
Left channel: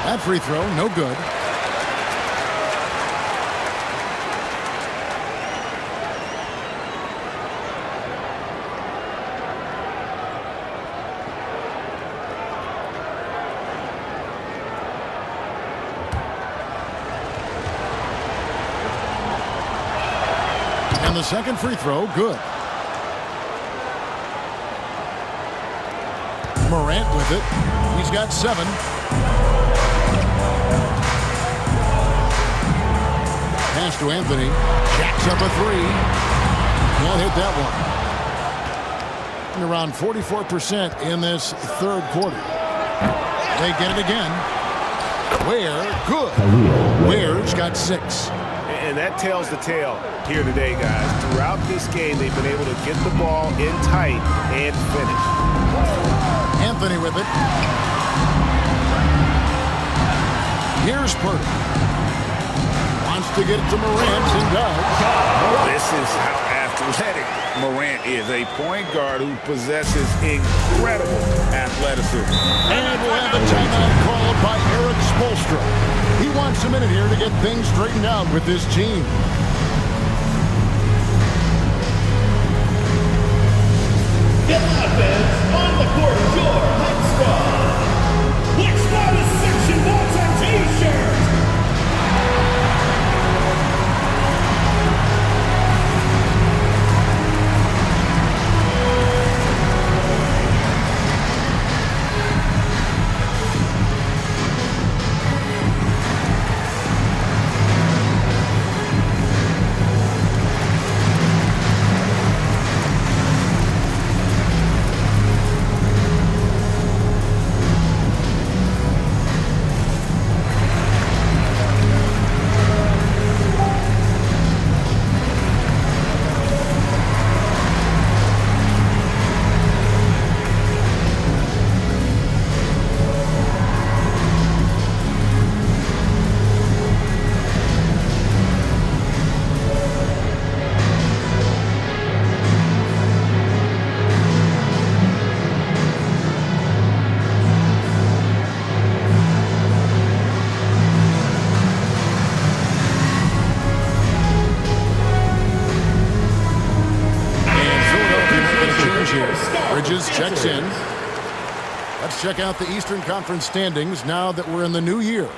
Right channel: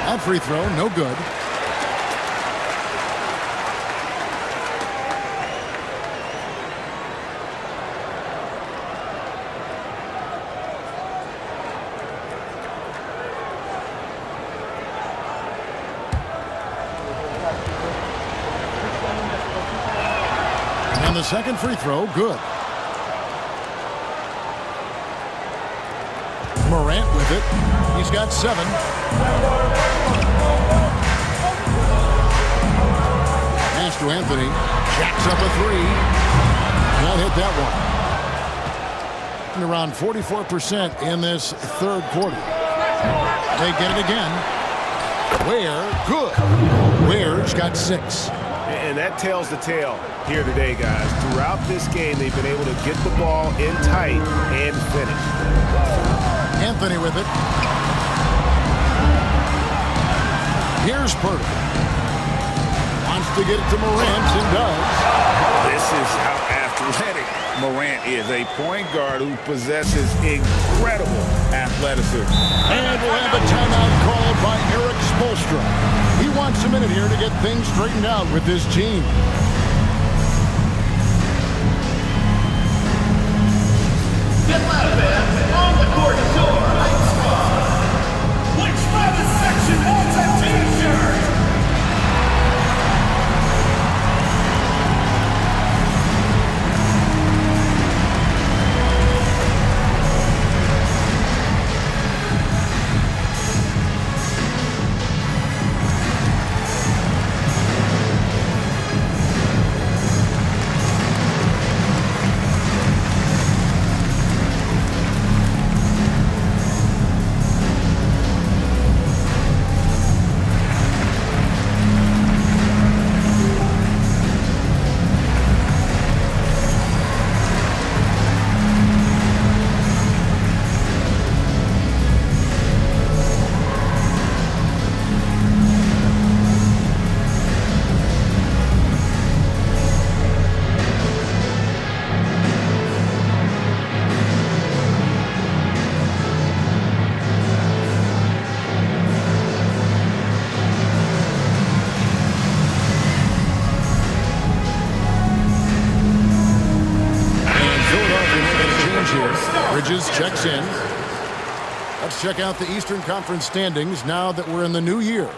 That free throw, no good. And the second free throw, good. Morant with it. He's got 7. Pass to Anthony. Jacks up a 3. Can't hit that one. And around 44% in this third quarter. They get it again. Ware, good. Ware's got 6. And that tells the tale here today, guys. Throughout this game, they've been able to get the ball in tight and finish. Anthony with it. Here's Pirtle. Wants to get it to Morant and does. This is how athletic Morant is. A point guard who possesses incredible athleticism. And we'll have a timeout called by Eric Spoelstra. He wants a minute here to get things straightened out with this team. Atlanta fans, on the court is your Hype Squad. Which loudest section wants a t-shirt? Bridges checks in. Let's check out the Eastern Conference standings now that we're in the new year.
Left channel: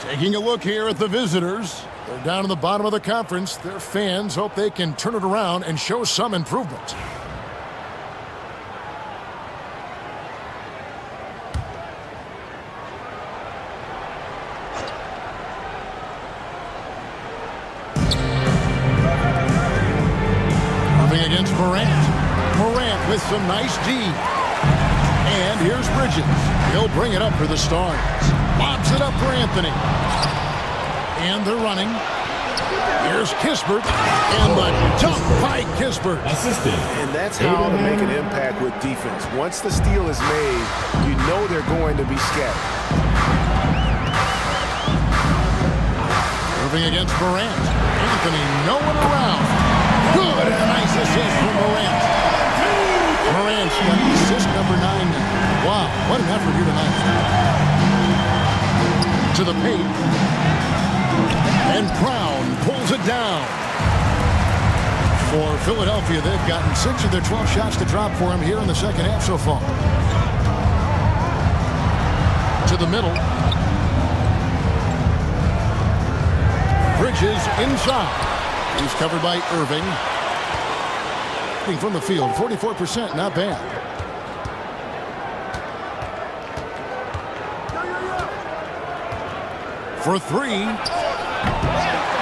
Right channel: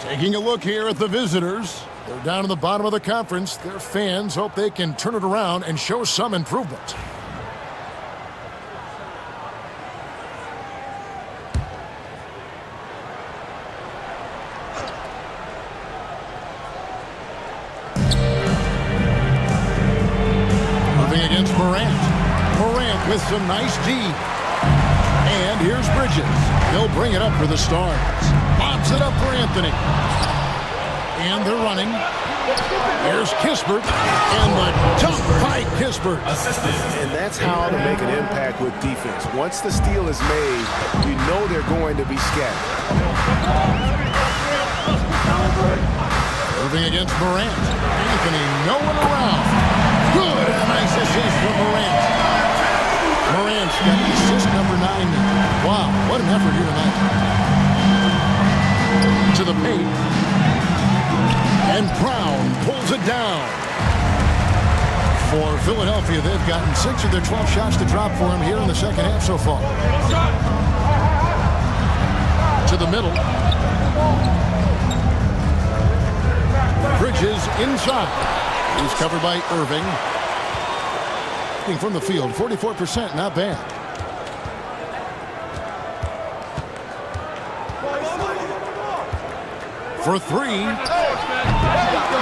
Taking a look here at the visitors. They're down in the bottom of the conference. Their fans hope they can turn it around and show some improvement. Moving against Morant. Morant with some nice D. And here's Bridges. He'll bring it up for the Stars. Lobs it up for Anthony. And they're running. Here's Kispert. And the dunk by Kispert. Assisted. And that's how to make an impact with defense. Once the steal is made, you know they're going to be scattered. Irving against Morant. Anthony nowhere around. Good, and a nice assist from Morant. Morant's got assist number 9 now. Wow, what an effort here tonight. To the paint. And Brown pulls it down. For Philadelphia, they've gotten 6 of their 12 shots to drop for him here in the second half so far. To the middle. Bridges inside. He's covered by Irving. From the field, 44%, not bad. For 3,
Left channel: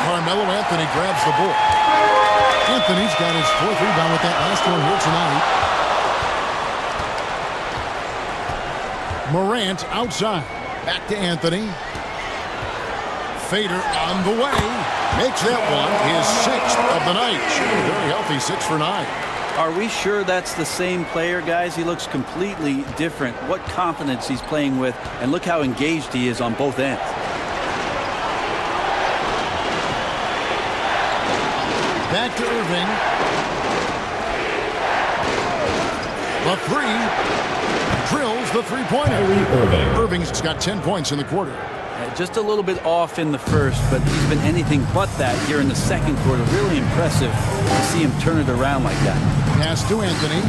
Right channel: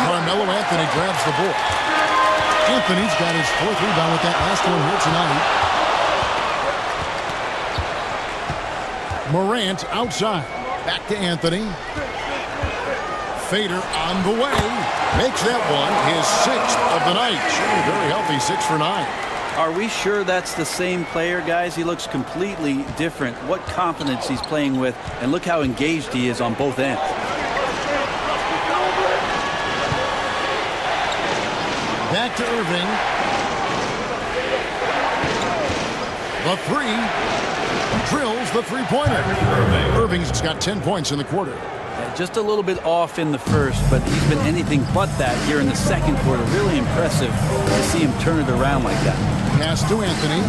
Carmelo Anthony grabs the ball. Anthony's got his 4th rebound with that last one here tonight. Morant outside. Back to Anthony. Fader on the way. Makes that one his 6th of the night. Shooting very healthy, 6 for 9. Are we sure that's the same player, guys? He looks completely different. What confidence he's playing with, and look how engaged he is on both ends. Back to Irving. The 3. Drills the three-pointer. Irving's got 10 points in the quarter. Just a little bit off in the first, but he's been anything but that here in the second quarter. Really impressive to see him turn it around like that. Pass to Anthony.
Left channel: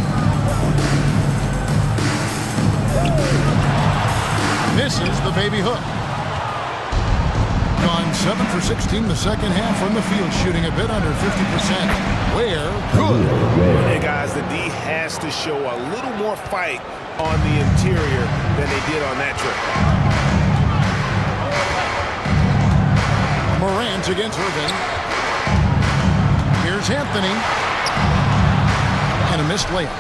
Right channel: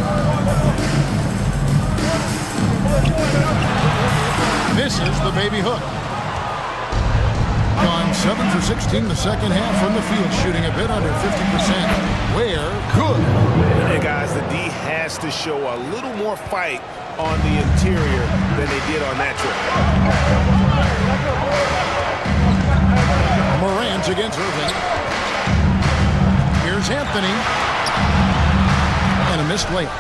Misses the baby hook. Gone 7 for 16 the second half from the field, shooting a bit under 50%. Where? Good. And guys, the D has to show a little more fight on the interior than they did on that trip. Morant against Irving. Here's Anthony. And a missed layup.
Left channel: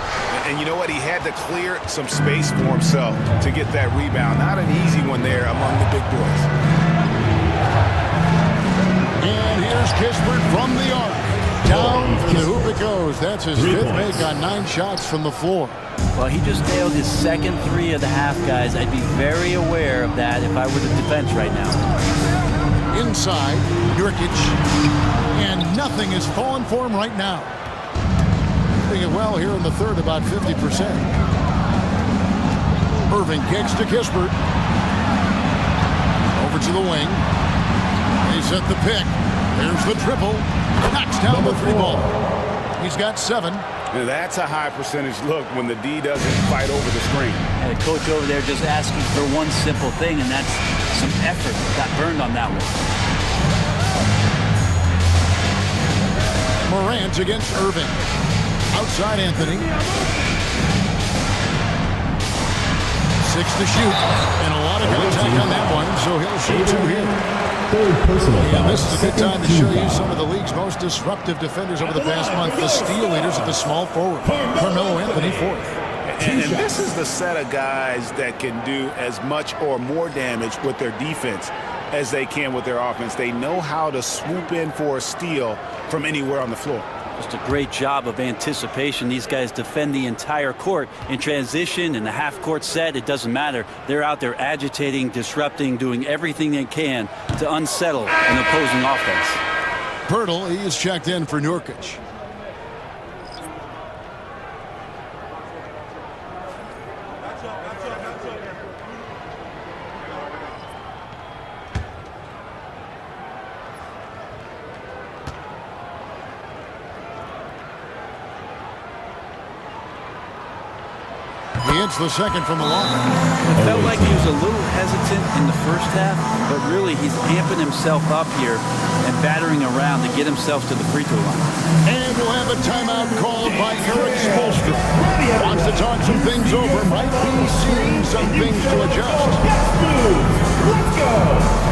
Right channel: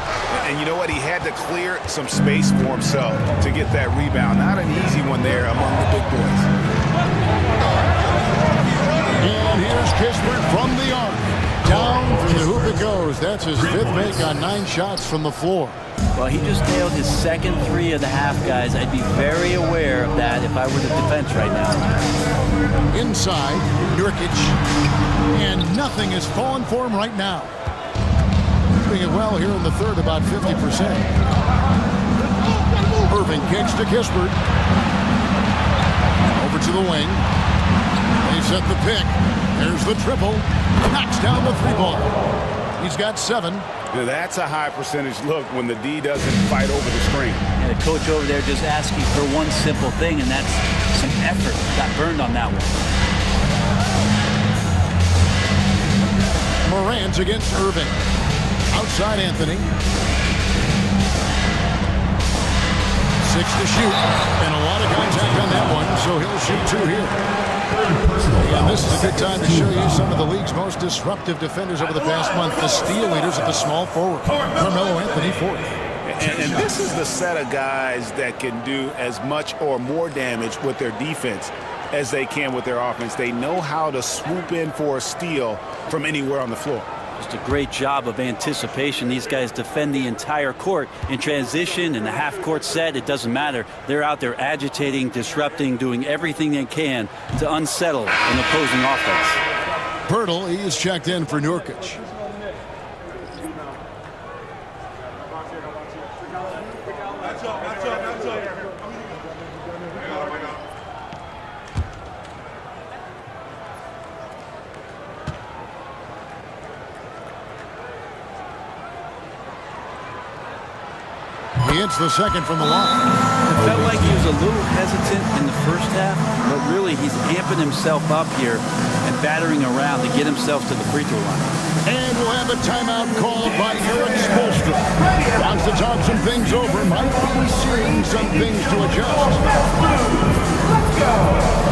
And you know what? He had to clear some space for himself to get that rebound. Not an easy one there among the big boys. And here's Kispert from the arc. Down through the hoop it goes. That's his 5th make on 9 shots from the floor. Well, he just nailed his second 3 of the half, guys. I'd be very aware of that if I were the defense right now. inside. Nurkic. And nothing is falling for him right now. Doing it well here in the third, about 50%. Irving kicks to Kispert. Over to the wing. They set the pick. There's the triple. Knocks down the 3-ball. He's got 7. Now that's a high percentage look when the D doesn't fight over the screen. And the coach over there just asking for one simple thing, and that's some effort. Got burned on that one. Morant against Irving. Outside Anthony. 6 to shoot. And a lot of contact on that one, so he'll shoot 2 here. And this is a good time to show you some of the league's most disruptive defenders over the past month. The steal leaders at the small forward. Carmelo Anthony, 4th. And this is the set of guys that can do as much or more damage with their defense as they can with their offense. They know how to swoop in for a steal from anywhere on the floor. Just a great job of anticipation. These guys defend the entire court in transition, in the half-court set. It doesn't matter. They're out there agitating, disrupting, doing everything they can to unsettle an opposing offense. Pirtle, he is checked in for Nurkic. He hits the second from the line. It felt like he was a little hesitant in the first half, but really he's amping himself up here and battering around to get himself to the free throw line. And we'll have a timeout called by Eric Spoelstra. Wants to talk some things over, might be seeing some things to adjust. Let's go.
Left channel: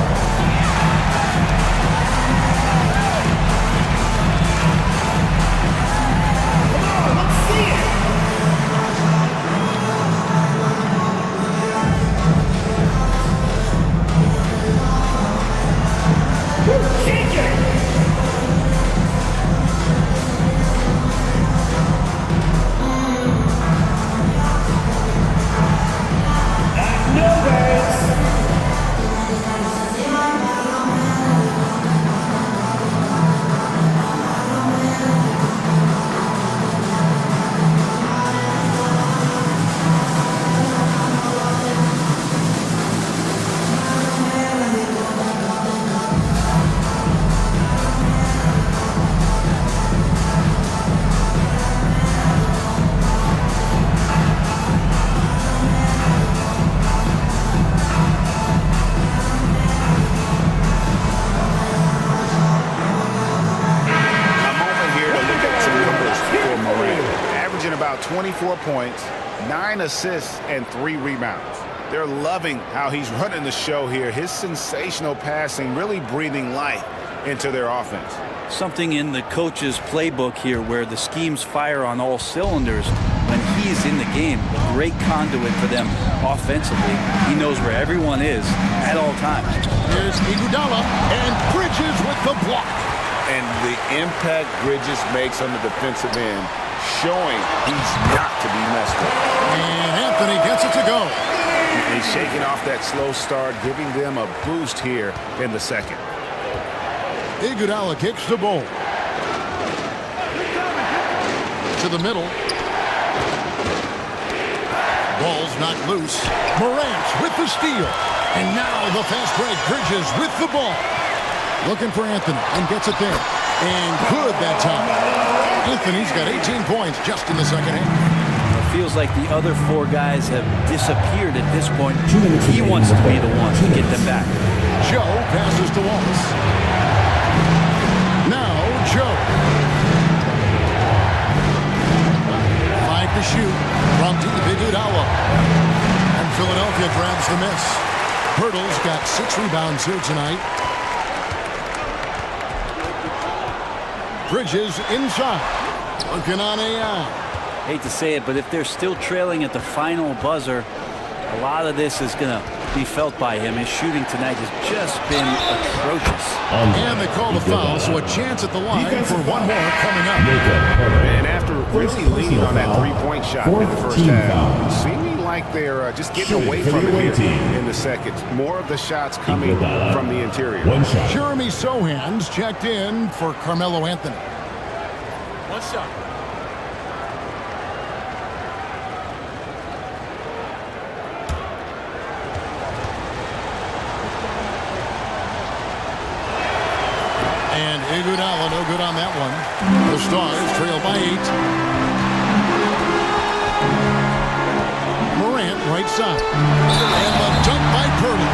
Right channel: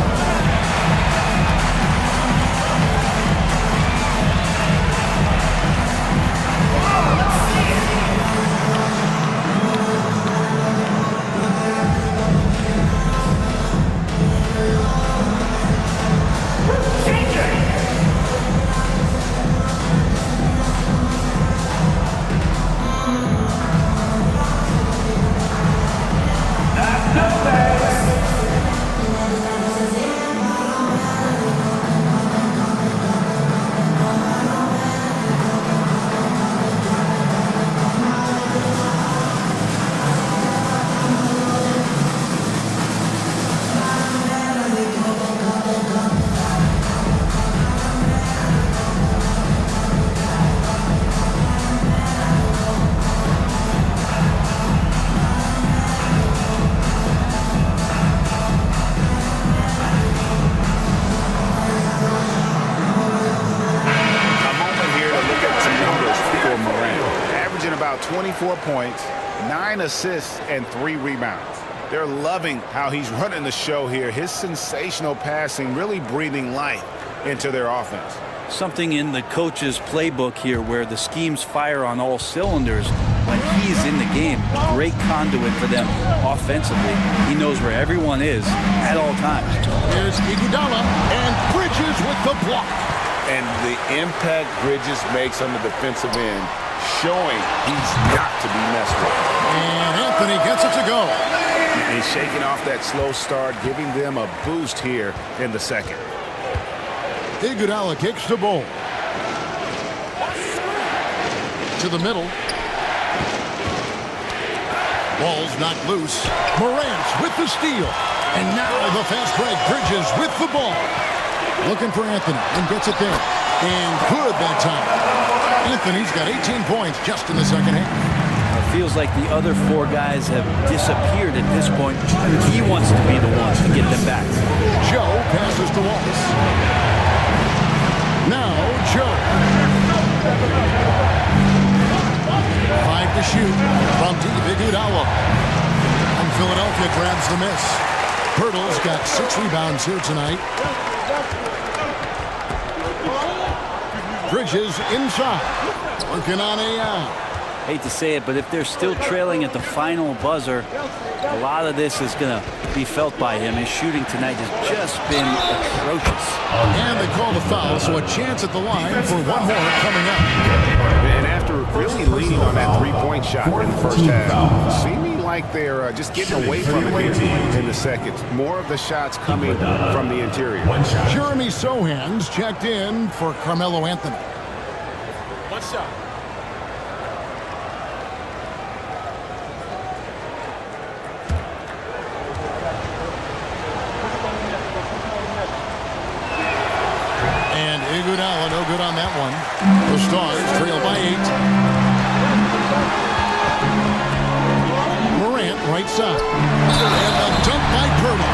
About 24 points, 9 assists, and 3 rebounds. They're loving how he's running the show here. His sensational passing really breathing life into their offense. Something in the coach's playbook here where the schemes fire on all cylinders when he's in the game. A great conduit for them offensively. He knows where everyone is at all times. Here's Iguodala and Bridges with the block. And the impact Bridges makes on the defensive end, showing he's not to be messed with. And Anthony gets it to go. And he's shaking off that slow start, giving them a boost here in the second. Iguodala kicks the ball. To the middle. Ball's knocked loose. Morant with the steal. And now the fast break. Bridges with the ball. Looking for Anthony and gets it there. And good that time. Anthony's got 18 points just in the second half. It feels like the other 4 guys have disappeared at this point. He wants to be the one to get them back. Joe passes to Wallace. Now Joe. 5 to shoot from deep. Iguodala. And Philadelphia grabs the miss. Pirtle's got 6 rebounds here tonight. Bridges inside. Working on AI. Hate to say it, but if they're still trailing at the final buzzer, a lot of this is going to be felt by him. His shooting tonight has just been atrocious. And they call the foul, so a chance at the line for one more coming up. And after really leaning on that three-point shot in the first half, seeming like they're just getting away from it here in the seconds. More of the shots coming from the interior. Jeremy Sohan's checked in for Carmelo Anthony. One shot. And Iguodala no good on that one. The Stars trail by 8. Morant right side. And the dunk by Pirtle.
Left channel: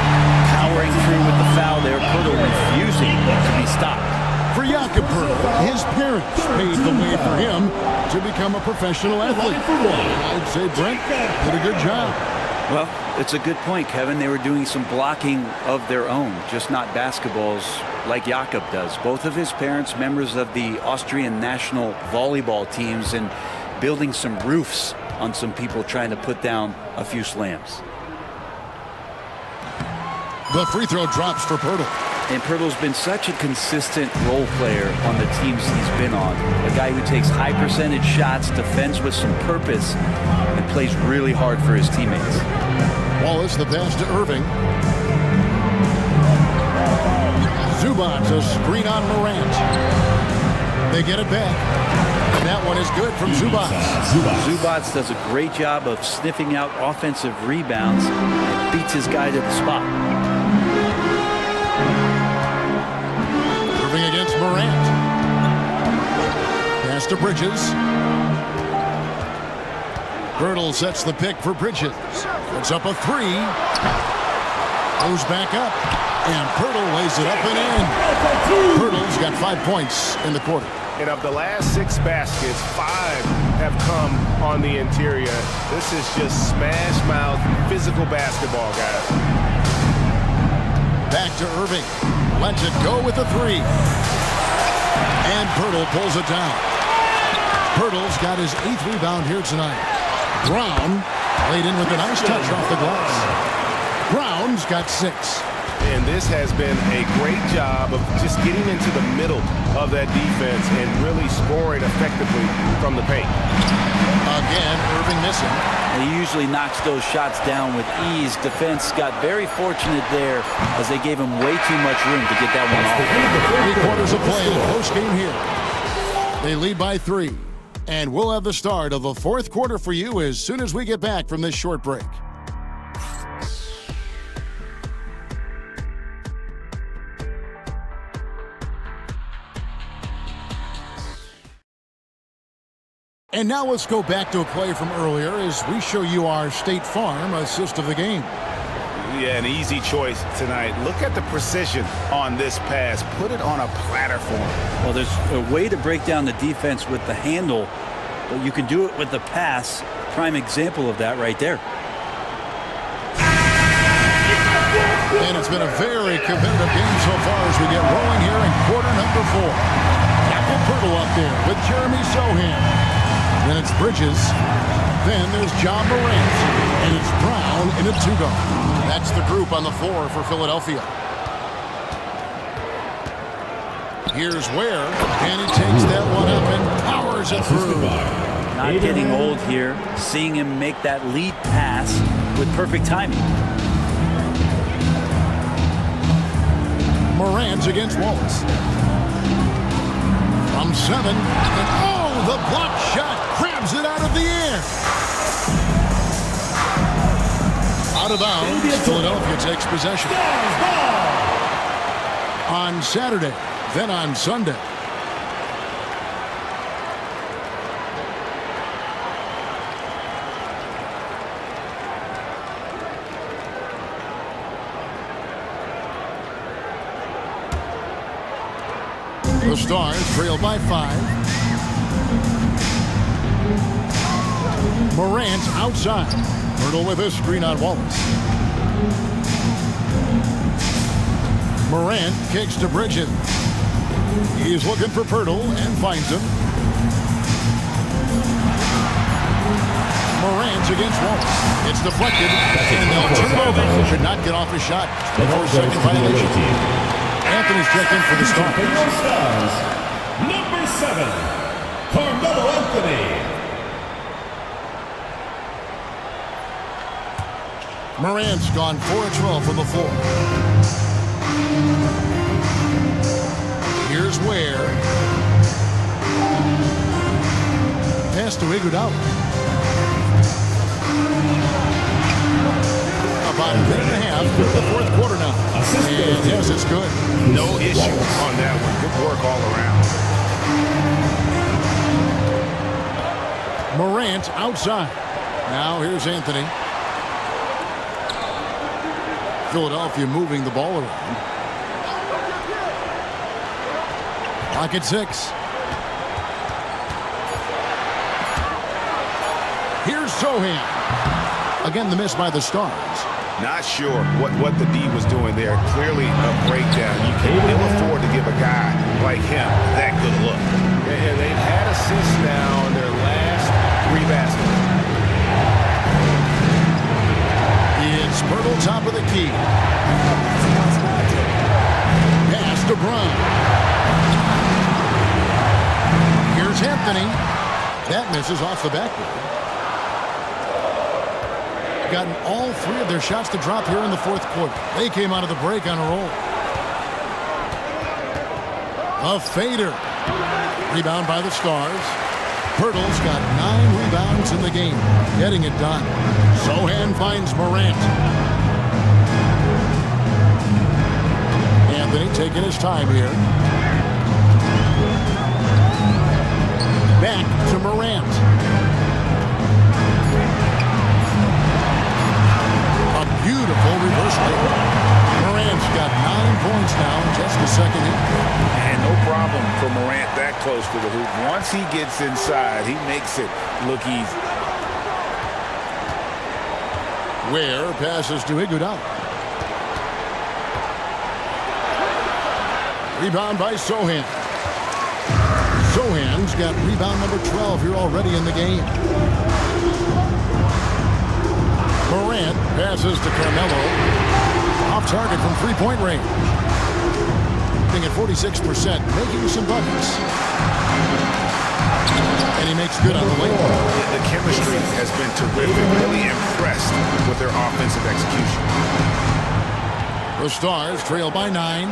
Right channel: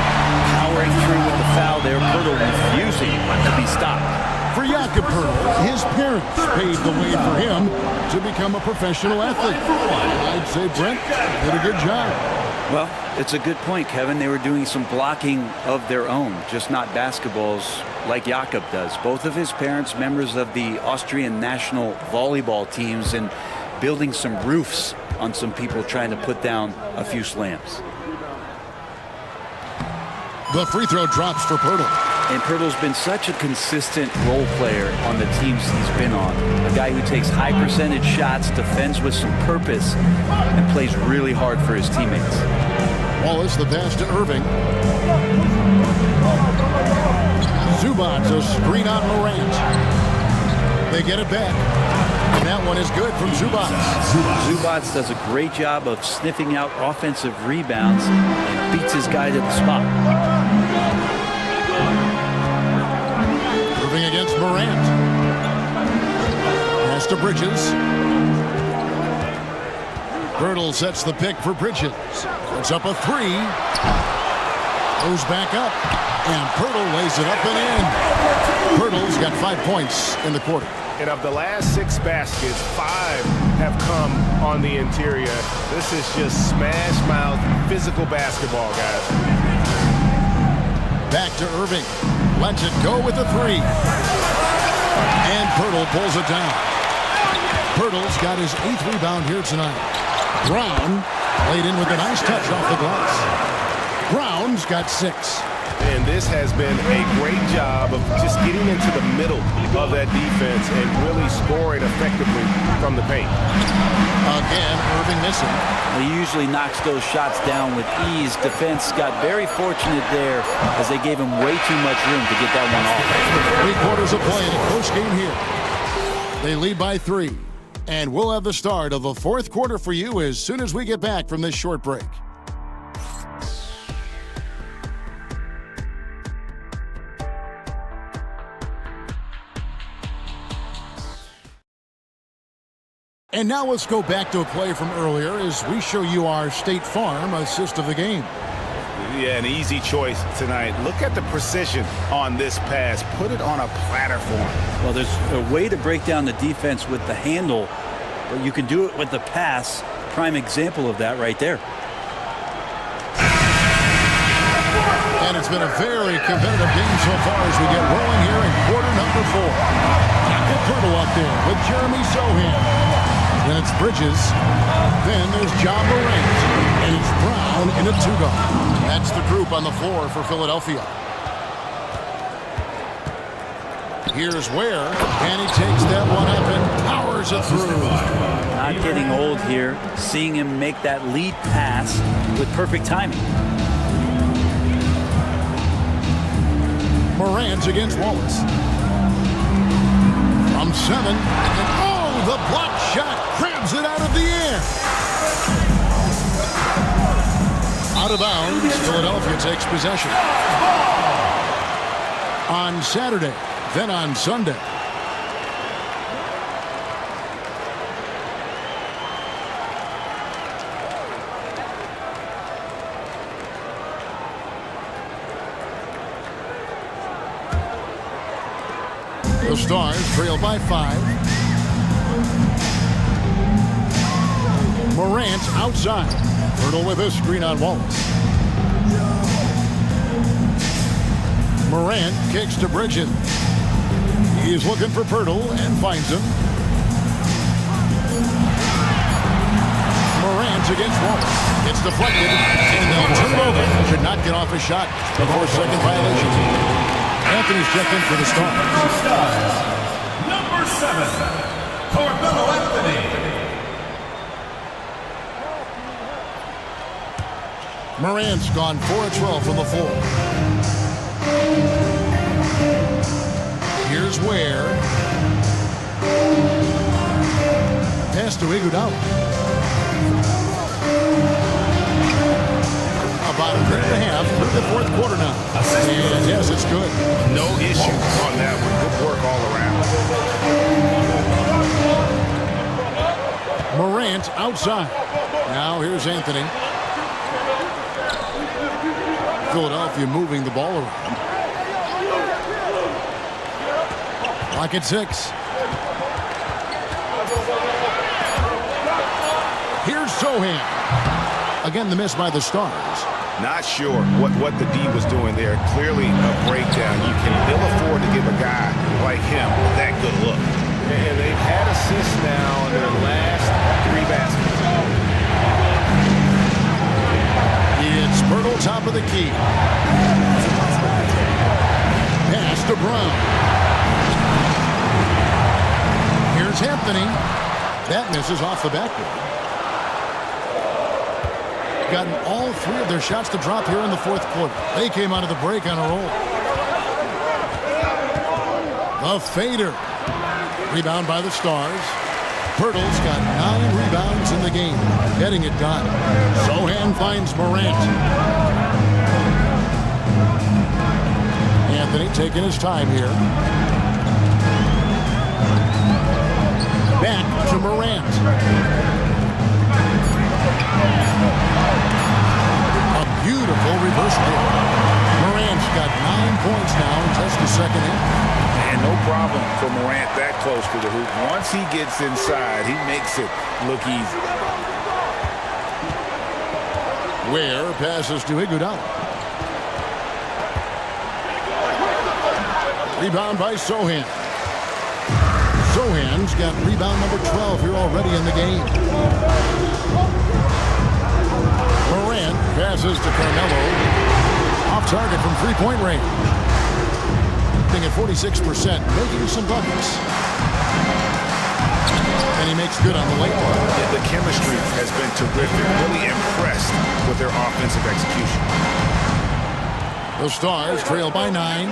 Powering through with the foul there. Pirtle refusing to be stopped. For Jakob Pirtle, his parents paved the way for him to become a professional athlete. And I'd say Brent did a good job. Well, it's a good point, Kevin. They were doing some blocking of their own, just not basketballs like Jakob does. Both of his parents, members of the Austrian national volleyball teams, and building some roofs on some people trying to put down a few slams. The free throw drops for Pirtle. And Pirtle's been such a consistent role player on the teams he's been on. A guy who takes high percentage shots, defends with some purpose, and plays really hard for his teammates. Wallace the pass to Irving. Zubac's a screen on Morant. They get it back. And that one is good from Zubac. Zubac does a great job of sniffing out offensive rebounds and beats his guy to the spot. Irving against Morant. Pass to Bridges. Pirtle sets the pick for Bridges. Puts up a 3. Goes back up. And Pirtle lays it up and in. Pirtle's got 5 points in the quarter. And of the last 6 baskets, 5 have come on the interior. This is just smash mouth physical basketball, guys. Back to Irving. Lets it go with a 3. And Pirtle pulls it down. Pirtle's got his 8th rebound here tonight. Brown laid in with a nice touch off the glass. Brown's got 6. And this has been a great job of just getting into the middle of that defense and really scoring effectively from the paint. Again, Irving missing. He usually knocks those shots down with ease. Defense got very fortunate there as they gave him way too much room to get that one off. 3 quarters of play in a close game here. They lead by 3. And we'll have the start of the 4th quarter for you as soon as we get back from this short break. And now let's go back to a play from earlier as we show you our State Farm assist of the game. Yeah, an easy choice tonight. Look at the precision on this pass. Put it on a platter for him. Well, there's a way to break down the defense with the handle, but you can do it with the pass. Prime example of that right there. And it's been a very competitive game so far as we get rolling here in quarter number 4. Jakob Pirtle up there with Jeremy Sohan. Then it's Bridges. Then there's John Morant. And it's Brown in a 2-guard. That's the group on the floor for Philadelphia. Here's Ware. And he takes that one up and powers it through. Not getting old here. Seeing him make that lead pass with perfect timing. Morant against Wallace. From 7. And oh, the block shot grabs it out of the air. Out of bounds, Philadelphia takes possession. On Saturday, then on Sunday. The Stars trail by 5. Morant outside. Pirtle with a screen on Wallace. Morant kicks to Bridges. He's looking for Pirtle and finds him. Morant against Wallace. It's deflected, and they'll turn it over. Should not get off a shot before second violation. Anthony's checked in for the Stars. Number 7, Carmelo Anthony. Morant's gone 4 of 12 from the floor. Here's Ware. Pass to Iguodala. About a minute and a half through the fourth quarter now. And yes, it's good. No issue on that one. Good work all around. Morant outside. Now here's Anthony. Philadelphia moving the ball around. Clock at 6. Here's Sohan. Again, the miss by the Stars. Not sure what the D was doing there. Clearly a breakdown. You can ill afford to give a guy like him that good a look. And they've had assists now in their last 3 baskets. It's Pirtle, top of the key. Pass to Brown. Here's Anthony. That misses off the backboard. Gotten all 3 of their shots to drop here in the fourth quarter. They came out of the break on a roll. The fader. Rebound by the Stars. Pirtle's got 9 rebounds in the game. Getting it done. Sohan finds Morant. Anthony taking his time here. Back to Morant. A beautiful reverse layup. Morant's got 9 points now in just the second half. And no problem for Morant that close to the hoop. Once he gets inside, he makes it look easy. Ware passes to Iguodala. Rebound by Sohan. Sohan's got rebound number 12 here already in the game. Morant passes to Carmelo. Off target from three-point range. At 46%, making some buckets. And he makes good on the layup. Yeah, the chemistry has been terrific. Really impressed with their offensive execution. The Stars trail by 9.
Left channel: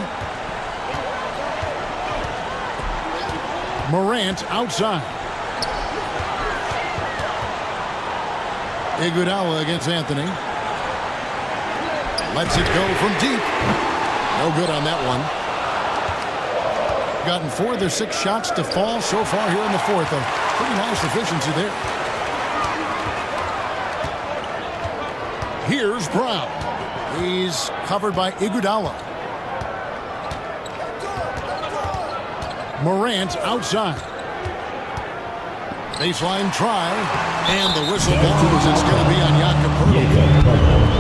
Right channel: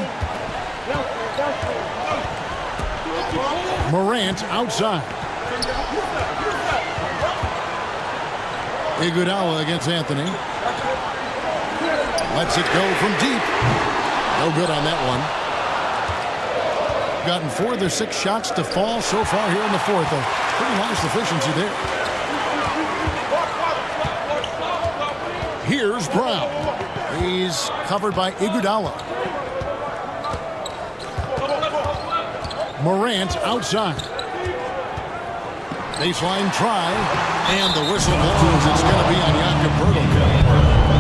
Morant outside. Iguodala against Anthony. Lets it go from deep. No good on that one. Gotten 4 of their 6 shots to fall so far here in the fourth. A pretty nice efficiency there. Here's Brown. He's covered by Iguodala. Morant outside. Baseline try. And the whistle blows. It's going to be on Jakob Poeltl.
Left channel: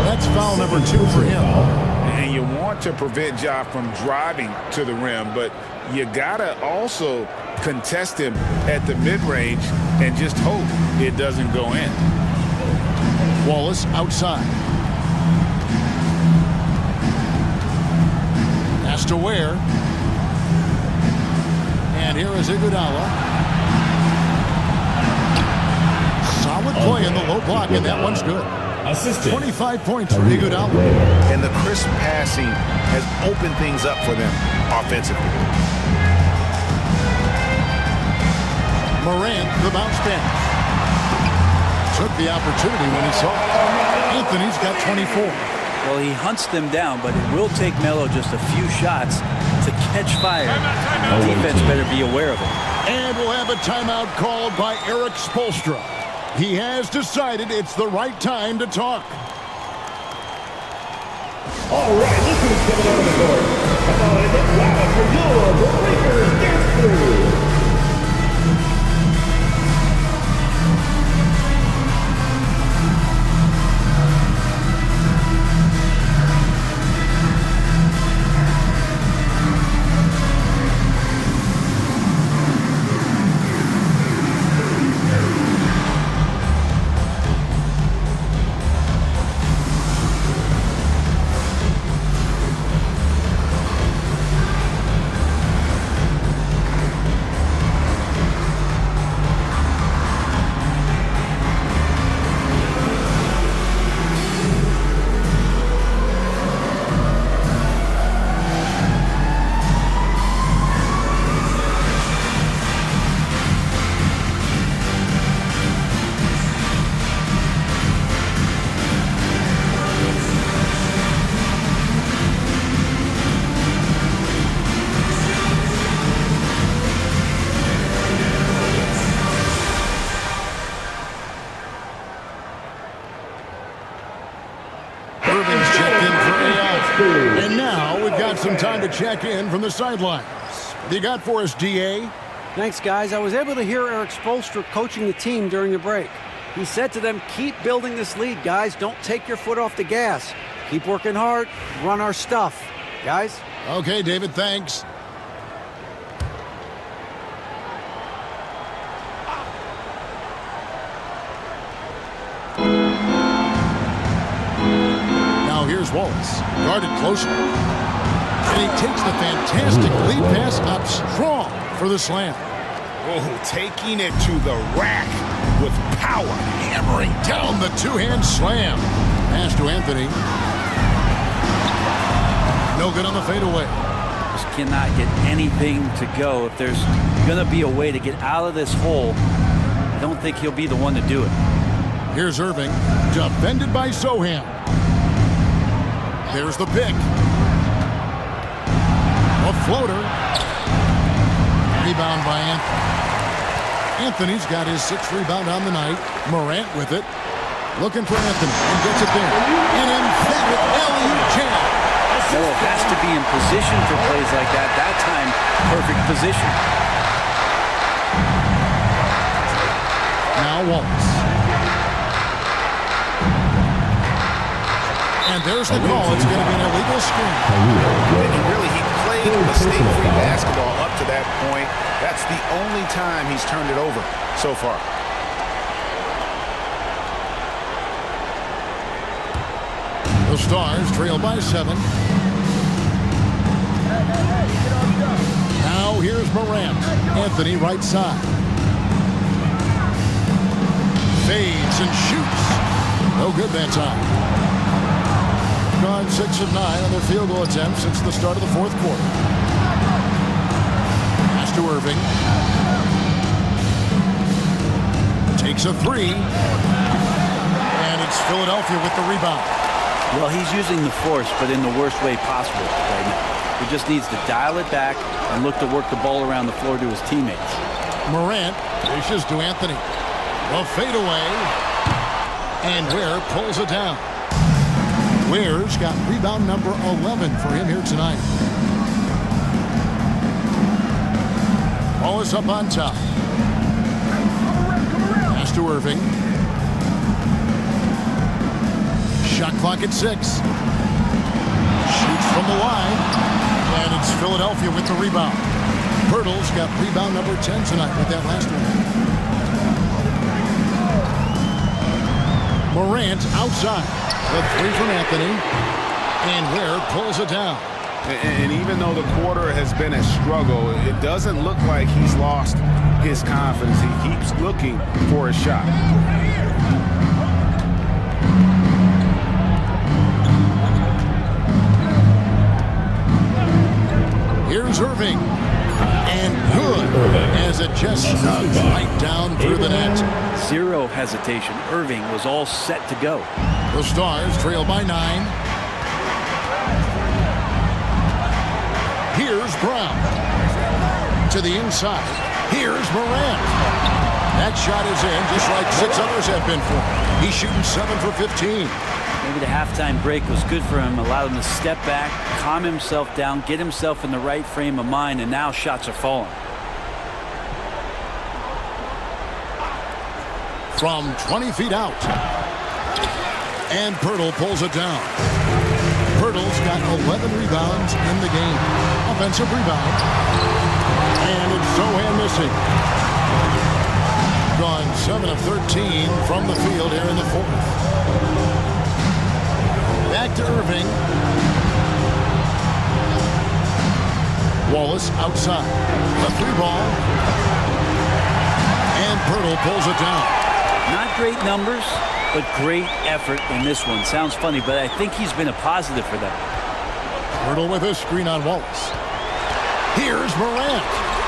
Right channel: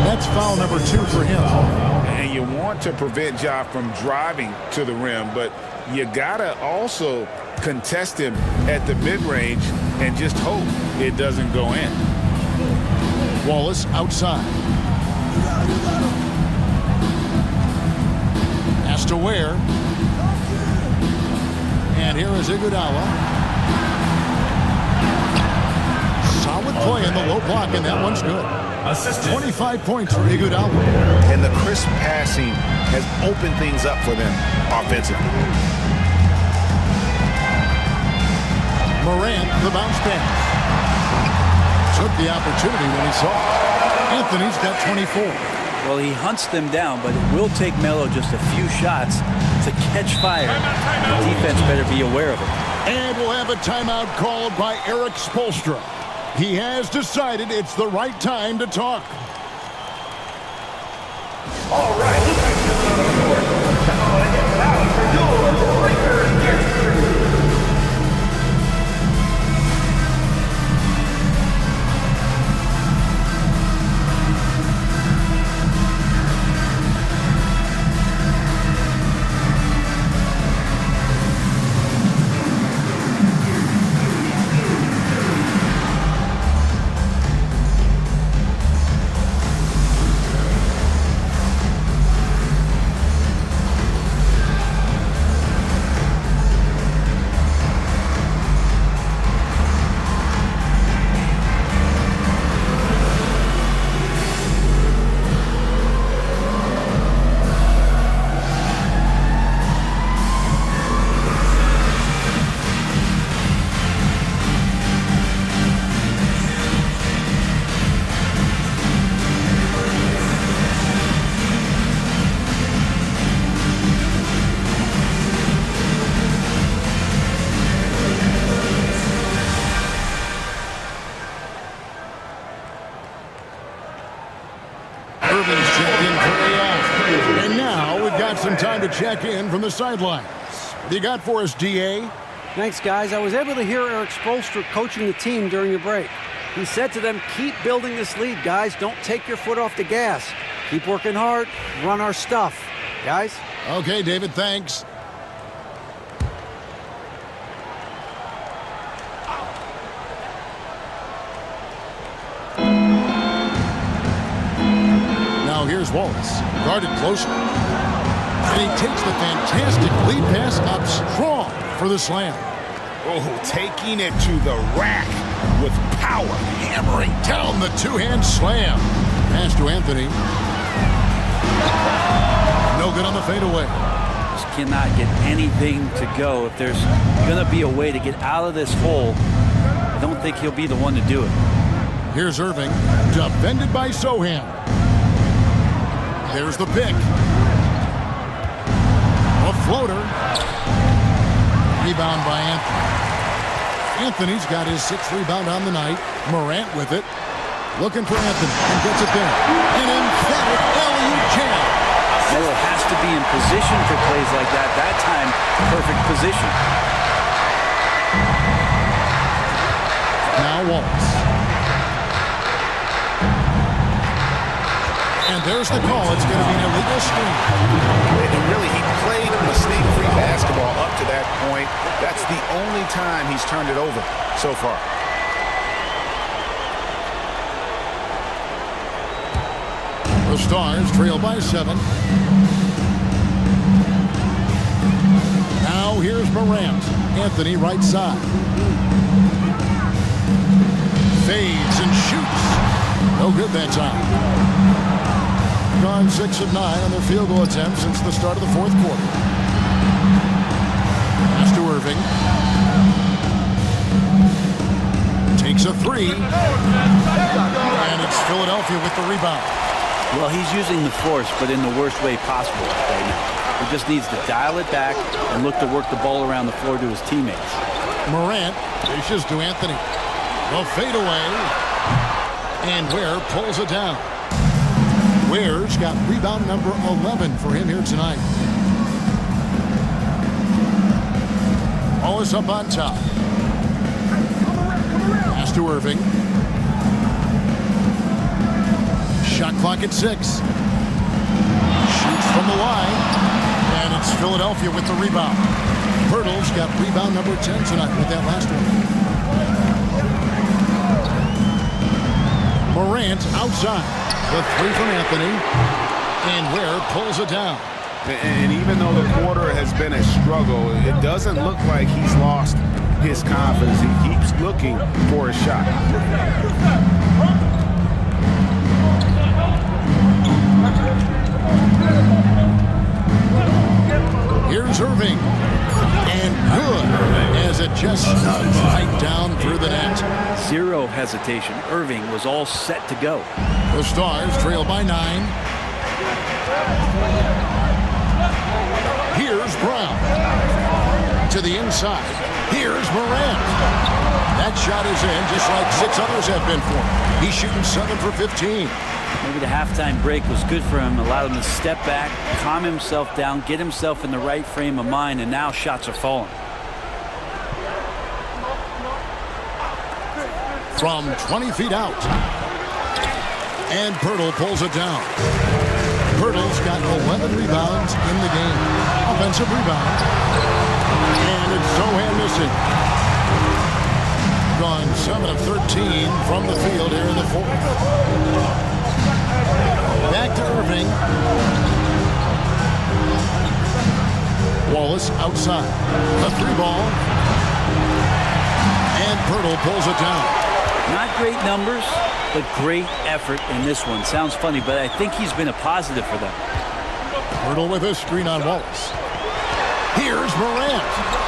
That's foul number 2 for him. And you want to prevent Ja from driving to the rim, but you gotta also contest him at the mid-range and just hope it doesn't go in. Wallace outside. Pass to Ware. And here is Iguodala. Solid play in the low block, and that one's good. 25 points for Iguodala. And the crisp passing has opened things up for them offensively. Morant, the bounce pass. Took the opportunity when he saw it. Anthony's got 24. Well, he hunts them down, but it will take Melo just a few shots to catch fire. The defense better be aware of it. And we'll have a timeout called by Eric Spoelstra. He has decided it's the right time to talk. All right, listen to the on the court. Come on and get loud for your Breakers Dance Crew. And now we've got some time to check in from the sidelines. What do you got for us, DA? Thanks, guys. I was able to hear Eric Spoelstra coaching the team during the break. He said to them, keep building this lead, guys. Don't take your foot off the gas. Keep working hard. Run our stuff. Guys? Okay, David, thanks. Now here's Wallace, guarded closely. And he takes the fantastic lead pass up strong for the slam. Oh, taking it to the rack with power. Hammering down the two-hand slam. Pass to Anthony. No good on the fadeaway. Just cannot get anything to go. If there's going to be a way to get out of this hole, I don't think he'll be the one to do it. Here's Irving, defended by Sohan. There's the pick. A floater. Rebound by Anthony. Anthony's got his 6th rebound on the night. Morant with it. Looking for Anthony and gets it there. An emphatic LU jam. Melo has to be in position for plays like that. That time, perfect position. Now Wallace. And there's the call. It's going to be an illegal screen. And really, he played mistake-free basketball up to that point. That's the only time he's turned it over so far. The Stars trail by 7. Now here's Morant. Anthony right side. Fades and shoots. No good that time. Gone 6 of 9 on their field goal attempts since the start of the 4th quarter. Pass to Irving. Takes a 3. And it's Philadelphia with the rebound. Well, he's using the force, but in the worst way possible right now. He just needs to dial it back and look to work the ball around the floor to his teammates. Morant dishes to Anthony. The fadeaway. And Ware pulls it down. Ware's got rebound number 11 for him here tonight. Wallace up on top. Pass to Irving. Shot clock at 6. Shoots from the line. And it's Philadelphia with the rebound. Pirtle's got rebound number 10 tonight with that last one. Morant outside. The 3 from Anthony. And Ware pulls it down. And even though the quarter has been a struggle, it doesn't look like he's lost his confidence. He keeps looking for a shot. Here's Irving. And good as it just snugs right down through the net. Zero hesitation. Irving was all set to go. The Stars trail by 9. Here's Brown. To the inside. Here's Morant. That shot is in just like 6 others have been for him. He's shooting 7 for 15. Maybe the halftime break was good for him, allowed him to step back, calm himself down, get himself in the right frame of mind, and now shots are falling. From 20 feet out. And Pirtle pulls it down. Pirtle's got 11 rebounds in the game. Offensive rebound. And it's Sohan missing. Gone 7 of 13 from the field here in the 4th. Back to Irving. Wallace outside. The 3 ball. And Pirtle pulls it down. Not great numbers, but great effort in this one. Sounds funny, but I think he's been a positive for them. Pirtle with a screen on Wallace. Here's Morant.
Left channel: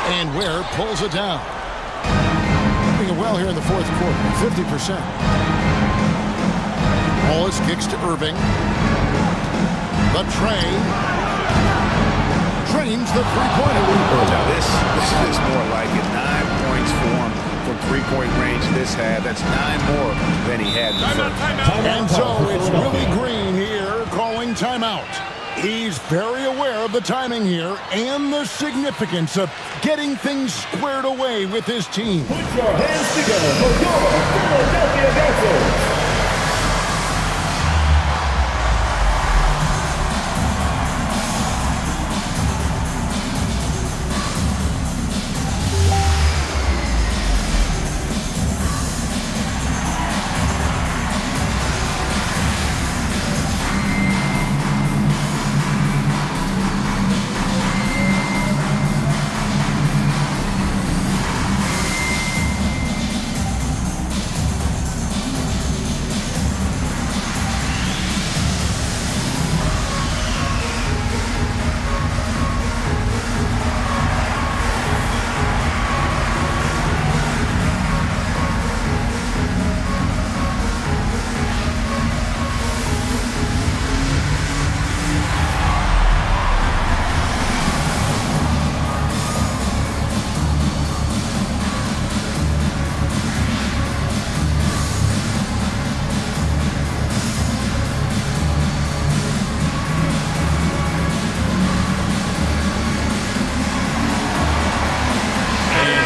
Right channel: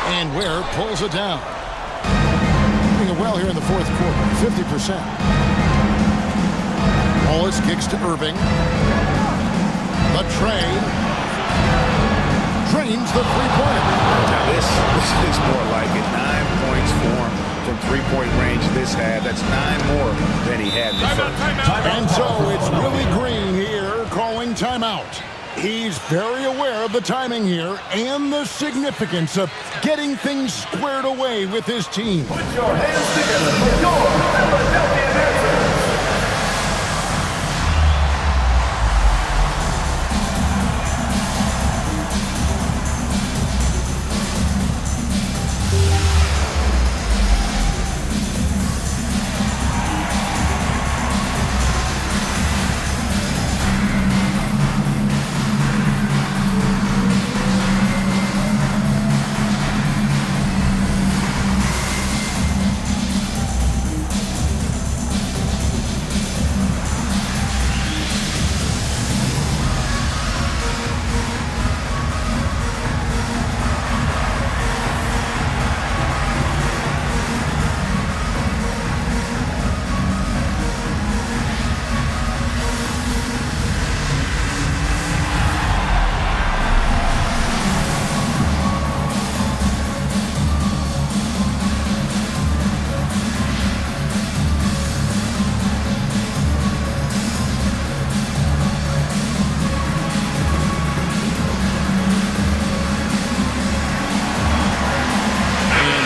And Ware pulls it down. Doing it well here in the 4th quarter. 50%. Wallace kicks to Irving. The tray. Drains the three-pointer. Now this is more like it. 9 points for him from three-point range this half. That's 9 more than he had in the first. And so it's Willie Green here calling timeout. He's very aware of the timing here and the significance of getting things squared away with his team. Put your hands together for your Philadelphia dancers.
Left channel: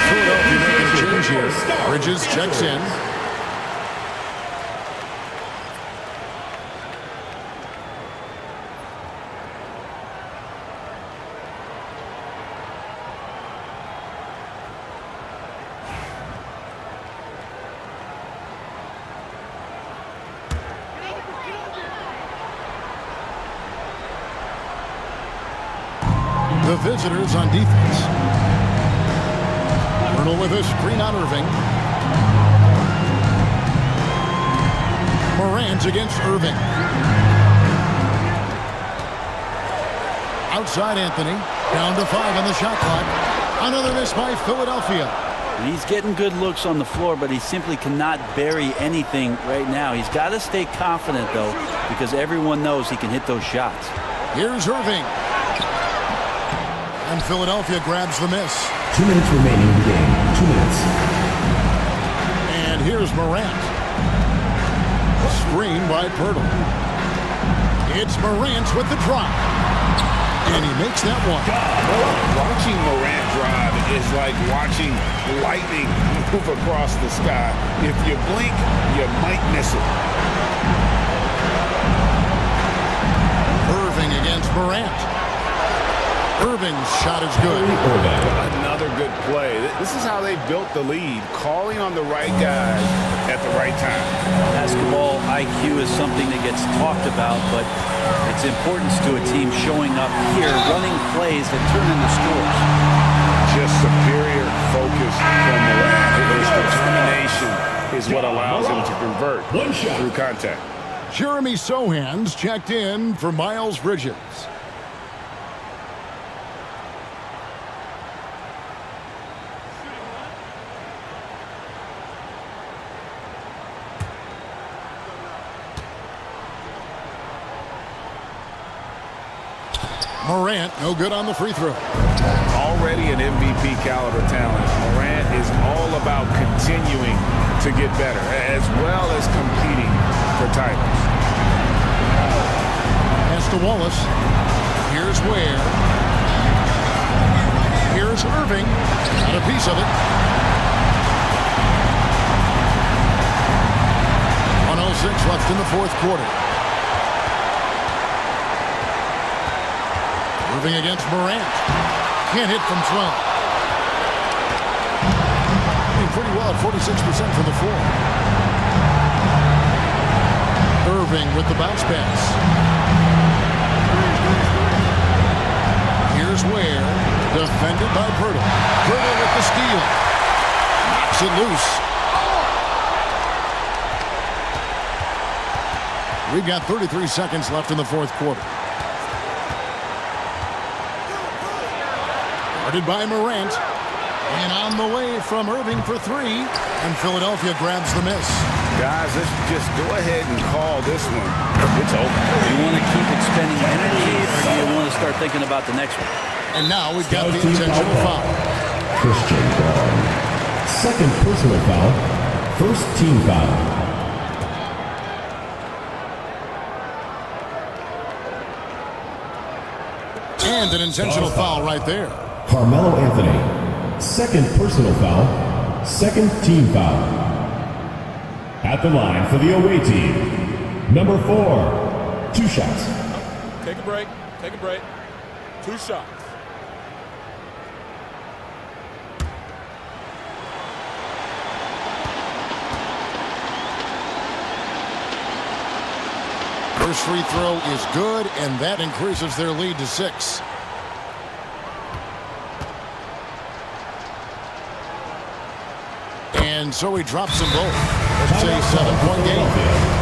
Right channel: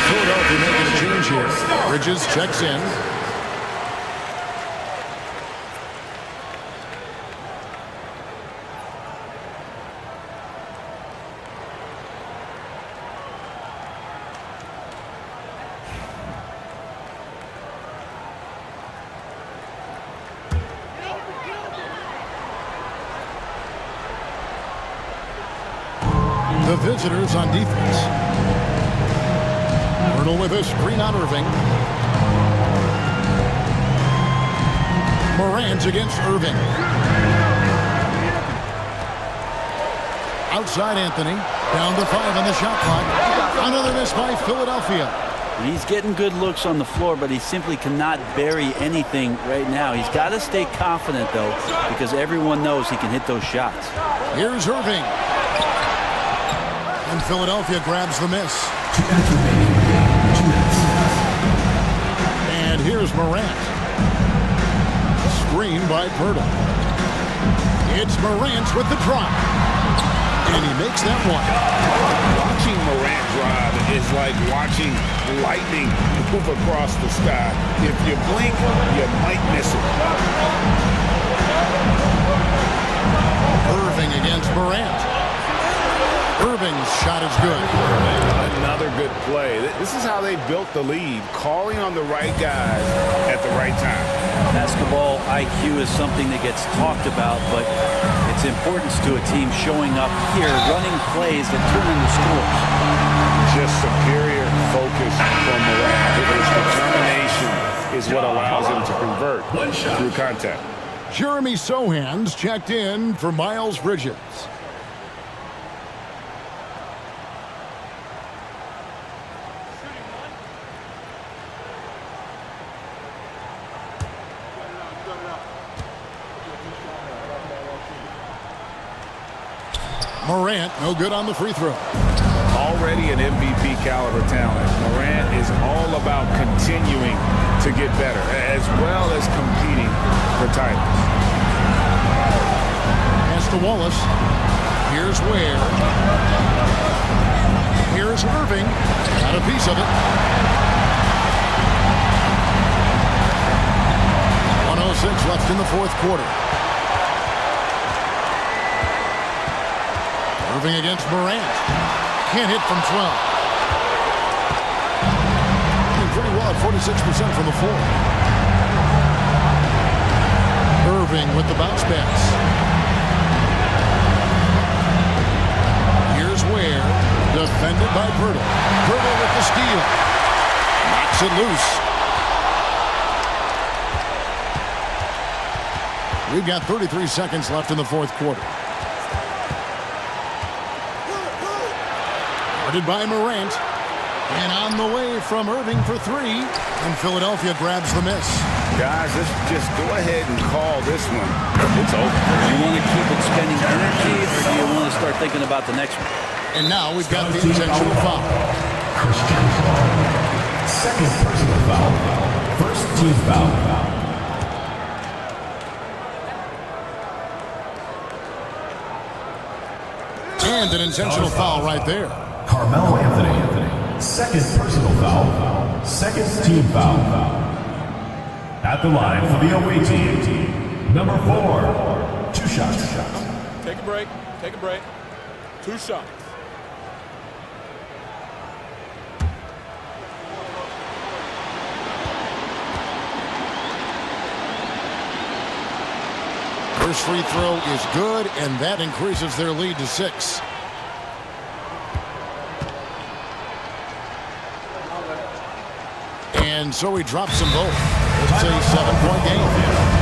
Philadelphia making a change here. Bridges checks in. The visitors on defense. Myrtle with a screen on Irving. Morant's against Irving. Outside Anthony. Down to 5 on the shot clock. Another miss by Philadelphia. He's getting good looks on the floor, but he simply cannot bury anything right now. He's got to stay confident, though, because everyone knows he can hit those shots. Here's Irving. And Philadelphia grabs the miss. 2 minutes remaining in the game. 2 minutes. And here's Morant. Screen by Pirtle. It's Morant with the drive. And he makes that one. Watching Morant drive is like watching lightning move across the sky. If you blink, you might miss it. Irving against Morant. Irving's shot is good. Another good play. This is how they built the lead, calling on the right guys at the right time. Basketball IQ is something that gets talked about, but its importance to a team showing up here, running plays that turn into scores. Just superior focus from Morant. His determination is what allows him to convert through contact. Jeremy Sohan's checked in for Miles Bridges. Morant, no good on the free throw. Already an MVP caliber talent, Morant is all about continuing to get better, as well as competing for titles. Pass to Wallace. Here's Ware. Here's Irving. Got a piece of it. 1:06 left in the fourth quarter. Irving against Morant. Can't hit from 12. Doing pretty well at 46% from the floor. Irving with the bounce pass. Here's Ware. Defended by Pirtle. Pirtle with the steal. Knocks it loose. We've got 33 seconds left in the fourth quarter. Guarded by Morant. And on the way from Irving for 3. And Philadelphia grabs the miss. Guys, let's just go ahead and call this one. It's over. Do you want to keep expending energy, or do you want to start thinking about the next one? And now we've got the intentional foul. Christian Paul. Second personal foul. First team foul. And an intentional foul right there. Carmelo Anthony, second personal foul, second team foul. At the line for the away team, number 4, 2 shots. Take a break. Take a break. 2 shots. First free throw is good, and that increases their lead to 6. And so he drops them both. It's a 7-point game.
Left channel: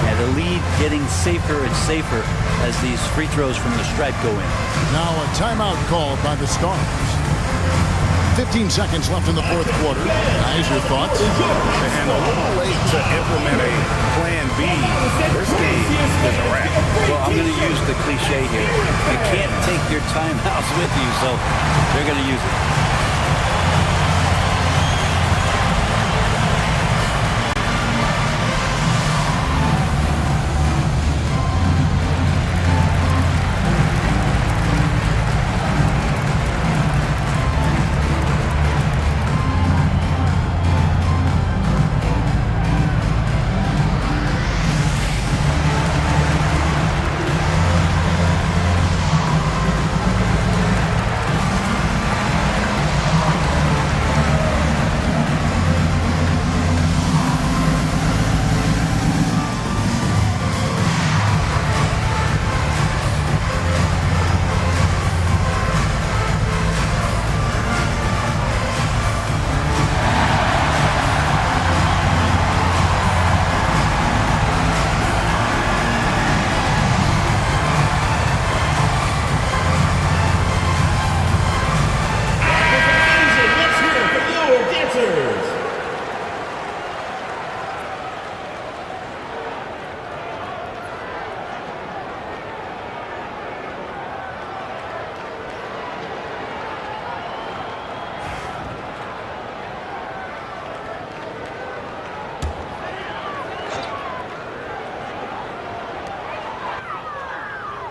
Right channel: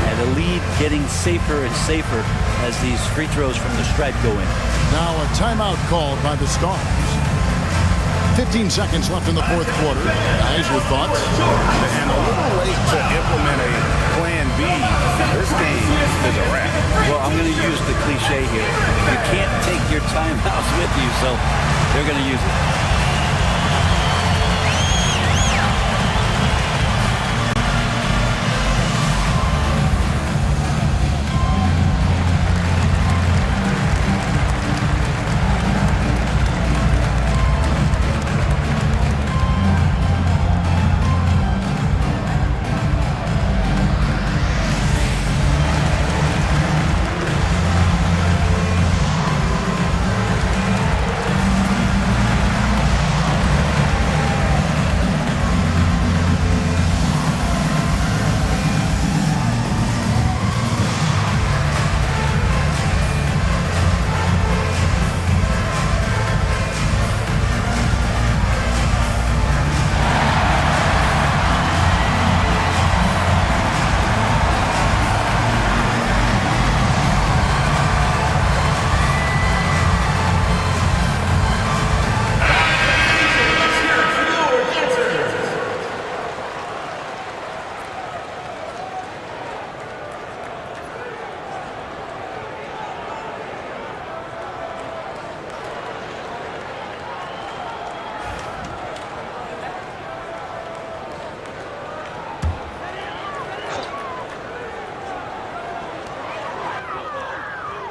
And the lead getting safer and safer as these free throws from the stripe go in. Now a timeout called by the Stars. 15 seconds left in the fourth quarter. Guys, your thoughts? And a little late to implement a plan B. This game is a wrap. Well, I'm going to use the cliche here. You can't take your timeouts with you, so they're going to use it.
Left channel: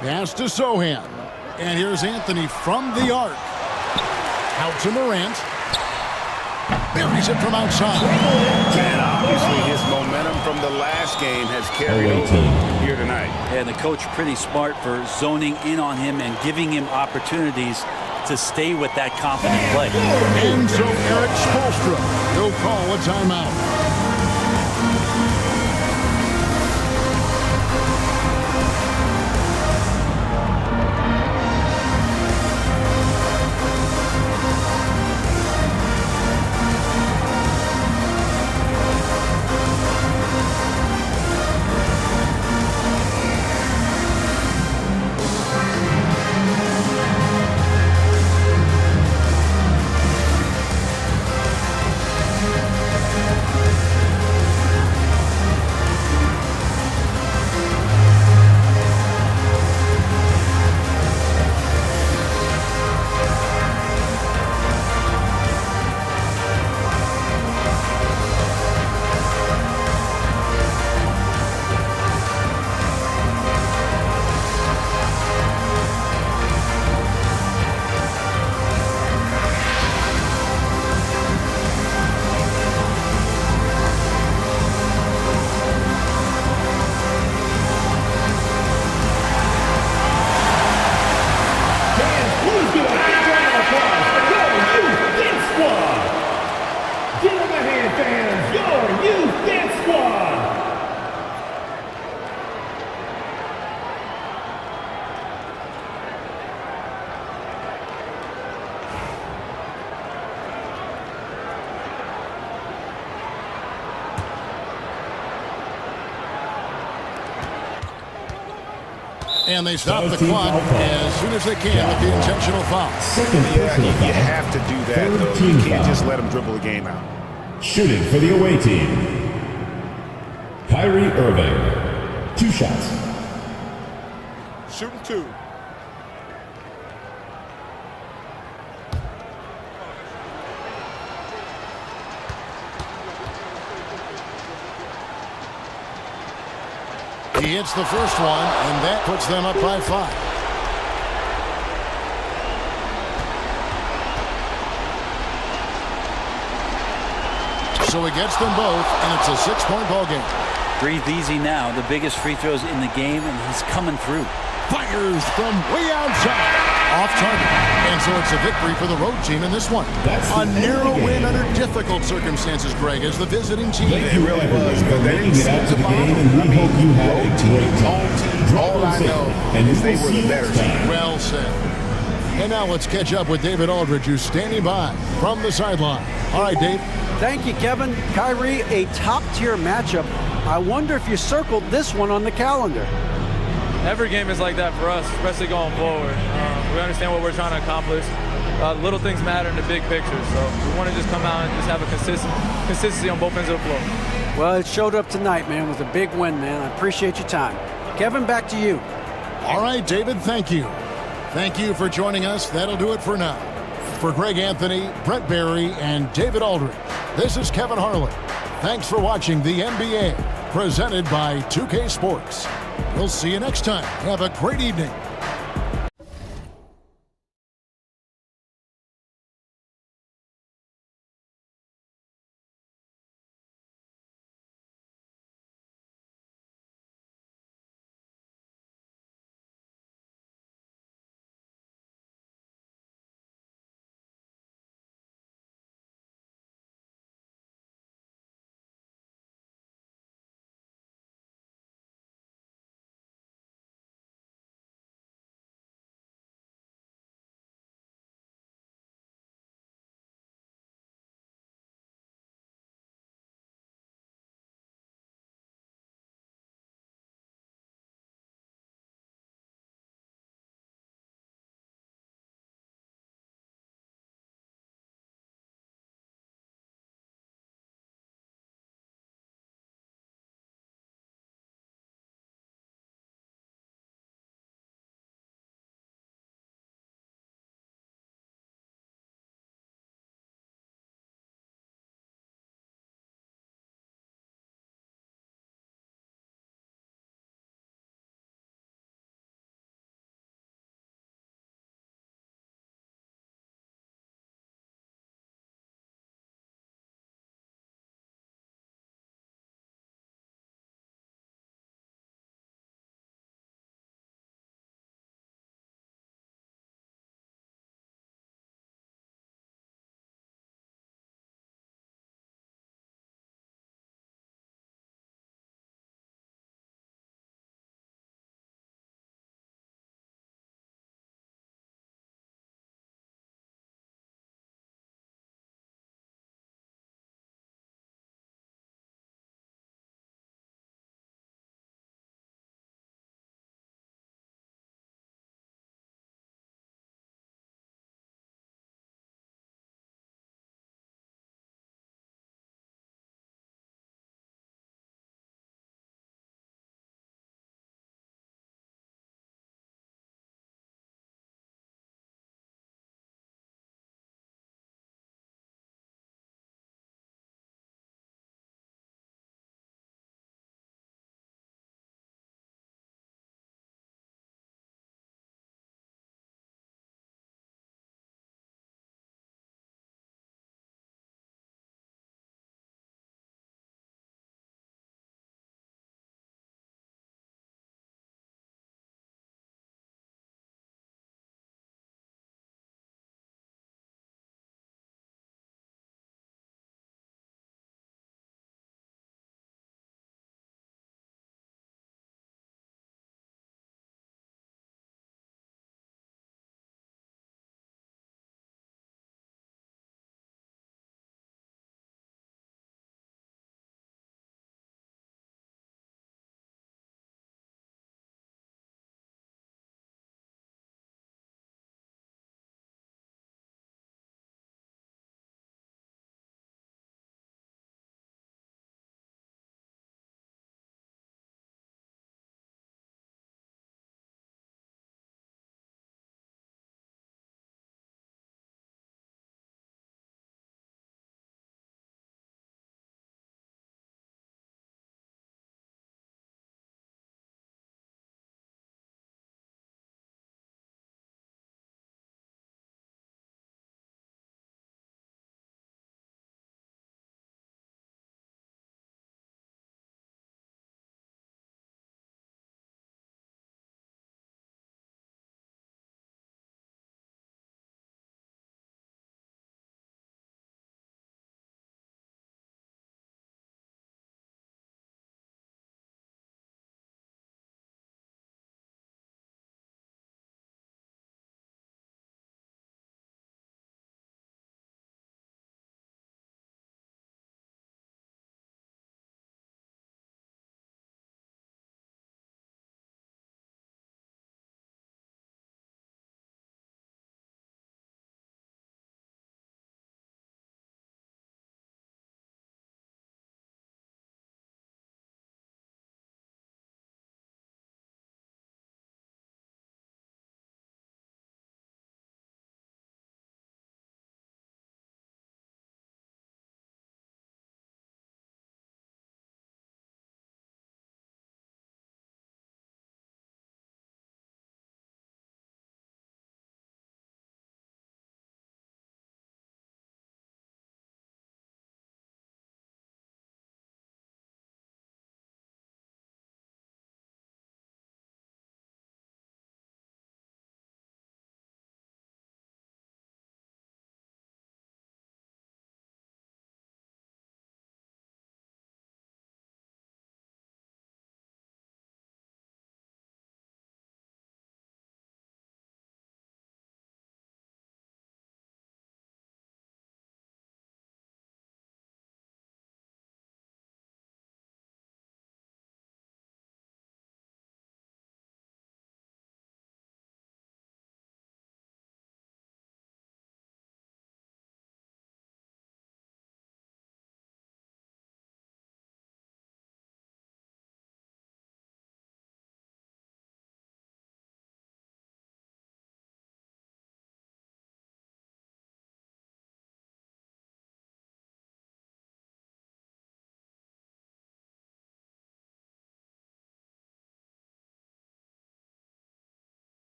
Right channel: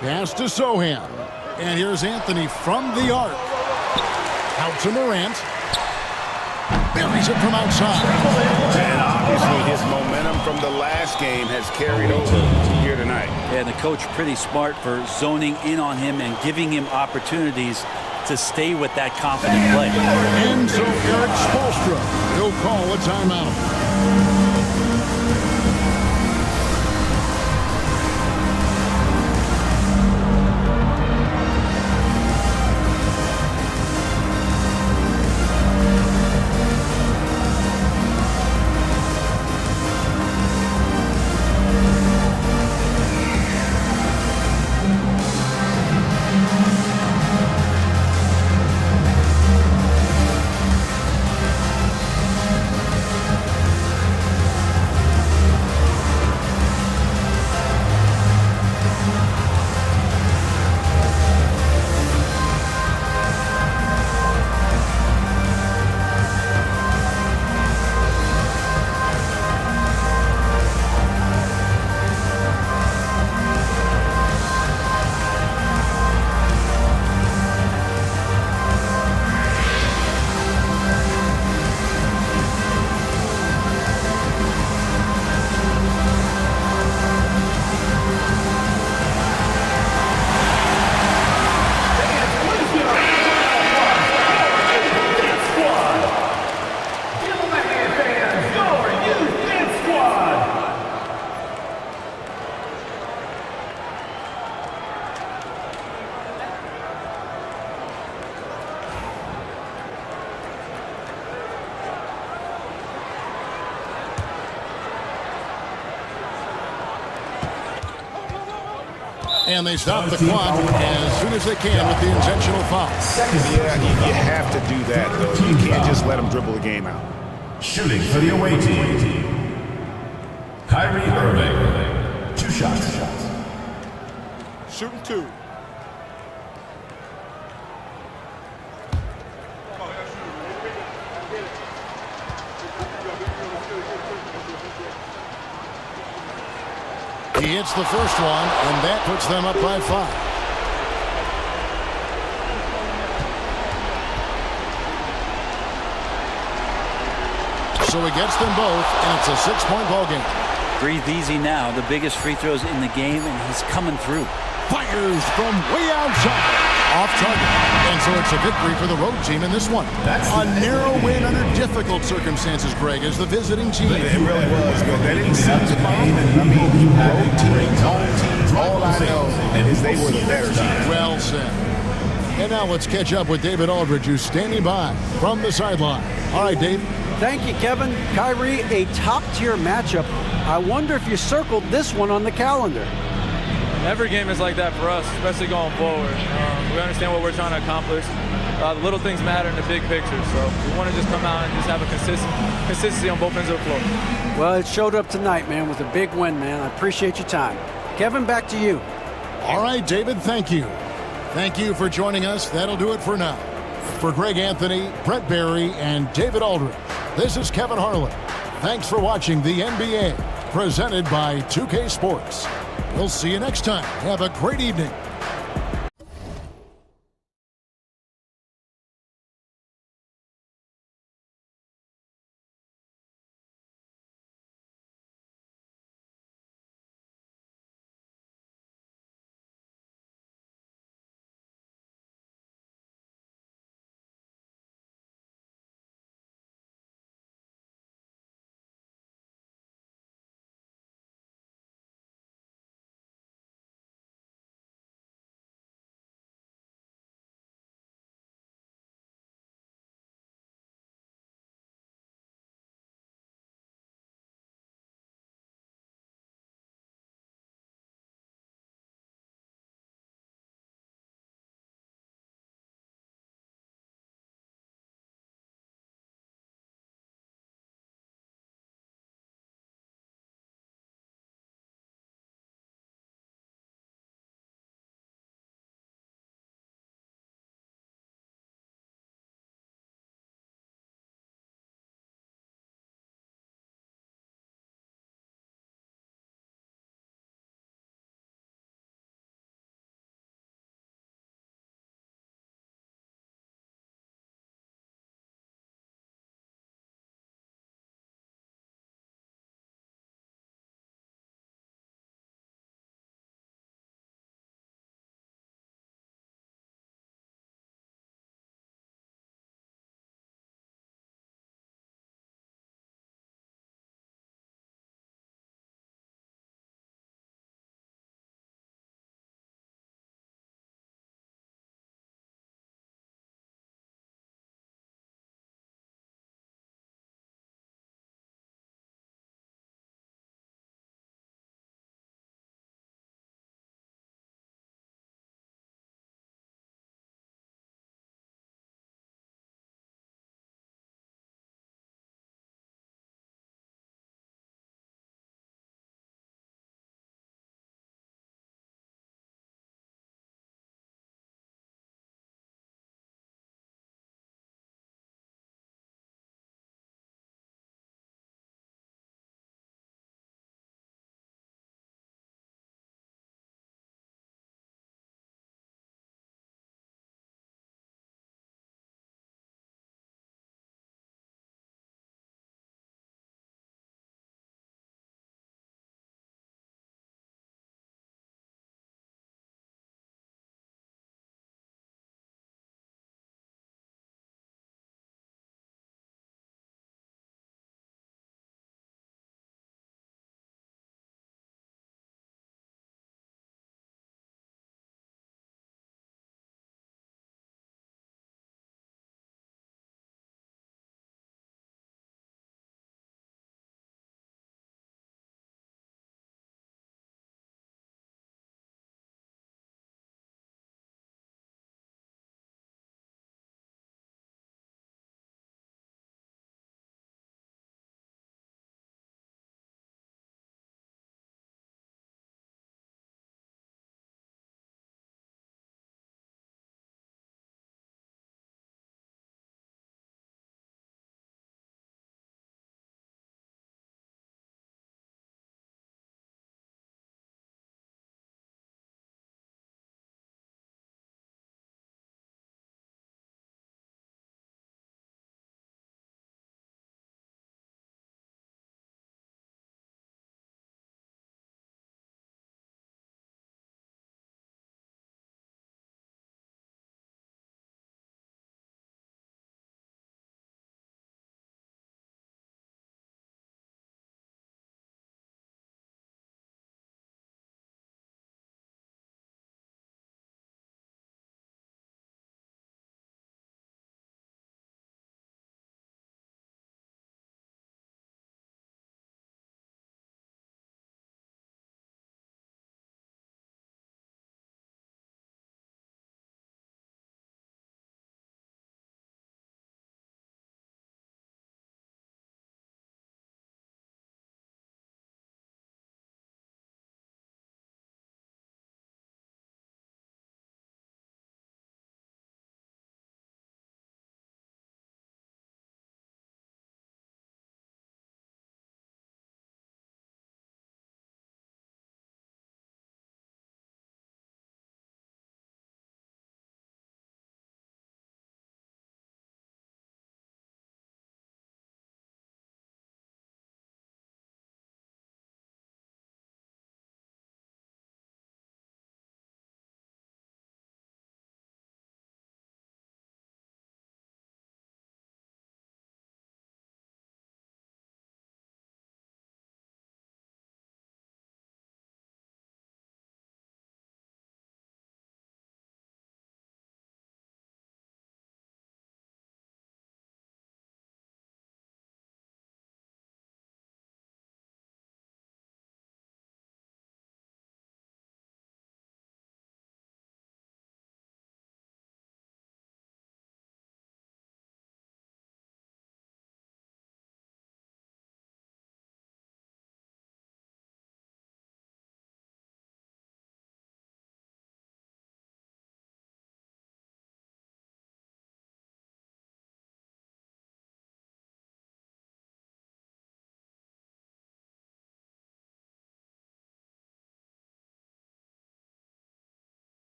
Pass to Sohan. And here's Anthony from the arc. Out to Morant. Buries it from outside. And obviously his momentum from the last game has carried over here tonight. And the coach pretty smart for zoning in on him and giving him opportunities to stay with that confident play. And so Eric Spoelstra will call a timeout. And they stop the clock as soon as they can with the intentional foul. Yeah, you have to do that, though. You can't just let them dribble the game out. Shooting for the away team, Kyrie Irving, 2 shots. Shooting 2. He hits the first one, and that puts them up by 5. So he gets them both, and it's a 6-point ball game. Breathe easy now. The biggest free throws in the game, and he's coming through. Fires from way outside. Off target. And so it's a victory for the road team in this one. A narrow win under difficult circumstances, Greg, as the visiting team. It really was, but they didn't seem to bother. I mean, road team, home team, all I know is they were the better team. Well said. And now let's catch up with David Aldridge, who's standing by from the sideline. All right, Dave. Thank you, Kevin. Kyrie, a top-tier matchup. I wonder if you circled this one on the calendar. Every game is like that for us, especially going forward. We understand what we're trying to accomplish. The little things matter in the big picture, so we want to just come out and just have a consistency on both ends of the floor. Well, it showed up tonight, man, with a big win, man. I appreciate your time. Kevin, back to you. All right, David, thank you. Thank you for joining us. That'll do it for now. For Greg Anthony, Brett Barry, and David Aldridge, this is Kevin Harlan. Thanks for watching the NBA, presented by 2K Sports. We'll see you next time. Have a great evening.